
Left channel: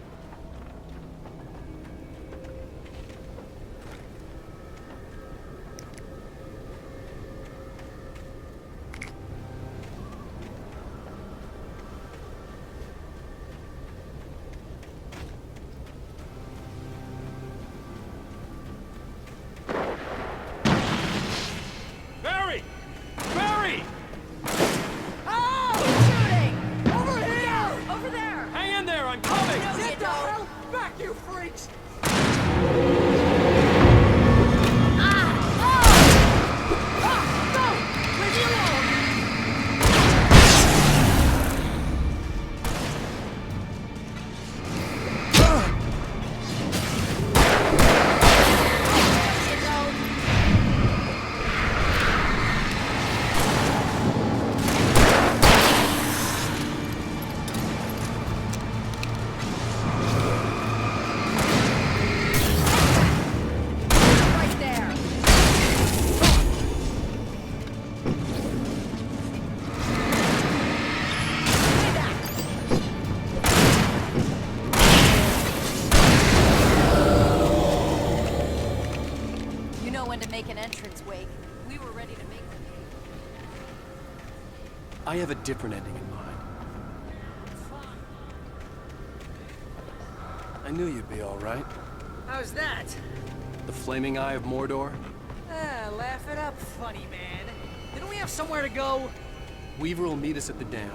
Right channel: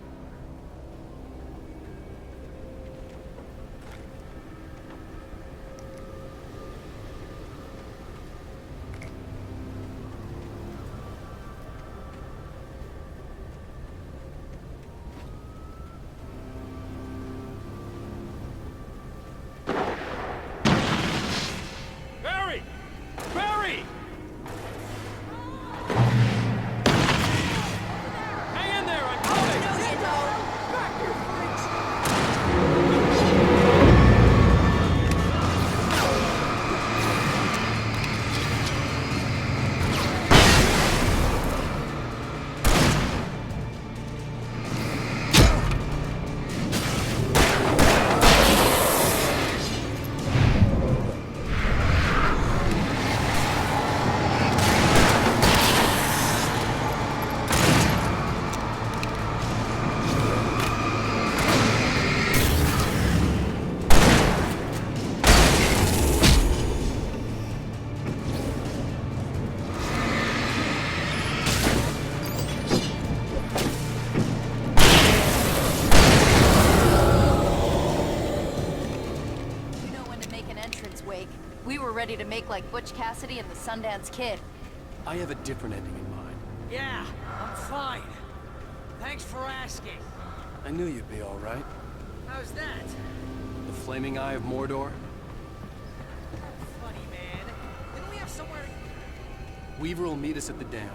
Wake. We were ready to make like Butch Cassidy and the Sundance Kid. I have a different ending in mind. Yeah, I'm fine. Thanks for asking. I knew you'd be all right. How's that? The flaming eye of Mordor? Laugh it up, funny man. Didn't we have somewhere to go? Weaver will meet us at the dam.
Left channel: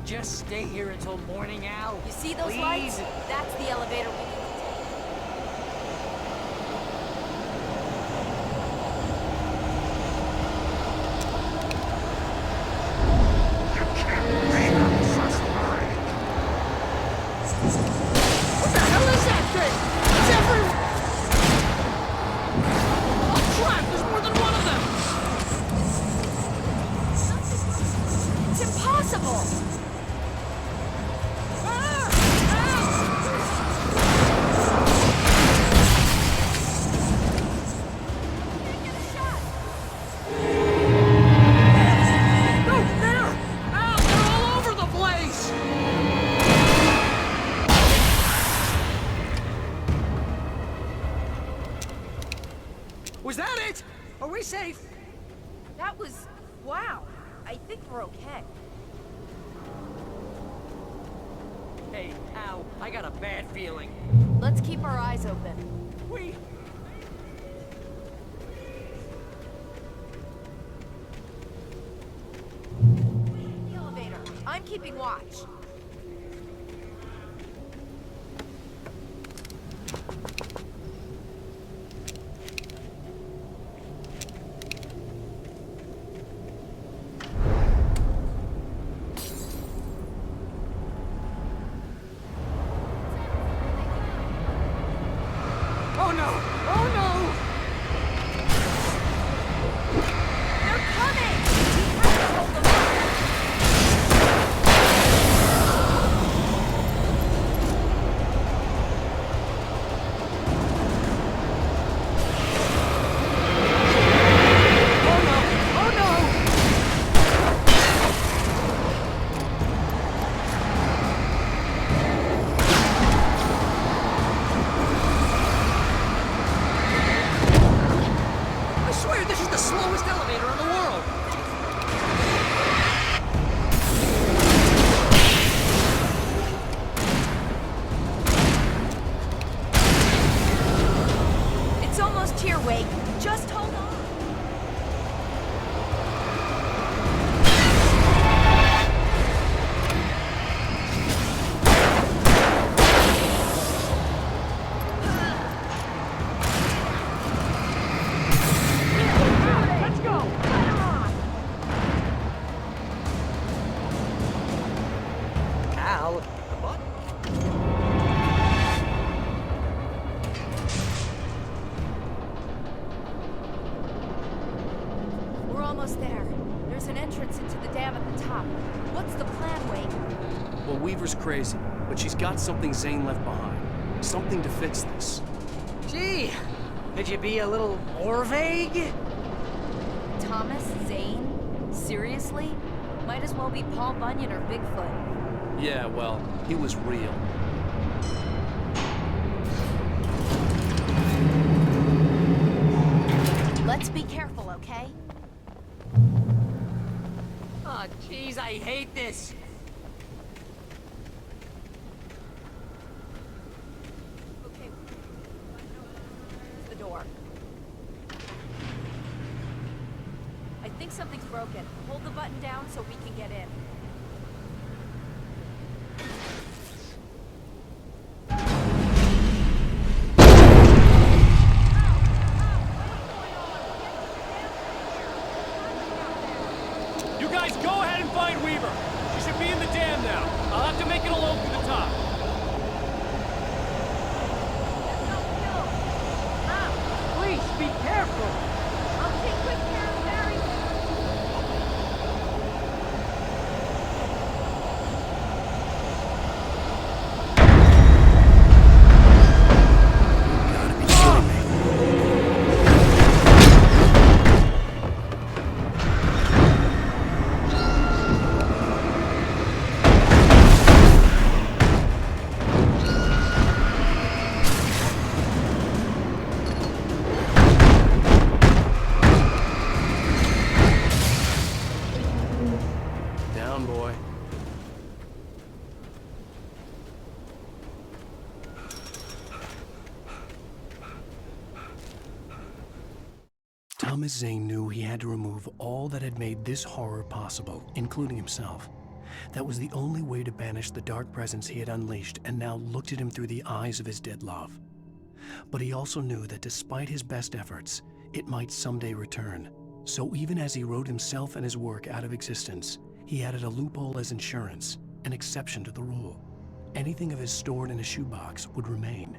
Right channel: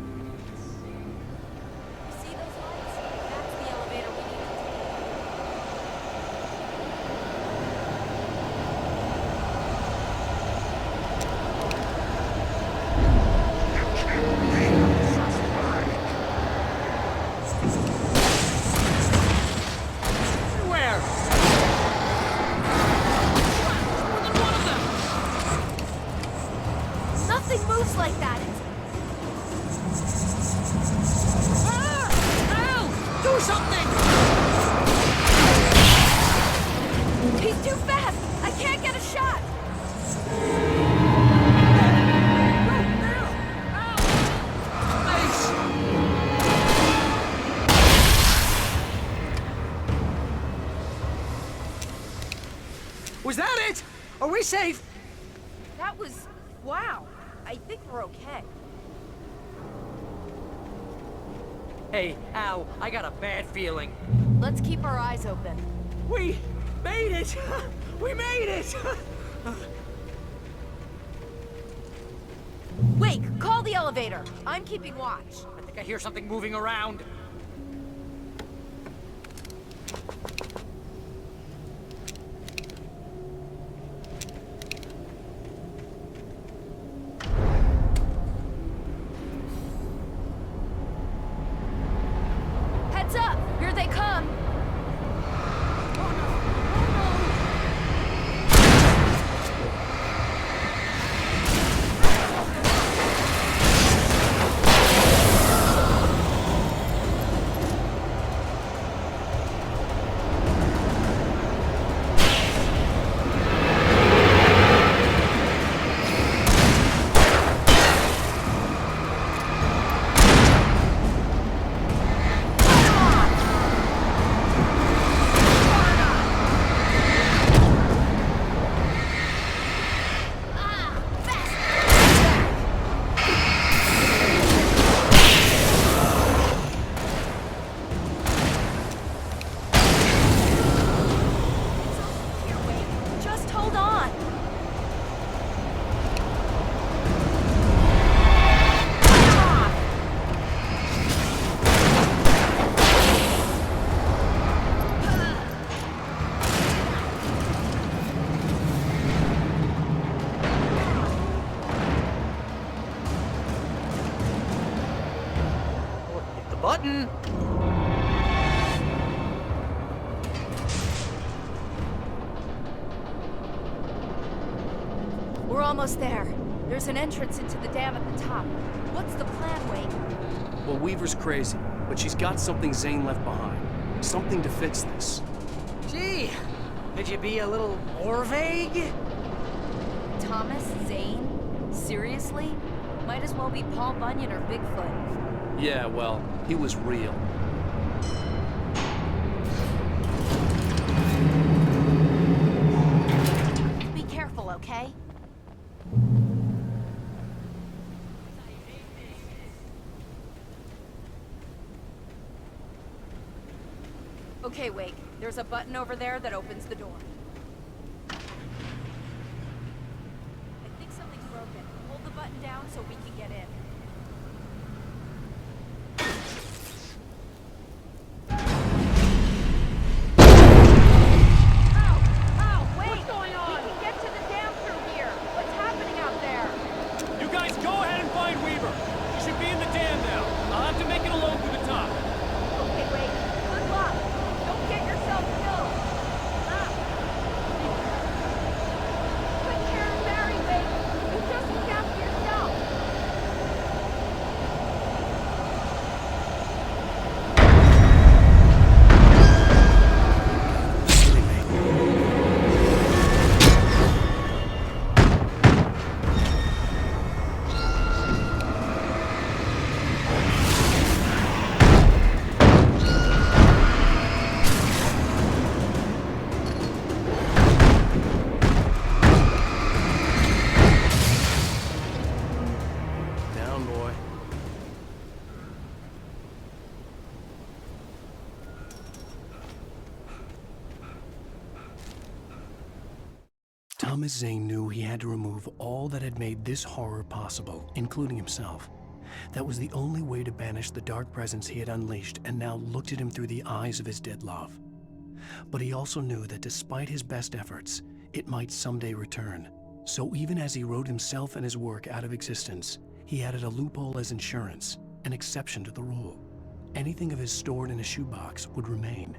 we just stay here until morning, Al? You see those Please? lights? That's the elevator we need to take. Nothing moves like that. It's impossible. Do something! He's too fast. I can't get a shot. No, there! Al, they're all over the place! Was that it? Are we safe? That was... wow. I think we're okay. Hey, Al, I got a bad feeling. Let's keep our eyes open. We made it! We made it! Wait, call the elevator. I'm keeping watch. I think I hear something moving around. Heads up! Here they come! Oh no! Oh no! I swear this is the slowest elevator in the world! It's almost here, Wake. Just hold on. Al, hit the button! We're almost there. There's an entrance into the dam at the top. What's the plan, Wake? Well, Weaver's crazy, but she's got something Zane left behind. Something to fix this. Gee, could you be a little more vague? Thomas Zane? Seriously? Might as well be Paul Bunyan or Bigfoot. Yeah, well, he was real. Let's be careful, okay? Oh, jeez, I hate this. Okay, Wake. There's a button over there that opens the door. I think something's broken. Hold the button down so we can get in. What's going on? We can get to the dam through here. What's happening out there? You guys go ahead and find Weaver. She should be in the dam now. I'll have to make it alone through the top. Okay, Wake. Good luck. Don't get yourself killed. Please, be careful! I'll take good care of Barry, Wake. You just look after yourself. Down, boy. Thomas Zane knew he had to remove all that had made this horror possible, including himself. That was the only way to banish the dark presence he had unleashed and now looked at him through the eyes of his dead love. But he also knew that despite his best efforts, it might someday return. So even as he wrote himself and his work out of existence, he added a loophole as insurance, an exception to the rule. Anything of his stored in a shoebox would remain.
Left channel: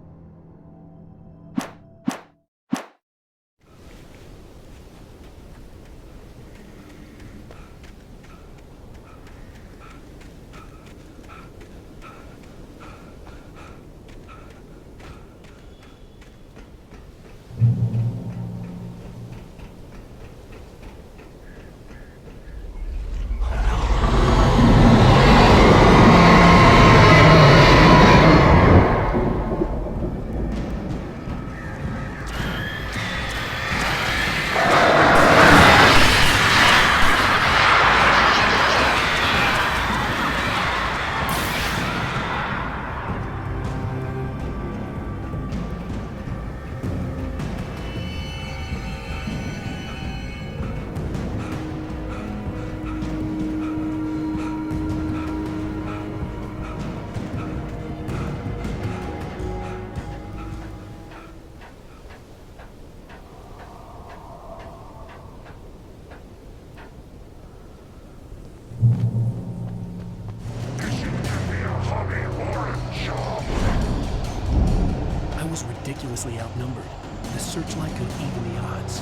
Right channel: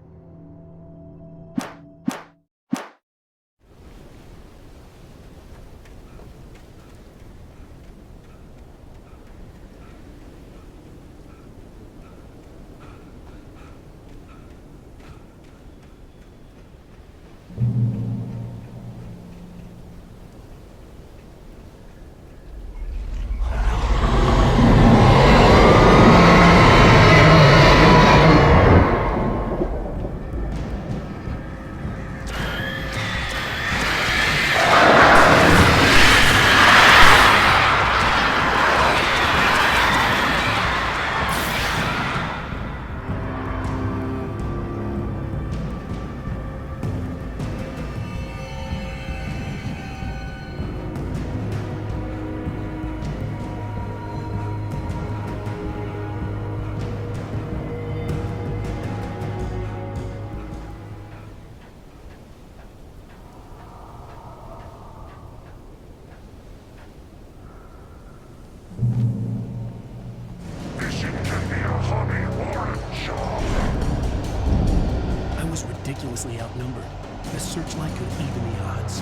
I was ridiculously outnumbered. The searchlight could even the odds.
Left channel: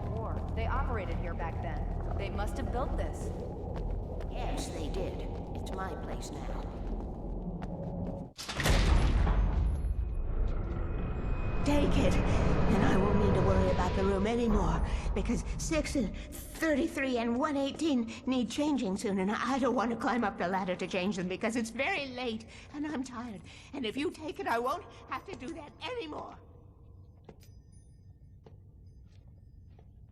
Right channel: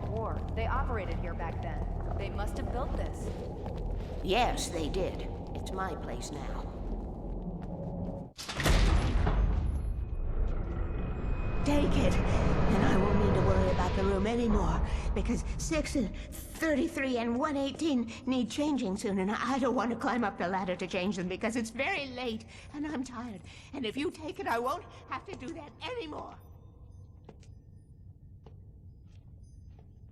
World War. They operated here back then. They must have built this. Yes, they did. It's my place now. Take it, and I won't need to worry about the room anymore, because 6 and 33 and 118 need changing soon, and I don't want to climb up the ladder to change them because it's very late, and I'm tired. And if you take it, I won't have to do that anymore.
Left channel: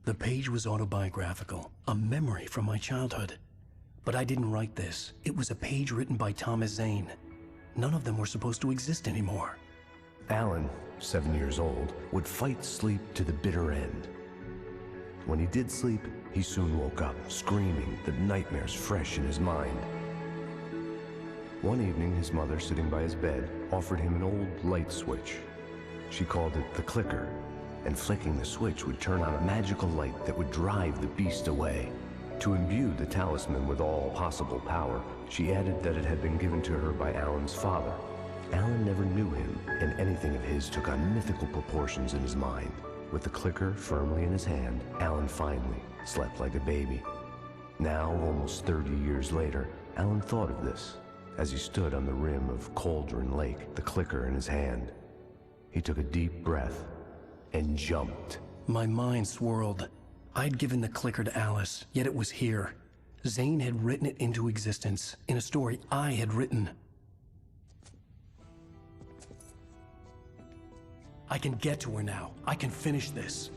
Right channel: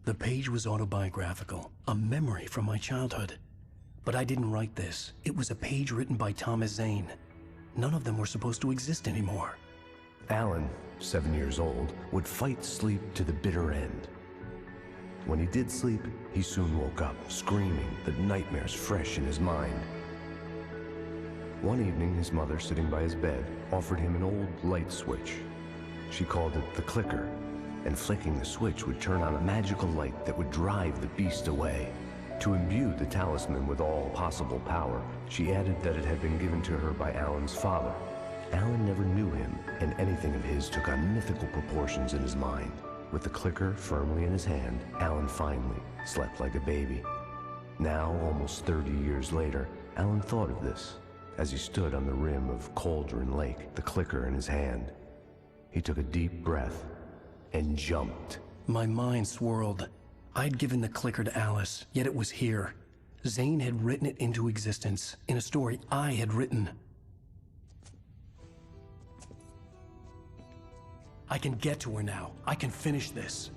The page was autobiographical, a memory from my childhood. But I didn't write this. It was a page written by Thomas Zane. None of them were supposed to exist anymore. Alan, 7 years old, would fight sleep to the bitter end. When he did sleep, he soon woke up, screaming, the nightmares fresh in his mind. One evening, his mother, sitting by his bed, offered him an old light switch. She called it the clicker, and flicking the switch would turn on a magical light that would drive the beast away. To imbue the talisman with all possible power, she added that it had been given to her by Alan's father. Alan never knew him, and anything of his took on mythical proportions in his mind. With the clicker firmly in his hand, Alan finally slept like a baby. Now, almost 30 years later, Alan thought of this as he stood on the rim of Cauldron Lake, the clicker in his hand. He took a deep breath and jumped. My mind swirled. I'd given the clicker to Alice, yet it was here. Zane had written it into existence, in a story I had written. I can get to her now. I can finish this.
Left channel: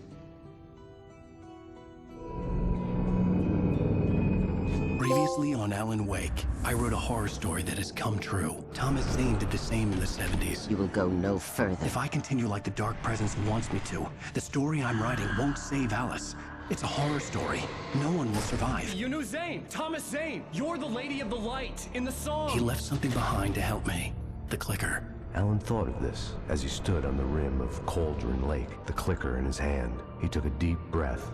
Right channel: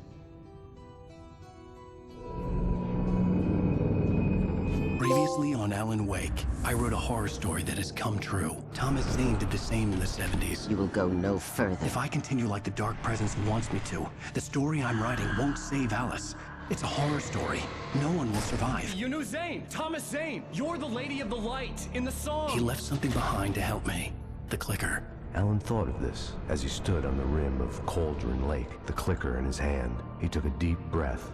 Previously on Alan Wake, I wrote a horror story that has come true. Thomas Zane did the same in the 70s. You will go no further. If I continue like the Dark Presence wants me to, the story I'm writing won't save Alice. It's a horror story. No one will survive. You knew Zane! Thomas Zane! You're the Lady of the Light in the song! He left something behind to help me. The clicker. Alan thought of this as he stood on the rim of Cauldron Lake, the clicker in his hand. He took a deep breath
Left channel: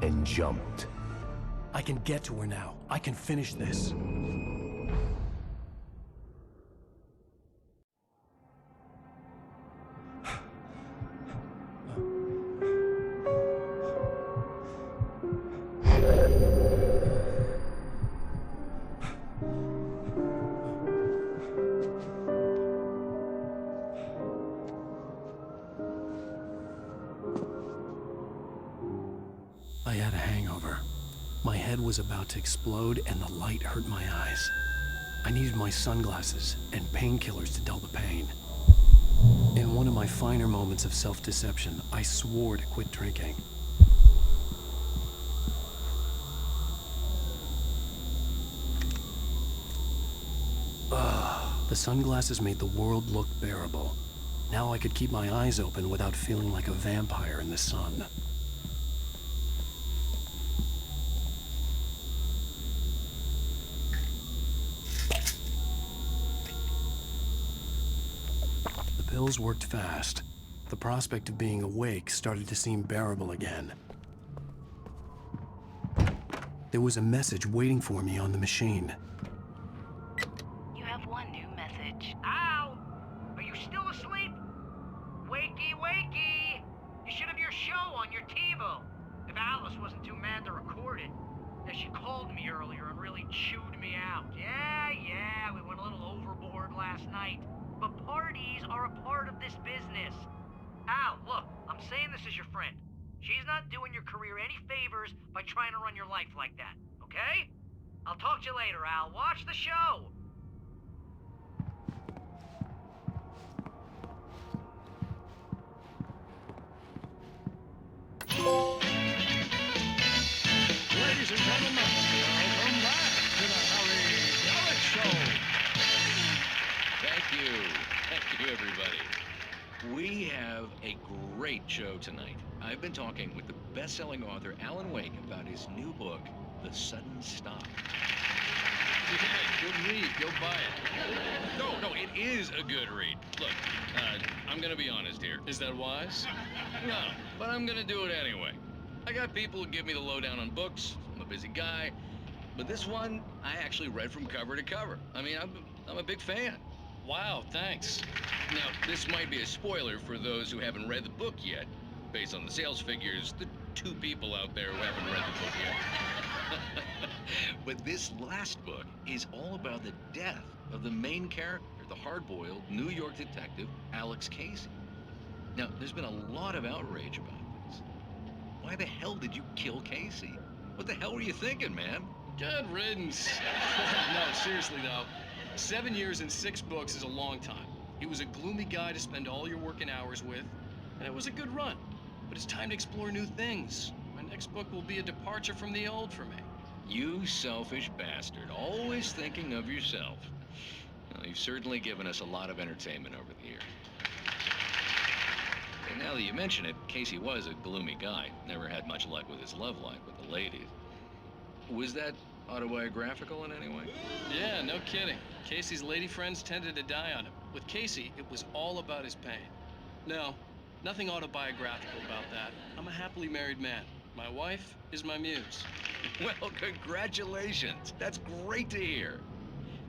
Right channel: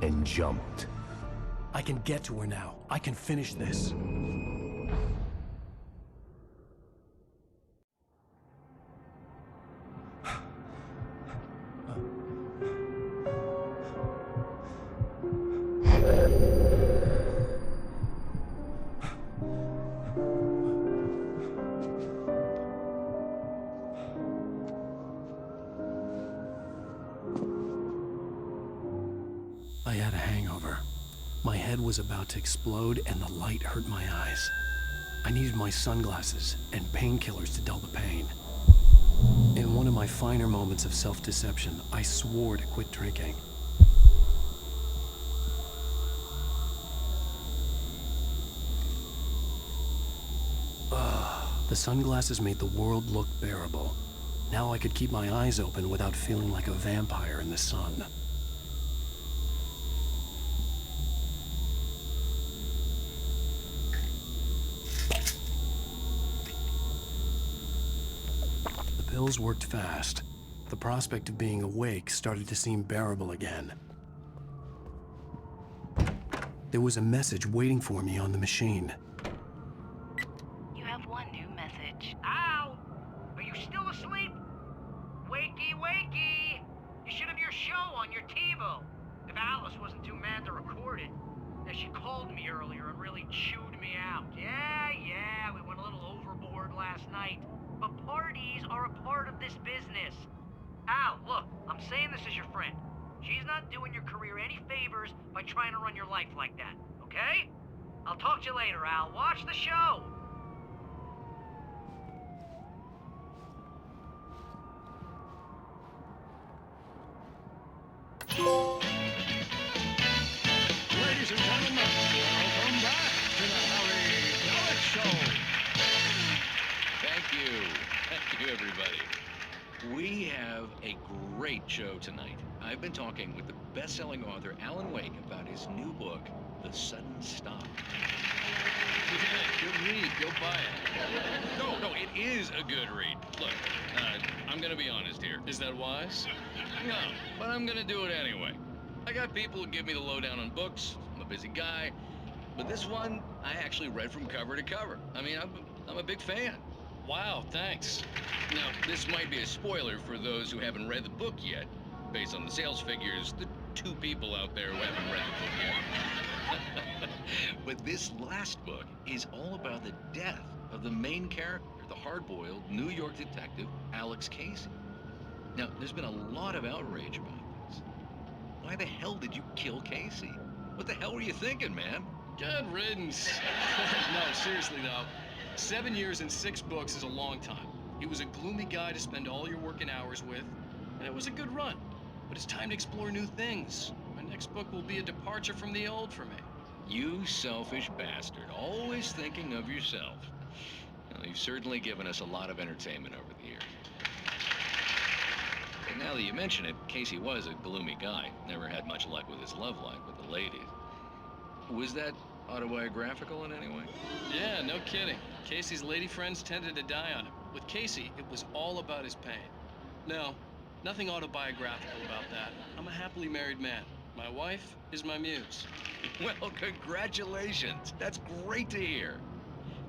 and jumped. I can get to her now. I can finish this. I had a hangover. My head was about to explode and the light hurt my eyes. I needed my sunglasses and painkillers to dull the pain. In one of my finer moments of self-deception, I swore to quit drinking. The sunglasses made the world look bearable. Now I could keep my eyes open without feeling like a vampire in the sun. The pills worked fast. The prospect of being awake started to seem bearable again. There was a message waiting for me on the machine. You have one new message. Al! Are you still asleep? Wakey, wakey! You should have your show on your TiVo. If Alice wasn't too mad to record it. Yeah, she called me earlier and really chewed me out. Yeah, we went a little overboard last night. But parties are a part of this business. Al, look, I'm saying this as your friend. She's not doing your career any favors by trying to run your life like that, okay? I'll talk to you later, Al. Watch the show! Ladies and gentlemen, welcome back to the Harry Gallic Show. Thank you, everybody. We have a great show tonight. I've been talking with the best-selling author Alan Wake about his new book, The Sudden Stop. Yeah, good read. Go buy it. No, it is a good read. Look, I'm gonna be honest here. Is that wise? No, but I'm gonna do it anyway. I got people who give me the lowdown on books. I'm a busy guy. But this one, I actually read from cover to cover. I mean, I'm a big fan. Wow, thanks. Now, this might be a spoiler for those who haven't read the book yet. Based on the sales figures, the 2 people out there who haven't read the book yet. But this last book is all about the death of the main character, the hard-boiled New York detective, Alex Casey. Now, there's been a lot of outrage about this. Why the hell did you kill Casey? What the hell were you thinking, man? Good riddance. No, seriously though, 7 years and 6 books is a long time. He was a gloomy guy to spend all your working hours with, and it was a good run. But it's time to explore new things. My next book will be a departure from the old for me. You selfish bastard, always thinking of yourself. Well, you've certainly given us a lot of entertainment over the years. And now that you mention it, Casey was a gloomy guy. Never had much luck with his love life with the ladies. Was that autobiographical in any way? Yeah, no kidding. Casey's lady friends tended to die on him. With Casey, it was all about his pain. No, nothing autobiographical about that. I'm a happily married man. My wife is my muse. Well, congratulations. That's great to hear.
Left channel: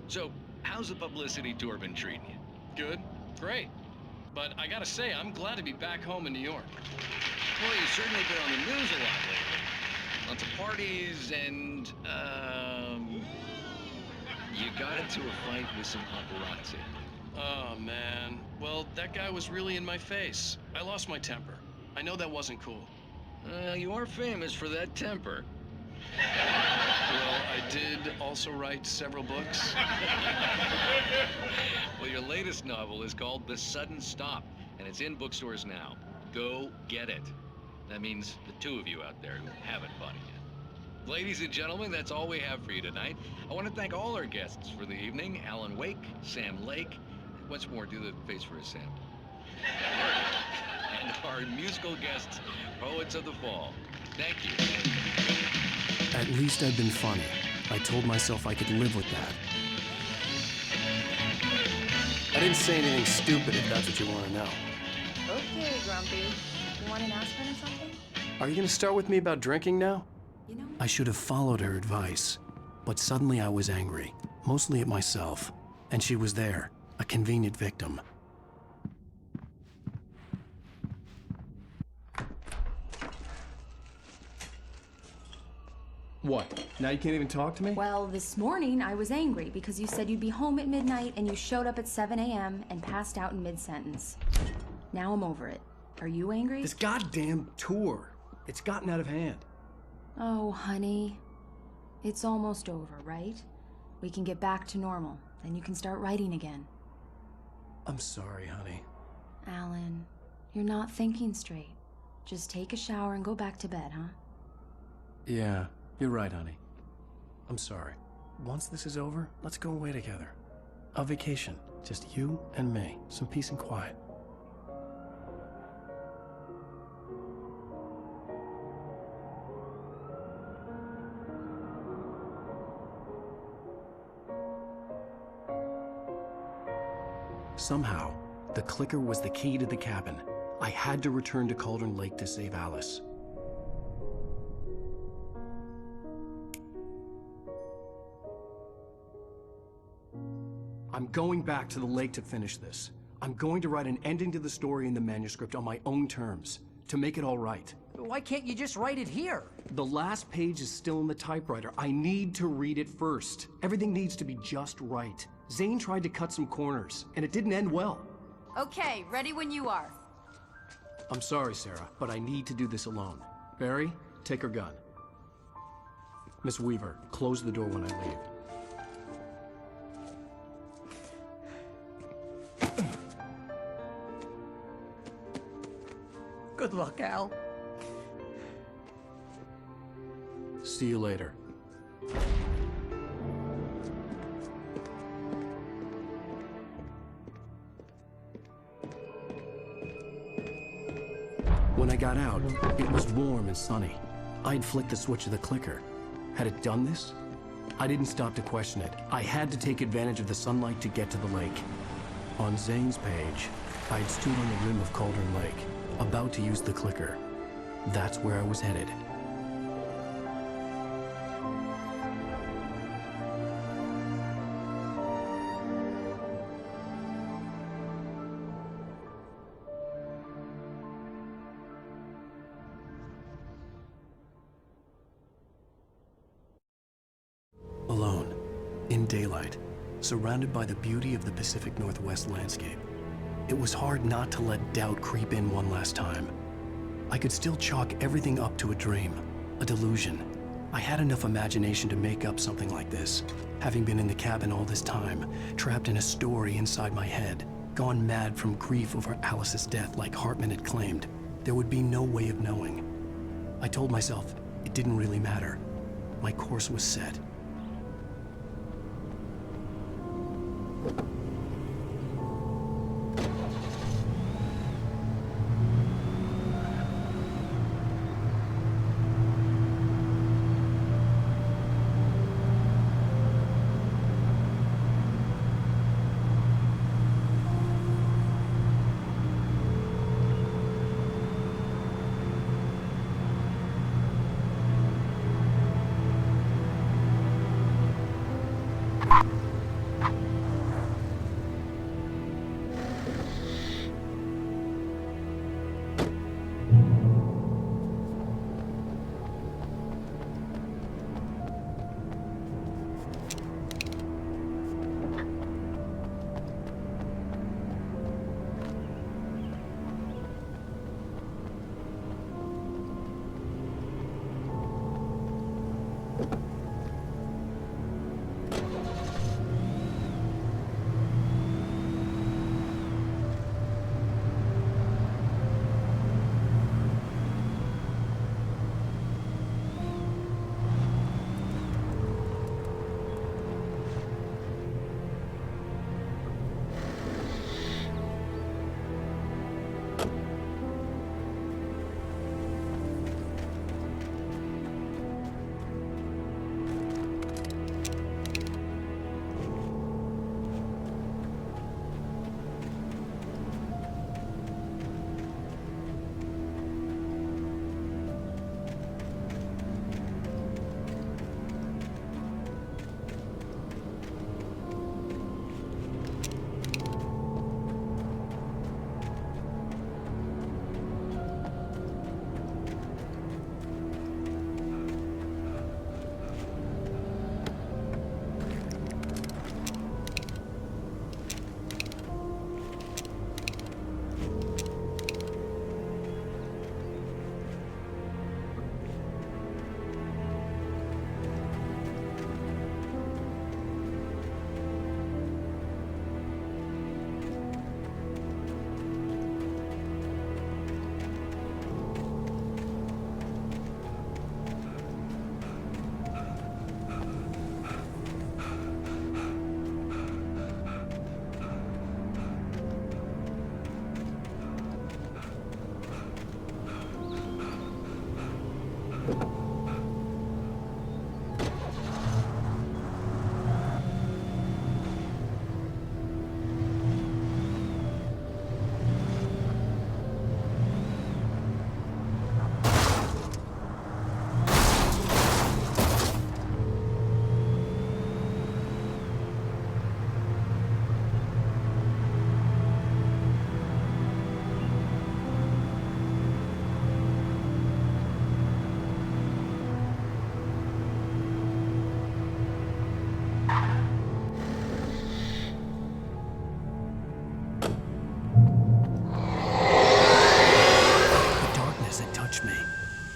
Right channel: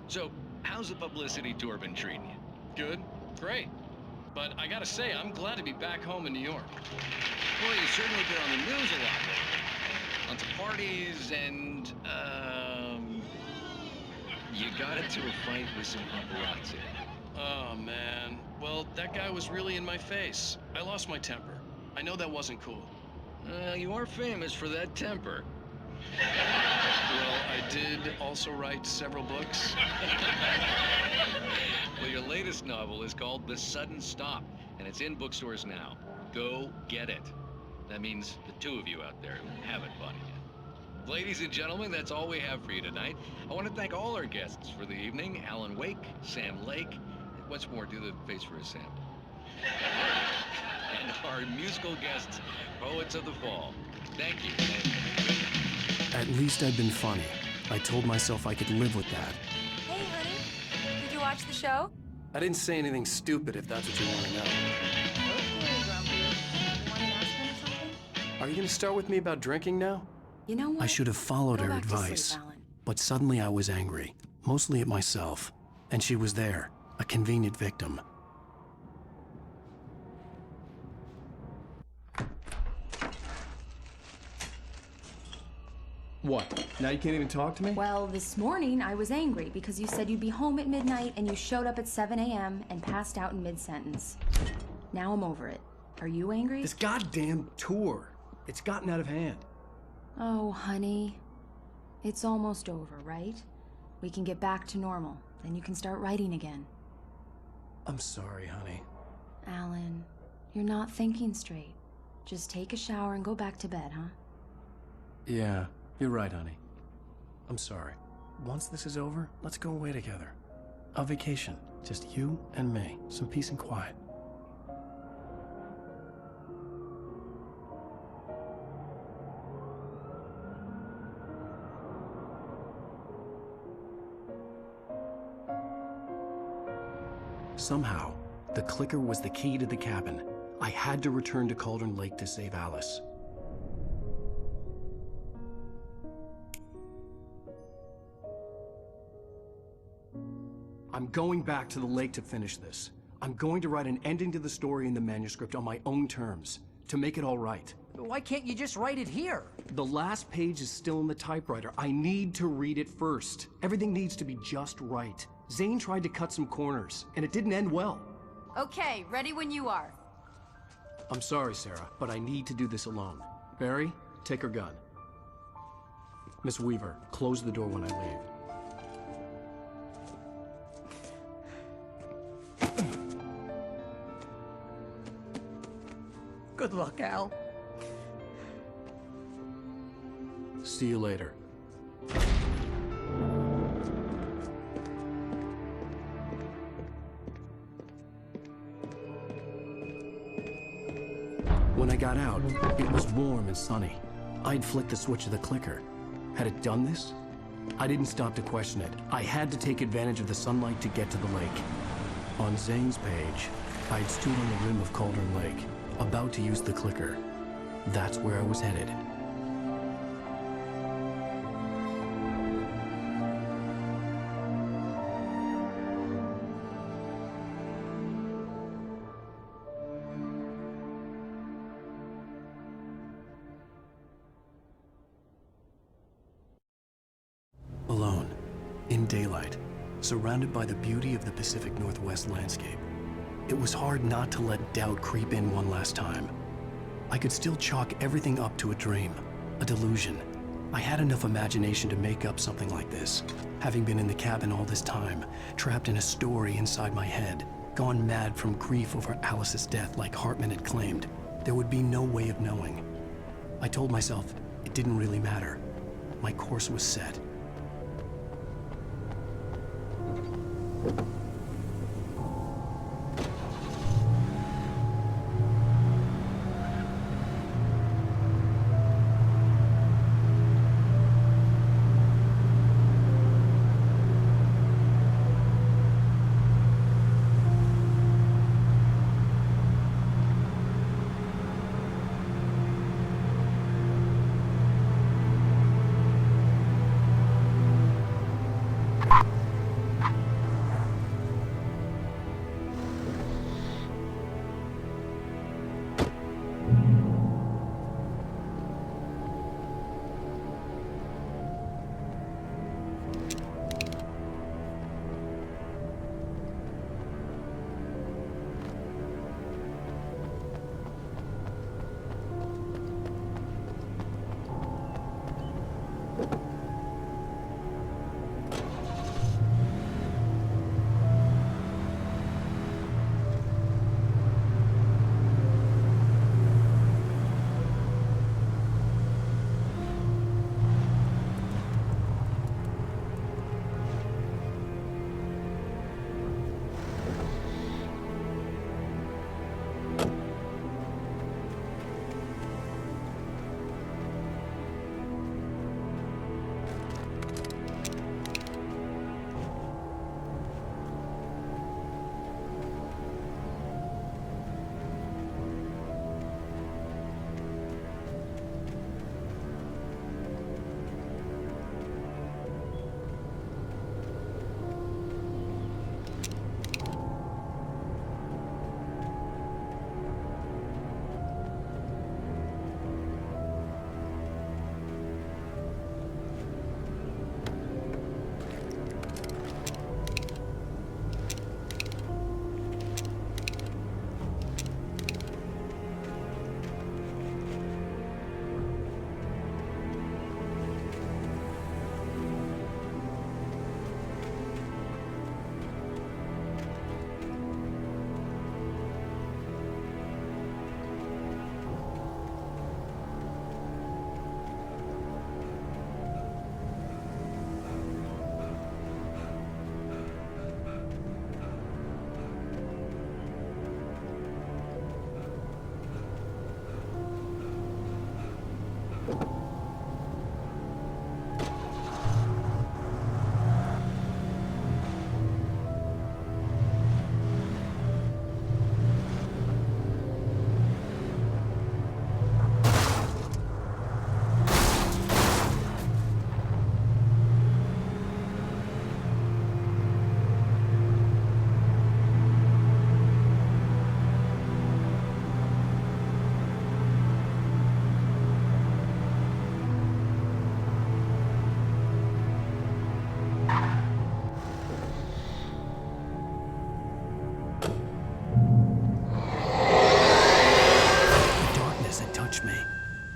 So, how's the publicity tour been treating you? Good, great. But I gotta say, I'm glad to be back home in New York. Well, you've certainly been on the news a lot lately. Lots of parties and, you got into a fight with some paparazzi. Oh, man. Well, that guy was really in my face. I lost my temper. I know that wasn't cool. You are famous for that temper. Well, I did also write several books. Well, your latest novel is called The Sudden Stop, and it's in bookstores now. Go get it. That means the 2 of you out there who haven't bought it yet. Ladies and gentlemen, that's all we have for you tonight. I want to thank all our guests for the evening. 앨런웨이크, Sam Lake. Once more, do the face for a Sam. And our musical guests, Poets of the Fall. Thank you. At least I'd been funny. I told myself I could live with that. Did you watch the show? I didn't say anything stupid if that's what you want to know. Okay, Grumpy. You want an aspirin or something? Are you going to start with me about drinking now? You know what? I should have followed her advice. But suddenly I was angry, mostly at myself. And she was there, a convenient victim. What? Now you can't even talk to me? Well, this morning I was angry because you said you'd be home at midnight and you showed up at 7 a.m. and passed out in mid-sentence. Now I'm over it. Are you angry? This goddamn tour. It's gotten out of hand. Oh, honey. It's almost over, right? We can get back to normal. Then you can start writing again. I'm sorry, honey. Alan, you're not thinking straight. Just take a shower and go back to bed, huh? Yeah, you're right, honey. I'm sorry. Once this is over, let's go away together. A vacation. Just you and me. Some peace and quiet. Somehow, the clicker was the key to the cabin. I had to return to Cauldron Lake to save Alice. I'm going back to the lake to finish this. I'm going to write an ending to the story in the manuscript on my own terms, to make it all right. Why can't you just write it here? The last page is still in the typewriter. I need to read it first. Everything needs to be just right. Zane tried to cut some corners, and it didn't end well. Okay, ready when you are. I'm sorry, Sarah, but I need to do this alone. Barry, take her gun. Miss Weaver, close the door when I leave. Good luck, Al. See you later. When I got out, it was warm and sunny. I'd flicked the switch of the clicker. Had it done this? I didn't stop to question it. I had to take advantage of the sunlight to get to the lake. On Zane's page, I'd stood on the rim of Cauldron Lake, about to use the clicker. That's where I was headed. daylight, surrounded by the beauty of the Pacific Northwest landscape. It was hard not to let doubt creep in one last time. I could still chalk everything up to a dream, a delusion. I had enough imagination to make up something like this, having been in the cabin all this time, trapped in a story inside my head, gone mad from grief over Alice's death like Hartman had claimed. There would be no way of knowing. I told myself it didn't really matter. My course was set.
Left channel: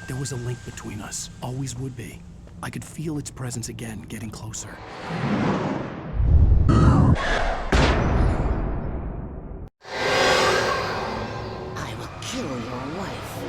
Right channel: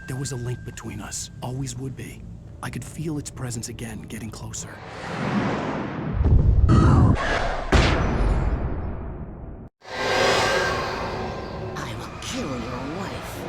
There was a link between us, always would be. I could feel its presence again, getting closer. I will kill your wife.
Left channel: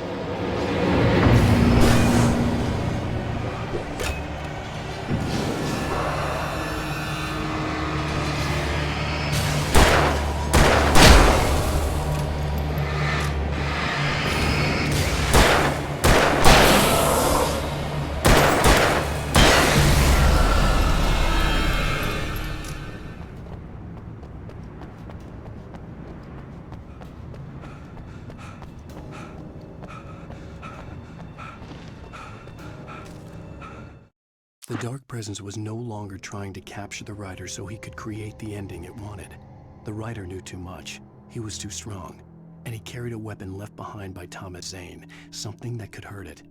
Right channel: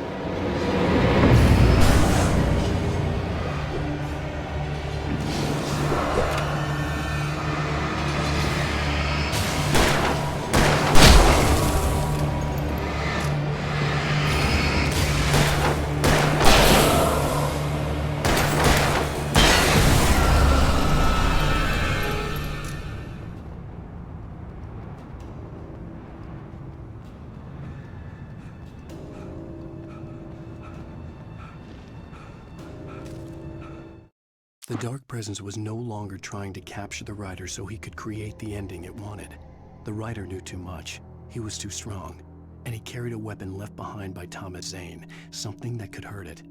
The Dark Presence was no longer trying to capture the writer so he could create the ending it wanted. The writer knew too much. He was too strong. And he carried a weapon left behind by Thomas Zane, something that could hurt it.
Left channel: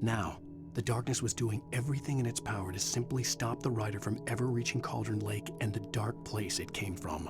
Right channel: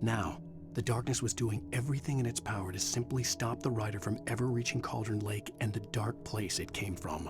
Now, The darkness was doing everything in its power to simply stop the rider from ever reaching Cauldron Lake and the dark place it came from.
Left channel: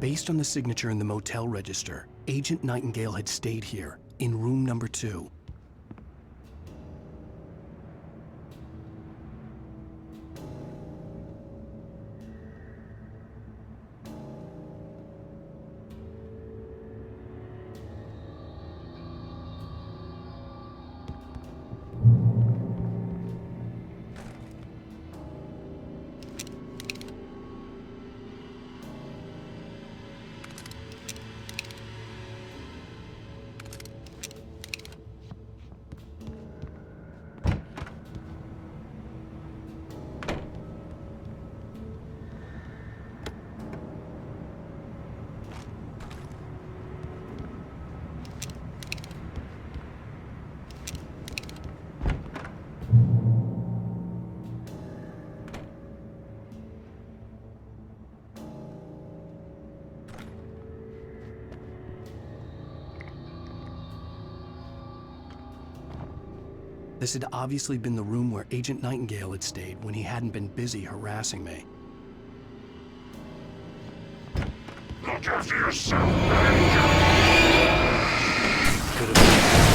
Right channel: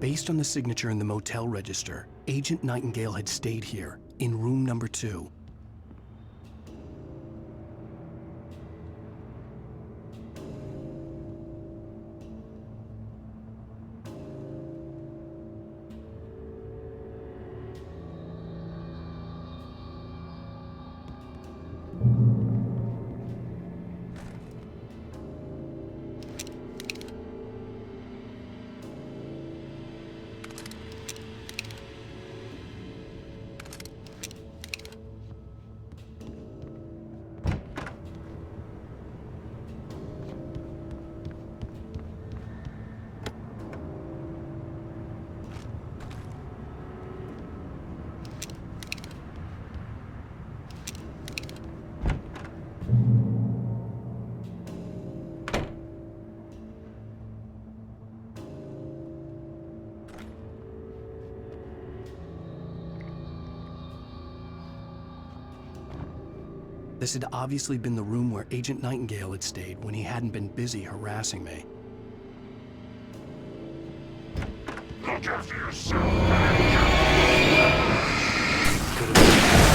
Based on the signature in the motel register, Agent Nightingale had stayed here, in room number 2. This had obviously been the room where Agent Nightingale had stayed when he hadn't been busy harassing me. Look after yourself, man! Could have been.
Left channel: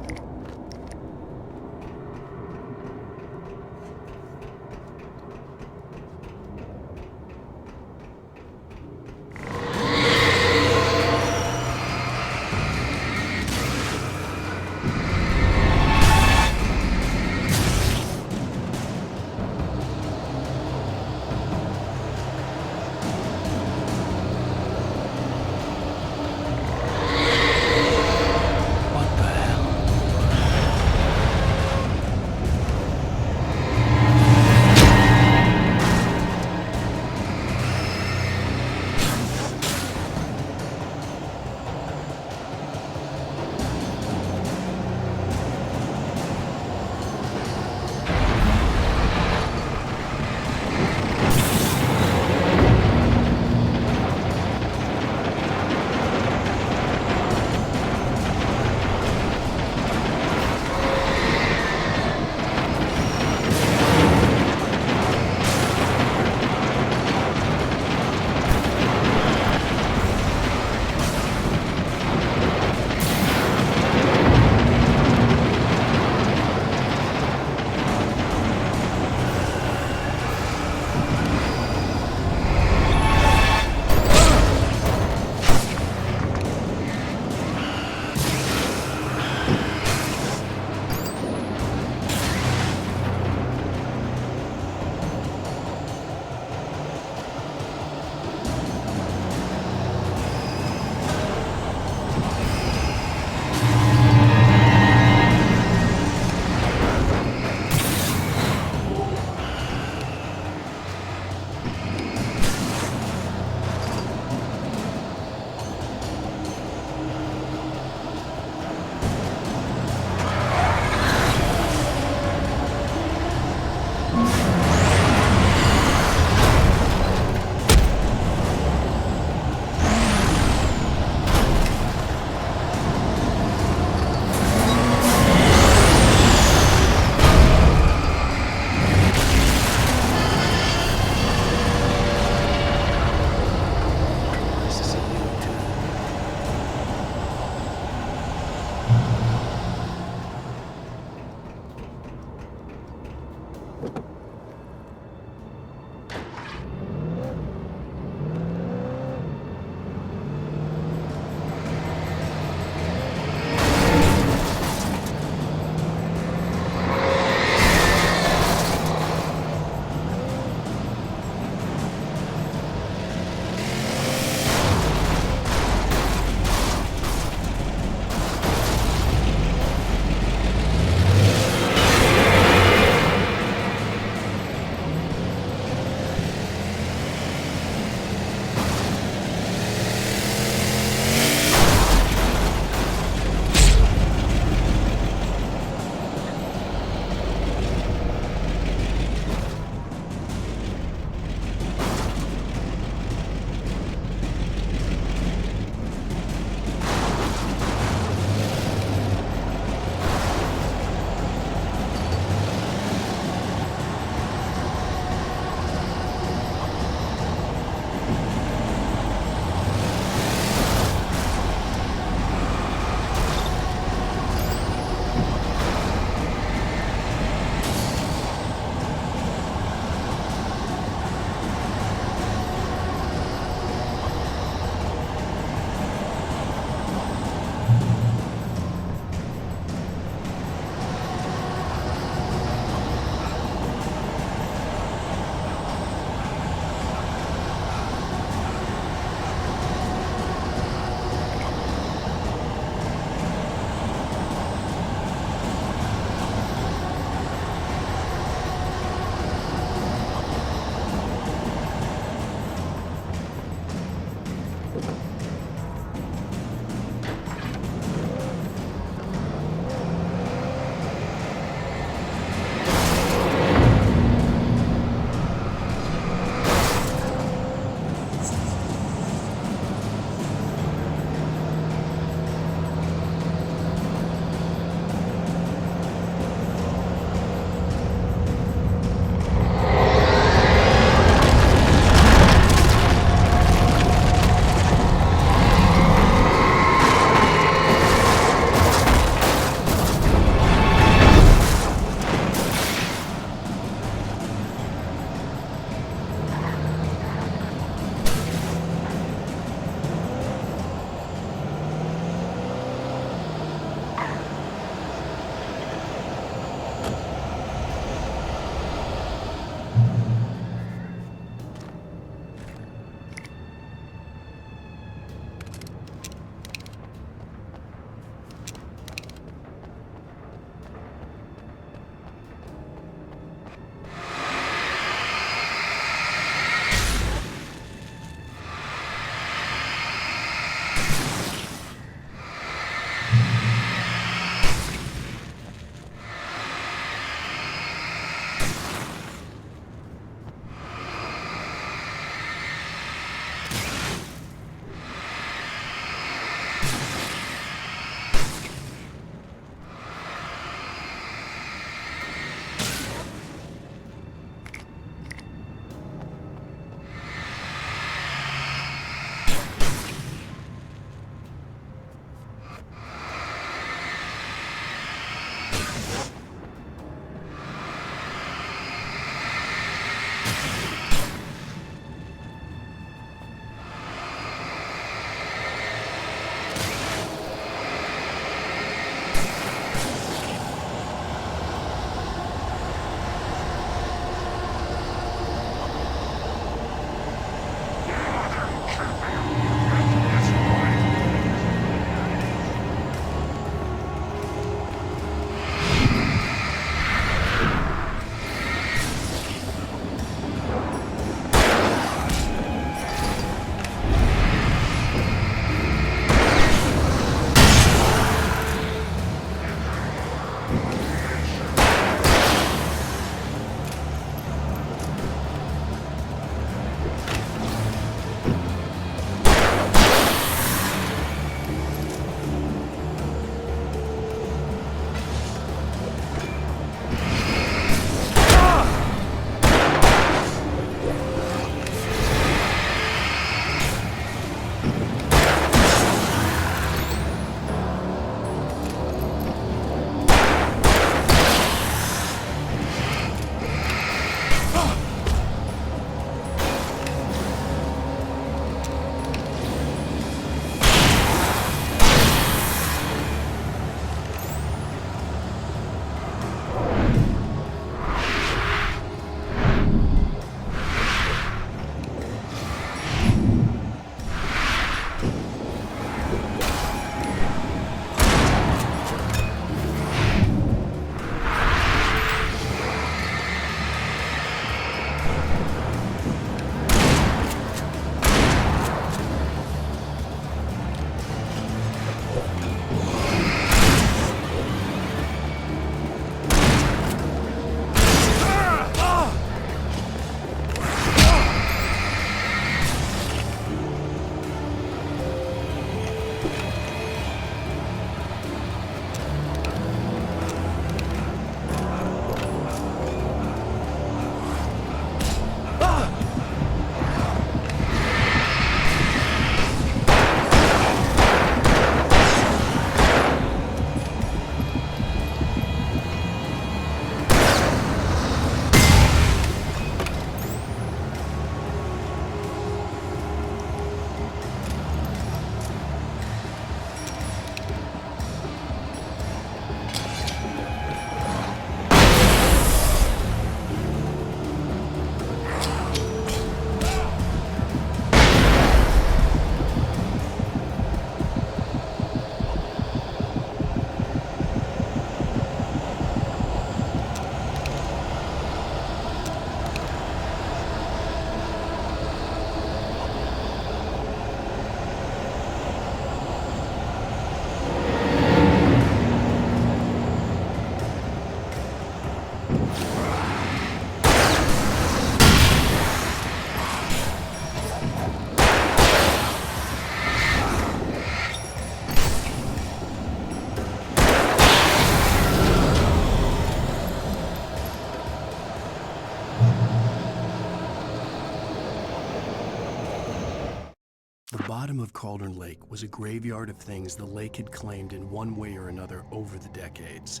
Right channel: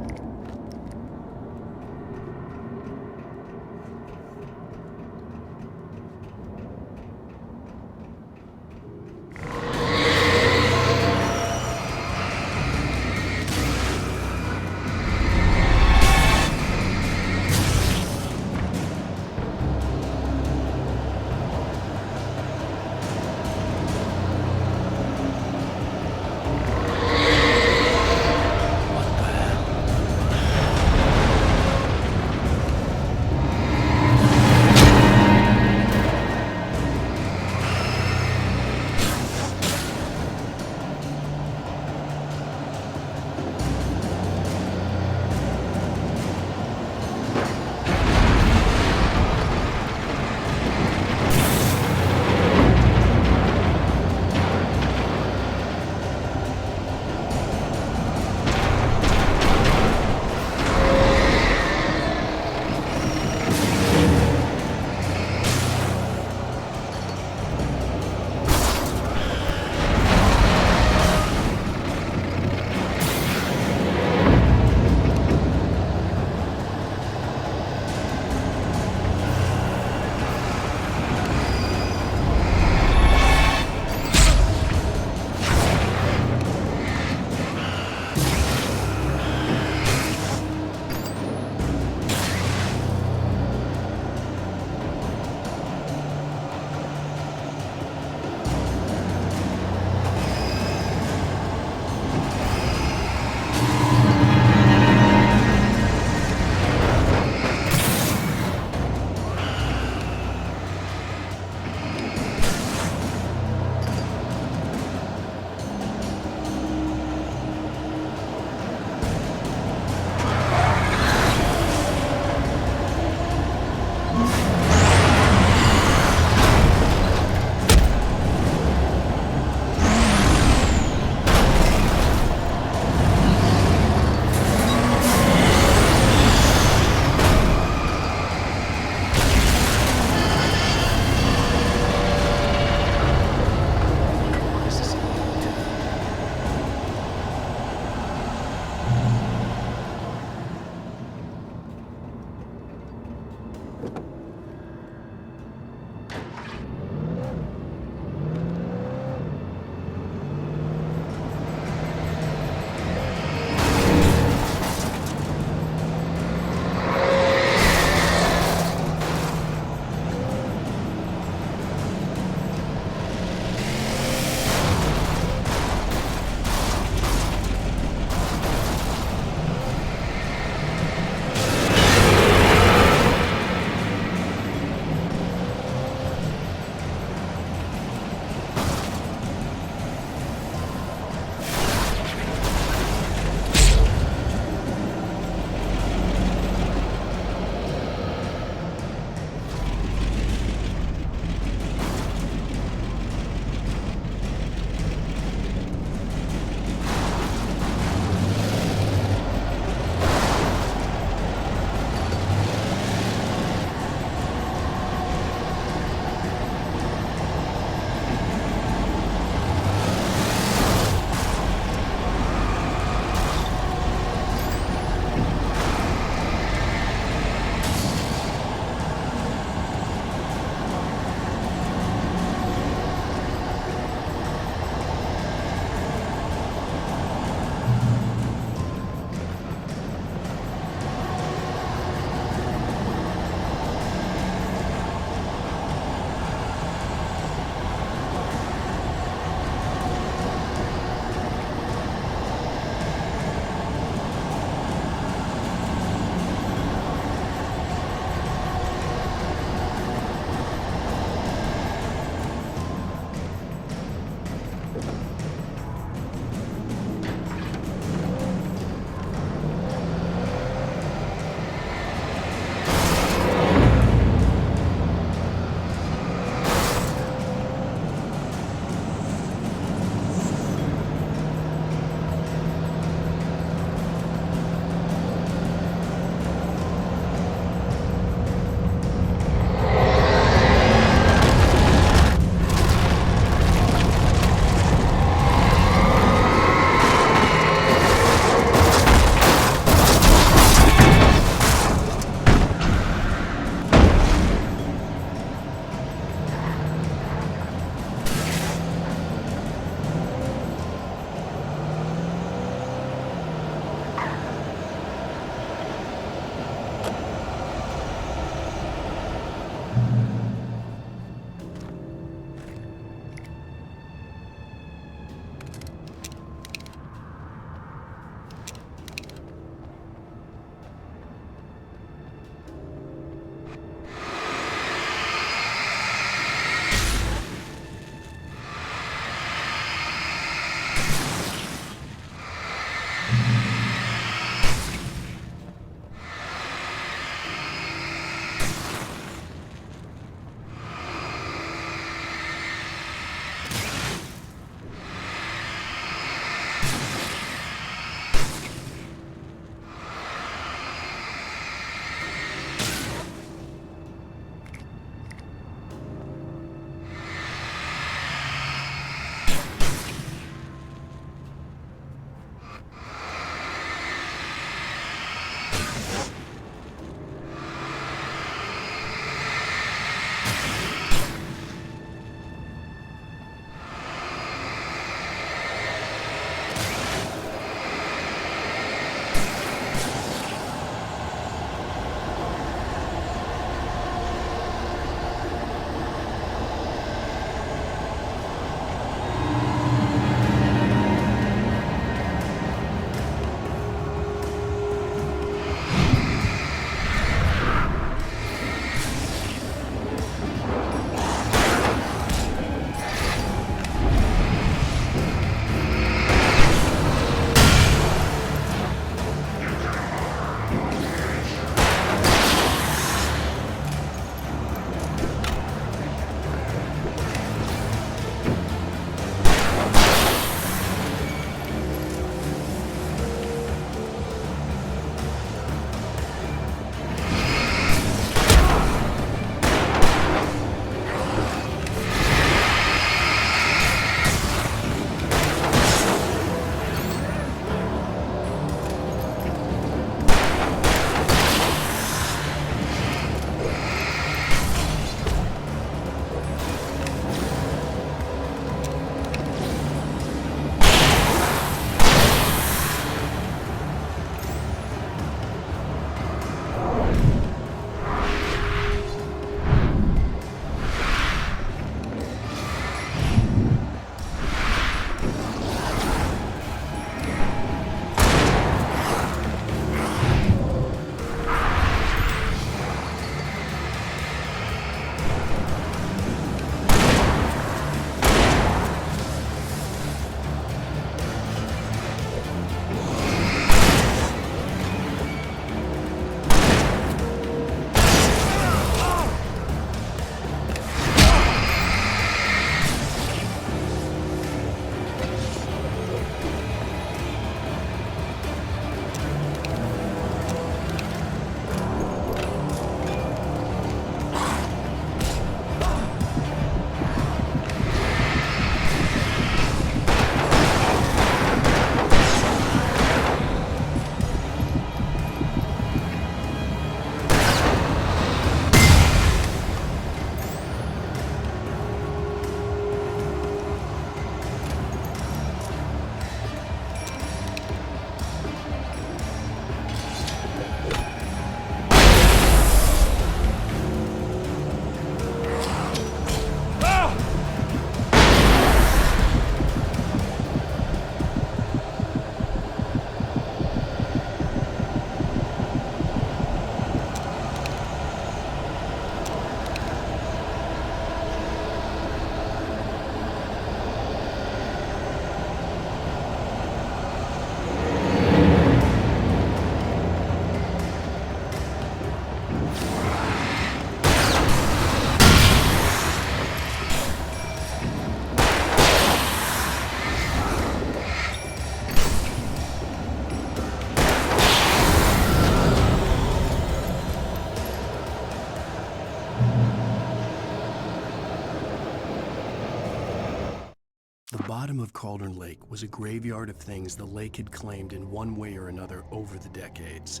The bottom of Cauldron Lake was a graveyard of things the lake had claimed in one way or another over the decades.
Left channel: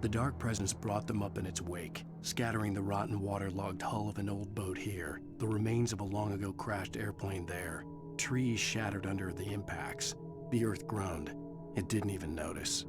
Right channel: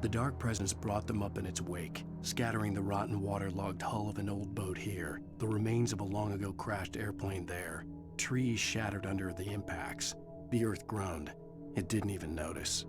The dark presence brought them up in its wake, scattering the rotten waterlogged hull of an old boat here, the remains of a long-ago crashed airplane there, trees shattered under the impacts. The earth groaned. It didn't even notice.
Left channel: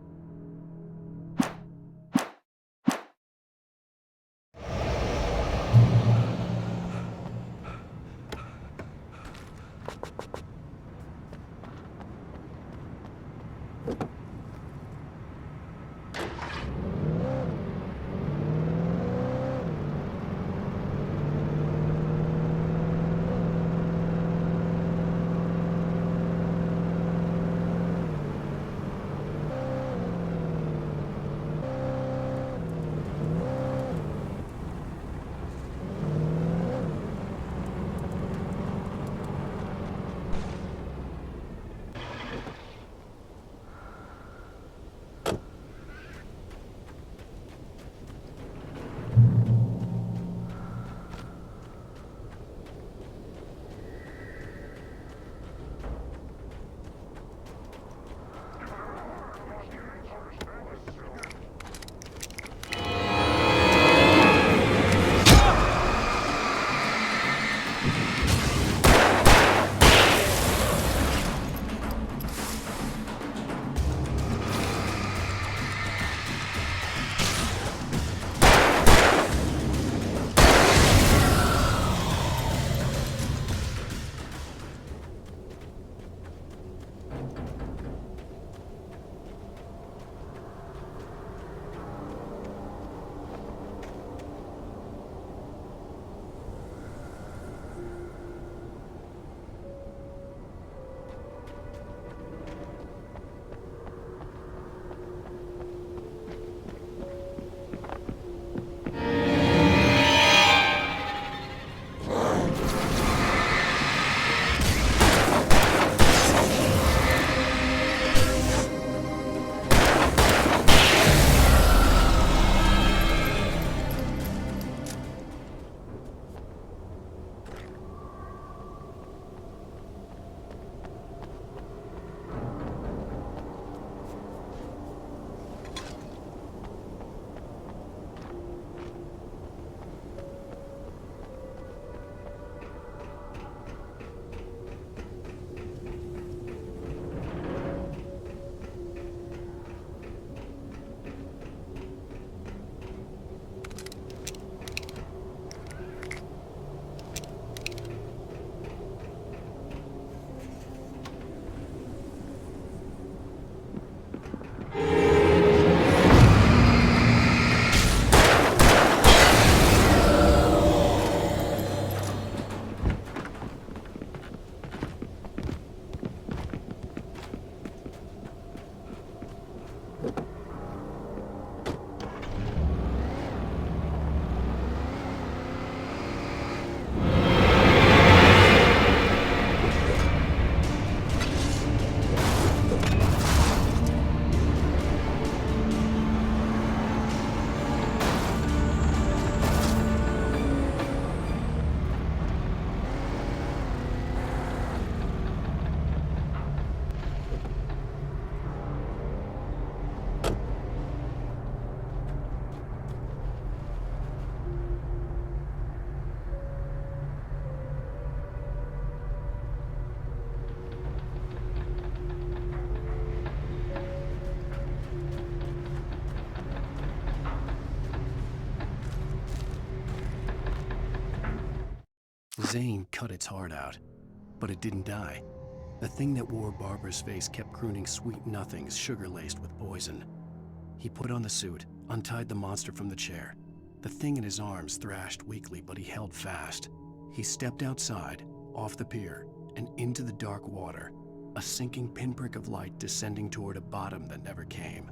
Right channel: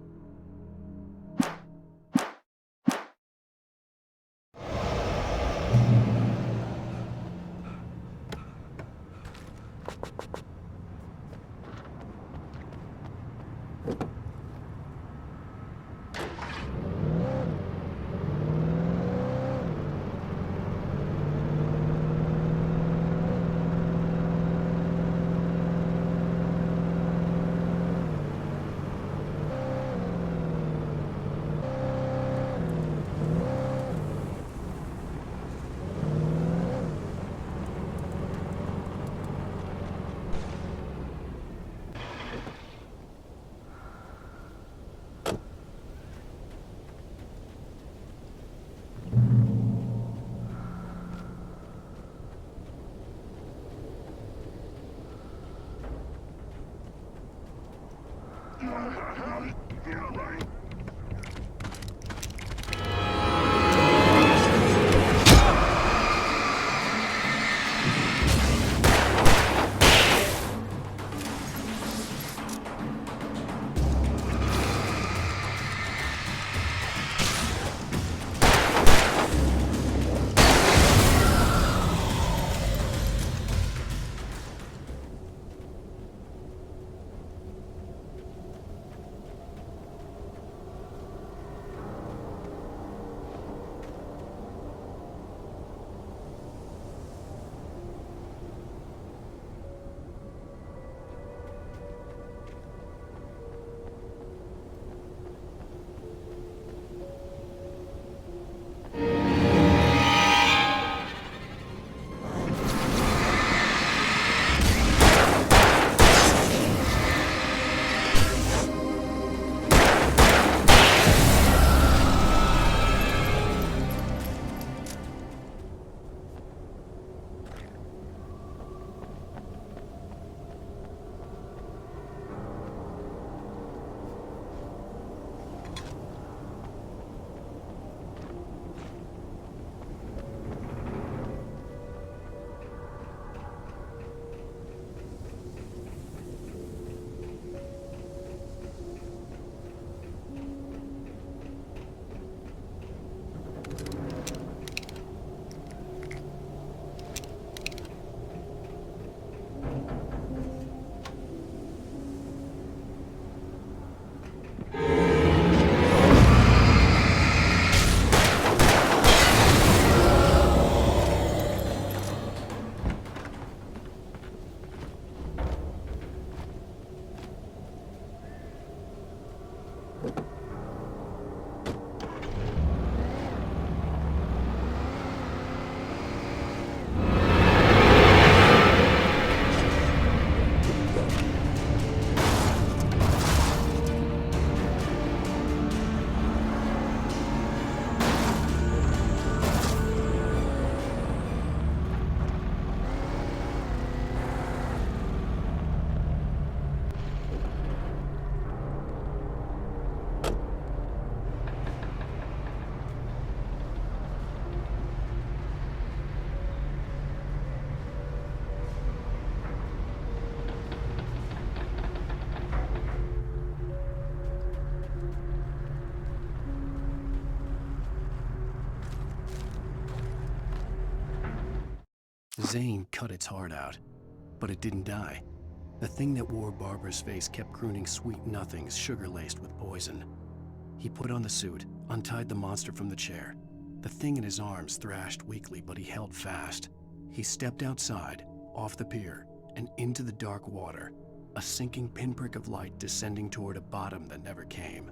Zane cut its heart out, but it didn't die. The thing that wore Barbara's face kept crooning sweet nothings sugar-laced with poison. He put on the suit, untied the monster from the chair. The thing in his arms thrashed weakly, but he held fast. He stepped outside, off the pier, and into the dark water, a sinking pinprick of light descending toward a bottom that never came.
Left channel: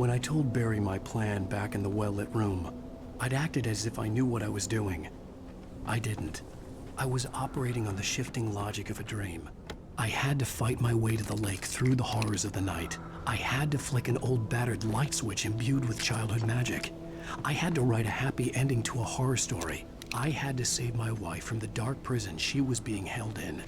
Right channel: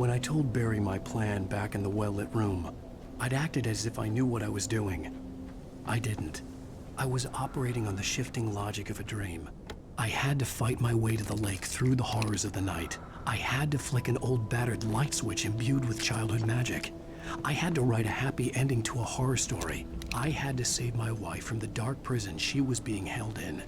When I told Barry my plan back in the well-lit room, I'd acted as if I knew what I was doing. I didn't. I was operating on the shifting logic of a dream. I had to fight my way to the lake through the horrors of the night. I had to flick an old battered light switch imbued with childhood magic. I had to write a happy ending to a horror story. I had to save my wife from the dark prison she was being held in.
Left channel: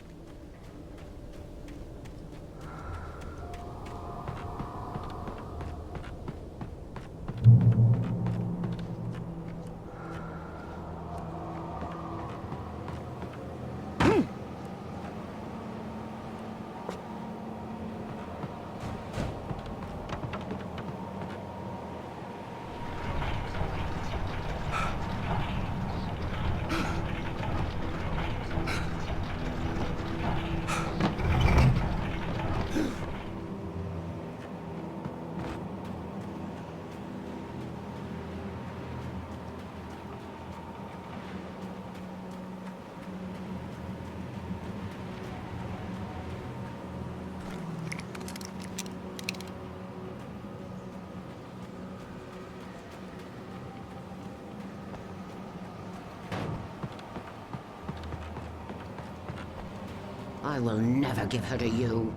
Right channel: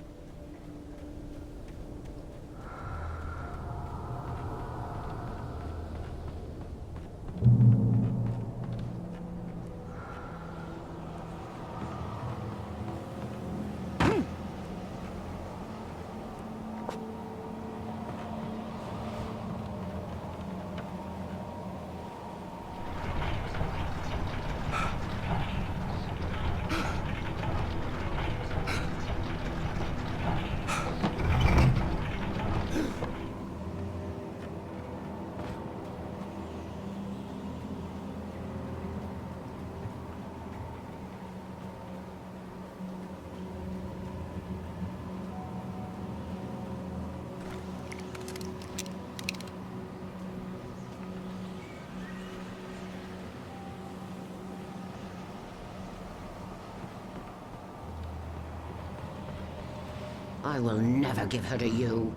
I will never give her to you.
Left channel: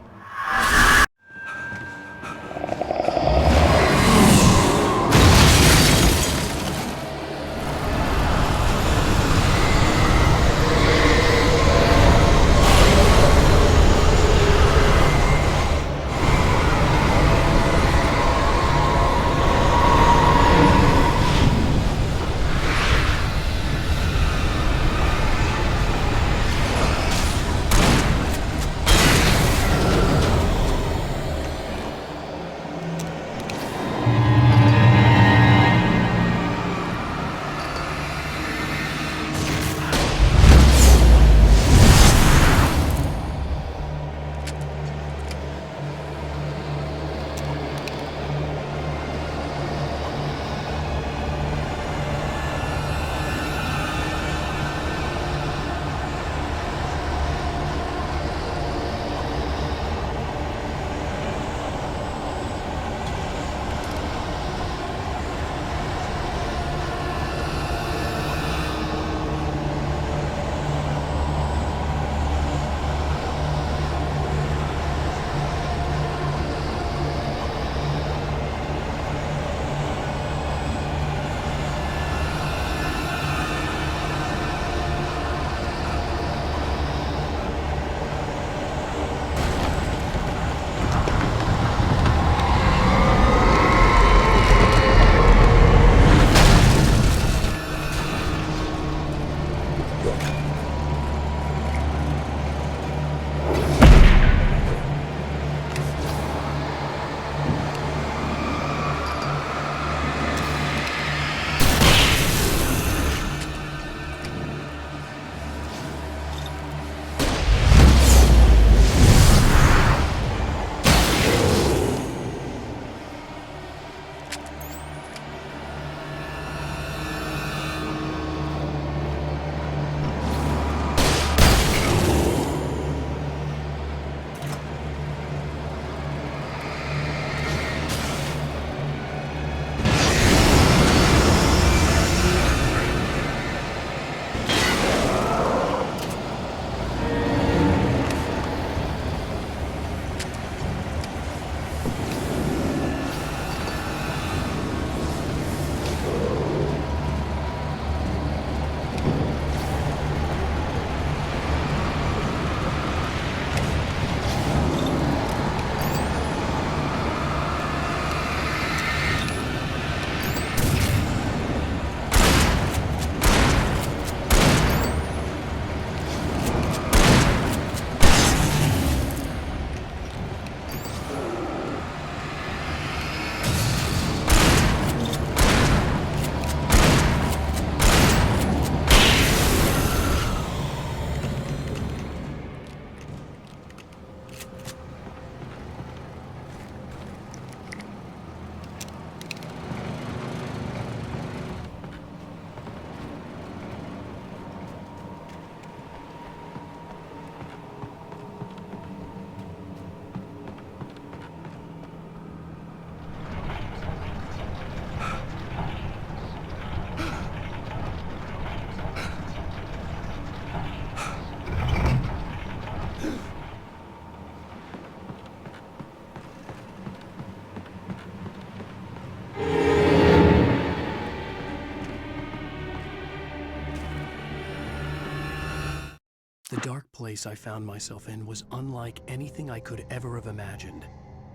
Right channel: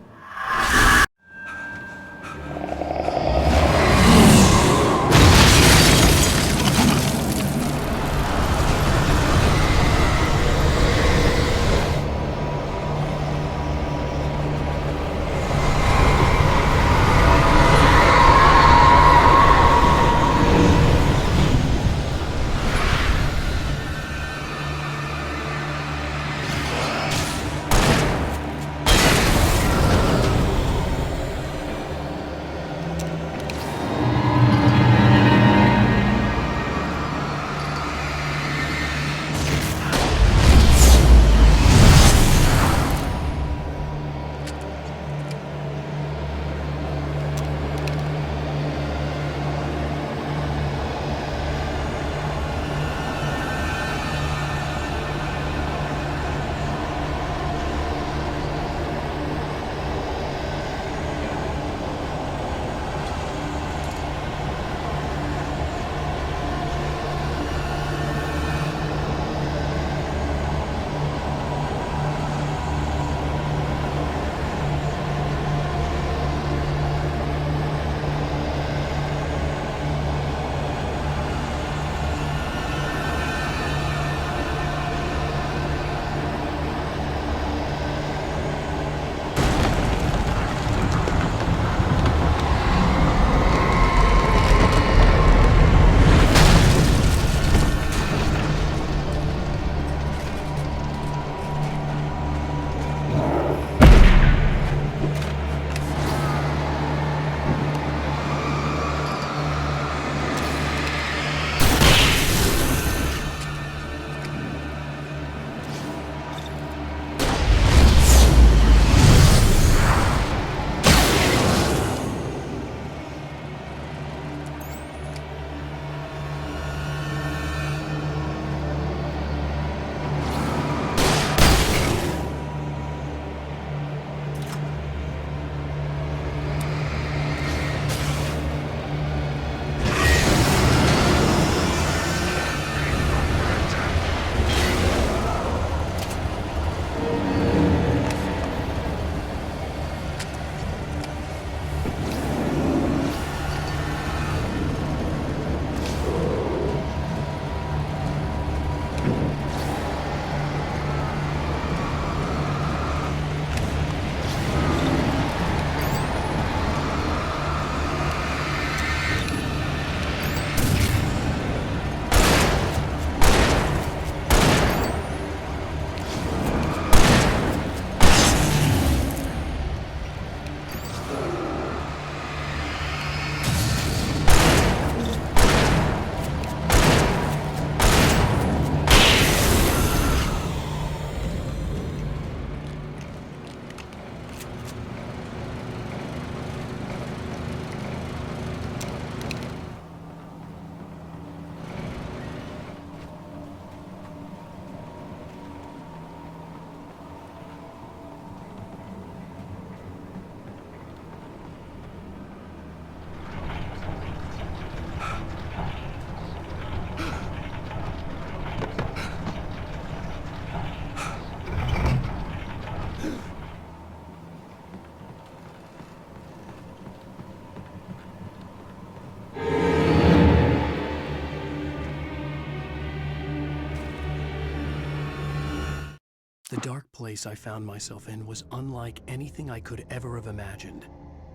The dark place I found myself in was unlike anything I could ever have imagined.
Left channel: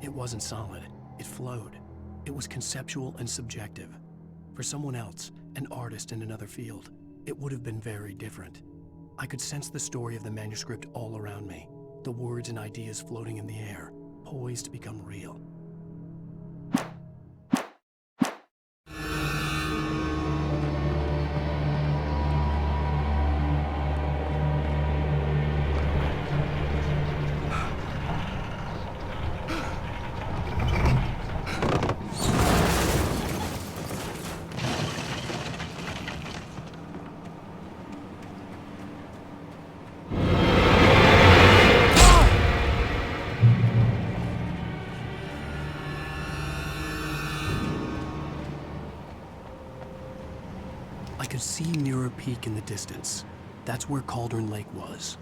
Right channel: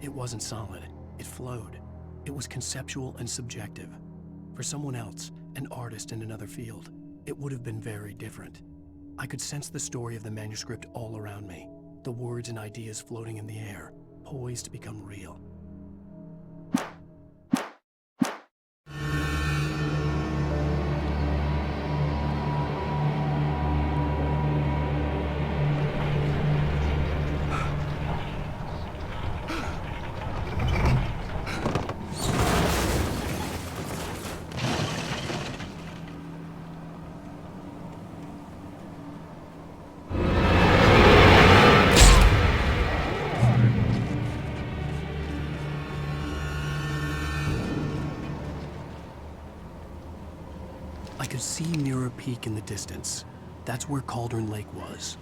It wasn't solid. It flowed. It was conceptual and subjective. For someone else, an artist in another field, it would have been very different. I could sense the story of the manuscript all around me, the words and ideas floating in the air, poised to become real. I could see Mirror Peak in the distance. That's where Cauldron Lake was.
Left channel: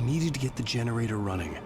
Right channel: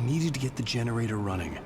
I needed to get the generator running.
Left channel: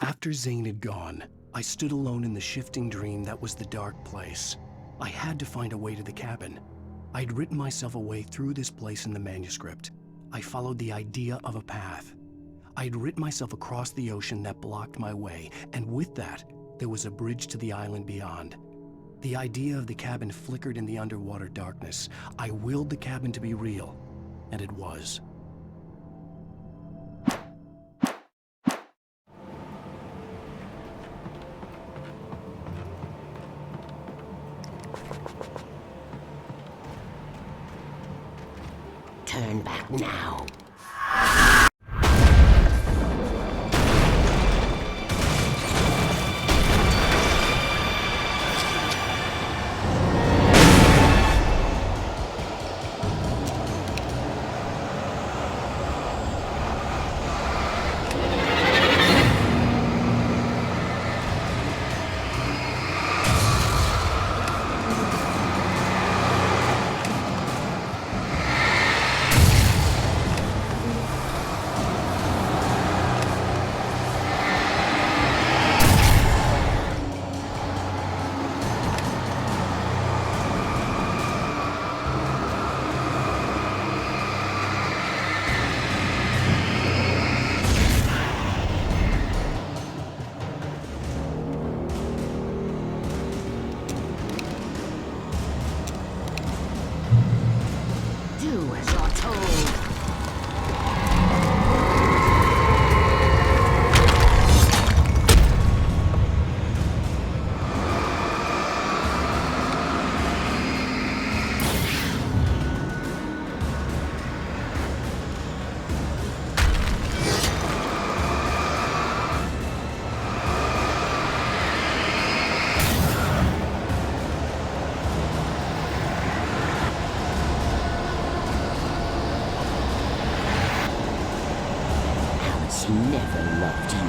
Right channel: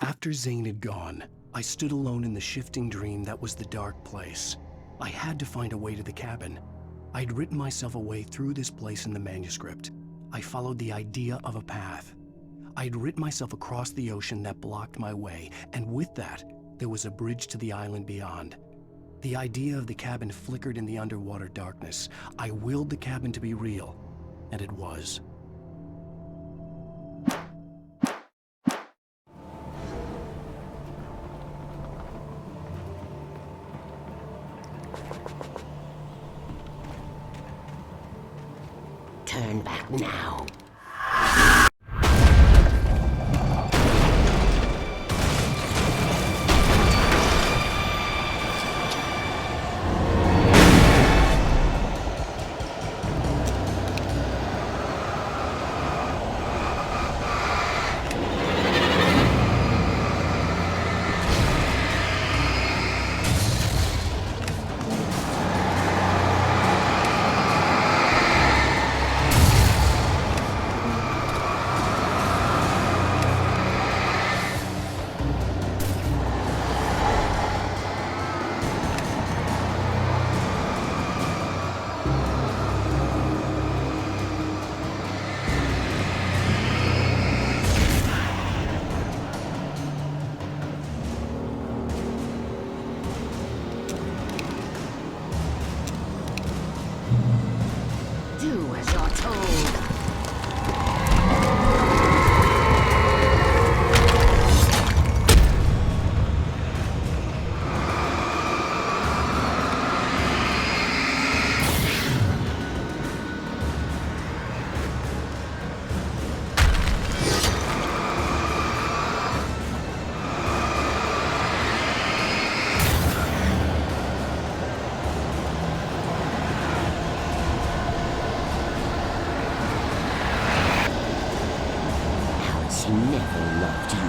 After Zane had gone, I stood alone in the shifting dream that was the dark place. I had to find a way to the cabin. I'd written myself a way through this place in the manuscript. I followed the idea of a path. I'd written myself across the ocean that blocked my way, and with that, there was a bridge to the island beyond. The idea of the cabin flickered in the underwater darkness. I willed the cabin to be real, and it was. Turn back now. Do as you're told. She never loved you.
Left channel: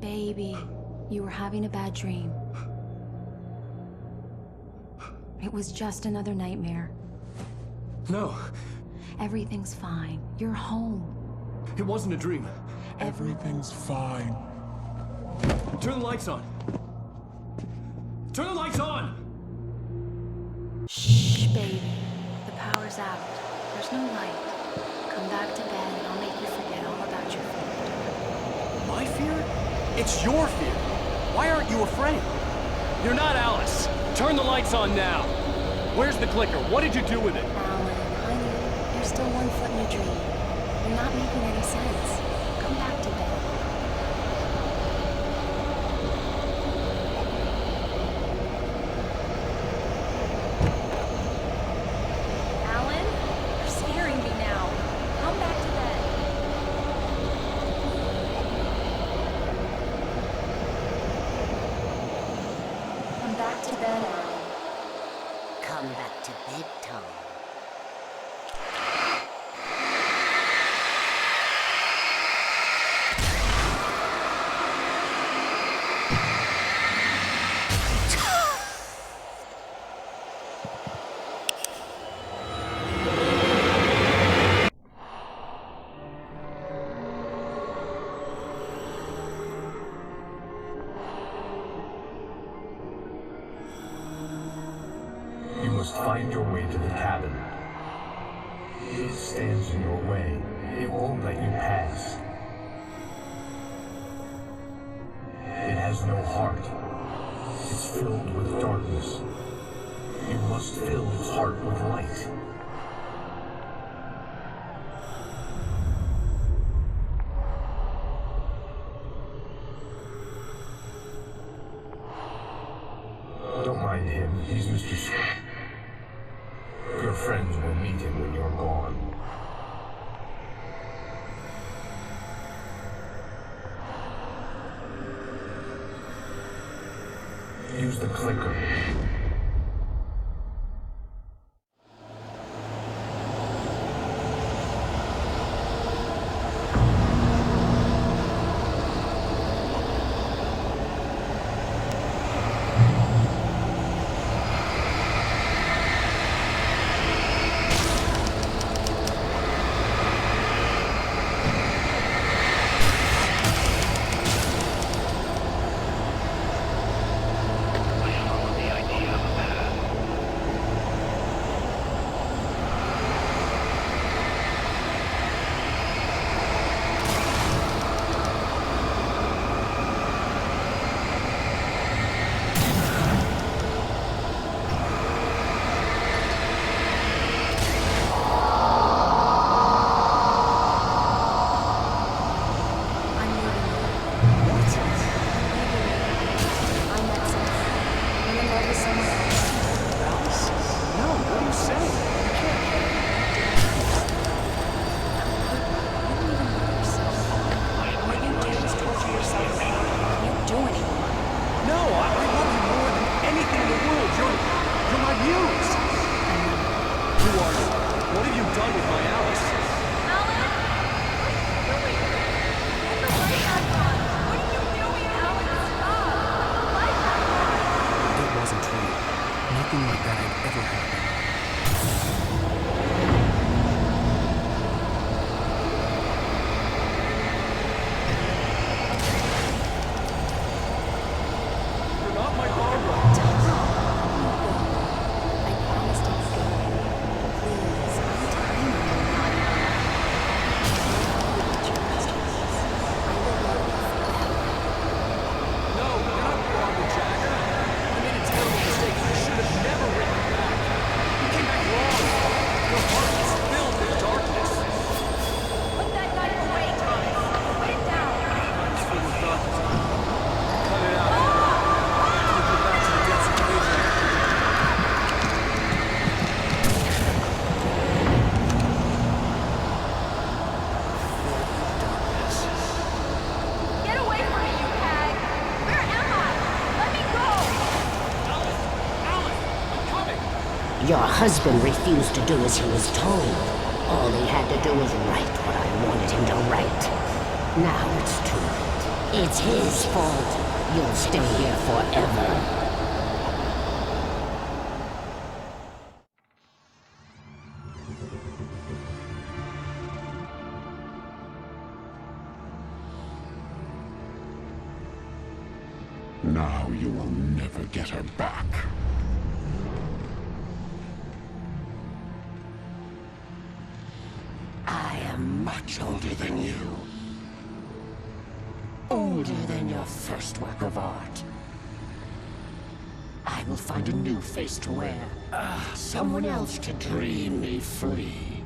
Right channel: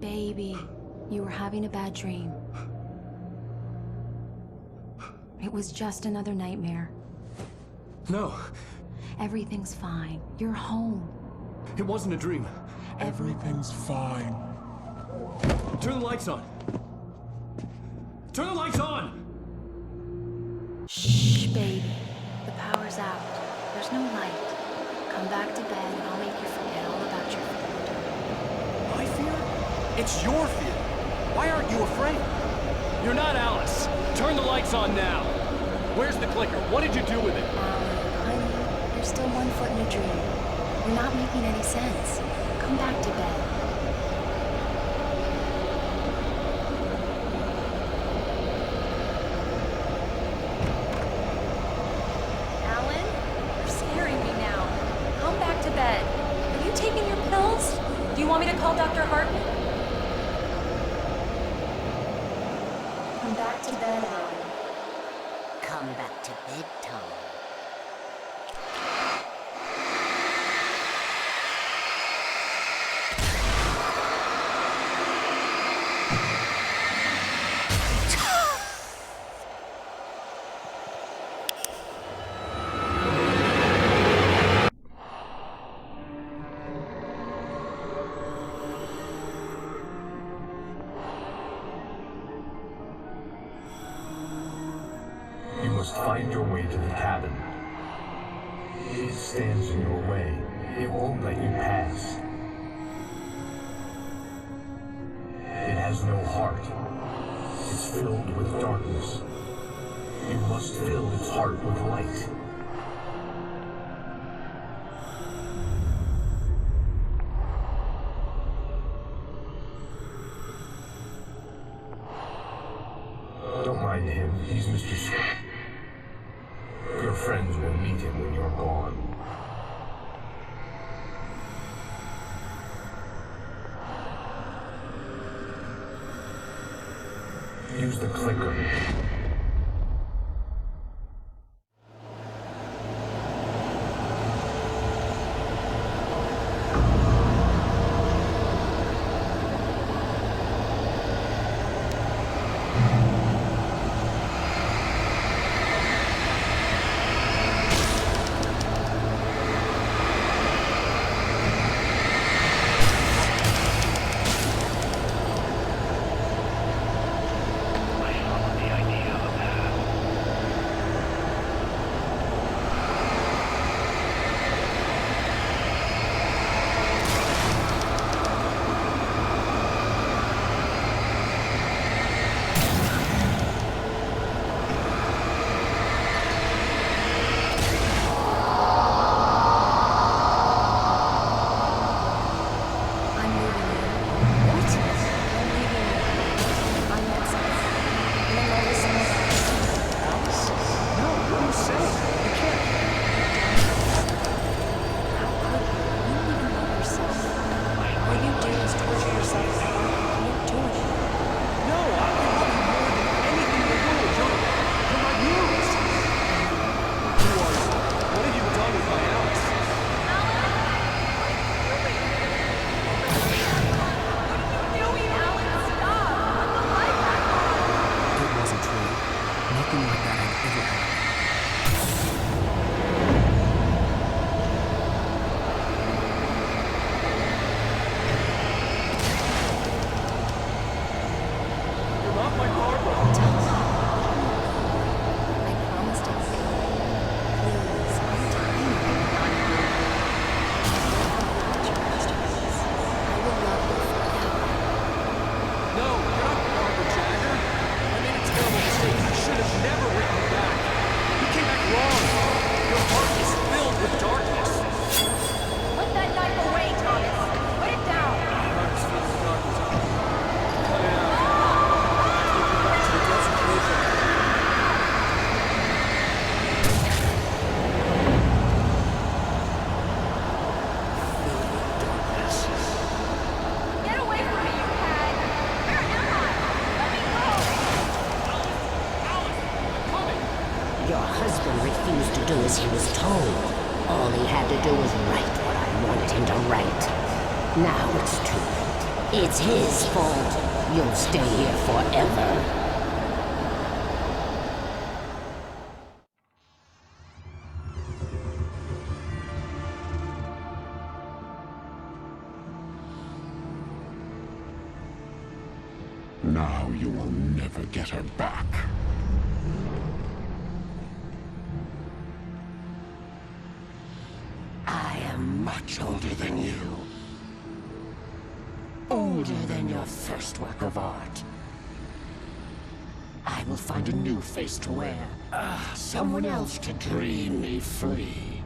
baby. You were having a bad dream. It was just another nightmare. No. Everything's fine. You're home. It wasn't a dream. Everything's fine. Turn the lights on. Turn the lights on! Shh, baby. The power's out. There's no light. Come back to bed and I'll make you forget all about your fear. My fear? It's your fear. Why aren't you afraid? You're not Alice. Turn the lights on now. Where's the clicker? What did you do with it? Alan, honey, you're still 1 foot in a dream. You're not making any sense. Come back to bed. Alan, you're scaring me now. Come back to bed. Are you taking your pills? Do you want me to call Dr. Hartman? Come back to bed, Alan. Come back to bed, Tom. You must find your way to the cabin. It stands in your way. It won't let you pass. It has no heart. It's filled with darkness. You must fill its heart with light. Don't mind him. He's Mr. Your friends will meet him when you're gone. Use the clicker. Nothing like that had ever happened. You're not my Barbara. Tom, let me go. I promise to be good. Please, I'm tiny and not here. You'll help me with your masterpiece. I will love you forever. No, you're not Barbara Jagger. I made a terrible mistake. I should have never written you back. You came back wrong. Your heart is filled with darkness. Put that knife away, Thomas. Put it down. Mine is filled with darkness. Cut it out. Take you back to the depths of Cleveland. Filled with darkness. Get away from me, you hag! Where am I? Let me go! Alice! I'm coming! Your husband refused to do as he was told. All he had to do was write what I wanted him to write. Now it's too late. It's his fault. You'll stay here forever. Now you will never get her back. I am much older than you. Older than your first work of art. I will find a new face to wear. Someone else to dream me free.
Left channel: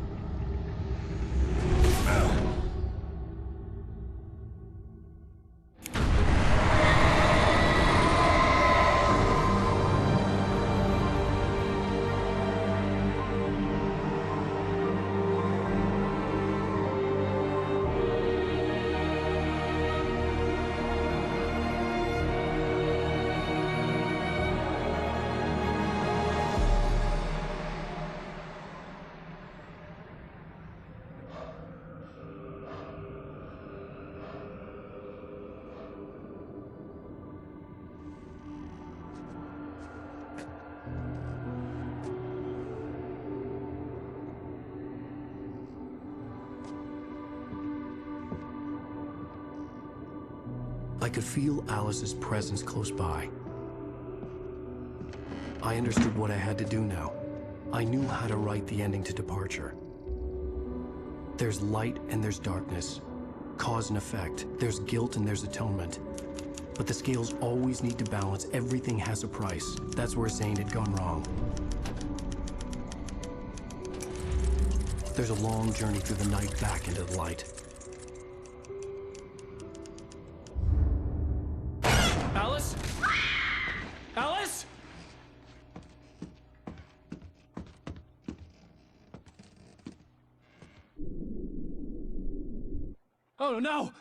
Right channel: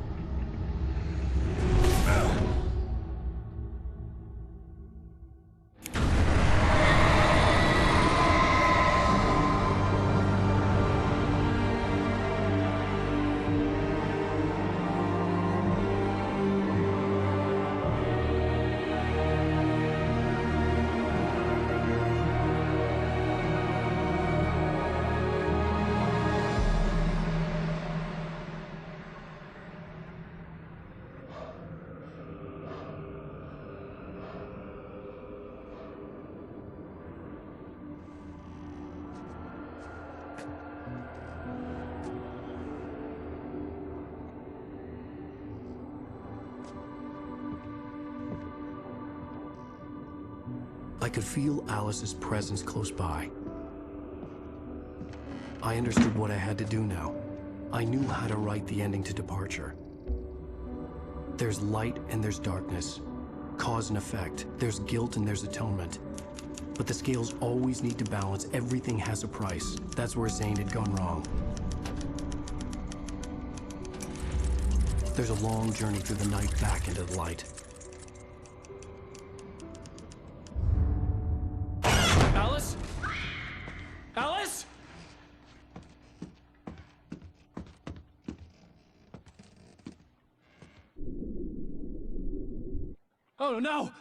I could feel Alice's presence close by. I understood what I had to do now. I knew how to write the ending to Departure. There's light and there's darkness. Cause and effect. There's guilt and there's atonement. But the scales always need to balance. Everything has a price. That's where Zane had gone wrong. There's a long journey through the night back into the light. Alice? Alice? Oh no!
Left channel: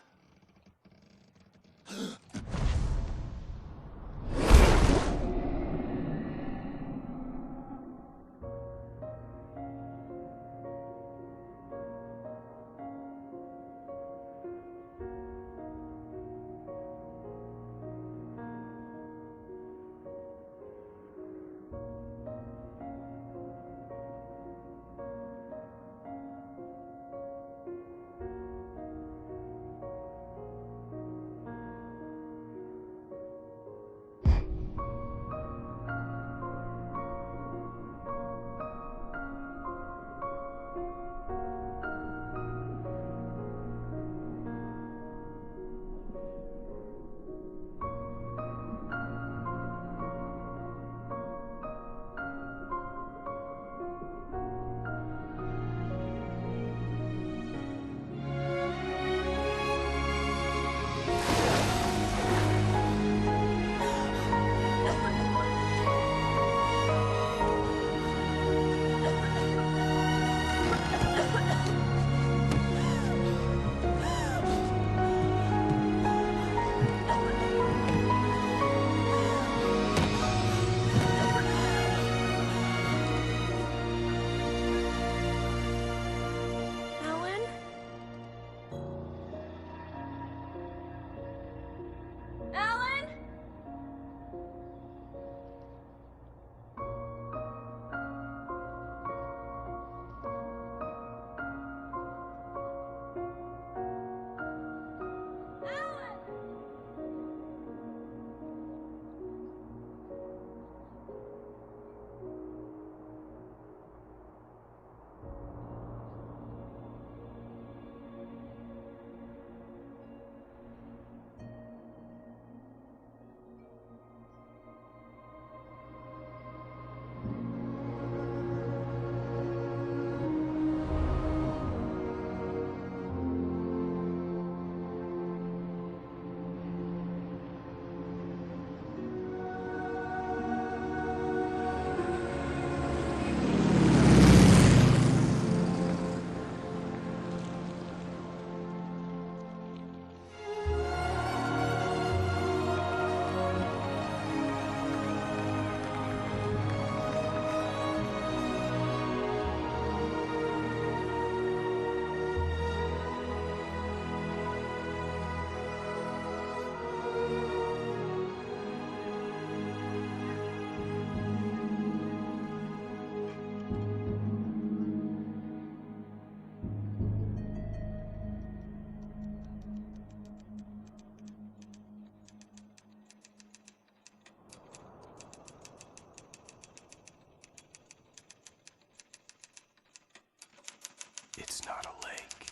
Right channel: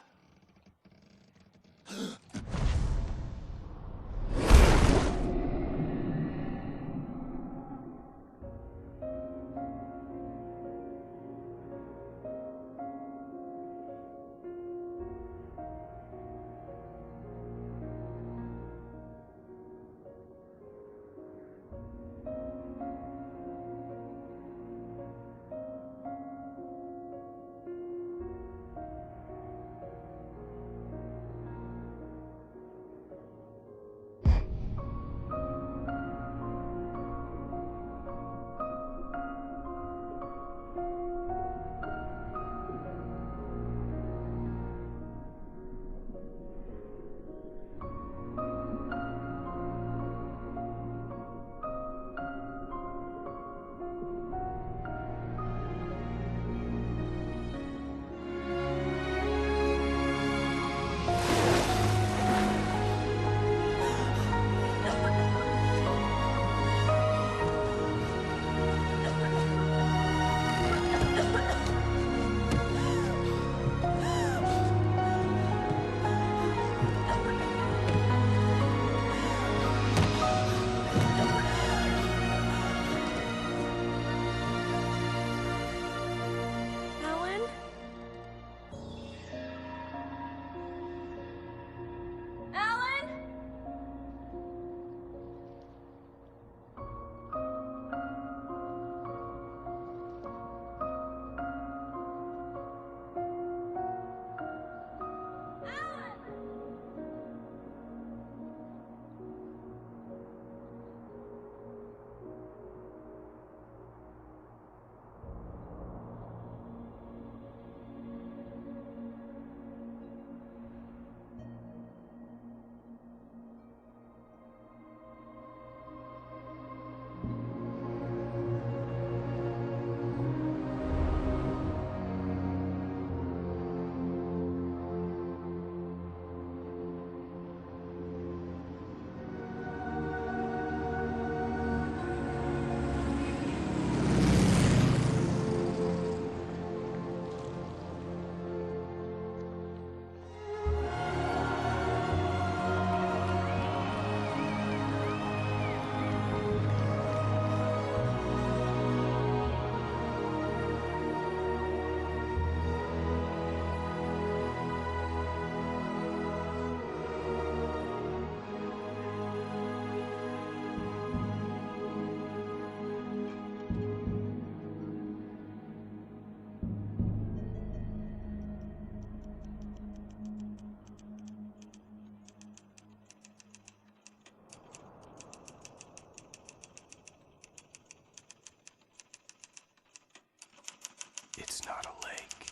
It's not a lake.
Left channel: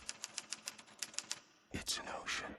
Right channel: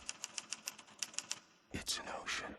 It's an ocean.